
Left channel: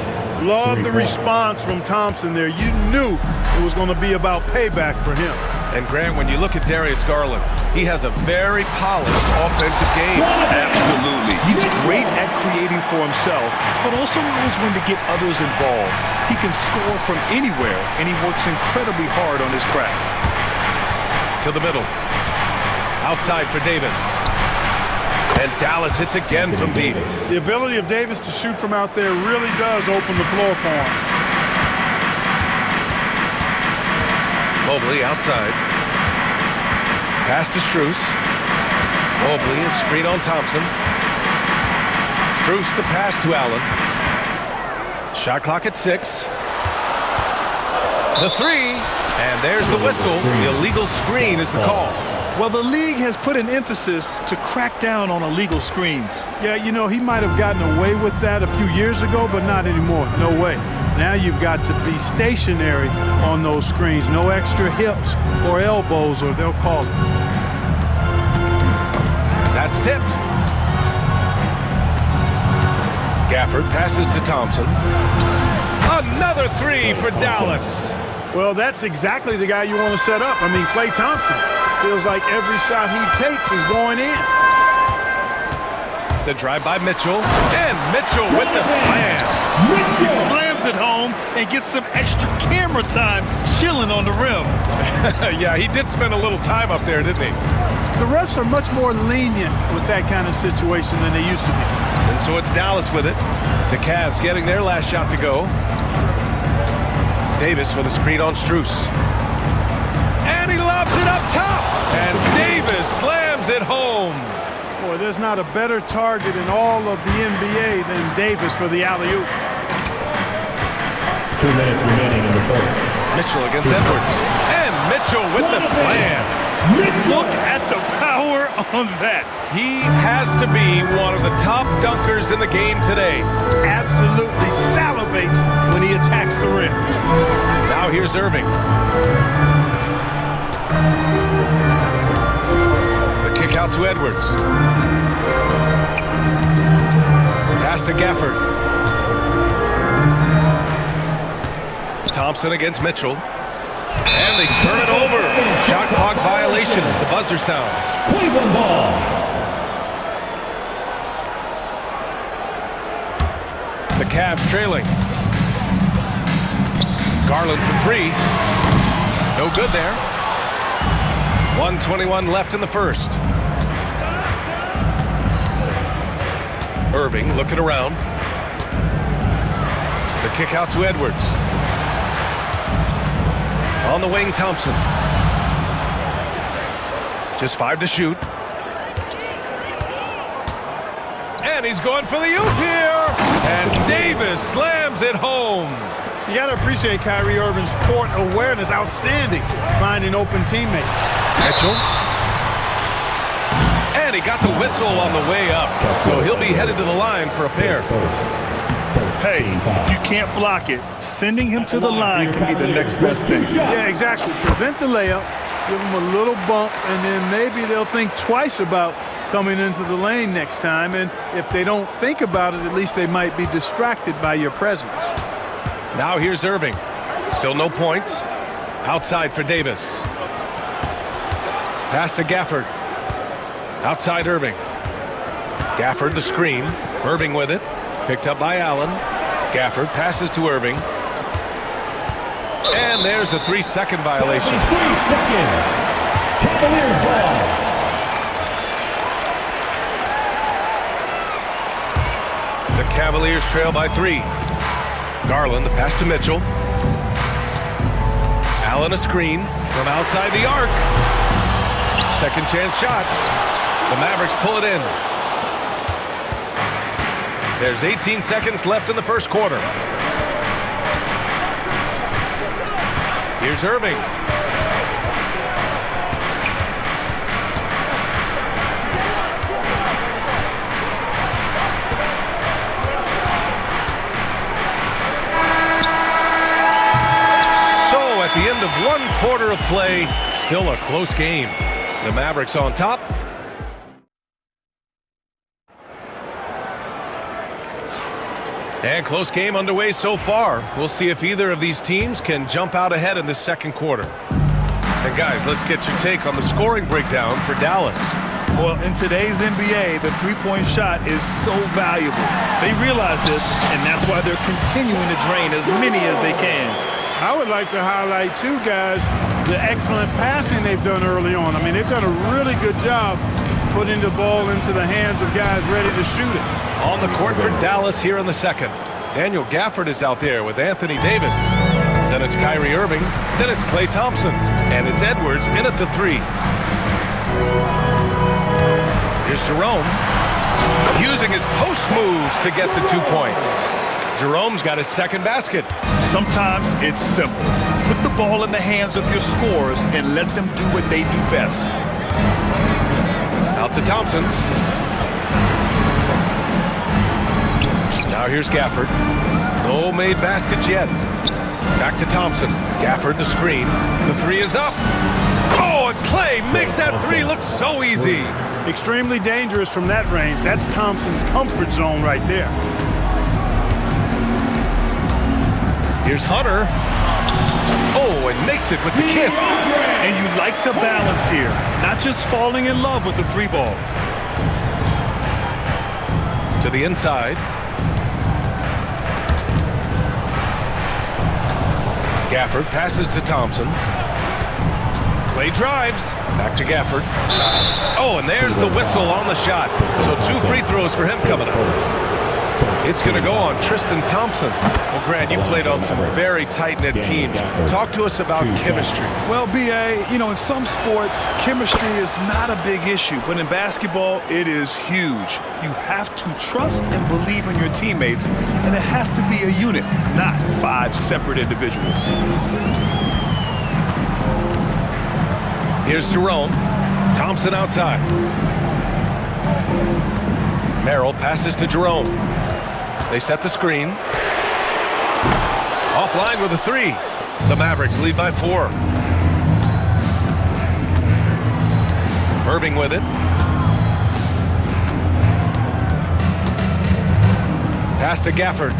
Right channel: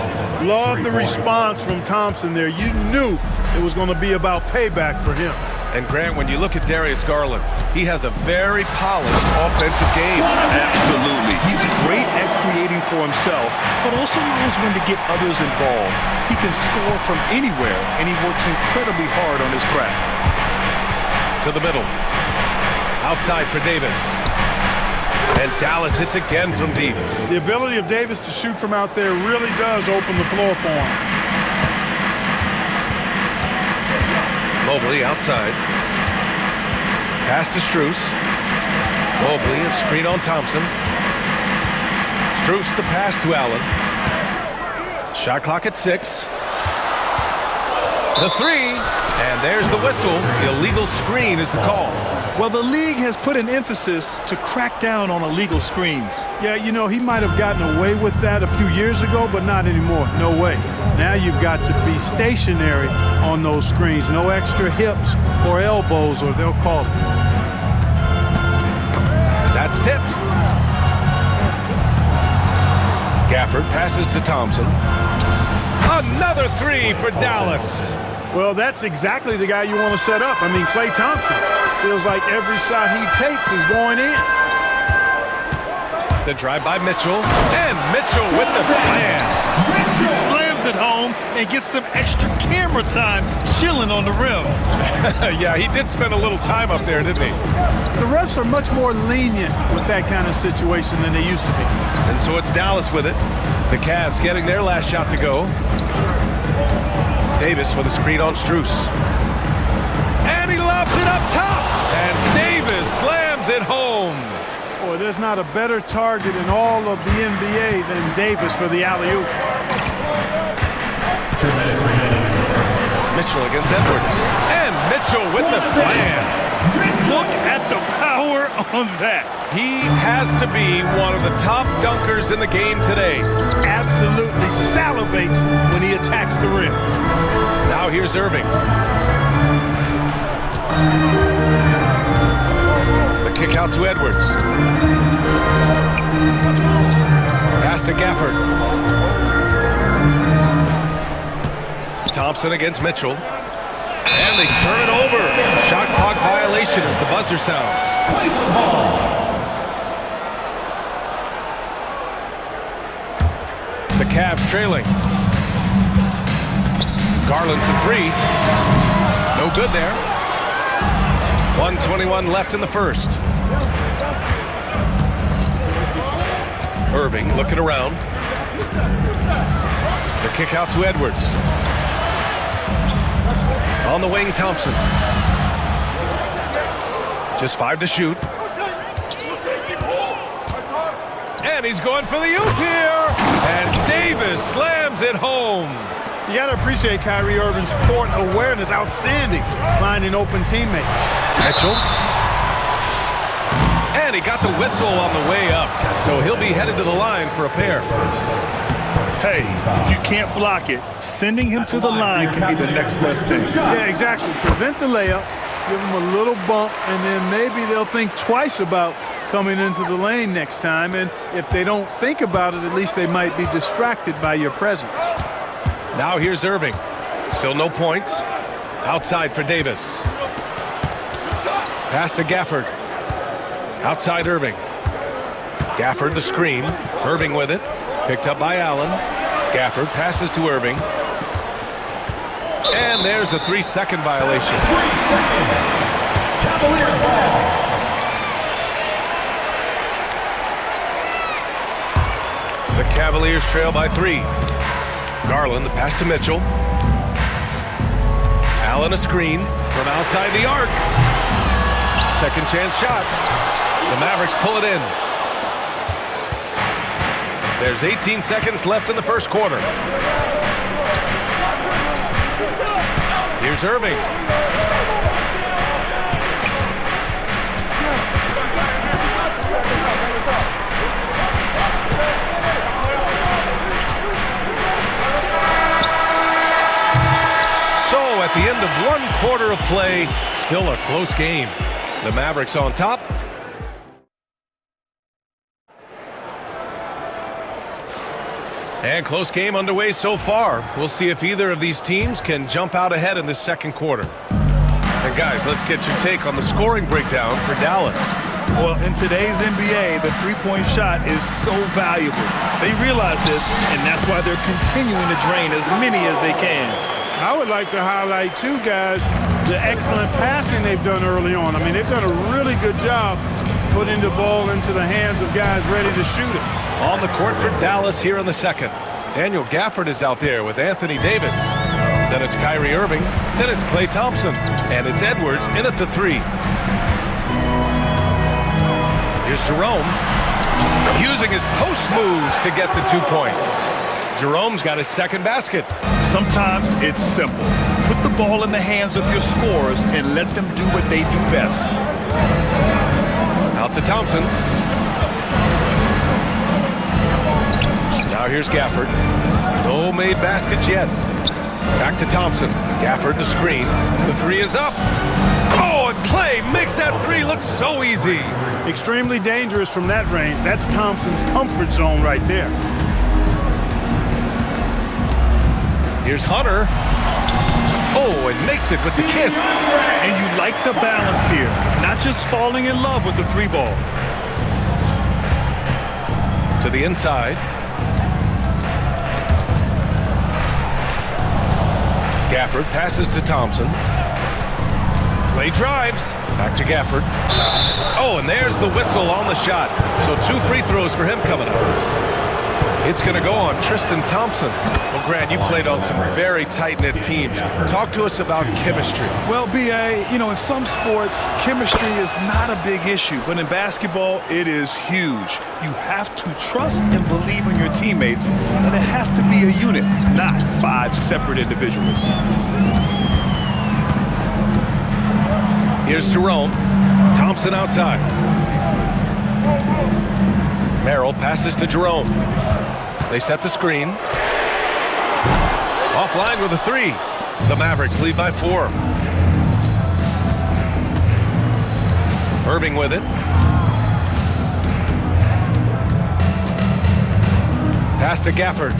Love the response from Thompson there. You knew it was going to be about payback for him. And Grant, when you look at Darius Garland, he has a very polished offensive game. Absolutely. He's great at creating for himself, but also knows when to get others involved. He can score from anywhere, and he works incredibly hard on his craft. To the middle. Outside for Davis. And Dallas hits again from deep. The ability of Davis to shoot from out there really does open the floor for him. Mobley outside. Pass to Strus. Mobley, a screen on Thompson. Strus the pass to Allen. Shot clock at 6. The 3, and there's the whistle. The illegal screen is the call. Well, the league has put an emphasis to crack down on illegal screens. Yeah, you know, he might have gotten away with that a few years ago, but not anymore. No way. Now you've got to be stationary on those screens. No extra hips or elbows, or they'll call it. That's tipped. Gafford passes to Thompson. Another 3 for Dallas. Well, that's exactly the guy you want to set up. I mean, Klay Thompson feels like every shot he takes is going in. The drive by Mitchell, and Mitchell with the slam. He slams it home and gets some extra camera time chilling on the rim. Yeah, he did spend a little time up there, didn't he? The refs are much more lenient with that kind of situation than they used to be. And so it's Dallas with it. The Cavs getting their last shot to go. Davis with a screen on Strus. And he lobs it up top. And Davis slams it home. Boy, there's not a better target in all of the NBA than Davis for the alley-oop. 2 minutes remaining in the first. Mitchell against Edwards. And Mitchell with the slam. Look at the power on that. He has to be one of the top dunkers in the game today. Absolutely salivates when he attacks the rim. Now here's Irving. The kick out to Edwards. Pass to Gafford. Thompson against Mitchell. And they turn it over. Shot clock violation as the buzzer sounds. Cleveland ball. The Cavs trailing. Garland for 3. No good there. 1:21 left in the first. Irving looking around. The kick out to Edwards. On the wing, Thompson. Just 5 to shoot. And he's going for the oop here. And Davis slams it home. You got to appreciate Kyrie Irving's court awareness. Outstanding. Finding open teammates. Mitchell. And he got the whistle on the way up. So he'll be headed to the line for a pair. Hey, if you can't block it, sending him to the line can be the next best thing. Yeah, exactly. Prevent the layup, give them a little bump, and then maybe they'll think twice about coming into the lane next time. And if they don't think about it, at least they might be distracted by your presence. Now here's Irving. Still no points. Outside for Davis. Pass to Gafford. Outside Irving. Gafford the screen. Irving with it. Picked up by Allen. Gafford passes to Irving. And there's a 3-second violation. 3 seconds. Cavaliers ball. The Cavaliers trail by 3. Garland, the pass to Mitchell. Allen a screen from outside the arc. Second chance shot. The Mavericks pull it in. There's 18 seconds left in the first quarter. Here's Irving. So at the end of 1 quarter of play, still a close game. The Mavericks on top. And close game underway so far. We'll see if either of these teams can jump out ahead in the second quarter. And guys, let's get your take on the scoring breakdown for Dallas. Well, in today's NBA, the three-point shot is so valuable. They realize this, and that's why they're continuing to drain as many as they can. I would like to highlight, too, guys, the excellent passing they've done early on. I mean, they've done a really good job putting the ball into the hands of guys ready to shoot it. On the court for Dallas here in the second. Daniel Gafford is out there with Anthony Davis. Then it's Kyrie Irving. Then it's Klay Thompson. And it's Edwards in at the 3. Here's Jerome. Using his post moves to get the 2 points. Jerome's got his second basket. Sometimes it's simple. Put the ball in the hands of your scorers and let them do what they do best. Out to Thompson. Now here's Gafford. No made baskets yet. Back to Thompson. Gafford the screen. The 3 is up. Oh, and Klay makes that 3 look so easy. Extremely dangerous from that range. That's Thompson's comfort zone right there. Here's Hunter. Oh, and makes it with the kiss. And you like the balance here. Not just falling in love with the 3 ball. To the inside. Gafford passes to Thompson. Klay drives. Back to Gafford. Oh, and there's the whistle on the shot. So 2 free throws for him coming up. It's going to go on Tristan Thompson. Well, Grant, you played on some very tight-knit teams. Talk to us about chemistry. Well, B.A., you know, in some sports, chemistry is not a big issue. But in basketball, it is huge. You have to trust and believe in your teammates. And it has to be a unit, not 5 separate individuals. Here's Jerome. Thompson outside. Merrill passes to Jerome. They set the screen. Offline with a 3. The Mavericks lead by 4. Irving with it. Pass to Gafford.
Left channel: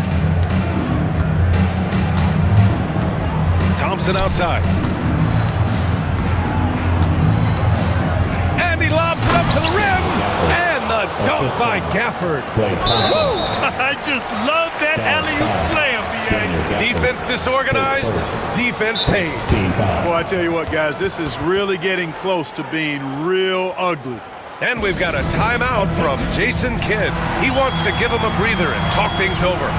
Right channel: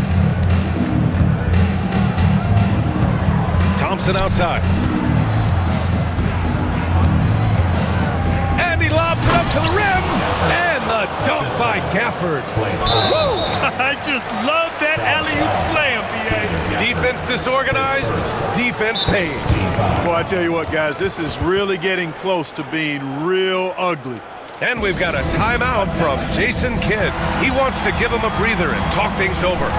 Thompson outside. And he lobs it up to the rim. And the dunk by Gafford. I just love that alley-oop slam, B.A. Defense disorganized, defense pays. Boy, I tell you what, guys, this is really getting close to being real ugly. And we've got a timeout from Jason Kidd. He wants to give him a breather and talk things over.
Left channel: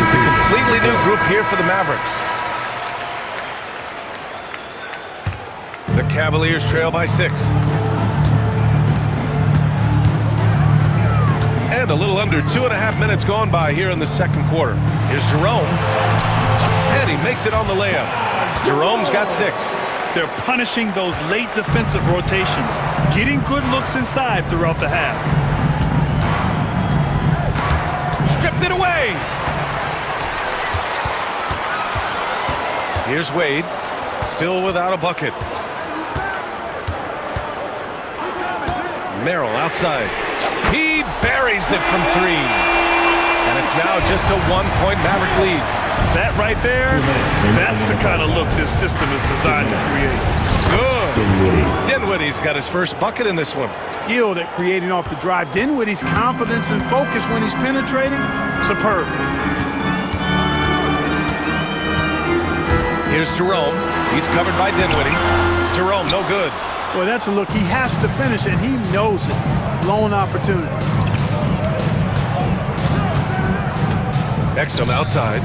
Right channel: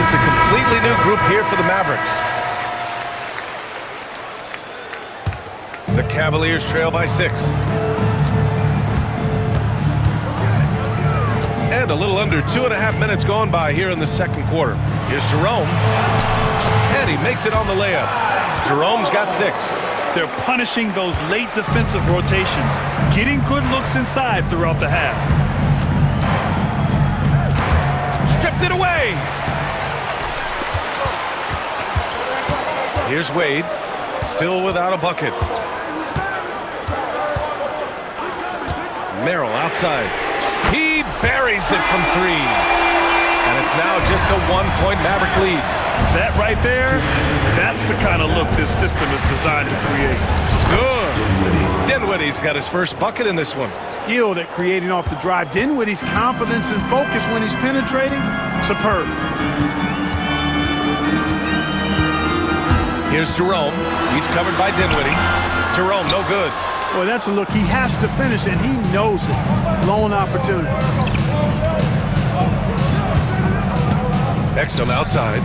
It's a completely new group here for the Mavericks. The Cavaliers trail by 6. And And a little under 2.5 minutes gone by here in the second quarter. Here's Jerome. And he makes it on the layup. Jerome's got 6. They're punishing those late defensive rotations, getting good looks inside throughout the half. Stripped it away. Here's Wade, still without a bucket. Merrill outside. He buries it from 3. And it's now just a 1-point Maverick lead. That right there, that's the kind of look this system is designed to create. Good. Dinwiddie's got his first bucket in this one. Skilled at creating off the drive. Dinwiddie's confidence and focus when he's penetrating, superb. Here's Jerome. He's covered by Dinwiddie. Jerome, no good. Boy, that's a look he has to finish, and he knows it. Blown opportunity. Exum outside.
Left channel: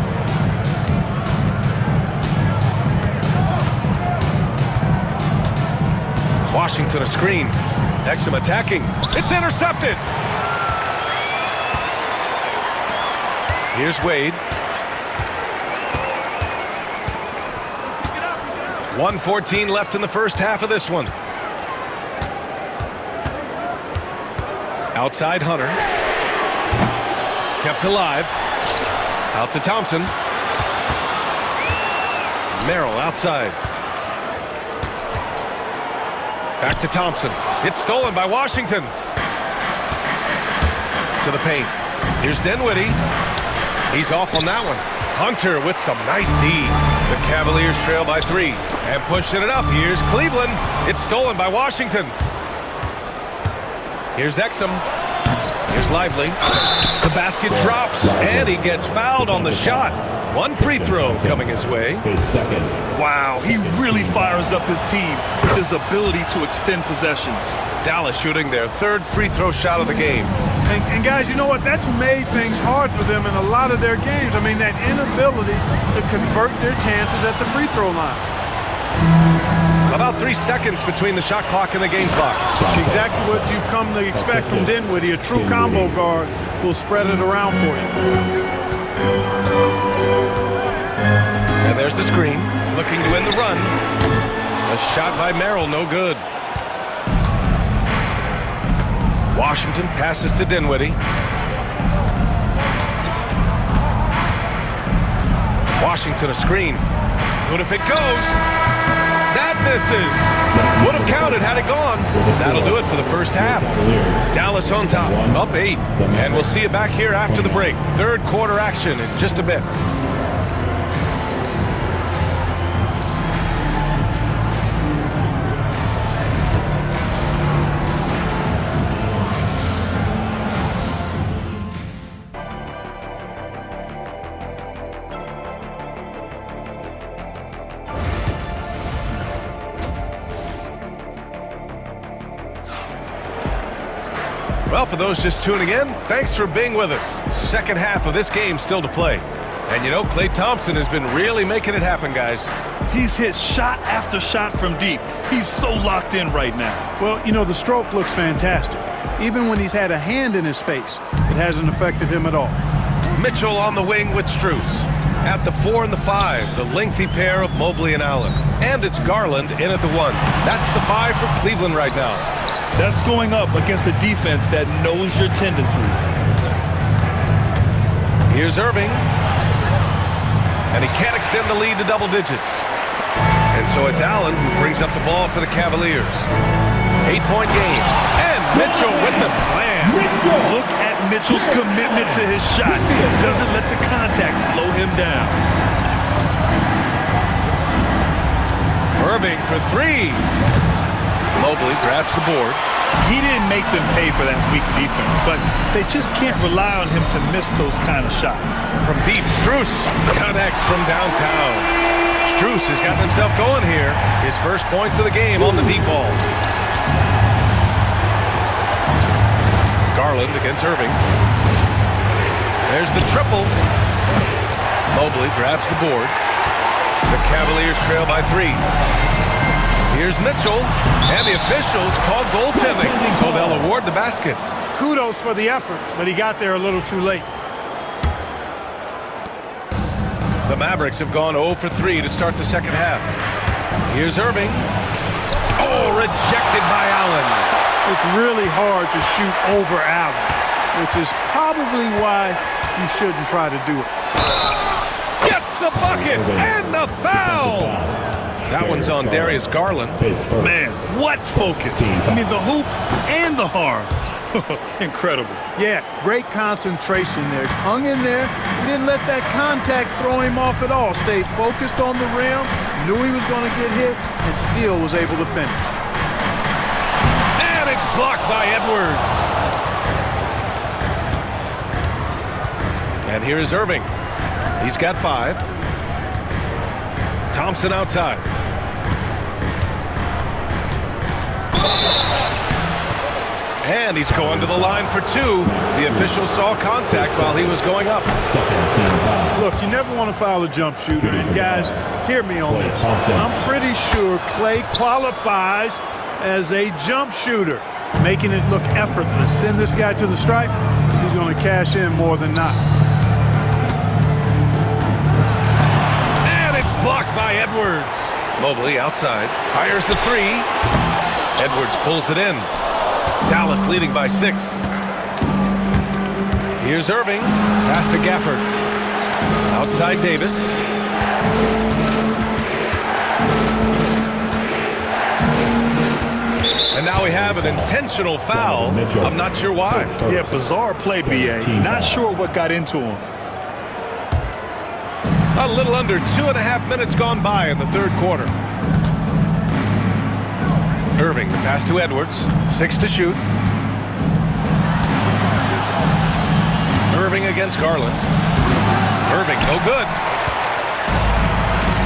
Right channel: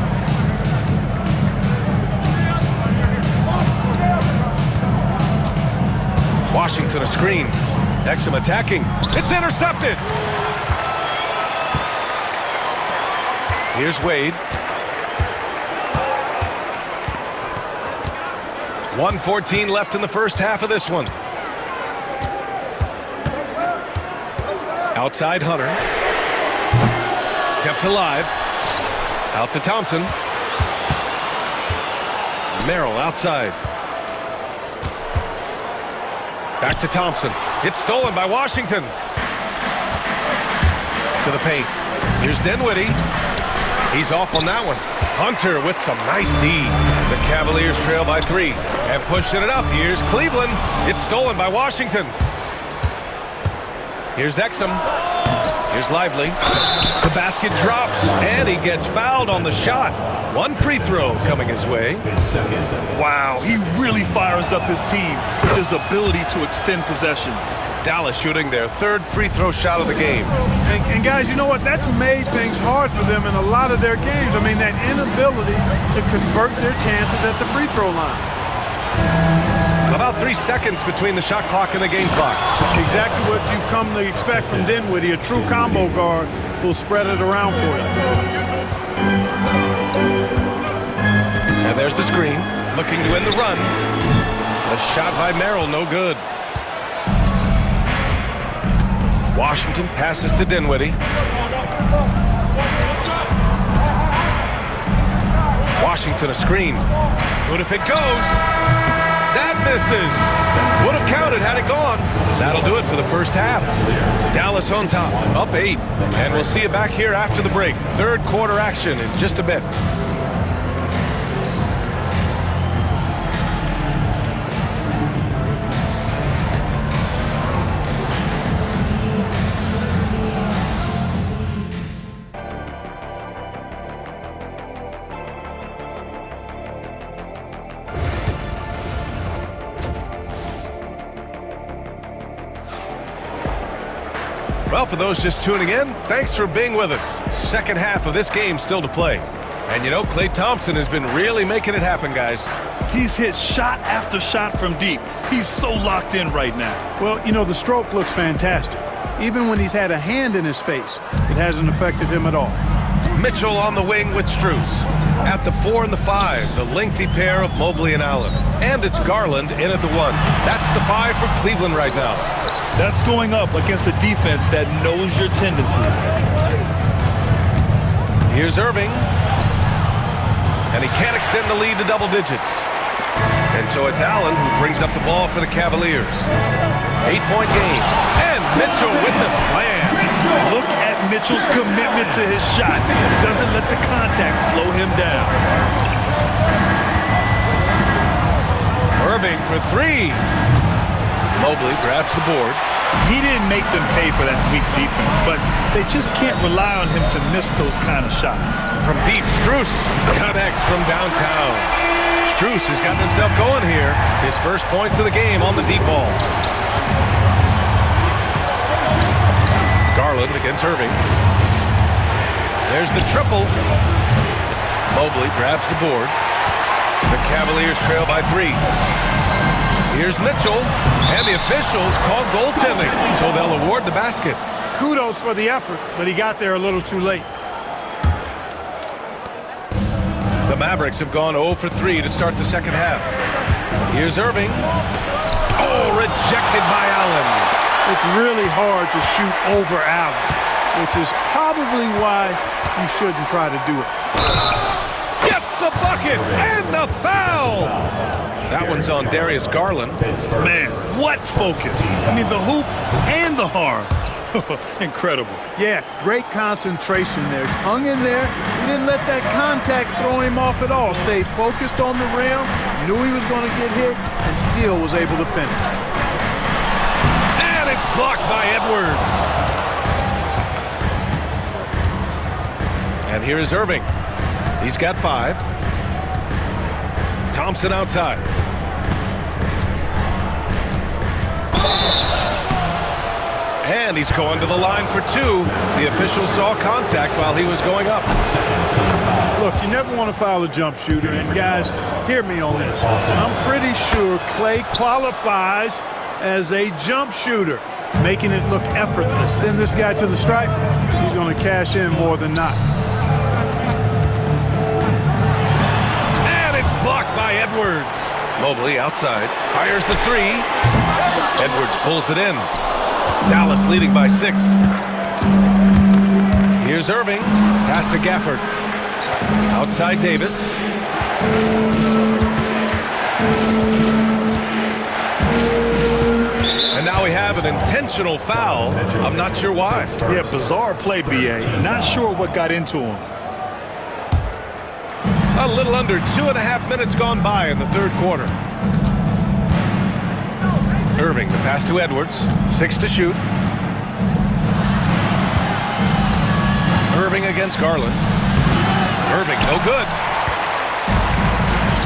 Washington a screen. Exum attacking. It's intercepted. Here's Wade. 1:14 left in the first half of this one. Outside Hunter. Kept alive. Out to Thompson. Merrill outside. Back to Thompson. It's stolen by Washington. To the paint. Here's Dinwiddie. He's off on that one. Hunter with some nice D. The Cavaliers trail by 3. And pushing it up. Here's Cleveland. It's stolen by Washington. Here's Exum. Here's Lively. The basket drops, and he gets fouled on the shot. 1 free throw coming his way. Wow, he really fires up his team with his ability to extend possessions. Dallas shooting their 3rd free throw shot of the game. And guys, you know what? That's made things hard for them in a lot of their games. I mean, that inability to convert their chances at the free throw line. About 3 seconds between the shot clock and the game clock. Exactly what you've come to expect from Dinwiddie. A true combo guard will spread it around for you. And there's the screen. Looking to end the run. A shot by Merrill, no good. Washington passes to Dinwiddie. Washington a screen. Good if it goes. That misses. Would have counted had it gone. That'll do it for the first half. Dallas on top, up 8. And we'll see you back here after the break. 3rd quarter action in just a bit. Well, for those just tuning in, thanks for being with us. Second half of this game still to play. And you know, Klay Thompson has been really making it happen, guys. He's hit shot after shot from deep. He's so locked in right now. Well, you know, the stroke looks fantastic. Even when he's had a hand in his face, it hasn't affected him at all. Mitchell on the wing with Strus. At the 4 and the 5, the lengthy pair of Mobley and Allen. And it's Garland in at the 1. That's the 5 for Cleveland right now. That's going up against a defense that knows your tendencies. Here's Irving. And he can't extend the lead to double digits. And so it's Allen who brings up the ball for the Cavaliers. 8-point game. And Mitchell with the slam. Look at Mitchell's commitment to his shot. Doesn't let the contact slow him down. Irving for 3. Mobley grabs the board. He didn't make them pay for that weak defense, but they just can't rely on him to miss those kind of shots. From deep, Strus connects from downtown. Strus has gotten himself going here. His first points of the game on the deep ball. Garland against Irving. There's the triple. Mobley grabs the board. The Cavaliers trail by 3. Here's Mitchell, and the officials call goaltending, so they'll award the basket. kudos for the effort, but he got there a little too late. The Mavericks have gone 0 for 3 to start the second half. Here's Irving. Oh, rejected by Allen. It's really hard to shoot over Allen, which is probably why you shouldn't try to do it. Gets the bucket and the foul. That one's on Darius Garland. Man, what focus. I mean, the hoop and the harm. Incredible. Yeah, great concentration there. Hung in there. He didn't let that contact throw him off at all. Stayed focused on the rim, knew he was going to get hit, and still was able to finish. And it's blocked by Edwards. And here's Irving. He's got 5. Thompson outside. And he's going to the line for 2. The official saw contact while he was going up. Look, you never want to foul a jump shooter. And guys, hear me on this. I'm pretty sure Clay qualifies as a jump shooter, making it look effortless. Send this guy to the stripe, he's going to cash in more than not. And it's blocked by Edwards. Mobley outside. Fires the 3. Edwards pulls it in. Dallas leading by 6. Here's Irving. Pass to Gafford. Outside Davis. And now we have an intentional foul. I'm not sure why. Yeah, bizarre play, B.A. Not sure what got into him. A little under 2.5 minutes gone by in the third quarter. Irving, the pass to Edwards. 6 to shoot. Irving against Garland. Irving, no good.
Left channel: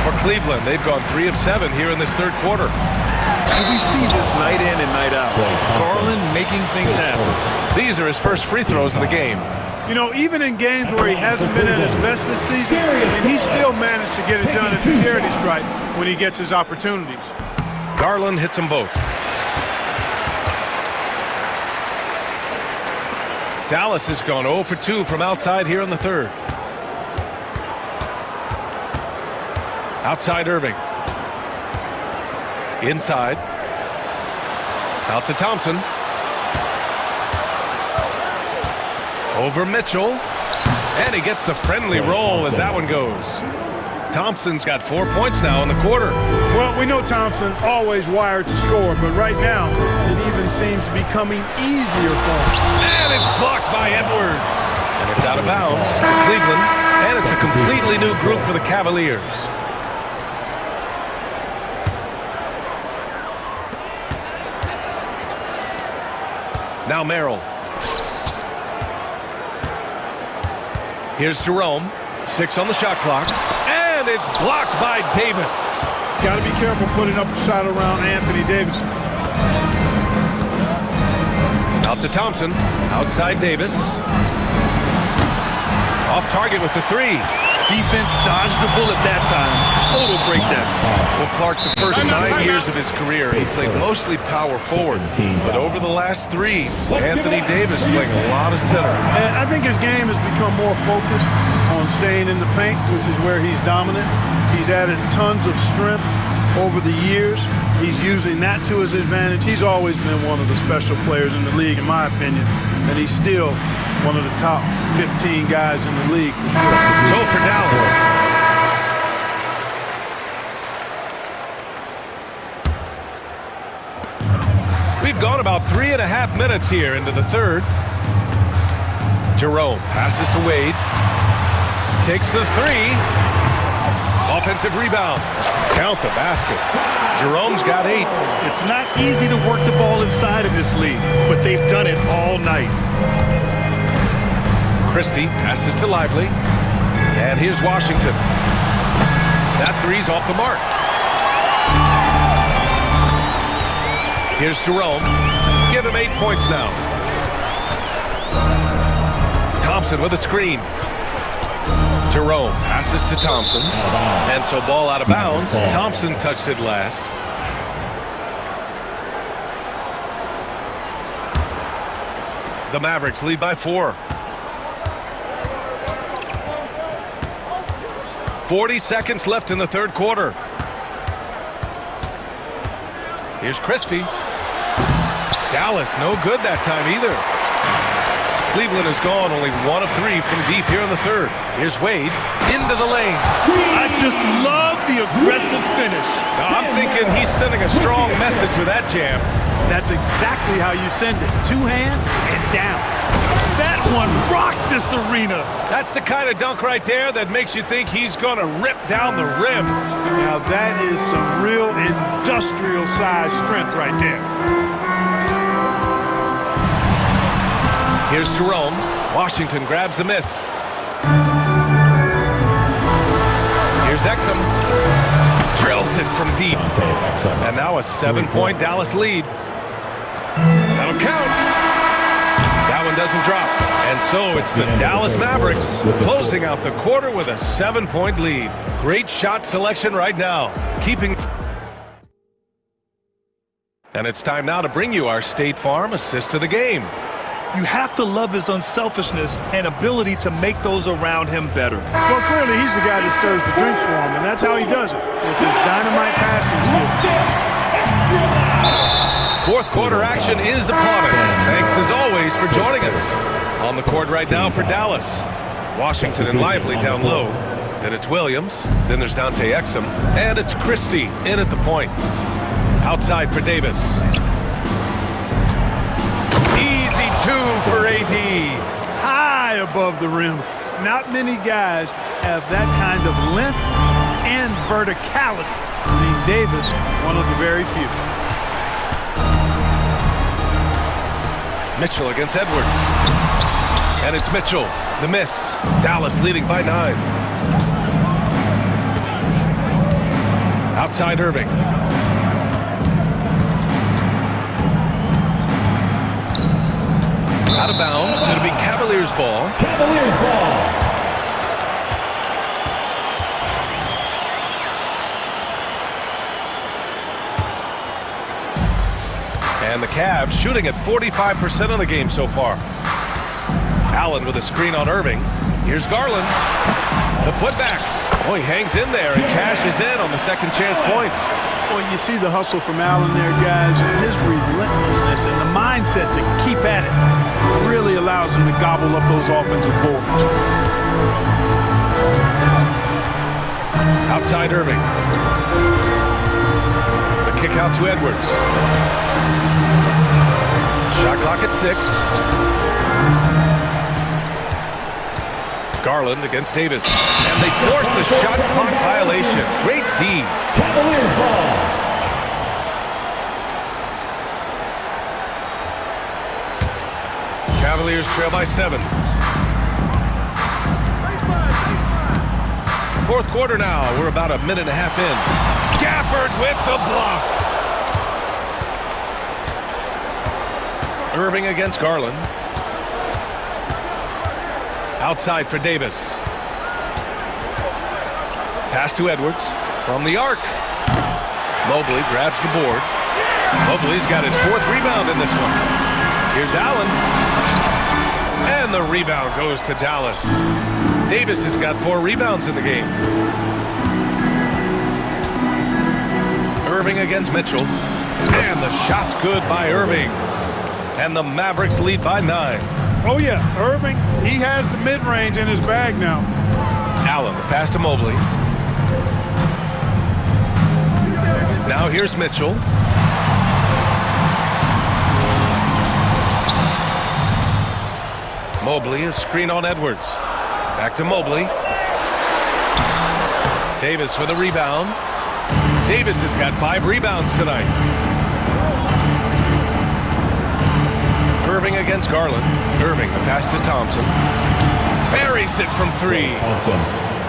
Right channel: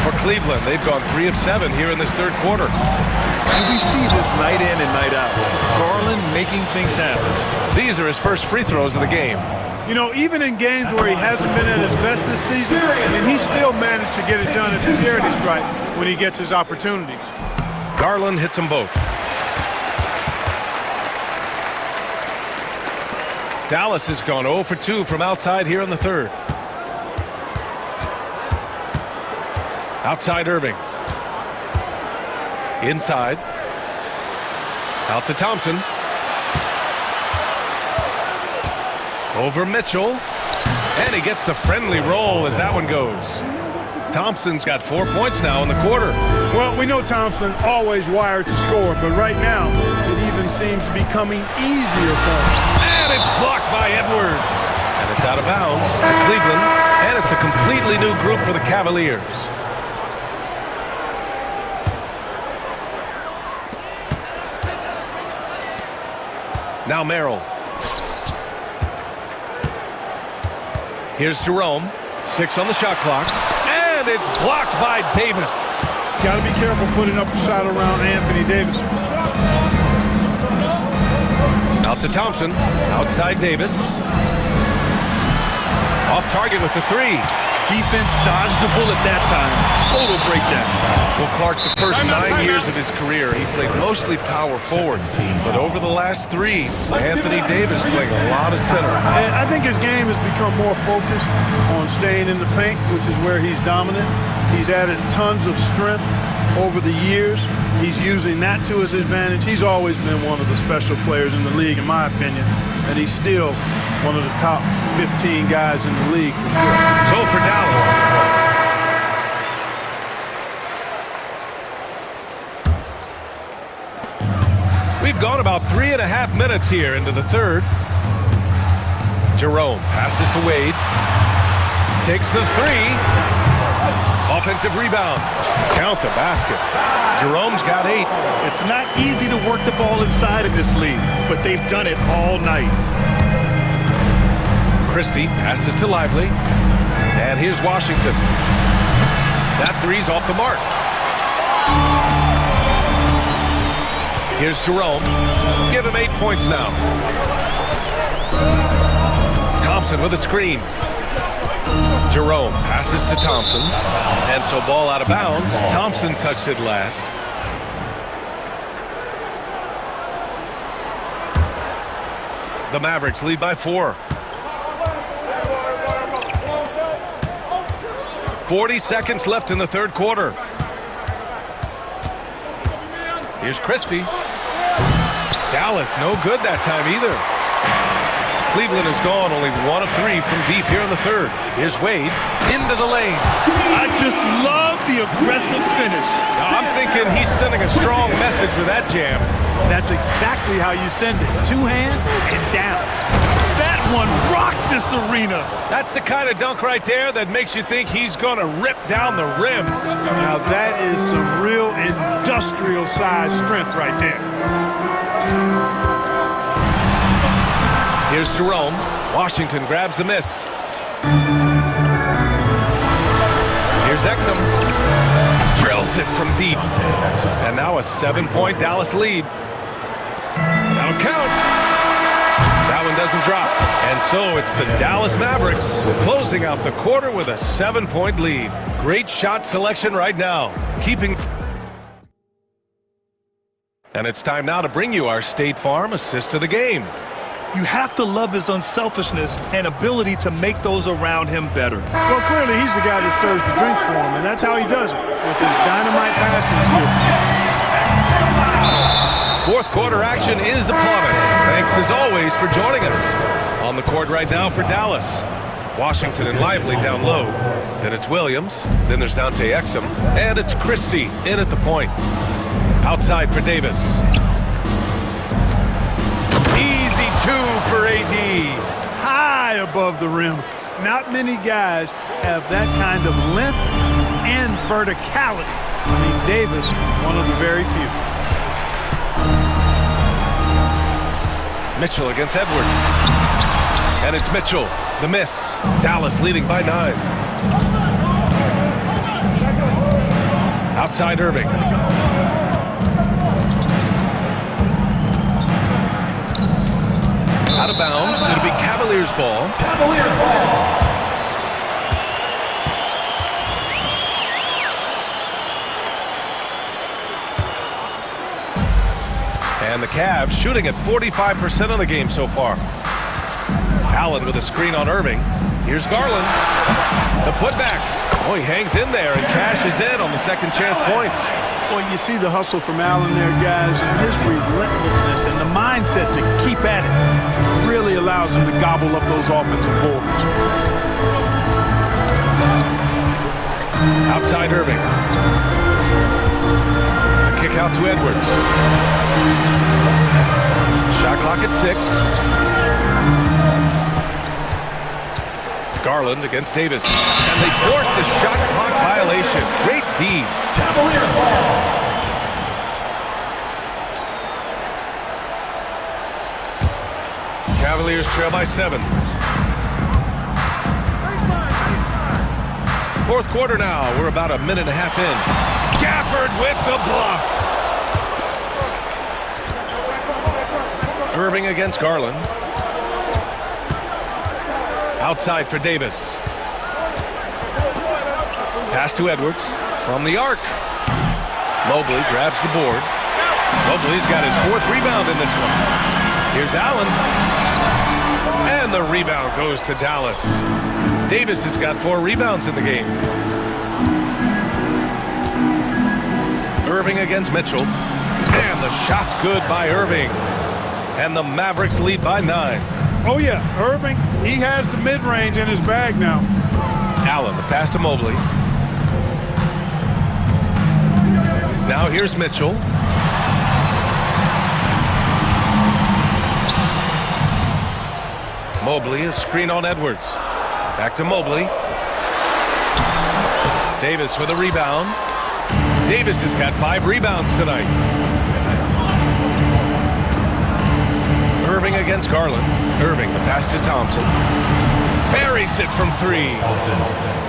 For Cleveland, they've gone 3 of 7 here in this third quarter. And we see this night in and night out. Garland making things happen. These are his first free throws of the game. You know, even in games where he hasn't been at his best this season, he still managed to get it done at the charity stripe when he gets his opportunities. Garland hits them both. Dallas has gone 0 for 2 from outside here in the third. Outside Irving. Inside. Out to Thompson. Over Mitchell. And he gets the friendly roll as that one goes. Thompson's got 4 points now in the quarter. Well, we know Thompson always wired to score, but right now it even seems to be coming easier for him. And it's blocked by Edwards. And it's out of bounds to Cleveland. And it's a completely new group for the Cavaliers. Now Merrill. Here's Jerome. 6 on the shot clock. And it's blocked by Davis. Got to be careful putting up a shot around Anthony Davis. Out to Thompson. Outside Davis. Off target with the 3. Defense dodged the bullet that time. Total breakdown. Well, Clark, the first 9 years of his career, he played mostly power forward. But over the last 3, Anthony Davis playing a lot of center. And I think his game has become more focused on staying in the paint, which is where he's dominant. He's added tons of strength over the years. He's using that to his advantage. He's always been one of the special players in the league, in my opinion. And he's still one of the top 15 guys in the league for sure. So for Dallas. We've gone about 3.5 minutes here into the third. Jerome passes to Wade. Takes the 3. Offensive rebound. Count the basket. Jerome's got 8. It's not easy to work the ball inside in this league, but they've done it all night. Christie passes to Lively. And here's Washington. That 3's off the mark. Here's Jerome. Give him 8 points now. Thompson with a screen. Jerome passes to Thompson. And so ball out of bounds. Thompson touched it last. The Mavericks lead by 4. 40 seconds left in the third quarter. Here's Christie. Dallas, no good that time either. Cleveland has gone only 1 of 3 from deep here in the third. Here's Wade into the lane. I just love the aggressive finish. Now, I'm thinking he's sending a strong message with that jam. That's exactly how you send it. 2 hands and down. That one rocked this arena. That's the kind of dunk right there that makes you think he's going to rip down the rim. Now that is some real industrial size strength right there. Here's Jerome. Washington grabs the miss. Here's Exum. Drills it from deep. And now a 7-point Dallas lead. That'll count. That one doesn't drop. And so it's the Dallas Mavericks closing out the quarter with a 7-point lead. Great shot selection right now. And it's time now to bring you our State Farm assist of the game. You have to love his unselfishness and ability to make those around him better. Well, clearly he's the guy that stirs the drink for him, and that's how he does it, with his dynamite passing skill. Fourth quarter action is upon us. Thanks as always for joining us. On the court right now for Dallas. Washington and Lively down low. Then it's Williams. Then there's Dante Exum. And it's Christie in at the point. Outside for Davis. Easy 2 for AD. High above the rim. Not many guys have that kind of length and verticality. I mean, Davis, one of the very few. Mitchell against Edwards. And it's Mitchell. The miss. Dallas leading by 9. Outside Irving. Out of bounds. It'll be Cavaliers ball. Cavaliers ball. And the Cavs shooting at 45% of the game so far. Allen with a screen on Irving. Here's Garland. The putback. Oh, he hangs in there and cashes in on the second chance points. Well, you see the hustle from Allen there, guys, and his relentlessness and the mindset to keep at it really allows him to gobble up those offensive boards. Outside Irving. The kick out to Edwards. Shot clock at 6. Garland against Davis. And they force the shot clock violation. Great D. Cavaliers ball. Cavaliers trail by 7. Fourth quarter now. We're about a minute and a half in. Gafford with the block. Irving against Garland. Outside for Davis. Pass to Edwards from the arc. Mobley grabs the board. Mobley's got his 4th rebound in this one. Here's Allen. And the rebound goes to Dallas. Davis has got 4 rebounds in the game. Irving against Mitchell. And the shot's good by Irving. And the Mavericks lead by 9. Oh, yeah, Irving, he has the mid-range in his bag now. Allen, the pass to Mobley. Now here's Mitchell. Mobley, a screen on Edwards. Back to Mobley. Davis with a rebound. Davis has got 5 rebounds tonight. Irving against Garland. Irving, the pass to Thompson. Buries it from 3.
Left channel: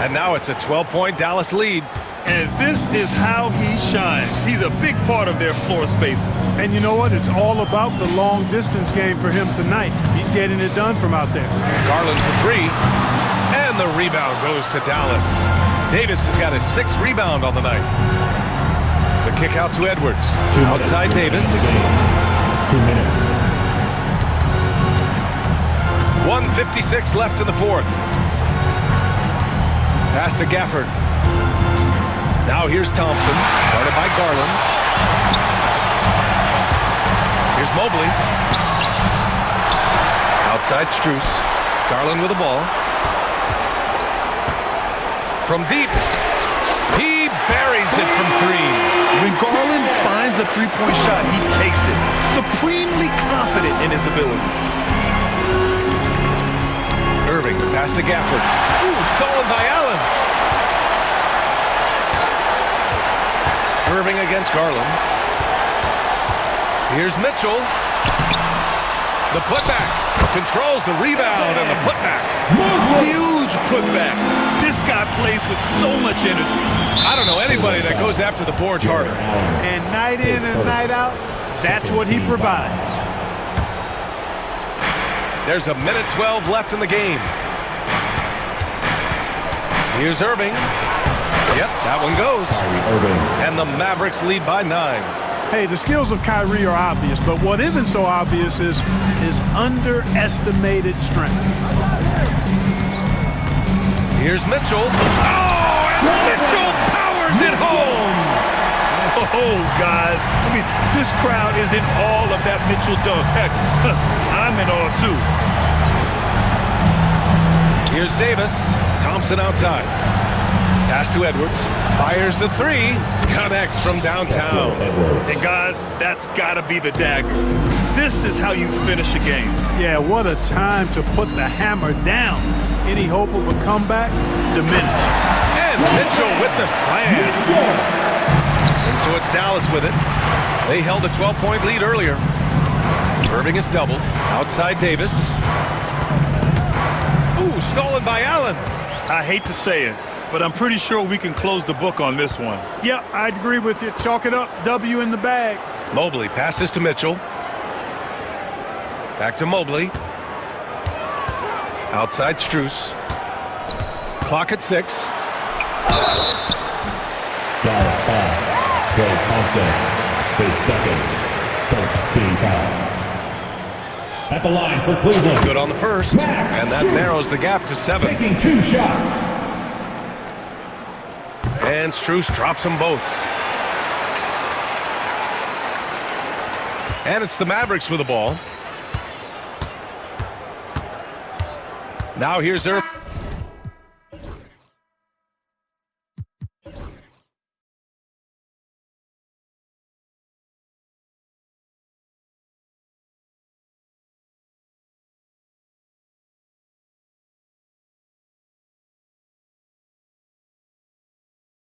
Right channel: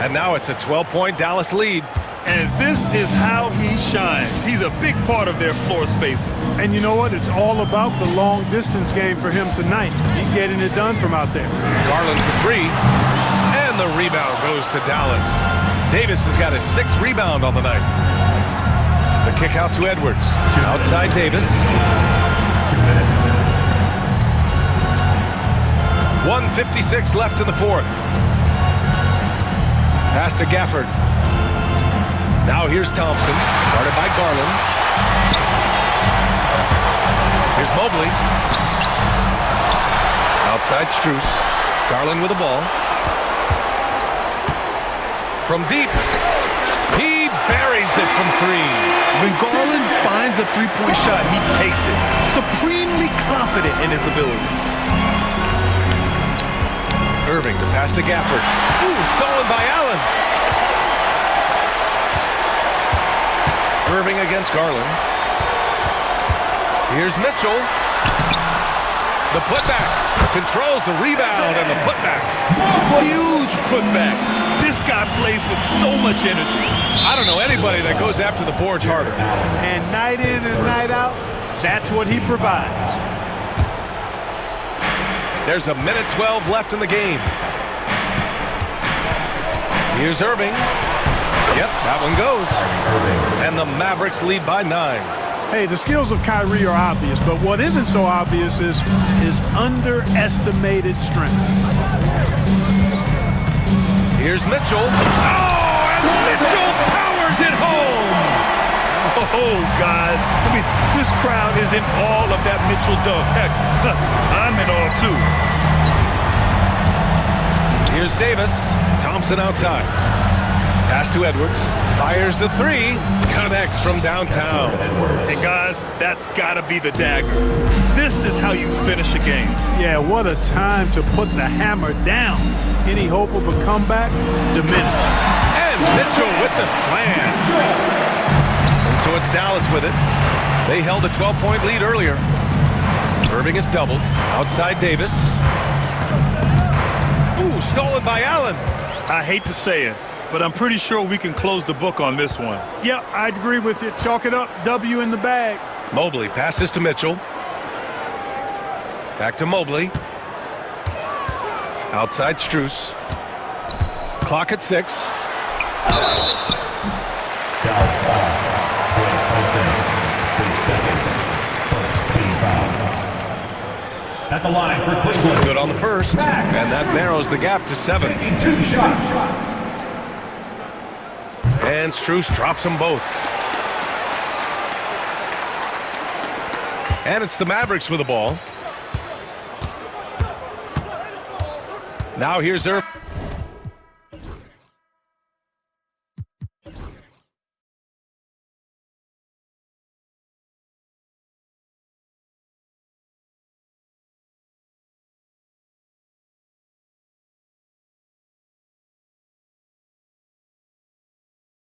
And now it's a 12-point Dallas lead. And this is how he shines. He's a big part of their floor spacing. And you know what? It's all about the long-distance game for him tonight. He's getting it done from out there. Garland for 3. And the rebound goes to Dallas. Davis has got his 6th rebound on the night. The kick out to Edwards. Outside Davis. 2 minutes. 1:56 left in the fourth. Pass to Gafford. Now here's Thompson, guarded by Garland. Here's Mobley. Outside Strus. Garland with the ball. From deep. He buries it from three. When Garland finds a three-point shot, he takes it. Supremely confident in his abilities. Irving, the pass to Gafford. Ooh, stolen by Allen. Irving against Garland. Here's Mitchell. The putback. Controls the rebound and the putback. Huge putback. This guy plays with so much energy. I don't know anybody that goes after the boards harder. And night in and night out, that's what he provides. There's a minute 12 left in the game. Here's Irving. Yep, that one goes. And the Mavericks lead by 9. Hey, the skills of Kyrie are obvious, but what isn't so obvious is his underestimated strength. Here's Mitchell. Oh, and Mitchell powers it home. Oh, guys. I mean, this crowd is in awe of that Mitchell dunk. Heck, I'm in awe, too. Here's Davis. Thompson outside. Pass to Edwards. Fires the three. Connects from downtown. And, guys, that's got to be the dagger. This is how you finish a game. Yeah, what a time to put the hammer down. Any hope of a comeback diminished. And Mitchell with the slam. And so it's Dallas with it. They held a 12-point lead earlier. Irving is doubled. Outside Davis. Ooh, stolen by Allen. I hate to say it, but I'm pretty sure we can close the book on this one. Yep, I'd agree with you. Chalk it up. W in the bag. Mobley passes to Mitchell. Back to Mobley. Outside Strus. Clock at 6. Dallas foul. Klay Thompson, his second. First team foul. At the line for Cleveland. Good on the first. And that narrows the gap to 7. Taking 2 shots. And Strus drops them both. And it's the Mavericks with the ball. Now here's Irving.